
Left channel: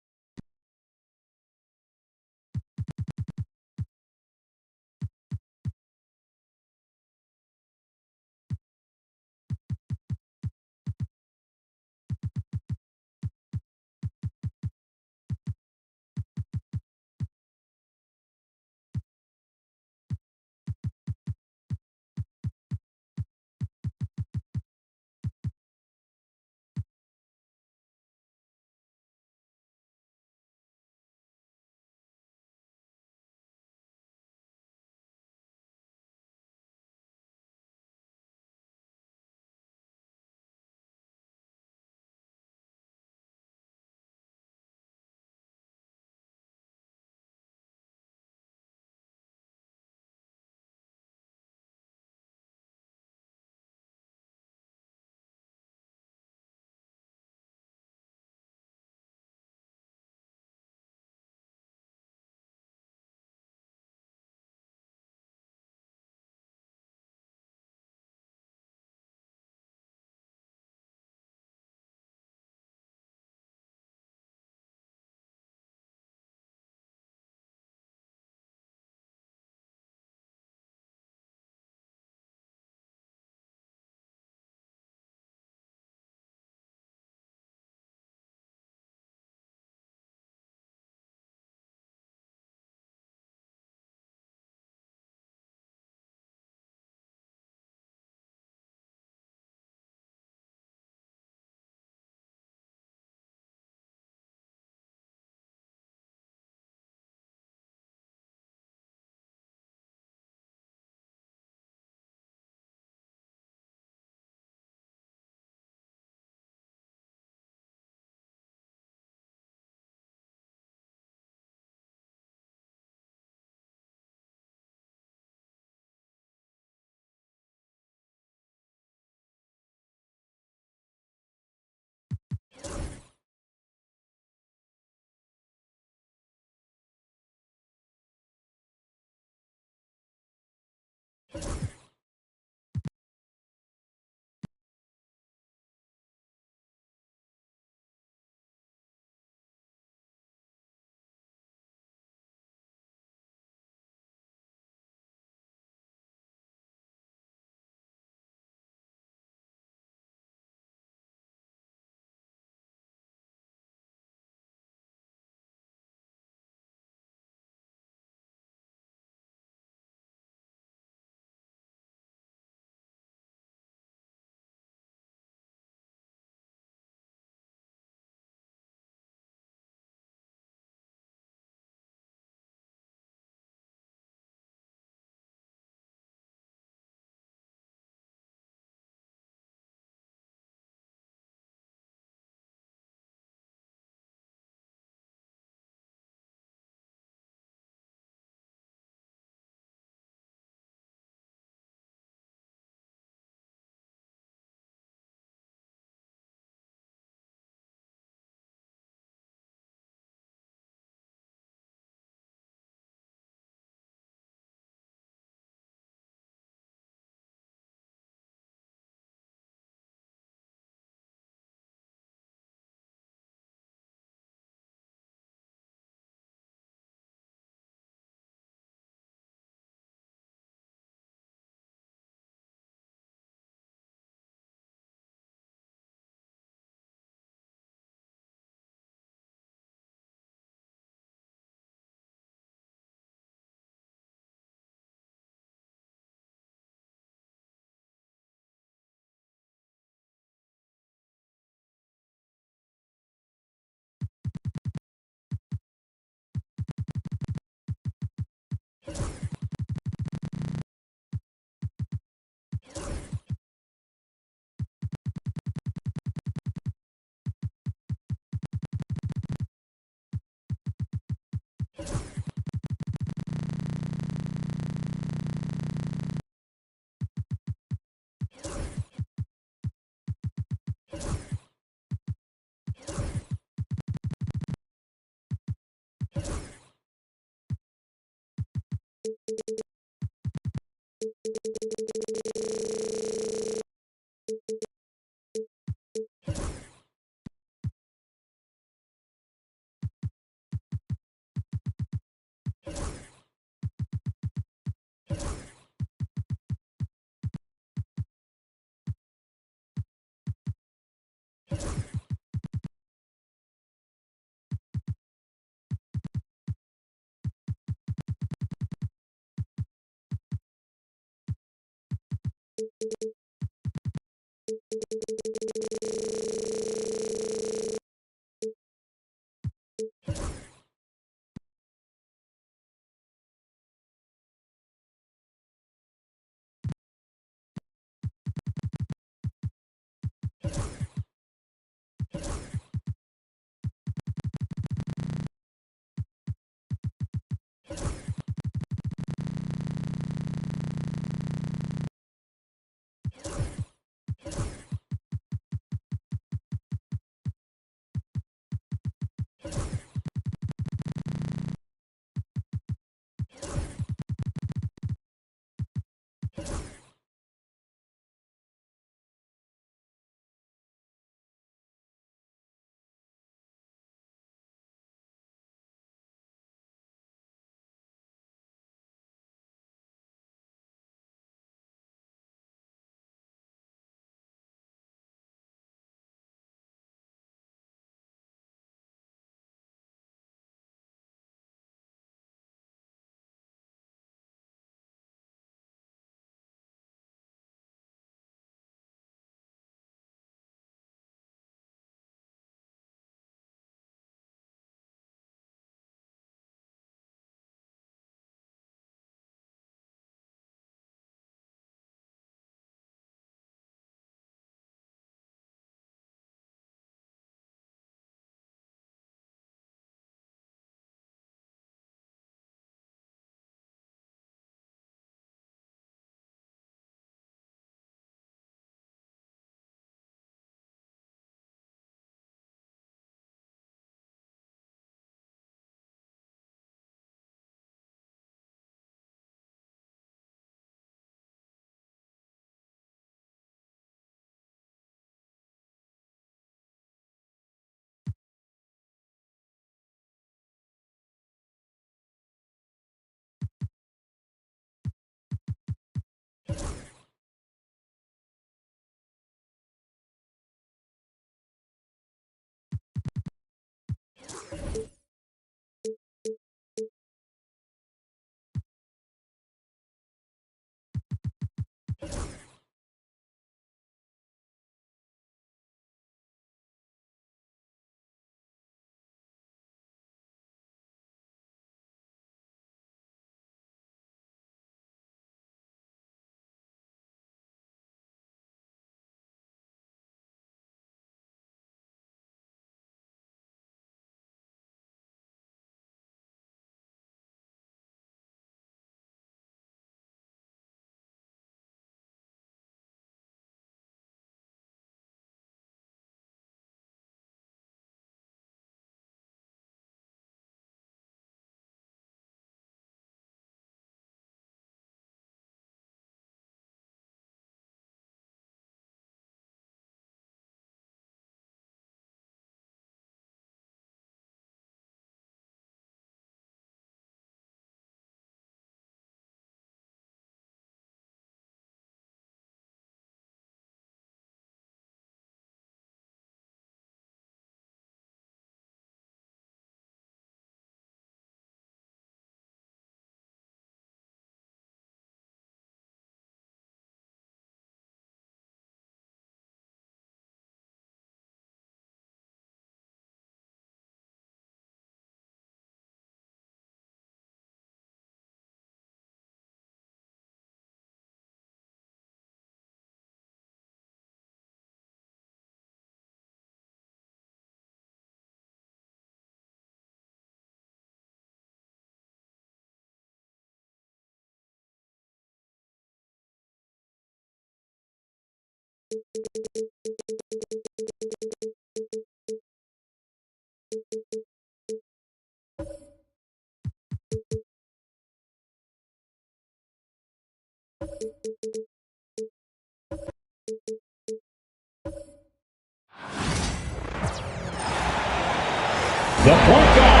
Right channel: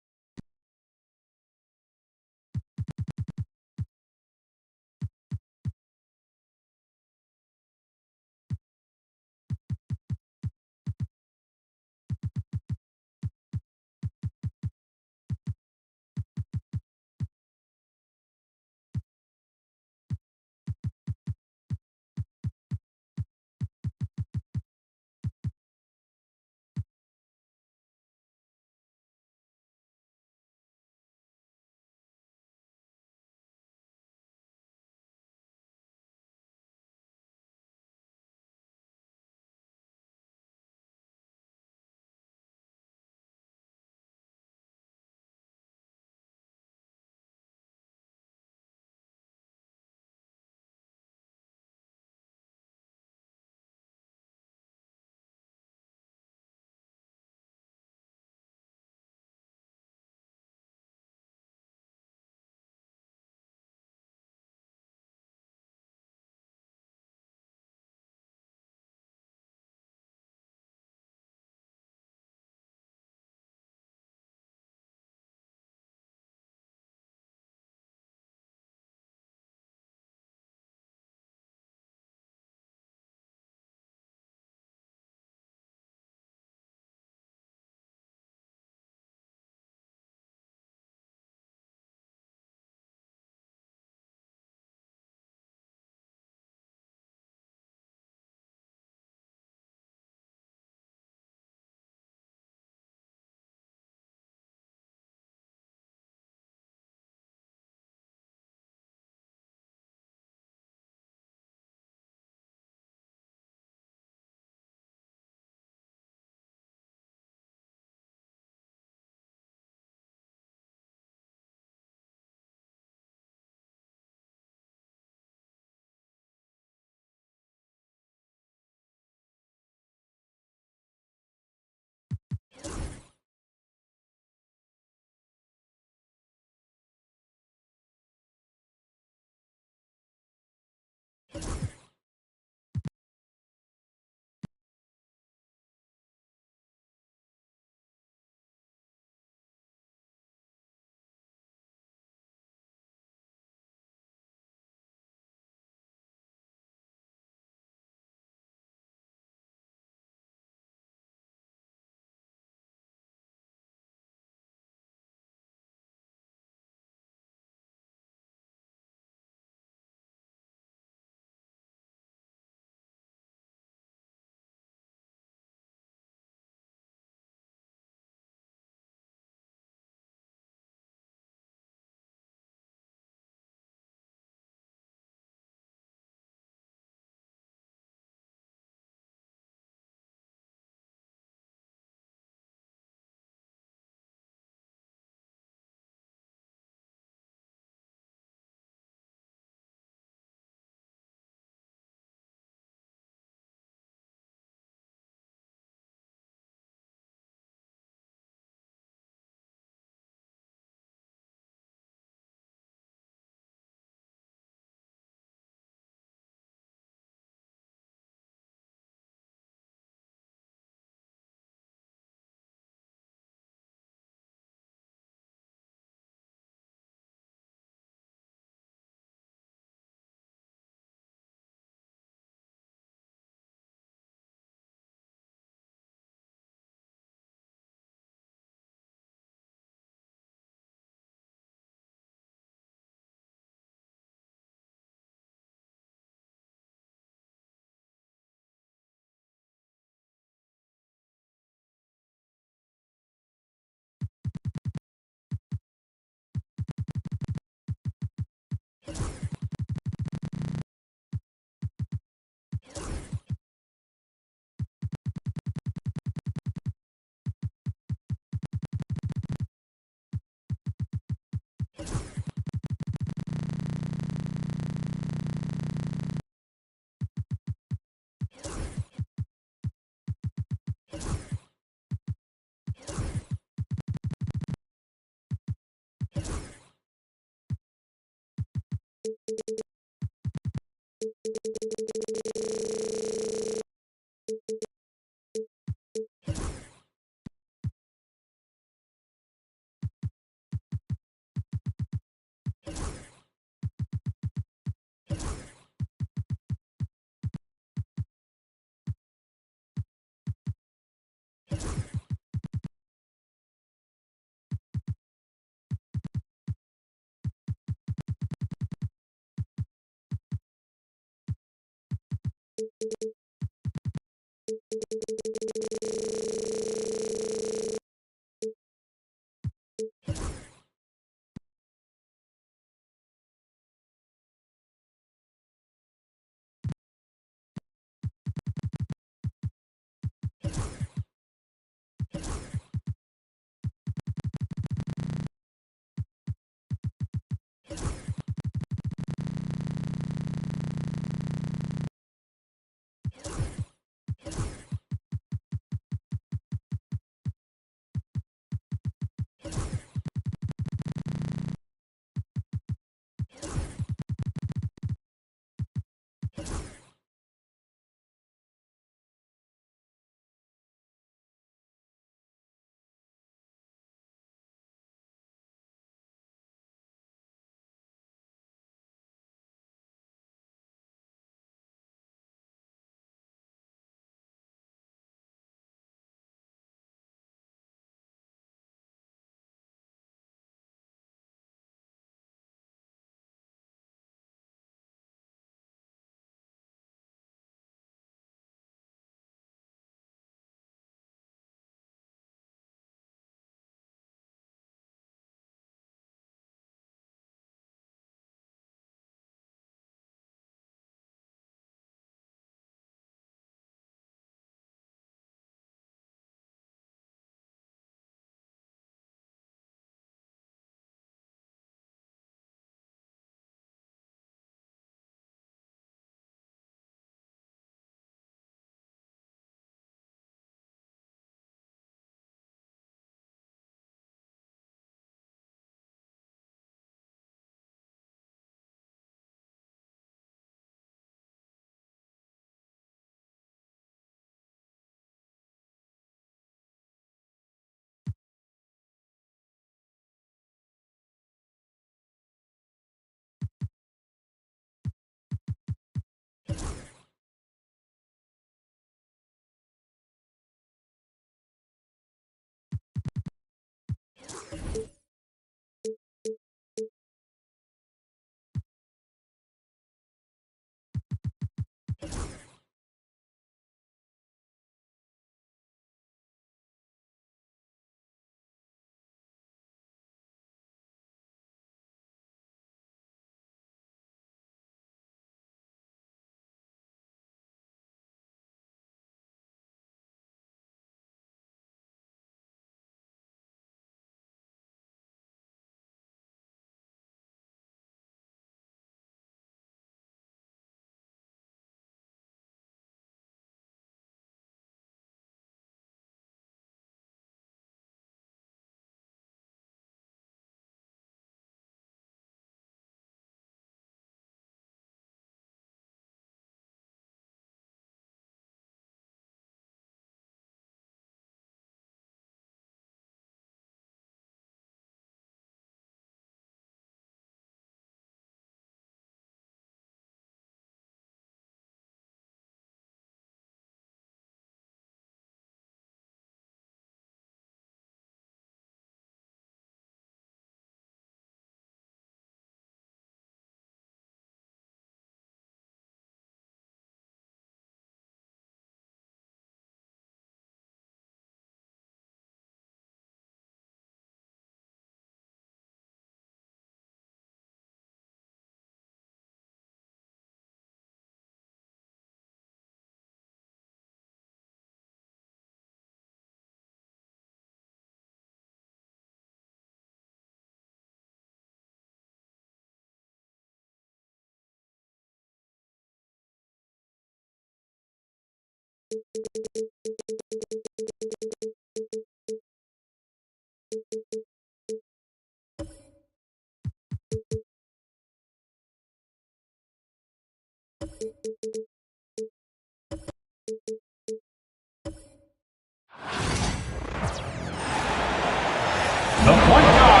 The point guard,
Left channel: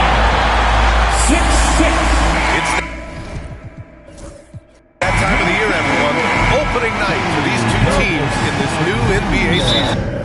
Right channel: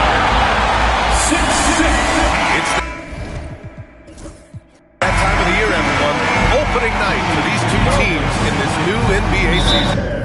6'6". It's that time of the year, everyone. Opening night for these two teams in this new NBA season.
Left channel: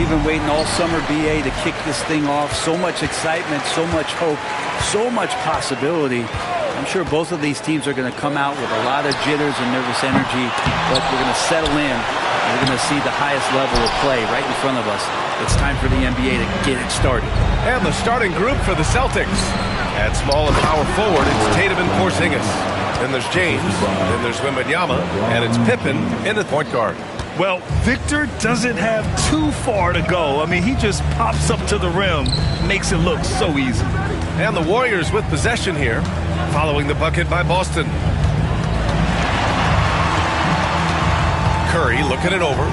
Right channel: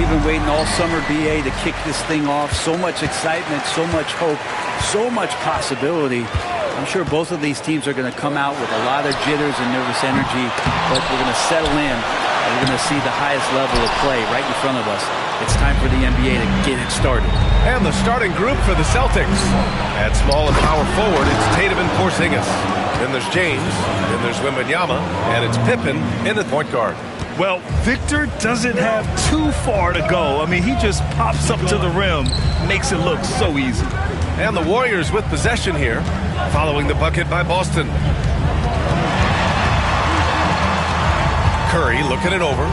We've been waiting all summer, BA, to kick this thing off. So much excitement, so much hope, so much possibility. I'm sure both of these teams are going to come out with a lot of jitters and nervous energy, but we're going to settle in, and we're going to see the highest level of play right in front of us. It's time for the NBA to get it started. And the starting group for the Celtics. At small and power forward, it's Tatum and Porzingis. Then there's James, then there's Wembanyama, and it's Pippen in the point guard. Well, Victor doesn't have too far to go. I mean, he just pops up to the rim, makes it look so easy. And the Warriors with possession here, following the bucket by Boston. Curry looking it over.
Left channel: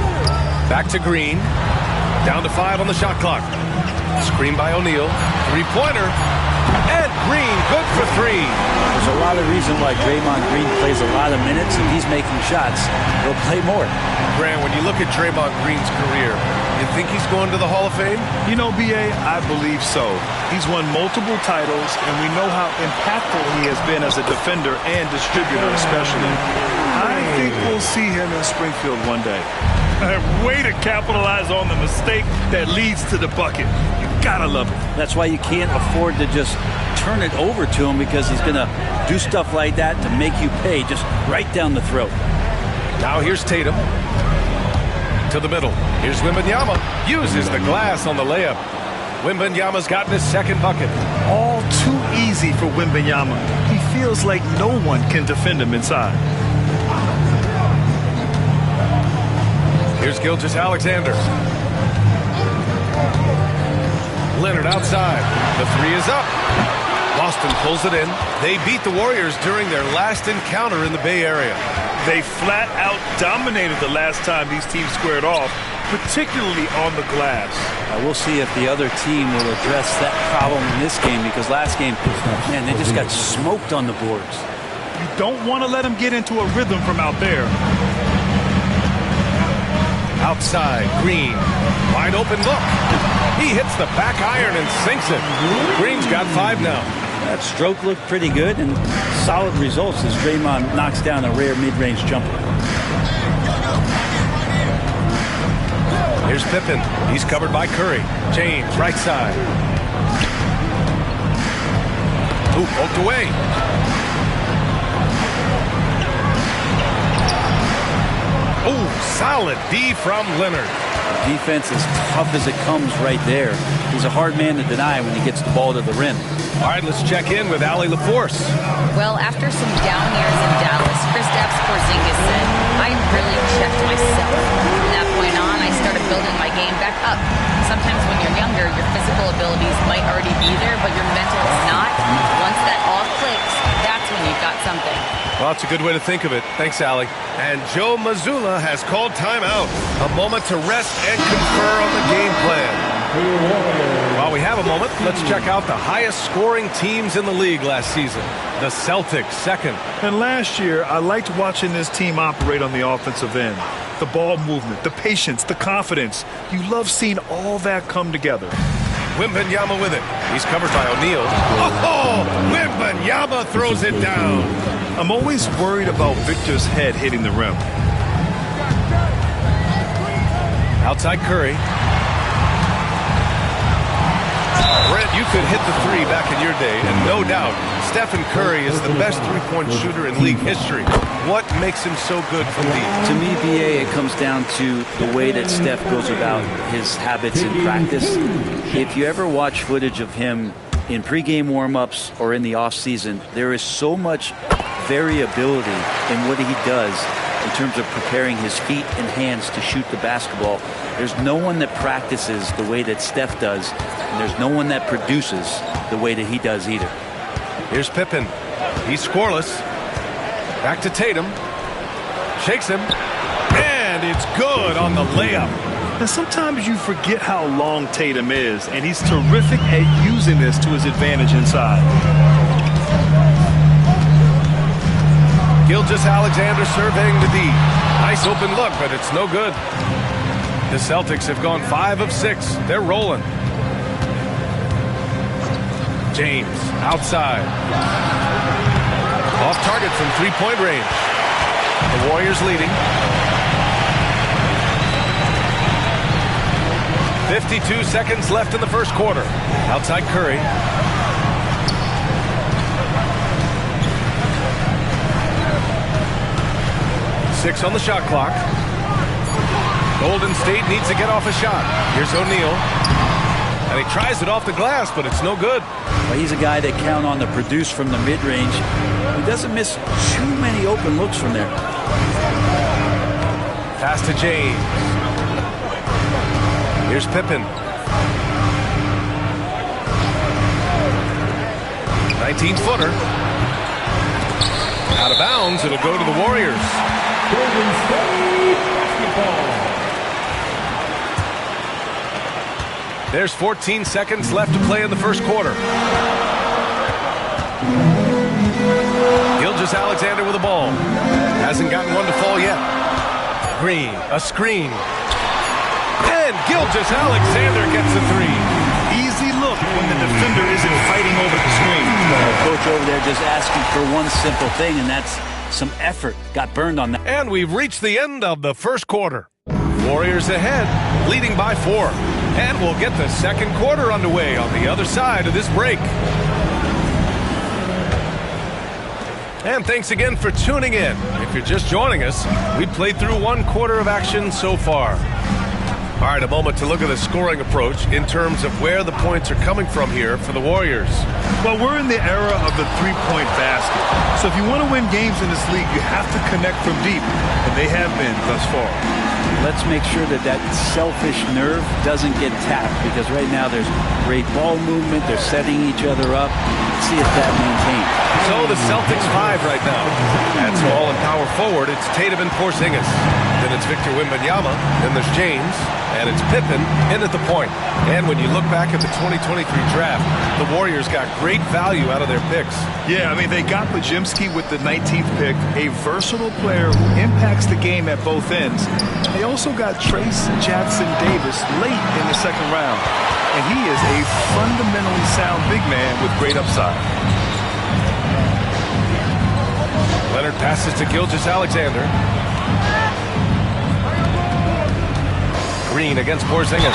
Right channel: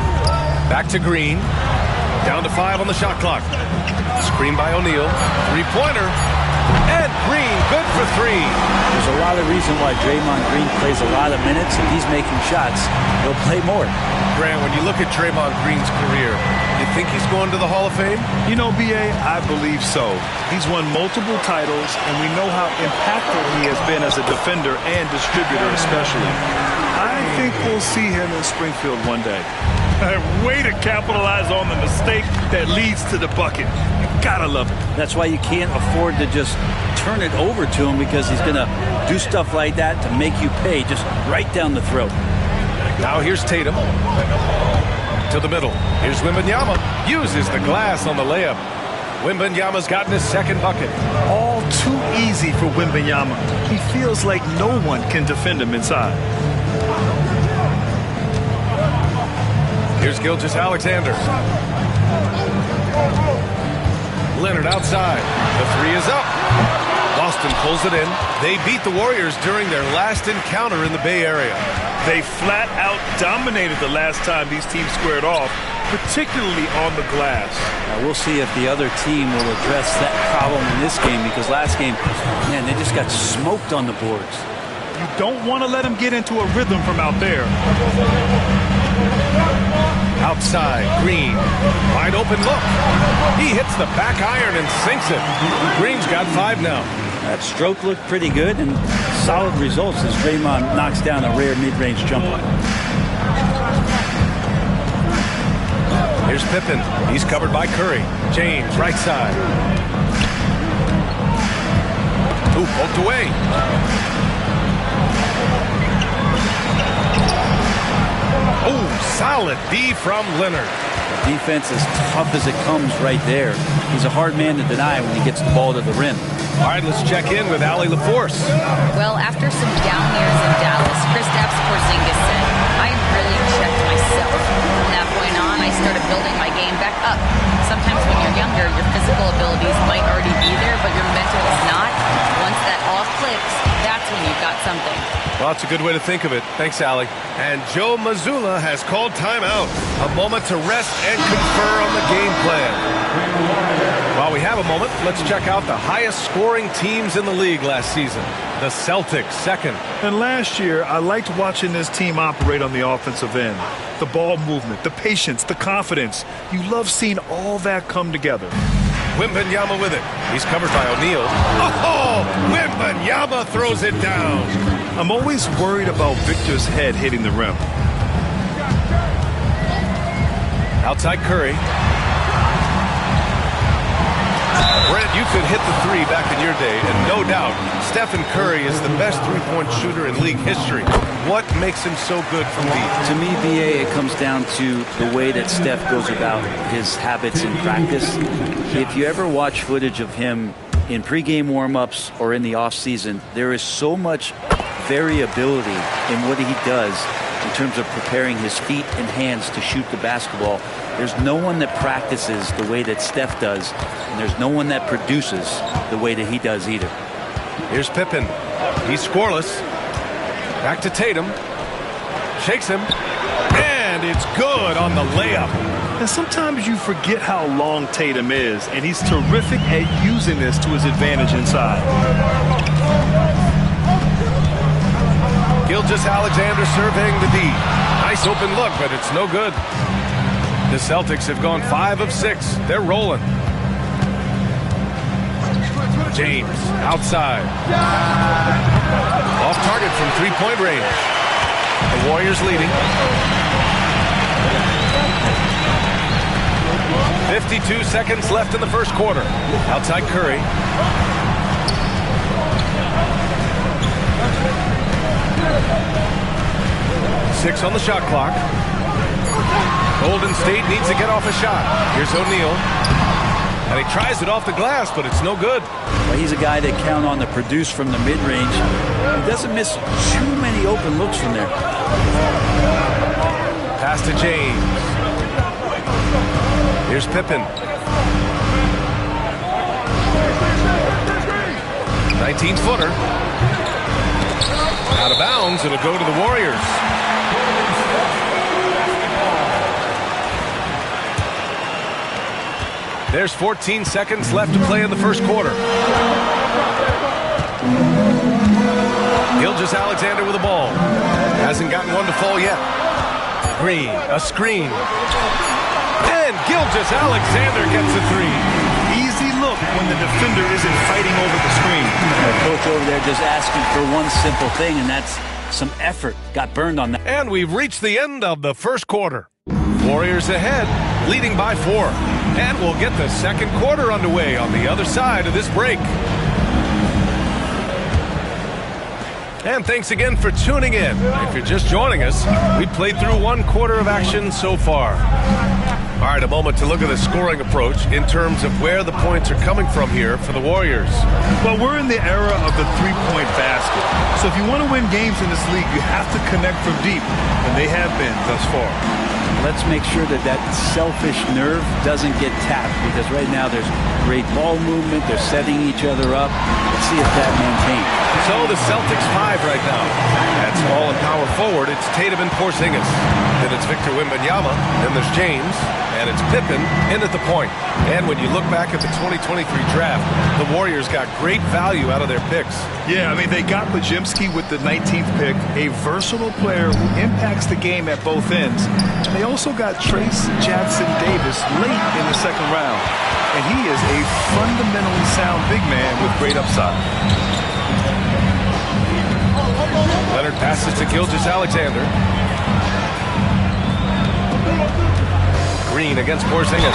Back to Green. Down to 5 on the shot clock. Screen by O'Neal. Three-pointer. And Green, good for 3. There's a lot of reason why Draymond Green plays a lot of minutes. If he's making shots, he'll play more. Grant, when you look at Draymond Green's career, you think he's going to the Hall of Fame? You know, B.A., I believe so. He's won multiple titles, and we know how impactful he has been as a defender and distributor especially. I think we'll see him in Springfield one day. Way to capitalize on the mistake that leads to the bucket. You gotta love it. That's why you can't afford to just turn it over to him, because he's going to do stuff like that to make you pay just right down the throat. Now here's Tatum. To the middle. Here's Wembanyama. Uses the glass on the layup. Wembanyama's gotten his second bucket. All too easy for Wembanyama. He feels like no one can defend him inside. Here's Gilgeous-Alexander. Leonard outside. The 3 is up. Boston pulls it in. They beat the Warriors during their last encounter in the Bay Area. They flat out dominated the last time these teams squared off, particularly on the glass. We'll see if the other team will address that problem in this game, because last game, man, they just got smoked on the boards. You don't want to let them get into a rhythm from out there. Outside, Green. Wide open look. He hits the back iron and sinks it. Green's got 5 now. That stroke looked pretty good, and solid results as Draymond knocks down a rare mid-range jumper. Here's Pippen. He's covered by Curry. James, right side. Ooh, poked away. Oh, solid D from Leonard. Defense as tough as it comes right there. He's a hard man to deny when he gets the ball to the rim. All right, let's check in with Allie LaForce. Well, after some down years in Dallas, Kristaps Porzingis said, I really checked myself. From that point on, I started building my game back up. Sometimes when you're younger, your physical abilities might already be there, but your mental is not. Once that all clicks, that's when you've got something. Well, that's a good way to think of it. Thanks, Allie. And Joe Mazzulla has called timeout. A moment to rest and confer on the game plan. While we have a moment, let's check out the highest scoring teams in the league last season. The Celtics, second. And last year, I liked watching this team operate on the offensive end. The ball movement, the patience, the confidence. You love seeing all that come together. Wembanyama with it. He's covered by O'Neal. Oh, Wembanyama throws it down. I'm always worried about Victor's head hitting the rim. Outside Curry. Brent, you could hit the 3 back in your day, and no doubt, Stephen Curry is the best three-point shooter in league history. What makes him so good from deep? To me, BA, it comes down to the way that Steph goes about his habits in practice. If you ever watch footage of him in pregame warm-ups or in the off-season, there is so much variability in what he does in terms of preparing his feet and hands to shoot the basketball. There's no one that practices the way that Steph does, and there's no one that produces the way that he does either. Here's Pippen. He's scoreless. Back to Tatum. Shakes him. And it's good on the layup. And sometimes you forget how long Tatum is, and he's terrific at using this to his advantage inside. Gilgeous-Alexander surveying the D. Nice open look, but it's no good. The Celtics have gone 5 of 6. They're rolling. James outside. Off target from three-point range. The Warriors leading. 52 seconds left in the first quarter. Outside Curry. Six on the shot clock. Golden State needs to get off a shot. Here's O'Neal. And he tries it off the glass, but it's no good. Well, he's a guy that count on to produce from the mid-range. He doesn't miss too many open looks from there. Pass to James. Here's Pippen. 19-footer. Out of bounds. It'll go to the Warriors. There's 14 seconds left to play in the first quarter. Gilgeous-Alexander with the ball. Hasn't gotten one to fall yet. Green, a screen. And Gilgeous-Alexander gets a three. Easy look when the defender isn't fighting over the screen. The coach over there just asking for one simple thing, and that's some effort. Got burned on that. And we've reached the end of the first quarter. Warriors ahead, leading by 4. And we'll get the second quarter underway on the other side of this break. And thanks again for tuning in. If you're just joining us, we played through one quarter of action so far. All right, a moment to look at the scoring approach in terms of where the points are coming from here for the Warriors. Well, we're in the era of the three-point basket. So if you want to win games in this league, you have to connect from deep, and they have been thus far. Let's make sure that that selfish nerve doesn't get tapped, because right now there's great ball movement. They're setting each other up. Let's see if that maintains. So the Celtics 5 right now. At small and power forward, it's Tatum and Porzingis. Then it's Victor Wembanyama. Then there's James. And it's Pippen in at the point. And when you look back at the 2023 draft, the Warriors got great value out of their picks. Yeah, I mean, they got Podziemski with the 19th pick, a versatile player who impacts the game at both ends. And they also got Trace Jackson-Davis late in the second round. And he is a fundamentally sound big man with great upside. Leonard passes to Gilgeous-Alexander. Green against Porzingis.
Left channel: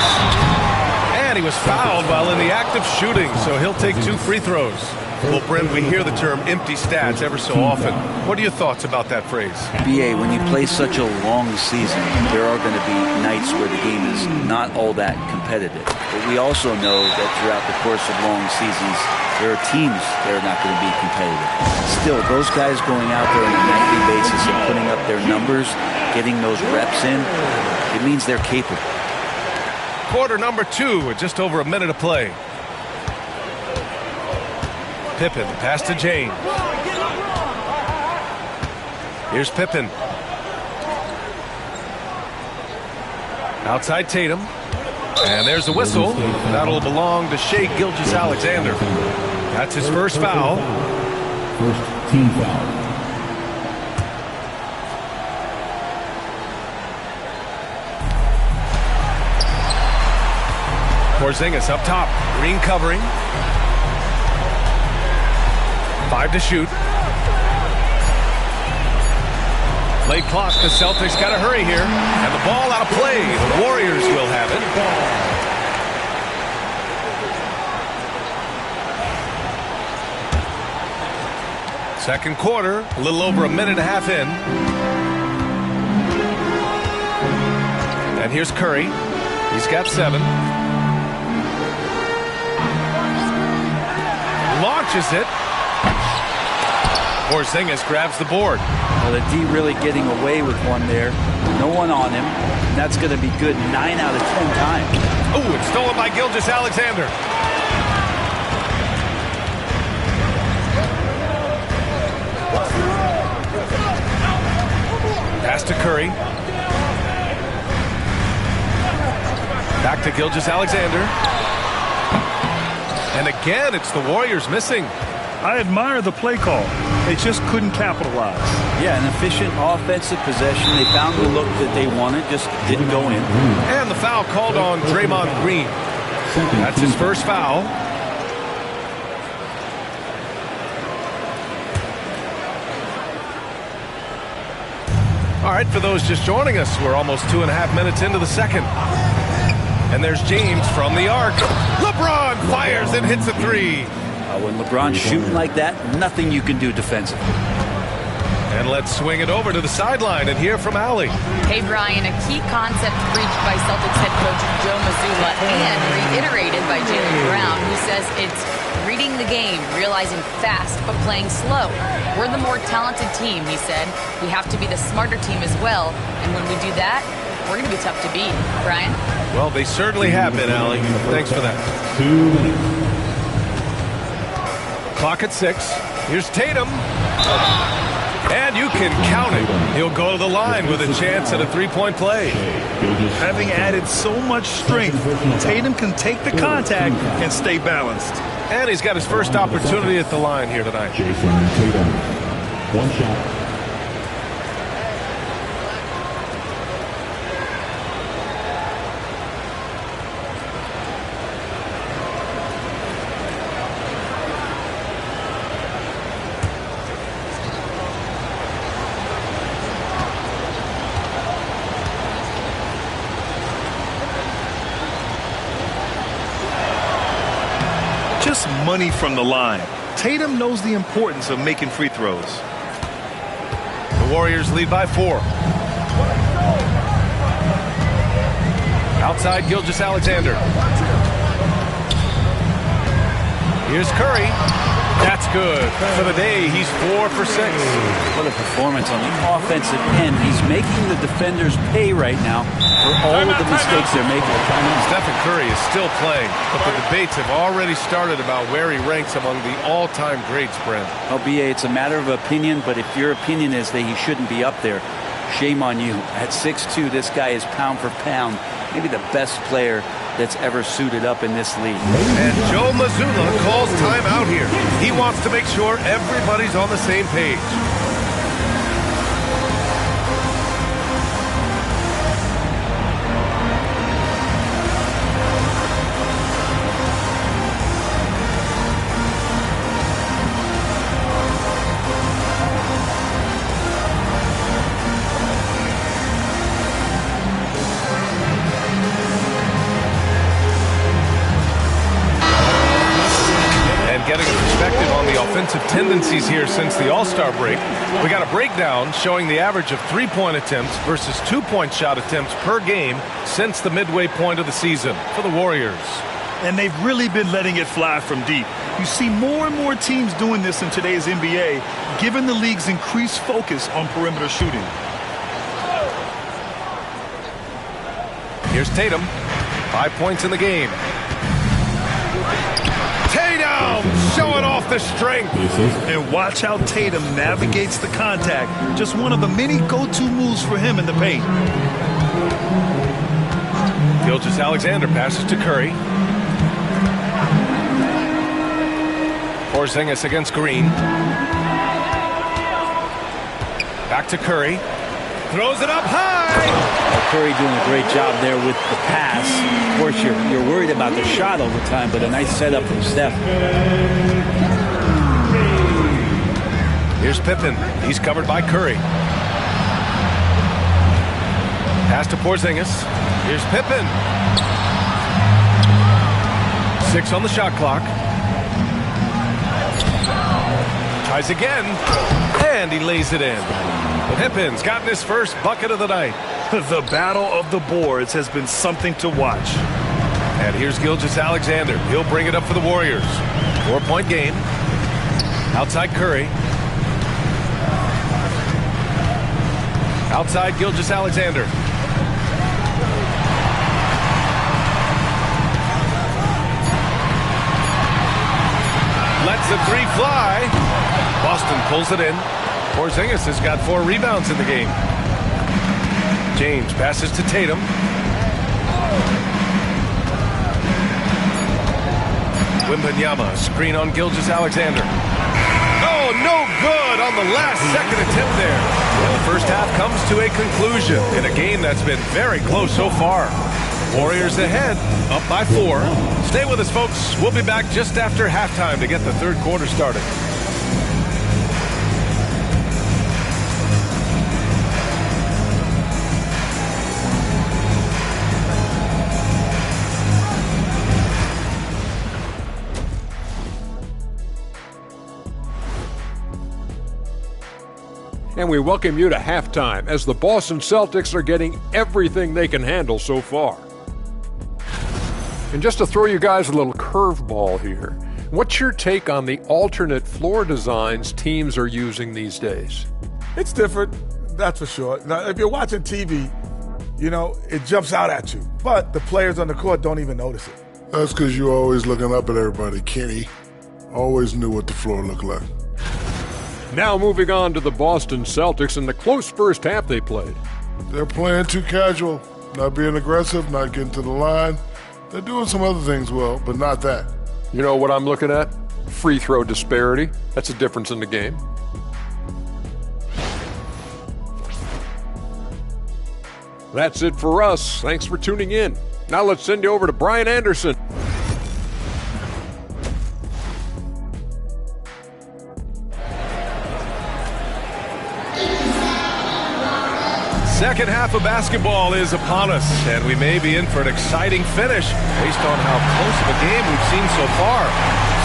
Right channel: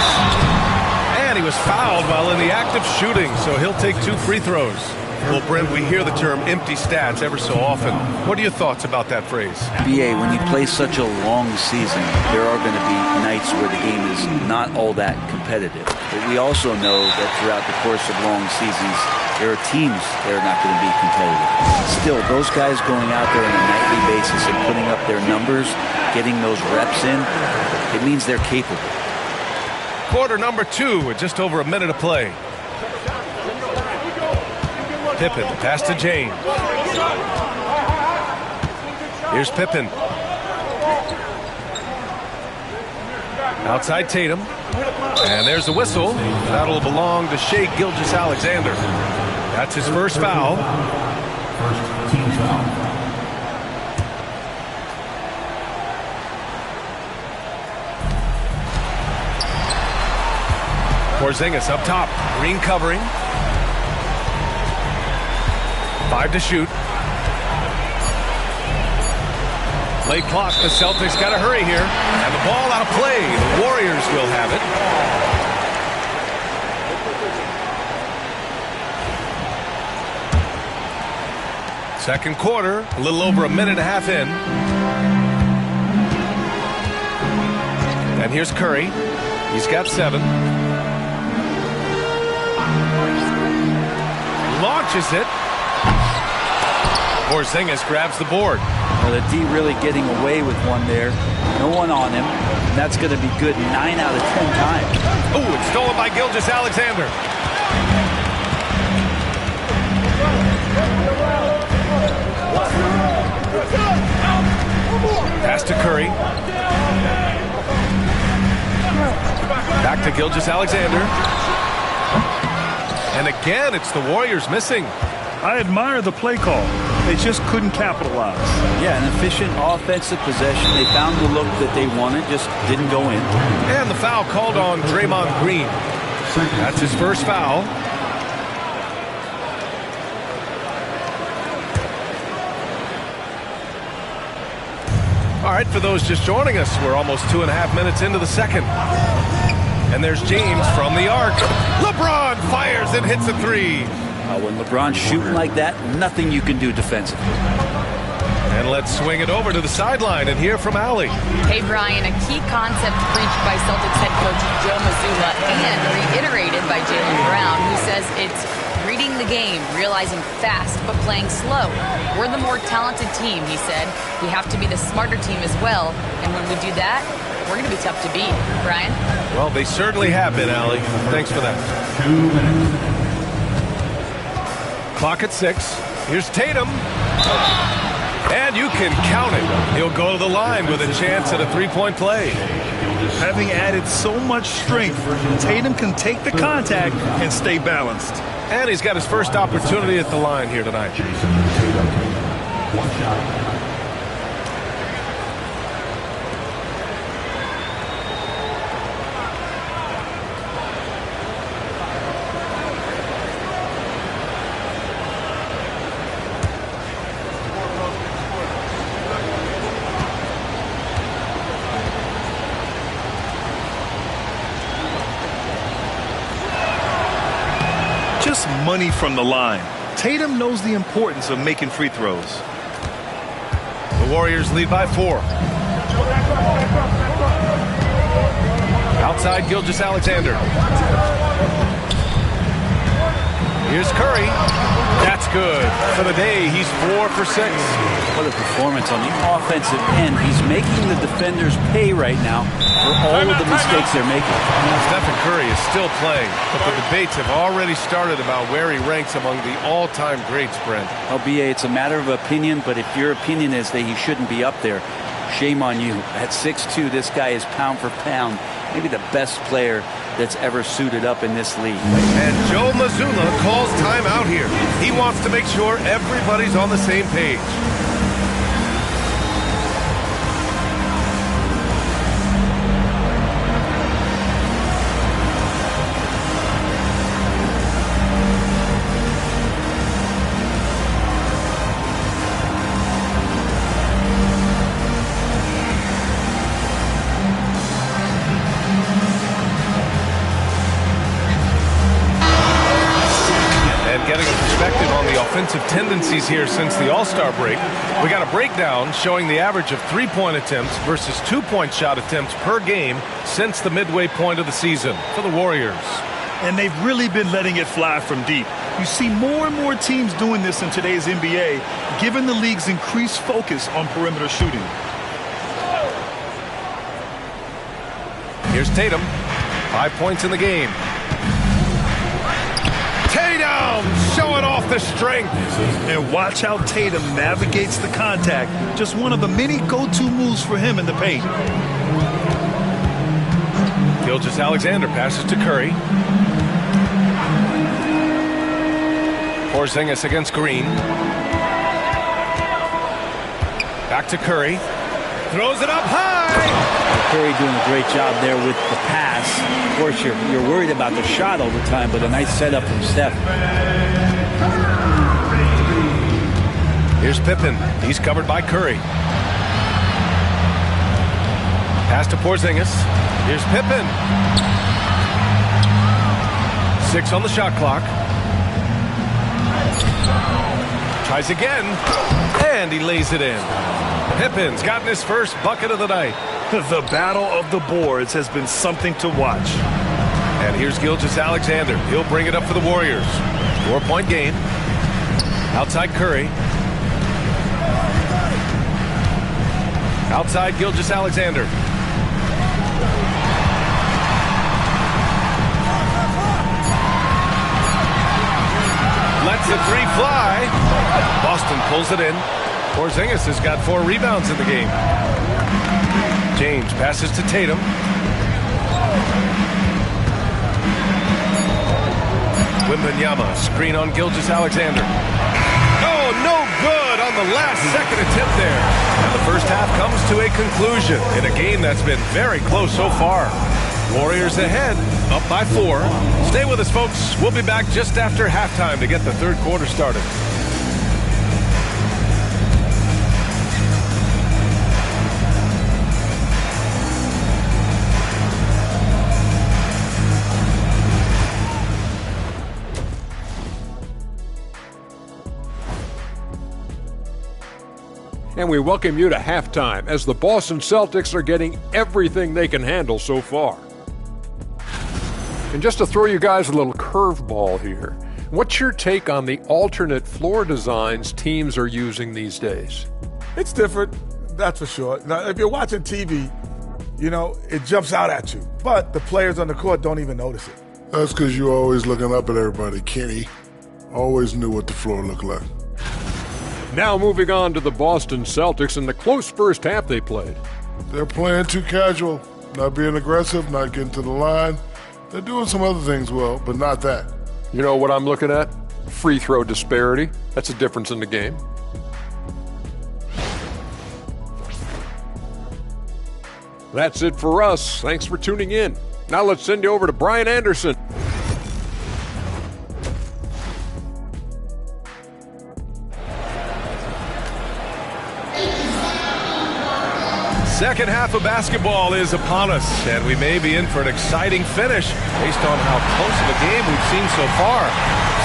And he was fouled while in the act of shooting, so he'll take 2 free throws. Well, Brent, we hear the term empty stats ever so often. What are your thoughts about that phrase? BA, when you play such a long season, there are going to be nights where the game is not all that competitive. But we also know that throughout the course of long seasons, there are teams that are not going to be competitive. Still, those guys going out there on a nightly basis and putting up their numbers, getting those reps in, it means they're capable. Quarter number 2 with just over a minute of play. Pippen, pass to James. Here's Pippen. Outside Tatum. And there's the whistle. That'll belong to Shai Gilgeous-Alexander. That's his first foul. First team foul. Porzingis up top. Green covering. 5 to shoot. Late clock. The Celtics got to hurry here. And the ball out of play. The Warriors will have it. Second quarter. A little over a minute and a half in. And here's Curry. He's got 7. Launches it. Porzingis grabs the board. Well, the D really getting away with one there. No one on him. And that's going to be good 9 out of 10 times. Oh, it's stolen by Gilgeous-Alexander. Pass to Curry. Back to Gilgeous-Alexander. And again, it's the Warriors missing. I admire the play call. They just couldn't capitalize. Yeah, an efficient offensive possession. They found the look that they wanted, just didn't go in. And the foul called on Draymond Green. That's his first foul. All right, for those just joining us, we're almost 2.5 minutes into the second. And there's James from the arc. LeBron fires and hits a three. When LeBron's shooting like that, nothing you can do defensively. And let's swing it over to the sideline and hear from Allie. Hey, Brian, a key concept breached by Celtics head coach Joe Mazzulla and reiterated by Jaylen Brown, who says it's reading the game, realizing fast but playing slow. We're the more talented team, he said. We have to be the smarter team as well, and when we do that, we're going to be tough to beat. Brian? Well, they certainly have been, Allie. Thanks for that. 2 minutes. Clock at 6. Here's Tatum. And you can count it. He'll go to the line with a chance at a three-point play. Having added so much strength, Tatum can take the contact and stay balanced. And he's got his first opportunity at the line here tonight. Jason Tatum. One shot. Just money from the line. Tatum knows the importance of making free throws. The Warriors lead by 4. Outside, Gilgeous-Alexander. Here's Curry. That's good. For the day, he's 4 for 6. What a performance on the offensive end. He's making the defenders pay right now for all of the mistakes they're making. Stephen Curry is still playing, but the debates have already started about where he ranks among the all-time greats, Brent. Well, B.A., it's a matter of opinion, but if your opinion is that he shouldn't be up there, shame on you. At 6'2", this guy is pound for pound, maybe the best player that's ever suited up in this league. And Joe Mazzulla calls timeout here. He wants to make sure everybody's on the same page. Getting a perspective on the offensive tendencies here since the All-Star break. We got a breakdown showing the average of three-point attempts versus two-point shot attempts per game since the midway point of the season for the Warriors. And they've really been letting it fly from deep. You see more and more teams doing this in today's NBA, given the league's increased focus on perimeter shooting. Here's Tatum. 5 points in the game. Tatum showing off the strength. And watch how Tatum navigates the contact. Just one of the many go-to moves for him in the paint. Gilgeous-Alexander passes to Curry. Porzingis against Green. Back to Curry. Throws it up high. Curry doing a great job there with the pass. Of course, you're worried about the shot all the time, but a nice setup from Steph. Here's Pippen. He's covered by Curry. Pass to Porzingis. Here's Pippen. 6 on the shot clock. Tries again. And he lays it in. Pippen's gotten his first bucket of the night. The battle of the boards has been something to watch. And here's Gilgeous-Alexander. He'll bring it up for the Warriors. 4-point game. Outside Curry. Outside Gilgeous-Alexander. Lets the three fly. Boston pulls it in. Porzingis has got 4 rebounds in the game. James passes to Tatum. Wembanyama, screen on Gilgeous-Alexander. Oh, no good on the last second attempt there. And the first half comes to a conclusion in a game that's been very close so far. Warriors ahead, up by 4. Stay with us, folks. We'll be back just after halftime to get the third quarter started. And we welcome you to halftime as the Boston Celtics are getting everything they can handle so far. And just to throw you guys a little curveball here, what's your take on the alternate floor designs teams are using these days? It's different, that's for sure. Now, if you're watching TV, you know, it jumps out at you. But the players on the court don't even notice it. That's because you're always looking up at everybody, Kenny. Always knew what the floor looked like. Now moving on to the Boston Celtics and the close first half they played. They're playing too casual, not being aggressive, not getting to the line. They're doing some other things well, but not that. You know what I'm looking at? Free throw disparity. That's a difference in the game. That's it for us. Thanks for tuning in. Now let's send you over to Brian Anderson. Second half of basketball is upon us, and we may be in for an exciting finish based on how close of a game we've seen so far.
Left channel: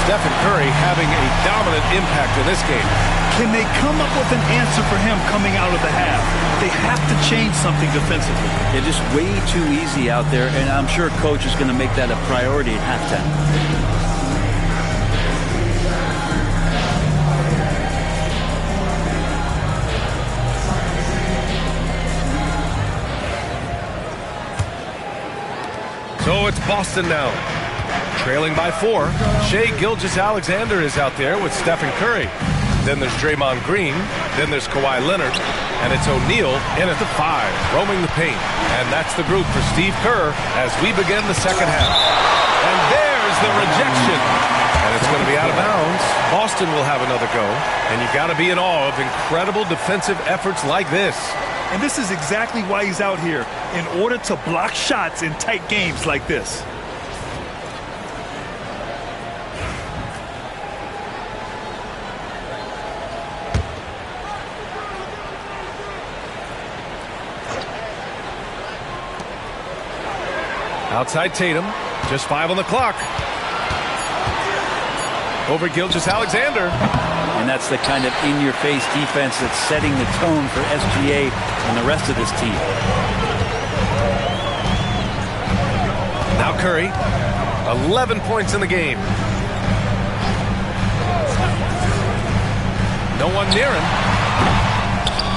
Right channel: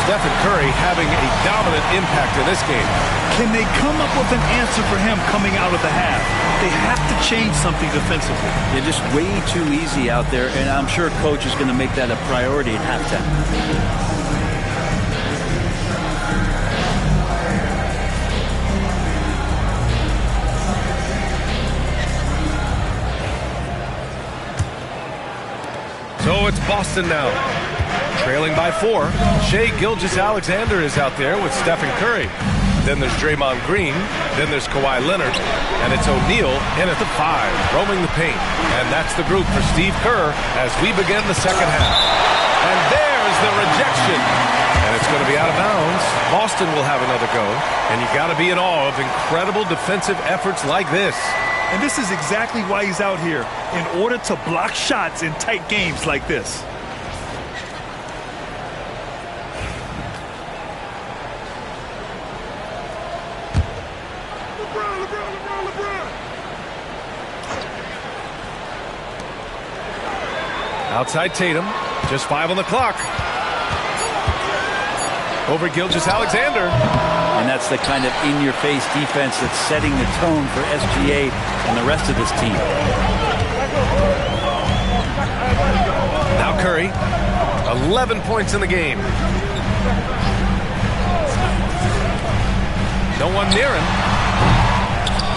Stephen Curry having a dominant impact in this game. Can they come up with an answer for him coming out of the half? They have to change something defensively. They're just way too easy out there, and I'm sure coach is going to make that a priority at halftime. So it's Boston now, trailing by 4. Shai Gilgeous-Alexander is out there with Stephen Curry. Then there's Draymond Green. Then there's Kawhi Leonard. And it's O'Neal in at the 5, roaming the paint. And that's the group for Steve Kerr as we begin the second half. And there's the rejection. And it's going to be out of bounds. Boston will have another go. And you got to be in awe of incredible defensive efforts like this. And this is exactly why he's out here, in order to block shots in tight games like this. Outside Tatum, just 5 on the clock. Over Gilgeous-Alexander. And that's the kind of in-your-face defense that's setting the tone for SGA and the rest of this team. Now Curry, 11 points in the game. No one near him.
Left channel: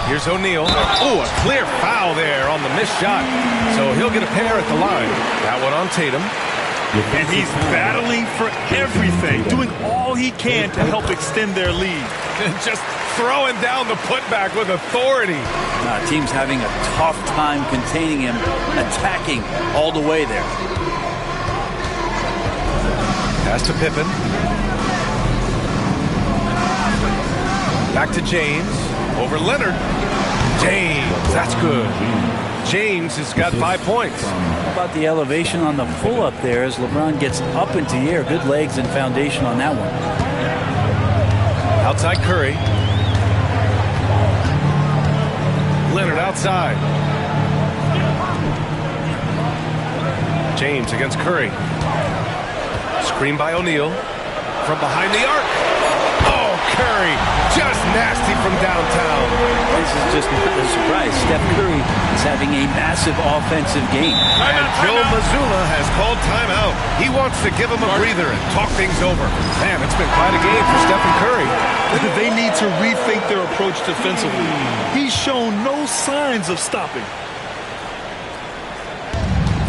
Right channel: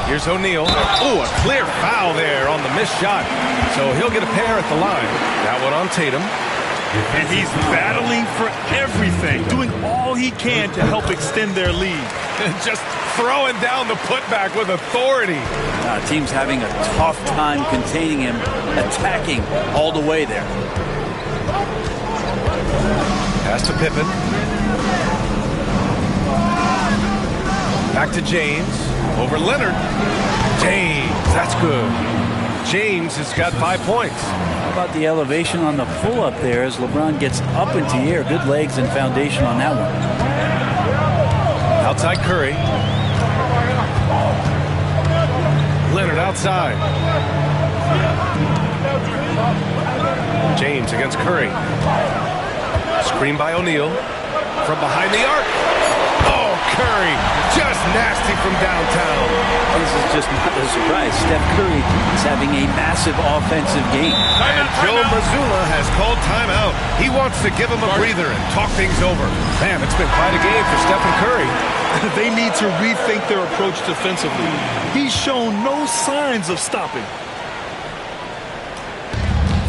Here's O'Neal. Oh, a clear foul there on the missed shot. So he'll get a pair at the line. That one on Tatum. And he's battling for everything, doing all he can to help extend their lead. Just throwing down the putback with authority. Team's having a tough time containing him, attacking all the way there. Pass to Pippen. Back to James. Over Leonard. James, that's good. James has got 5 points. How about the elevation on the pull-up there as LeBron gets up into the air? Good legs and foundation on that one. Outside Curry. Leonard outside. James against Curry. Screen by O'Neal. From behind the arc. Oh, Curry, just nasty from downtown. This is just not a surprise. Steph Curry is having a massive offensive game. And Joe Mazzulla has called timeout. He wants to give him a breather and talk things over. Man, it's been quite a game for Stephen Curry. They need to rethink their approach defensively. He's shown no signs of stopping.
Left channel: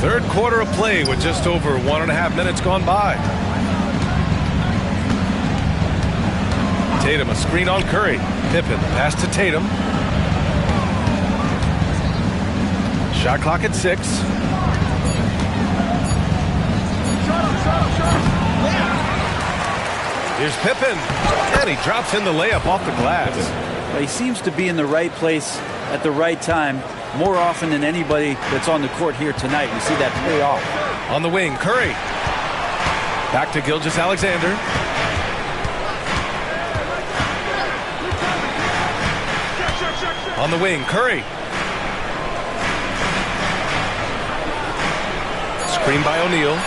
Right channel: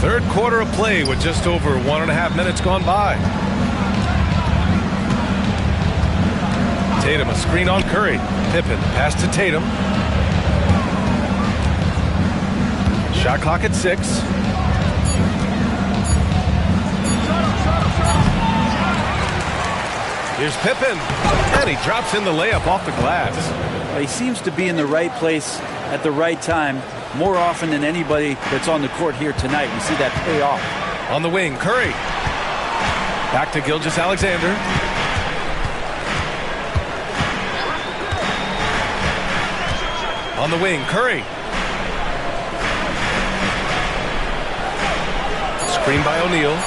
Third quarter of play with just over 1.5 minutes gone by. Tatum, a screen on Curry. Pippen, pass to Tatum. Shot clock at 6. Here's Pippen. And he drops in the layup off the glass. Well, he seems to be in the right place at the right time more often than anybody that's on the court here tonight. We see that pay off. On the wing, Curry. Back to Gilgeous-Alexander. On the wing, Curry. Screen by O'Neal.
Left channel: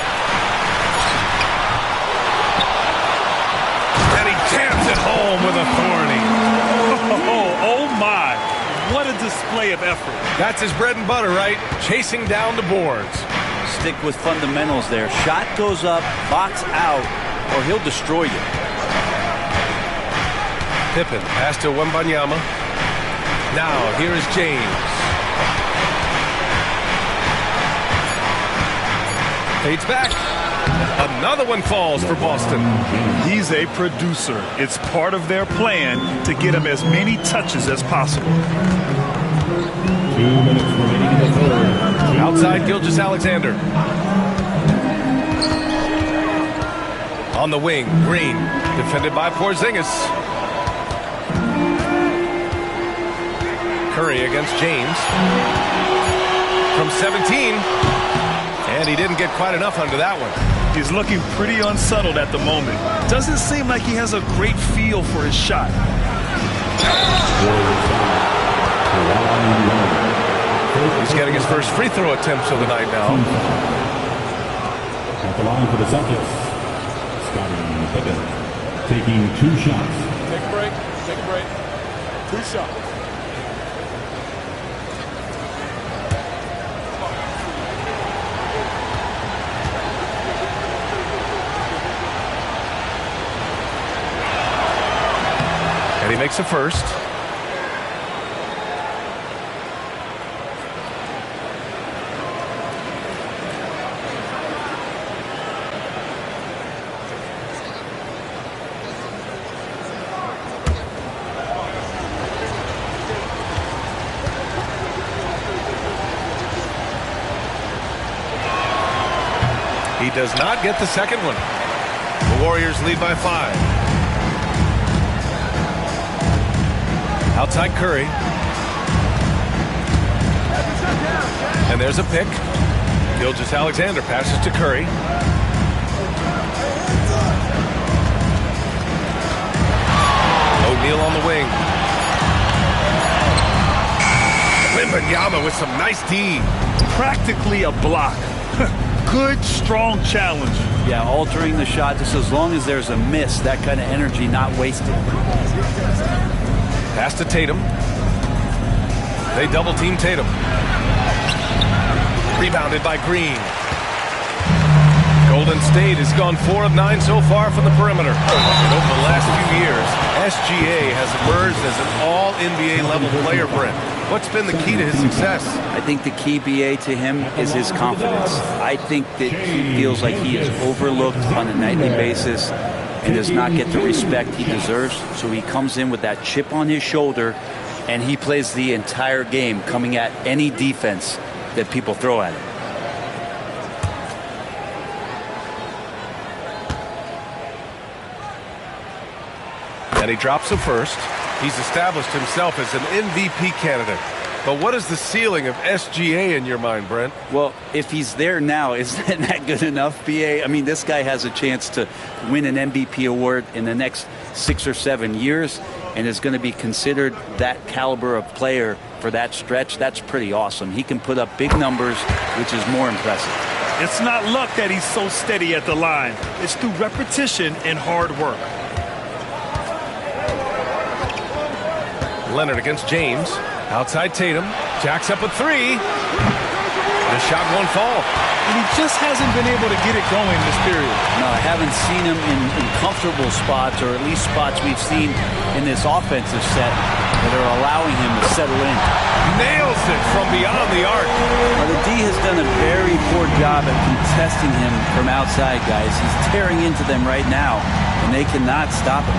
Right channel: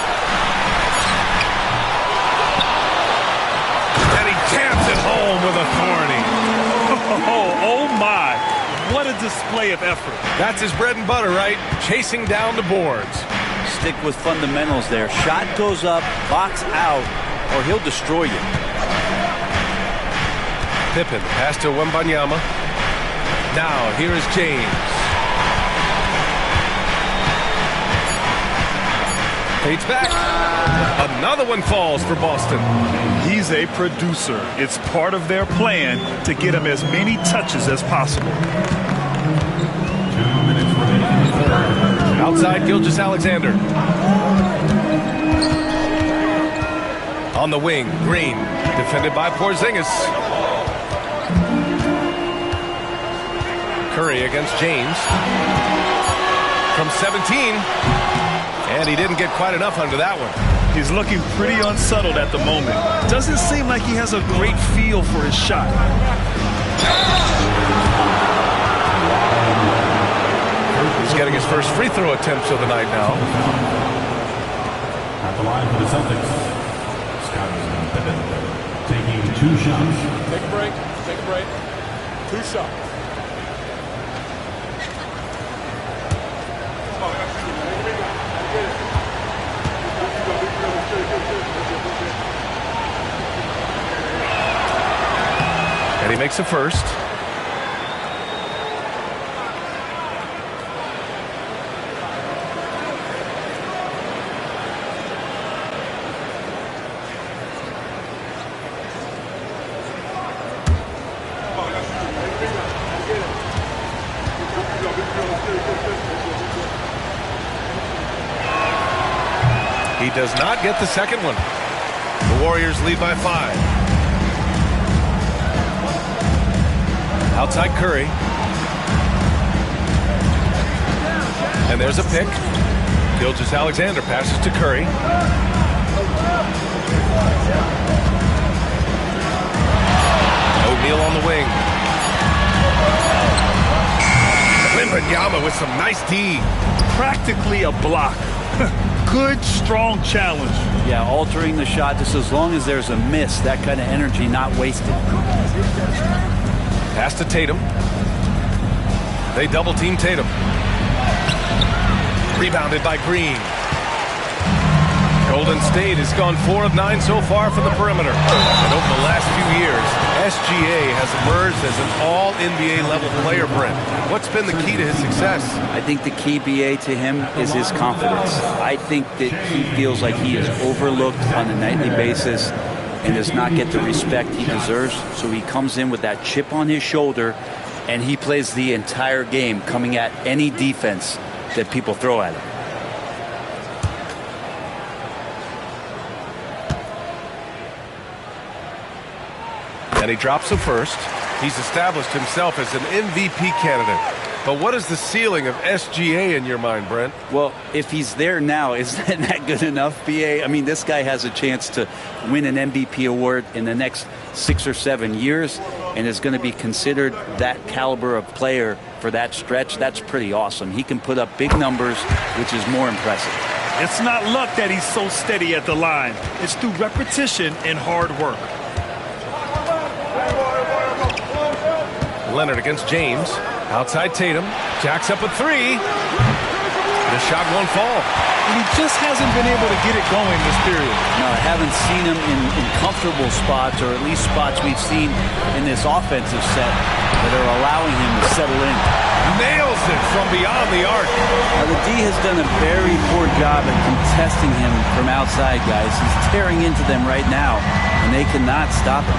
And he jams it home with authority. Oh my. What a display of effort. That's his bread and butter, right? Chasing down the boards. Stick with fundamentals there. Shot goes up, box out, or he'll destroy you. Pippen, pass to Wembanyama. Now, here is James. Fades back. Another one falls for Boston. He's a producer. It's part of their plan to get him as many touches as possible. 2 minutes remaining in the third. Outside Gilgeous-Alexander. On the wing, Green. Defended by Porzingis. Curry against James. From 17. And he didn't get quite enough under that one. He's looking pretty unsettled at the moment. Doesn't seem like he has a great feel for his shot. He's getting his first free throw attempts of the night now. At the line for the Celtics, Scottie Pippen taking 2 shots. Take a break. Take a break. 2 shots. And he makes a first. He does not get the second one. The Warriors lead by 5. Outside Curry. And there's a pick. Gilgeous-Alexander passes to Curry. O'Neal on the wing. Wembanyama with some nice D. Practically a block. Good, strong challenge. Yeah, altering the shot just as long as there's a miss. That kind of energy not wasted. Pass to Tatum. They double team Tatum. Rebounded by Green. Golden State has gone 4 of 9 so far from the perimeter. And over the last few years, SGA has emerged as an all-NBA level player, Brent. What's been the key to his success? I think the key, BA, to him is his confidence. I think that he feels like he is overlooked on a nightly basis and does not get the respect he deserves. So he comes in with that chip on his shoulder, and he plays the entire game, coming at any defense that people throw at him. And he drops the first. He's established himself as an MVP candidate. But what is the ceiling of SGA in your mind, Brent? Well, if he's there now, is that good enough, BA? I mean, this guy has a chance to win an MVP award in the next 6 or 7 years and is going to be considered that caliber of player for that stretch. That's pretty awesome. He can put up big numbers, which is more impressive. It's not luck that he's so steady at the line. It's through repetition and hard work. Leonard against James. Outside Tatum. Jacks up a 3. The shot won't fall. And he just hasn't been able to get it going this period. No, I haven't seen him in comfortable spots, or at least spots we've seen in this offensive set that are allowing him to settle in. Nails it from beyond the arc. Now, the D has done a very poor job at contesting him from outside, guys. He's tearing into them right now, and they cannot stop him.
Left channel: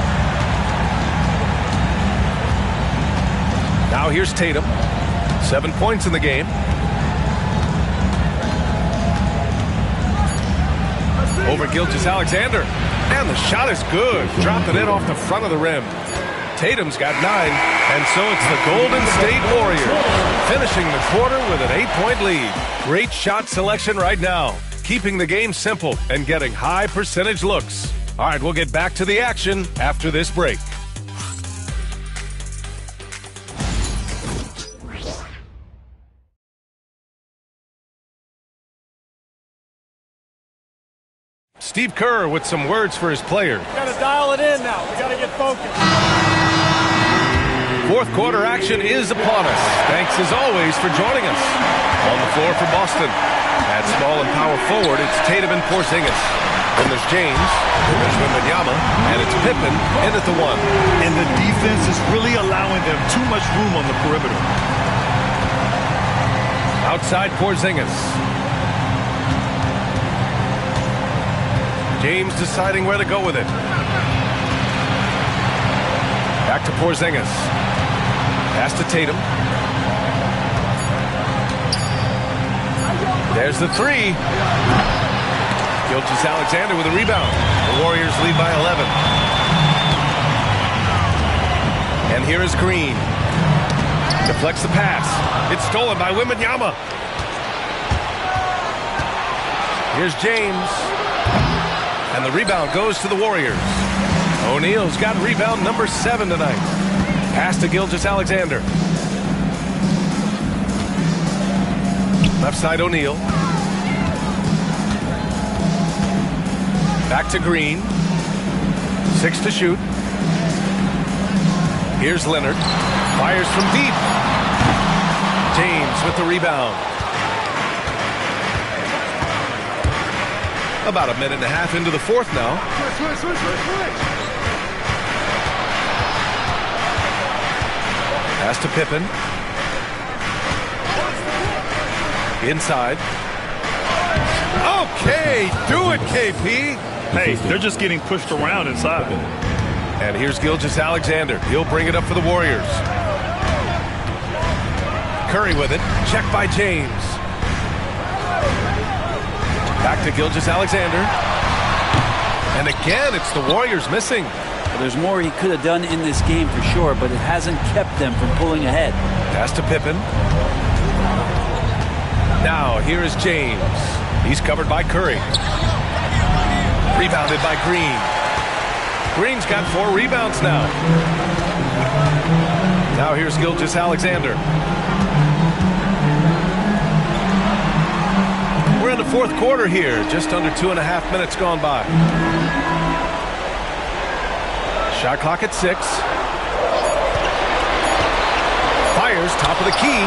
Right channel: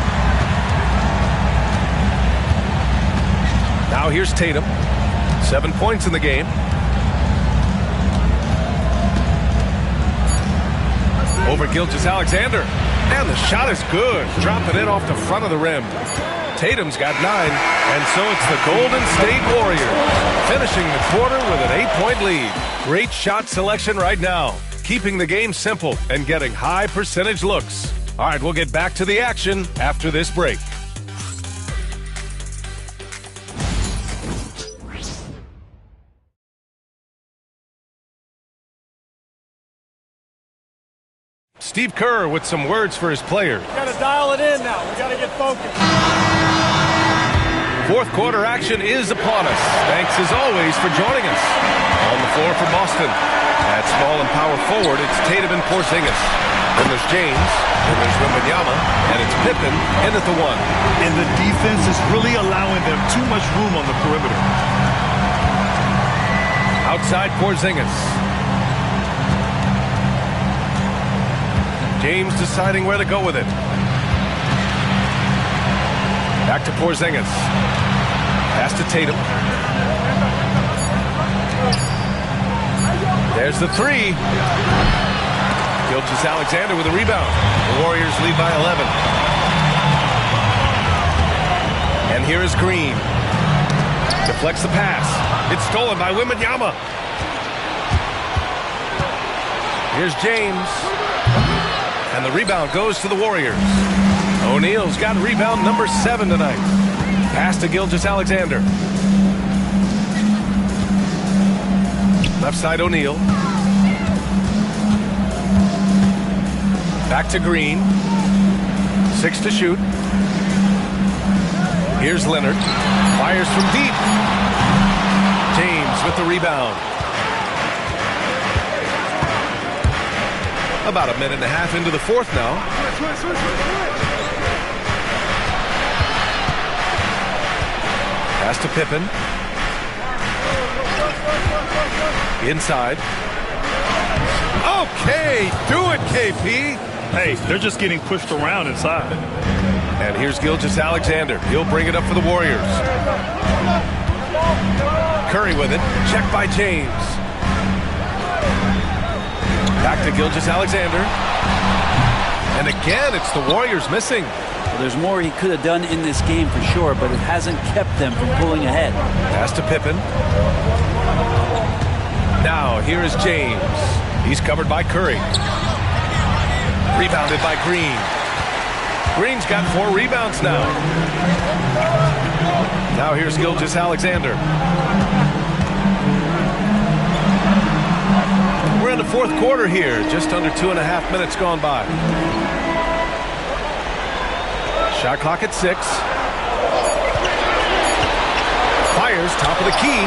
Now here's Tatum. 7 points in the game. Over Gilgeous-Alexander. And the shot is good. Dropping it off the front of the rim. Tatum's got 9. And so it's the Golden State Warriors finishing the quarter with an 8-point lead. Great shot selection right now. Keeping the game simple and getting high percentage looks. All right, we'll get back to the action after this break. Steve Kerr with some words for his players. We got to dial it in now. We got to get focused. Fourth quarter action is upon us. Thanks as always for joining us. On the floor for Boston. At small and power forward, it's Tatum and Porzingis. Then there's James, then there's Wembanyama, and it's Pippen in at the 1. And the defense is really allowing them too much room on the perimeter. Outside Porzingis. James deciding where to go with it. Back to Porzingis. Pass to Tatum. There's the 3. Gilgeous-Alexander with a rebound. The Warriors lead by 11. And here is Green. Deflects the pass. It's stolen by Wembanyama. Here's James. And the rebound goes to the Warriors. O'Neal's got rebound number 7 tonight. Pass to Gilgeous-Alexander. Left side O'Neal. Back to Green. 6 to shoot. Here's Leonard. Fires from deep. James with the rebound. About a minute and a half into the fourth now. Pass to Pippen. Inside. Okay, do it, KP. Hey, they're just getting pushed around inside. And here's Gilgeous-Alexander. He'll bring it up for the Warriors. Curry with it. Checked by James. Back to Gilgeous-Alexander. And again, it's the Warriors missing. Well, there's more he could have done in this game for sure, but it hasn't kept them from pulling ahead. Pass to Pippen. Now, here is James. He's covered by Curry. Rebounded by Green. Green's got 4 rebounds now. Now here's Gilgeous-Alexander. We're in the fourth quarter here. Just under 2.5 minutes gone by. Shot clock at 6. Fires, top of the key.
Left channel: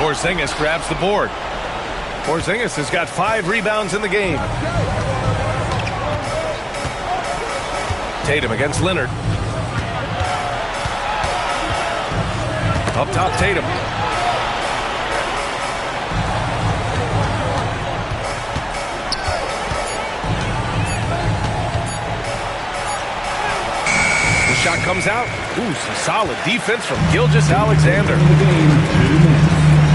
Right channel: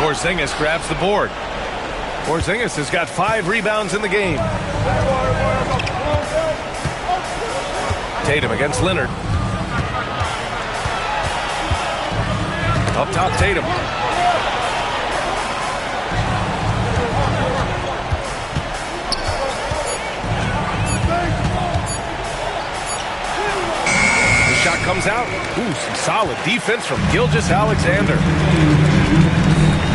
Porzingis grabs the board. Porzingis has got 5 rebounds in the game. Tatum against Leonard. Up top, Tatum. The shot comes out. Ooh, some solid defense from Gilgeous-Alexander.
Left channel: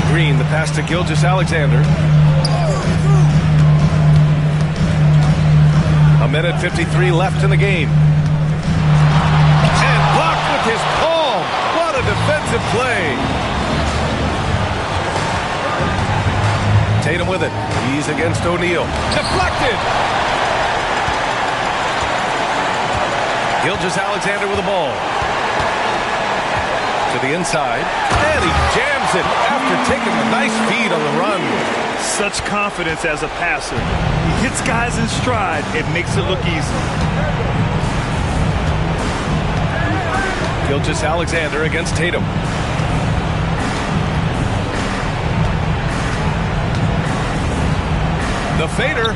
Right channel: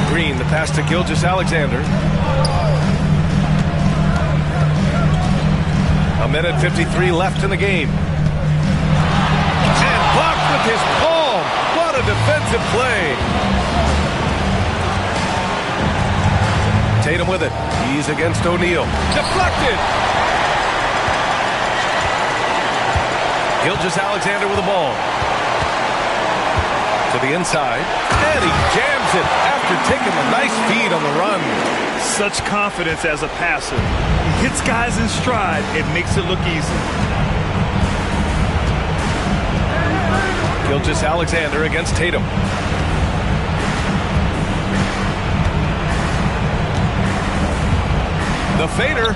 Green, the pass to Gilgeous-Alexander. A minute 53 left in the game. And blocked with his palm. What a defensive play. Tatum with it. He's against O'Neal. Deflected. Gilgeous-Alexander with the ball. To the inside. And he jams it after taking a nice feed on the run. Such confidence as a passer. He hits guys in stride. It makes it look easy. Gilgeous-Alexander against Tatum. The fader.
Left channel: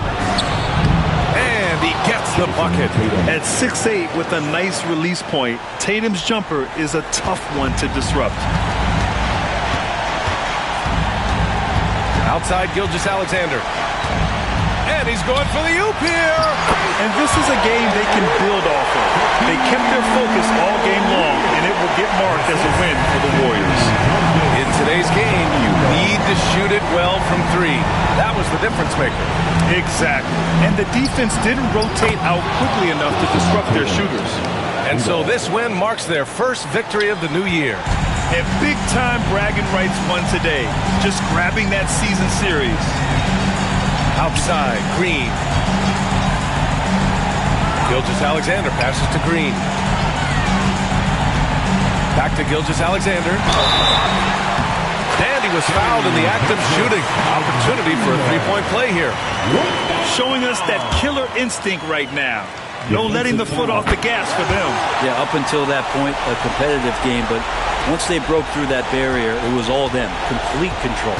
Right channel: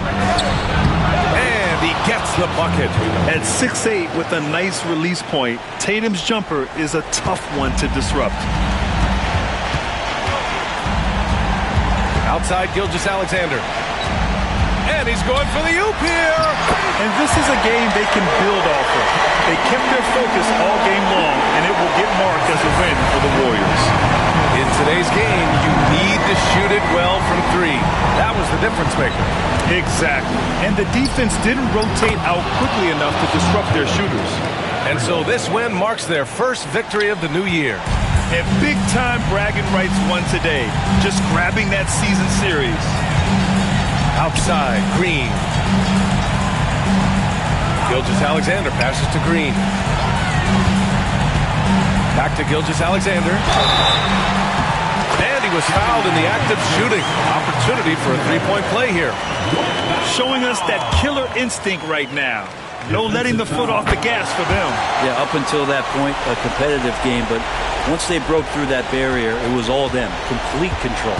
And he gets the bucket. At 6'8" with a nice release point, Tatum's jumper is a tough one to disrupt. Outside Gilgeous-Alexander. And he's going for the oop here. And this is a game they can build off of. They kept their focus all game long, and it will get marked as a win for the Warriors. In today's game, you need to shoot it well from 3. That was the difference maker. Exactly. And the defense didn't rotate out quickly enough to disrupt their shooters. And so this win marks their first victory of the new year. And big-time bragging rights won today. Just grabbing that season series. Outside, Green. Gilgeous-Alexander passes to Green. Back to Gilgeous-Alexander. And he was fouled in the act of shooting. Opportunity for a 3-point play here. Showing us that killer instinct right now. No letting the foot off the gas for them. Yeah, up until that point, a competitive game, but once they broke through that barrier, it was all them. Complete control.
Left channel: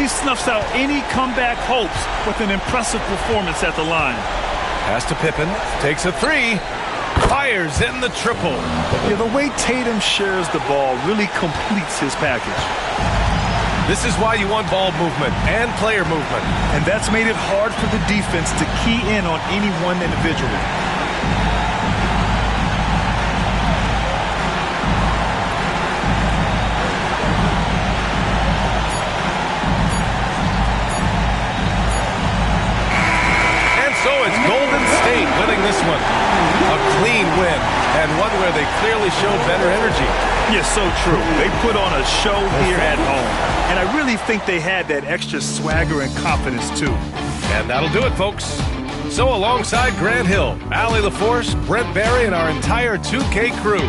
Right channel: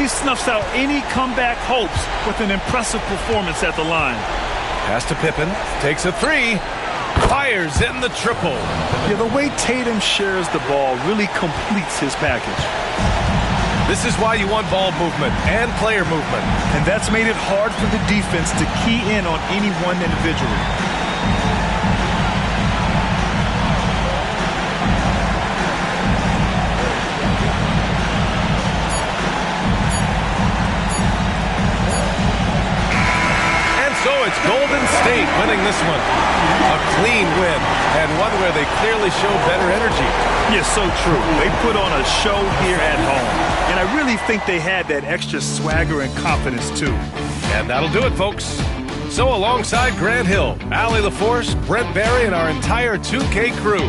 He snuffs out any comeback hopes with an impressive performance at the line. Pass to Pippen, takes a three, fires in the triple. Yeah, the way Tatum shares the ball really completes his package. This is why you want ball movement and player movement. And that's made it hard for the defense to key in on any one individual. So it's Golden State winning this one. A clean win, and one where they clearly showed better energy. Yeah, so true. They put on a show here at home. And I really think they had that extra swagger and confidence, too. And that'll do it, folks. So alongside Grant Hill, Allie LaForce, Brent Barry, and our entire 2K crew,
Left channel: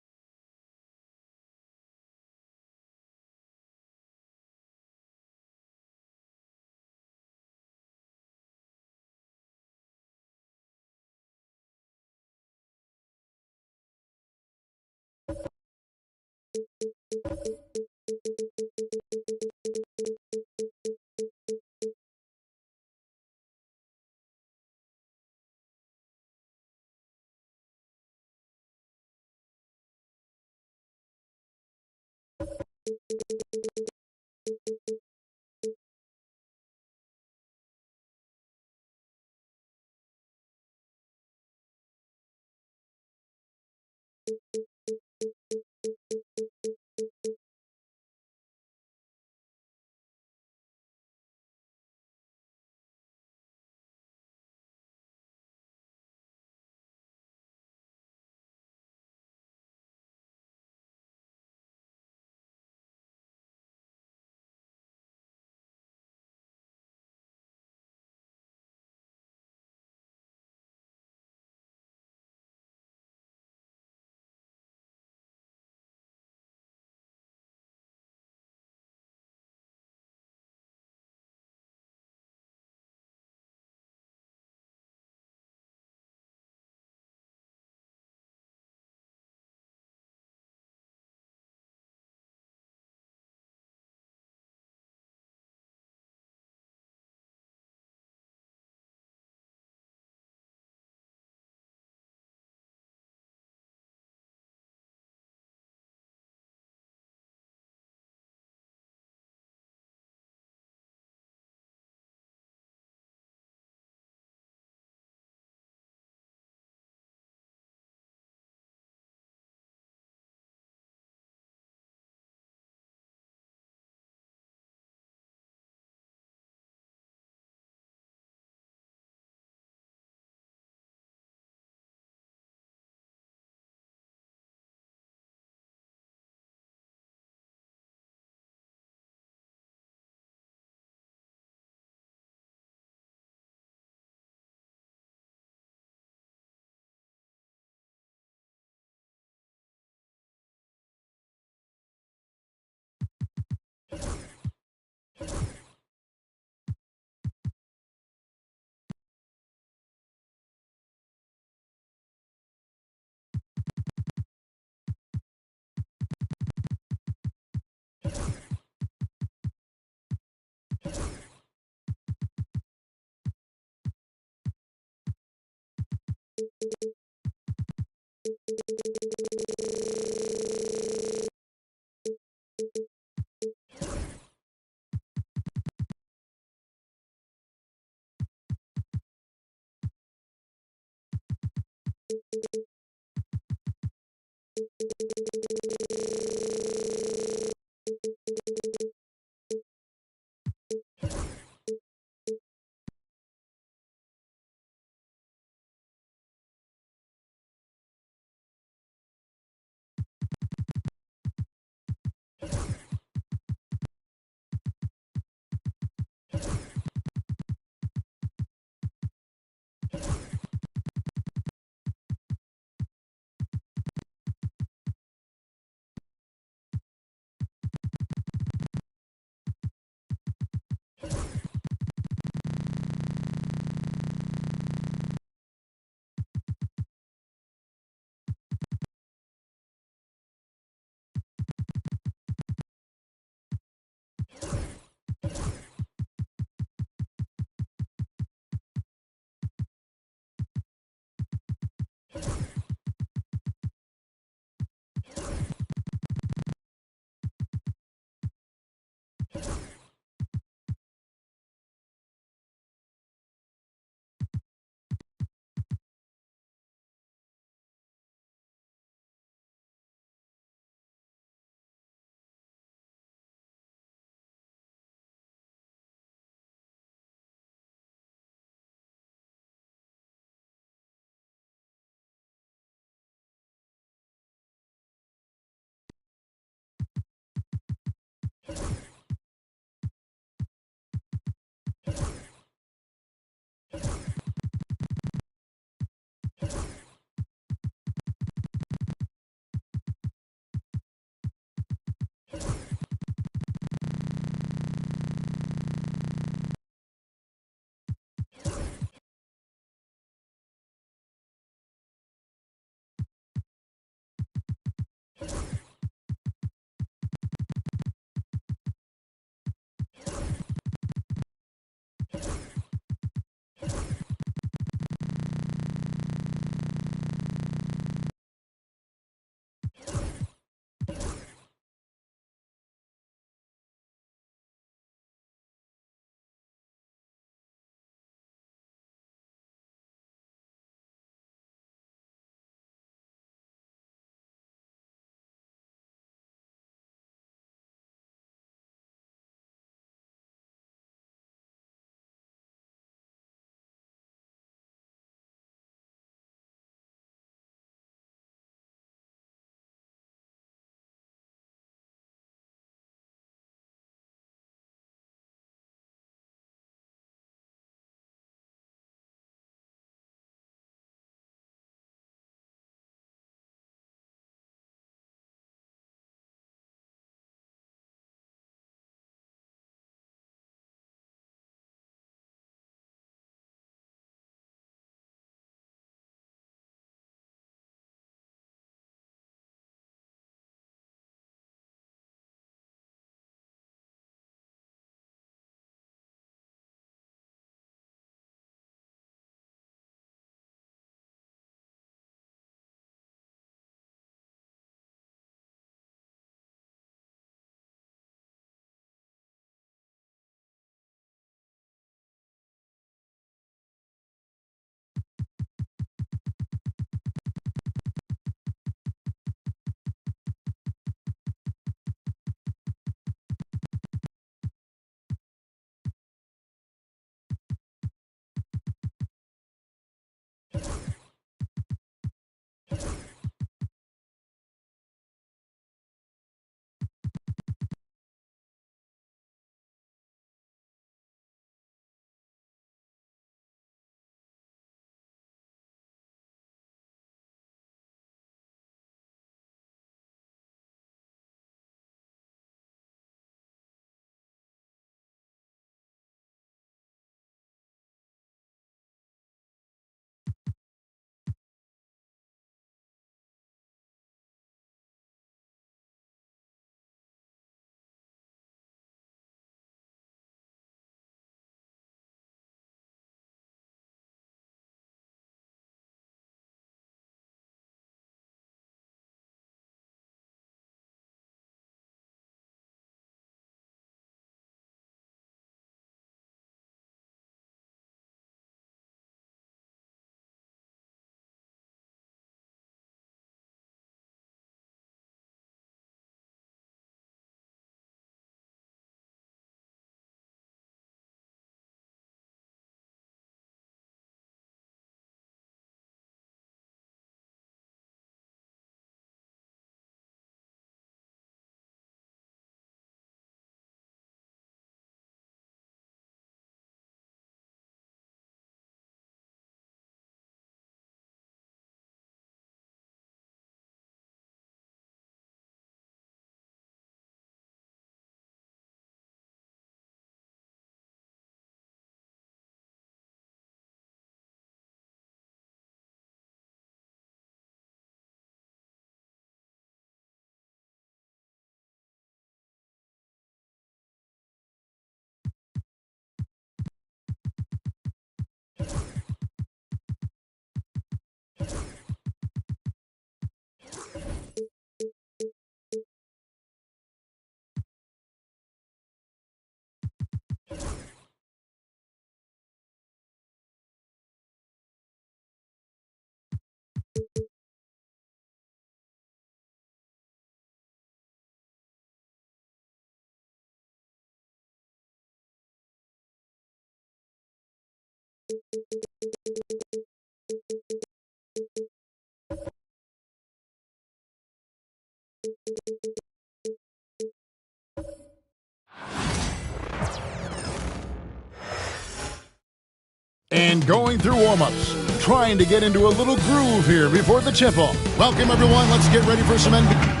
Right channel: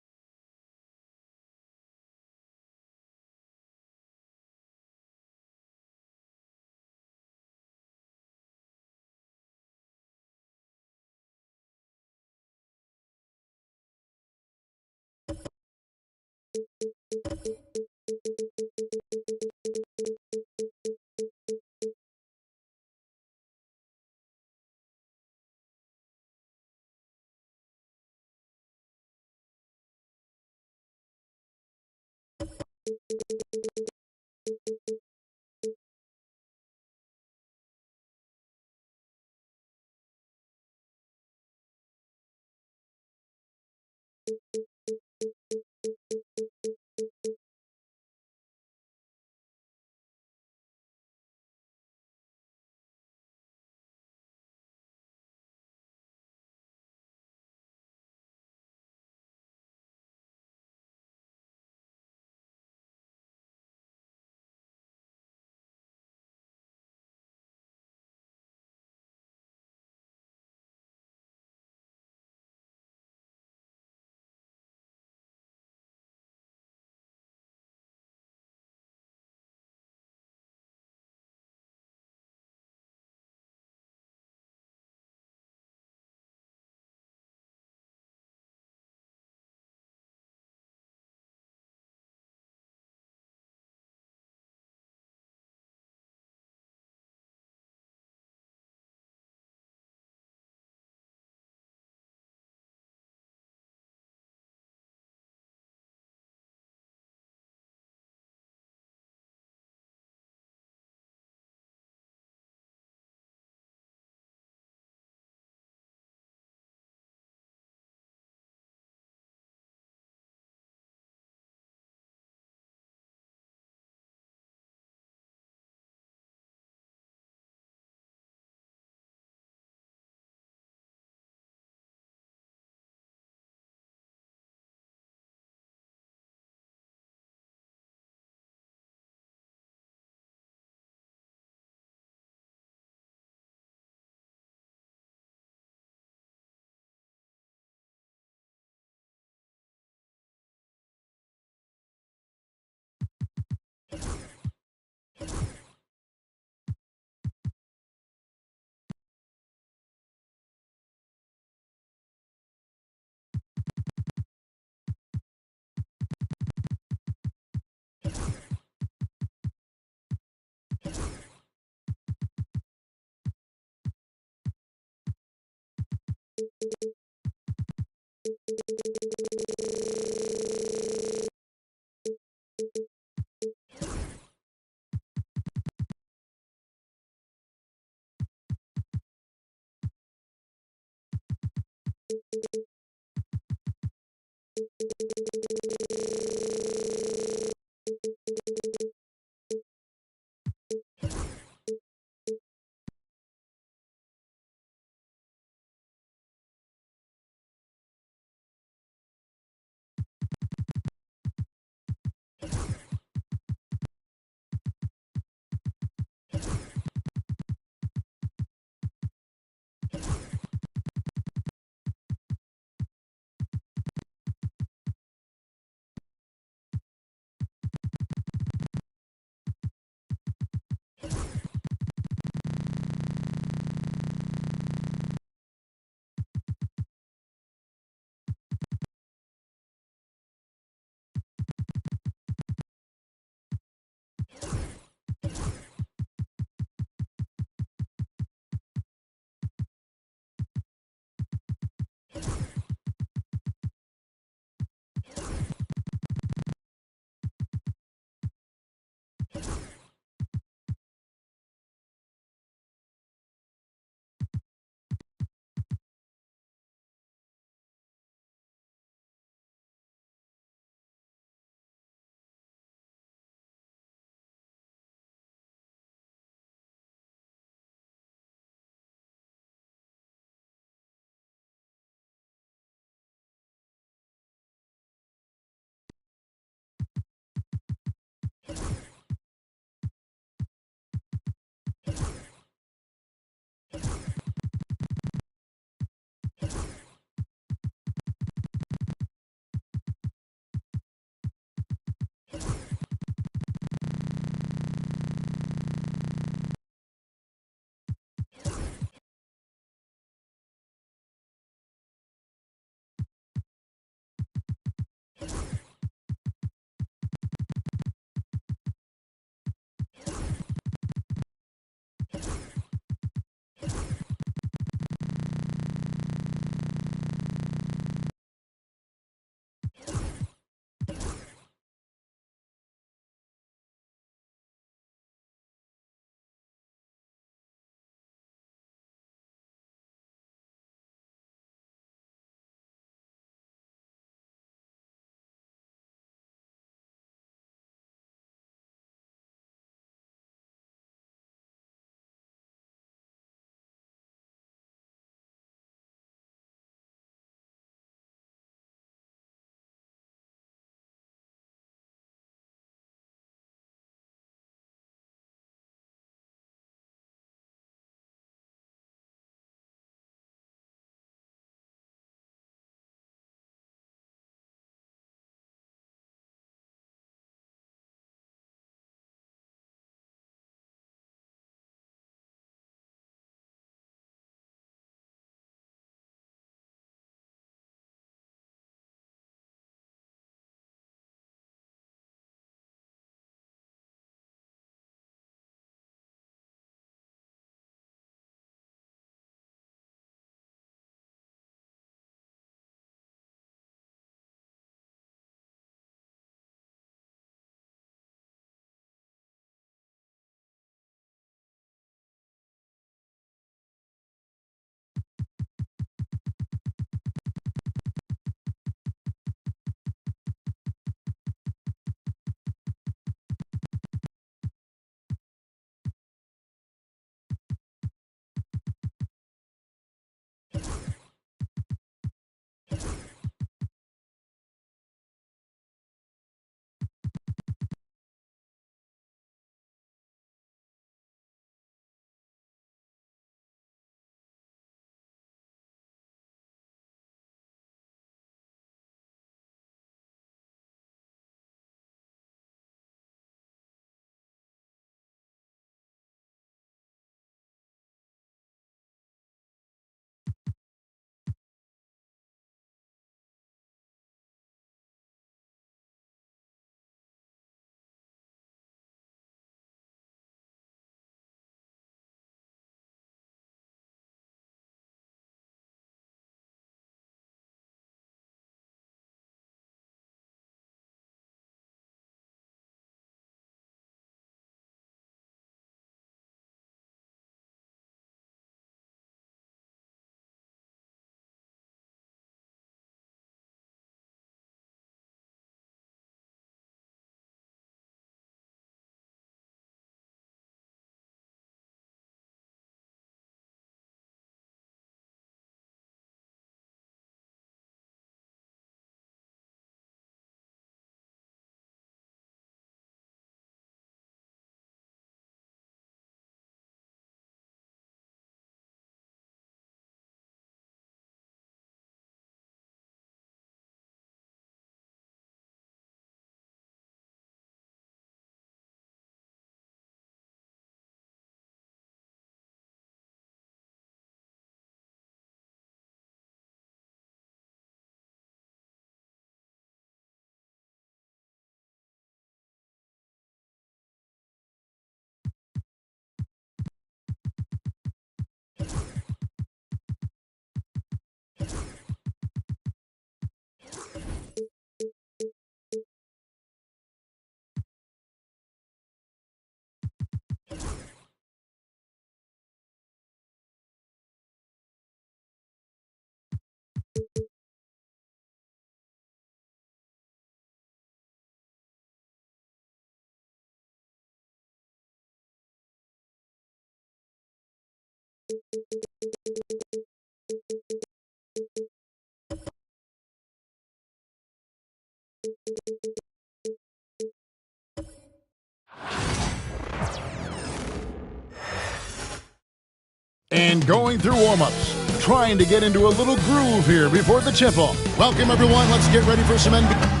And going through warm-ups, trying to get into a little groove here before the tip-off. Welcome, everyone. Let's get ready for some NBA.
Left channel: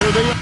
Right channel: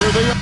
Here they are.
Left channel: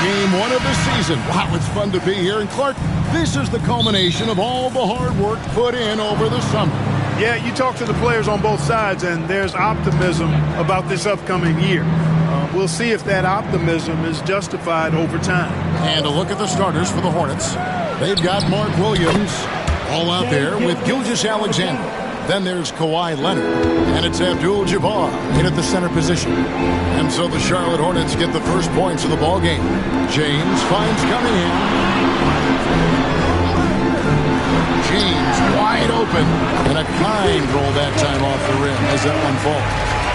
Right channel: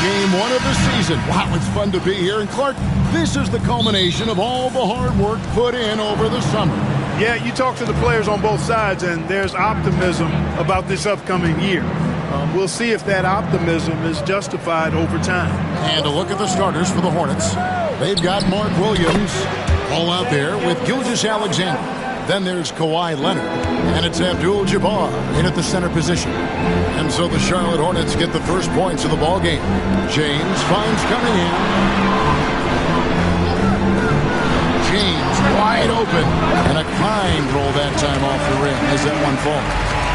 Game one of the season. Wow, it's fun to be here. And Clark, this is the culmination of all the hard work put in over the summer. Yeah, you talk to the players on both sides, and there's optimism about this upcoming year. We'll see if that optimism is justified over time. And a look at the starters for the Hornets. They've got Mark Williams all out there with Gilgeous-Alexander. Then there's Kawhi Leonard, and it's Abdul-Jabbar in at the center position. And so the Charlotte Hornets get the first points of the ball game. James finds Cunningham. James wide open, and a kind roll that time off the rim as that one falls.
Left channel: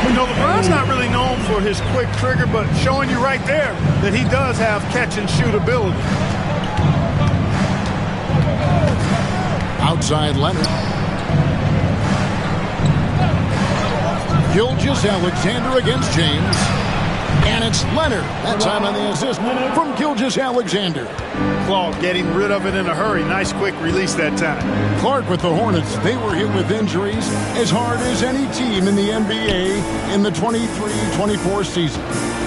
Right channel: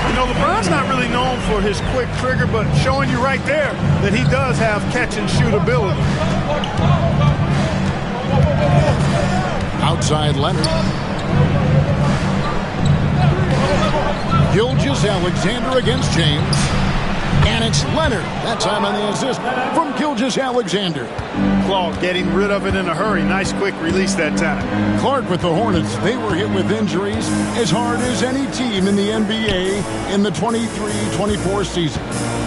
You know, LeBron's not really known for his quick trigger, but showing you right there that he does have catch-and-shoot ability. Outside Leonard. Gilgeous-Alexander against James. And it's Leonard. That time on the assist from Gilgeous-Alexander. Claude getting rid of it in a hurry. Nice quick release that time. Clark with the Hornets. They were hit with injuries as hard as any team in the NBA in the 23-24 season.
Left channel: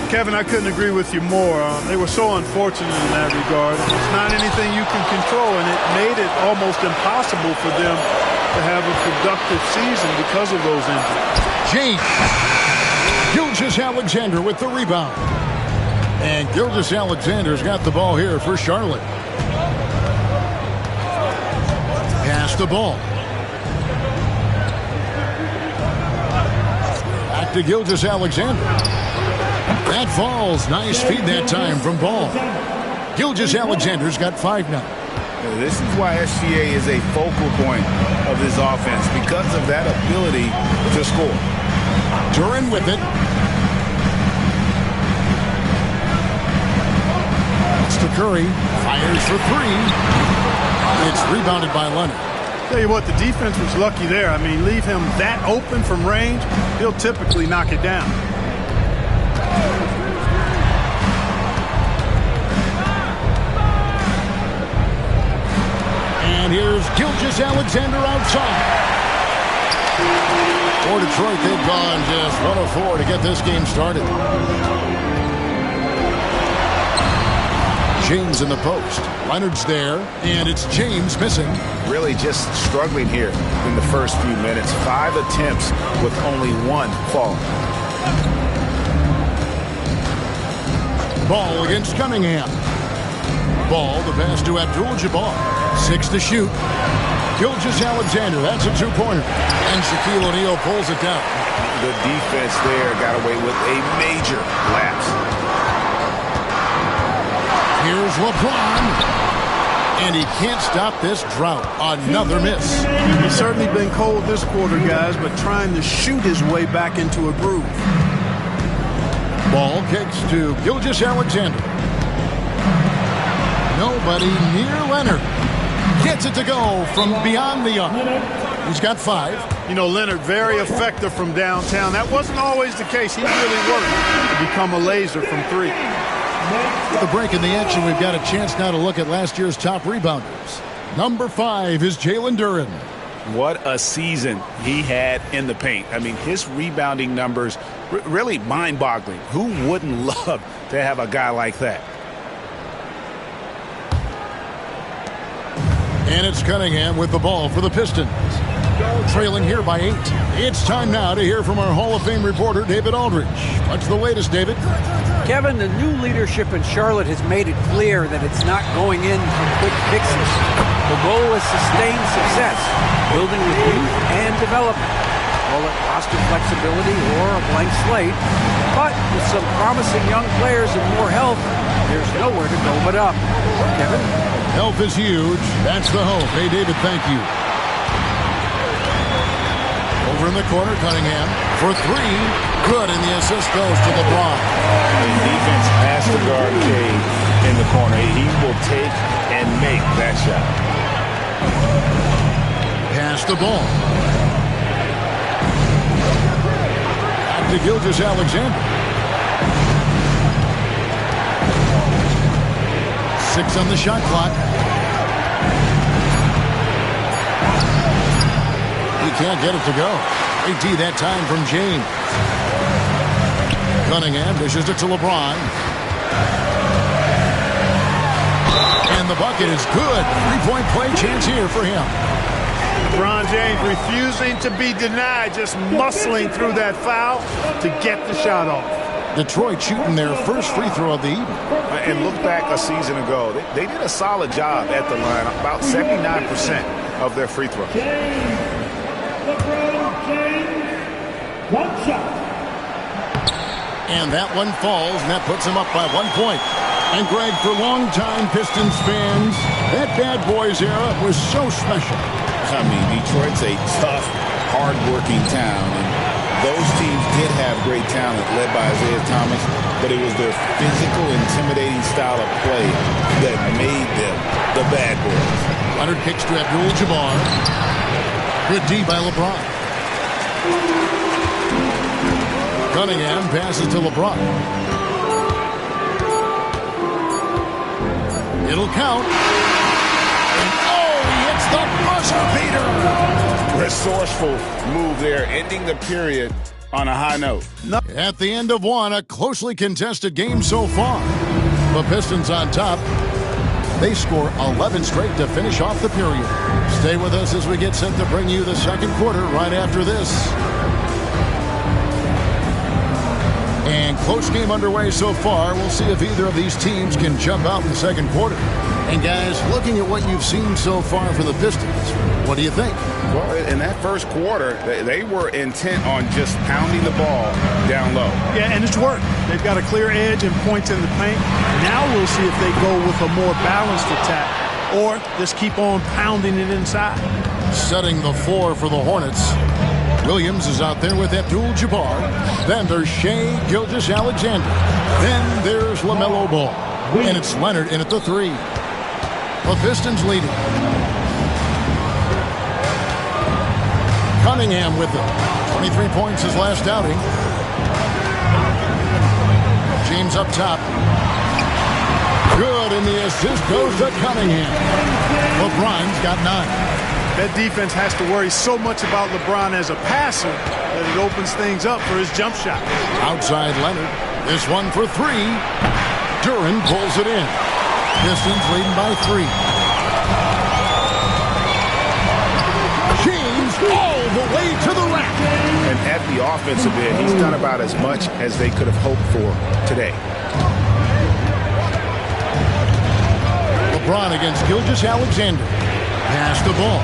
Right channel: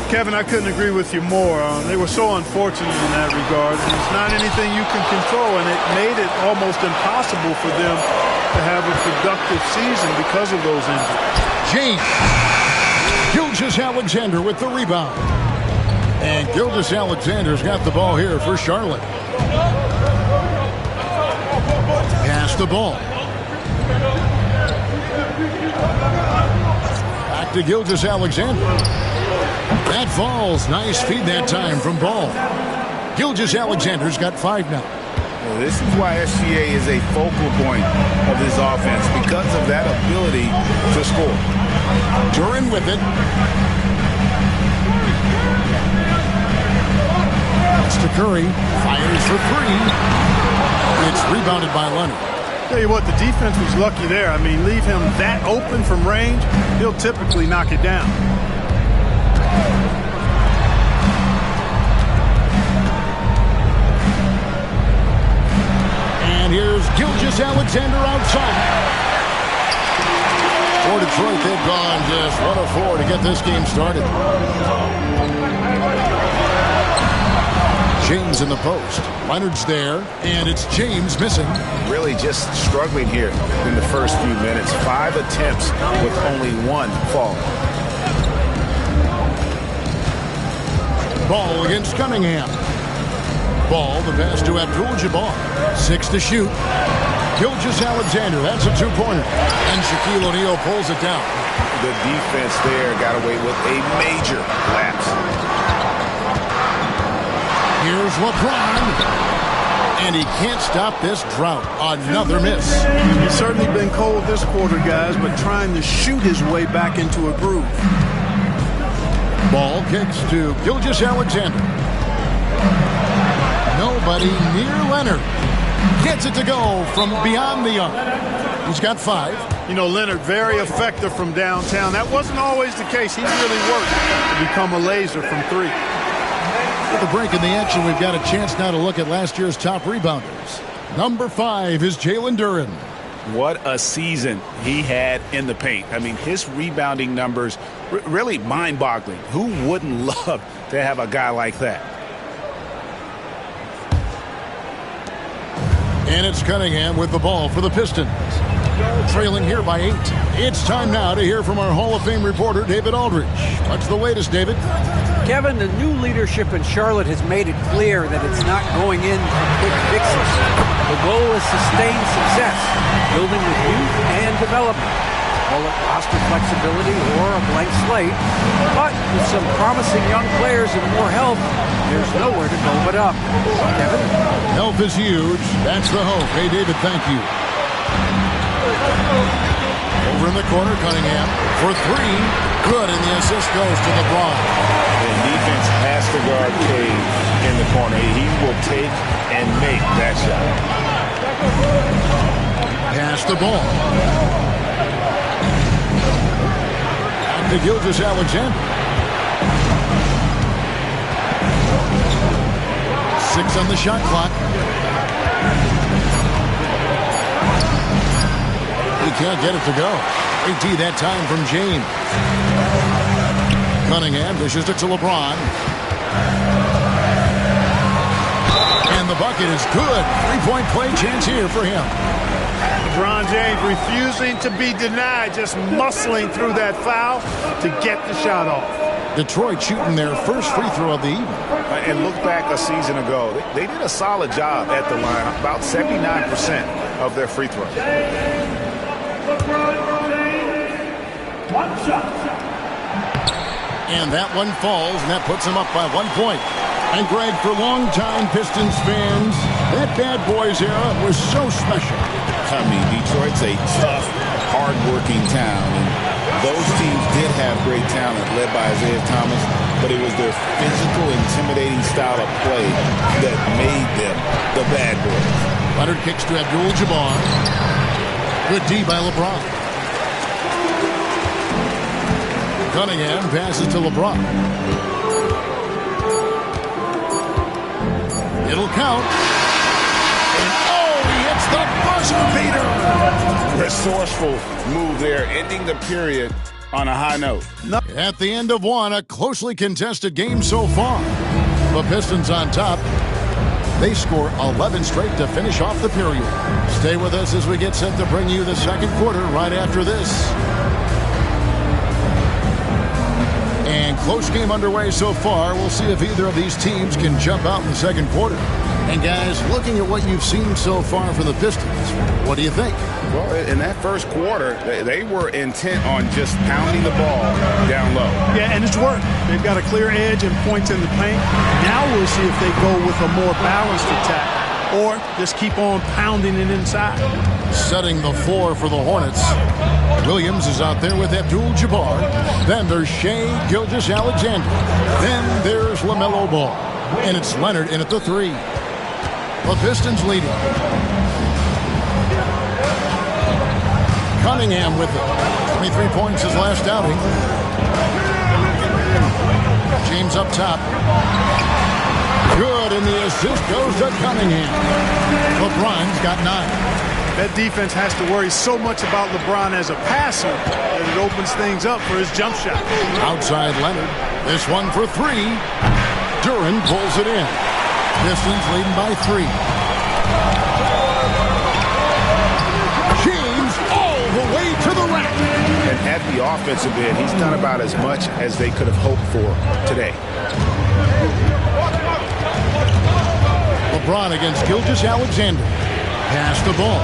Kevin, I couldn't agree with you more. They were so unfortunate in that regard. It's not anything you can control, and it made it almost impossible for them to have a productive season because of those injuries. James. Gilgeous-Alexander with the rebound. And Gilgeous-Alexander's got the ball here for Charlotte. Pass the ball. Back to Gilgeous-Alexander. That falls. Nice feed that time from Ball. Gilgeous-Alexander's got 5 now. This is why SGA is a focal point of this offense, because of that ability to score. Duren with it. That's to Curry. Fires for 3. It's rebounded by Leonard. Tell you what, the defense was lucky there. I mean, leave him that open from range, he'll typically knock it down. And here's Gilgeous-Alexander outside. For Detroit, they've gone just 1 of 4 to get this game started. James in the post. Leonard's there, and it's James missing. Really just struggling here in the first few minutes. 5 attempts with only 1 falling. Ball against Cunningham. Ball, the pass to Abdul-Jabbar. 6 to shoot. Gilgeous-Alexander, that's a 2-pointer. And Shaquille O'Neal pulls it down. The defense there got away with a major lapse. Here's LeBron. And he can't stop this drought. Another miss. He's certainly been cold this quarter, guys, but trying to shoot his way back into a groove. Ball kicks to Gilgeous-Alexander. Nobody near Leonard. Gets it to go from beyond the arc. He's got 5. You know, Leonard, very effective from downtown. That wasn't always the case. He really worked to become a laser from 3. With a break in the action, we've got a chance now to look at last year's top rebounders. Number 5 is Jalen Duren. What a season he had in the paint. I mean, his rebounding numbers really mind-boggling. Who wouldn't love to have a guy like that? And it's Cunningham with the ball for the Pistons. Trailing here by 8. It's time now to hear from our Hall of Fame reporter, David Aldridge. What's the latest, David? Kevin, the new leadership in Charlotte has made it clear that it's not going in for quick fixes. The goal is sustained success, building with youth and development. Call it roster flexibility or a blank slate. But with some promising young players and more health, there's nowhere to go but up. Kevin? Health is huge. That's the hope. Hey, David, thank you. Over in the corner, Cunningham for 3. Good, and the assist goes to LeBron. And defense has to guard Cade in the corner. He will take and make that shot. Pass the ball. Back to Gilgeous-Alexander. 6 on the shot clock. He can't get it to go. Great D that time from James. Cunningham dishes it to LeBron. And the bucket is good. 3-point play chance here for him. LeBron James refusing to be denied, just muscling through that foul to get the shot off. Detroit shooting their first free throw of the evening. And look back a season ago. They did a solid job at the line, about 79% of their free throws. LeBron James, 1 shot. And that one falls, and that puts him up by 1 point. And Greg, for longtime Pistons fans, that Bad Boys era was so special. I mean, Detroit's a tough, hard-working town, and those teams did have great talent led by Isaiah Thomas, but it was their physical, intimidating style of play that made them the Bad Boys. Leonard kicks to Abdul-Jabbar. Good D by LeBron. Cunningham passes to LeBron. It'll count. And he hits the buzzer beater. Resourceful move there, ending the period on a high note. At the end of 1, a closely contested game so far. The Pistons on top. They score 11 straight to finish off the period. Stay with us as we get set to bring you the second quarter right after this. And close game underway so far. We'll see if either of these teams can jump out in the second quarter. And guys, looking at what you've seen so far from the Pistons, what do you think? Well, in that first quarter, they were intent on just pounding the ball down low. Yeah, and it's worked. They've got a clear edge and points in the paint. Now we'll see if they go with a more balanced attack or just keep on pounding it inside. Setting the floor for the Hornets. Williams is out there with Abdul-Jabbar. Then there's Shai Gilgeous-Alexander. Then there's LaMelo Ball. And it's Leonard in at the 3. The Pistons leading. Cunningham with it. 23 points his last outing. James up top. Good, and the assist goes to Cunningham. LeBron's got 9. That defense has to worry so much about LeBron as a passer that it opens things up for his jump shot. Outside Leonard. This one for 3. Duren pulls it in. Pistons leading by 3. James all the way to the rack. And at the offensive end, he's done about as much as they could have hoped for today. LeBron against Gilgeous-Alexander. Pass the ball.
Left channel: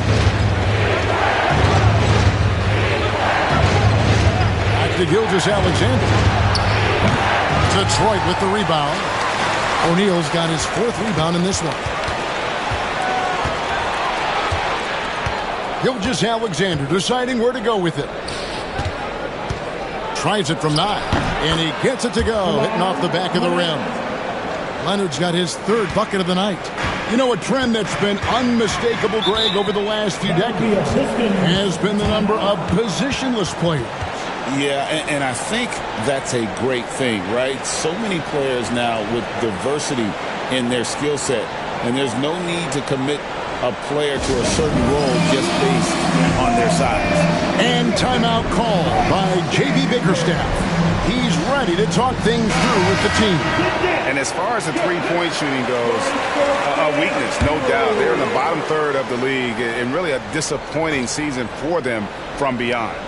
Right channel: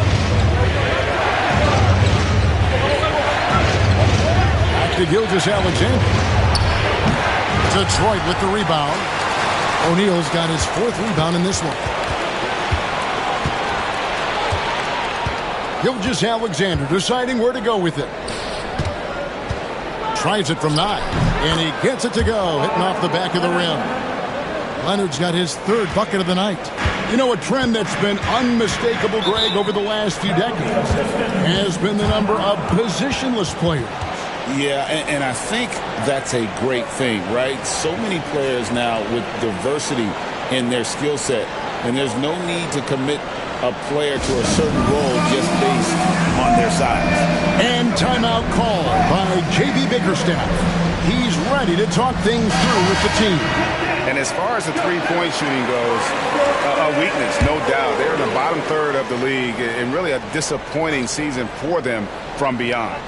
Back to Gilgeous-Alexander. Detroit with the rebound. O'Neal's got his 4th rebound in this one. Gilgeous-Alexander deciding where to go with it. Tries it from 9, and he gets it to go, hitting off the back of the rim. Leonard's got his 3rd bucket of the night. You know, a trend that's been unmistakable, Greg, over the last few decades has been the number of positionless players. Yeah, and I think that's a great thing, right? So many players now with diversity in their skill set, and there's no need to commit a player to a certain role just based on their size. And timeout call by J.B. Bickerstaff. He's ready to talk things through with the team. And as far as the three-point shooting goes, a weakness, no doubt. They're in the bottom third of the league, and really a disappointing season for them from beyond.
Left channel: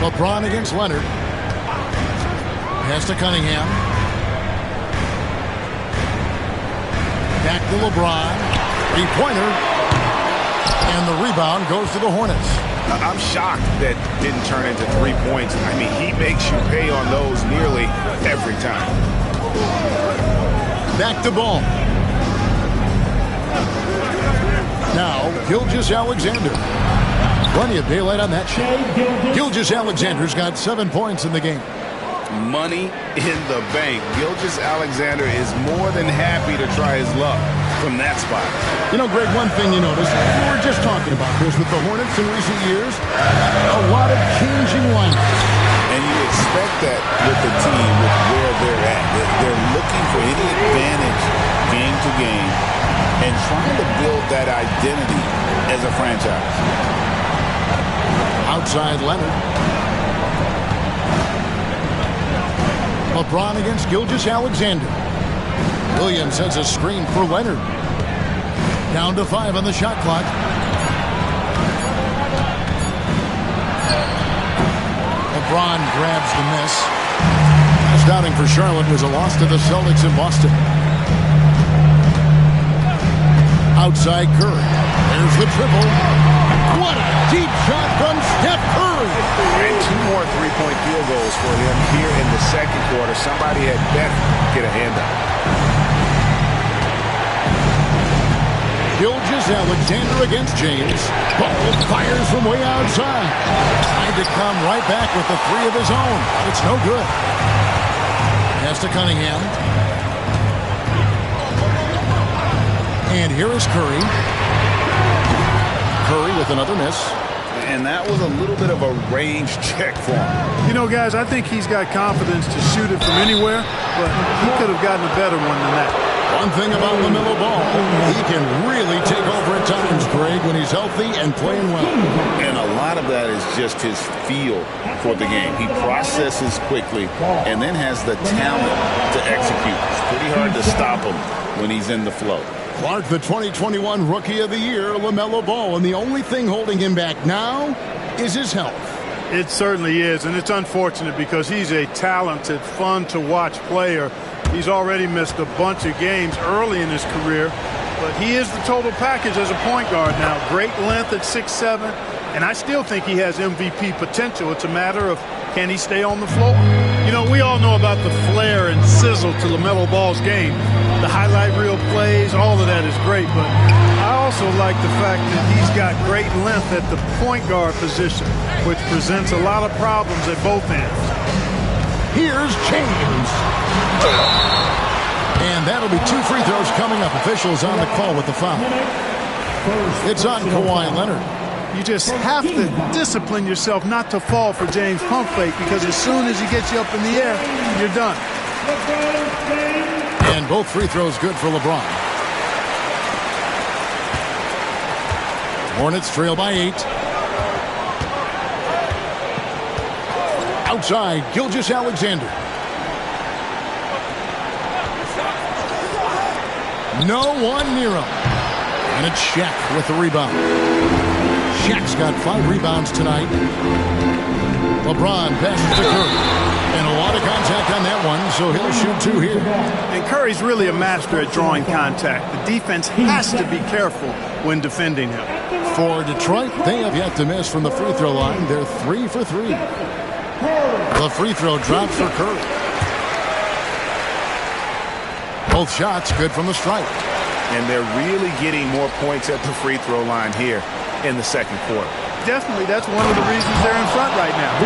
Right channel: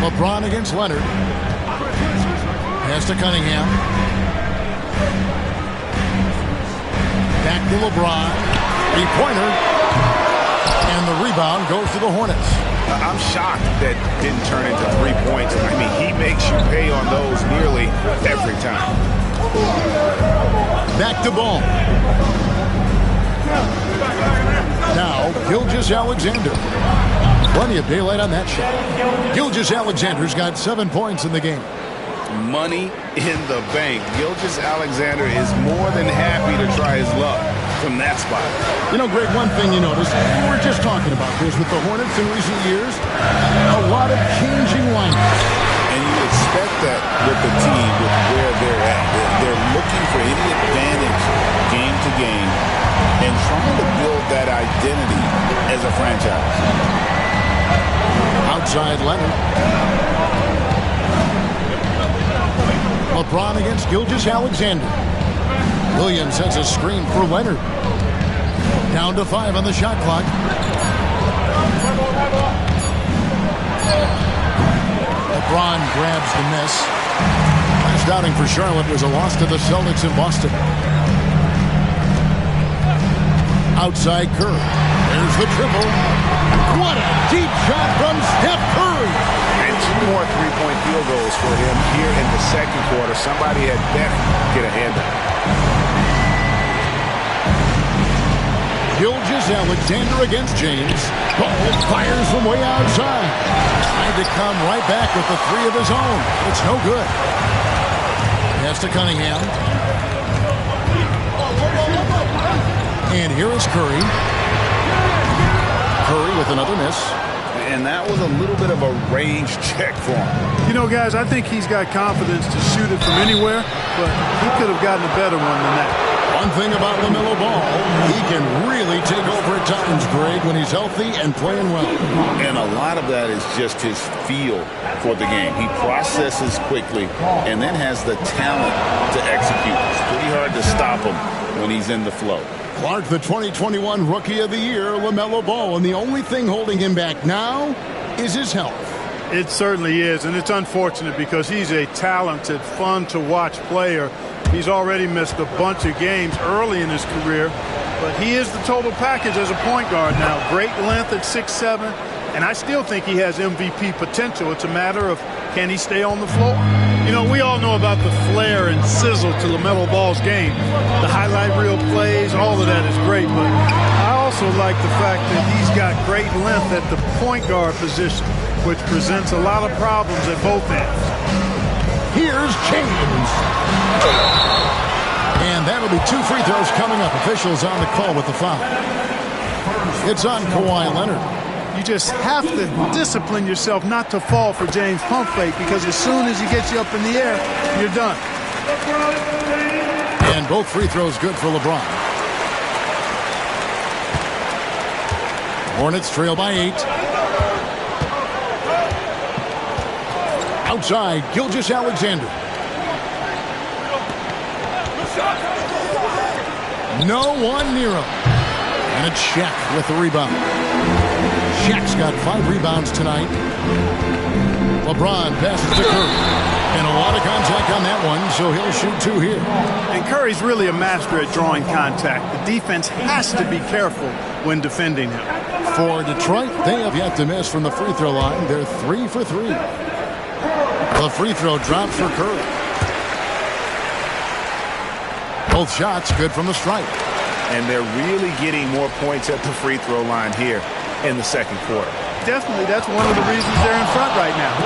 LeBron against Leonard. Pass to Cunningham. Back to LeBron. 3-pointer. And the rebound goes to the Hornets. I'm shocked that didn't turn into 3 points. I mean, he makes you pay on those nearly every time. Back to Ball. Now, Gilgeous-Alexander. Plenty of daylight on that shot. Gilgeous-Alexander's got 7 points in the game. Money in the bank. Gilgeous-Alexander is more than happy to try his luck from that spot. You know, Greg, one thing you notice, we were just talking about this with the Hornets in recent years, a lot of changing lineups. And you expect that with the team, with where they're at. They're looking for any advantage game to game and trying to build that identity as a franchise. Outside Leonard. LeBron against Gilgeous-Alexander. Williams sends a screen for Leonard. Down to 5 on the shot clock. LeBron grabs the miss. Last outing for Charlotte was a loss to the Celtics in Boston. Outside Curry. There's the triple. What a deep shot from Steph Curry. And 2 more three-point field goals for him here in the second quarter. Somebody had better get a hand up. Gilgeous-Alexander against James. Ball fires from way outside. Trying to come right back with the 3 of his own, but it's no good. Pass to Cunningham. And here is Curry. Curry with another miss. And that was a little bit of a range check for him. You know, guys, I think he's got confidence to shoot it from anywhere, but he could have gotten a better one than that. One thing about LaMelo Ball, he can really take over at times, Greg, when he's healthy and playing well. And a lot of that is just his feel for the game. He processes quickly and then has the talent to execute. It's pretty hard to stop him when he's in the flow. Clark, the 2021 Rookie of the Year, LaMelo Ball, and the only thing holding him back now is his health. It certainly is, and it's unfortunate because he's a talented, fun-to-watch player. He's already missed a bunch of games early in his career, but he is the total package as a point guard now. Great length at 6'7", and I still think he has MVP potential. It's a matter of can he stay on the floor. You know, we all know about the flair and sizzle to LaMelo Ball's game. The highlight reel plays, all of that is great, but I also like the fact that he's got great length at the point guard position, which presents a lot of problems at both ends. Here's James. And that'll be 2 free throws coming up. Officials on the call with the foul. It's on Kawhi Leonard. You just have to discipline yourself not to fall for James' pump fake, because as soon as he gets you up in the air, you're done. And both free throws good for LeBron. Hornets trail by 8. Outside, Gilgeous-Alexander. No one near him. And it's Shaq with the rebound. Shaq's got 5 rebounds tonight. LeBron passes to Curry. And a lot of contact on that one, so he'll shoot 2 here. And Curry's really a master at drawing contact. The defense has to be careful when defending him. For Detroit, they have yet to miss from the free throw line. They're 3 for 3. The free throw drops for Curry. Both shots good from the stripe. And they're really getting more points at the free throw line here in the second quarter. Definitely, that's one of the reasons they're in front right now.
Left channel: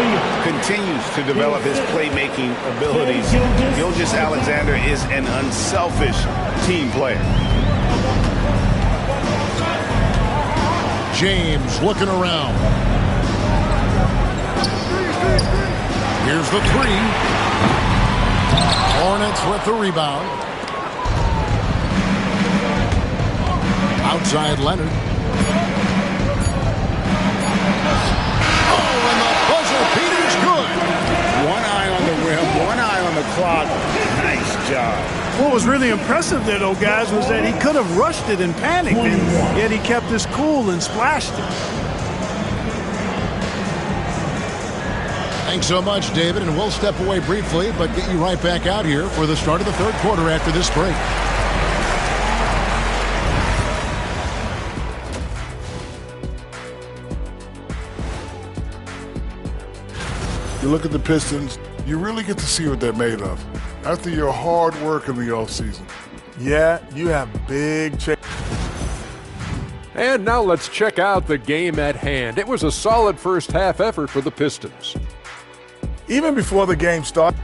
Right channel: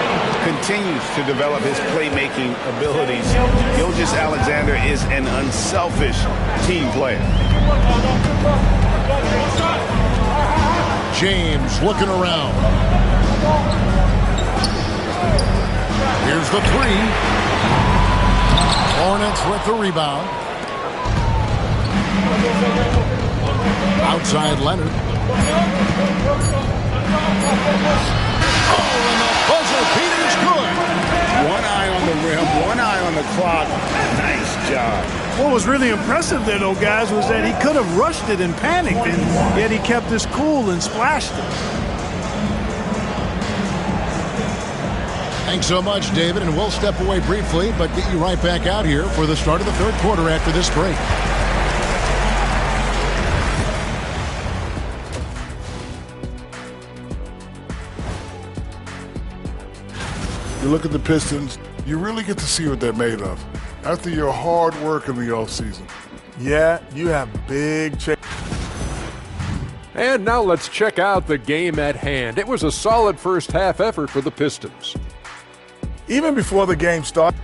Continues to develop his playmaking abilities. Gilgeous-Alexander is an unselfish team player. James looking around. Here's the 3. Hornets with the rebound. Outside Leonard. Oh, and the buzzer beater is good. One eye on the rim, one eye on the clock. Nice job. What was really impressive there, though, guys, was that he could have rushed it and panicked, and yet he kept his cool and splashed it. Thanks so much, David, and we'll step away briefly, but get you right back out here for the start of the third quarter after this break. You look at the Pistons, you really get to see what they're made of. After your hard work in the offseason. Yeah, you have big changes. And now let's check out the game at hand. It was a solid first half effort for the Pistons. Even before the game started.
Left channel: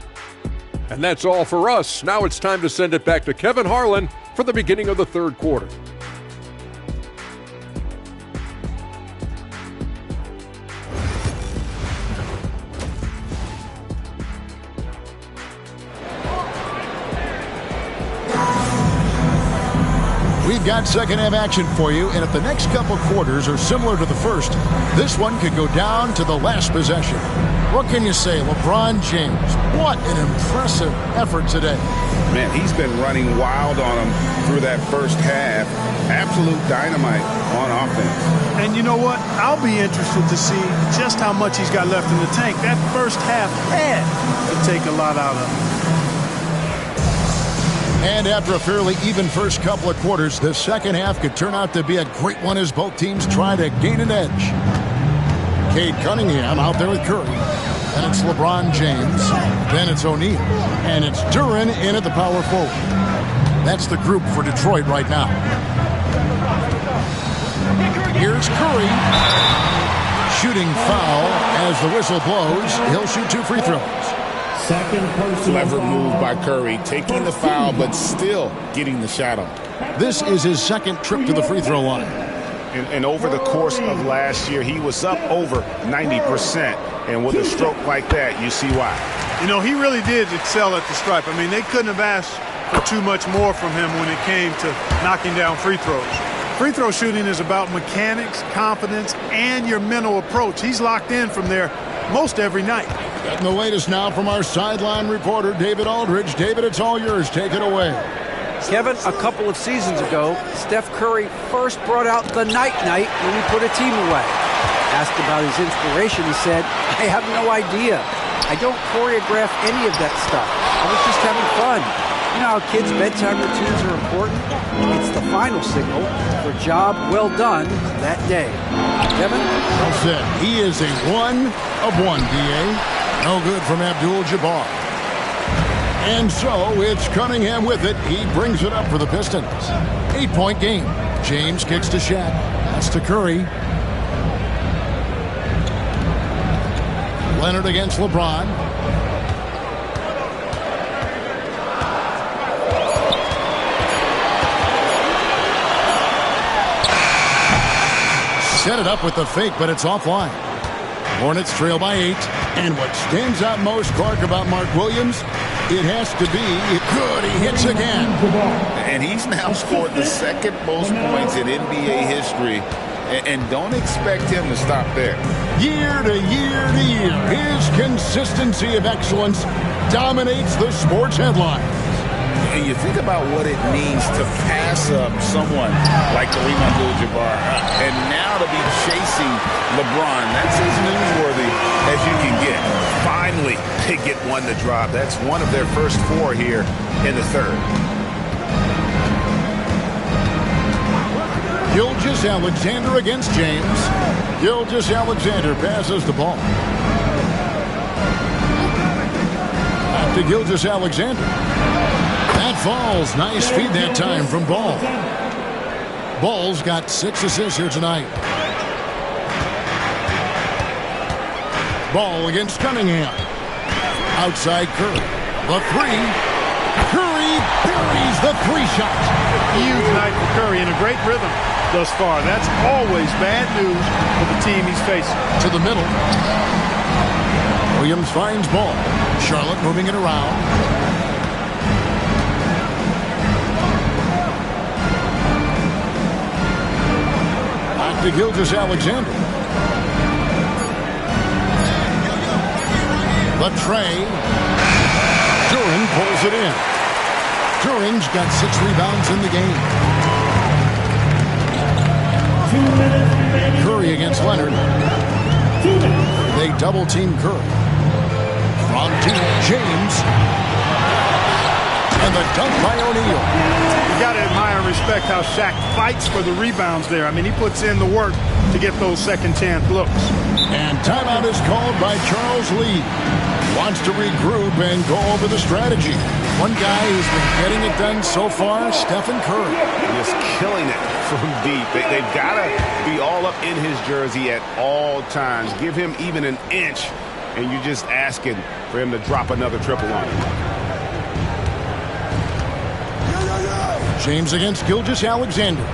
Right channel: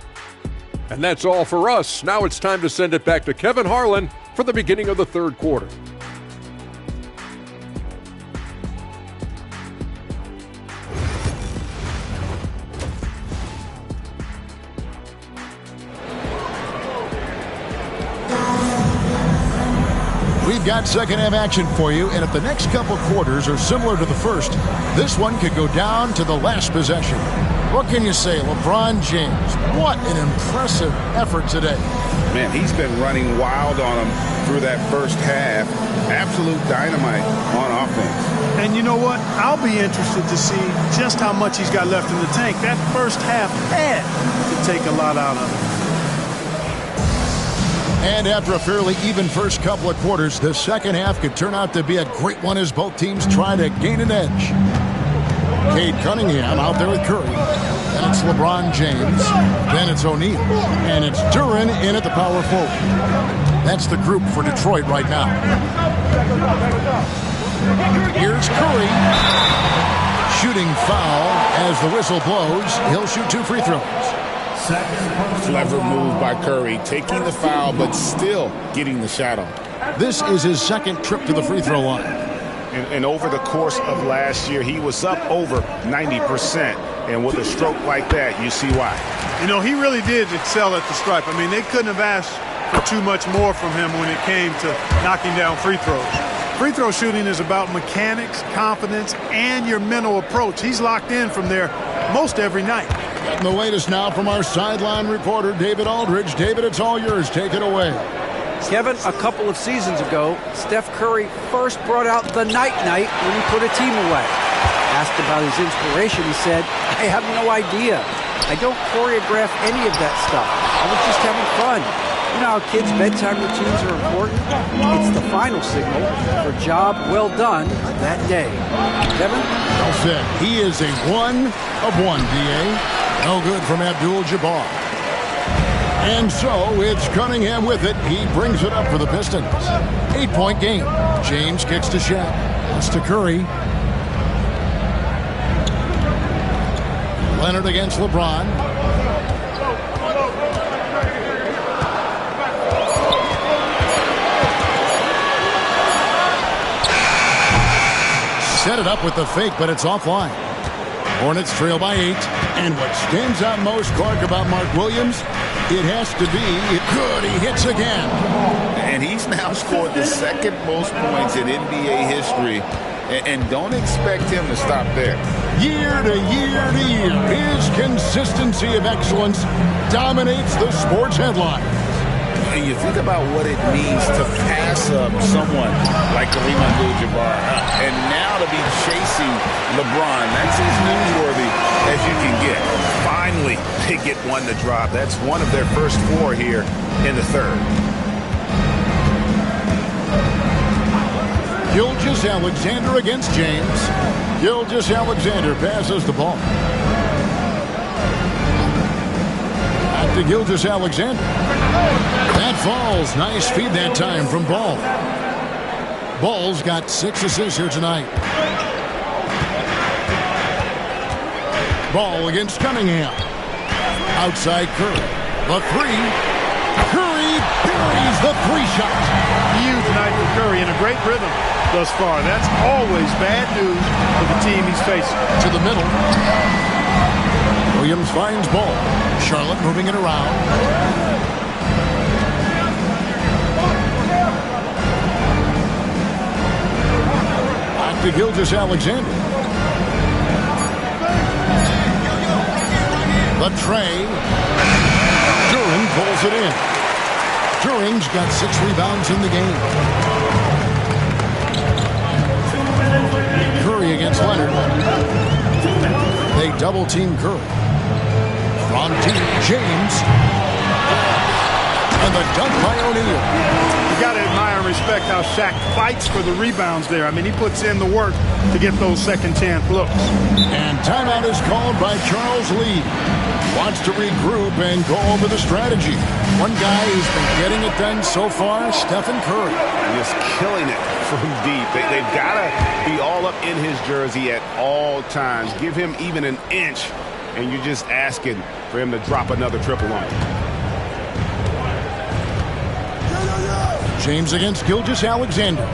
And that's all for us. Now it's time to send it back to Kevin Harlan for the beginning of the third quarter. We've got second half action for you, and if the next couple quarters are similar to the first, this one could go down to the last possession. What can you say, LeBron James? What an impressive effort today. Man, he's been running wild on him through that first half. Absolute dynamite on offense. And you know what? I'll be interested to see just how much he's got left in the tank. That first half had to take a lot out of him. And after a fairly even first couple of quarters, the second half could turn out to be a great one as both teams try to gain an edge. Cade Cunningham out there with Curry. Then it's LeBron James. Then it's O'Neal. And it's Duren in at the power forward. That's the group for Detroit right now. Here's Curry. Shooting foul as the whistle blows. He'll shoot 2 free throws. Clever move by Curry, taking the foul, but still getting the shot on. This is his second trip to the free throw line. And over the course of last year, he was up over 90%. And with a stroke like that, you see why. You know, he really did excel at the stripe. I mean, they couldn't have asked for too much more from him when it came to knocking down free throws. Free throw shooting is about mechanics, confidence, and your mental approach. He's locked in from there most every night. Getting the latest now from our sideline reporter, David Aldridge. David, it's all yours. Take it away. Kevin, a couple of seasons ago, Steph Curry first brought out the night-night when he put a team away. Asked about his inspiration, he said, I have no idea. I don't choreograph any of that stuff. I was just having fun. You know how kids' bedtime routines are important? It's the final signal for job well done that day. Kevin? Well said. He is a 1 of 1, D.A. No good from Abdul-Jabbar. And so it's Cunningham with it. He brings it up for the Pistons. 8-point game. James kicks to Shaq. Pass to Curry. Leonard against LeBron. Set it up with the fake, but it's offline. Hornets trail by 8. And what stands out most, Clark, about Mark Williams, it has to be good. He hits again. And he's now scored the second most points in NBA history. And don't expect him to stop there. Year to year to year, his consistency of excellence dominates the sports headlines. And you think about what it means to pass up someone like Kareem Abdul-Jabbar, and now to be chasing LeBron. That's as newsworthy as you can get. Finally, they get one to drop. That's one of their first 4 here in the third. Gilgeous-Alexander against James. Gilgeous-Alexander passes the ball. Back to Gilgeous-Alexander. That falls. Nice feed that time from Ball. Ball's got 6 assists here tonight. Ball against Cunningham. Outside Curry. The 3. Curry buries the 3 shot. Huge night for Curry and a great rhythm thus far. That's always bad news for the team he's facing. To the middle. Williams finds Ball. Charlotte moving it around. Back to Gilgeous-Alexander. The tray. Duren pulls it in. Duren's got 6 rebounds in the game. Curry against Leonard. They double team Curry. From deep, James. And the dunk by O'Neal. You got to admire and respect how Shaq fights for the rebounds there. I mean, he puts in the work to get those second chance looks. And timeout is called by Charles Lee. Wants to regroup and go over the strategy. One guy who's been getting it done so far, Stephen Curry. Just killing it from deep. They've got to be all up in his jersey at all times. Give him even an inch, and you're just asking for him to drop another triple on you. James against Gilgeous-Alexander.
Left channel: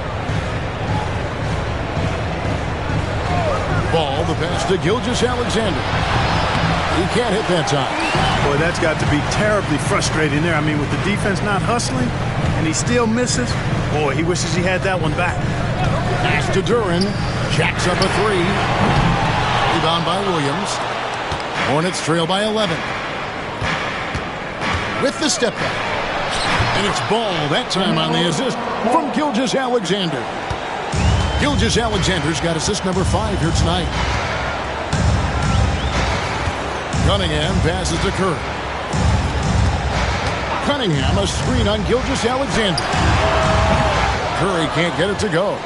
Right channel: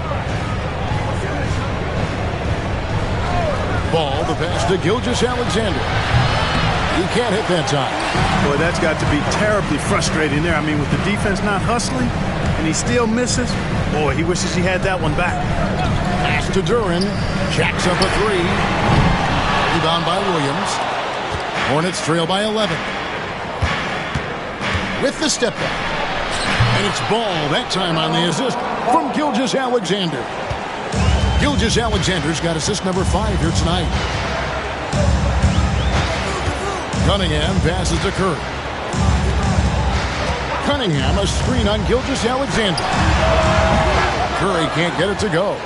Ball, the pass to Gilgeous-Alexander. He can't hit that time. Boy, that's got to be terribly frustrating there. I mean, with the defense not hustling and he still misses, boy, he wishes he had that one back. Pass to Duren. Jacks up a 3. Rebound by Williams. Hornets trail by 11. With the step back. And it's Ball that time on the assist from Gilgeous-Alexander. Gilgeous-Alexander's got assist number 5 here tonight. Cunningham passes to Curry. Cunningham, a screen on Gilgeous-Alexander. Curry can't get it to go.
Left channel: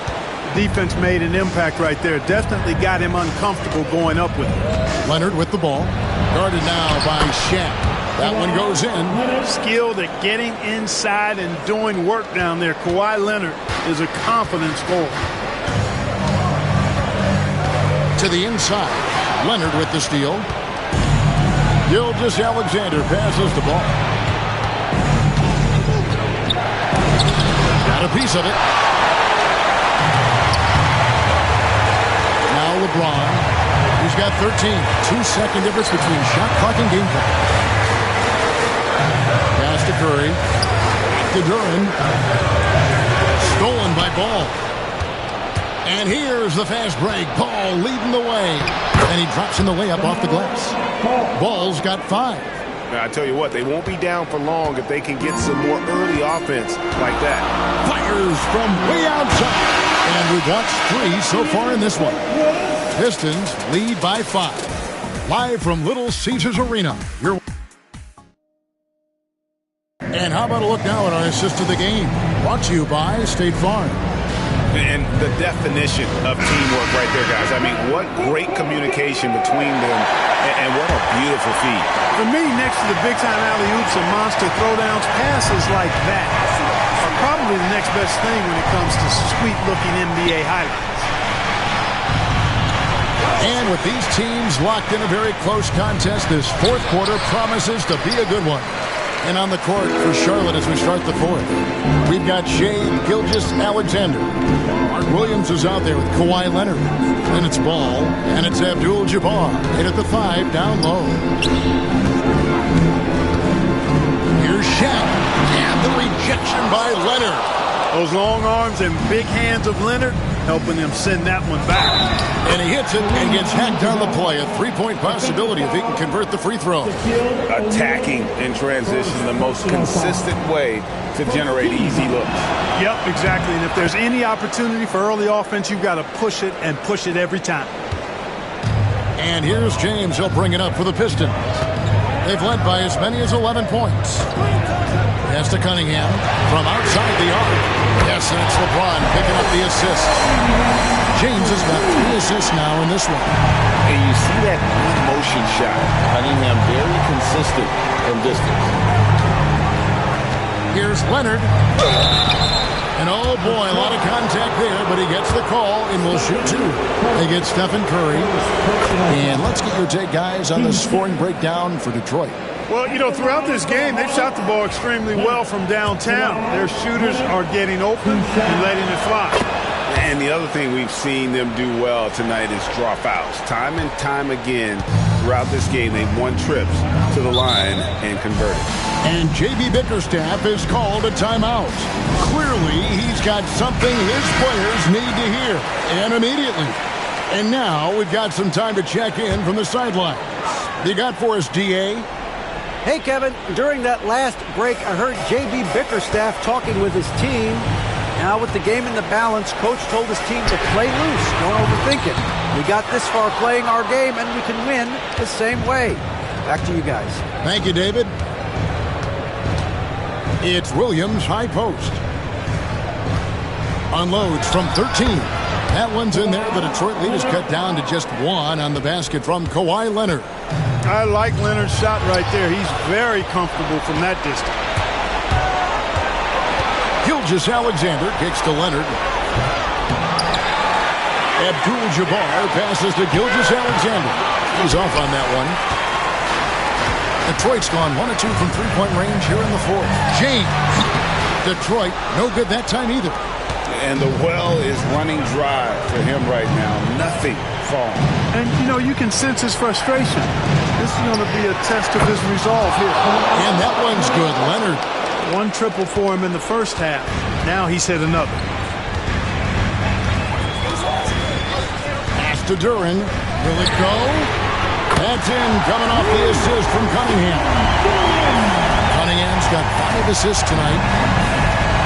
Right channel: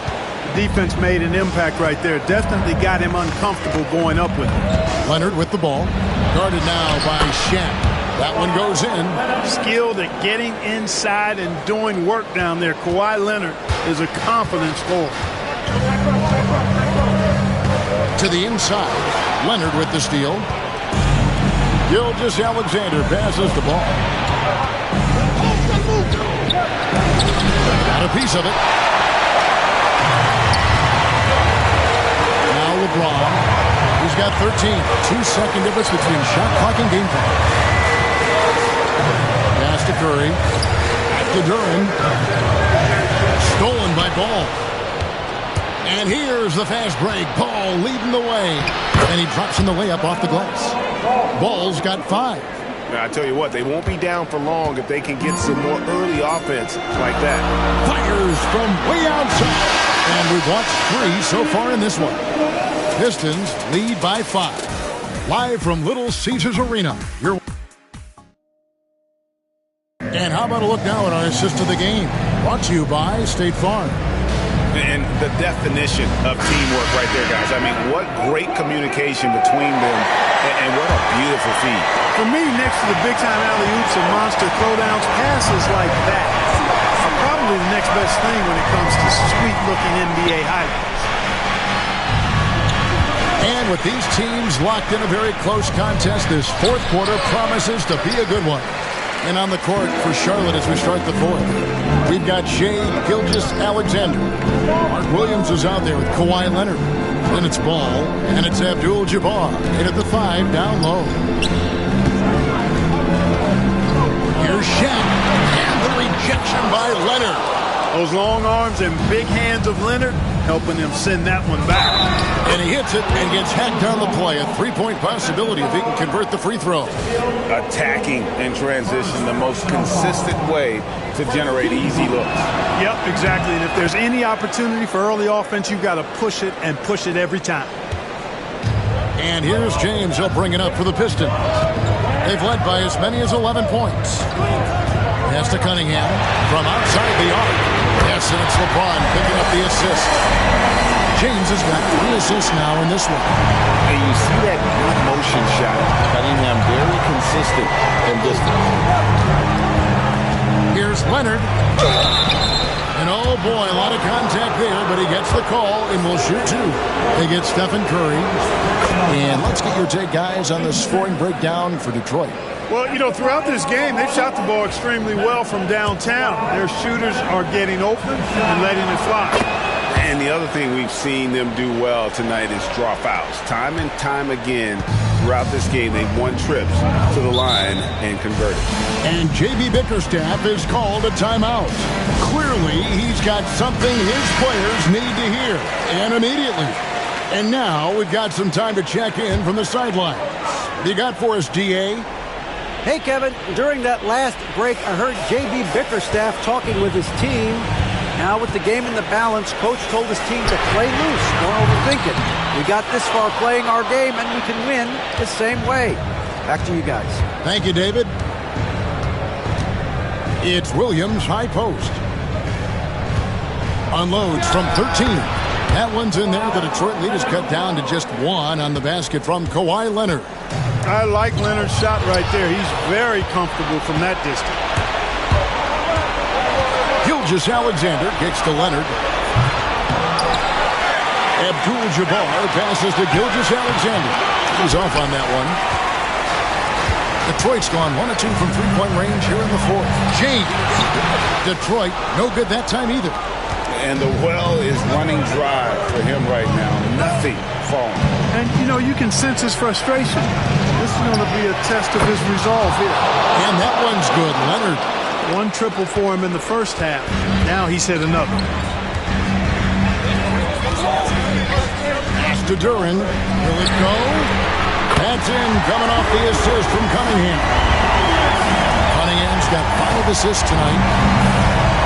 The defense made an impact right there. Definitely got him uncomfortable going up with it. Leonard with the ball. Guarded now by Shaq. That one goes in. Skilled at getting inside and doing work down there. Kawhi Leonard is a confident scorer. To the inside. Leonard with the steal. Gilgeous-Alexander passes the ball. Got a piece of it. Now LeBron. He's got 13. 2-second difference between shot clock and game clock. Pass to Curry. Back to Duren. Stolen by Ball. And here's the fast break. Ball leading the way. And he drops in the layup off the glass. Ball's got 5. Now, I tell you what, they won't be down for long if they can get some more early offense like that. Fires from way outside. And we've watched 3 so far in this one. Pistons lead by 5. Live from Little Caesars Arena. And how about a look now at our assist of the game? Brought to you by State Farm. And the definition of teamwork right there, guys. I mean, what great communication between them, and what a beautiful feed. For me, next to the big-time alley-oops and monster throwdowns, passes like that are probably the next best thing when it comes to sweet-looking NBA highlights. And with these teams locked in a very close contest, this 4th quarter promises to be a good one. And on the court for Charlotte as we start the 4th, we've got Shai Gilgeous-Alexander. Mark Williams is out there with Kawhi Leonard. Then it's Ball, and it's Abdul-Jabbar. In at the 5, down low. Here's Shaq, and the rejection by Leonard. Those long arms and big hands of Leonard helping him send that one back. And he hits it and gets hacked on the play. A three-point possibility if he can convert the free throw. Attacking in transition, the most consistent way to generate easy looks. Yep, exactly. And if there's any opportunity for early offense, you've got to push it and push it every time. And here's James. He'll bring it up for the Pistons. They've led by as many as 11 points. Pass to Cunningham from outside the arc. Yes, and it's LeBron picking up the assist. James has got 3 assists now in this one. And you see that good motion shot. Cunningham very consistent from distance. Here's Leonard. And oh boy, a lot of contact there, but he gets the call and will shoot 2. They get Stephen Curry. And let's get your take, guys, on the scoring breakdown for Detroit. Well, you know, throughout this game, they've shot the ball extremely well from downtown. Their shooters are getting open and letting it fly. And the other thing we've seen them do well tonight is draw fouls. Time and time again throughout this game, they've won trips to the line and converted. And J.B. Bickerstaff has called a timeout. Clearly, he's got something his players need to hear, and immediately. And now we've got some time to check in from the sidelines. What you got for us, D.A.? Hey, Kevin, during that last break, I heard J.B. Bickerstaff talking with his team. Now, with the game in the balance, Coach told his team to play loose, don't overthink it. We got this far playing our game, and we can win the same way. Back to you guys. Thank you, David. It's Williams, high post. Unloads from 13. That one's in there. The Detroit lead is cut down to just 1 on the basket from Kawhi Leonard. I like Leonard's shot right there. He's very comfortable from that distance. Gilgeous-Alexander kicks to Leonard. Abdul-Jabbar passes to Gilgeous-Alexander. He's off on that one. Detroit's gone 1 of 2 from three-point range here in the 4th. James. Detroit, no good that time either. And the well is running dry for him right now. Nothing falling. And, you know, you can sense his frustration. This is going to be a test of his resolve here. And that one's good. Leonard. 1 triple for him in the first half. Now he's hit another. Pass to Duren. Will it go? That's in, coming off the assist from Cunningham. Cunningham's got 5 assists tonight.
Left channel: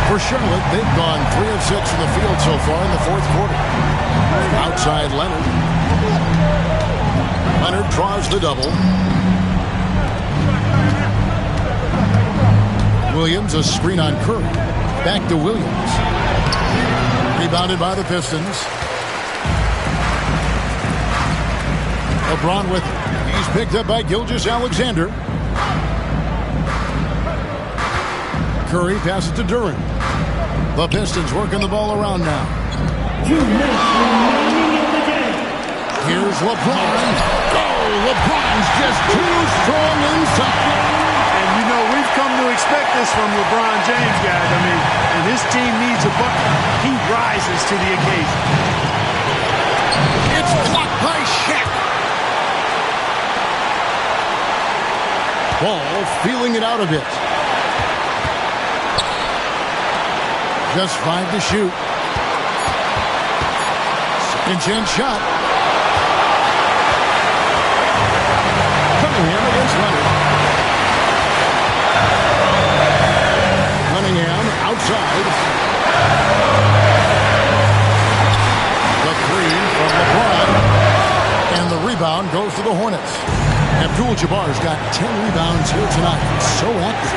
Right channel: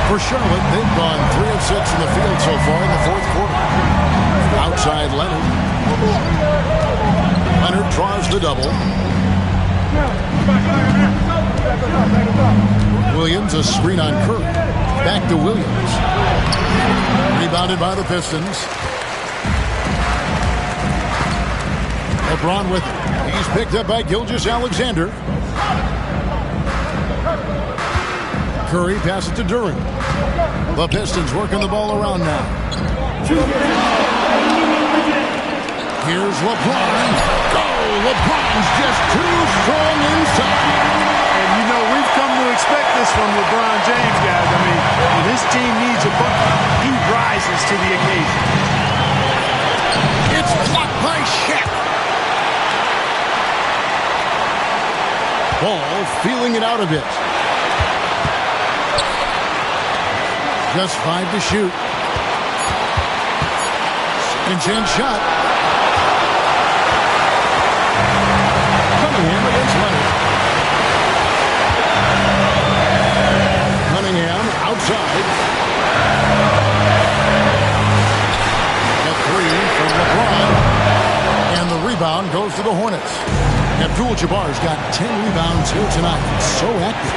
For Charlotte, they've gone 3 of 6 from the field so far in the 4th quarter. Outside Leonard. Leonard draws the double. Williams, a screen on Curry. Back to Williams. Rebounded by the Pistons. LeBron with it. He's picked up by Gilgeous-Alexander. Curry passes to Duren. The Pistons working the ball around now. Here's LeBron. Go! LeBron's just too strong inside. And, you know, we've come to expect this from LeBron James, guys. I mean, when his team needs a bucket, he rises to the occasion. It's blocked by Shaq. Ball feeling it out a bit. Just 5 to shoot. Second chance shot. Cunningham against Leonard. Cunningham outside. The 3 from LeBron. And the rebound goes to the Hornets. Abdul-Jabbar's got 10 rebounds here tonight. So active.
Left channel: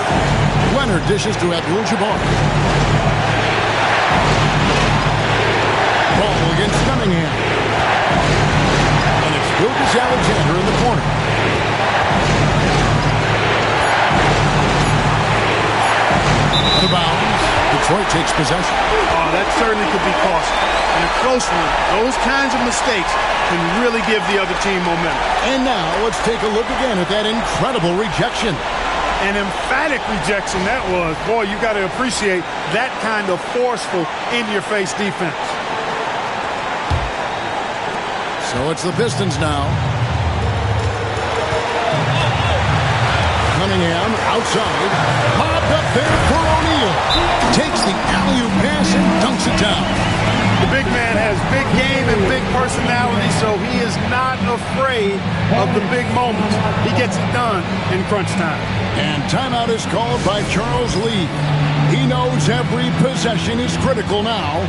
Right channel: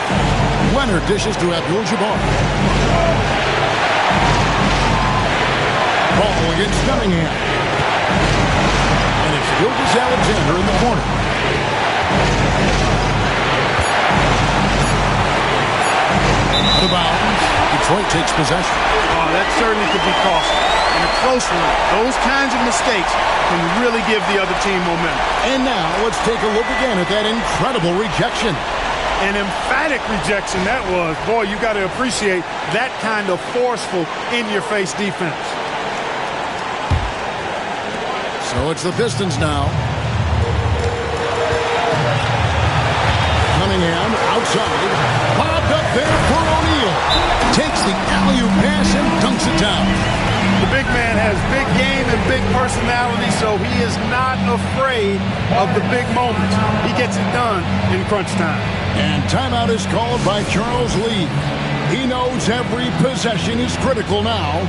Leonard dishes to Abdul-Jabbar. Ball against Cunningham. And it's Gilgeous-Alexander in the corner. Out of bounds. Detroit takes possession. Oh, that certainly could be costly. In a close one, those kinds of mistakes can really give the other team momentum. And now let's take a look again at that incredible rejection. An emphatic rejection that was. Boy, you got to appreciate that kind of forceful, in-your-face defense. So it's the Pistons now. Cunningham outside. Lobbed up there for O'Neal. Takes the alley-oop pass and dunks it down. The big man has big game and big personality, so he is not afraid of the big moments. He gets it done in crunch time. And timeout is called by Charles Lee. He knows every possession is critical now.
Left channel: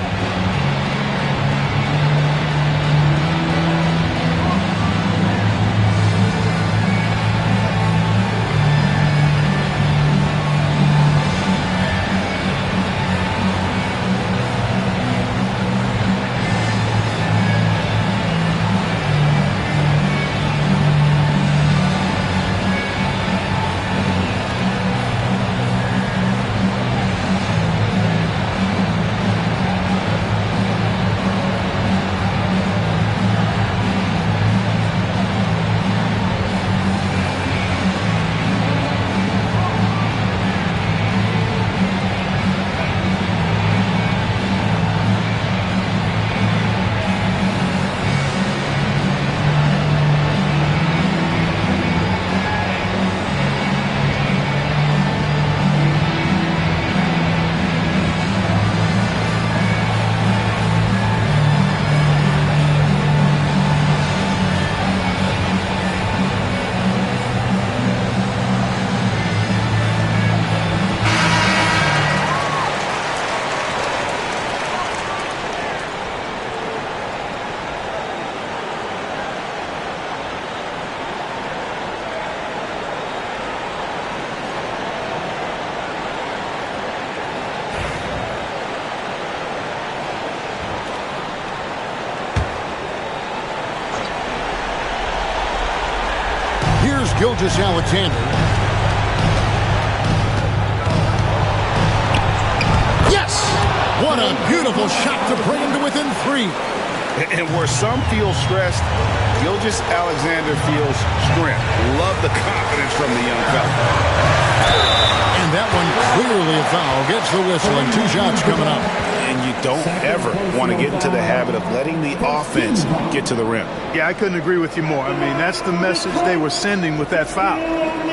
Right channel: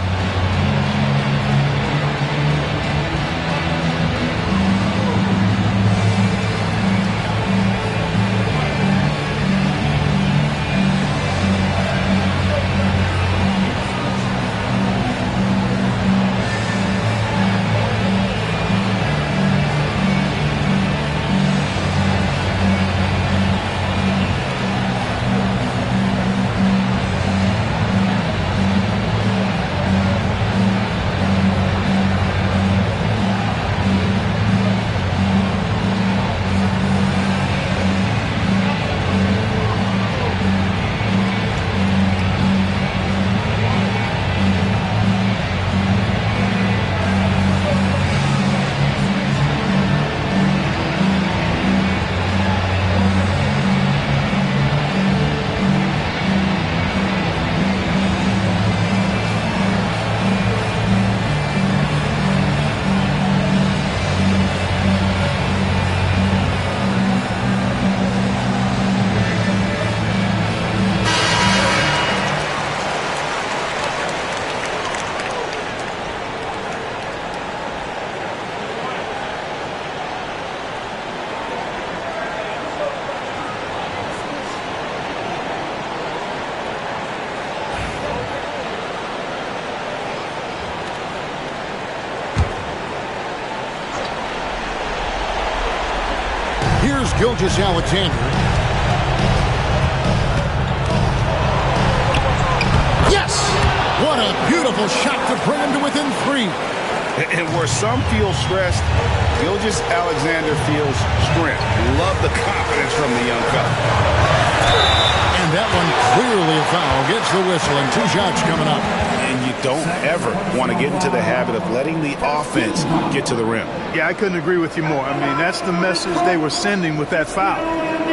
Here's Gilgeous-Alexander. Yes! What a beautiful shot to bring him to within 3. And where some feel stressed, Gilgeous-Alexander feels strength. Love the confidence from the young fella. And that one clearly a foul. Gets the whistle and 2 shots coming up. And you don't ever want to get into the habit of letting the offense get to the rim. Yeah, I couldn't agree with you more. I mean, that's the message they were sending with that foul.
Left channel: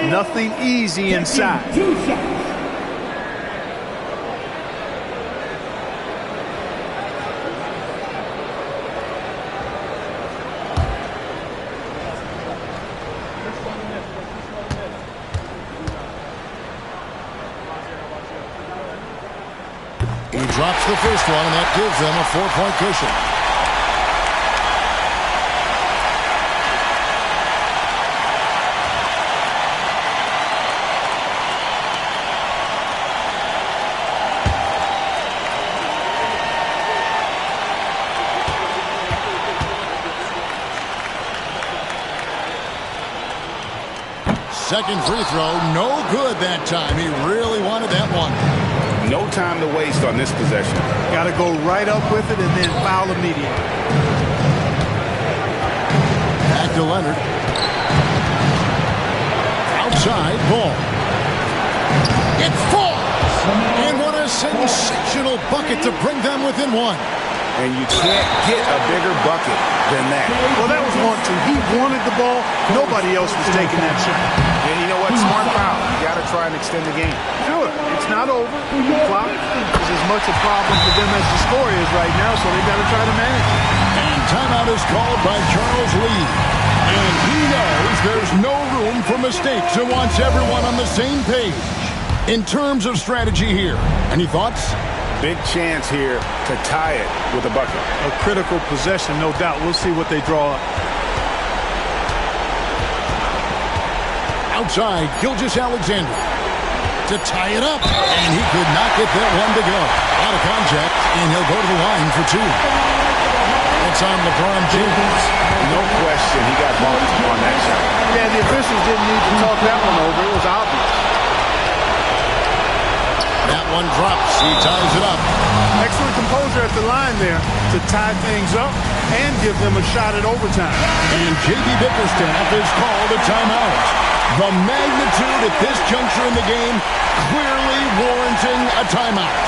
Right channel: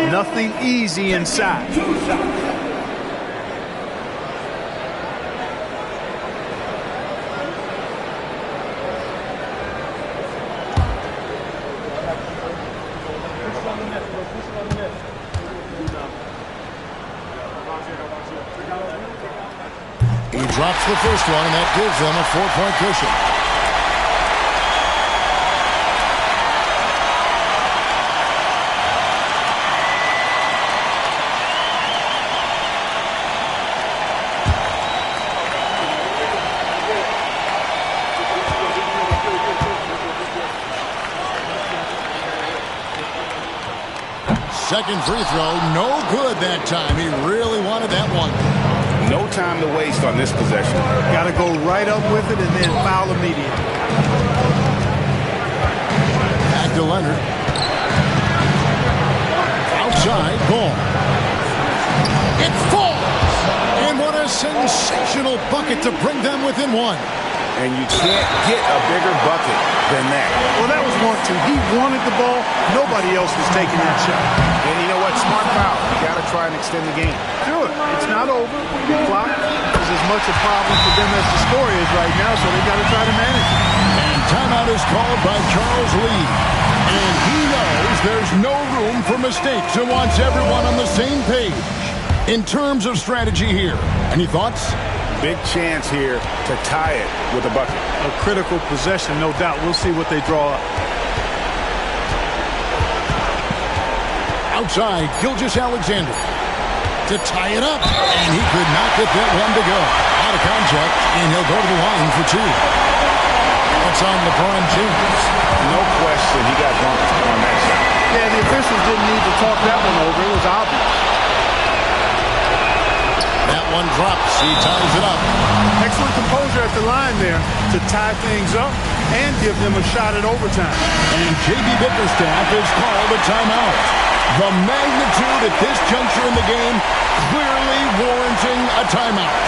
Nothing easy inside. He drops the first one, and that gives them a 4-point cushion. Second free throw, no good that time. He really wanted that one. No time to waste on this possession. Got to go right up with it and then foul immediately. Back to Leonard. Outside, ball. It falls! And what a sensational bucket to bring them within 1. And you can't get a bigger bucket than that. Well, that was 1-2. He wanted the ball. Nobody else was taking that shot. And you know what? Smart foul. You got to try and extend the game. Sure. It's not over. The clock is as much a problem for them as the score is right now, so they've got to try to manage it. And timeout is called by Charles Lee. And he knows there's no room for mistakes and wants everyone on the same page. In terms of strategy here, any thoughts? Big chance here to tie it with a bucket. A critical possession, no doubt. We'll see what they draw up. Outside, Gilgeous-Alexander to tie it up, and he could not get that one to go. Out of contact, and he'll go to the line for 2. That's on LeBron James. No question, he got bumped on that shot. Yeah, the officials didn't need to talk that one over. It was obvious. That one drops. He ties it up. Excellent composure at the line there to tie things up and give them a shot at overtime. And J.B. Bickerstaff is called a timeout. The magnitude at this juncture in the game clearly warranting a timeout.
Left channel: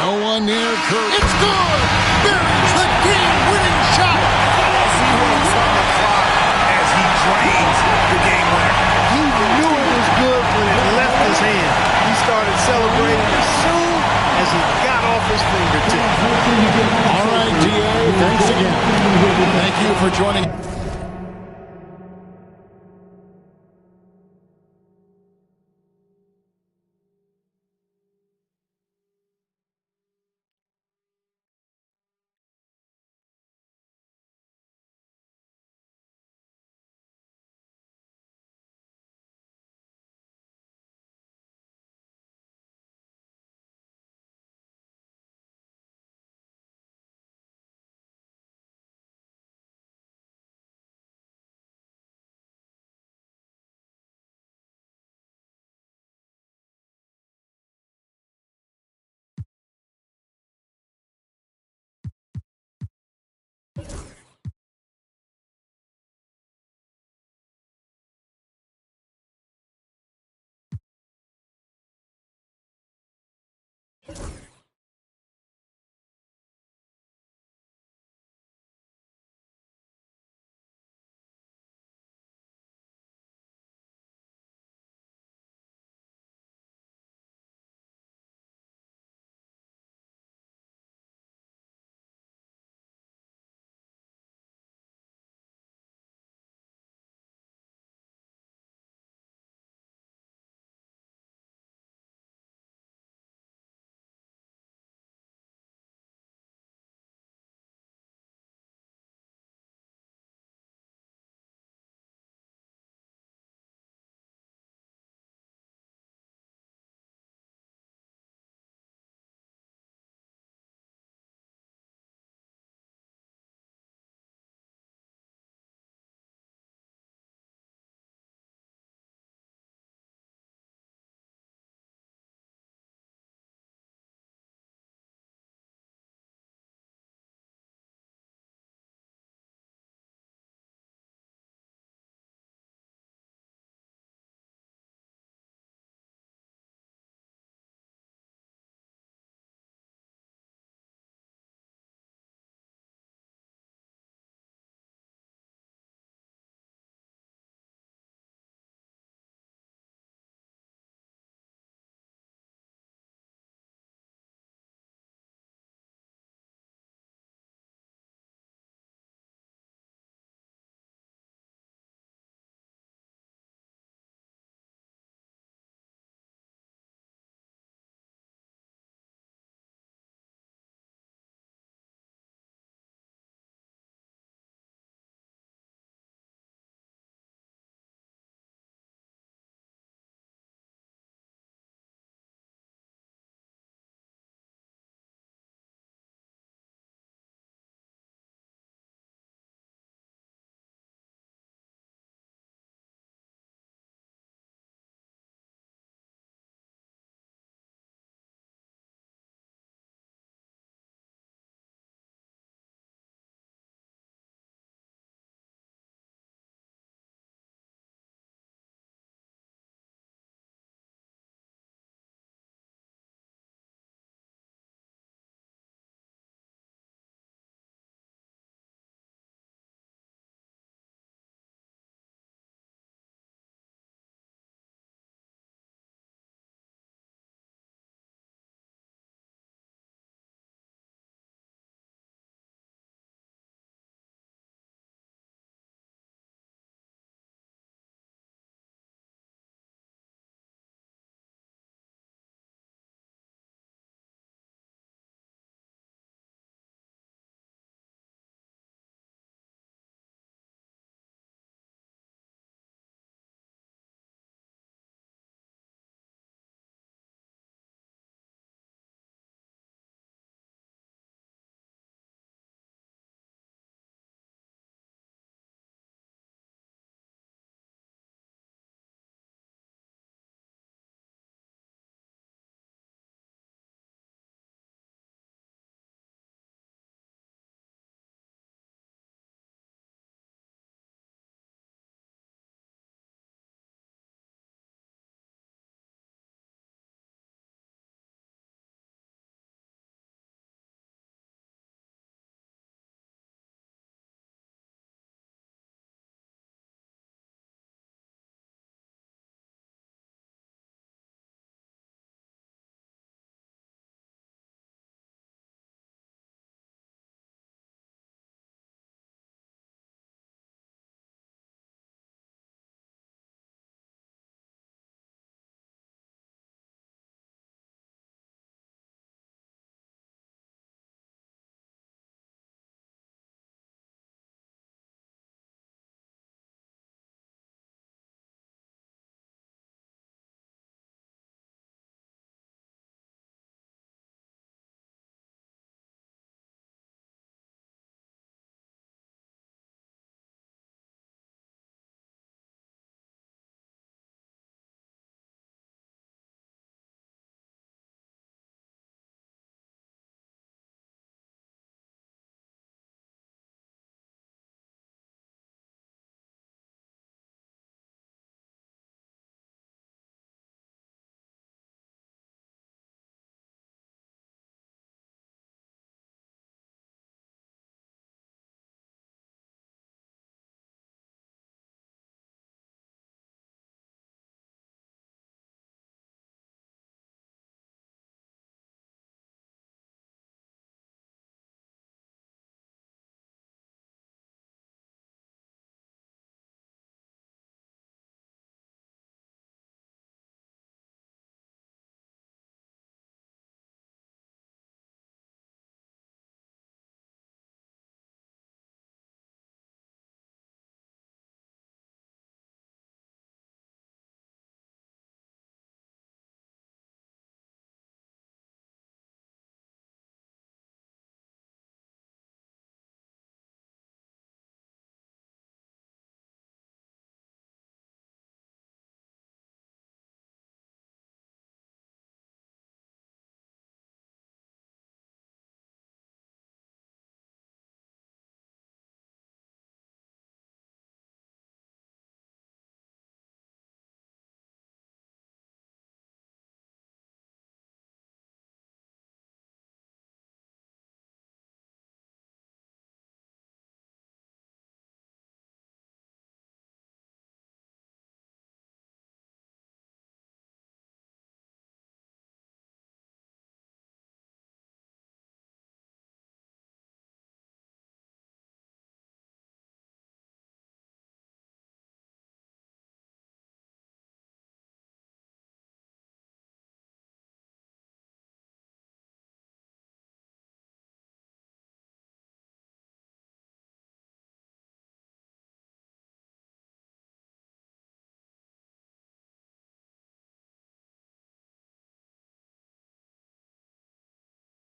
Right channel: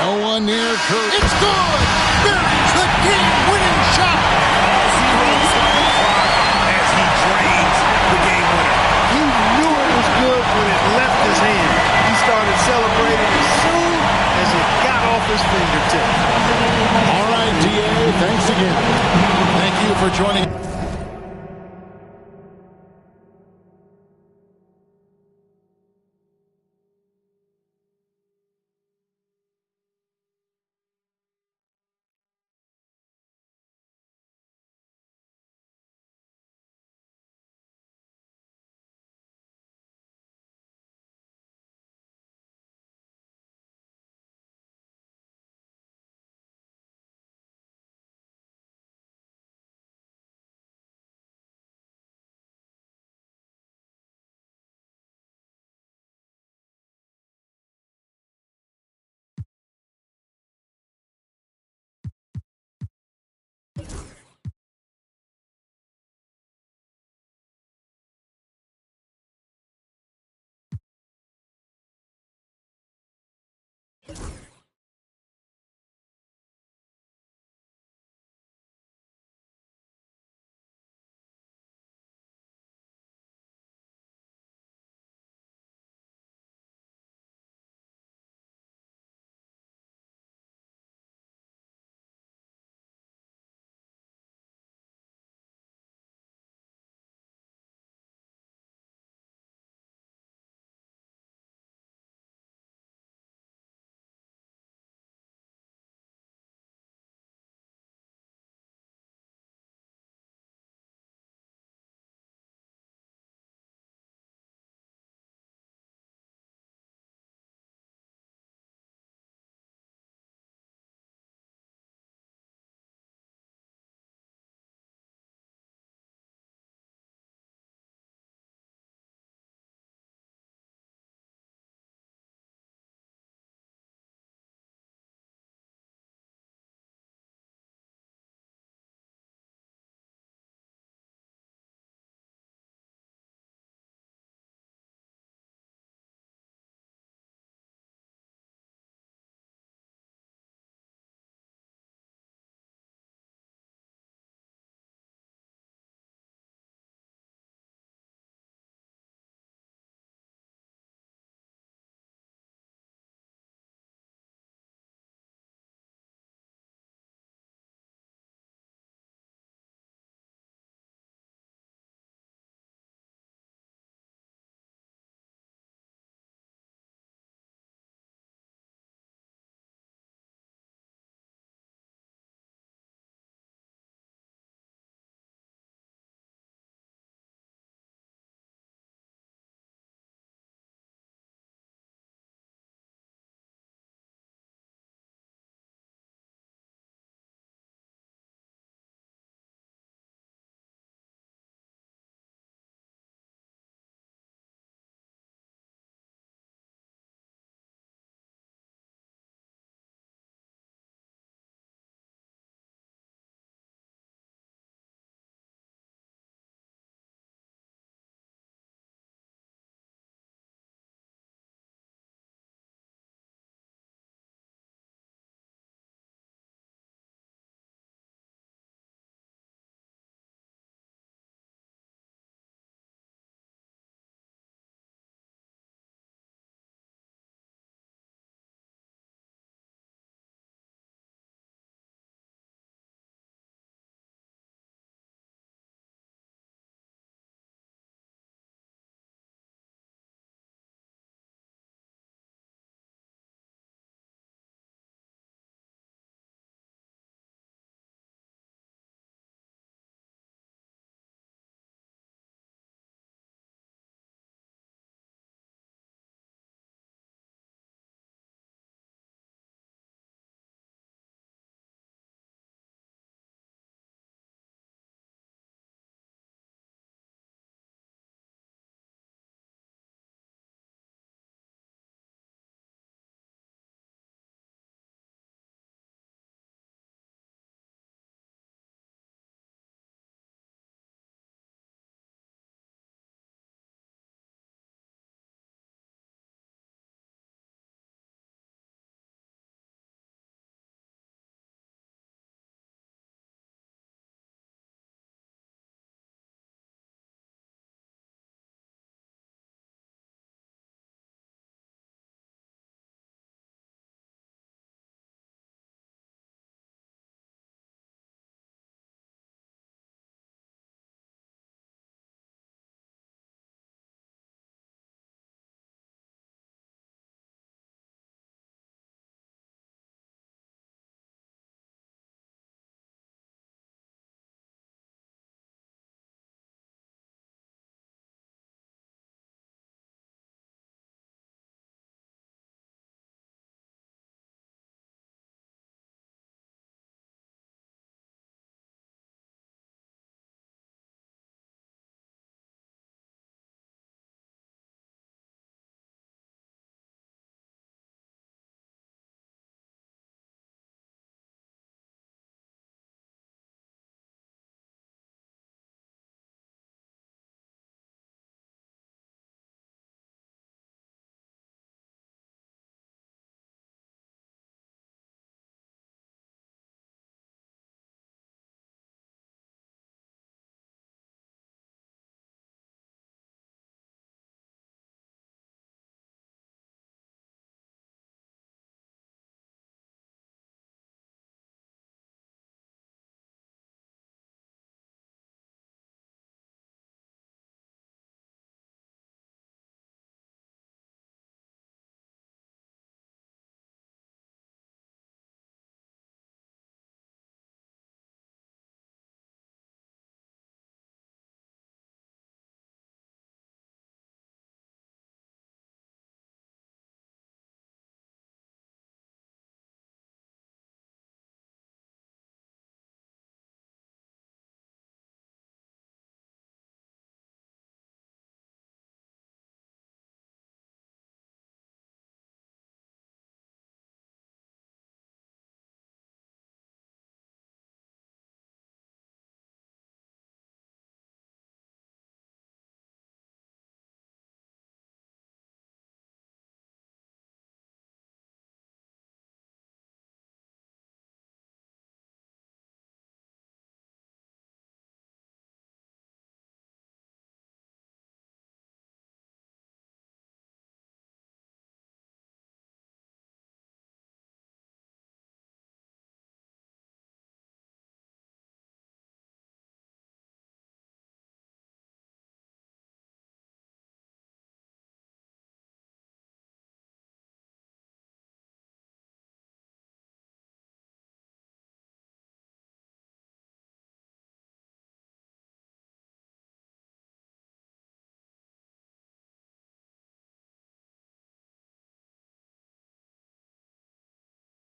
No one near Curry. It's good! Buries the game-winning shot! All zeros on the clock as he drains the game winner. He knew it was good when it left his hand. He started celebrating as soon as it got off his fingertip. All right, DA, thanks again. Thank you for joining.